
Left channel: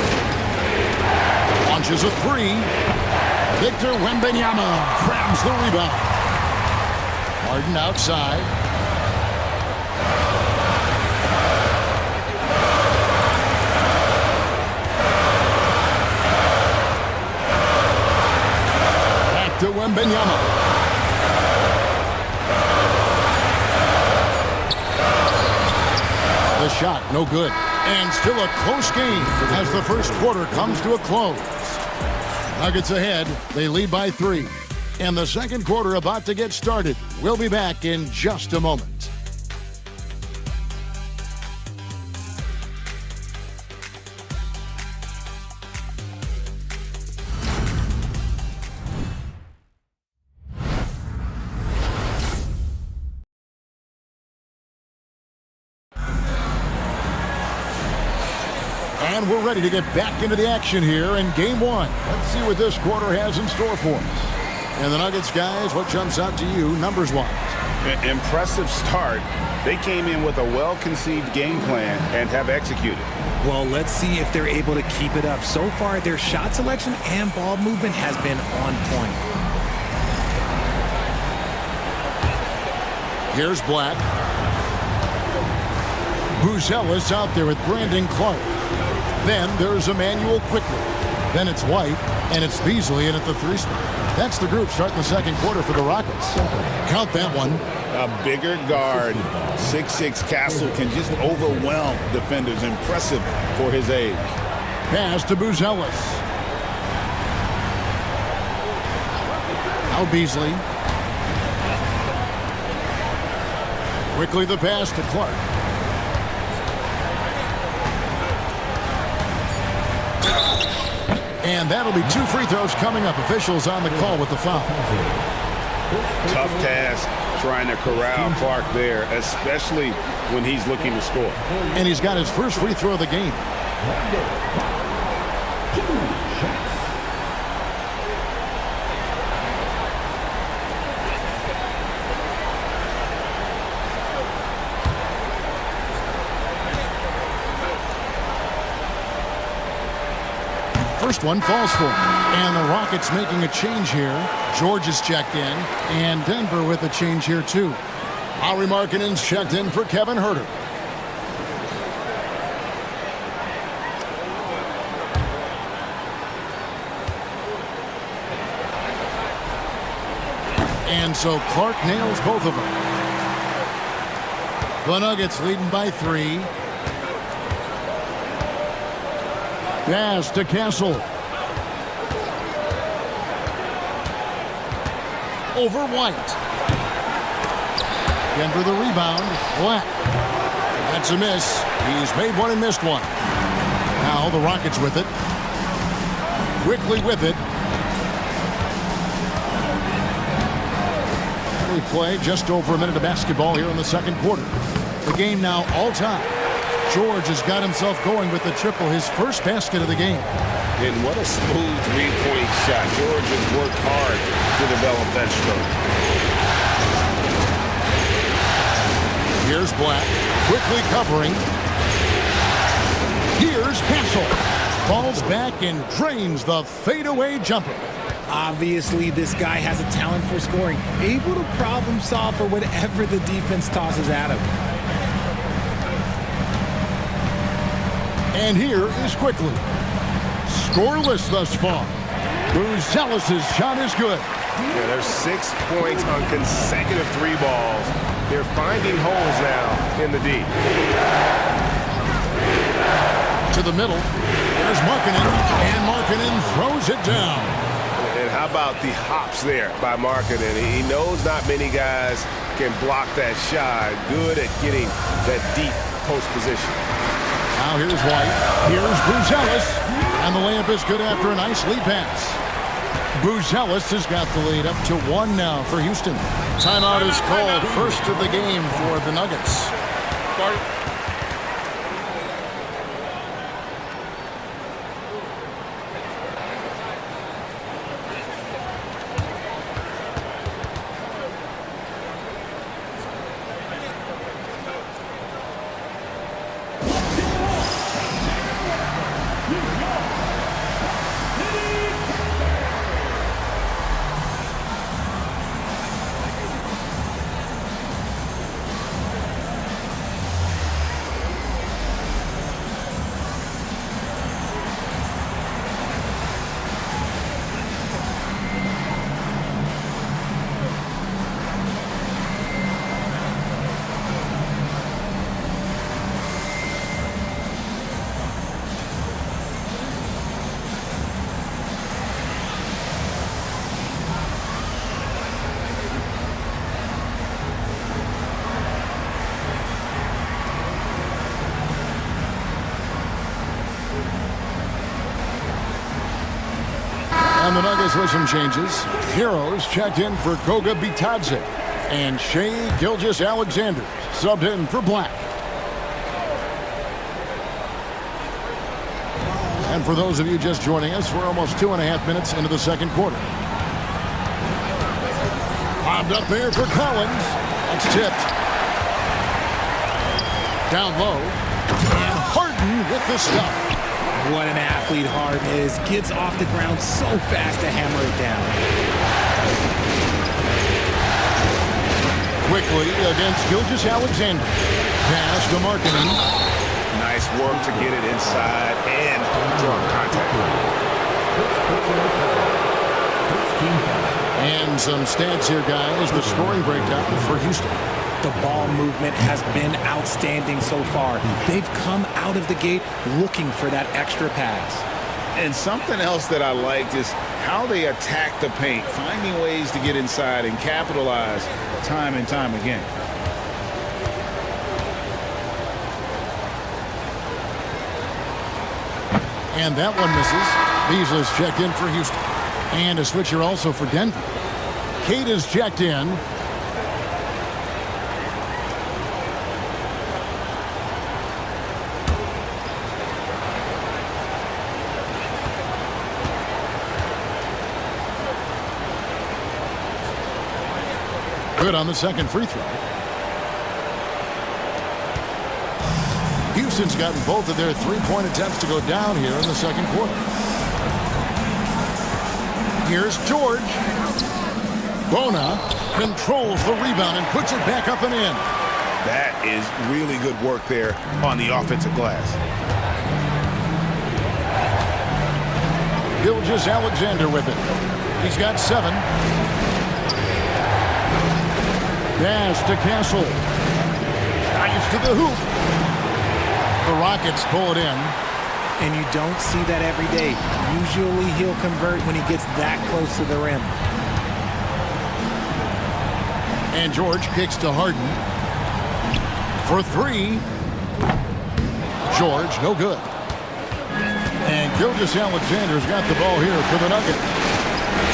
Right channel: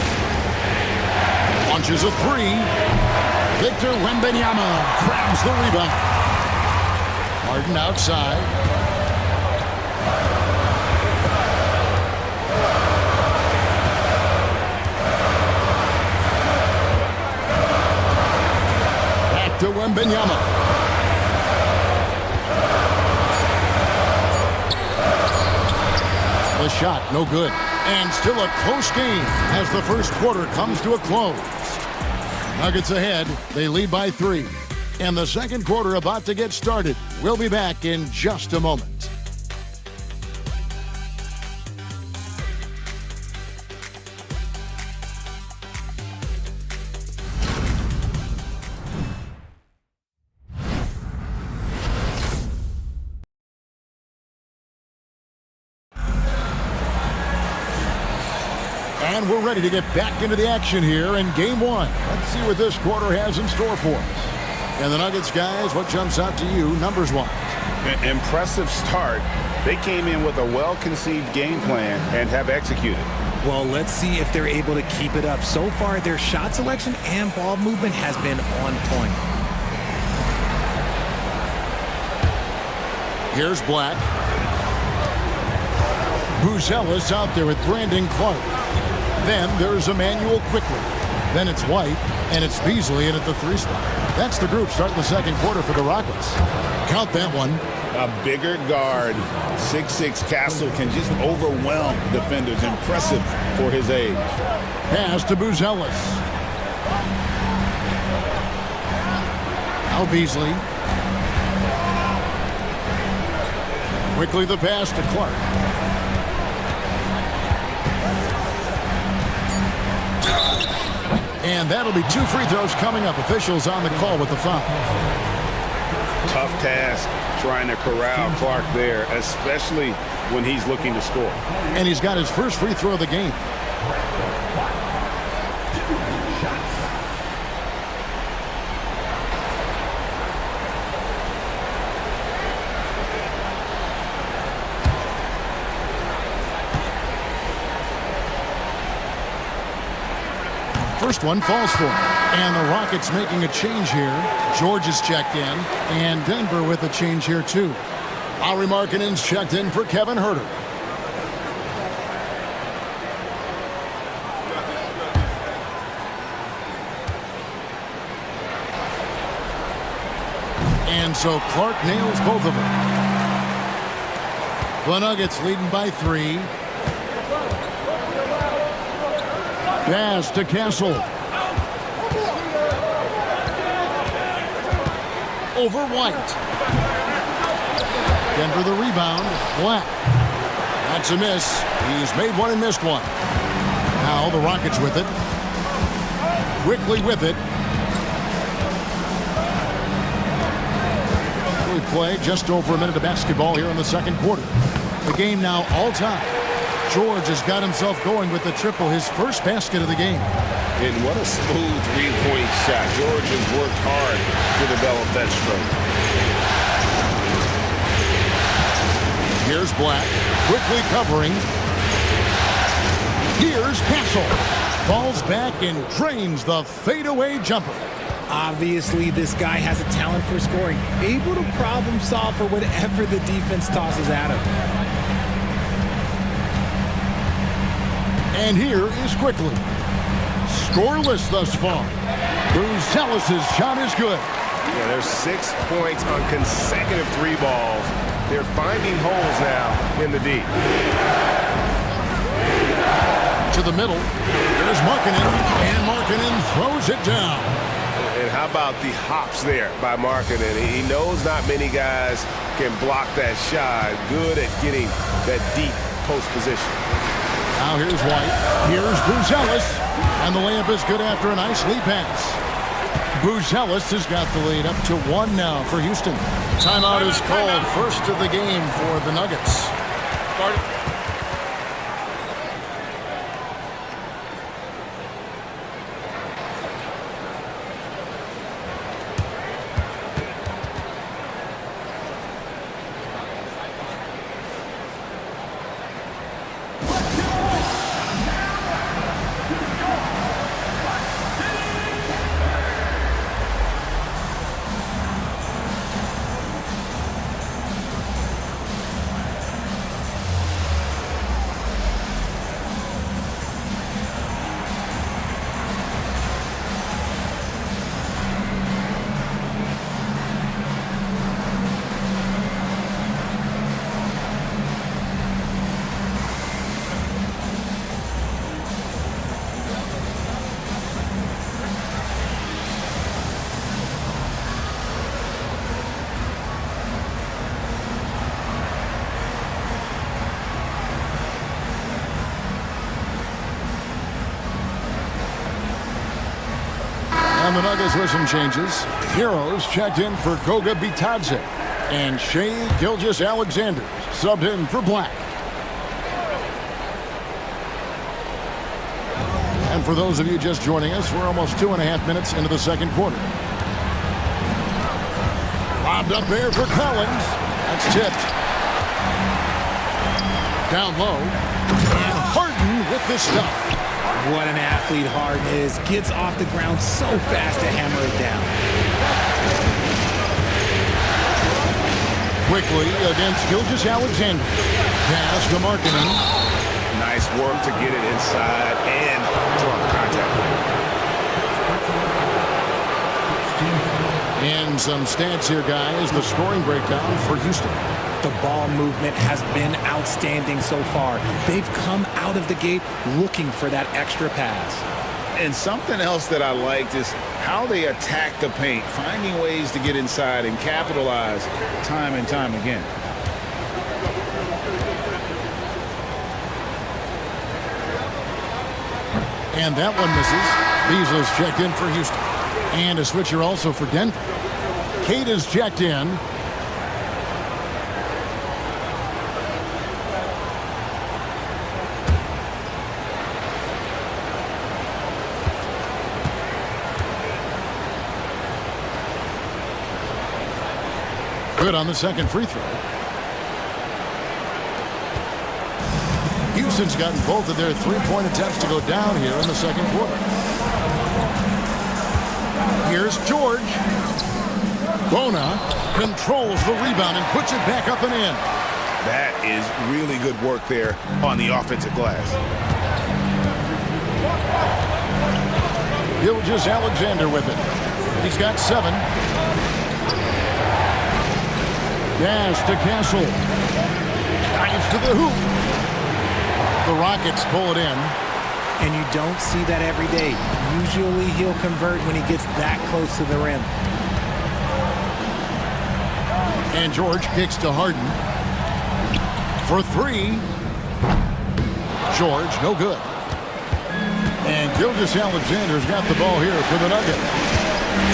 launches a three. Victor Wembanyama grabs the rebound. Harden outside. Back to Wembanyama. The shot, no good. And still a close game as the first quarter comes to a close. Nuggets ahead. They lead by 3. And the second quarter about to get started. We'll be back in just a moment. And we're ready to get back into the action here in Game 1. Let's see what this quarter has in store for us. And the Nuggets, guys, what jumps out to you numbers-wise? Impressive start. They came in with a well-conceived game plan and have executed. Well, let's see if they're able to keep it up. So far, their shot selection and ball movement has been on point. Here's Black. Buzelis out there with Brandon Clark. Then there's Emmanuel Quickly. Then it's White, and it's Beasley in at the 3 spot. That's the group starting the second quarter for the Rockets. Count that one. A bigger guard, 6'6" Castle can just overwhelm defenders. Impressive for his age. Pass to Buzelis. Now Beasley. Quickly the pass to Clark. And that'll be 2 free throws coming up. Officials on the call with the foul. Tough task trying to corral Clark there, especially when he's looking to score. And he's got his first free throw of the game. First one falls for him. And the Rockets making a change here. George is checked in. And Denver with a change here, too. Lauri Markkanen's checked in for Kevin Huerter. And so Clark nails both of them. The Nuggets leading by 3. Pass to Castle. Over White. Denver the rebound. Black. That's a miss. He's made one and missed one. Now the Rockets with it. Quickly with it. We play just over a minute of basketball here in the second quarter. The game now all time. George has got himself going with the triple, his first basket of the game. And what a smooth three-point shot. George has worked hard to develop that stroke. Here's Black, quickly covering. Here's Castle. Falls back and drains the fadeaway jumper. Obviously, this guy has a talent for scoring, able to problem solve for whatever the defense tosses at him. And here is Quickly. Scoreless thus far. Buzelis' shot is good. Yeah, there's 6 points on consecutive 3 balls. They're finding holes now in the D. To the middle. There's Markkanen. And Markkanen throws it down. And how about the hops there by Markkanen? He knows not many guys can block that shot. Good at getting that deep post position. Now here's White. Here's Buzelis. And the layup is good after a nice lead pass. Buzelis has got the lead up to 1 now for Houston. Timeout is called. First of the game for the Nuggets. Start. And the Nuggets with some changes. Heroes checked in for Goga Bitadze. And Shai Gilgeous-Alexander subbed in for Black. And for those of you just joining us, we're almost 2.5 minutes into the second quarter. Lobbed up there for Collins. That's tipped. Down low. And Harden with the stuff. What an athlete Harden is. Gets off the ground so fast to hammer it down. Quickly against Gilgeous-Alexander. Pass to Markkanen. Nice work to get it inside and draw the contact. And some stats here, guys. The scoring breakdown for Houston. The ball movement has been outstanding so far. They've come out of the gate looking for that extra pass. And something else that I liked is how they attack the paint, finding ways to get inside and capitalize time and time again. And that one misses. Beasley's checked in for Houston. And a switcher also for Denver. Cade is checked in. Good on the second free throw. Houston's gotten both of their three-point attempts to go down here in the second quarter. Here's George. Bona controls the rebound and puts it back up and in. That is really good work there on the offensive glass. Gilgeous-Alexander with it. He's got 7. Pass to Castle. Drives to the hoop. The Rockets pull it in. And you don't see that every day. Usually he'll convert when he gets that close to the rim. And George kicks to Harden. For 3. George, no good. And Gilgeous-Alexander's got the ball here for the Nuggets.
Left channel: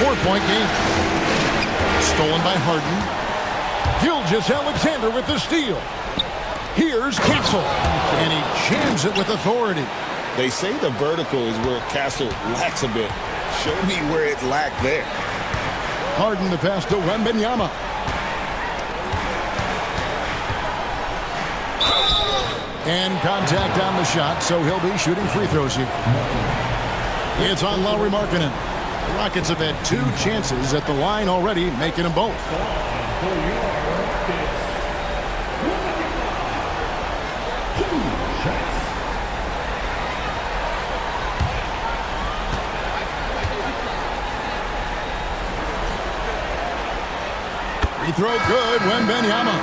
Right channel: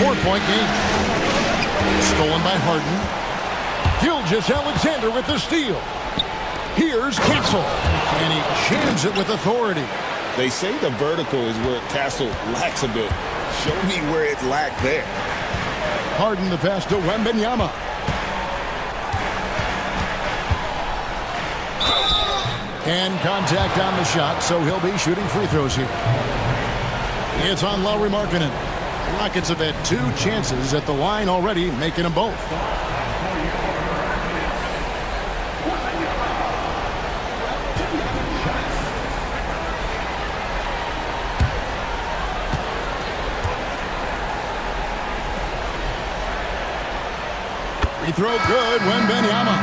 4-point game. Stolen by Harden. Gilgeous-Alexander with the steal. Here's Castle. And he jams it with authority. They say the vertical is where Castle lacks a bit. Show me where it lacked there. Harden the pass to Wembanyama. And contact on the shot, so he'll be shooting free throws here. It's on Lauri Markkanen. The Rockets have had 2 chances at the line already, making them both. Free throw good, Wembanyama.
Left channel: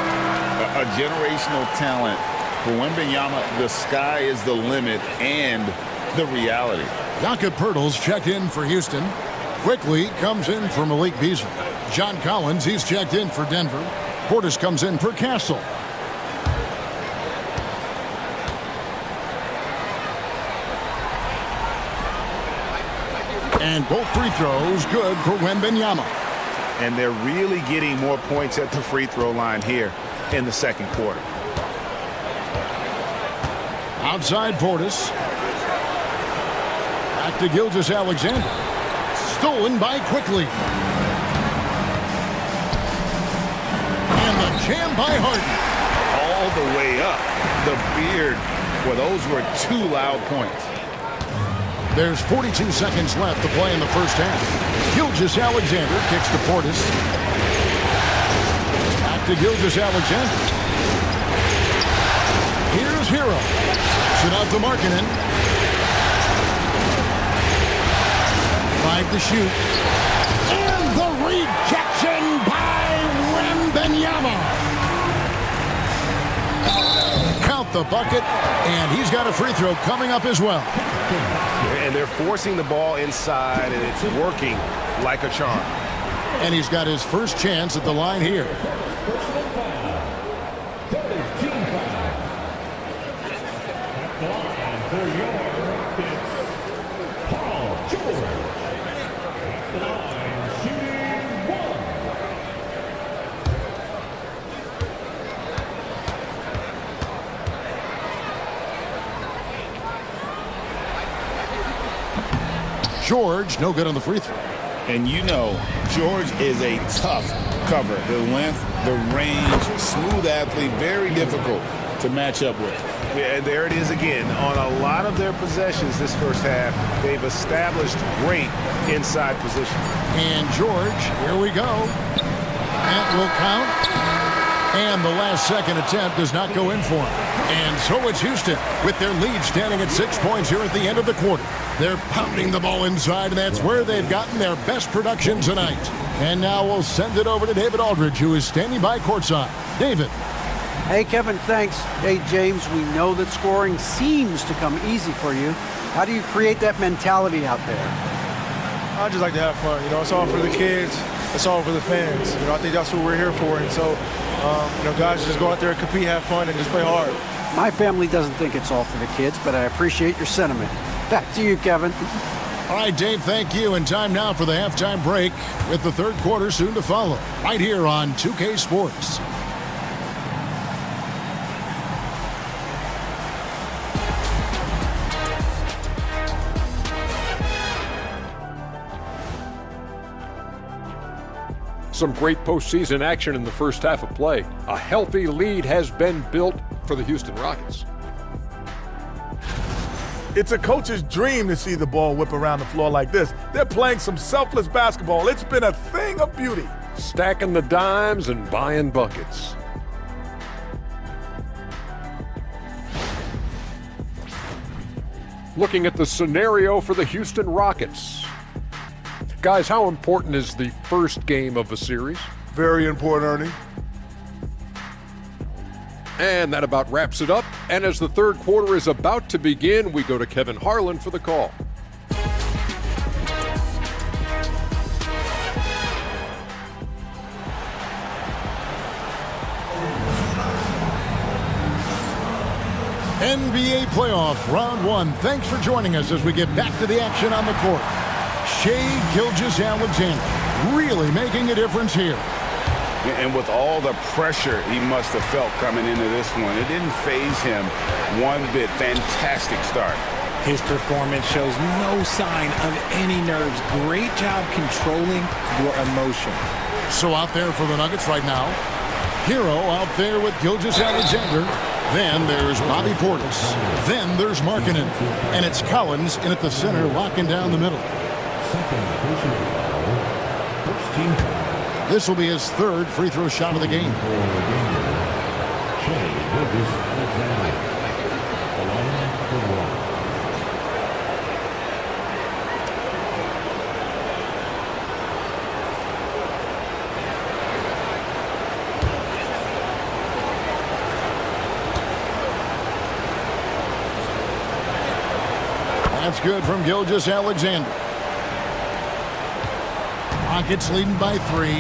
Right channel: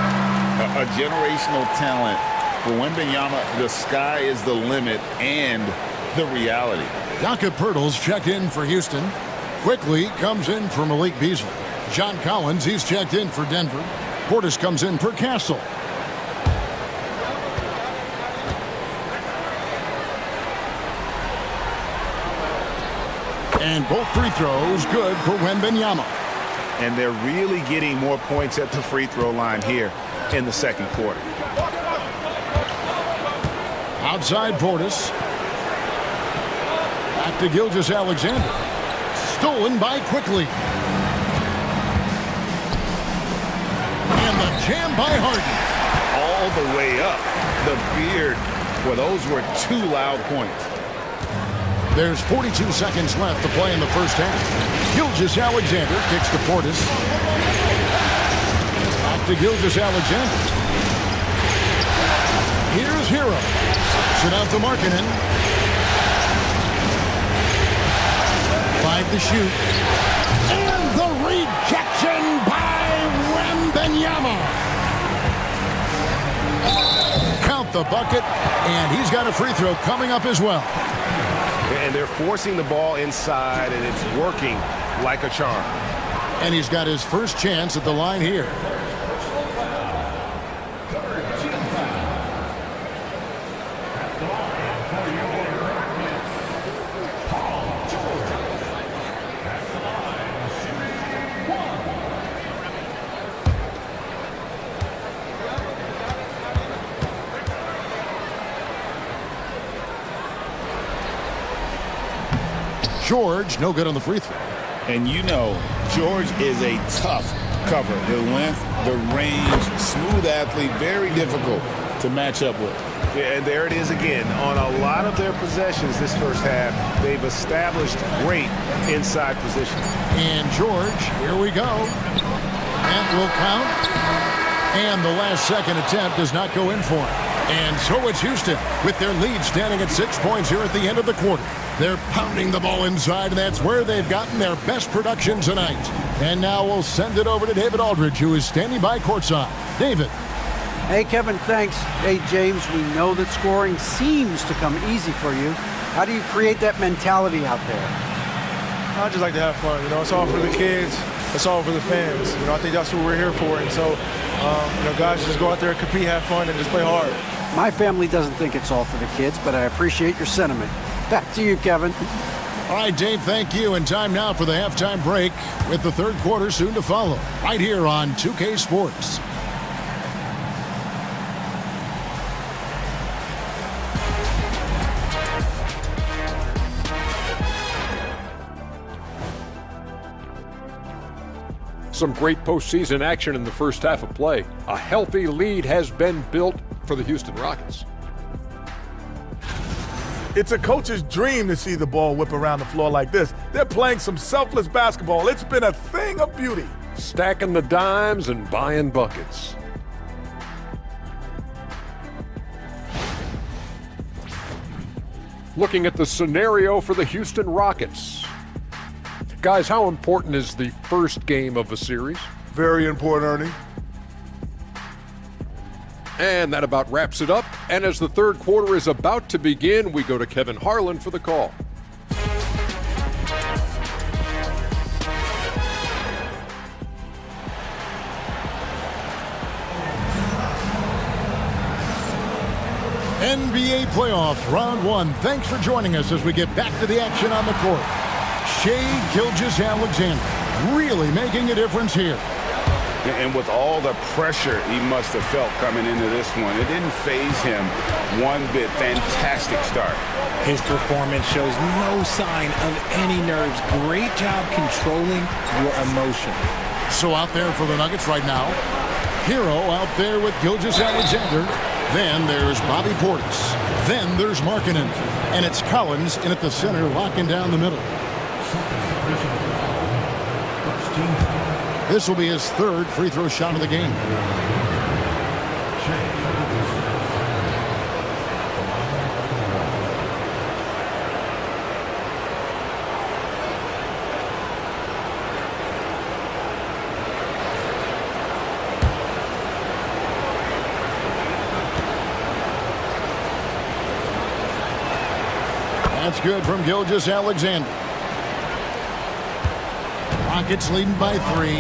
A generational talent. For Wembanyama, the sky is the limit and the reality. Jakob Poeltl's checked in for Houston. Quickly comes in for Malik Beasley. John Collins, he's checked in for Denver. Portis comes in for Castle. And both free throws good for Wembanyama. And they're really getting more points at the free throw line here in the second quarter. Outside Portis. Back to Gilgeous-Alexander. Stolen by Quickly. And the jam by Harden. All the way up. The beard. Well, those were 2 loud points. There's 42 seconds left to play in the first half. Gilgeous-Alexander kicks to Portis. Back to Gilgeous-Alexander. Here's Hero. Sit out to Markkanen. 5 to shoot. And the rejection by Wembanyama. Count the bucket, and he's got a free throw coming up as well. And they're forcing the ball inside, and it's working like a charm. And he's got his first chance at the line here. George, no good on the free throw. And you know, George is a tough cover. The length, the range, smooth athlete, very difficult to match up with. Yeah, and there it is again. On a lot of their possessions this first half, they've established great inside position. And George, here we go. That will count. And the last second attempt does not go in for him. And so it's Houston with their lead standing at 6 points here at the end of the quarter. They're pounding the ball inside, and that's where they've gotten their best production tonight. And now we'll send it over to David Aldridge, who is standing by courtside. David. Hey, Kevin, thanks. Hey, James, we know that scoring seems to come easy for you. How do you create that mentality out there? I just like to have fun. It's all for the kids. It's all for the fans. I think that's what we're here for. And so, guys, just go out there, compete, have fun, and just play hard. My family doesn't think it's all for the kids, but I appreciate your sentiment. Back to you, Kevin. All right, Dave, thank you. And time now for the halftime break with the third quarter soon to follow. Right here on 2K Sports. Some great postseason action in the first half of play. A healthy lead has been built for the Houston Rockets. It's a coach's dream to see the ball whip around the floor like this. They're playing some selfless basketball. It's been a thing of beauty. Stacking the dimes and buying buckets. Looking at the scenario for the Houston Rockets. Guys, how important is the first game of a series? Very important, Ernie. And that about wraps it up. And as the third quarter is about to begin, we go to Kevin Harlan for the call. NBA playoffs, round one. Thanks for joining us as we get back to the action on the court. Shai Gilgeous-Alexander really making a difference here. And with all the pressure he must have felt coming into this one, it didn't faze him one bit. Fantastic start. His performance shows no sign of any nerves. Great job controlling your emotion. So out there for the Nuggets right now, Hero out there with Gilgeous-Alexander. Then there's Bobby Portis. Then there's Markkanen. And it's Collins in at the center, locking down the middle. This will be his third free throw shot of the game. That's good from Gilgeous-Alexander. Rockets leading by 3.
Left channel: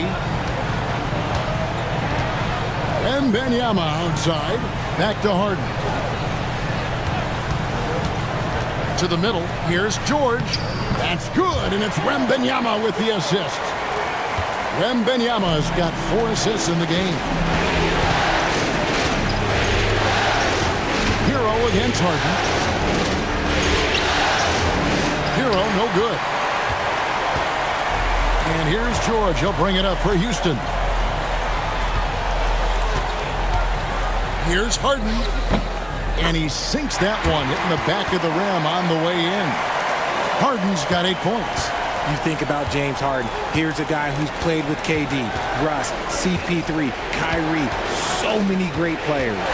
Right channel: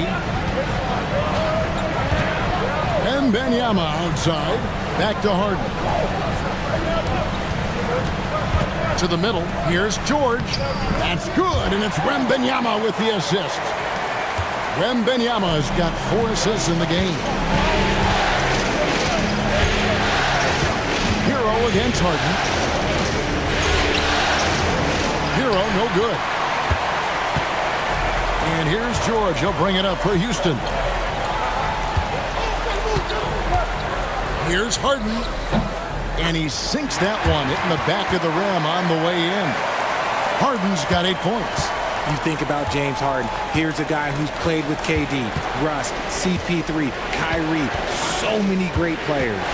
And Wembanyama outside. Back to Harden. To the middle. Here's George. That's good, and it's Wembanyama with the assist. Wembanyama's got 4 assists in the game. Hero against Harden. Hero, no good. And here's George. He'll bring it up for Houston. Here's Harden. And he sinks that one, hitting the back of the rim on the way in. Harden's got 8 points. You think about James Harden. Here's a guy who's played with KD, Russ, CP3, Kyrie. So many great players.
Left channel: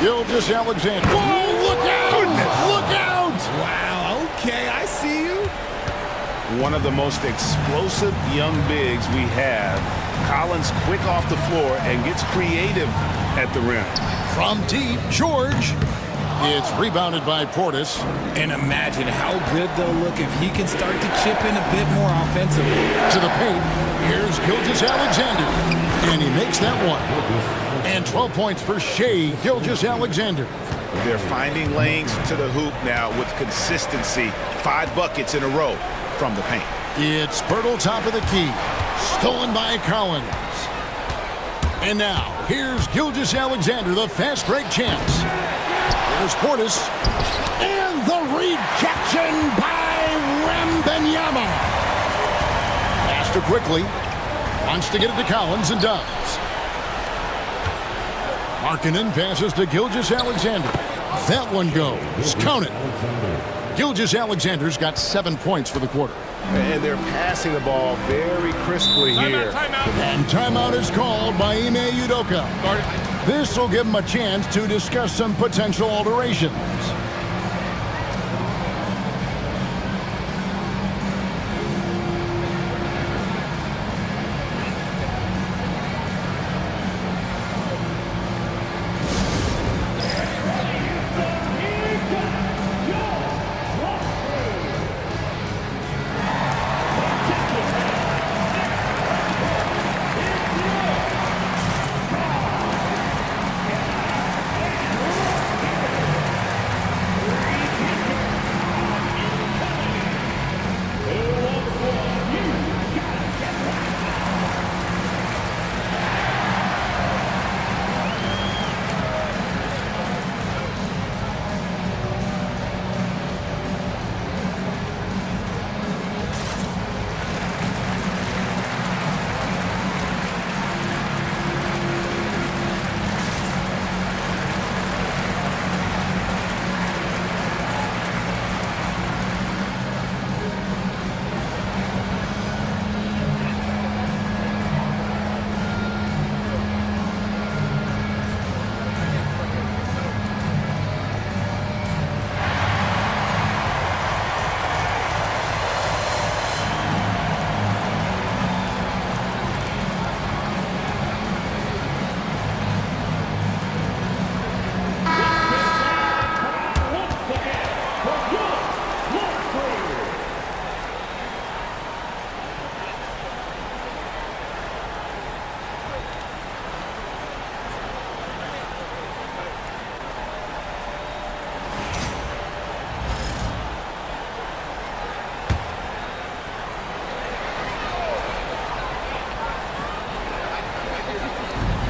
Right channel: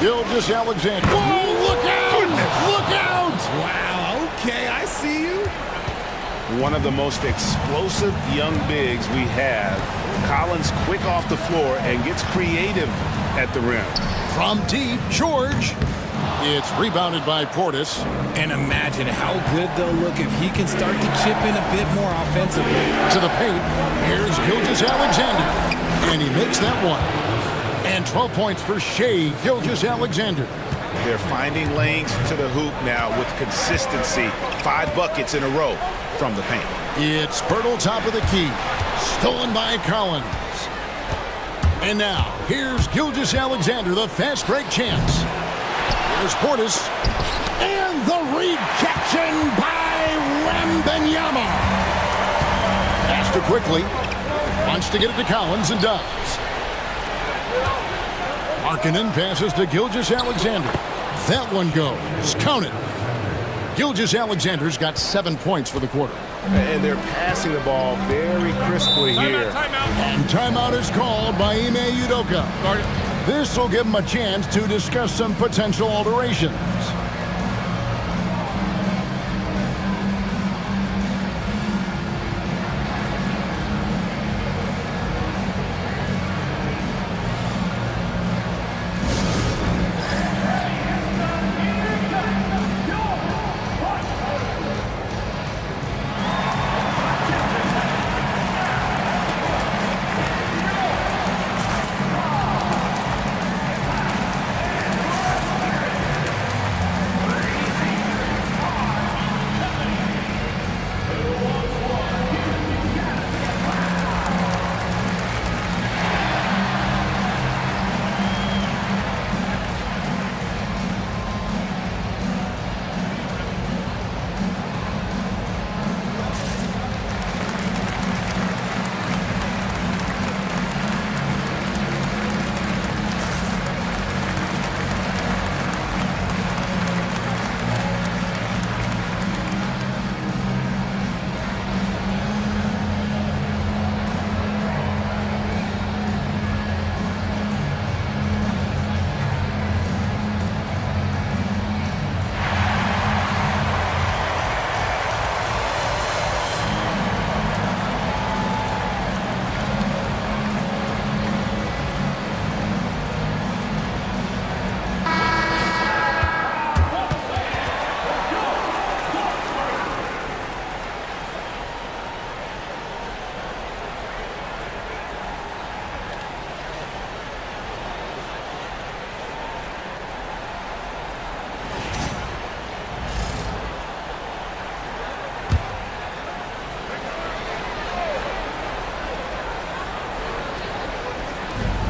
Gilgeous-Alexander. Whoa, look out! Goodness. Look out! Wow, okay, I see you. One of the most explosive young bigs we have. Collins quick off the floor and gets creative at the rim. From deep, George. It's rebounded by Portis. And imagine how good they'll look if he can start to chip in a bit more offensively. To the paint, here's Gilgeous-Alexander. And he makes that one. And 12 points for Shai Gilgeous-Alexander. They're finding lanes to the hoop now with consistency. 5 buckets in a row from the paint. It's Pirtle top of the key. Stolen by Collins. And now, here's Gilgeous-Alexander, the fast break chance. Here's Portis. And the rejection by Wembanyama. Pass to quickly. Wants to get it to Collins and does. Markkanen passes to Gilgeous-Alexander. That one goes. Count it. Gilgeous-Alexander's got 7 points for the quarter. And they're passing the ball very crisply here. And timeout is called by Ime Udoka. This will give them a chance to discuss some potential alterations.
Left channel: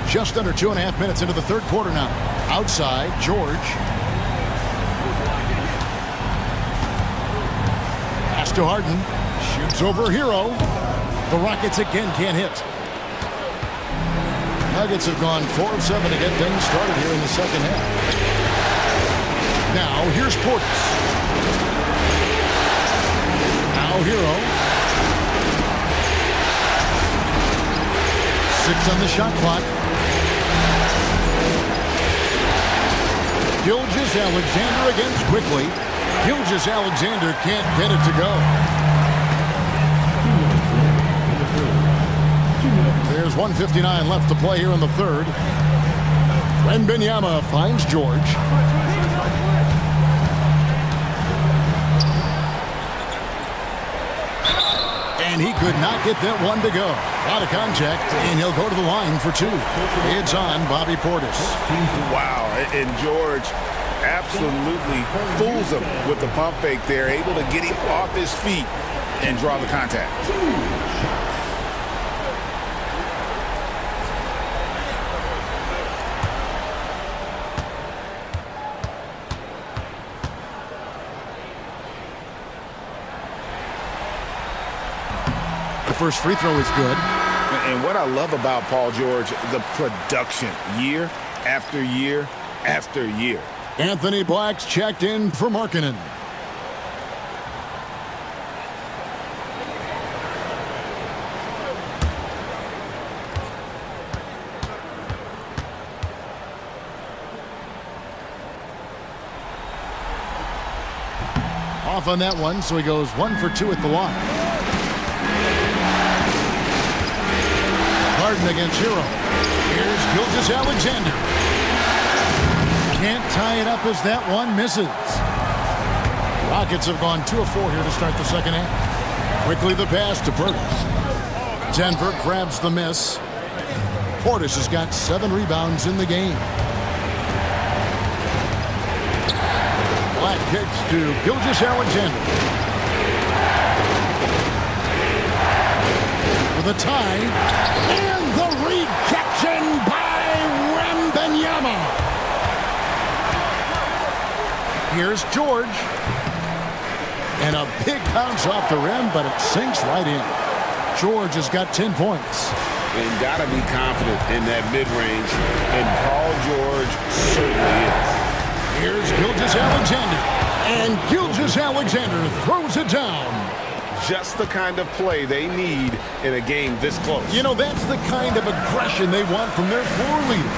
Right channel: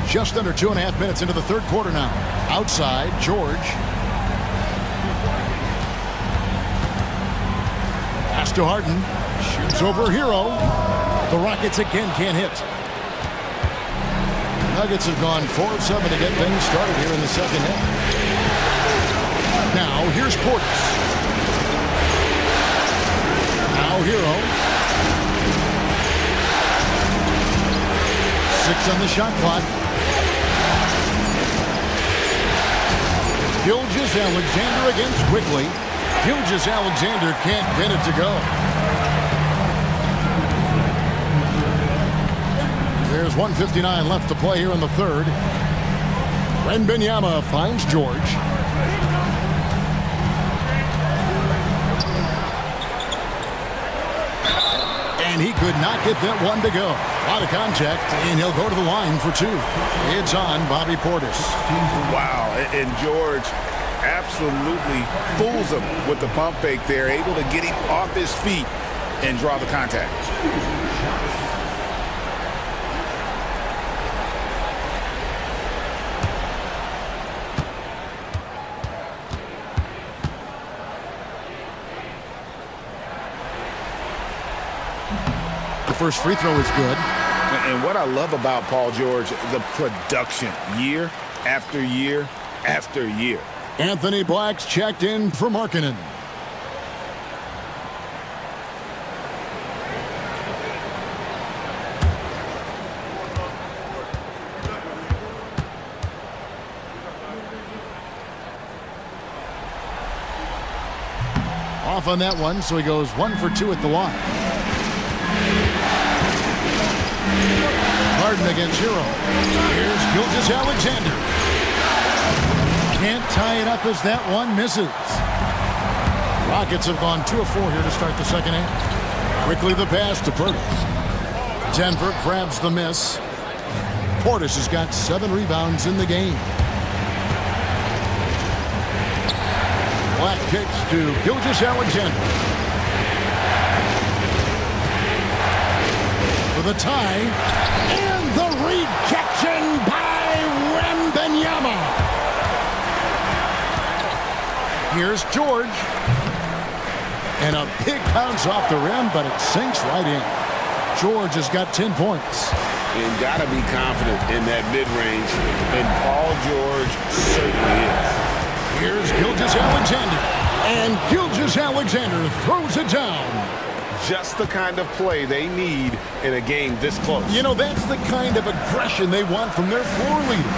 Just under 2.5 minutes into the third quarter now. Outside, George. Pass to Harden. Shoots over Hero. The Rockets again can't hit. Nuggets have gone 4 of 7 to get things started here in the second half. Now, here's Portis. Now, Hero. 6 on the shot clock. Gilgeous-Alexander against Quickly. Gilgeous-Alexander can't get it to go. There's 1:59 left to play here in the third. Wembanyama finds George. And he could not get that one to go. A lot of contact, and he'll go to the line for 2. It's on Bobby Portis. Wow, and George absolutely fools him with the pump fake there, able to get him off his feet and draw the contact. The first free throw is good. And what I love about Paul George, the production, year after year after year. Anthony Black's checked in for Markkanen. Off on that one, so he goes 1 for 2 at the line. Harden against Hero. Here's Gilgeous-Alexander. Can't tie it up as that one misses. Rockets have gone 2 of 4 here to start the second half. Quickly the pass to Portis. Denver grabs the miss. Portis has got 7 rebounds in the game. Black kicks to Gilgeous-Alexander. For the tie. And the rejection by Wembanyama. Here's George. And a big bounce off the rim, but it sinks right in. George has got 10 points. And got to be confident in that mid-range, and Paul George certainly is. Here's Gilgeous-Alexander. And Gilgeous-Alexander throws it down. Just the kind of play they need in a game this close. You know, that's the kind of aggression they want from their floor leader.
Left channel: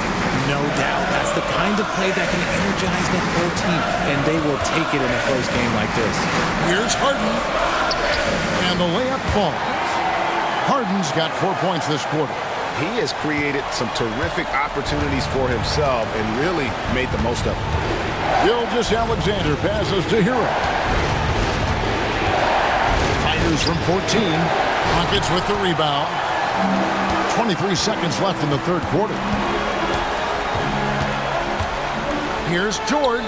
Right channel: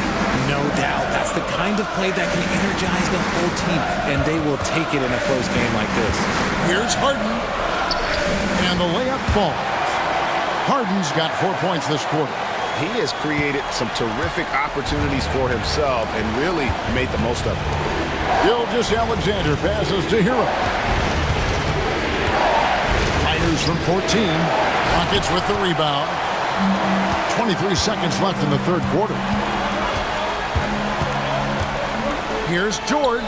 No doubt. That's the kind of play that can energize the whole team, and they will take it in a close game like this. Here's Harden. And the layup falls. Harden's got 4 points this quarter. He has created some terrific opportunities for himself and really made the most of it. Gilgeous-Alexander passes to Hero. Fires from 14. Rockets with the rebound. 23 seconds left in the third quarter. Here's George.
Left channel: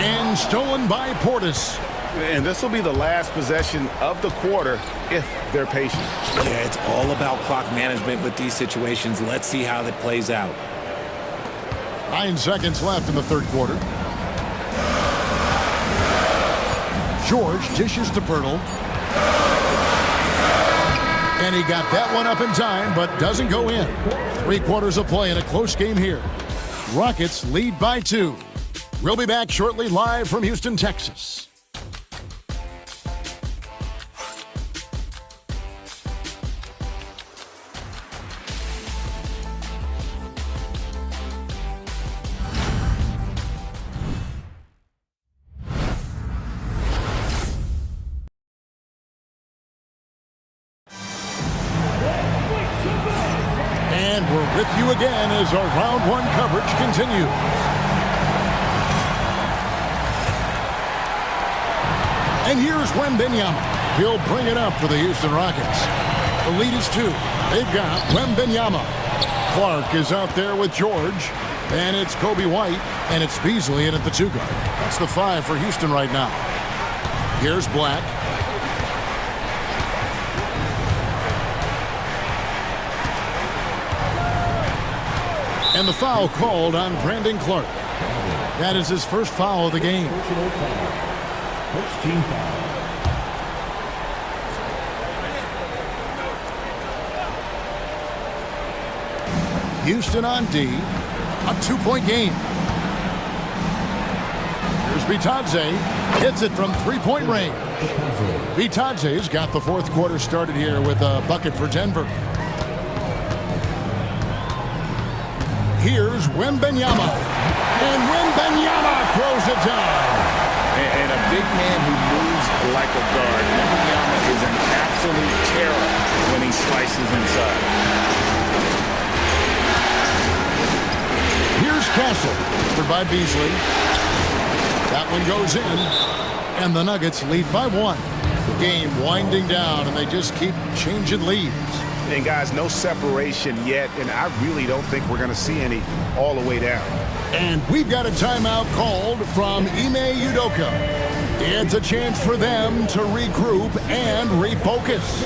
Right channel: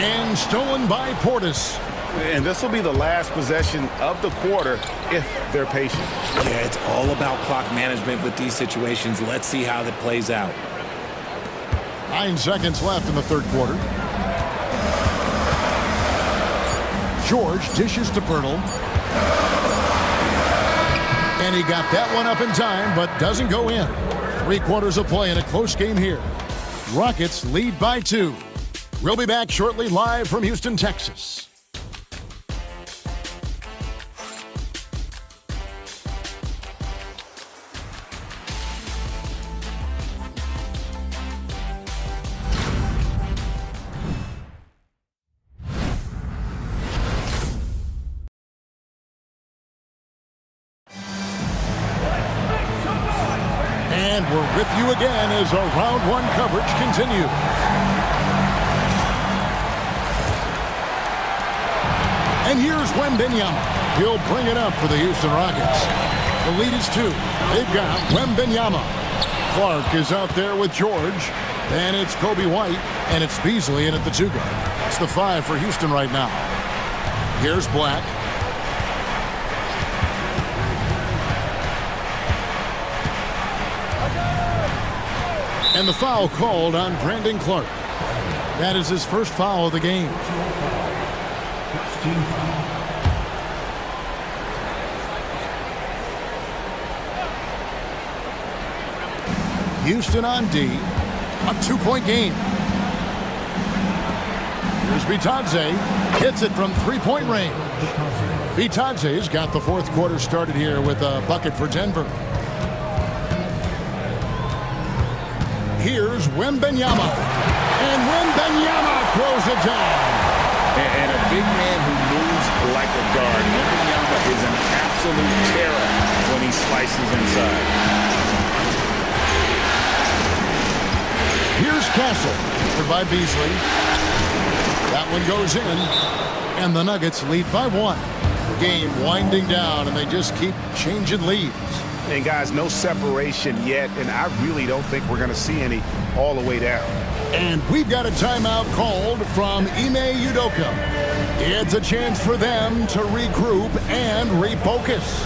And stolen by Portis. And this will be the last possession of the quarter if they're patient. Yeah, it's all about clock management with these situations. Let's see how that plays out. 9 seconds left in the third quarter. George dishes to Pirtle. And he got that one up in time, but doesn't go in. 3 quarters of play in a close game here. Rockets lead by 2. We'll be back shortly live from Houston, Texas. And we're with you again as our round 1 coverage continues. And here's Wembanyama. He'll bring it up for the Houston Rockets. The lead is 2. They've got Wembanyama. Clark is out there with George. And it's Kobe White. And it's Beasley in at the 2 guard. That's the 5 for Houston right now. Here's Black. And the foul called on Brandon Clark. That is his first foul of the game. First team foul. Houston on D. A 2-point game. Here's Bitadze. Hits it from 3-point range. Bitadze's got the fourth quarter started here with a bucket for Denver. Here's Wembanyama. And Wembanyama throws it down. And a big man who moves like a guard. Wembanyama is an absolute terror when he slices inside. Here's Castle. Covered by Beasley. That one goes in. And the Nuggets lead by 1. Game winding down, and they just keep changing leads. And guys, no separation yet, and I really don't think we're going to see any all the way down. And we've got a timeout called from Ime Udoka. It's a chance for them to regroup and refocus.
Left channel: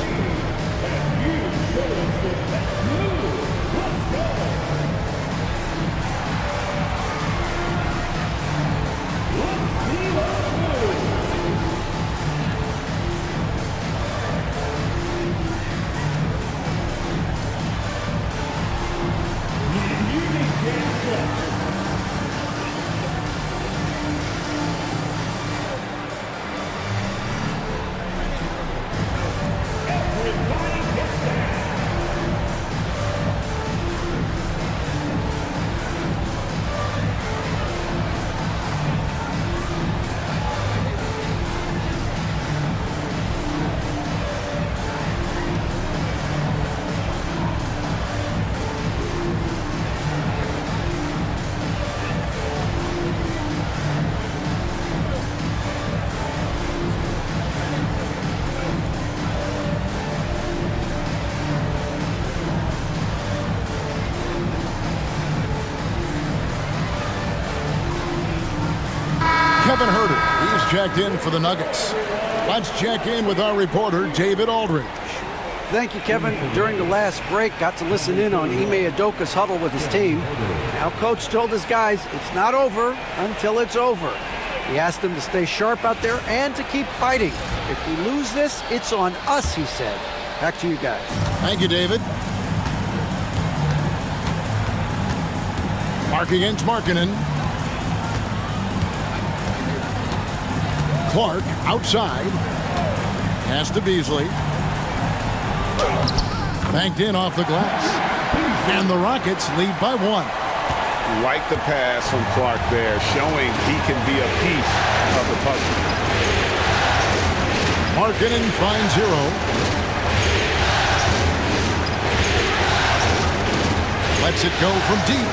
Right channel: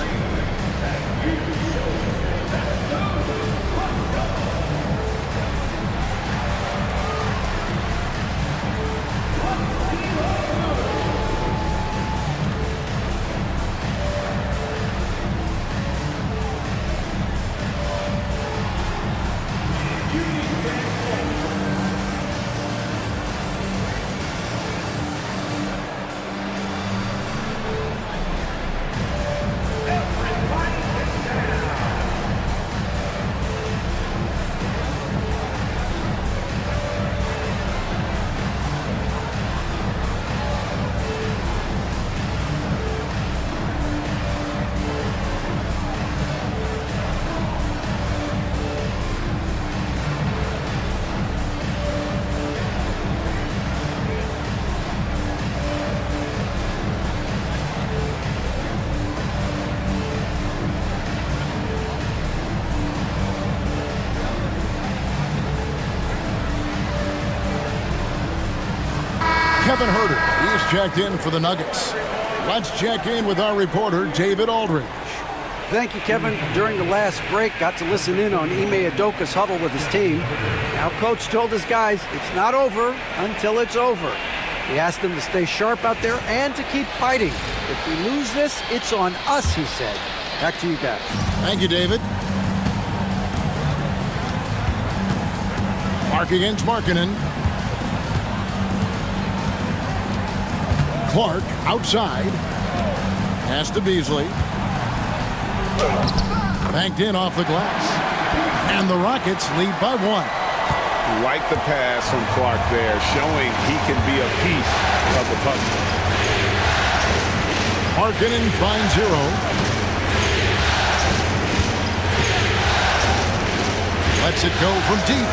Kevin Herter, he's checked in for the Nuggets. Let's check in with our reporter, David Aldridge. Thank you, Kevin. During the last break, got to listen in on Ime Udoka's huddle with his team. Now, Coach told his guys it's not over until it's over. He asked them to stay sharp out there and to keep fighting. If we lose this, it's on us, he said. Back to you guys. Thank you, David. Clark against Markkanen. Clark outside. Pass to Beasley. Banked in off the glass. And the Rockets lead by 1. Like the pass from Clark there, showing he can be a piece of the puzzle. Markkanen finds Hero. Lets it go from deep.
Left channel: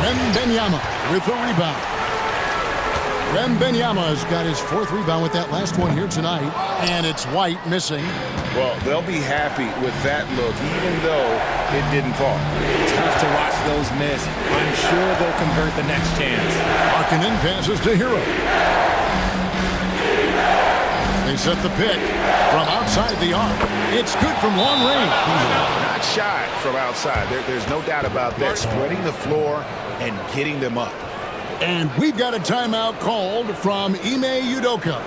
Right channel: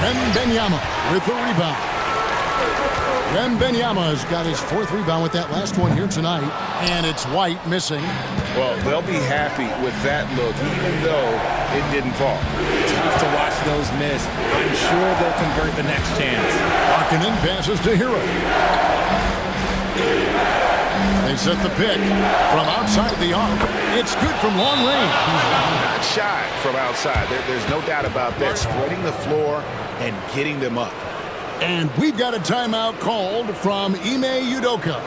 Wembanyama with the rebound. Wembanyama's got his 4th rebound with that last one here tonight, and it's White missing. Well, they'll be happy with that look, even though it didn't fall. Tough to watch those miss. I'm sure they'll convert the next chance. Markkanen passes to Hero. They set the pick from outside the arc. It's good from long range. Not shot from outside. There's no doubt about that. Spreading the floor and getting them up. And we've got a timeout called from Ime Udoka.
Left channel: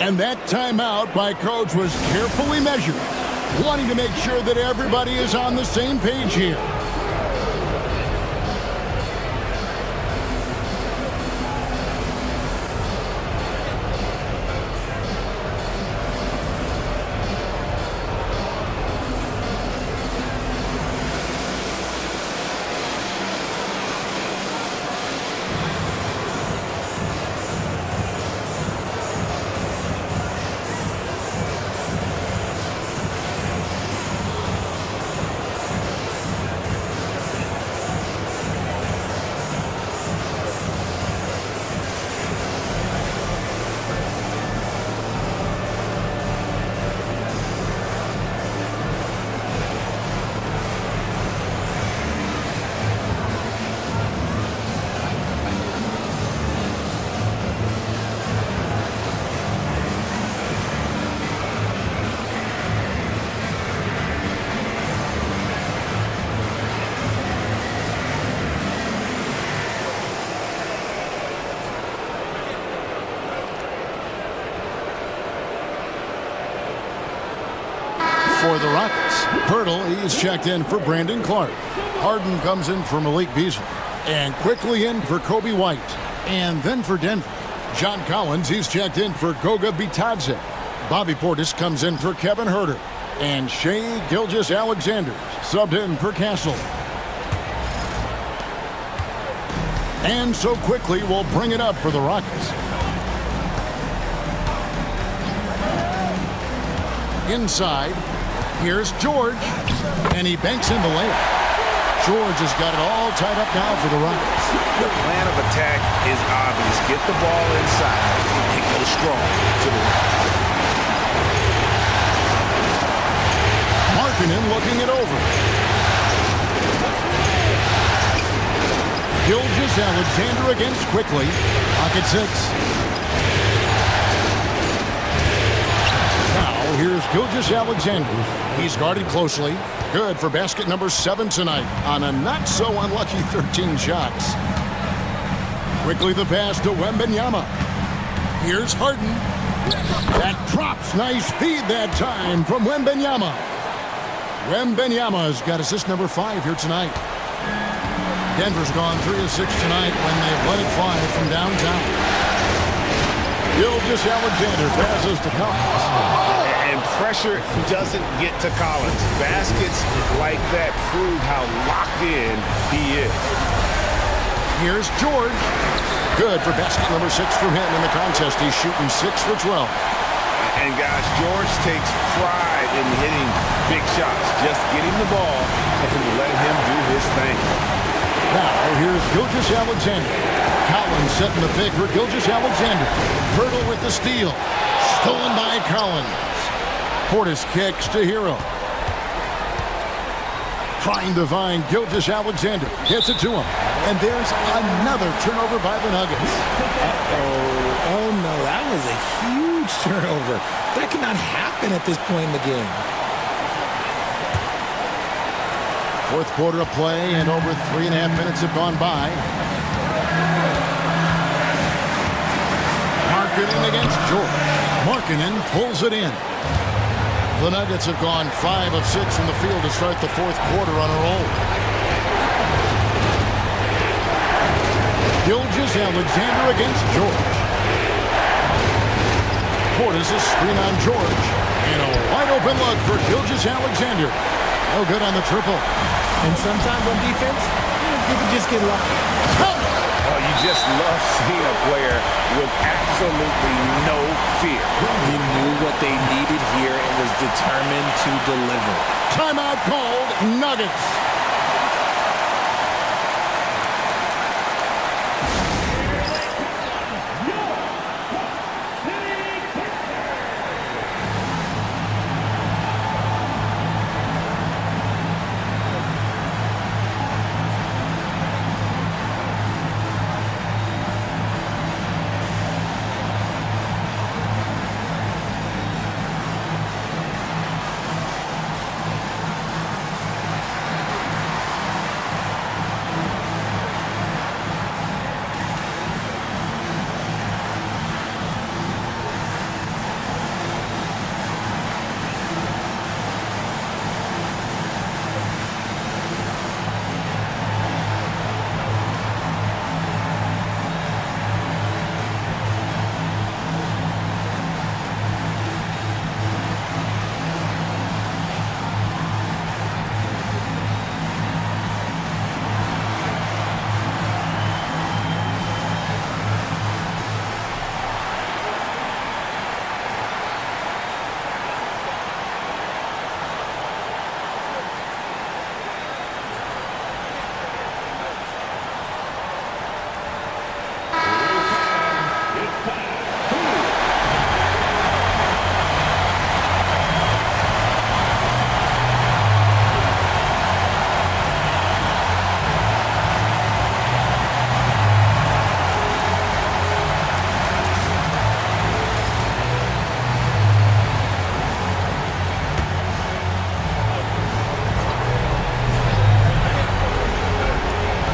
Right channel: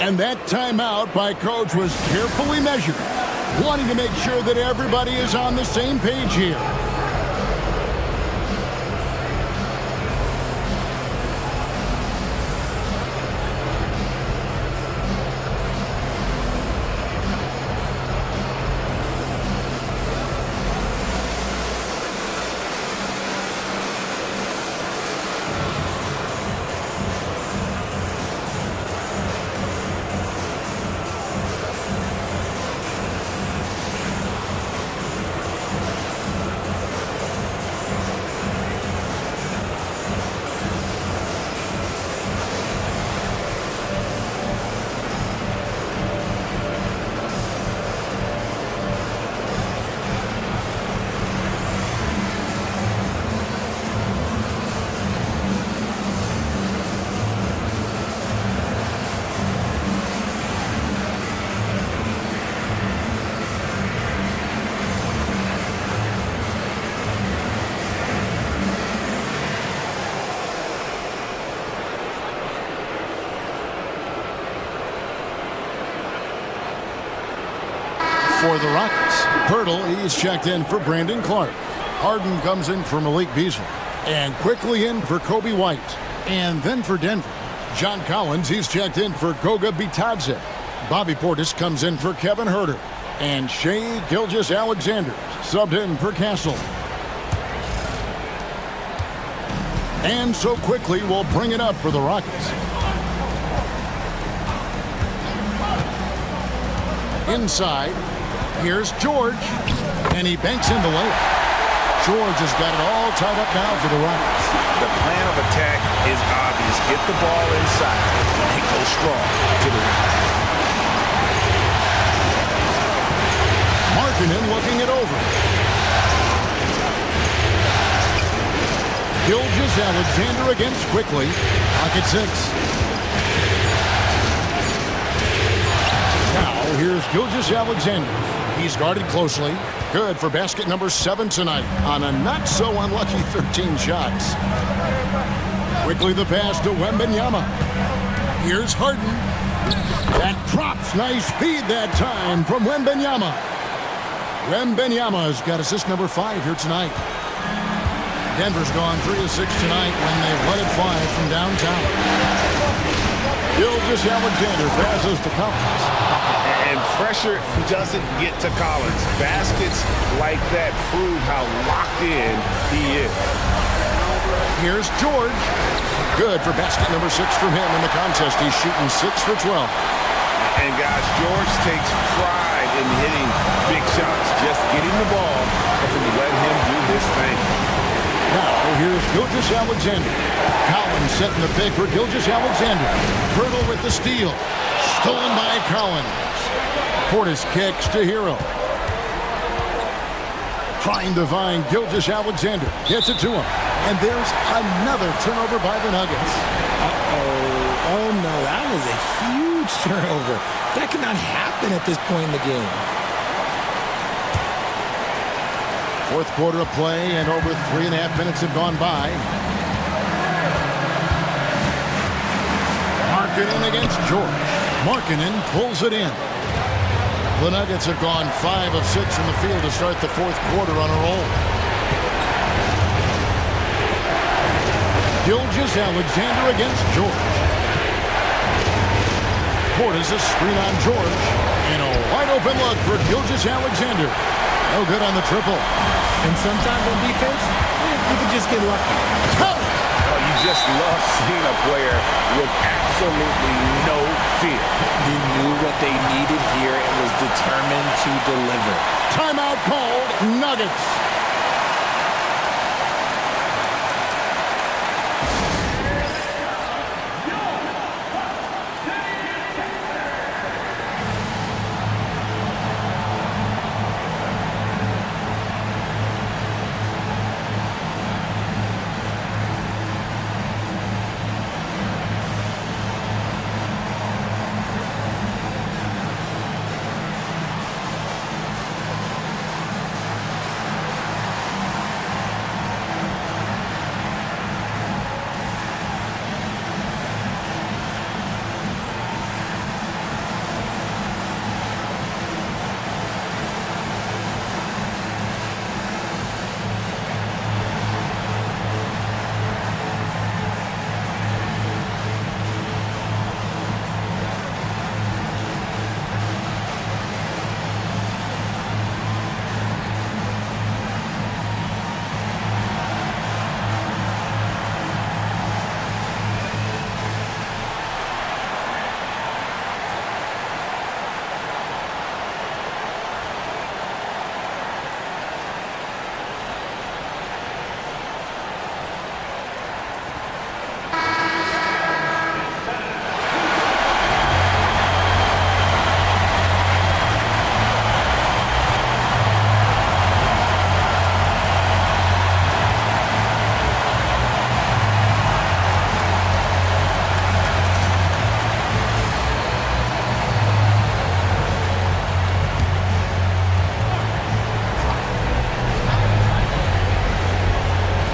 And that timeout by Coach was carefully measured, wanting to make sure that everybody is on the same page here. For the Rockets, Pirtle, he's checked in for Brandon Clark. Harden comes in for Malik Beasley. And quickly in for Kobe White. And then for Denver, John Collins, he's checked in for Goga Bitadze. Bobby Portis comes in for Kevin Huerter. And Shai Gilgeous-Alexander subbed in for Castle. And so quickly we'll bring it up for the Rockets. Inside, here's George, and he banks in the layup. George has got it all tied up now for the Rockets. The plan of attack is obvious. Get the ball inside and go strong to the rim. Markkanen looking it over. Gilgeous-Alexander against quickly. Pocket 6. Now here's Gilgeous-Alexander. He's guarded closely. Good for basket number 7 tonight on a not-so-unlucky 13 shots. Quickly the pass to Wembanyama. Here's Harden. That drops. Nice feed that time from Wembanyama. Wembanyama's got assist number 5 here tonight. Denver's gone 3 of 6 tonight when they've let it fly from downtown. Gilgeous-Alexander passes to Collins. And pressure doesn't get to Collins. Baskets like that prove how locked in he is. Here's George. Good for basket number 6 from him in the contest. He's shooting 6 for 12. And guys, George takes pride in hitting big shots. Just get him the ball and let him do his thing. Now here's Gilgeous-Alexander. Collins setting the pick for Gilgeous-Alexander. Pirtle with the steal. Stolen by Collins. Portis kicks to Hero. Trying to find Gilgeous-Alexander. Gets it to him. And there's another turnover by the Nuggets. Uh-oh. Oh, no. That was a huge turnover. That could not happen at this point in the game. 4th quarter of play, and over 3.5 minutes have gone by. Markkanen against George. Markkanen pulls it in. The Nuggets have gone 5 of 6 from the field to start the 4th quarter on a roll. Gilgeous-Alexander against George. Portis a screen on George. And a wide open look for Gilgeous-Alexander. No good on the triple. And sometimes on defense, you can just get lucky. Oh, you just love seeing a player with absolutely no fear. He knew what they needed here and was determined to deliver. Timeout called, Nuggets.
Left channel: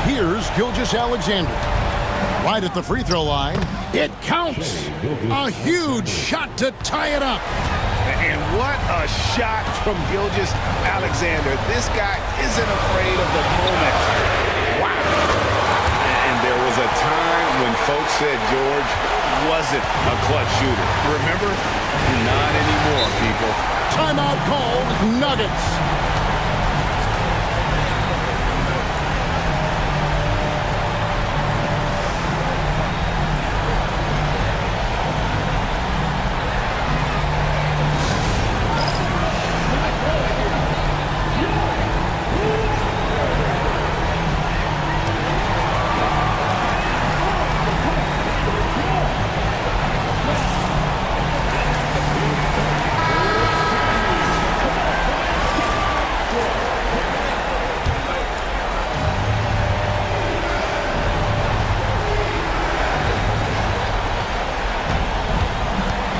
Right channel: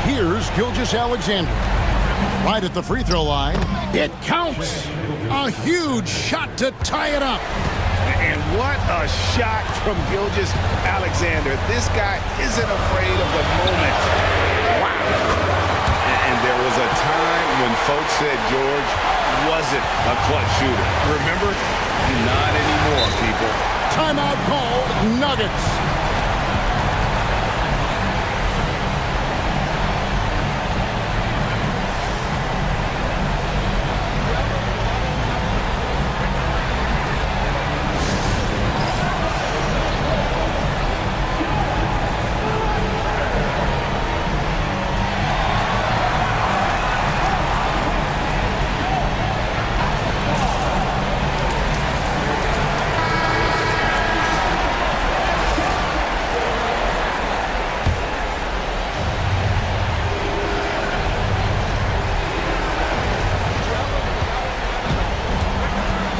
Here's Gilgeous-Alexander. Right at the free throw line. It counts. A huge shot to tie it up. And what a shot from Gilgeous-Alexander. This guy isn't afraid of the moment. Wow. And there was a time when folks said George wasn't a clutch shooter. Remember? Not anymore, people. Timeout called, Nuggets.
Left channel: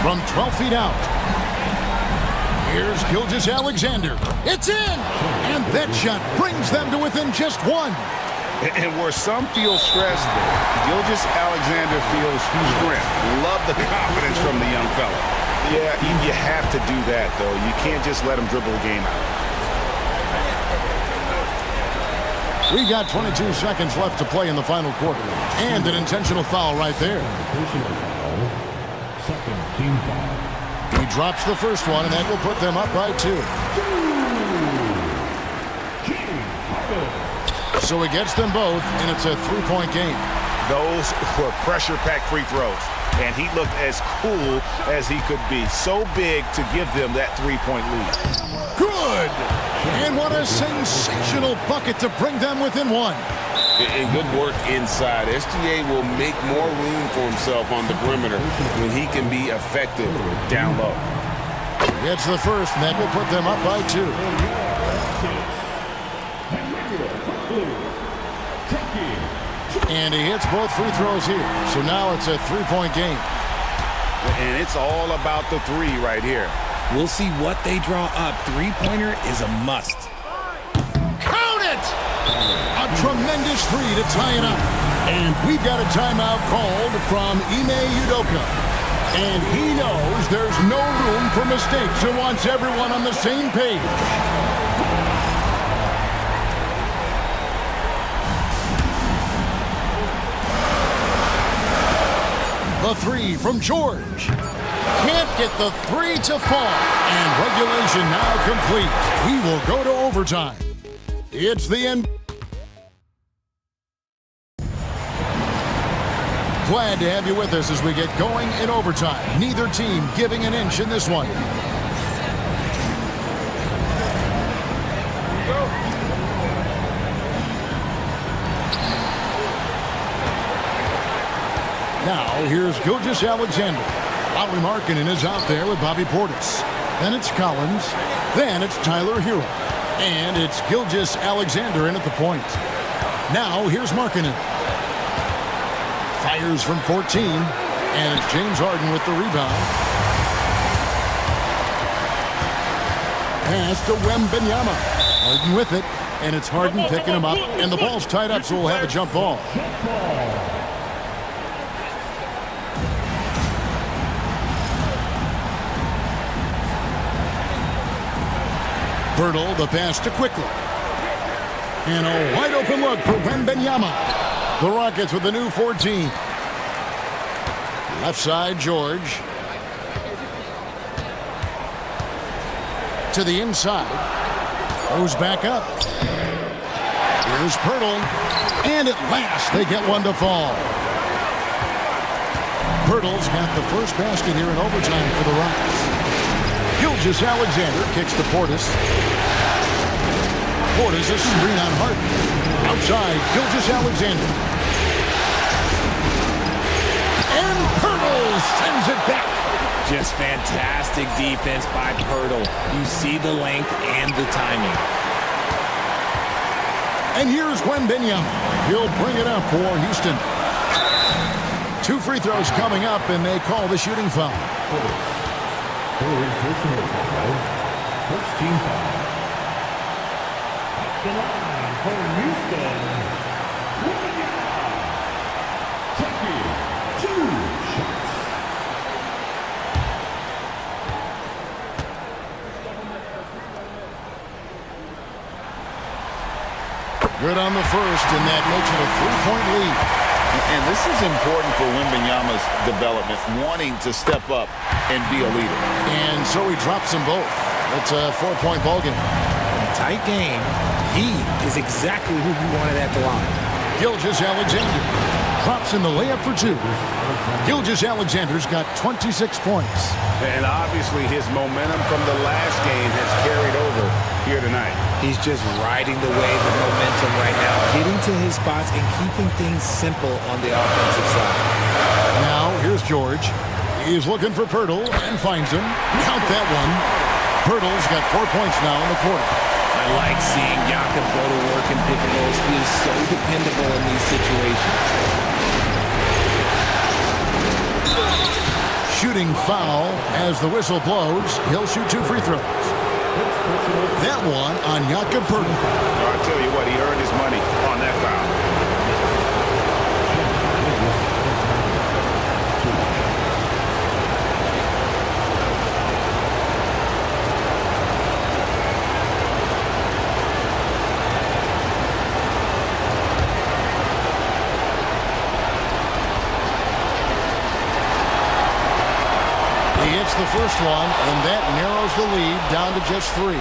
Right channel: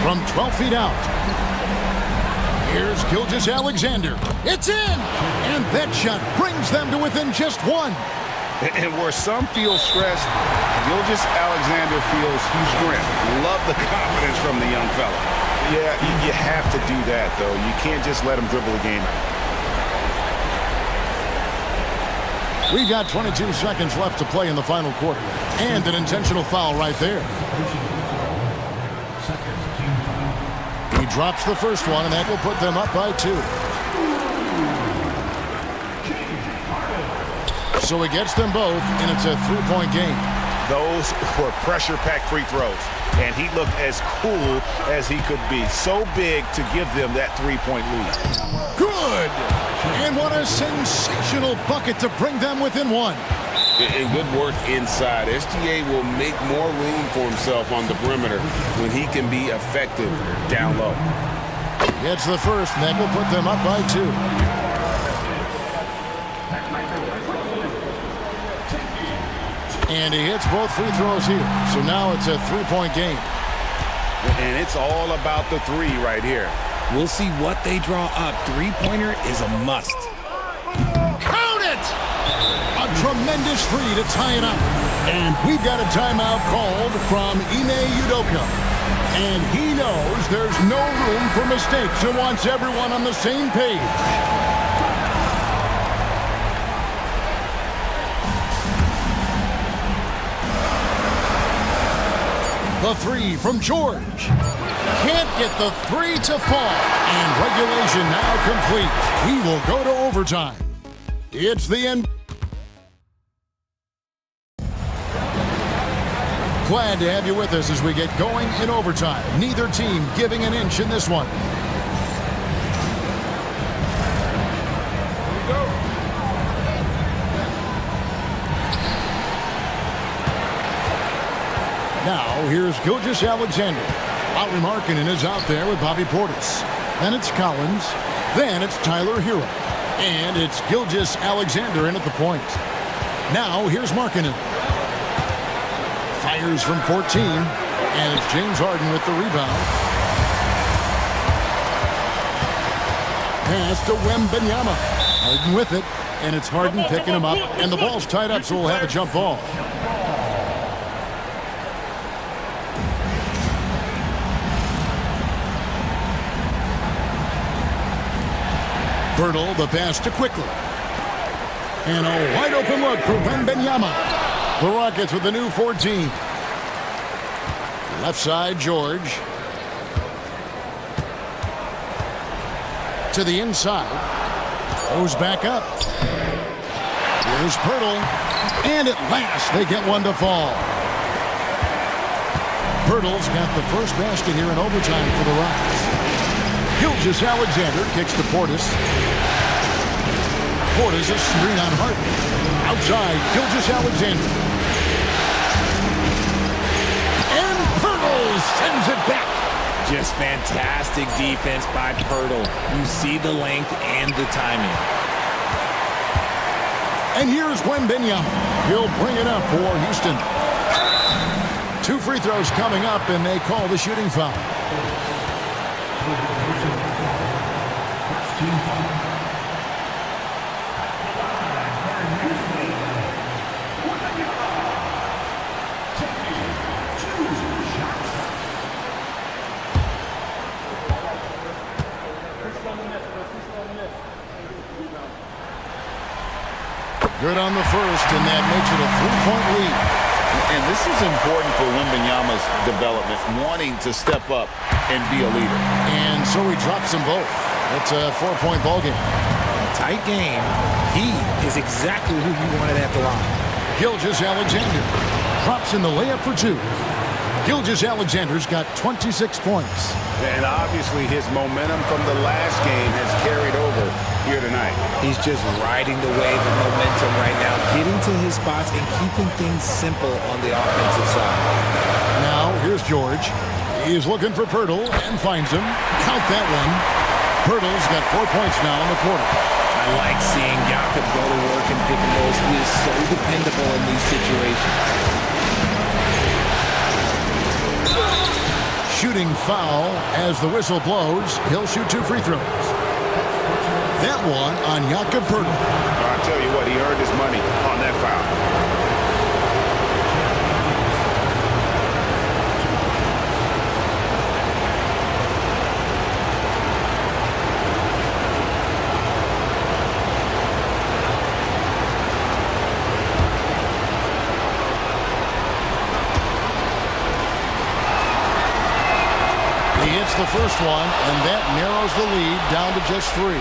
From 12 feet out. Here's Gilgeous-Alexander. It's in! And that shot brings them to within just one. And where some feel stressed, Gilgeous-Alexander feels strength. Love the confidence from the young fella. Yeah, you have to do that, though. You can't just let him dribble the game out. We've got 22 seconds left to play in the final quarter. And an intentional foul right there. He drops the first one, and that will put them up by 2. So he gets them both, and it's a 3-point game. Those were pressure-packed free throws, and he looked as cool as he could be. So big to give them that 3-point lead. Good! And what a sensational bucket to bring them within 1. And good work inside. SGA will make more room for himself on the perimeter when he can be effective down low. Gets the first, and that will put them up by 2. And he hits both free throws here. So now it's a 3-point game. And it's all about the 3 right here. We'll see what they draw up. Three-pointer is a must. Count it! A tremendous 3 to tie it up. And we've got a timeout called from Ime Udoka. And he knows there's no room for mistakes and wants everyone on the same page. The 3 from George. Can't get the 3 to fall. And regulation now complete. We will go to overtime. It's the end. Glad to have you with us as we get going in overtime. Neither team giving an inch in this one. Here we go. Now, here's Gilgeous Alexander. Lowry Markkanen is out there with Bobby Portis. Then it's Collins. Then it's Tyler Hero. And it's Gilgeous Alexander in at the point. Now, here's Markkanen. Fires from 14. And it's James Harden with the rebound. Pass to Wembanyama. Harden with it. And it's Harden picking him up. And the ball's tied up, so we'll have a jump ball. Birtle, the pass to Quickly. And a wide open look for Wembanyama. The Rockets with the new 14. Left side, George. To the inside. Goes back up. Here's Birtle. And at last, they get one to fall. Birtle's got the first basket here in overtime for the Rockets. Gilgeous Alexander kicks to Portis. Portis a screen on Harden. Outside, Gilgeous Alexander. And Pirtle sends it back. Just fantastic defense by Pirtle. You see the length and the timing. And here's Wembanyama. He'll bring it up for Houston. 2 free throws coming up, and they call the shooting foul. First team foul. At the line for Houston, Wembanyama. Taking 2 shots. Good on the first, and that makes it a 3-point lead. And this is important for Wembanyama's development, wanting to step up and be a leader. And so he drops them both. It's a 4-point ball game. In a tight game, he is exactly who you wanted at the line. Gilgeous Alexander drops in the layup for 2. Gilgeous Alexander's got 26 points. And obviously his momentum from the last game has carried over here tonight. He's just riding the wave of momentum right now, getting to his spots and keeping things simple on the offensive side. Now, here's George. He's looking for Pirtle and finds him. Count that one. Pirtle's got 4 points now in the quarter. I like seeing Jakob go to work in pick and rolls. He is so dependable in these situations. Shooting foul as the whistle blows. He'll shoot 2 free throws. That one on Jakob Pirtle. I tell you what, he earned his money on that foul. He hits the first one, and that narrows the lead down to just 3.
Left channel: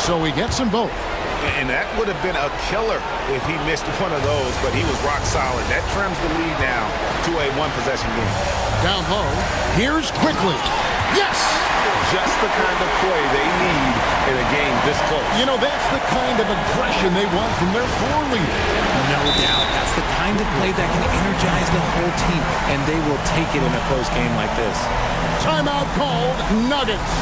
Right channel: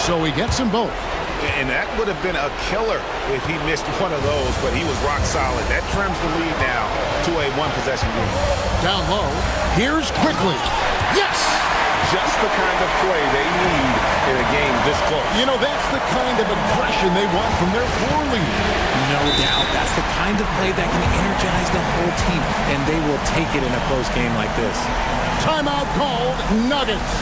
So he gets them both. And that would have been a killer if he missed one of those, but he was rock solid. That trims the lead now to a 1-possession game. Down low, here's Quickly. Yes! Just the kind of play they need in a game this close. You know, that's the kind of aggression they want from their floor leader. No doubt. That's the kind of play that can energize the whole team, and they will take it in a close game like this. Timeout called, Nuggets.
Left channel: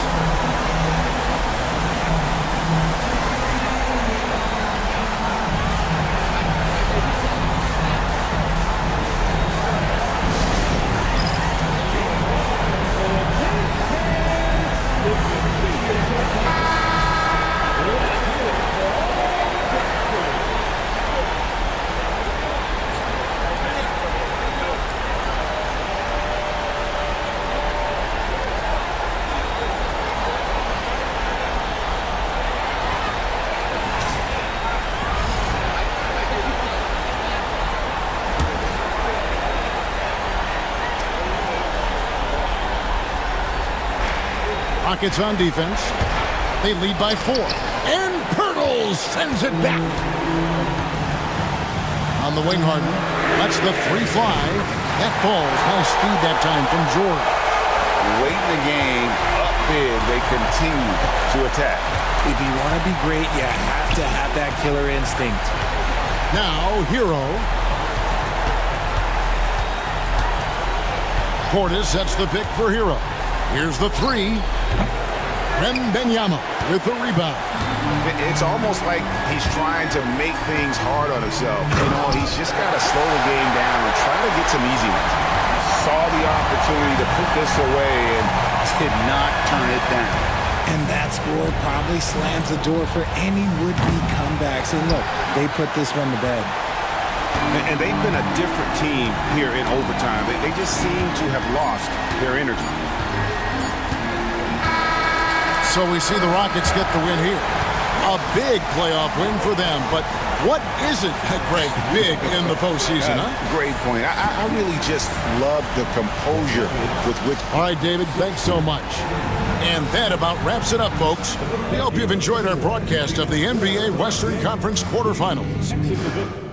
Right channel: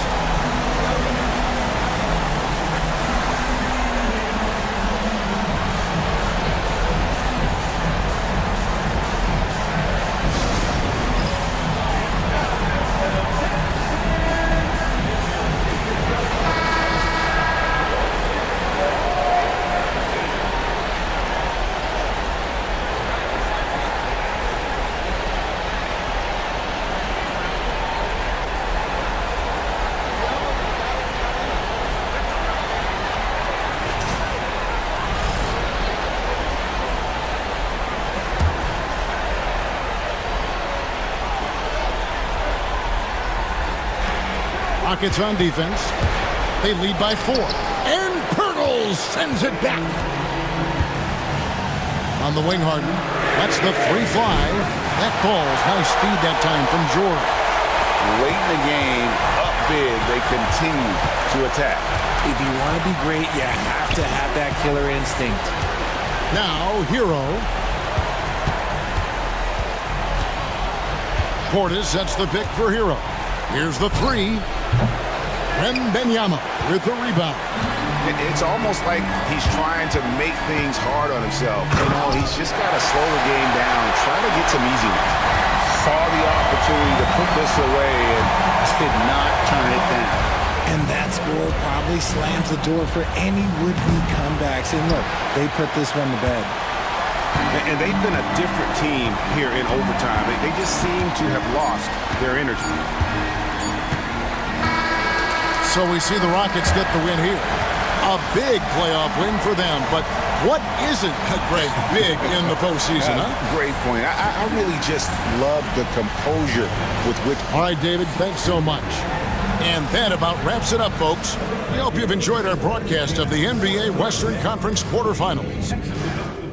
Rockets on defense. They lead by 4. And Pirtle sends it back. On the wing, Harden lets the 3 fly. That falls. Nice feed that time from George. Late in the game, up big, they continue to attack. If you want to be great, you have to have that killer instinct. Now, Hero. Portis sets the pick for Hero. Here's the 3. Wembanyama with the rebound. It's almost like he's trying to make things hard on himself. You know, he's just got to slow the game down, try to get some easy ones. Saw the opportunity to put this away and did not turn it down. And that score probably slams the door for any would-be comebacks. And look, they put this one to bed. And they've been a different team here in overtime. They just seem to have lost their energy. So we see the Rockets get the win here. A big playoff win for them, but what isn't Greg big in the postseason, huh? Great point. I really just love the composure with which... All right, David, thanks so much. And that about wraps it up, folks. We hope you've enjoyed our broadcast of the NBA Western Conference quarterfinals.